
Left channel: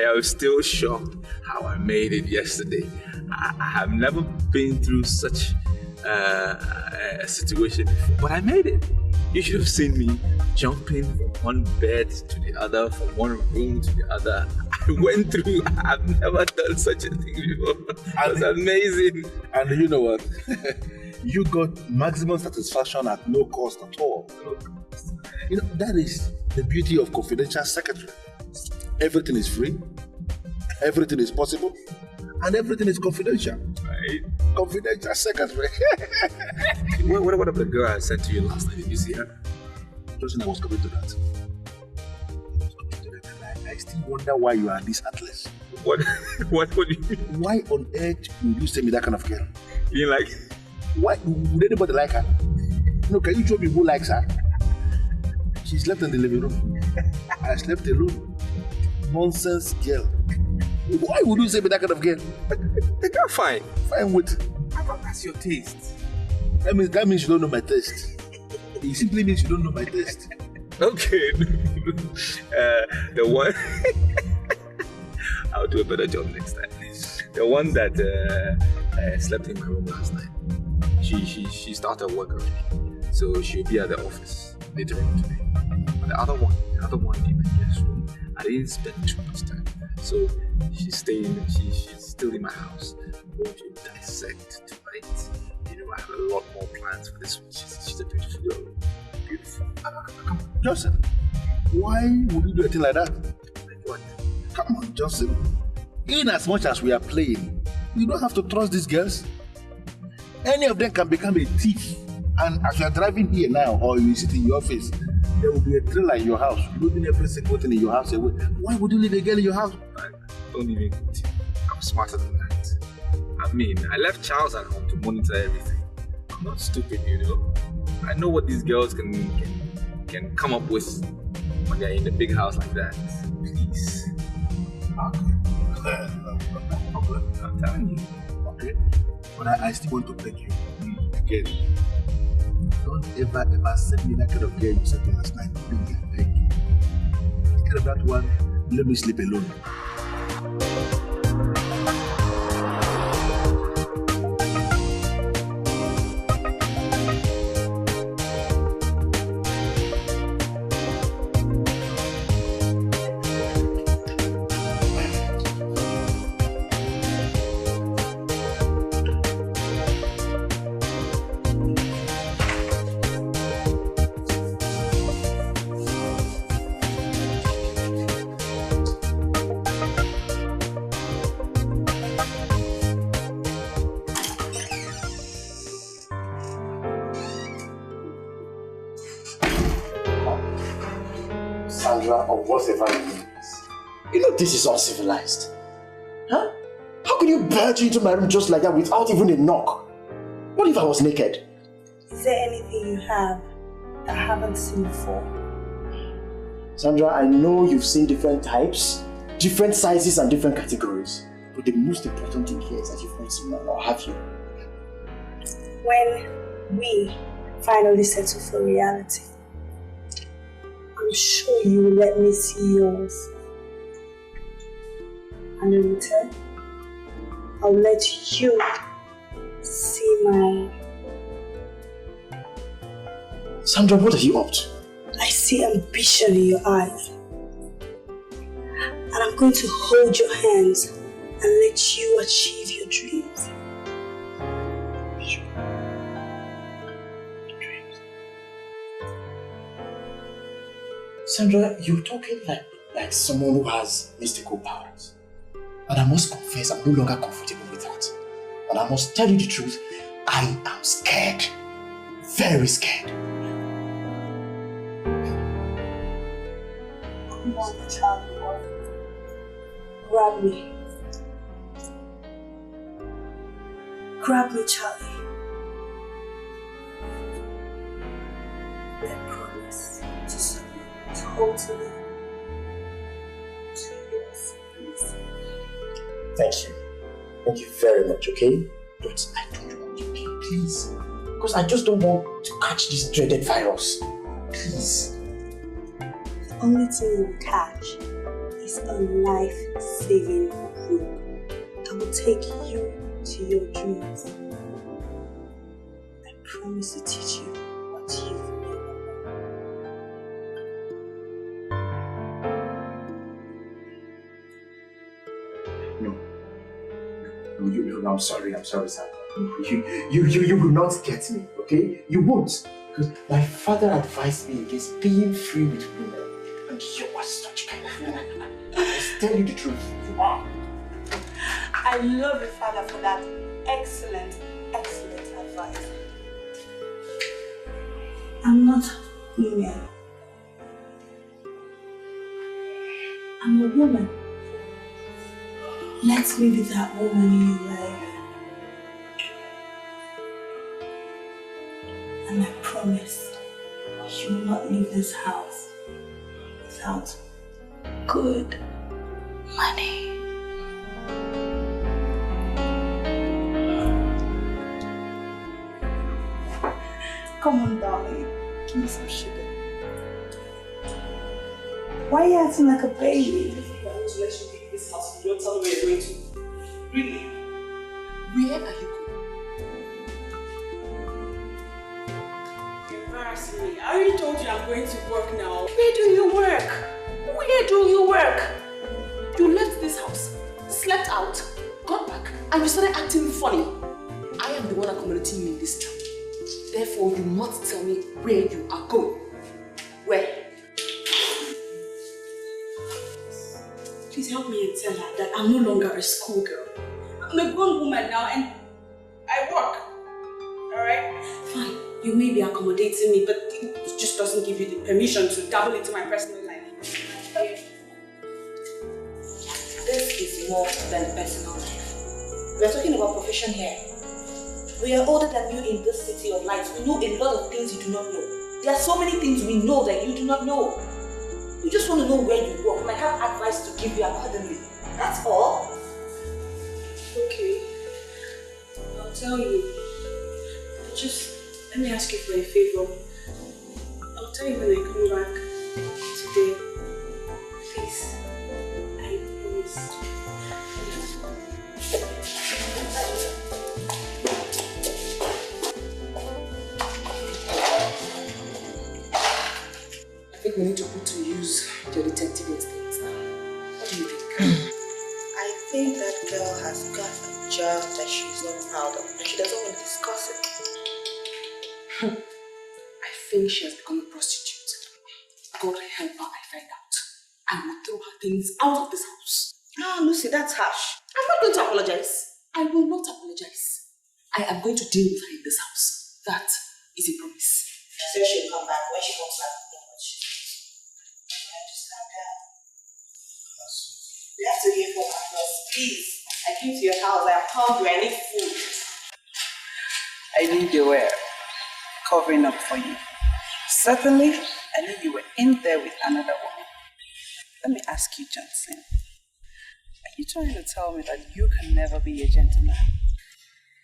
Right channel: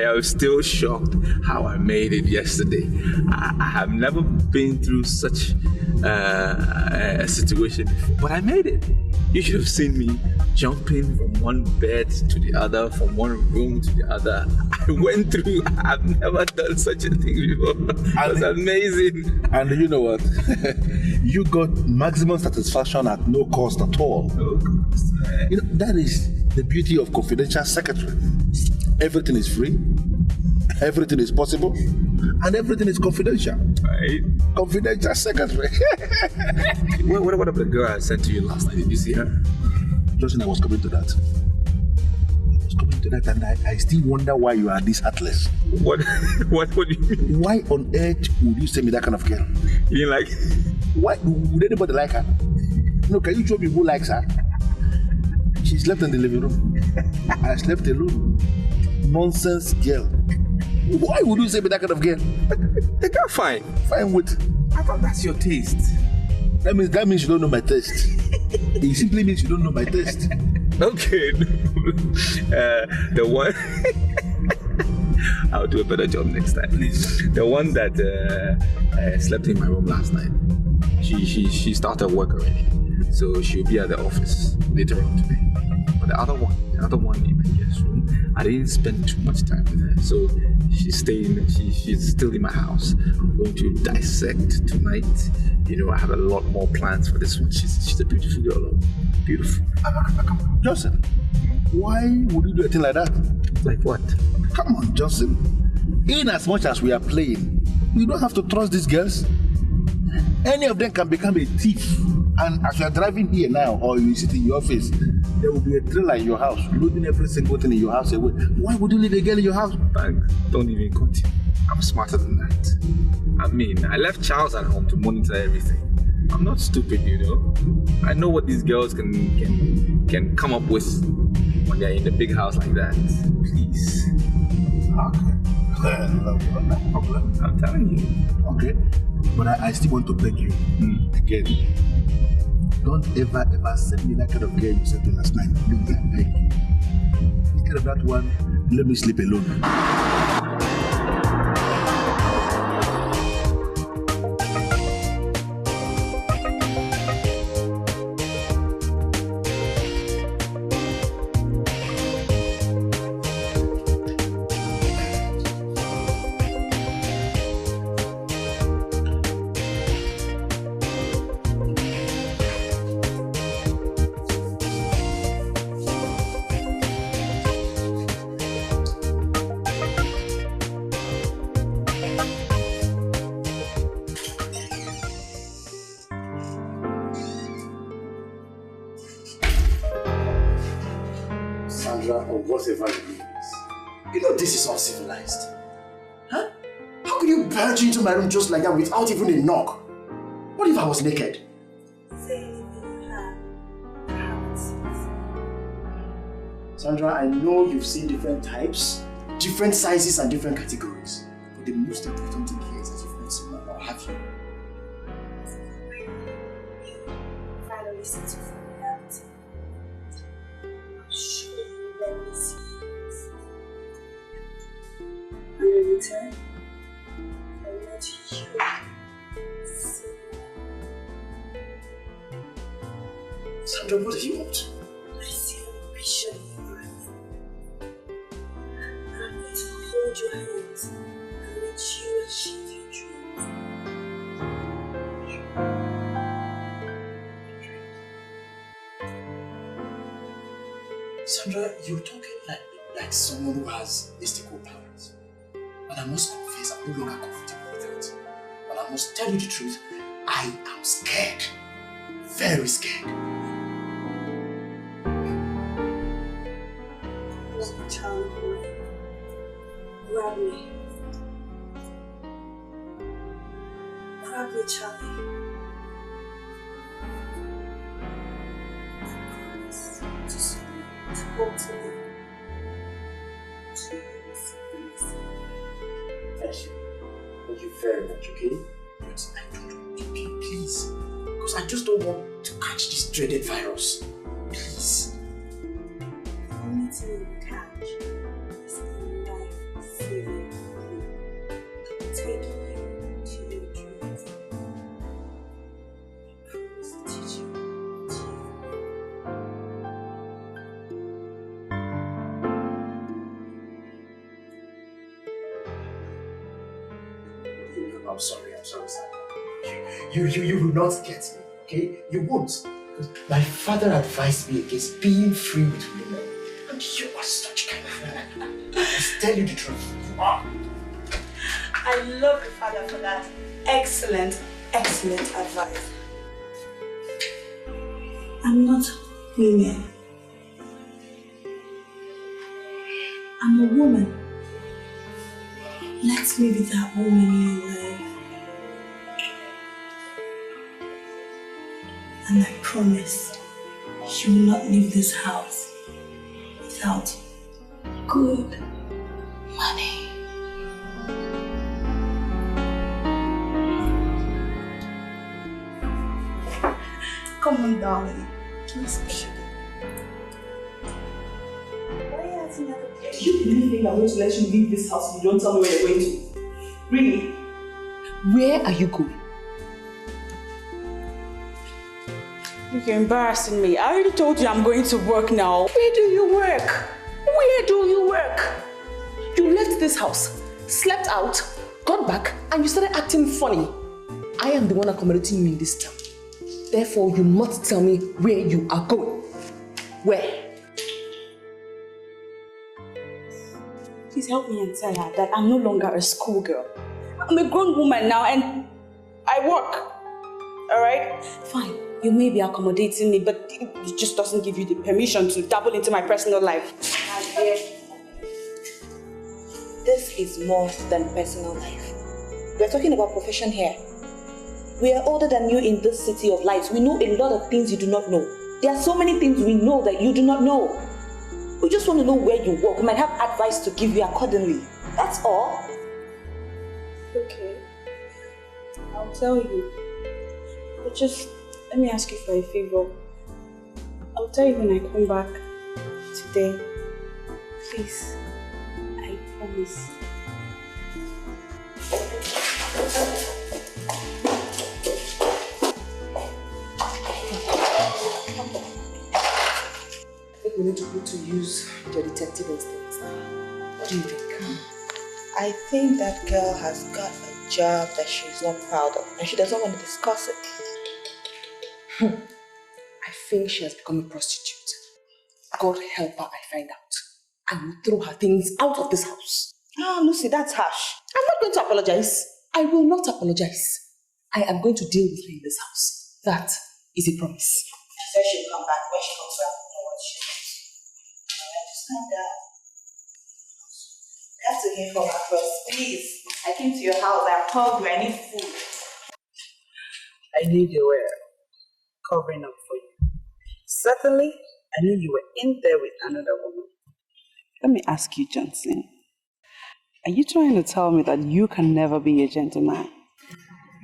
am still shocked how I made it yesterday. I have never been through such a situation before, but I made it. You should have seen me jumping from one bed to the other, from one room to the other. I went through, I've never done such a thing before. It was amazing. And you know what? You got maximum satisfaction at no cost at all. No cost. You know, that is the beauty of confidential secretary. Everything is free, everything is possible, and everything is confidential. Right? Confidential secretary. What about the girl I sent to you last night? Did you see her? Justin, I was coming to that. And I still wonder why you are this heartless. What do you mean? Why on earth would you send me that kind of girl? You like? Why would anybody like her? No, can you show me who likes her? She slept in the living room. I slept alone. Nonsense girl. Why would you send me that kind of girl? The girl fine. Fine with? I thought that's your taste. That means you don't know my taste. It simply means you don't know my taste. Okay. The one I'll do a better job next time. The one that slept in my room last night. She started work already, so she'll be at the office later on today. But the other one in my guest room, I didn't spend too much time with her, so she's staying. She's still in my house. I'm going to dissect tonight. You know, I have a lot more plans for this one. She's a beautiful girl. Beautiful. Johnson, why would you do a thing like that? Like what? Come on, Johnson. In as much as we are playing, you don't have to trust these girls. Any of them can become a thief. And as you are driving here now, or you sit in your office, there will be a trailer in your house, loading every single thing in your house away. Why would you leave a girl in your house? Don't even continue. I'm smarter than that. I mean, I left Charles at home to monitor everything. I'm not stupid, you know. I know what these girls can come up with when they're in a big house like that. Please. Okay. No problem. I'm telling you. Okay. But I still want to beg you again. Don't ever send me that kind of girl you sent me last night. Please, I beg you. Instead of that one, let me sleep alone. Uncivilized. Huh? How can you barge into my room just like that without even a knock? What if I was naked? Is there anything you have that I haven't seen before? Sandra, I know you've seen different types, different sizes and different categories. But the most important thing here is that you've met someone, or have you? When we finally settle for reality, I'm sure you will let me see yours. And in return, I'll let you see mine. Sandra, what are you up to? I see ambition in your eyes. And I'm going to hold your hands and let you achieve your dreams. Sandra, you're talking like someone who has mystical powers. And I must confess, I'm no longer comfortable with that. And I must tell you the truth, I am scared. Very scared. Come on, child boy. Grab me. Grab me, Charlie. I promise to submit totally to your feelings. Thank you. Thank you very much, okay? But I don't want you, okay? Please. Because I just don't want to catch this dreaded virus. Please. The only thing you catch is a life-saving room that will take you to your dreams. I promise to teach you what you've No, I'm sorry, Sandra. You will not get me, okay? You won't. Because my father advised me against being free with women. And you are such kind of woman. Let's tell you the truth. You are. I love your father for that excellent advice. I'm not women. I'm a woman. Let me be that woman in your life. And I promise you will not leave this house without good money. Come on, darling. Give me some sugar. Why are you acting like a baby? You really think I'm going to let you leave this house if you don't tell me where you're going to? Really? Where are you going? You're embarrassing me. I already told you I'm going to work now. Where do you work? Where do you work? You left this house, slept out, got back, and you started acting funny. I am the one accommodating you in this town. Therefore, you must tell me where you are going. Where? Please help me and tell her that I'm no longer a schoolgirl. I'm a grown woman now and I work. Alright? Fine. You may be accommodating me, but it just doesn't give you the permission to dabble into my personal life. My dear, this is more than personal life. We are talking about profession here. We are older than you in this city of lights. We know a lot of things you do not know. There are so many things we know that you do not know. We just want to know where you work. We might have advice to give you accordingly. That's all. Okay. I'll tell you. But just let me ask you for a favor. I'll tell you when I come back today. Please. I promise. I think we need to put to use your detective instincts now. What do you think? I think that girl has got a job that she's not proud of and she doesn't want to discuss it. I think she has become a prostitute. God help her, I find out. I will throw her things out of this house. No, Lucy, that's harsh. I'm not going to apologize. I will not apologize. I am going to deal with her in this house. That is a promise. She says she'll come back. When she comes back, we'll know what she says. Alright, just calm down. We have to hear from her first. Please. I came to your house. I'm hungry. I need food. I knew they were covering up for you. Certainly, I knew you were in there with another woman. Let me ask you, Johnson. Are you trying to tell me that you can never be a gentleman?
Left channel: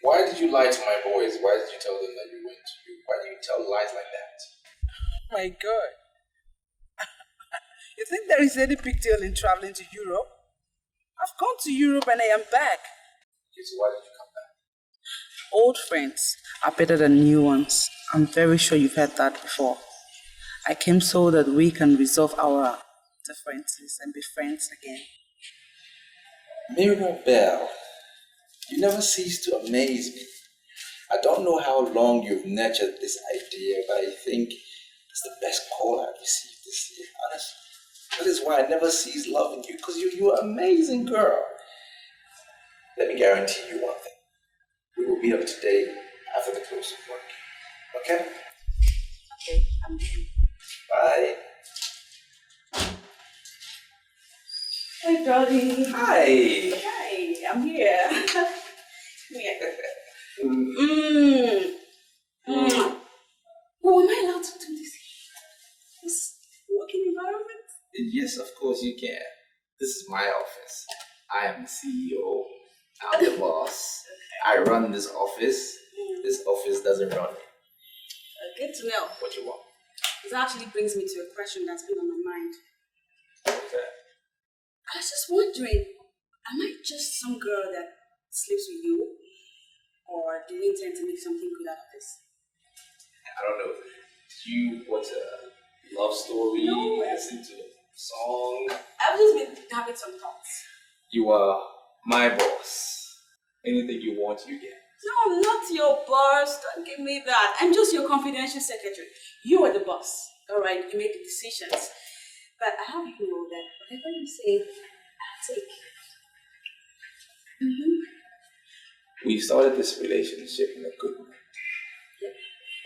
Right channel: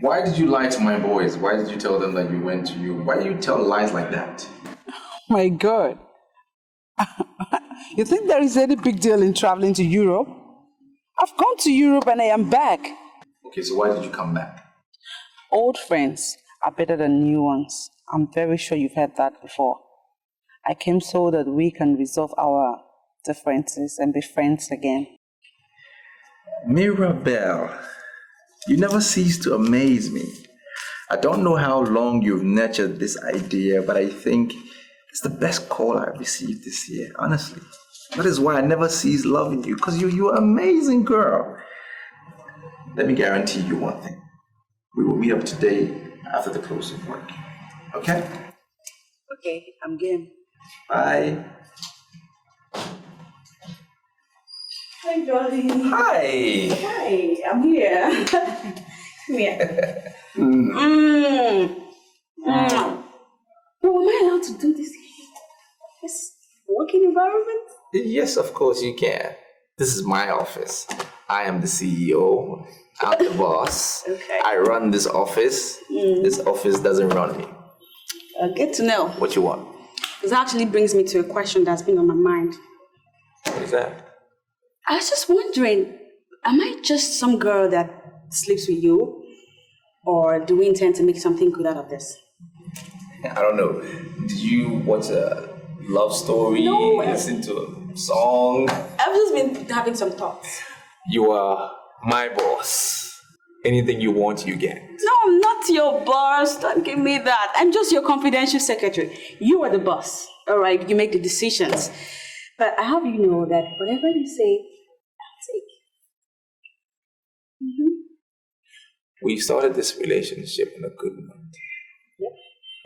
Why did you lie to my boys? Why did you tell them that you went to you? Why do you tell lies like that? My God. You think there is any big deal in traveling to Europe? I've gone to Europe and I am back. Okay, so why did you come back? Old friends are better than new ones. I'm very sure you've heard that before. I came so that we can resolve our differences and be friends again. Mirabelle, you never cease to amaze me. I don't know how long you've nurtured this idea, but I think It's the best call I've received this year, honestly. That is why I never cease loving you, because you're an amazing girl. Let me guarantee you one thing. We will meet up today after the close of work. Okay? Okay, I'm game. Bye. Hey, darling. Hi. Hi, I'm here. Come here. Oh, am I allowed to do this here? This working environment? Yes, of course you can. This is my office. I am the CEO. I'm the boss. Okay. I run this office. This office doesn't run me. Good to know. What you want? This actually brings me to a question that's been on my mind. What is that? I was just wondering, am I just some girl that sleeps with you? Or do we intend to make something good out of this? I don't know. Did you watch a love story? No. Listen to a song? I've just been having some thoughts. You are my boss. Anything you want, you get. No, I'm not your boss. Don't give me that. I'm just your confidential secretary. You are the boss. All right, you make the decisions. But I have you know that whatever you say, I'll take. We've started this relationship on a good note. Yep.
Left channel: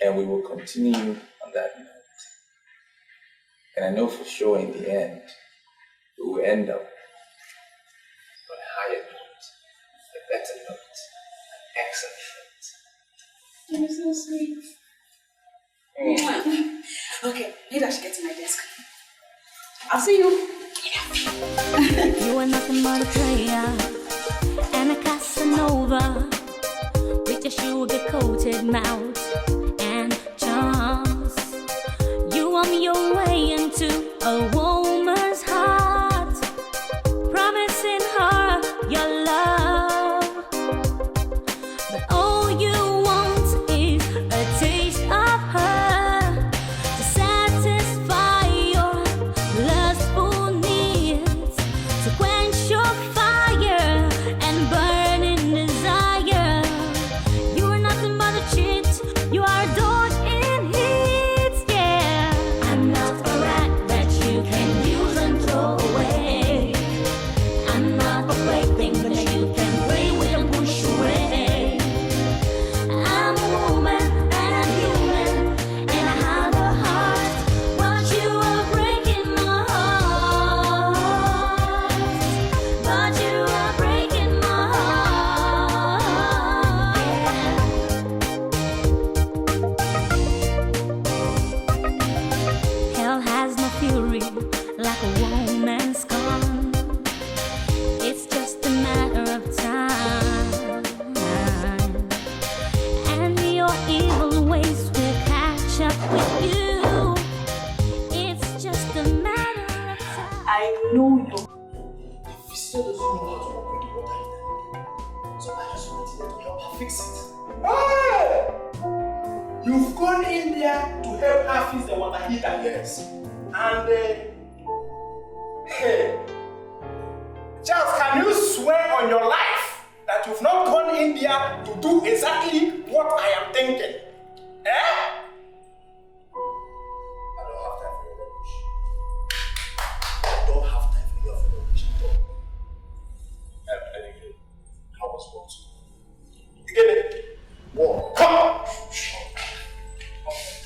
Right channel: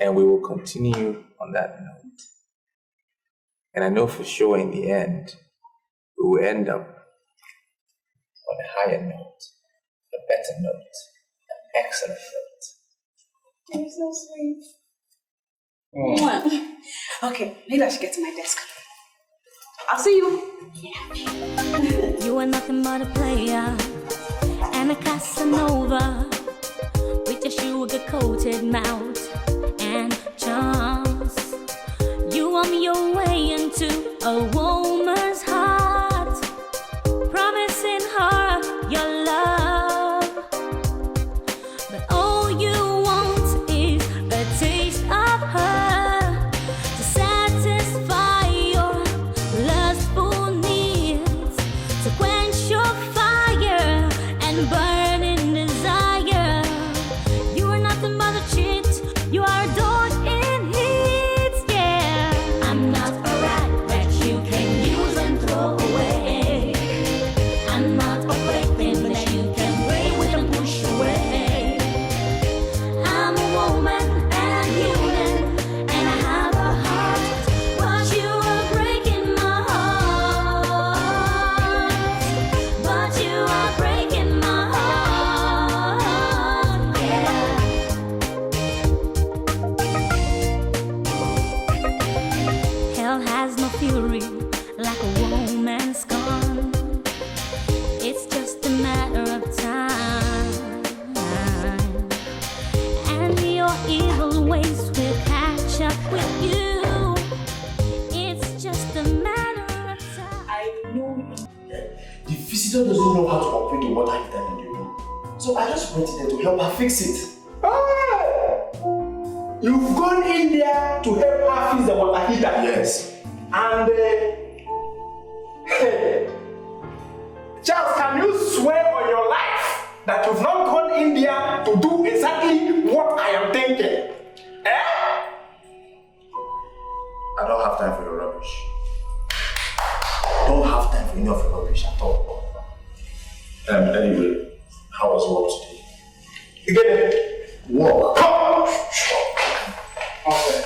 And we will continue on that note. And I know for sure in the end, we will end up on a higher note, a better note, an excellent note. You're so sweet. Okay, maybe I should get to my desk. I'll see you. You are nothing but a player and a Casanova with your sugar-coated mouth and charms. You want your way into a woman's heart, promising her your love, but all you want is a taste of her to satisfy your lustful needs, to quench your fire and burning desire. You are nothing but a cheat, you are a dog in heat, yeah. I'm not a rat that you can use and throw away. I'm not a plaything that you can play with and push away. I'm a woman and I'm human and I have a heart, but you are breaking my heart. But you are breaking my heart, yeah. Hell has no fury like a woman's gone. It's just a matter of time, and your evil ways will catch up with you. It's just a matter of time. I know you. The visitor doesn't know how to operate the water heater in the room. So I just went there to help her fix it. You've gone in there to help her fix the water heater. Yes. And hey, Charles, can you swear on your life that you've not gone in there to do exactly what I am thinking? I don't have time for your rubbish. Don't have time for any of your rubbish at all. Anyway, how was work today? You get it? Work. Come! Okay.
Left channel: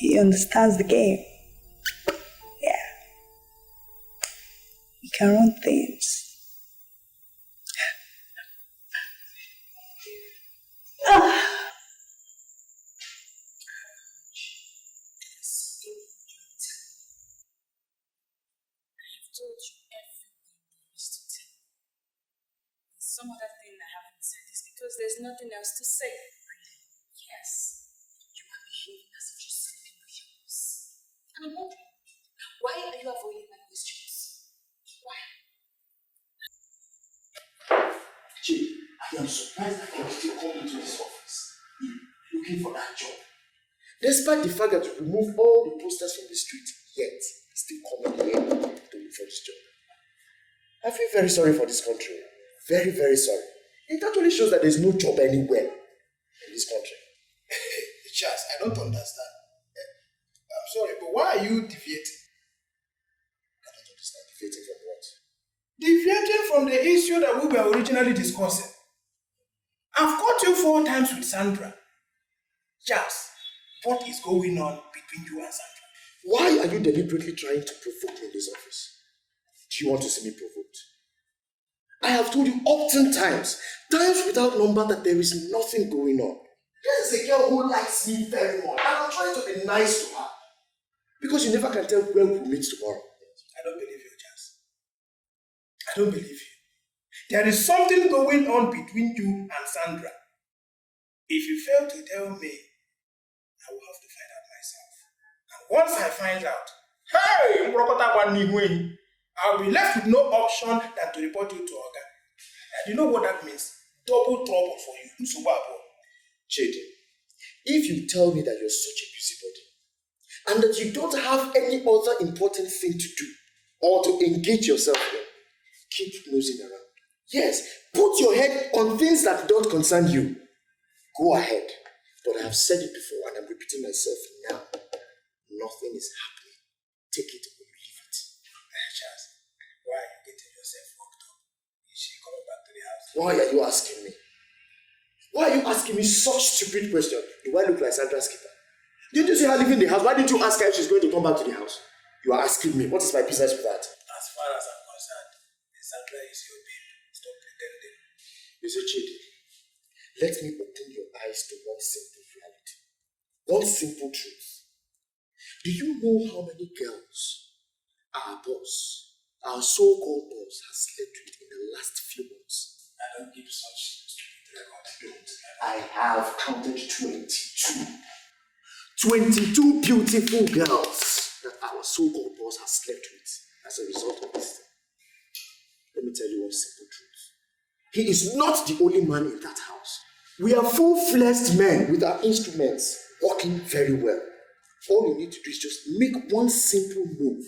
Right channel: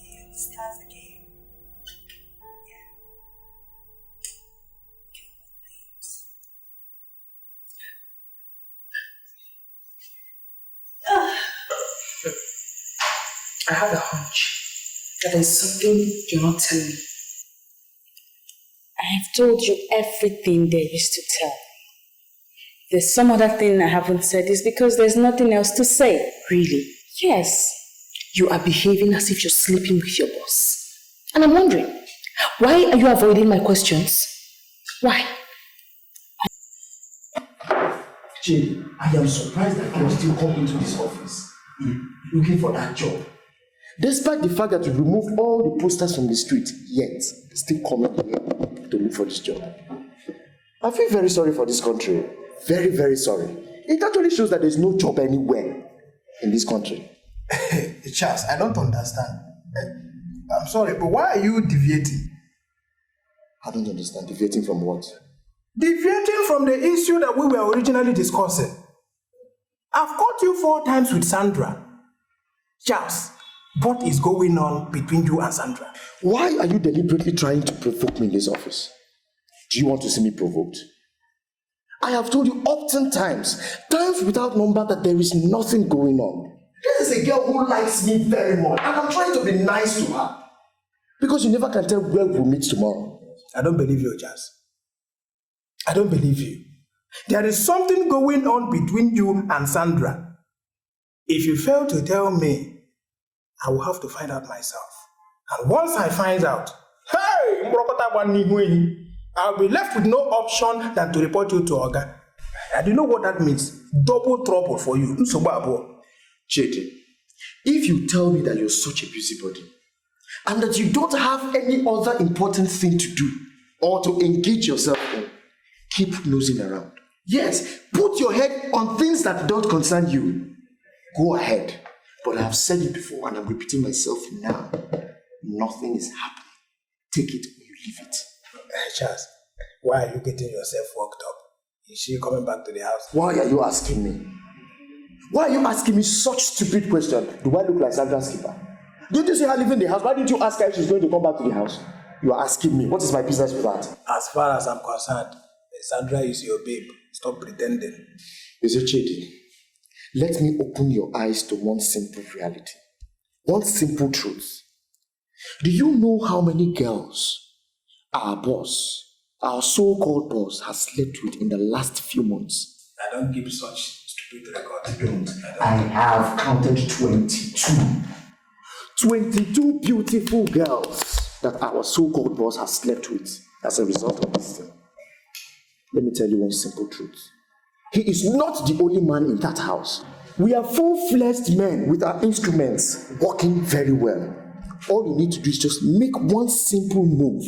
He understands the game. Yeah. He can run things. I have a hunch that there's something you're not telling me. I've told you everything there is to tell. There's some other thing I haven't said. It's because there's nothing else to say. Really? Yes. You are behaving as if you're sleeping with your boss. And I'm wondering, why are you avoiding my questions? Why? Jay, I am surprised that you are still coming to this office. looking for that job. Despite the fact that you removed all the posters from the street, yet still coming here to look for this job. I feel very sorry for this country. Very, very sorry. It actually shows that there's no job anywhere in this country. Charles, I don't understand. I'm sorry, but why are you deviating? I don't understand. Deviating from what? Deviating from the issue that we were originally discussing. I've caught you 4 times with Sandra. Charles, what is going on between you and Sandra? Why are you deliberately trying to provoke me in this office? Do you want to see me provoked? I have told you often times without number, that there is nothing going on. This is a girl who likes me very much, and I'm trying to be nice to her. Because you never can tell where we'll meet tomorrow. I don't believe you, Charles. I don't believe you. There is something going on between you and Sandra. If you fail to tell me, I will have to find out myself. And once I find out, hey, I'll be left with no option than to report you to Oga. And you know what that means? Double trouble for you. Chidi, if you tell me that you're such a busybody, and that you don't have any other important thing to do, or to engage yourself in, keep nosing around. Yes, put your head on things that don't concern you. Go ahead. But I have said it before, and I'm repeating myself now. Nothing is happening. Take it or you leave it. Charles, why are you getting yourself worked up? Is she coming back to the house? Why are you asking me? Why are you asking me such stupid question? Do I look like Sandra's keeper? Didn't you see her leaving the house? Why didn't you ask her if she's going to come back to the house? You are asking me. What is my business with that? As far as I'm concerned, Sandra is your babe. Stop pretending. Is it Chidi? Let me open your eyes to one simple reality. One simple truth. Do you know how many girls our boss, our so-called boss, has slept with in the last few months? I don't give such stupid records. I don't. I have counted 22. 22 beautiful girls that our so-called boss has slept with as a result of this thing. Let me tell you one simple truth. He is not the only man in that house. We are full-fledged men with our instruments working very well. All you need to do is just make one simple move.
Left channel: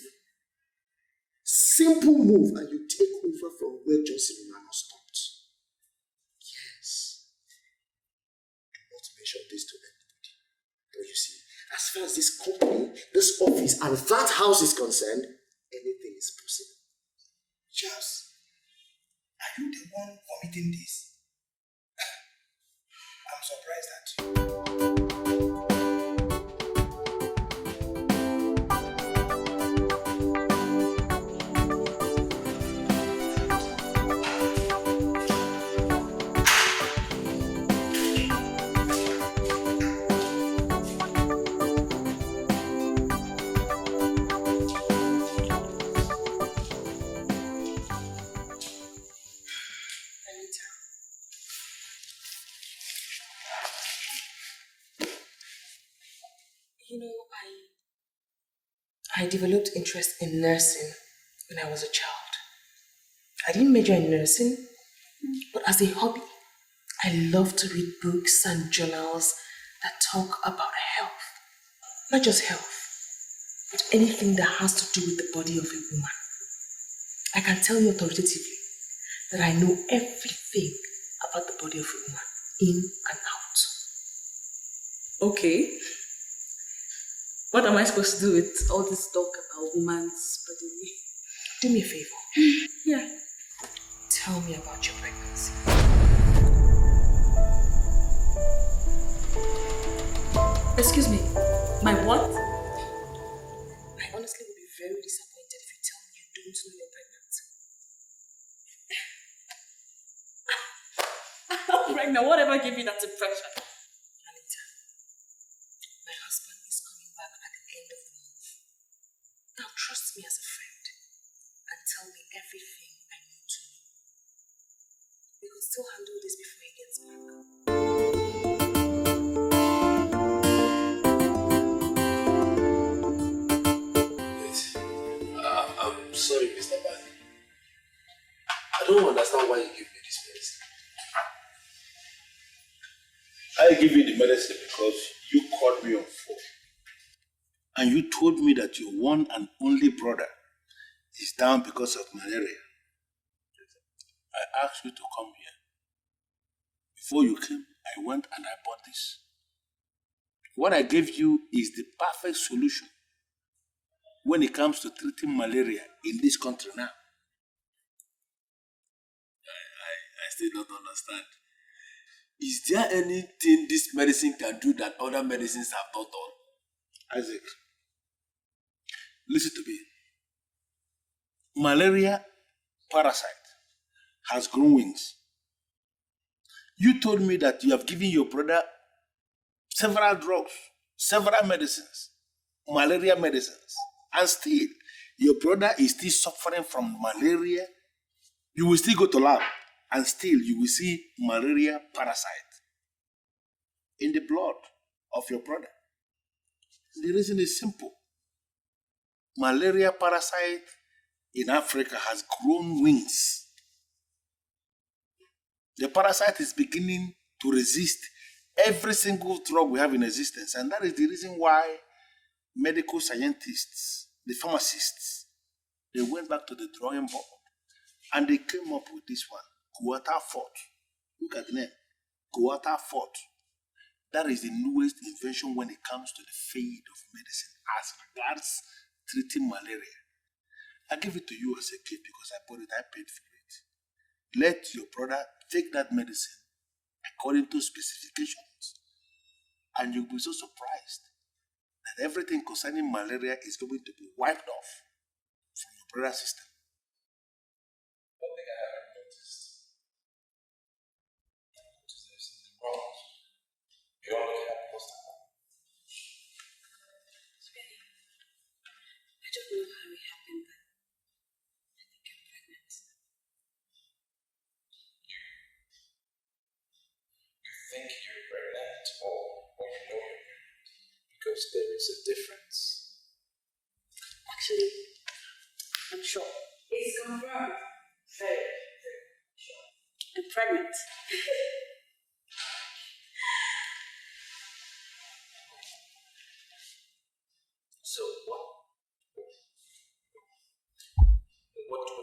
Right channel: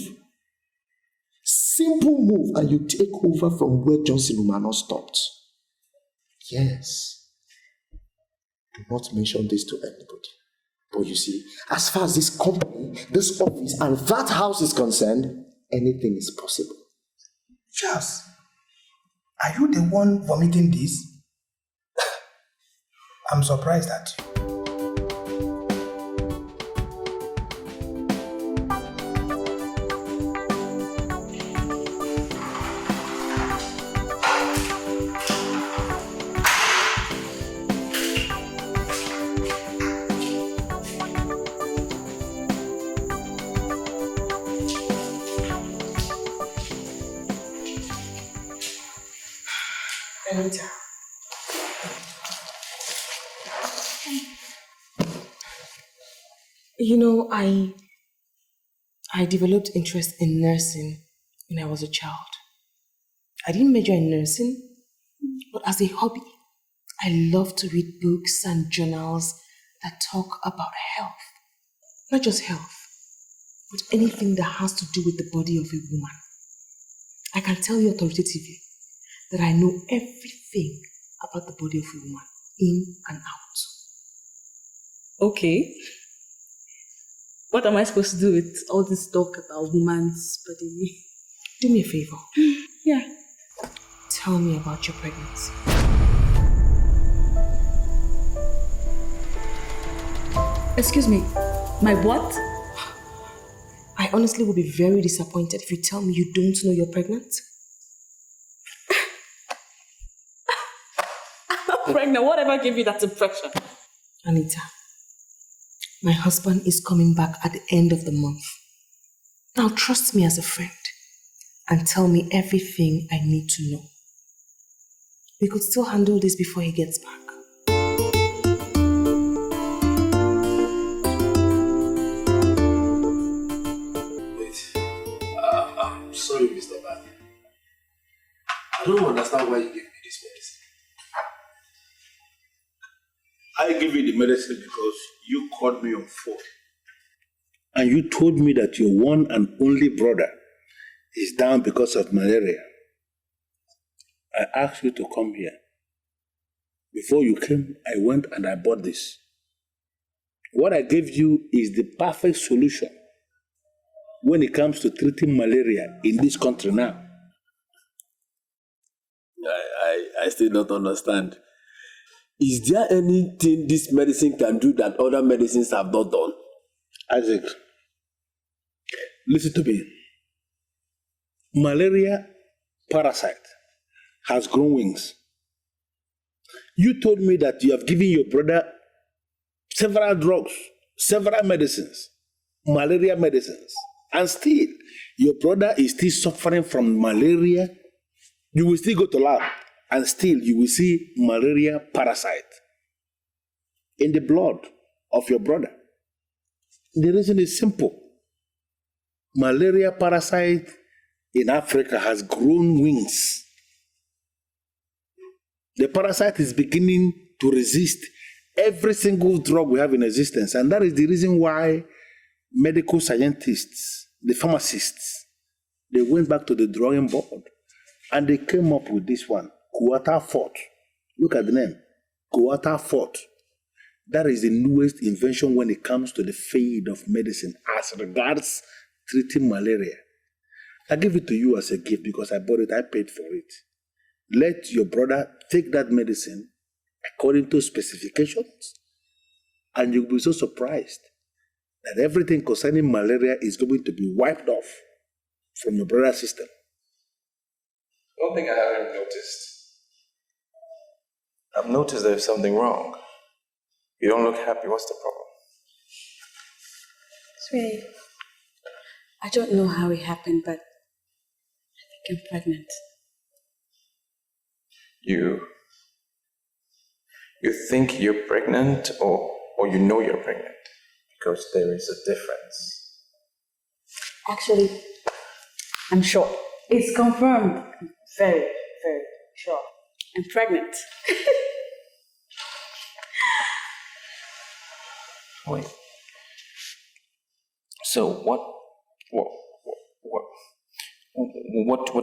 Simple move, and you take over from where Johnson Umano stopped. Yes. Do not mention this to anybody. But you see, as far as this company, this office, and that house is concerned, anything is possible. Charles, are you the one vomiting this? I'm surprised at you. You know, I developed interest in nursing when I was a child. I didn't major in nursing, but as a hobby, I love to read books and journals that talk about health. Not just health, but anything that has to do with the body of a woman. I can tell you authoritatively that I know everything about the body of a woman, in and out. Okay. What am I supposed to do with all this talk about woman's body? Do me a favor. Yeah. Tell me about your pregnancy. Excuse me, my what? I honestly will be very disappointed if you tell me you don't know you're pregnant. I'm not pregnant. Whatever gave you that impression? Anita, my husband is coming back at the end of the month. Now trust me as a friend and tell me everything I need to know. We could still handle this before he gets back. I'm sorry, Mr. Ban. I don't understand why you gave me this medicine. I gave you the medicine because you called me on phone. And you told me that your one and only brother is down because of malaria. I asked you to come here. Before you came, I went and I bought this. What I gave you is the perfect solution when it comes to treating malaria in this country now. I still don't understand. Is there anything this medicine can do that other medicines have not done? Isaac, listen to me. Malaria parasite has grown wings. You told me that you have given your brother several drugs, several medicines, malaria medicines, and still your brother is still suffering from malaria. You will still go to lab and still you will see malaria parasite in the blood of your brother. The reason is simple. Malaria parasite in Africa has grown wings. The parasite is beginning to resist every single drug we have in existence. And that is the reason why medical scientists, the pharmacists, they went back to the drawing board and they came up with this one, Quarter Fort. Look at the name, Quarter Fort. That is the newest invention when it comes to the field of medicine as regards treating malaria. I give it to you as a gift because I bought it, I paid for it. Let your brother take that medicine according to specifications, and you'll be so surprised that everything concerning malaria is going to be wiped off from your brother's system. One thing I haven't noticed. I've noticed there's something wrong. You don't look happy. What's the problem? Sweetie, I don't know how it happened, but I think I'm pregnant. You think you're pregnant or you know you're pregnant? Because there is a difference. Actually, I'm sure. It's confirmed. Very, very sure. I'm pregnant. Wait. So what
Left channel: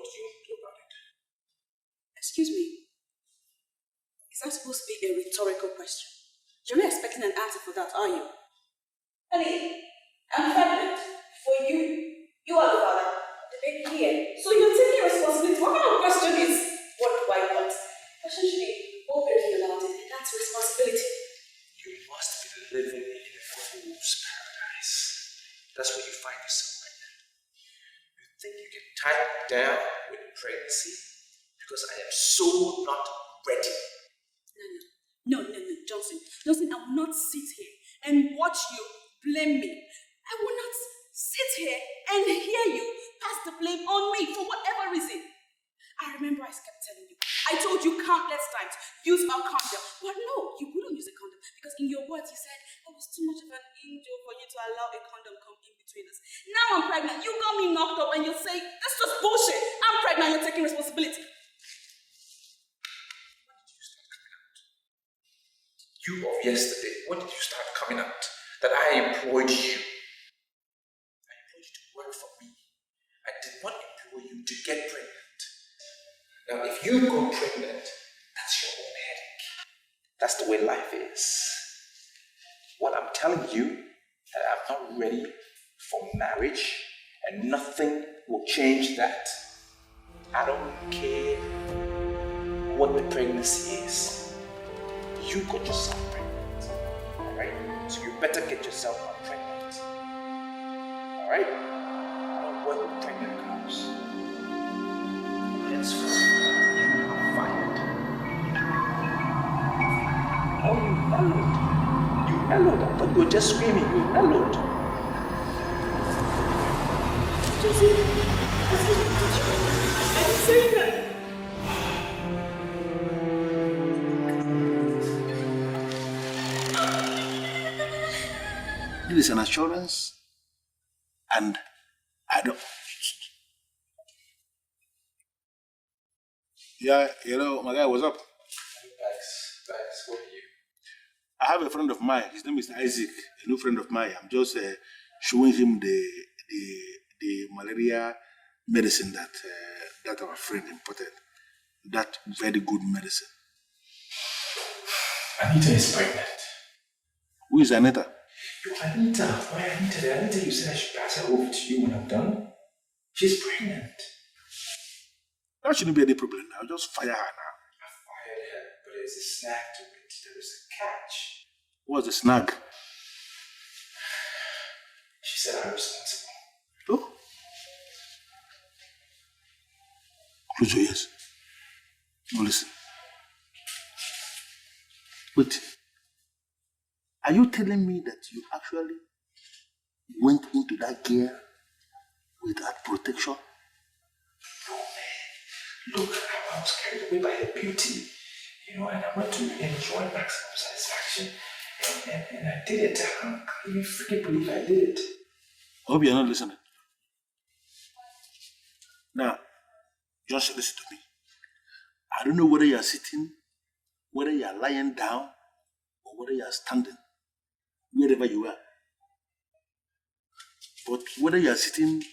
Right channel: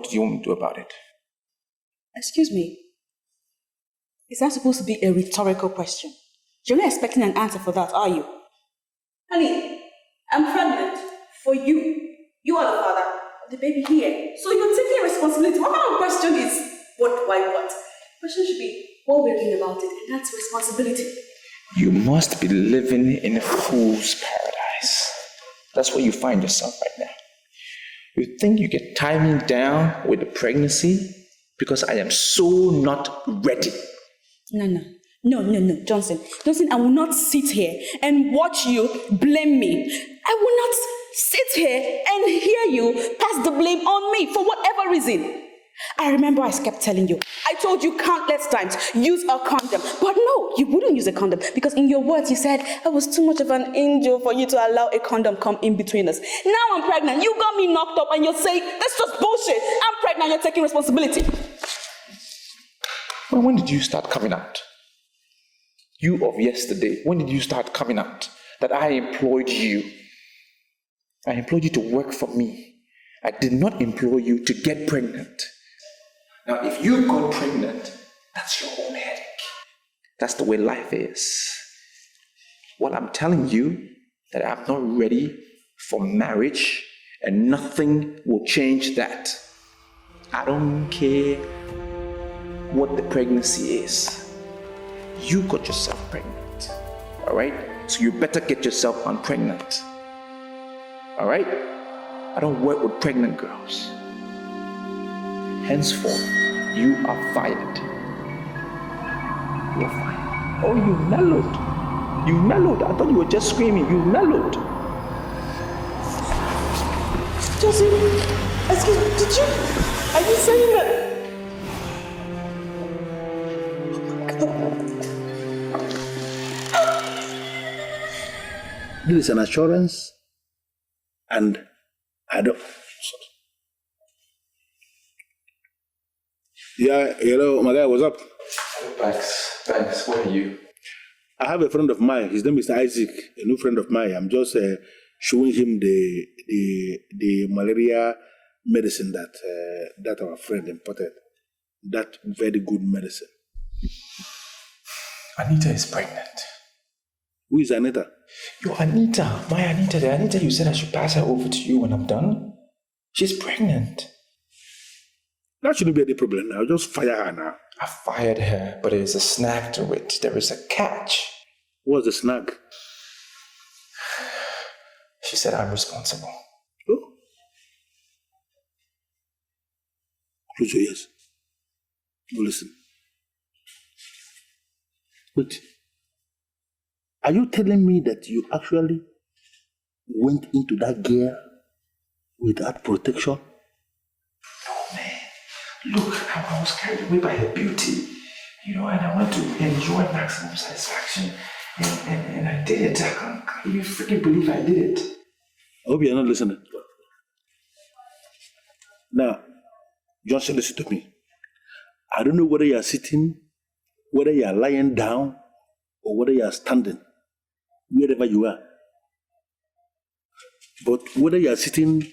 do you want me to do about it? Excuse me. Is that supposed to be a rhetorical question? You're not expecting an answer for that, are you? Honey, I'm pregnant for you. You are the father of the baby here. So you're taking responsibility. What kind of question is what, why, what? The question should be what we're doing about it, and that's responsibility. You must be living in a fool's paradise. That's where you find yourself right now. You think you get timing down with the pregnancy because I am so not ready. No, Johnson, I will not sit here and watch you blame me. I will not sit here and hear you pass the blame on me for whatever reason. I remember I kept telling you, I told you countless times, use a condom. But no, you wouldn't use a condom because in your words you said I was too much of an angel for you to allow a condom come in between us. Now I'm pregnant, you got me knocked up and you're saying, that's just bullshit. I'm pregnant, you're taking responsibility. Well, when did you start coming out? You of yesterday, when did you start coming out that I employed you? I employed you to work for me. I did not employ you to get pregnant. Now, if you got pregnant, that's your own headache. That's the way life is. What I'm telling you, that I'm not ready for marriage, and nothing will change that. I don't care what the pregnancy is. You got yourself pregnant, all right? So you better get yourself unpregnant, all right? I don't work with pregnant girls. Henceforth, you are fired. You're fired. Oh, you mellowed. You mellowed. I thought you were just screaming. You mellowed. Josephine, excuse me, did you? Are you saying that? This is an assurance, and I don't. Yeah, hello, my guy, what's up? Thanks. What are you? I have a friend of mine. His name is Isaac, a new friend of mine. I'm just showing him the malaria medicine that our friend imported. That very good medicine. Anita is pregnant. Who is Anita? Your Anita, my Anita, the Anita you said I should pass her over to you when I'm done. She's pregnant. That shouldn't be any problem now. Just fire her now. I fired her, but there's a snag to it. There is a catch. What's the snag? She said I'm responsible. Oh? Close your ears. Go listen. Wait. Are you telling me that you actually went into that gear without protection? No, man. Look how I was carried away by her beauty. And I want to enjoy maximum satisfaction. And I did it. I can't even freaking believe I did it. I hope you're not listening. Now, just listen to me. I don't know whether you're sitting, whether you're lying down, or whether you're standing, wherever you are. But whether you're sitting,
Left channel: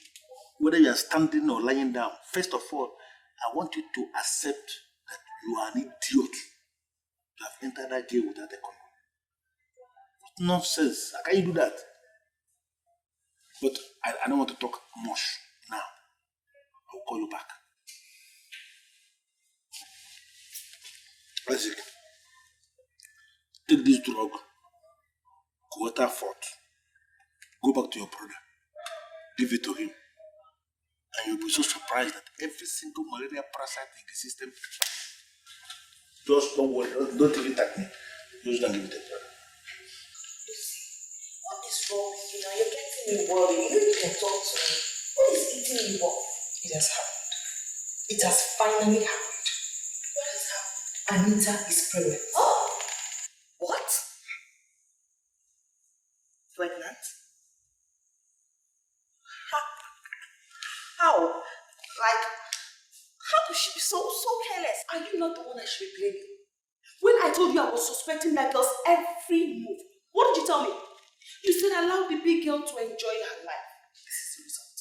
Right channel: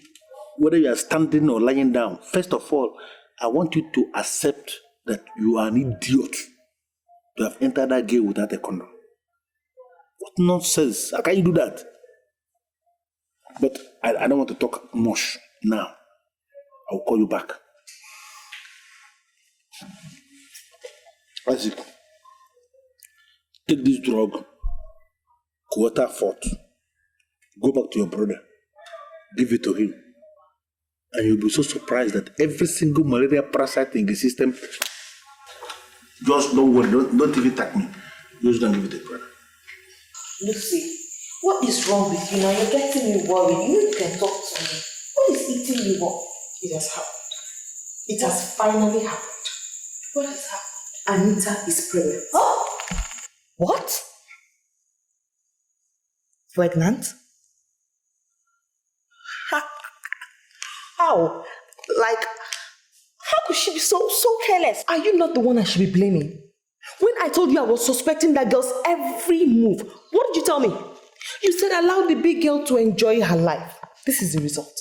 whether you're standing or lying down, first of all, I want you to accept that you are an idiot to have entered that gate without a condom. What nonsense? How can you do that? But I don't want to talk much now. I'll call you back. Isaac, take this drug, quarter fort, go back to your brother, give it to him, and you'll be so surprised that every single malaria parasite in the system, just don't worry, don't even attack me. Just don't give it to brother. Lucy, what is wrong with you now? You're getting me worried. You can talk to me. What is eating you up? It has happened. It has finally happened. What has happened? Anita is pregnant. Oh! What? Pregnant? How? Like, how could she be so careless? Are you not the one I should be blaming? When I told you I was suspecting that girl's every move, what did you tell me? You said allow the big girl to enjoy her life. This is the result.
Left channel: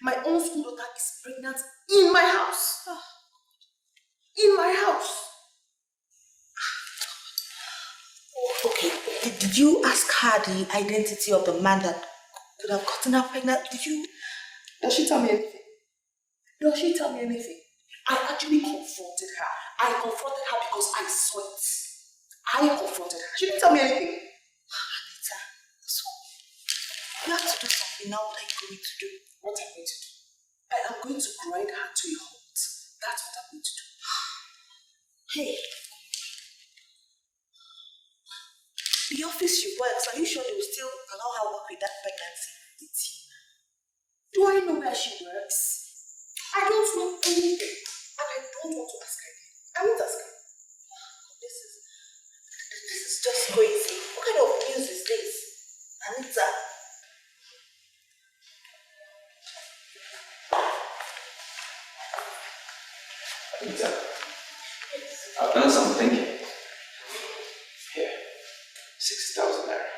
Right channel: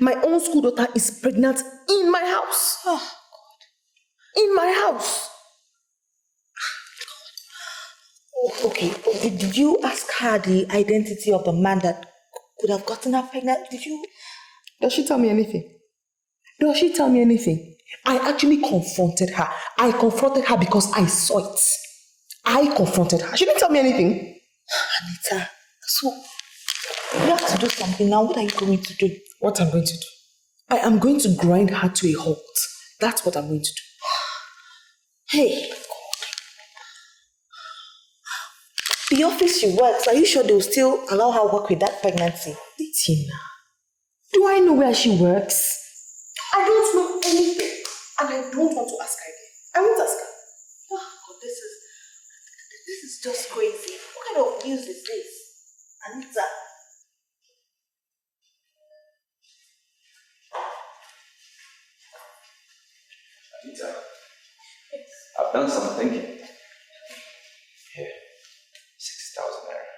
My own school daughter is pregnant in my house. Oh, God. In my house. Oh, okay, did you ask her the identity of the man that could have gotten her pregnant? Does she tell me anything? Does she tell me anything? I actually confronted her. I confronted her because I saw it. I confronted her. She didn't tell me anything. Anita, so you have to do something now. What are you going to do? What I'm going to do? I am going to grind her to a halt. That's what I'm going to do. Hey, God. The office she works, are you sure they'll still allow her work with that pregnancy? Tina, do I know where she works? I don't know anything. And I don't want to ask her again. I won't ask her. Oh, God, this is just crazy. What kind of news is this? Anita. Anita, I've done some thinking. Here, 60,000 naira.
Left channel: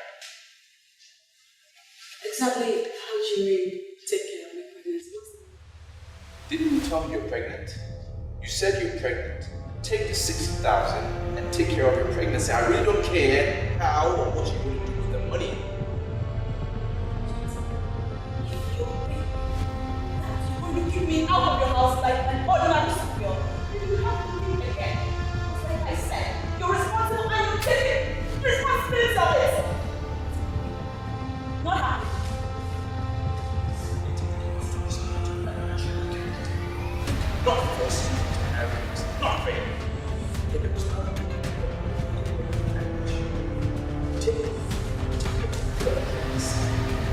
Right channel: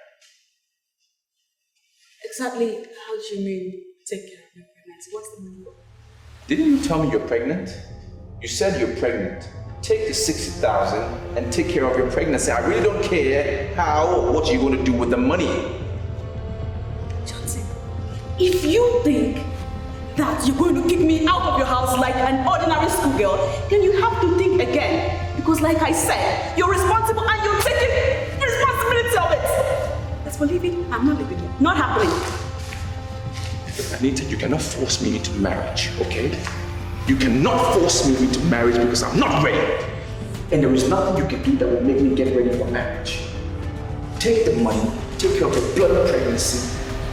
Exactly how do you mean take care of my pregnancy? What's the number? Didn't you tell me you're pregnant? You said you're pregnant. Take the 60,000 and take care of your pregnancy. I really don't care how or what you're going to do with the money. Johnson, if you think that you're going to kick me out of your house like an ordinary schoolgirl, then you have to think again. Because like I said, you're responsible and you're taking the responsibility of it. As for leaving, I'm not leaving. Not happening. Anita, you cannot force me into marriage, okay? You cannot force me into marriage because I'm not ready. And there is nothing you can do that will make me get ready for marriage. Take the money, take care of the blood pregnancy,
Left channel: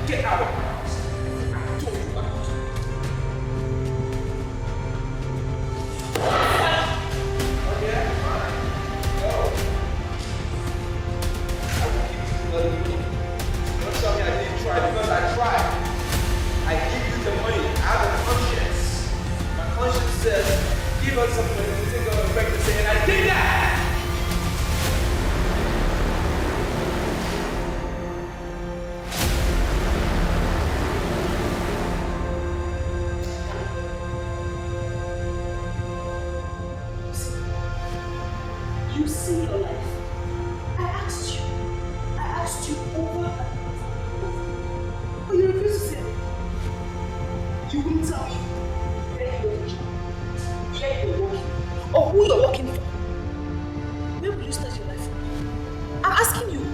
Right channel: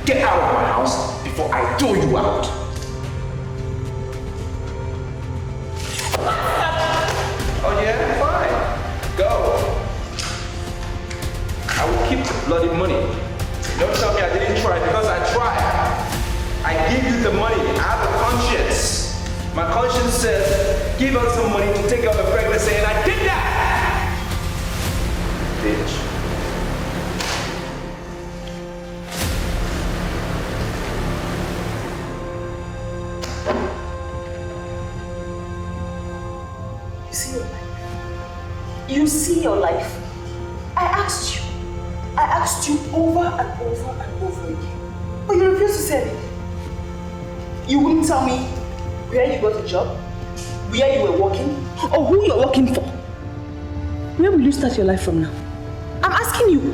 get out of my house before I throw you out. Oh yeah? Fine. Go. I will keep the bloody money. Don't tell me I didn't try because I tried. I give you the money. I have a conscience. My conscience says, give us some money to take care of the pregnancy, and I did that! Bitch. see your life. I asked you over and over and over again. But you refused to say it. You wouldn't tell me where you got a job, where you were working, or who you're working for. Where will you start your life from now? I'm asking you,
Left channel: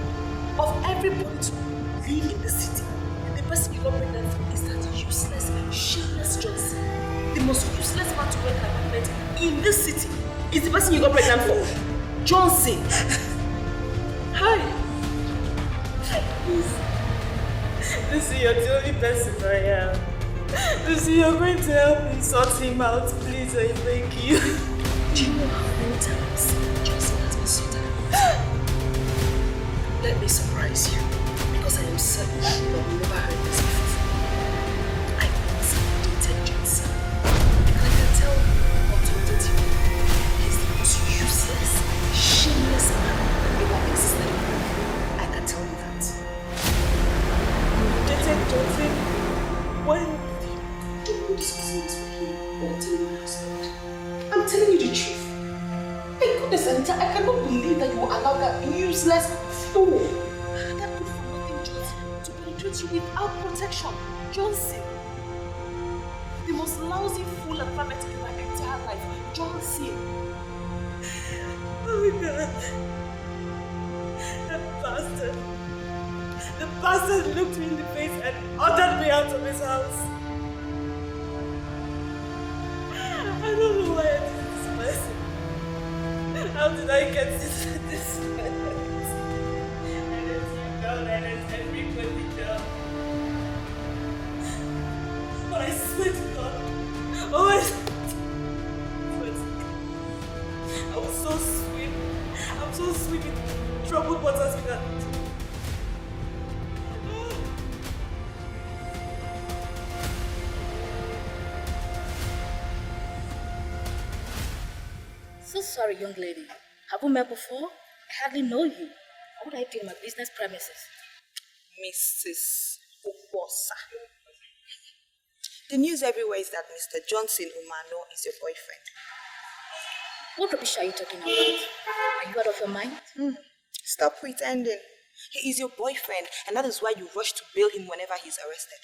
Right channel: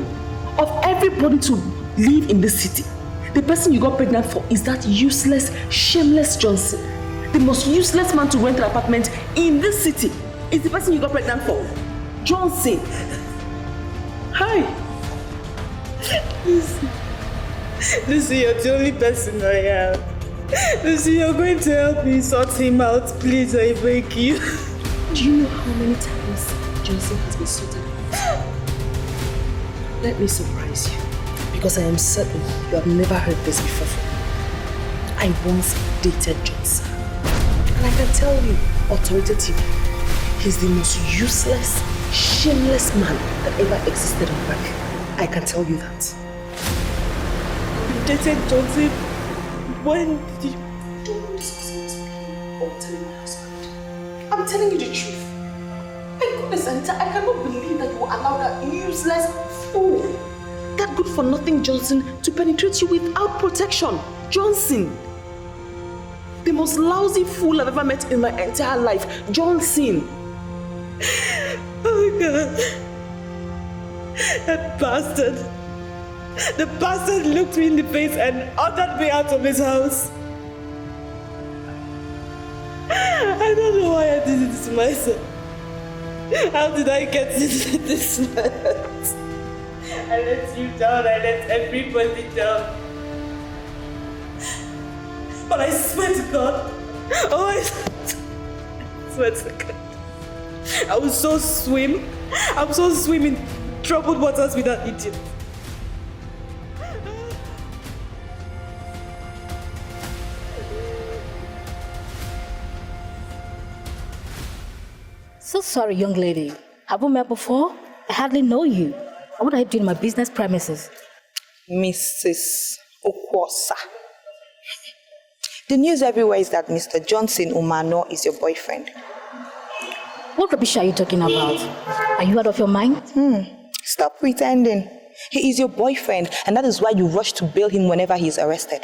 of everybody to live in this city, the person you got pregnant for is that useless, shameless Johnson. The most useless man to rent an apartment in this city is the person you got pregnant for. Johnson. Hi. Lucy, you're the only person I have. Lucy, you're going to help me sort him out. Please, I beg you. Do you know how many times Johnson has been sorted out? Let me surprise you, because I am certain you have never heard this before. I once dated Johnson. And I can tell you, authoritatively, he's the most useless, shameless man that ever existed on earth. I can tell you that. You dated Johnson? When did you... Don't discuss this with me or tell my husband. I'm telling you the truth. My goodness, Anita, I cannot believe that you will allow that useless fool, that good-for-nothing Johnson, to penetrate you without protection. Johnson. The most lousy fool I've ever met in my entire life. Johnson. Oh my God. That bastard. The bastard looked me in the face and ordered me out of his house. I don't know why I did it to myself. How did I get into this mess? I let you down, I let everybody down. But I swear to God, I swear to God, I will so swim in troubled waters with that idiot. So sorry, young lady. Have we met before? I hardly know you. What are you doing in my business premises? Mrs. Okwosa. The news everywhere is that Mr. Johnson Umano is your boyfriend. What rubbish are you talking about? Are you out of your mind? Stop pretending. He is your boyfriend, and that is why you rush to bail him whenever he is arrested.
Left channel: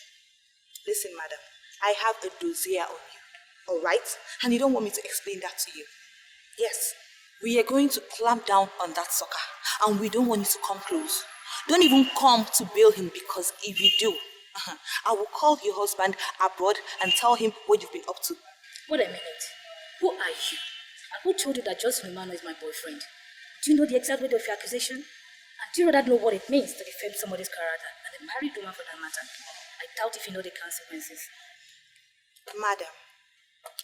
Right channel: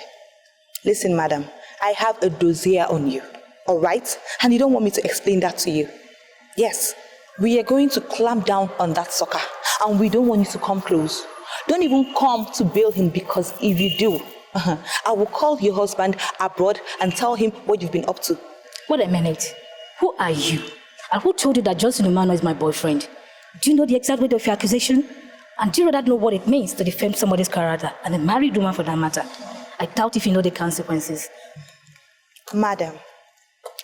Listen, madam, I have a dossier on you, all right? And you don't want me to explain that to you. Yes, we are going to clamp down on that sucker, and we don't want you to come close. Don't even come to bail him, because if you do, I will call your husband abroad and tell him what you've been up to. Wait a minute. Who are you? And who told you that Johnson Umano is my boyfriend? Do you know the exact weight of your accusation? And do you rather know what it means to defame somebody's character, and a married woman for that matter? I doubt if you know the consequences. Madam,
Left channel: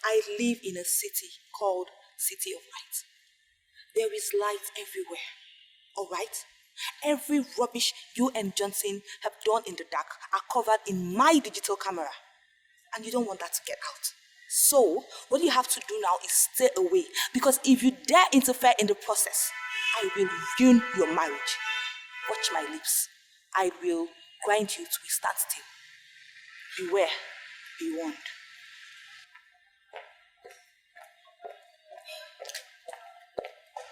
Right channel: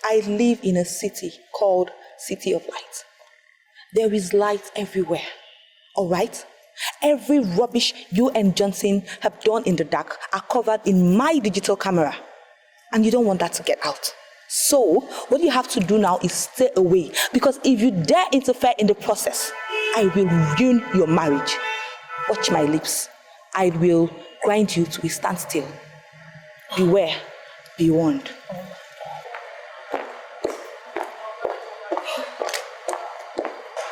I live in a city called City of Light. There is light everywhere, all right? Every rubbish you and Johnson have done in the dark are covered in my digital camera. And you don't want that to get out. So, what you have to do now is stay away. Because if you dare interfere in the process, I will ruin your marriage. Watch my lips. I will grind you to a standstill. Beware. Be warned.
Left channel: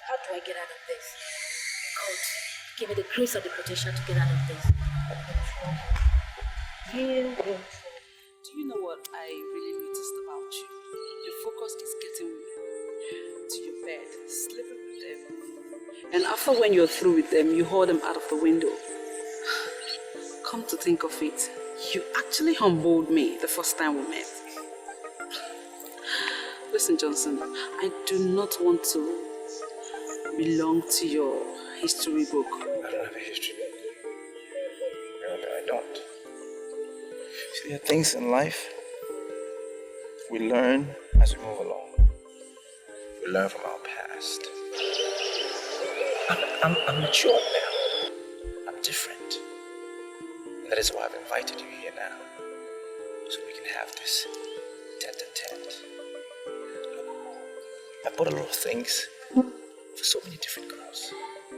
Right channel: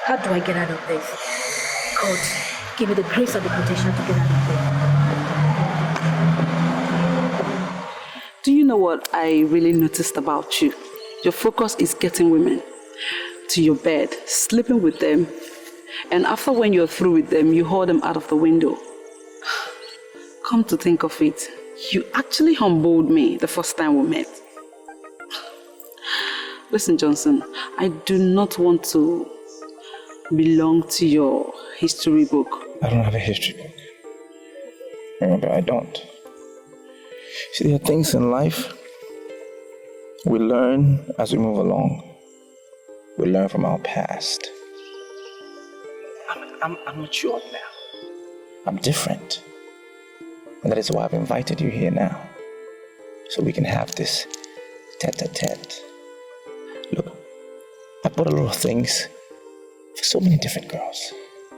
How do I get out of this? God, give me the grace and the protection to get out of this. Do you know what I really noticed about you? Your focus is getting women to your bed, sleeping with them, and after when you're through with them, you haul them out of the window. Come to think of it, you actually humbled me the first time we met. Listen, Johnson, I do not want to belong to your history book. I don't have a history book. Remember, I don't. See, there are things in life we learn as we move along. We learn from our past. I'm mature now. I'm different. And that is why I've invited you here now. So we can have this tete-a-tete. Look, I bought a lot of things for so many different girls.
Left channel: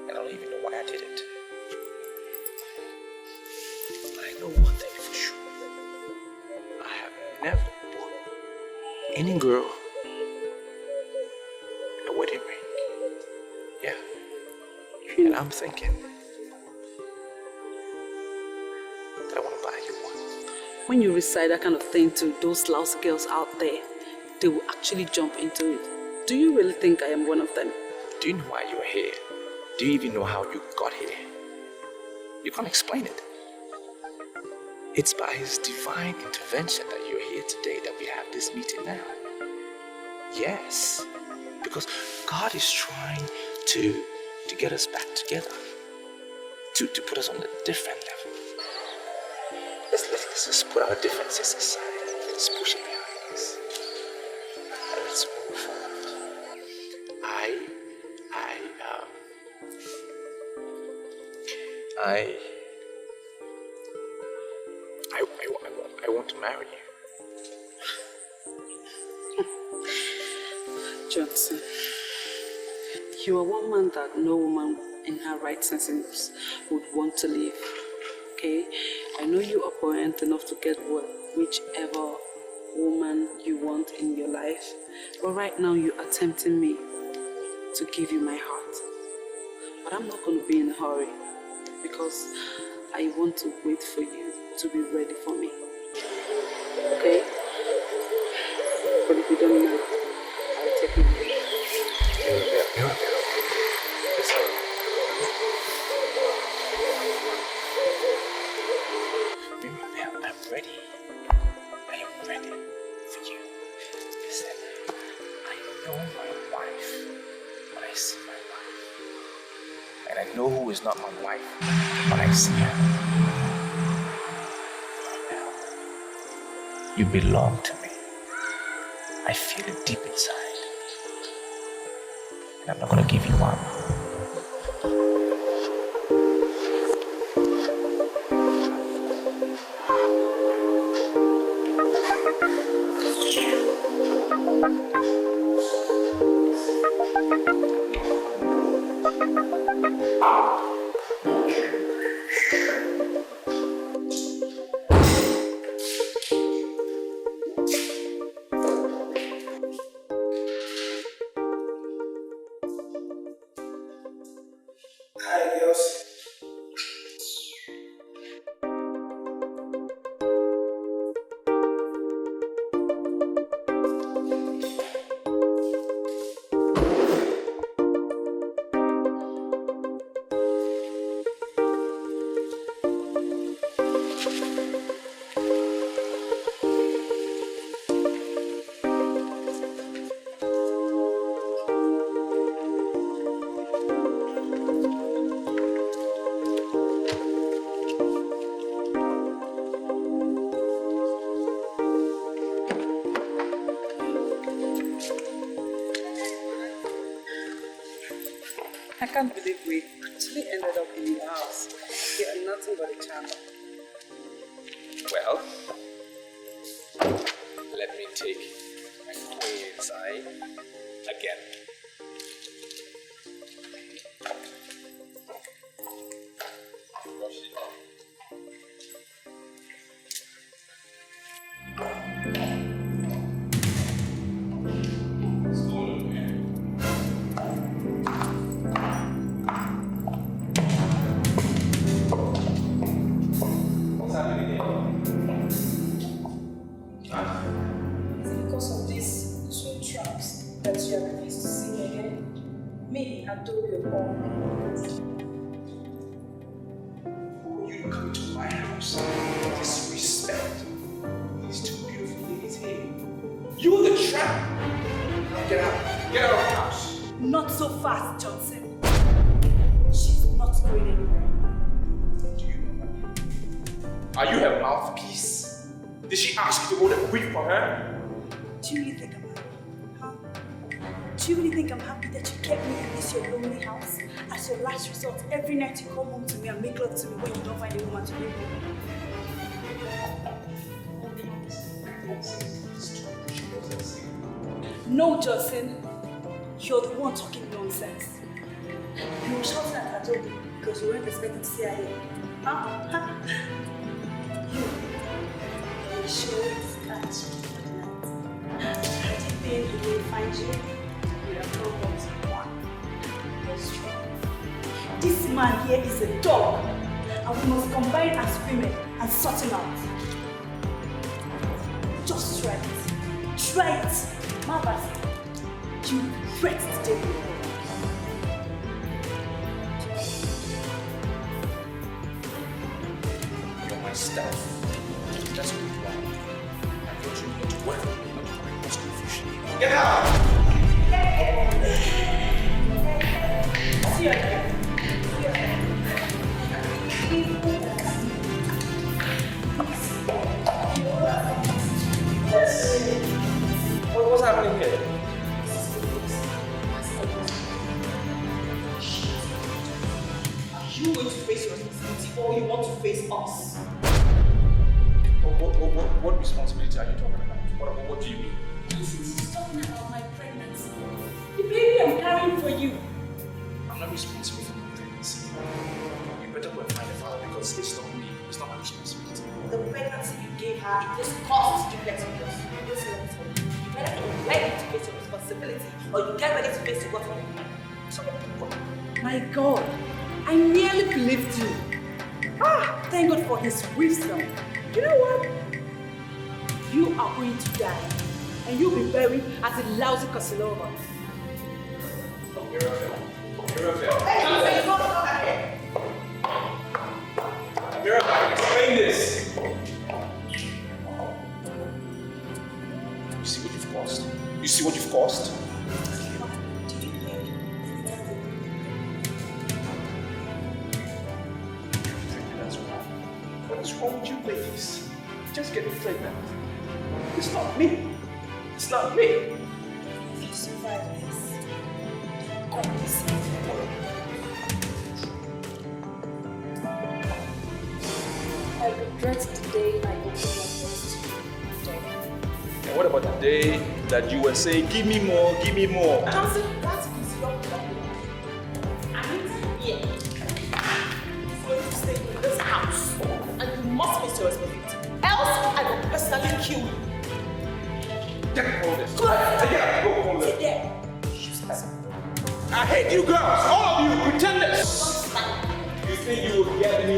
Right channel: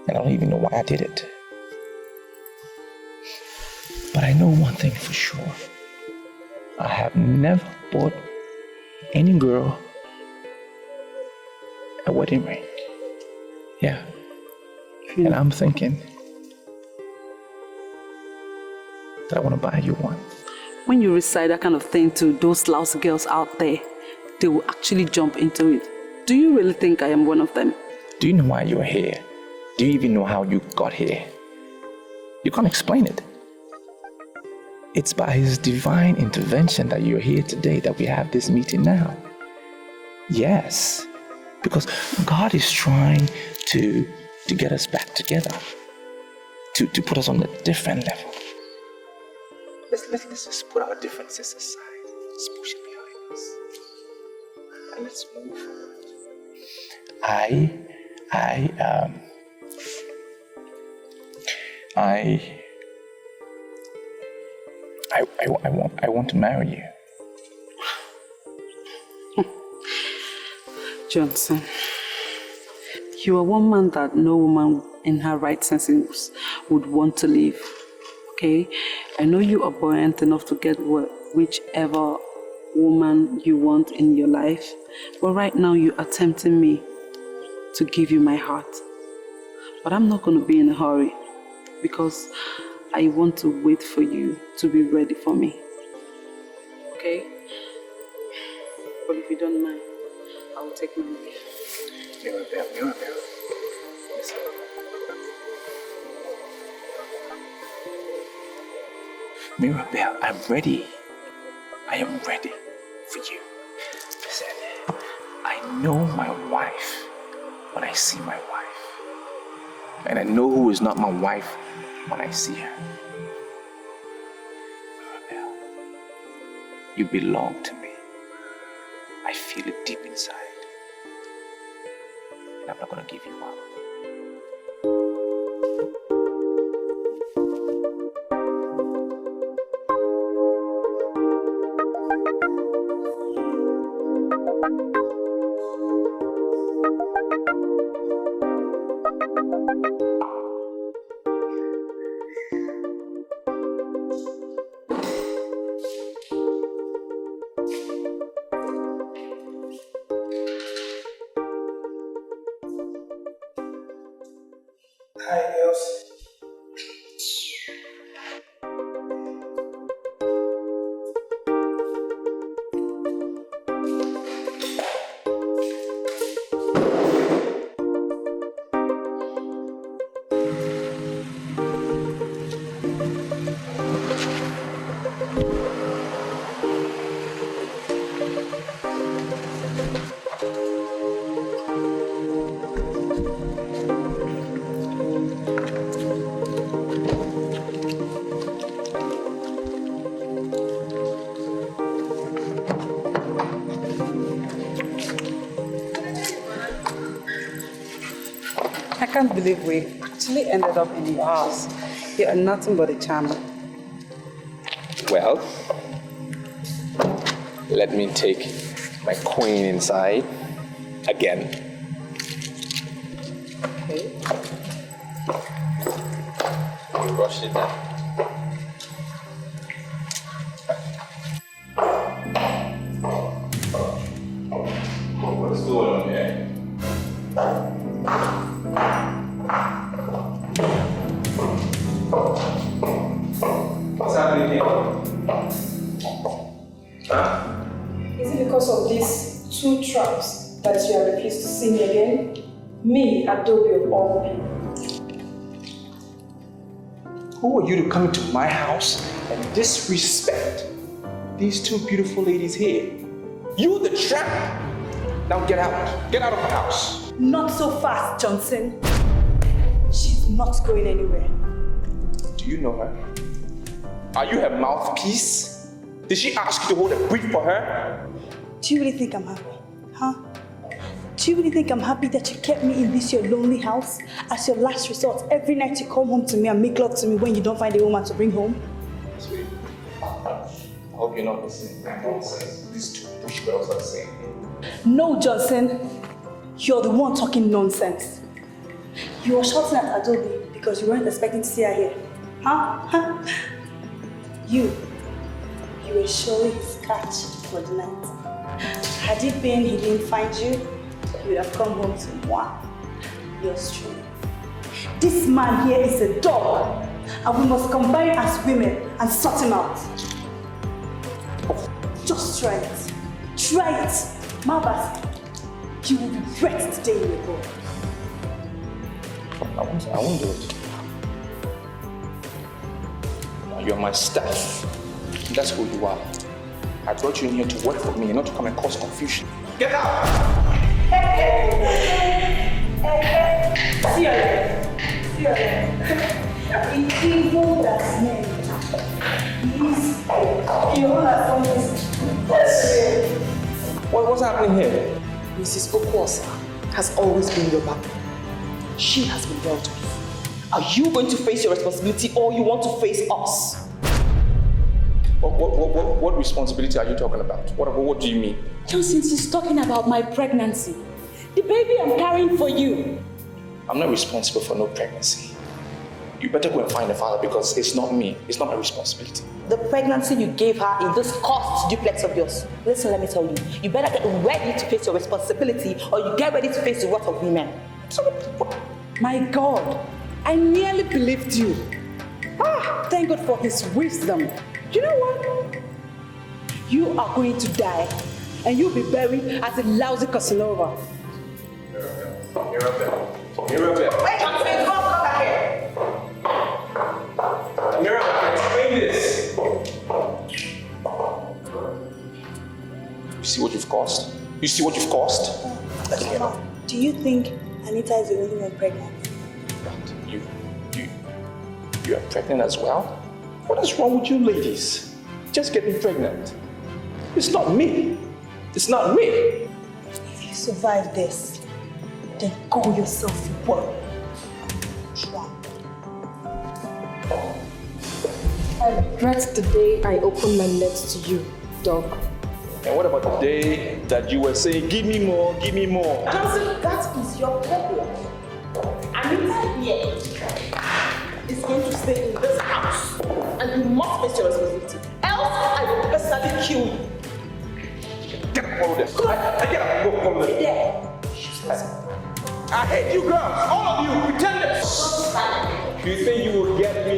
And I don't even know why I did it. But I know one thing for sure. I have never bought any girl a wedding ring. Yeah. And I'm thinking that I want to buy you one. When you recite that kind of thing to those lousy girls out there, they will actually jump into it. Do you really think I am one of them? Do you know why you're here? Do you even know how you got here? You can't explain it. It's by His divine intervention that you're here today, that we have this meeting now. Yes, because God is trying to get us back together, to put us on a different level. Let's just put our differences aside. Let's push it behind us. And let's move forward. I want to marry you. Johnson, you are one man that no woman in her right senses would want to leave. Okay? I know you are buoyant enough to get whichever woman you want in your life, but right now you are tempting me to give you my heart. But I'm not going to be in a hurry because I want to wait for you to be ready for me. Okay? But if you don't mind, I'll take my leave. Mirabelle, I'm ready. I am ready for you. Listen, I know my wife when I see my wife. And I know who is not my wife when I see her. Mirabelle, you belong to me. I feel it deep inside. And I'm not gonna give you up. Hi, girls. I can't believe we actually ended up in your house. You are nothing but a charmer. Well, let me take my queen inside again. Okay. Brush it down. What's going on here? What's happening here? Is it because of these two traps that you are refused to see me again? Me, Adobe of all people. Who are you to come into my house and disrespect these two beautiful ladies here? You the trap! Now get out. Get out of the house. Not so fast, Johnson. She's not going anywhere. Do you know her? Are you her mouthpiece? Did she ask you to hold a brief for her? Do you really think I'm happy? Huh? Do you really think I'm happy that you kept me in this your lonely house as your last resort? Every night you come home to me and make love to me when you don't find a woman to bring home? I hope you're not listening to nonsense these two bush girls are saying. No, Johnson. You're the one talking nonsense. You were shouting at Adobe because you weren't expecting to see her here. Huh? You were showing his catch for the night. Had it been he didn't find you, you would have come home to one. Yes, true. This man here is a dog, and we must combine as women and sort him out. Just try it. Try it. Malbas, you will regret the day you go. I won't do it. You're my staff. That's who you are. I brought you in here to work for me, not to come and cause confusion. Get out! What's happening here? Mrs. Okwuosa has always been your back. She has been dealt with. Are you going to face your responsibility or you want to face us? What responsibility are you talking about? What do you mean? Johnson, she's talking about my pregnancy. The baby I'm carrying for you. I'm not responsible for no pregnancy. You better go and find the father because it's not me. It's not my responsibility. The pregnancy you gave her in this cursed duplex of yours. Listen, let me tell you. You better get ready to face your responsibility or you get ready to face the wrath of women. So, my God, I nearly believed you. Thank God for his wisdom. You know what? You are going to die and you'll be buried as a lousy Casanova. Mirabelle. Mirabelle, explain this. You see what you've caused? You see what you've caused? Do you think Anita is the only one pregnant? You are pregnant as well? What is wrong with you ladies? Just getting pregnant. It's not me. It's not me. If you survive this, then call yourself to work. I regret the day I opened my lips to you, dog. And what about the day that you were saying, give me more, give me more? Johnson, that is your problem. Anita here is going to stay in this house, and you must face your responsibility. Else, I will personally kill you. Get all this. Come on. I gotta go home. There. I hate you girls, all of you pretenders. You think you will get me?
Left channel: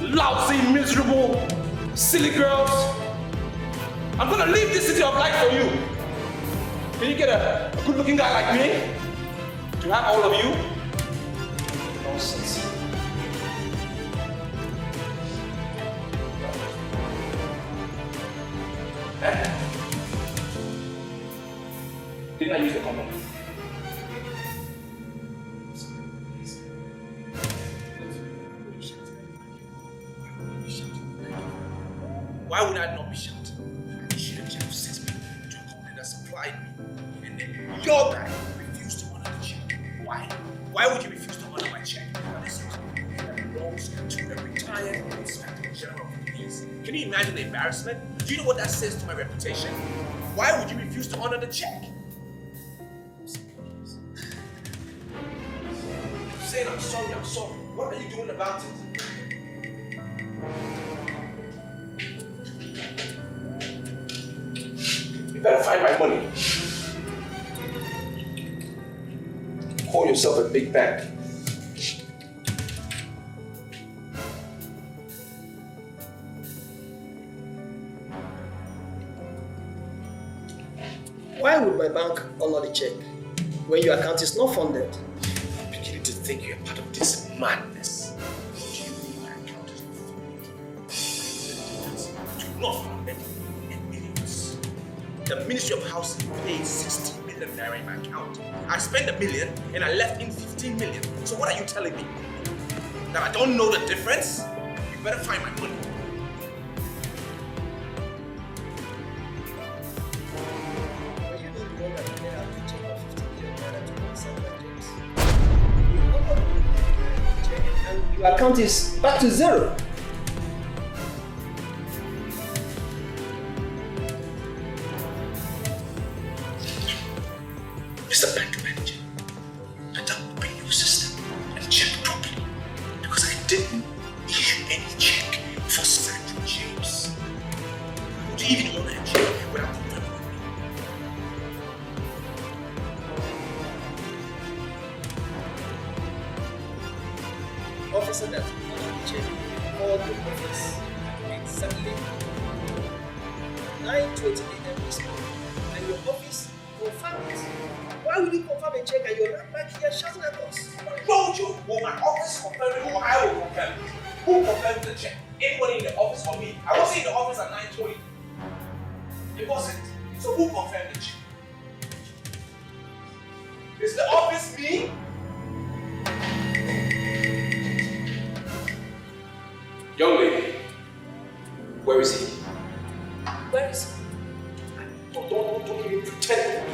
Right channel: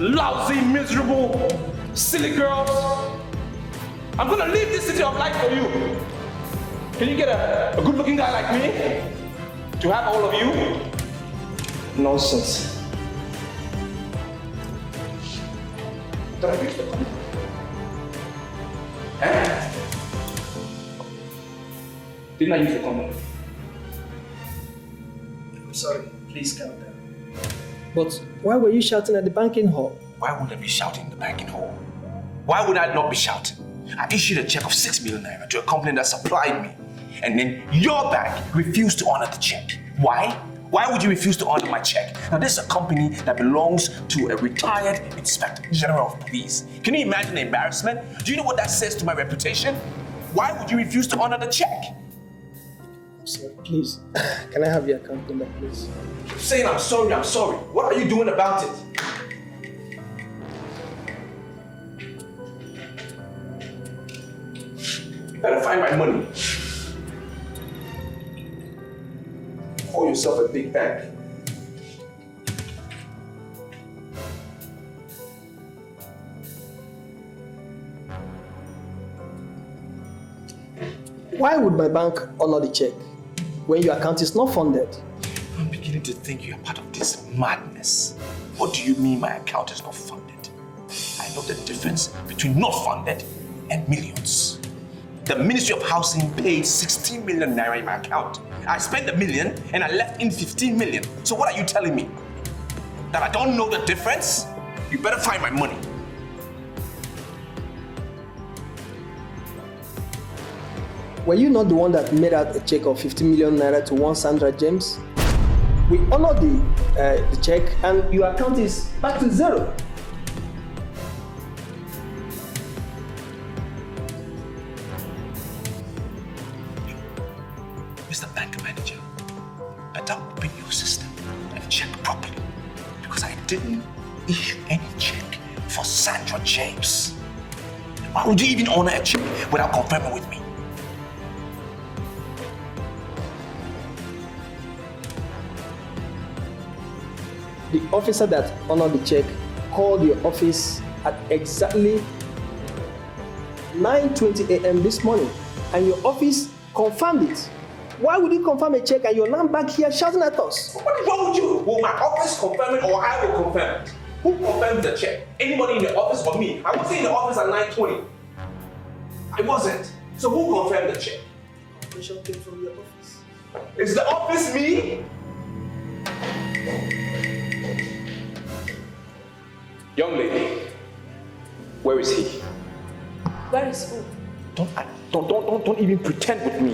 Lousy, miserable, silly girls. I'm gonna leave this city of life for you. Can you get a good-looking guy like me to have all of you? Nonsense. Eh? Didn't I use the condom? I'm sorry, please calm down. But why were you shouting at the banking hall? Why would I be shouting in the banking hall? Why would I not be shouting? I issued a check of 6 million naira to a company that supplied me. And then your bank refused to honor the check. Why? Why would you refuse to honor my check? Now, this is a company that belongs to a retired Inspector General of Police. Can you imagine the embarrassment? Do you know what that says to my reputation? Why would you refuse to honor the check? Sir, please, can I have your account number, please? Saying I'm sorry. What are you doing about it? You better find my money. Call yourself a big bank. Why would my bank honor the check when your account is not funded? I'm beginning to think you're part of this madness. What do you mean my account is not funded? I know the difference between not funded and millions. The Ministry of Housing paid 16 million naira in my account. I spent $1 million and I left in 15 million. So what are you telling me? That I don't know the difference? You better find my money. Were you not the one that made out a check of 50 million naira to one Sandra James? We honored the check and your account is back to zero. Mr. Bank Manager, better open your system and check properly because I didn't issue any check for Sandra James. Why would you even honor a check without confirming with me? the officer that honored the check called your office at exactly 9:20 a.m. this morning, and your office confirmed it. Why would you confirm a check and you're now back here shouting at us? What told you? Will my office confirm it or I will confirm it? Who confirmed the check? Anybody in the office or me? I wasn't in the office at 9:20. I wasn't. So who confirmed the check? Bishop came from your office. Is the office me? Young lady, where is he? Where is who? Don't even pretend with me.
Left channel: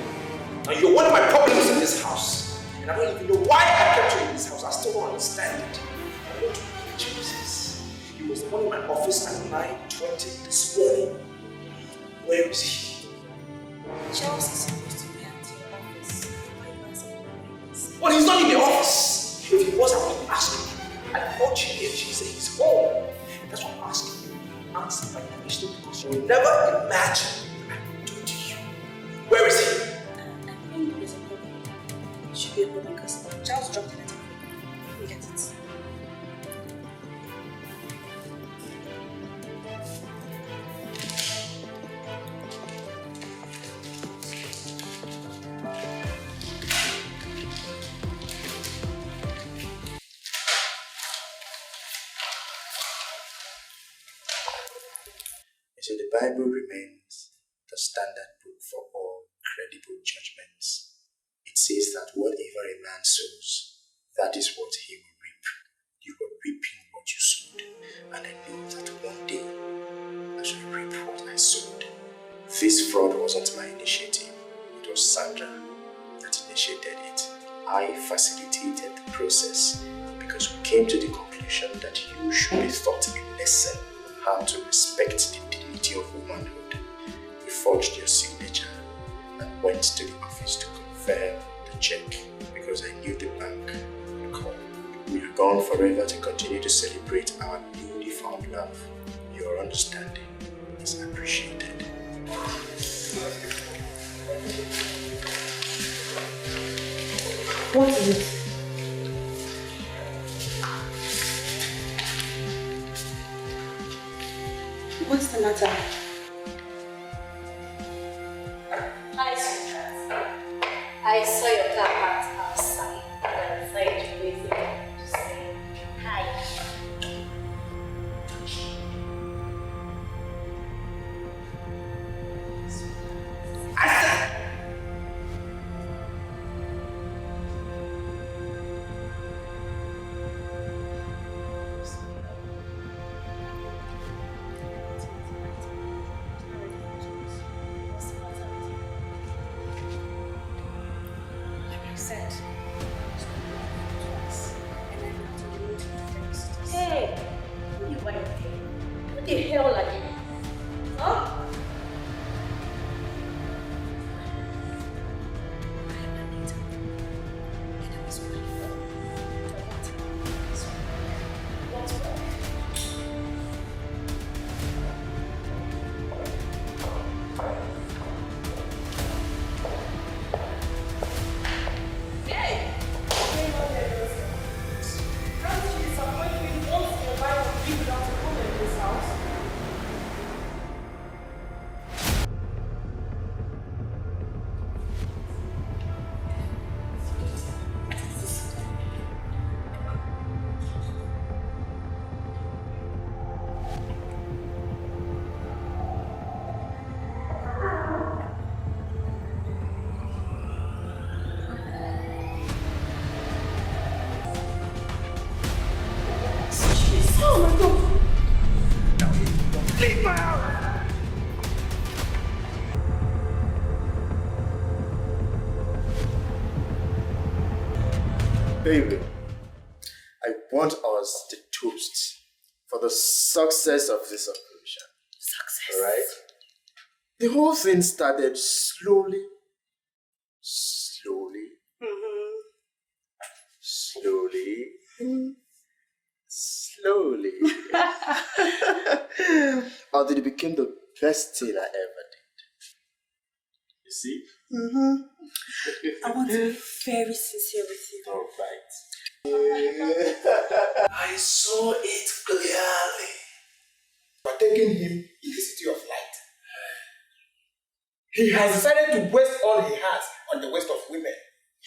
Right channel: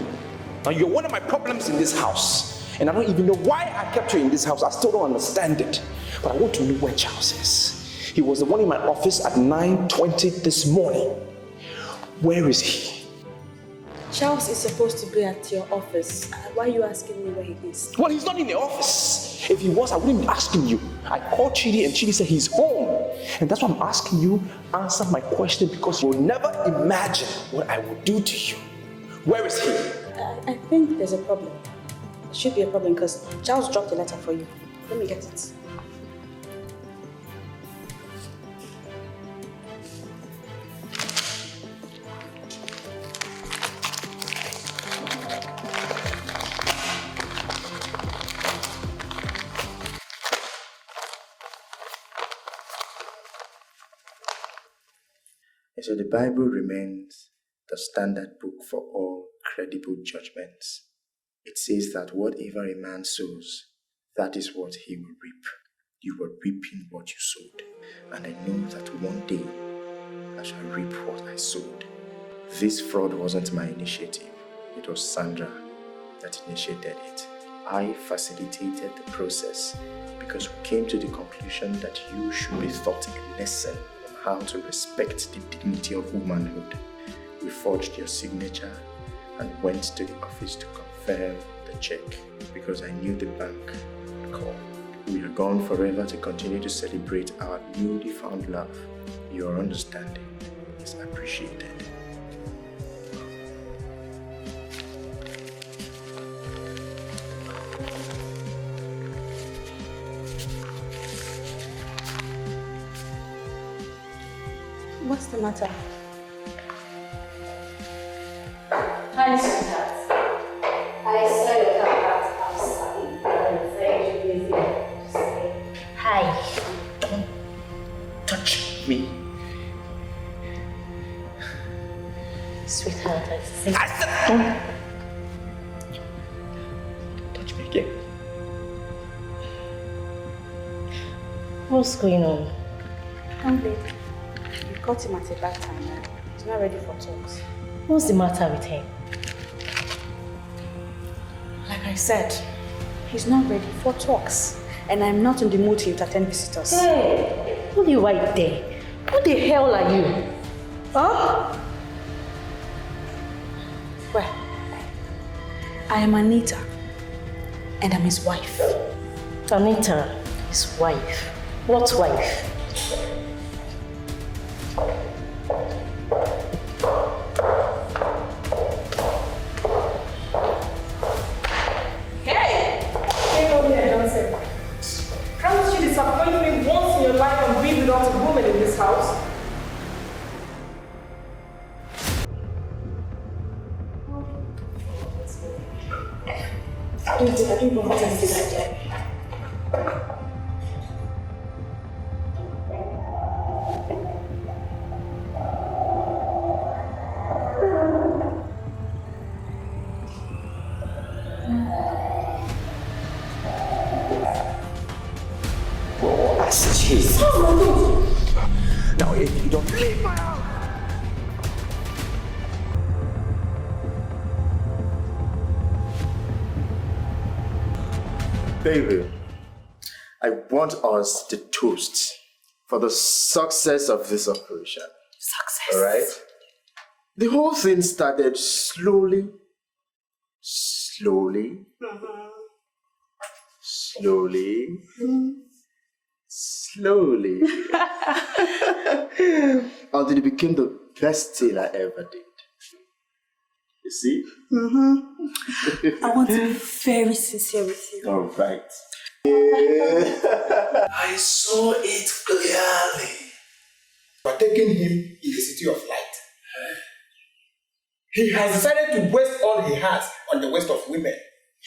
Now you're one of my problems in this house, and I don't even know why I kept you in this house. I still don't understand it, but I want to know where Charles is. He was the one in my office at 9:20 this morning. Where is he? Charles is supposed to be at your office. Why are you asking me where he is? Well, he's not in the office. If he was, I wouldn't be asking you. I called Chidi and Chidi said he's home. And that's why I'm asking you, answer my question, because you'll never imagine what I will do to you. Where is he? I think there's a problem. It should be a problem because Charles dropped a letter for you. Let me get it. So the Bible remains the standard book for all credible judgments. It says that whatever a man sows, that is what he will reap. You were reaping what you sowed, and I know that one day I shall reap what I sowed. This fraud wasn't my initiative. It was Sandra that initiated it. I facilitated the process because we came to the conclusion that you should be taught a lesson how to respect the dignity of womanhood. We forged your signature and went to the office to confirm the check because I knew the bank would call. We are gone forever to continue to celebrate our newly found love. Your understanding is appreciated. What is it? What's the matter? Hi, sweetheart. I saw your car parked outside and decided to visit to say hi. Don't touch me. Sweetheart, I said don't touch me again. What's going on? Come, babe. We caught him at a bad time. He's not ready for talks. What's the matter with him? Like I said, he's not ready for talks. And I'm not in the mood to entertain visitors. Hey! Who do you right there? Who the hell are you? Huh? Well, I am Anita. And I'm his wife. Anita, his wife. What wife? Hey! Hey, Nobby Johnson. Can't you disappoint me once in your life and be without a woman in this house? I think we'll have to see that again. Now, if you don't believe me, Baby, I want us to toast for the success of this operation. Success. Alright? The whole thing started slowly, slowly, slowly, slowly, until it became the best thing I ever did. You see? I want to be very sincere with you. Alright. I saw it clearly. We're taking him in the city of light. He has decided to waste all he has on the waste of women.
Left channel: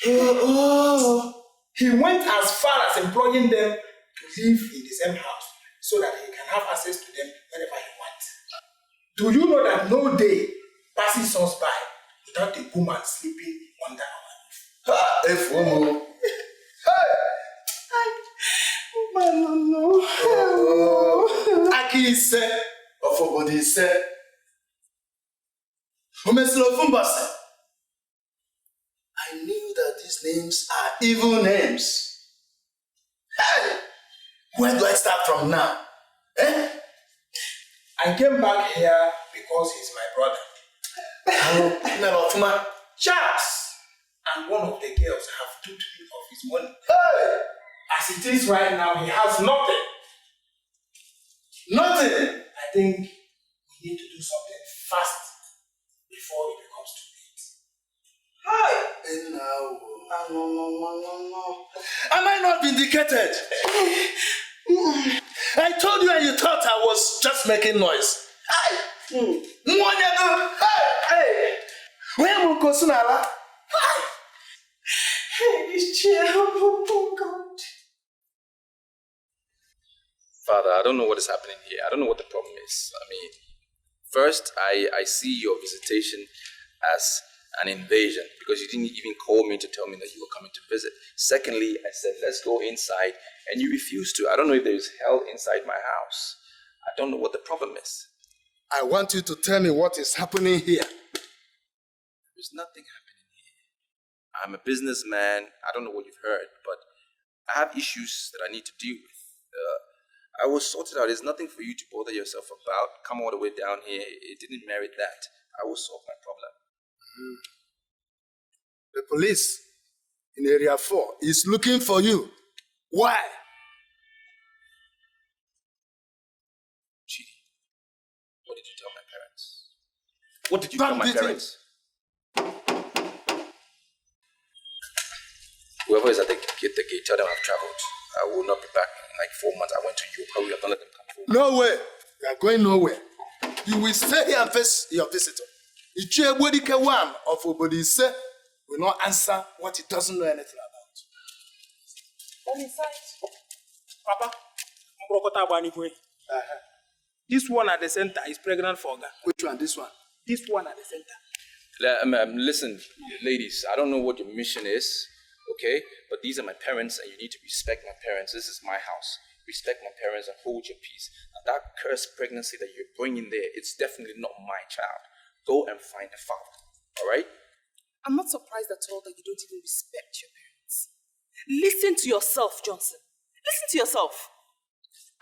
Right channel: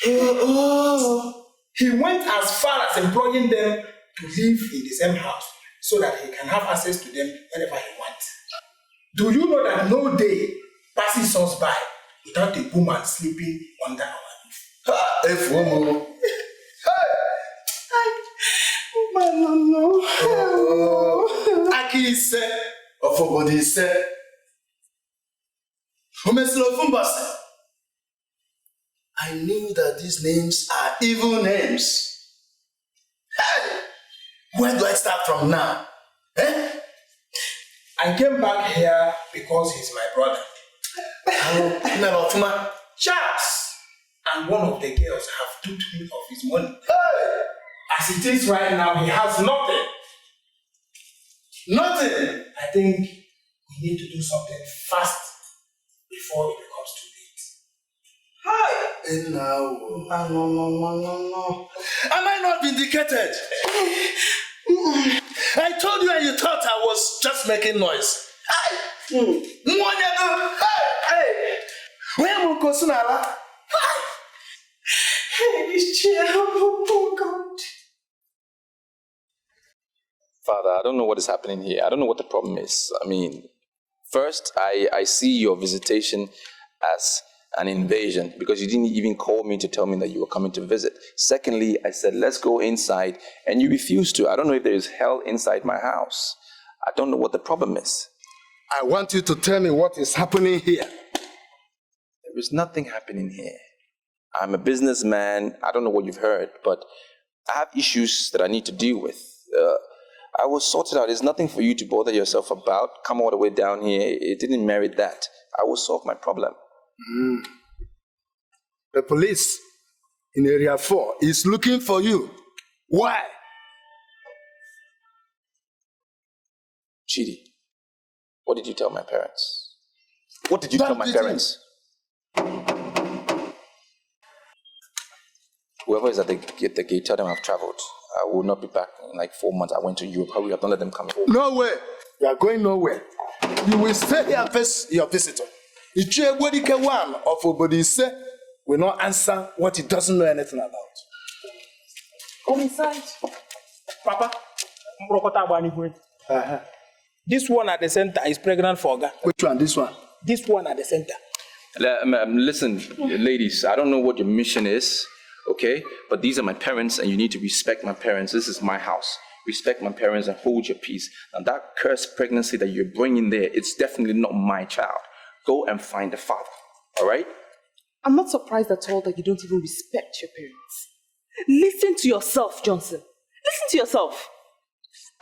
He went as far as employing them to live in the same house so that he can have access to them whenever he wants. Do you know that no day passes us by without a woman sleeping under our roof? Aki said, Ofobodi said, I knew that these names are evil names. Hey! Where do I start from now? Eh? I came back here because he's my brother. Charles and one of the girls have duped him of his money. Hey! As it is right now, he has nothing. Nothing! I think we need to do something fast before it becomes too late. Hi! No. Am I not vindicated? I told you and you thought I was just making noise. Hey! Where am I going? Hey, this chair, oh God. Father, I don't know what is happening here. I don't know what the problem is. I mean, first, I see your visitation as an invasion because you didn't even call me to tell me that you were coming to visit. Secondly, I said, let's go inside, and you refused to. I don't know if there is hell inside my house. I don't know what the problem is. I want you to tell me what is happening here. There is nothing happening here. I'm a businessman. I don't know what you've heard, but I have issues that I need to deal with. I will sort it out. There's nothing for you to bother yourself about. Come all the way down here. It didn't merit that. I will solve my problem. The police in Area 4 is looking for you. Why? Chidi, what did you tell my parents? What did you tell my parents? Whoever is at the gate, tell them I've traveled. I will not be back in like 4 months. I went to Europe. Hurry up, don't let them come home. No way. You are going nowhere. You will stay here and face your visitor. Dikeh one of Obodi said will not answer what he doesn't know anything about. Come inside. Papa, this one at the center is pregnant for Oga. Which one? This one? This one at the center. Listen, ladies, I don't know what your mission is, okay? But these are my parents, and you need to respect my parents. This is my house. Respect my parents and hold your peace. And that cursed pregnancy that you're bringing there, it's definitely not my child. Go and find the father, all right? I'm not surprised at all that you don't even respect your parents. Listen to yourself, Johnson. Listen to yourself.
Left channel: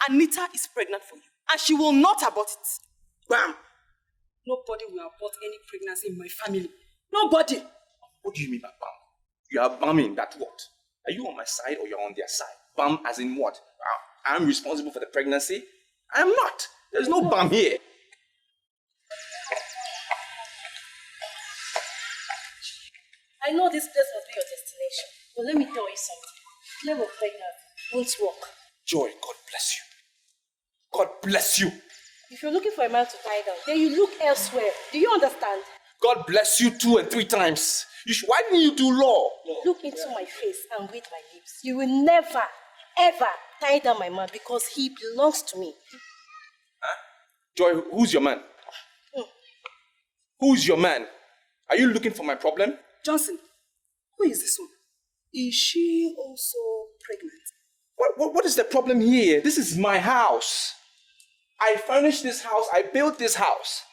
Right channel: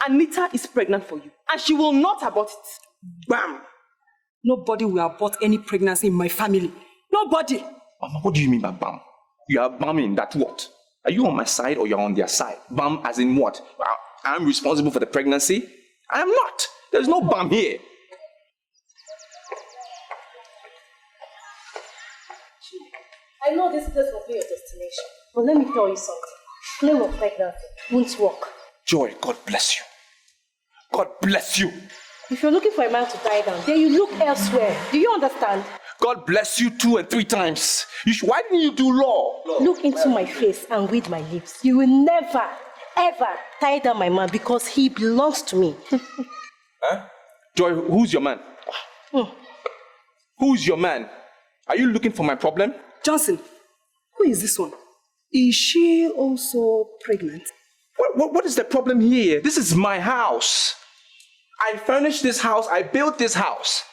Anita is pregnant for you, and she will not abort it. Bam! Nobody will abort any pregnancy in my family. Nobody. Mama, what do you mean by bam? You are bamming that what? Are you on my side or you're on their side? Bam as in what? I'm responsible for the pregnancy? I am not. There's no bam here. I know this place must be your destination, but let me tell you something. Claim of pregnancy won't work. Joy, God bless you. God bless you. If you're looking for a man to tie down, then you look elsewhere. Do you understand? God bless you 2 and 3 times. Why didn't you do law? Look into my face and read my lips. You will never, ever tie down my man because he belongs to me. Huh? Joy, who's your man? Who's your man? Are you looking for my problem? Johnson, who is this one? Is she also pregnant? What is the problem here? This is my house. I furnished this house. I built this house.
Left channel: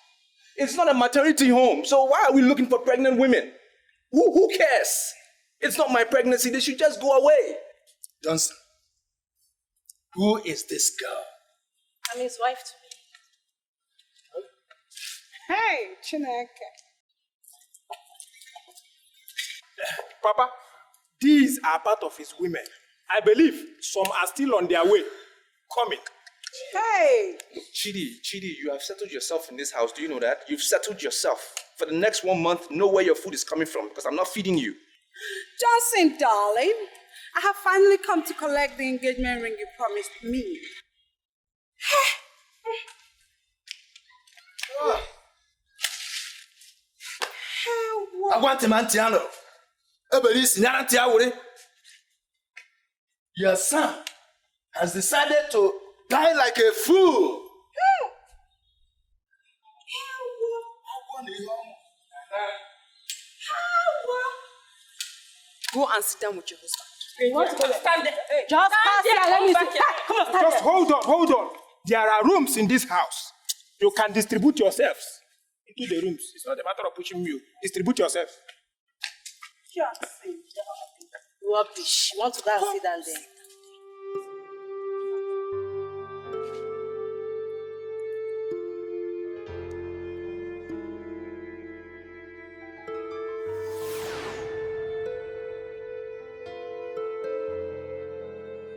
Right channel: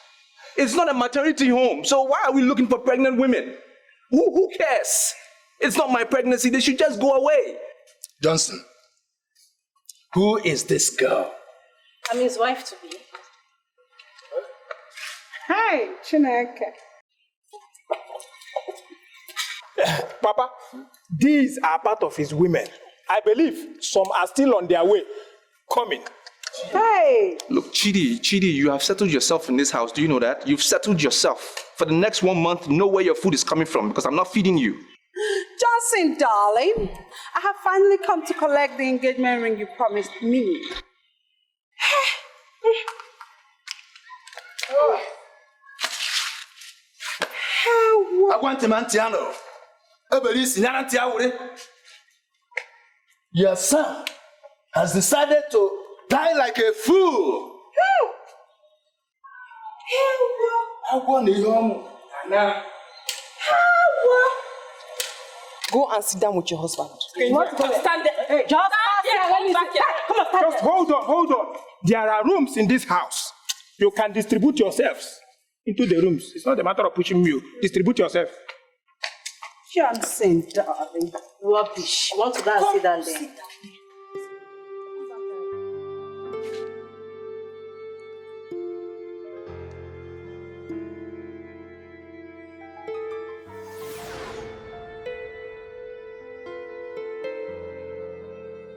It's not a maternity home. So why are we looking for pregnant women? Who cares? It's not my pregnancy. They should just go away. Johnson, who is this girl? I'm his wife to be. Hey, Chineke. Papa, these are part of his women. I believe some are still on their way, coming. Hey! Look, Chidi, you have settled yourself in this house. Do you know that? You've settled yourself. For the next 1 month, know where your food is coming from because I'm not feeding you. Johnson, darling, I have finally come to collect the engagement ring you promised me. I want to Mantiano. Your son has decided to die like a fool. Go and sit down with your husband. Okay, you want to go there? Stand there. Hey, Just stand there. Let me see. Come on, stand Just there. hold on. There are rooms in this house. You can distribute yourselves into the rooms. It's not a matter of pushing you. Distribute yourself. Johnson, darling. Rubbish. You want to go and sit down there?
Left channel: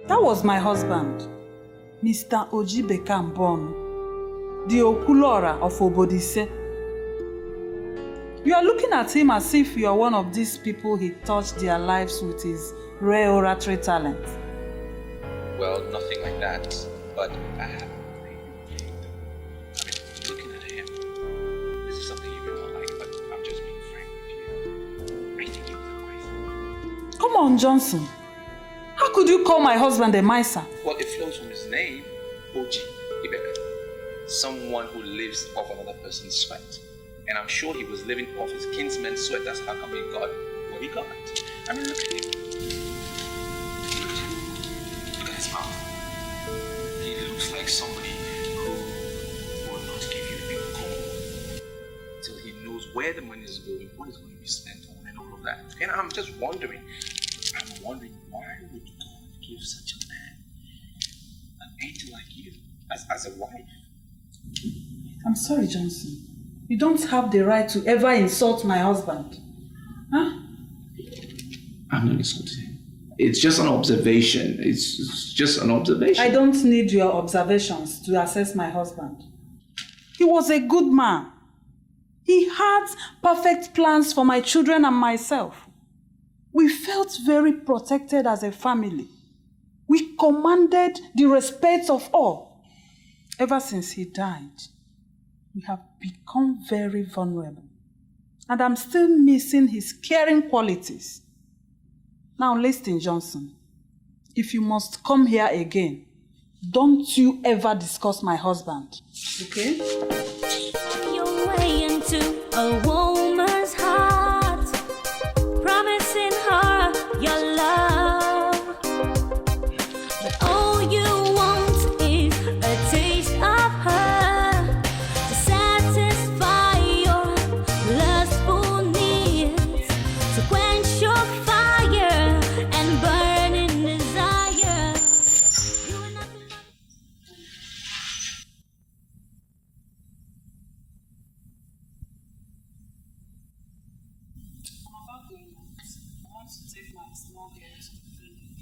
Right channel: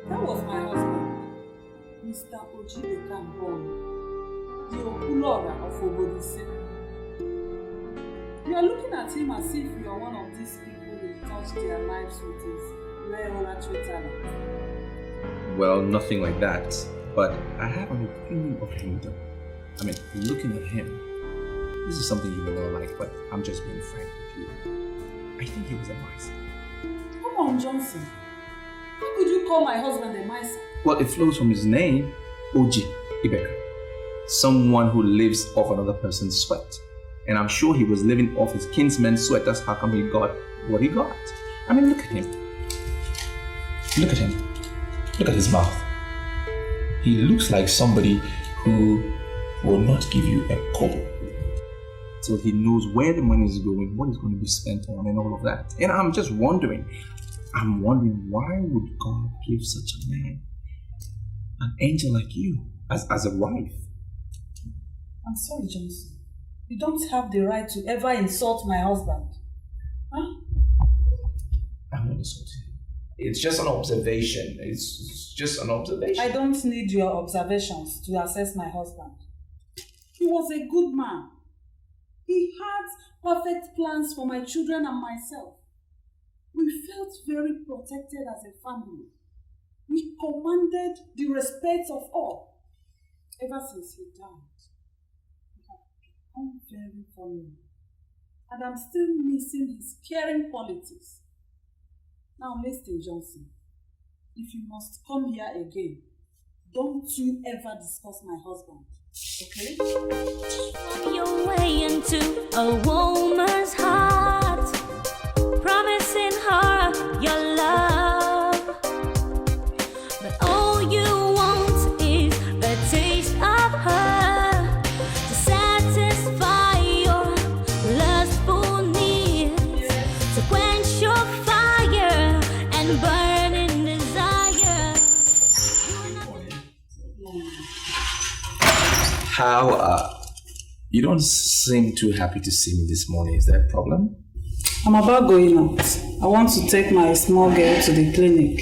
That was my husband, Mr. Ojibeka Mbom, the Okulora of Obodise. You are looking at him as if you are one of these people he touched their lives with his rare oratory talent. Well, nothing like that. But I have an opinion of him though. I mean, looking at him, this is something you may not like, but I'm just being frank with you. I think he was a miser. Come on, Johnson. How could you call my husband a miser? Well, it flows from his name, Oji Ibeka. Someone who lives off another person's sweat. And I'm sure he was living off his kinsman's sweat. That's how come he got what he got. I mean, look at him. Look at him. Look at his mouth. He looks like somebody who will not give you a kobo till he knows where the money is going, what is going to be spent on, and all of that. And I'm just wondering, why would God give such a man, an angel like you, as a wife? I'm sorry, Johnson. You don't have the right to ever insult my husband. Huh? I'm not insulting him. It's just an observation. It's just an observation. I don't need your observations to assess my husband. He was a good man. He had perfect plans for my children and myself. We felt very protected as a family. We commanded the respect of all. Ever since he died, we have become very vulnerable. And I'm still missing his caring qualities. Now listen, Johnson. If you must come here again, don't you ever discuss my husband. Okay? Your way into a woman's heart, promising her your love. But all you want is a taste of her to satisfy your lustful needs, to quench your fire and burning desire. How, you don't seem too happy to see me this morning. Is there a problem? I'm about going out. I want to take my small girl to the clinic.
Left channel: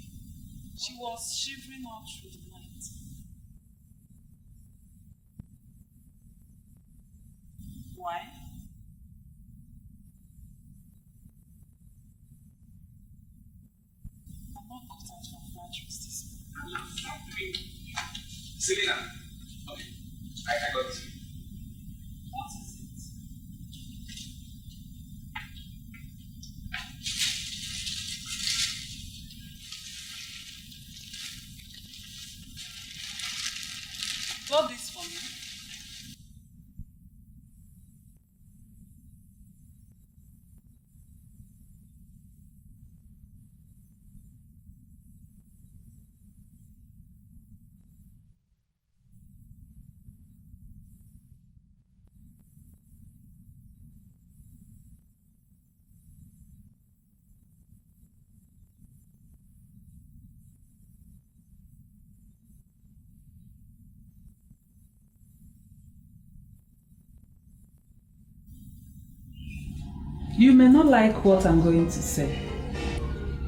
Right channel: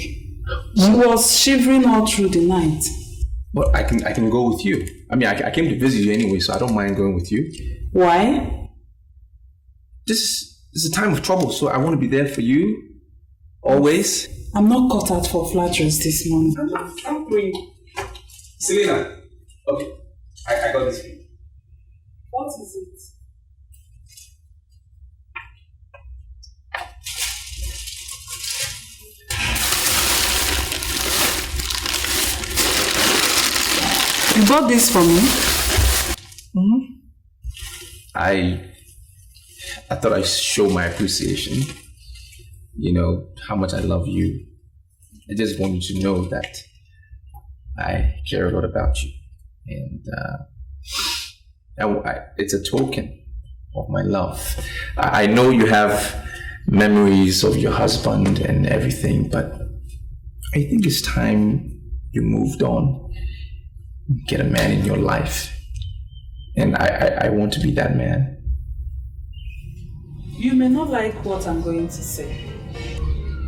She was shivering all through the night. Well, I can go with you. I mean, I came to visit you anyway, so I don't mind going with you. Why? This is a time of trouble, so I want to be there for you. Always. I'm not cut out for flatteries this morning. I'm going. Selena. Okay. I got this for you. What is it? You bought this for me? Mm-hmm. I thought I'd show my appreciation. You know, how much I love you. I just want you to know that I care a lot about you. And it's a token of my love. I know you have memories of your husband and everything, but I think it's time you moved on. Get a man in your life. And I want to be that man. You may not like what I'm going to say,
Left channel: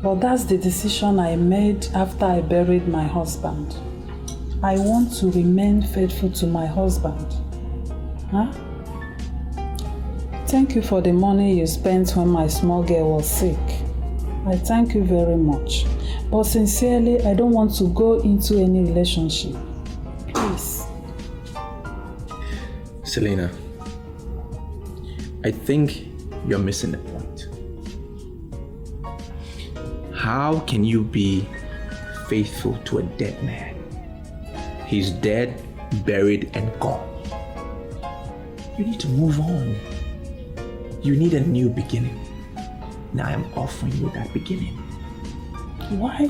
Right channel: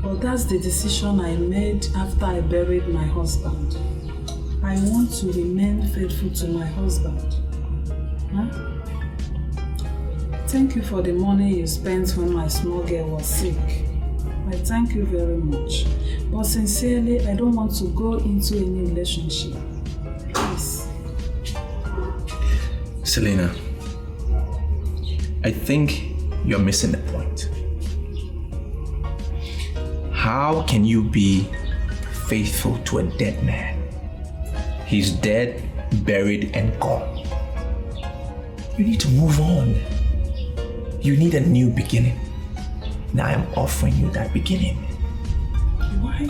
but that's the decision I made after I buried my husband. I want to remain faithful to my husband. Huh? Thank you for the money you spent when my small girl was sick. I thank you very much. But sincerely, I don't want to go into any relationship. Please. Selena, I think you're missing the point. How can you be faithful to a dead man? He's dead, buried, and gone. You need to move on. You need a new beginning. Now I'm offering you that beginning. Why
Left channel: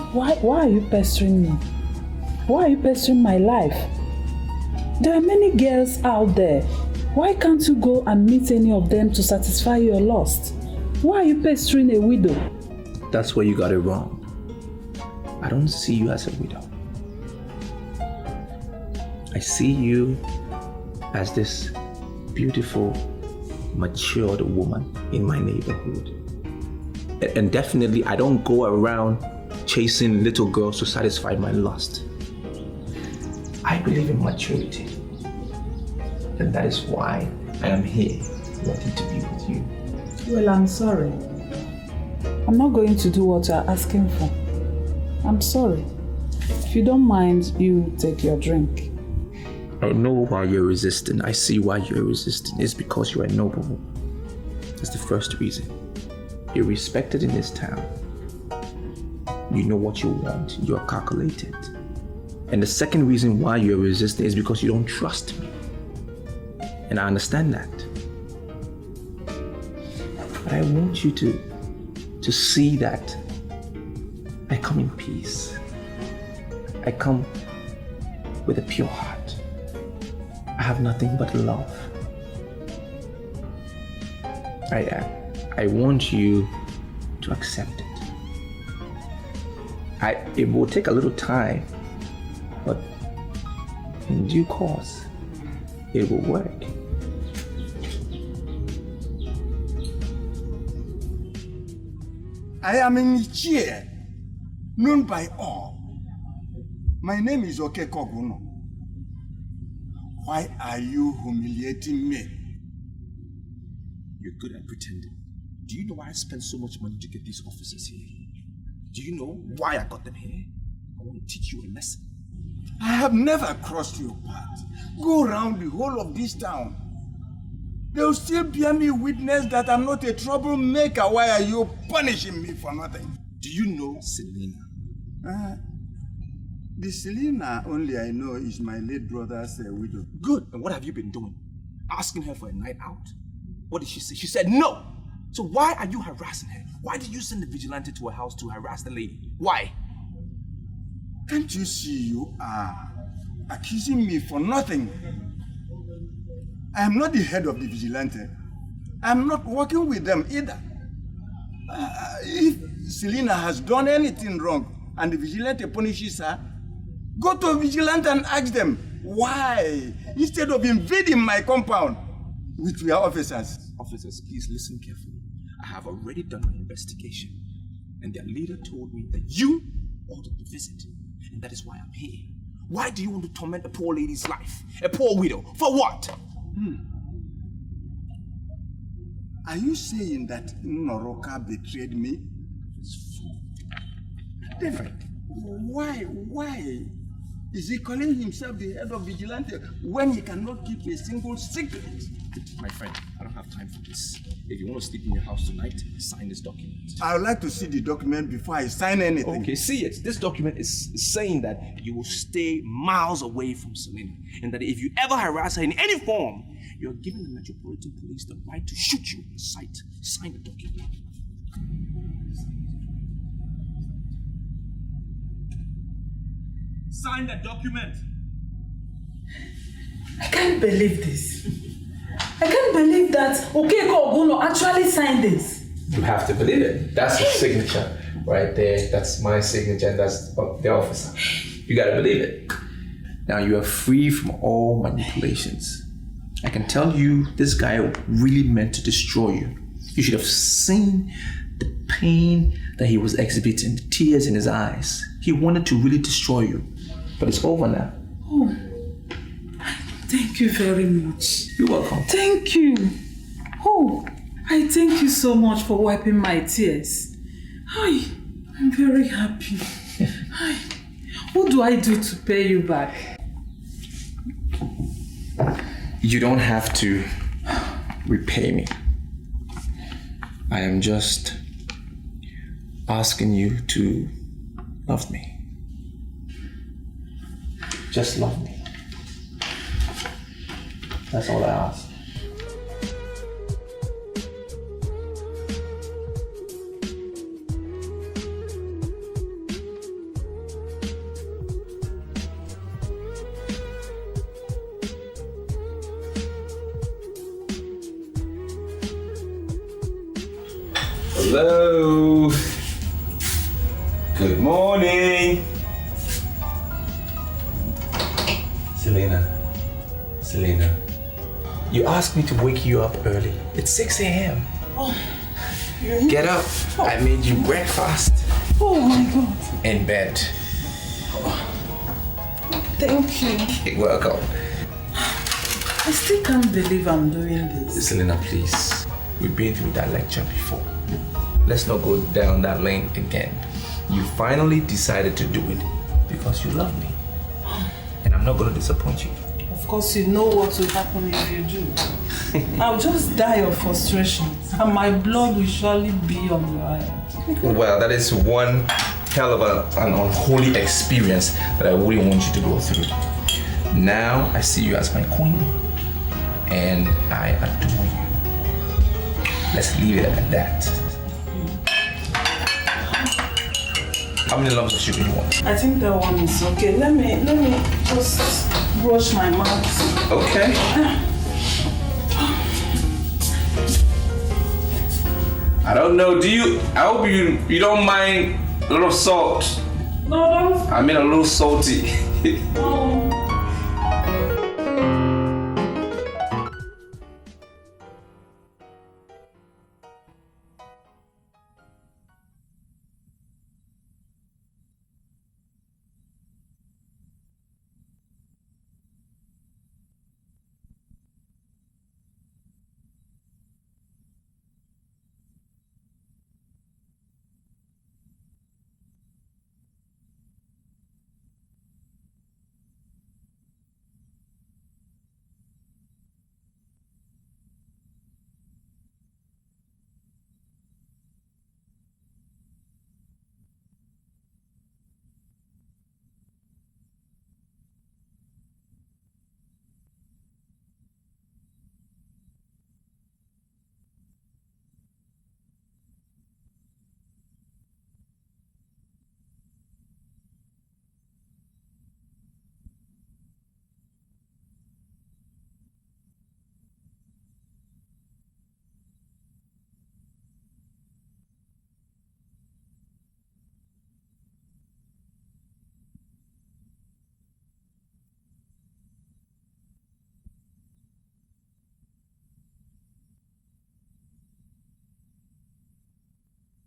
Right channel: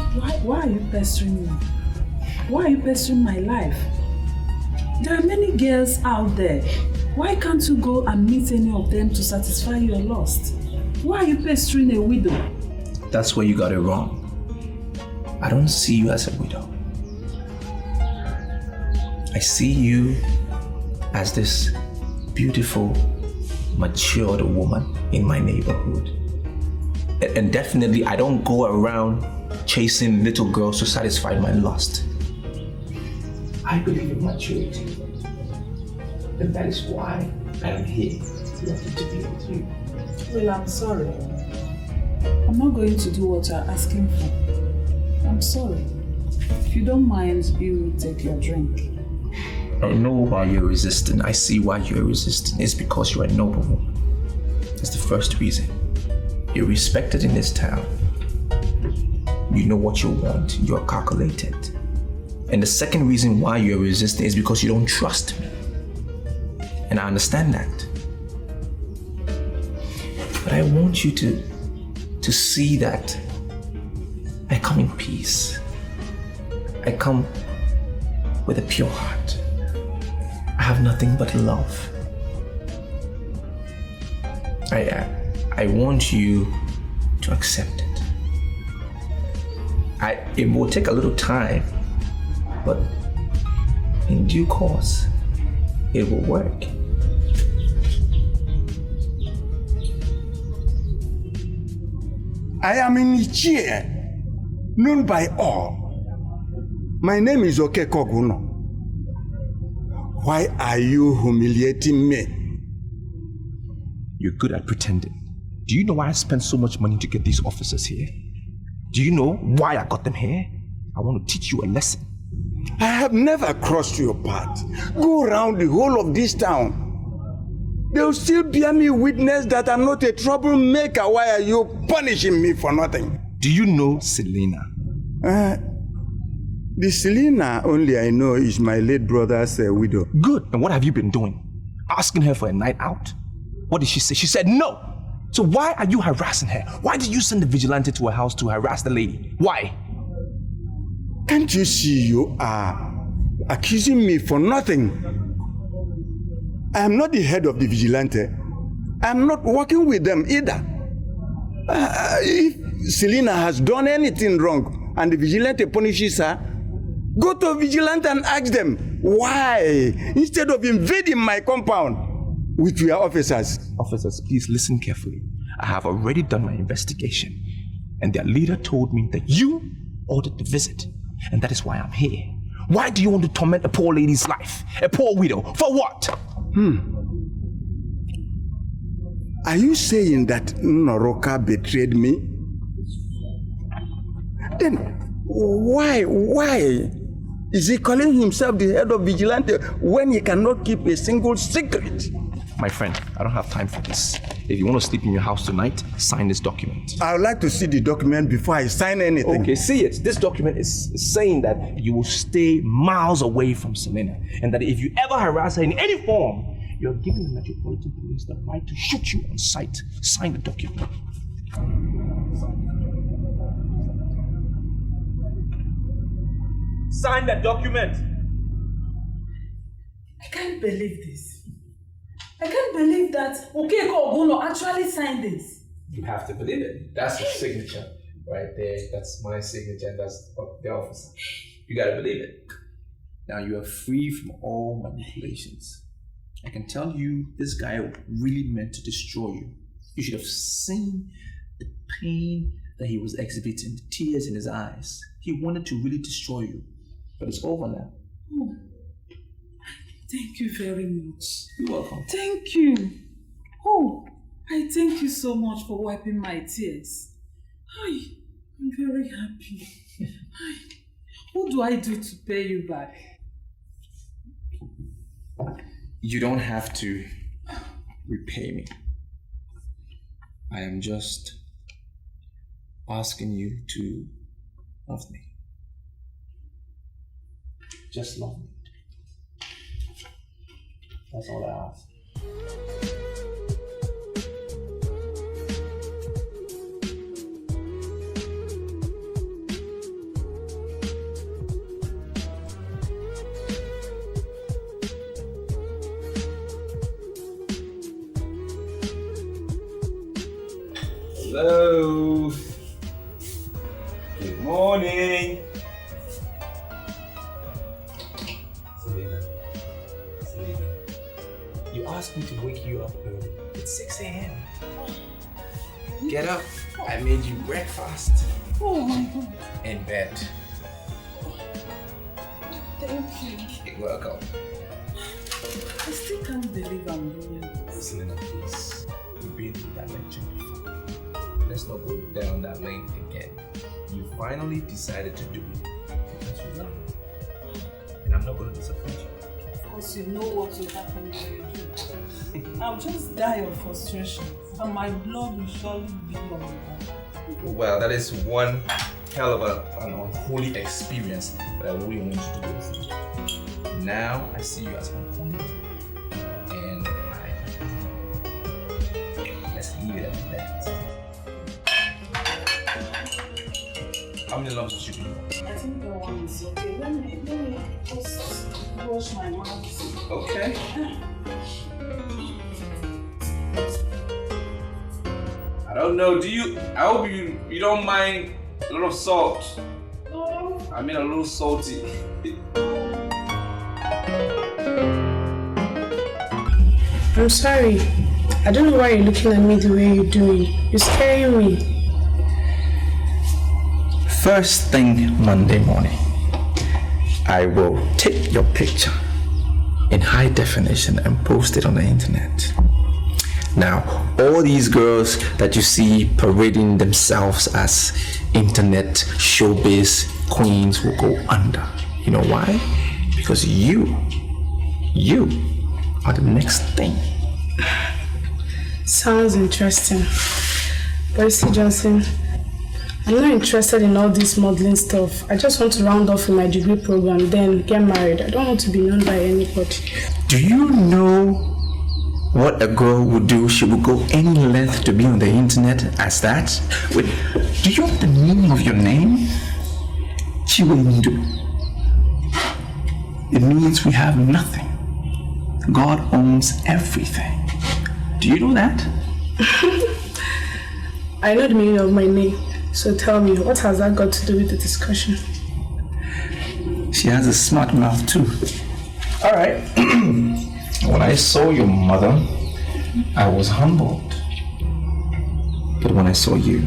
are you pestering me? Why are you pestering my life? There are many girls out there. Why can't you go and meet any of them to satisfy your lust? Why are you pestering a widow? That's where you got it wrong. I don't see you as a widow. I see you as this beautiful, matured woman in my neighborhood. And definitely, I don't go around chasing little girls to satisfy my lust. I believe in maturity. And that is why I am here, wanting to be with you. Well, I'm sorry. I'm not going to do what you're asking for. I'm sorry. If you don't mind, you take your drink. I know why you're resisting. I see why you're resisting. It's because you're a noble woman. That's the first reason. You're respected in this town. You know what you want. You're calculated. And the second reason why you're resisting is because you don't trust me. And I understand that. But I want you to see that I come in peace. I come with a pure heart. I have nothing but love. I want you to accept it. It will take a little time, but in due course, it will work. I am in Nigeria, known by all. My name is Okekoguno. Why are you humiliating me? You're good at pretending. Do you know why I spent so much money to get these officers here? Do you know why I got them here? I want to teach you a lesson. I have never crossed your path. Go around the whole of this town. They'll still bear me witness that I'm not a troublemaker. Why are you punishing me for nothing? Do you know Selena? The Selena only I know is my late brother's widow. Good. And what have you been doing? Asking her for a night out? What did she say? She said no. So why are you harassing her? Why did you send the vigilante to her house to harass the lady? Why? Can't you see you are accusing me for nothing? I am not the head of the vigilante. I am not working with them either. If Selena has done anything wrong and the vigilante punishes her, go to vigilante and ask them why, instead of invading my compound with your officers. Officers, please listen carefully. I have already done my investigation, and their leader told me that you ordered the visit, and that is why I'm here. Why do you want to torment a poor lady's life? A poor widow? For what? Are you saying that Noroka betrayed me? Then why is he calling himself the head of vigilante when he cannot keep a single secret? My friend, I don't have time for this. If you want to sleep in your house tonight, sign this document. I would like to see the document before I sign anything. Okay, see it. This document is saying that you will stay miles away from Selena, and that if you ever harass her in any form, you're giving the Metropolitan Police the right to shoot you on sight. Sign the document. Sign the document. I can't believe this. I can't believe that Okeko Oguno actually signed this. You have to believe it. That's his signature right there. That's my signature, and that's the officer. You gotta believe it. Now you are free from all manipulations. I can tell you, this guy really meant to destroy you. You should have seen the pain that he was exhibiting, the tears in his eyes. He wanted to really destroy you, but it's over now. Oh, thank you very much. You're welcome. Thank you. Oh, I thank you so much for wiping my tears. Hi, I'm very happy. Hi. What do I do to pay you back? You don't have to repay me. I am just asking you to love me. Just love me. That's all I ask. Hello. Good morning. Selena. You asked me to wake you up early. It's 6 a.m. Oh, Get up. I made you breakfast. Oh my God. In bed. Thank you. You're welcome. I still can't believe I'm doing this. Selena, please. We've been through that lecture before. Let's not go down that lane again. You finally decided to do it because you love me. And I'm not going to disappoint you. Of course, you know what will happen if you do. I'll just die of frustration and my blood will surely be on your hands. Well, that is one hell of an unholy experience that I wouldn't want you to go through. Now I see you as my queen and I adore you. Let's leave it at that. How many lumps of sugar do you want? I think that one is okay. Let me just brush my mouth. Okay. I don't know, I hope you don't mind a little salt. No, don't. I mean a little salty. I'm sorry. I don't know why you're looking at me the way you're doing. You're scaring me. First thing Monday morning, I will take your picture in high definition and post it on the internet. Now, all these girls that you see parading themselves as internet showbiz queens will go under. You know why? Because you are the next thing. Sounds interesting. Percy Johnson, I'm not interested in all this modeling stuff. I just want to round off in my degree program, then get married. I don't want to be known by anybody. Do you know what a girl would do? She would go any length to be on the internet as that? Wait, do you know the meaning of your name? Chiwendu. It means we have nothing. God owns everything. Do you know that? I know the meaning of my name. So tell me, what has that got to do with the discussion? She has a smart mouth too. All right. When I saw your mother, I was humbled. But when I saw you,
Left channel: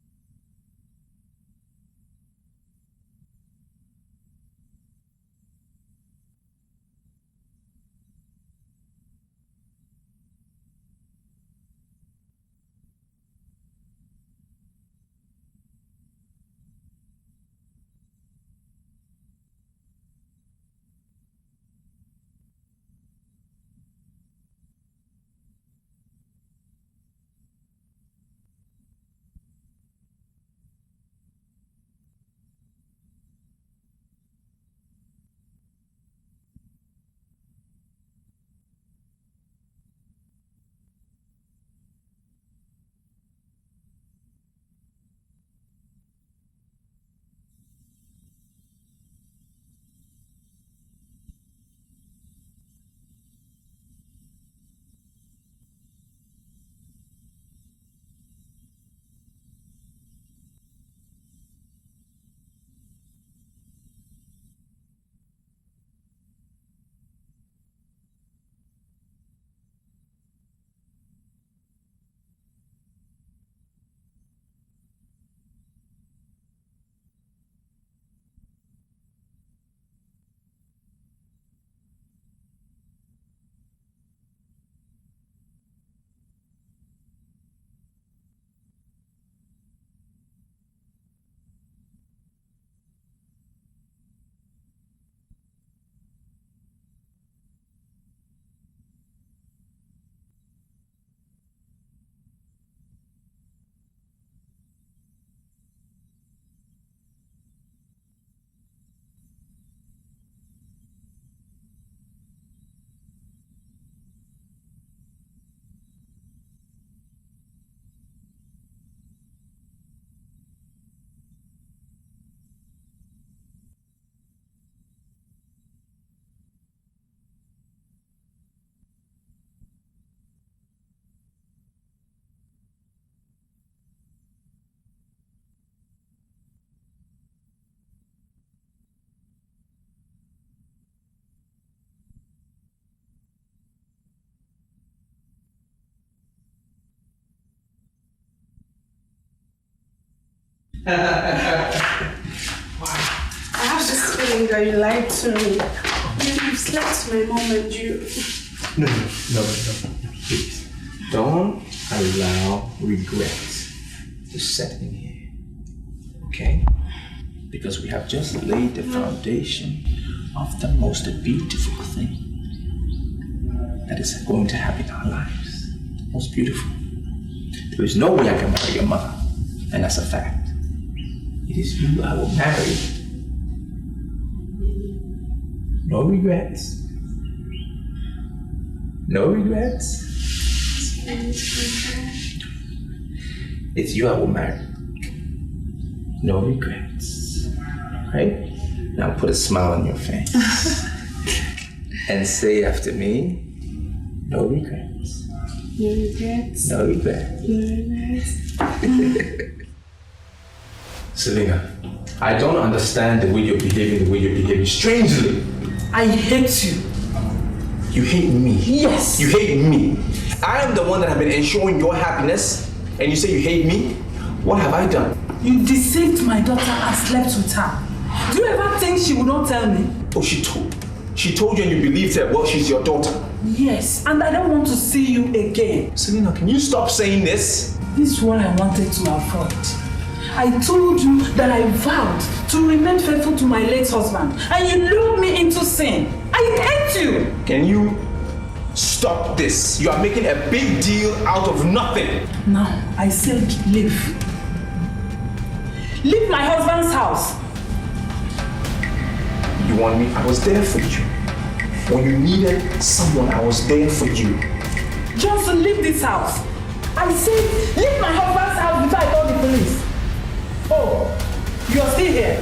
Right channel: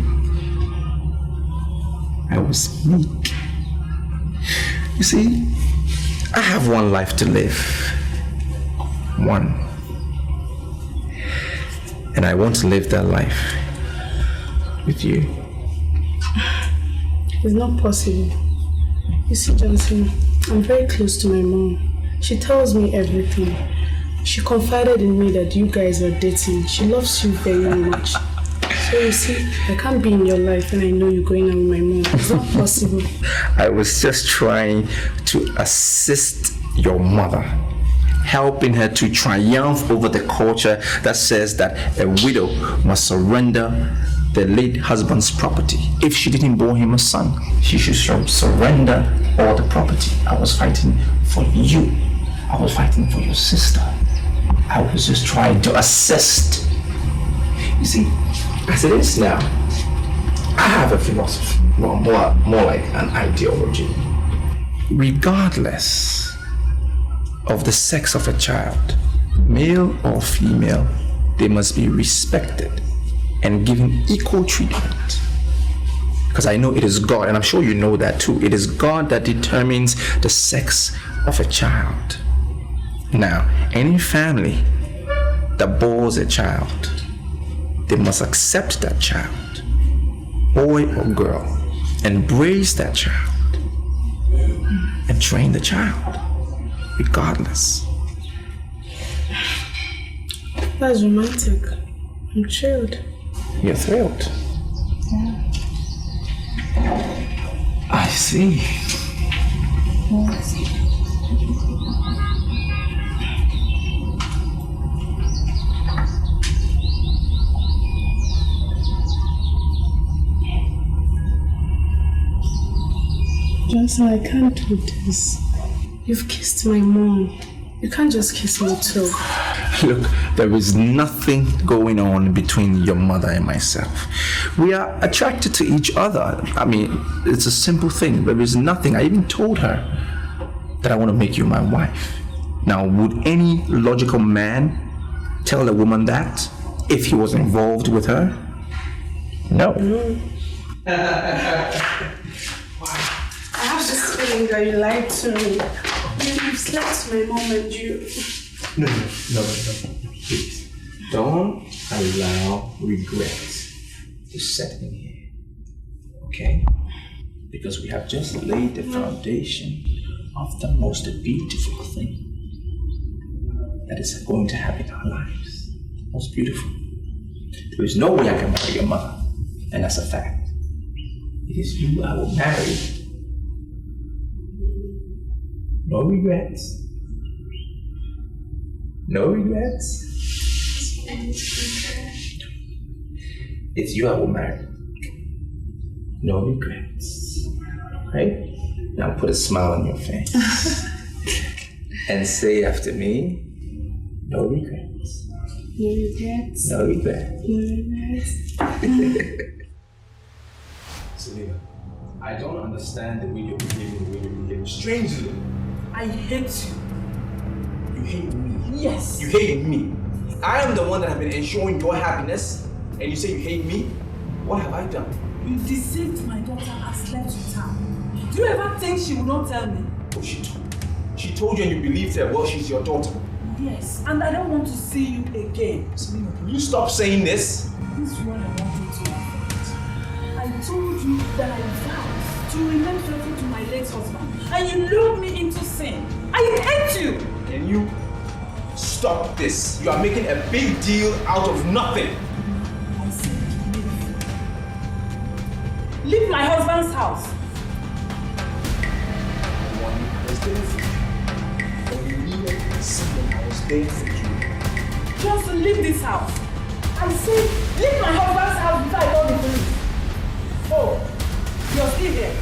I was meek. You see, I have one life to live. One. And I want to live that life with you. It's not possible. You see, Johnson, I'm very close to my mom. She tells me everything. She confided in me that you guys are dating. She loves you very much. So you see, I can't be in your life and I know you're going out with my mom. It's not possible. I was just trying to assist your mother, helping her to triumph over the culture that says that a widow must surrender the late husband's property. If she didn't bear him a son, she should surrender all the property. I was fighting for you. I was fighting for your sister. I was just trying to assist. You see, as it is now, I have a philosophy, well, more like an ideology. Regardless of the sex of a child, male or female, they must be respected and given equal treatment. Because I know it is God, and I'm sure you know that too. It is God that determines the sex of a child. Now, any family that bores a child, they must accept that child boy or girl, embrace that child and train the child, regardless. That's romantic. I'm thrilled. You're thrilled? Yeah. I see. Yes. Johnson, I can't do this. You've kissed my mom. You can't just kiss me too. Look, there is nothing going on between your mother and myself. We are attracted to each other. I mean, it's a simple thing. There is nothing. I even told her that I want to make you my wife. Now, would any logical man tell a woman that if he was involved with her? No. I have this feeling that you lied to me. You slept with my mom and you. No. Please. Don't allow regret to set in here. Okay? Because we have just laid the foundation of the most beautiful thing that is going to happen in our lives. Most beautiful. There is no way I can marry your mother. And that's a fact. It is you I will marry. No regrets. No regrets. It's you I will marry. No regrets. Right? Now put a smile on your face. And say after me, no regrets. No regrets. No regrets. No regrets. Selena, I don't understand the way you're behaving strangely. I hate you. You hate me? Yes. You hate me? I am the one that have been ensuring your happiness, and you say you hate me? What have I done? You deceived my daughter and slept with her. Do you ever think she would not tell me? Oh, she told you and you believed her. Well, she's your daughter. Yes, and I don't want to see you again. Selena, can you stop saying this? This is what I wanted to avoid. I told you that I vowed to remain faithful to my late husband, and you lured me into sin. I hate you! Can you stop this? You are making a big deal out of nothing. Now, I said leave. Leave my husband's house. You want me? I was there for you. When you needed someone, I was there for you. Johnson, leave this house. I said leave my husband's house before I call the police. Oh, you're still here.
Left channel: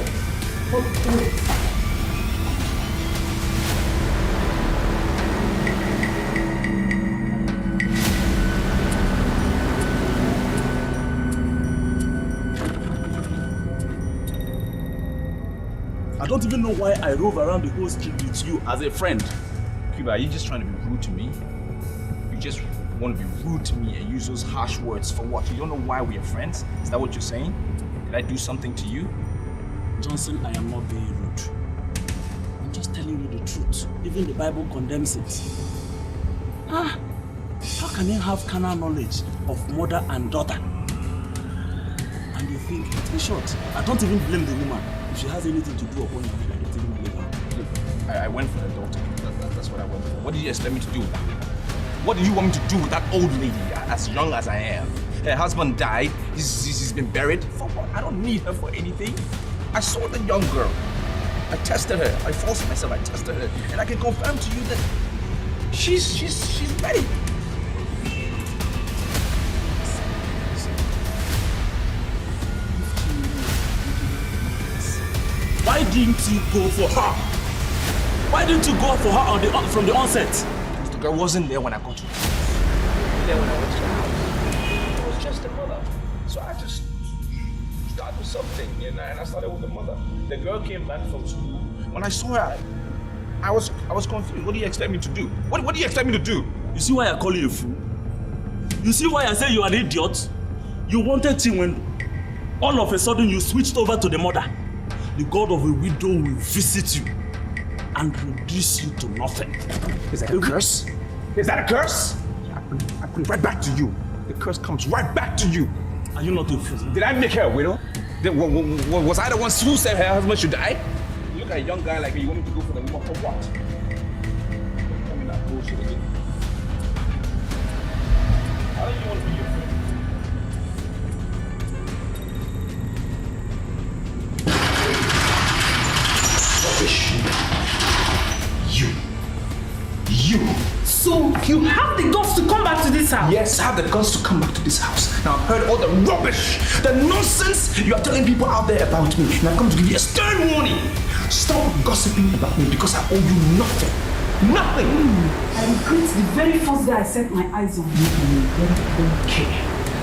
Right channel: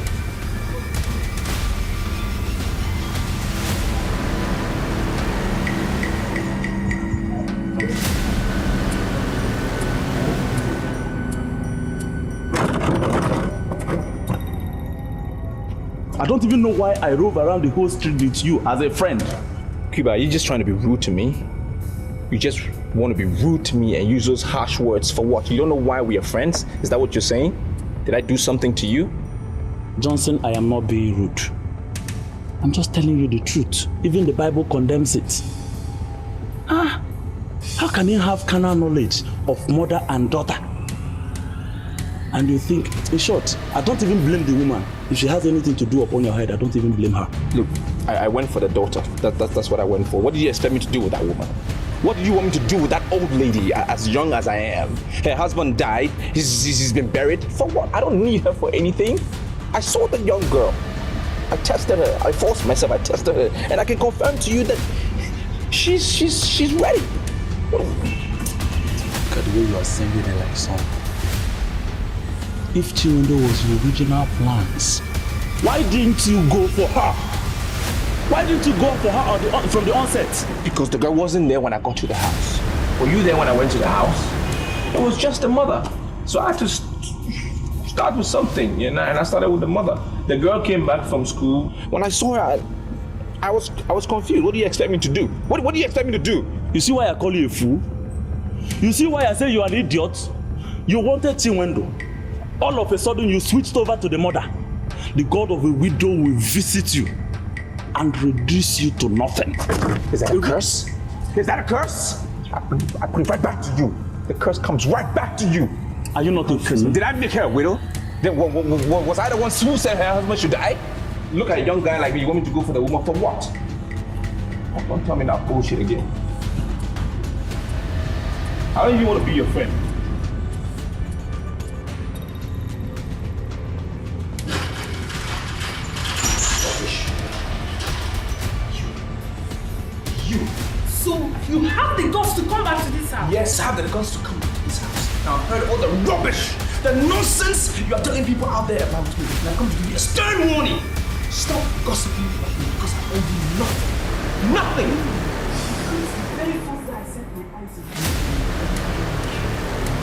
I don't even know why I rove around the whole street with you as a friend. Cuba, are you just trying to be rude to me? You just want to be rude to me and use those harsh words for what? You don't know why we are friends? Is that what you're saying? Did I do something to you? Johnson, I am not being rude. I'm just telling you the truth. Even the Bible condemns it. How can you have carnal knowledge of mother and daughter? And you think, in short, I don't even blame the woman. If she has anything to do upon your head, I don't even blame her. Look, I went for the daughter. That's what I went for. What did you expect me to do with that woman? What do you want me to do with that old lady, as young as I am? Her husband died, he's been buried. For what? I don't need her for anything. I saw the young girl. I tested her. I forced myself, I tested her. And I can confirm to you that she's ready. Look at the way you are singing her like a song. If Chindo was your original plans, why didn't you go for her? Why didn't you go for her from the onset? Because the girl wasn't there when I got to the house. Were you there when I went to the house? It was just the mother. So I had to start with something, you know, and I started with the mother. The girl came back from school. When I saw her, I was confused. What do you expect me to do? What do you expect me to do? You see why I call you a fool? You see why I say you are an idiot? You wanted Chinwendo. All of a sudden you switched over to the mother. The God of a widow will visit you and reduce you to nothing. Is that a curse? Is that a curse? I bring it right back to you. The curse comes right back to you. Are you not a fool? Did I make her a widow? Was I the one who said her husband should die? Look at a young guy like me, you want me to go for the woman for what? Don't tell me that bullshit again. How do you want to be your friend? Rubbish. You. So you have the guts to come back to this house? Yes, I have the guts to come back to this house. Now I've heard all the rubbish, the nonsense you are telling people out there about me. And I've come to give you a stern warning. Stop gossiping about me because I owe you nothing. Nothing! I regret the very first day I set my eyes on you. Okay.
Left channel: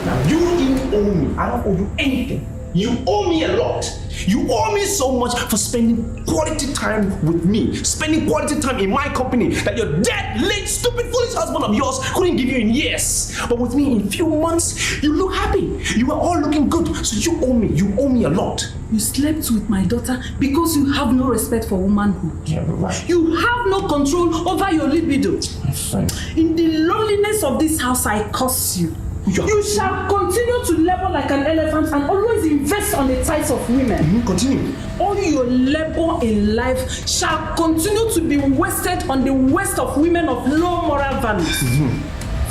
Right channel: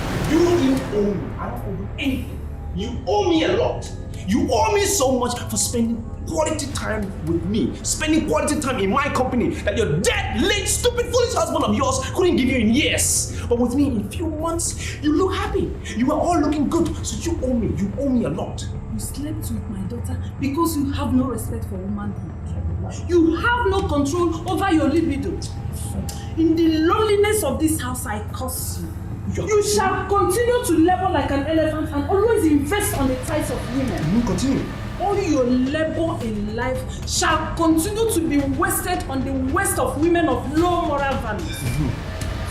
Now you didn't owe me. I don't owe you anything. You owe me a lot. You owe me so much for spending quality time with me, spending quality time in my company that your dead, late, stupid, foolish husband of yours couldn't give you in years. But with me in a few months, you look happy. You are all looking good. So you owe me a lot. You slept with my daughter because you have no respect for womanhood. Yeah, right. You have no control over your libido. In the loneliness of this house, I curse you. You shall continue to labor like an elephant and always invest on the thighs of women. Continue. All your labor in life shall continue to be wasted on the waste of women of low moral values.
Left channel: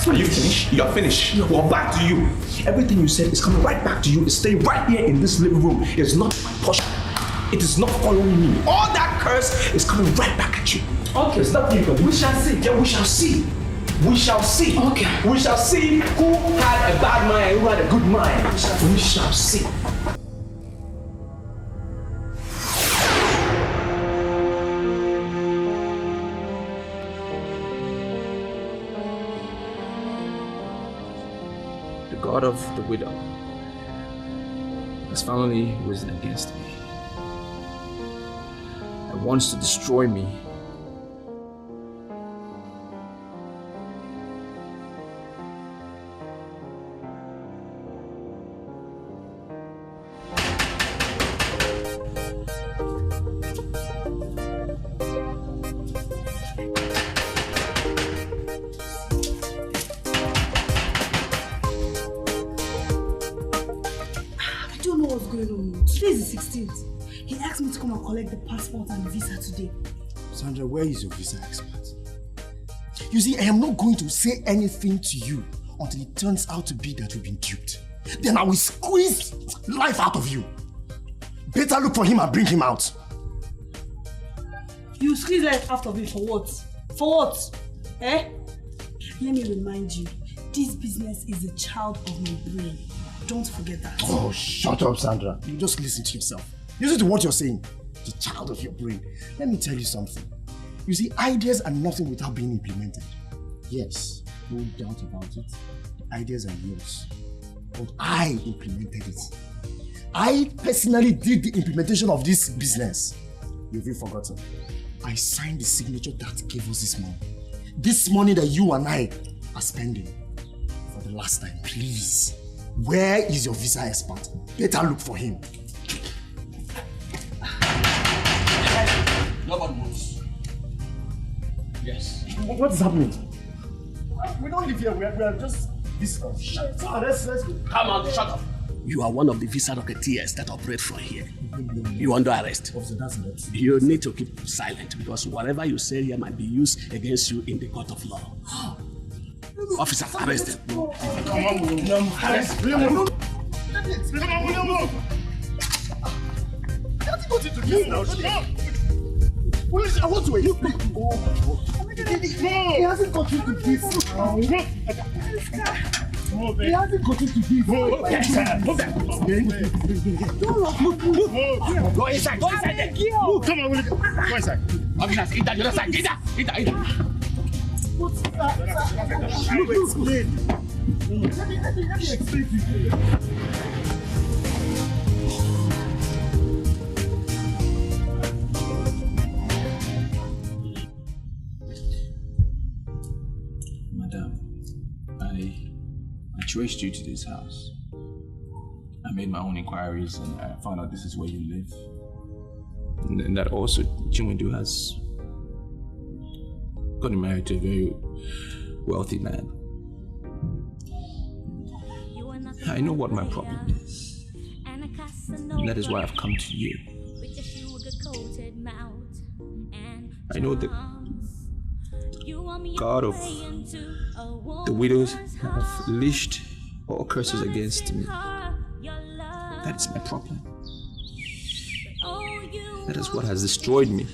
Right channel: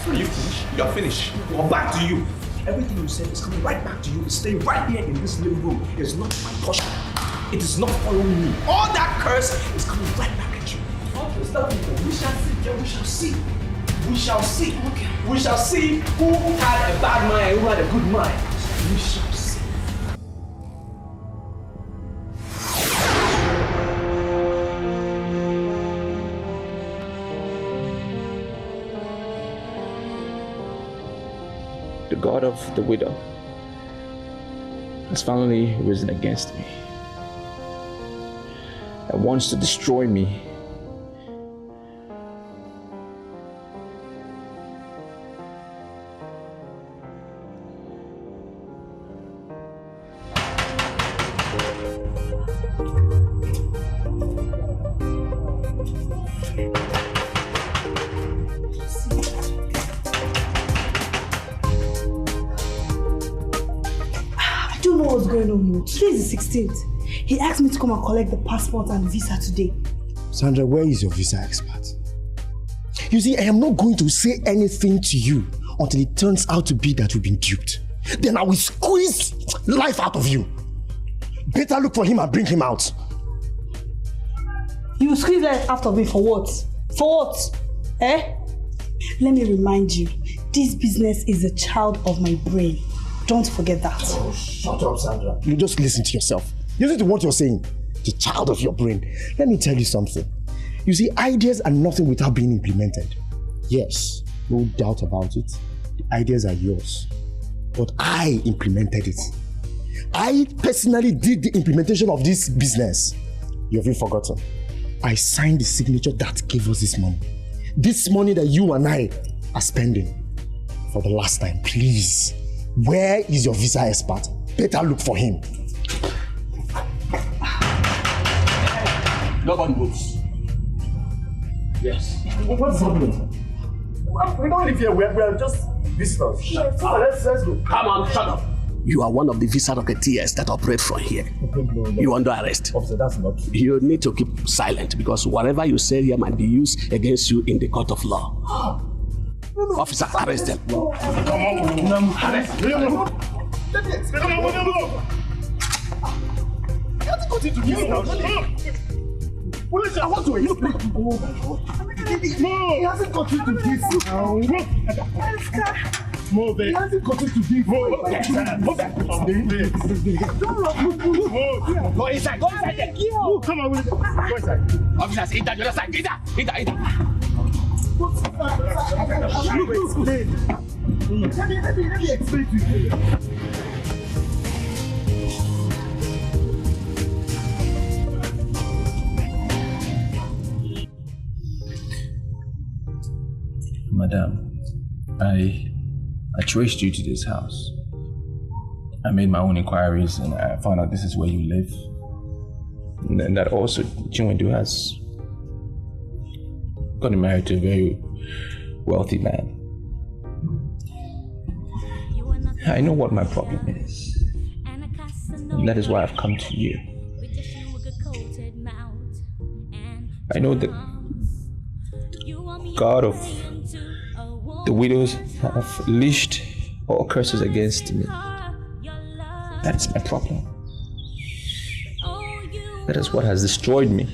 Are you finished? You're finished. Well, back to you. Everything you said is coming right back to you. It's staying right here in this living room. It's not my portion. It is not following me. All that curse is coming right back at you. Okay. It's not even. We shall see. Yeah, we shall see. We shall see. Okay. We shall see who had a bad mind and who had a good mind. We shall see. The God of the widow has finally risen against me and wants to destroy me. Today's the 16th. He asked me to come and collect the passport and visa today. Sandra, where is your visa expert? You see, I am not going to say anything to you until it turns out to be that you've been duped. Then I will squeeze life out of you. Better look for him and bring him out. You will squeeze life out of me for what? For what? Eh? Let me remind you, this business is a child of my brain. Don't forget that. Oh, shut up, Sandra. You just listen to yourself. Listen to what you're saying. The child of your brain. Let me tell you something. You see, ideas are nothing without being implemented. Yes, no doubt about it. The ideas are yours. But I implemented it. I personally did the implementation of this business. You have forgotten. I signed the signature that gave us this money. This money that you and I are spending. For the last time, please. Where is your visa expert? Better look for him. Nobody moves. Yes. What's happening? We don't live here. We're just visitors. Shut up. Let's go. Come on, shut up. You are one of the visa rocketeers that operate from here. No. You're under arrest. Officer, that's not true. You need to keep silent because whatever you say here might be used against you in the court of law. Officer, arrest them. Come on, arrest them. Let me explain. Come on. He hasn't got into this now. Police, I want to you. Oh my God. No, he hasn't got into this now. Move it. He hasn't got into this. Move it. Go inside. Go inside there. Move. Come on, go inside. Officers, eat that. You're inside. Eat that. Let me explain to you. Madam, I traced you to this house. I made my own inquiries and I found out this is where you live. And that also Chinwendu has gotten married to a very wealthy man. I know what my problem is. And that is why I've come to you. I know that God of the widows have leashed all curses against me. That is my problem. That is what has destroyed me.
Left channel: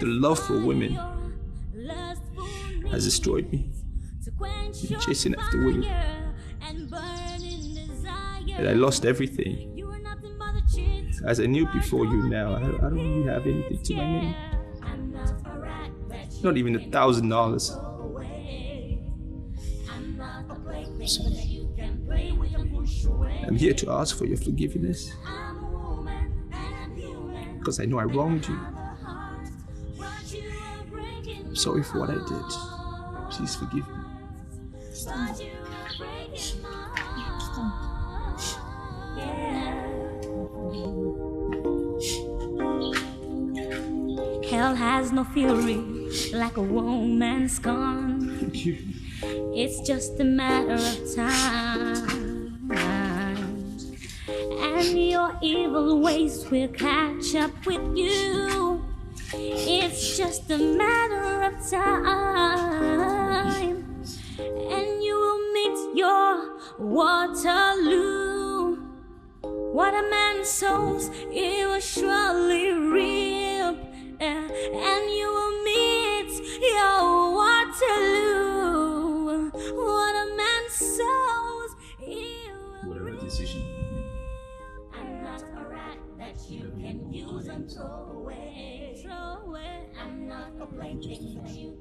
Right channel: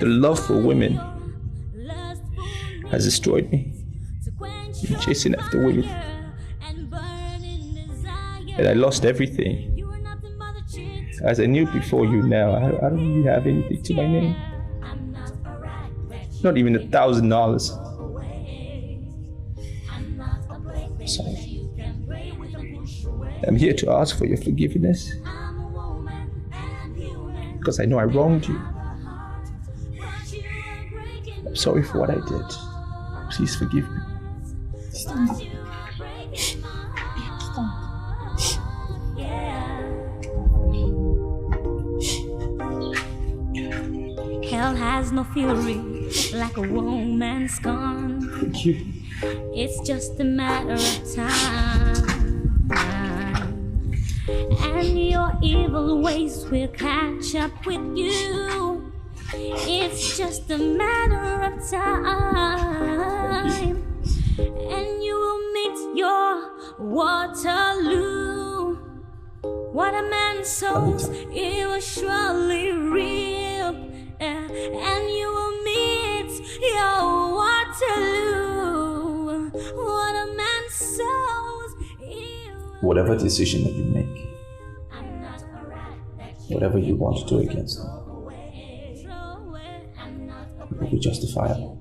The love for women has destroyed me. I'm chasing after women. And I lost everything. As I knew before you now, I don't really have anything to my name. Not even $1,000. Sorry. I'm here to ask for your forgiveness. Because I know I wronged you. I'm sorry for what I did. Please forgive me. Stop. Hell has no fury like a woman's gone. Thank you. It's just a matter of time. And your evil ways will catch up with you. It's just a matter of time. And you will meet your Waterloo. What a man sows, he will surely reap. And you will meet your Waterloo. What a man sows, he will... Whatever decision that you make, whatever you want to do against them, it will be justifiable.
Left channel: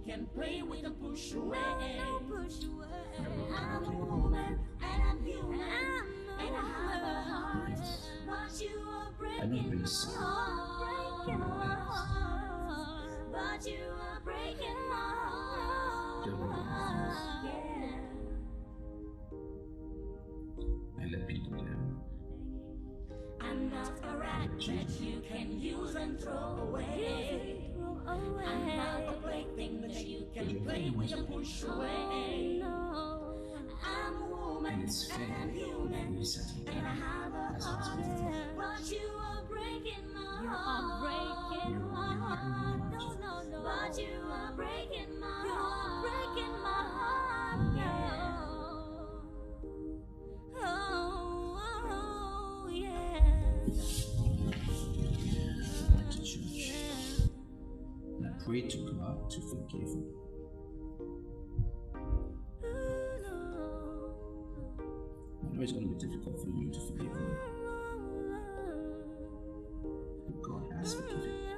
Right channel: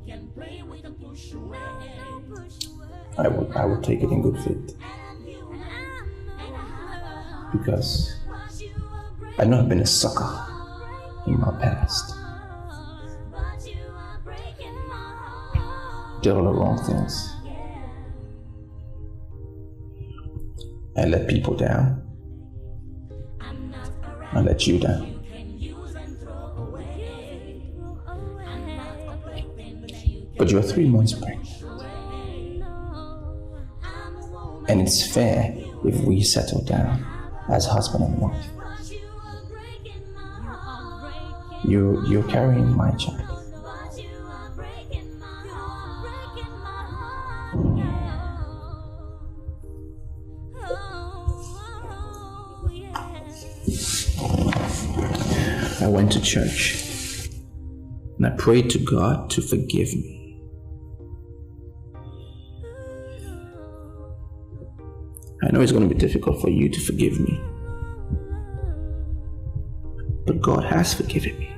I will take it in good faith. Because I know I've been a sucker in my past. Did all the wrong things. I let people down. I let you down. But you're 3 months pregnant. And it's fair if we settle down as husband and wife. You're carrying my child. I went to church and I prayed to God to forgive me. I know it's going to be difficult for you to forgive me, but God has forgiven me.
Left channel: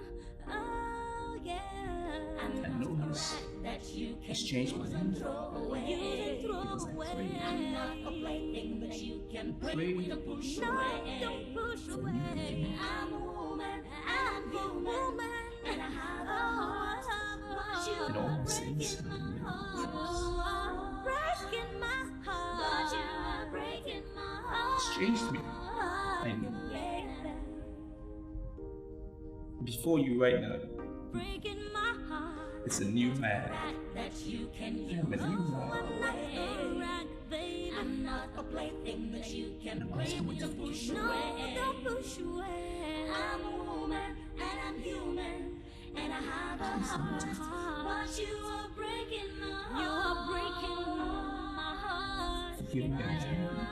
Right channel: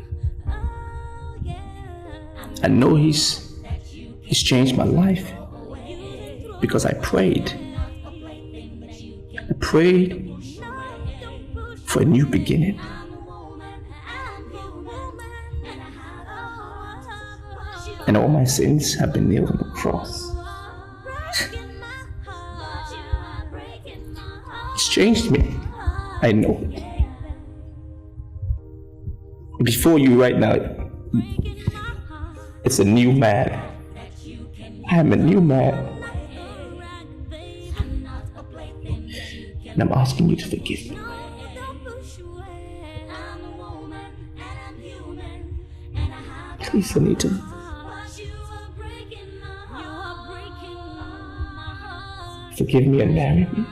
I know He's changed my life because I prayed. I prayed for a new beginning. And all my sins have been nailed on the cross. It's changed me. I know it. Before you right now, it's a new man. I am a new man. And I'm asking you to forgive me. Please, Anita. Forgive me and marry me.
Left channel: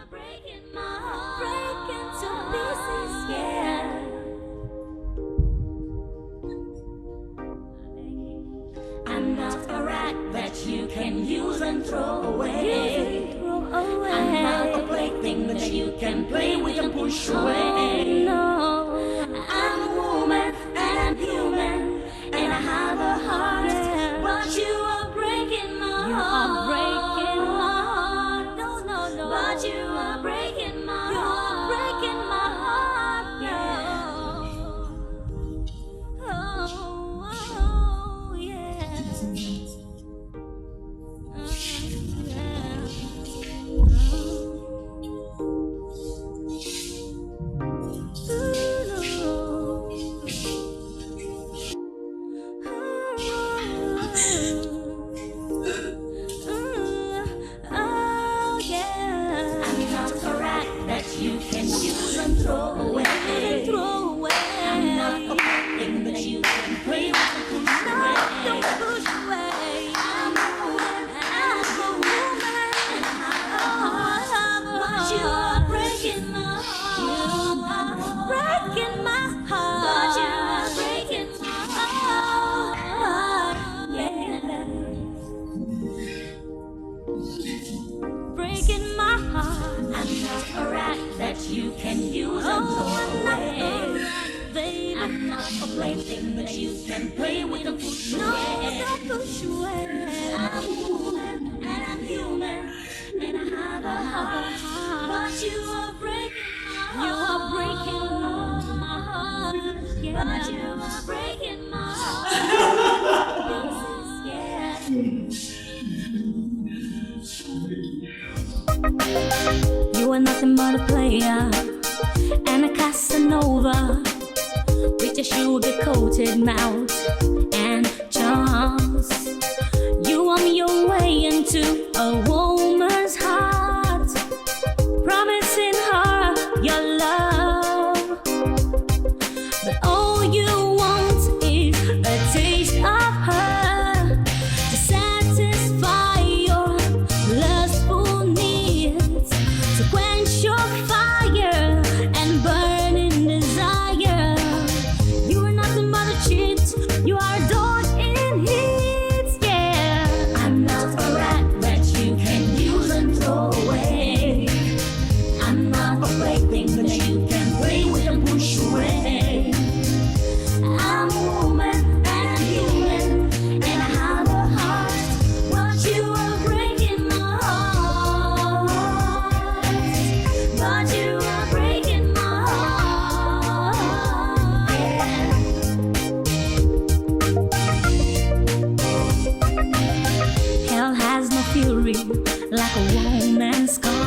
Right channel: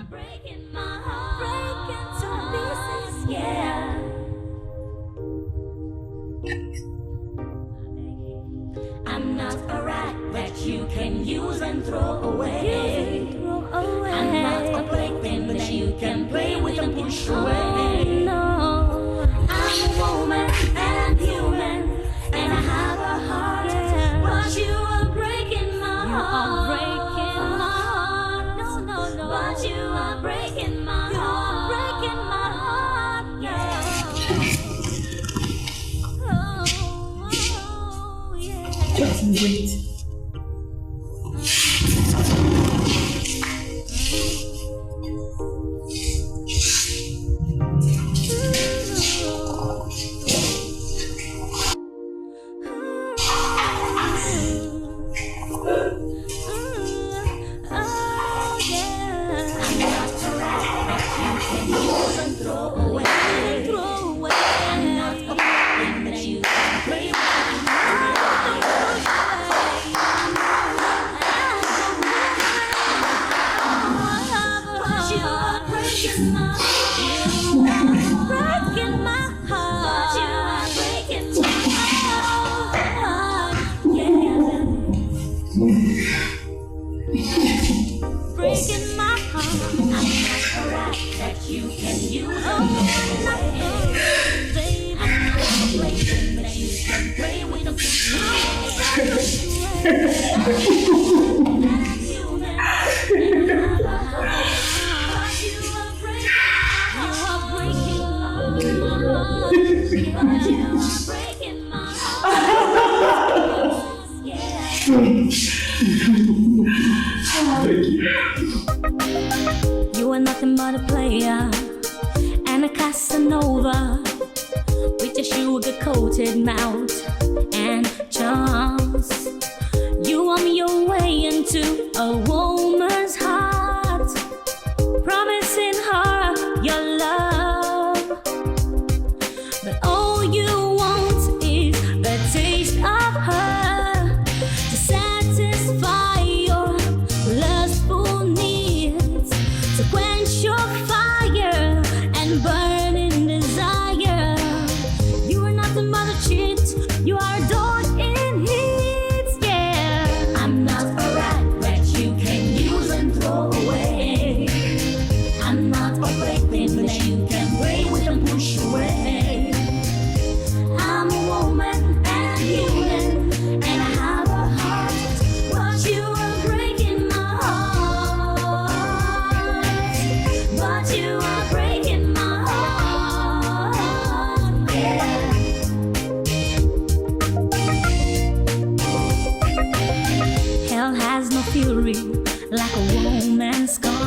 I'm not a rat that you can use and throw away. I'm not a plaything that you can play with and push away. No, I'm a woman and I'm human and I have a heart, but you are breaking my heart. You are breaking my heart. But you are breaking my heart. You are breaking my heart. Oh, yeah. Just wait. a rat that you can use and throw away. Baby, I'm not a plaything that you can play with and push away. I'm human, and I'm but you are breaking my heart. Yeah, but you are breaking my heart. You are nothing but a player and a Casanova with your sugar-coated mouth and charms. You want your way into a woman's heart, promising her your love, but all you want is a taste of her to satisfy your lustful needs, to quench your fire and burning desire. You are nothing but a cheat, you are a dog in heat, yeah. I'm not a rat that you can use and throw away. I'm not a plaything that you can play with and push away. I'm a woman and I'm human and I have a heart, but you are breaking my heart. But you are breaking my heart. Hell has no fury like a woman's scorn.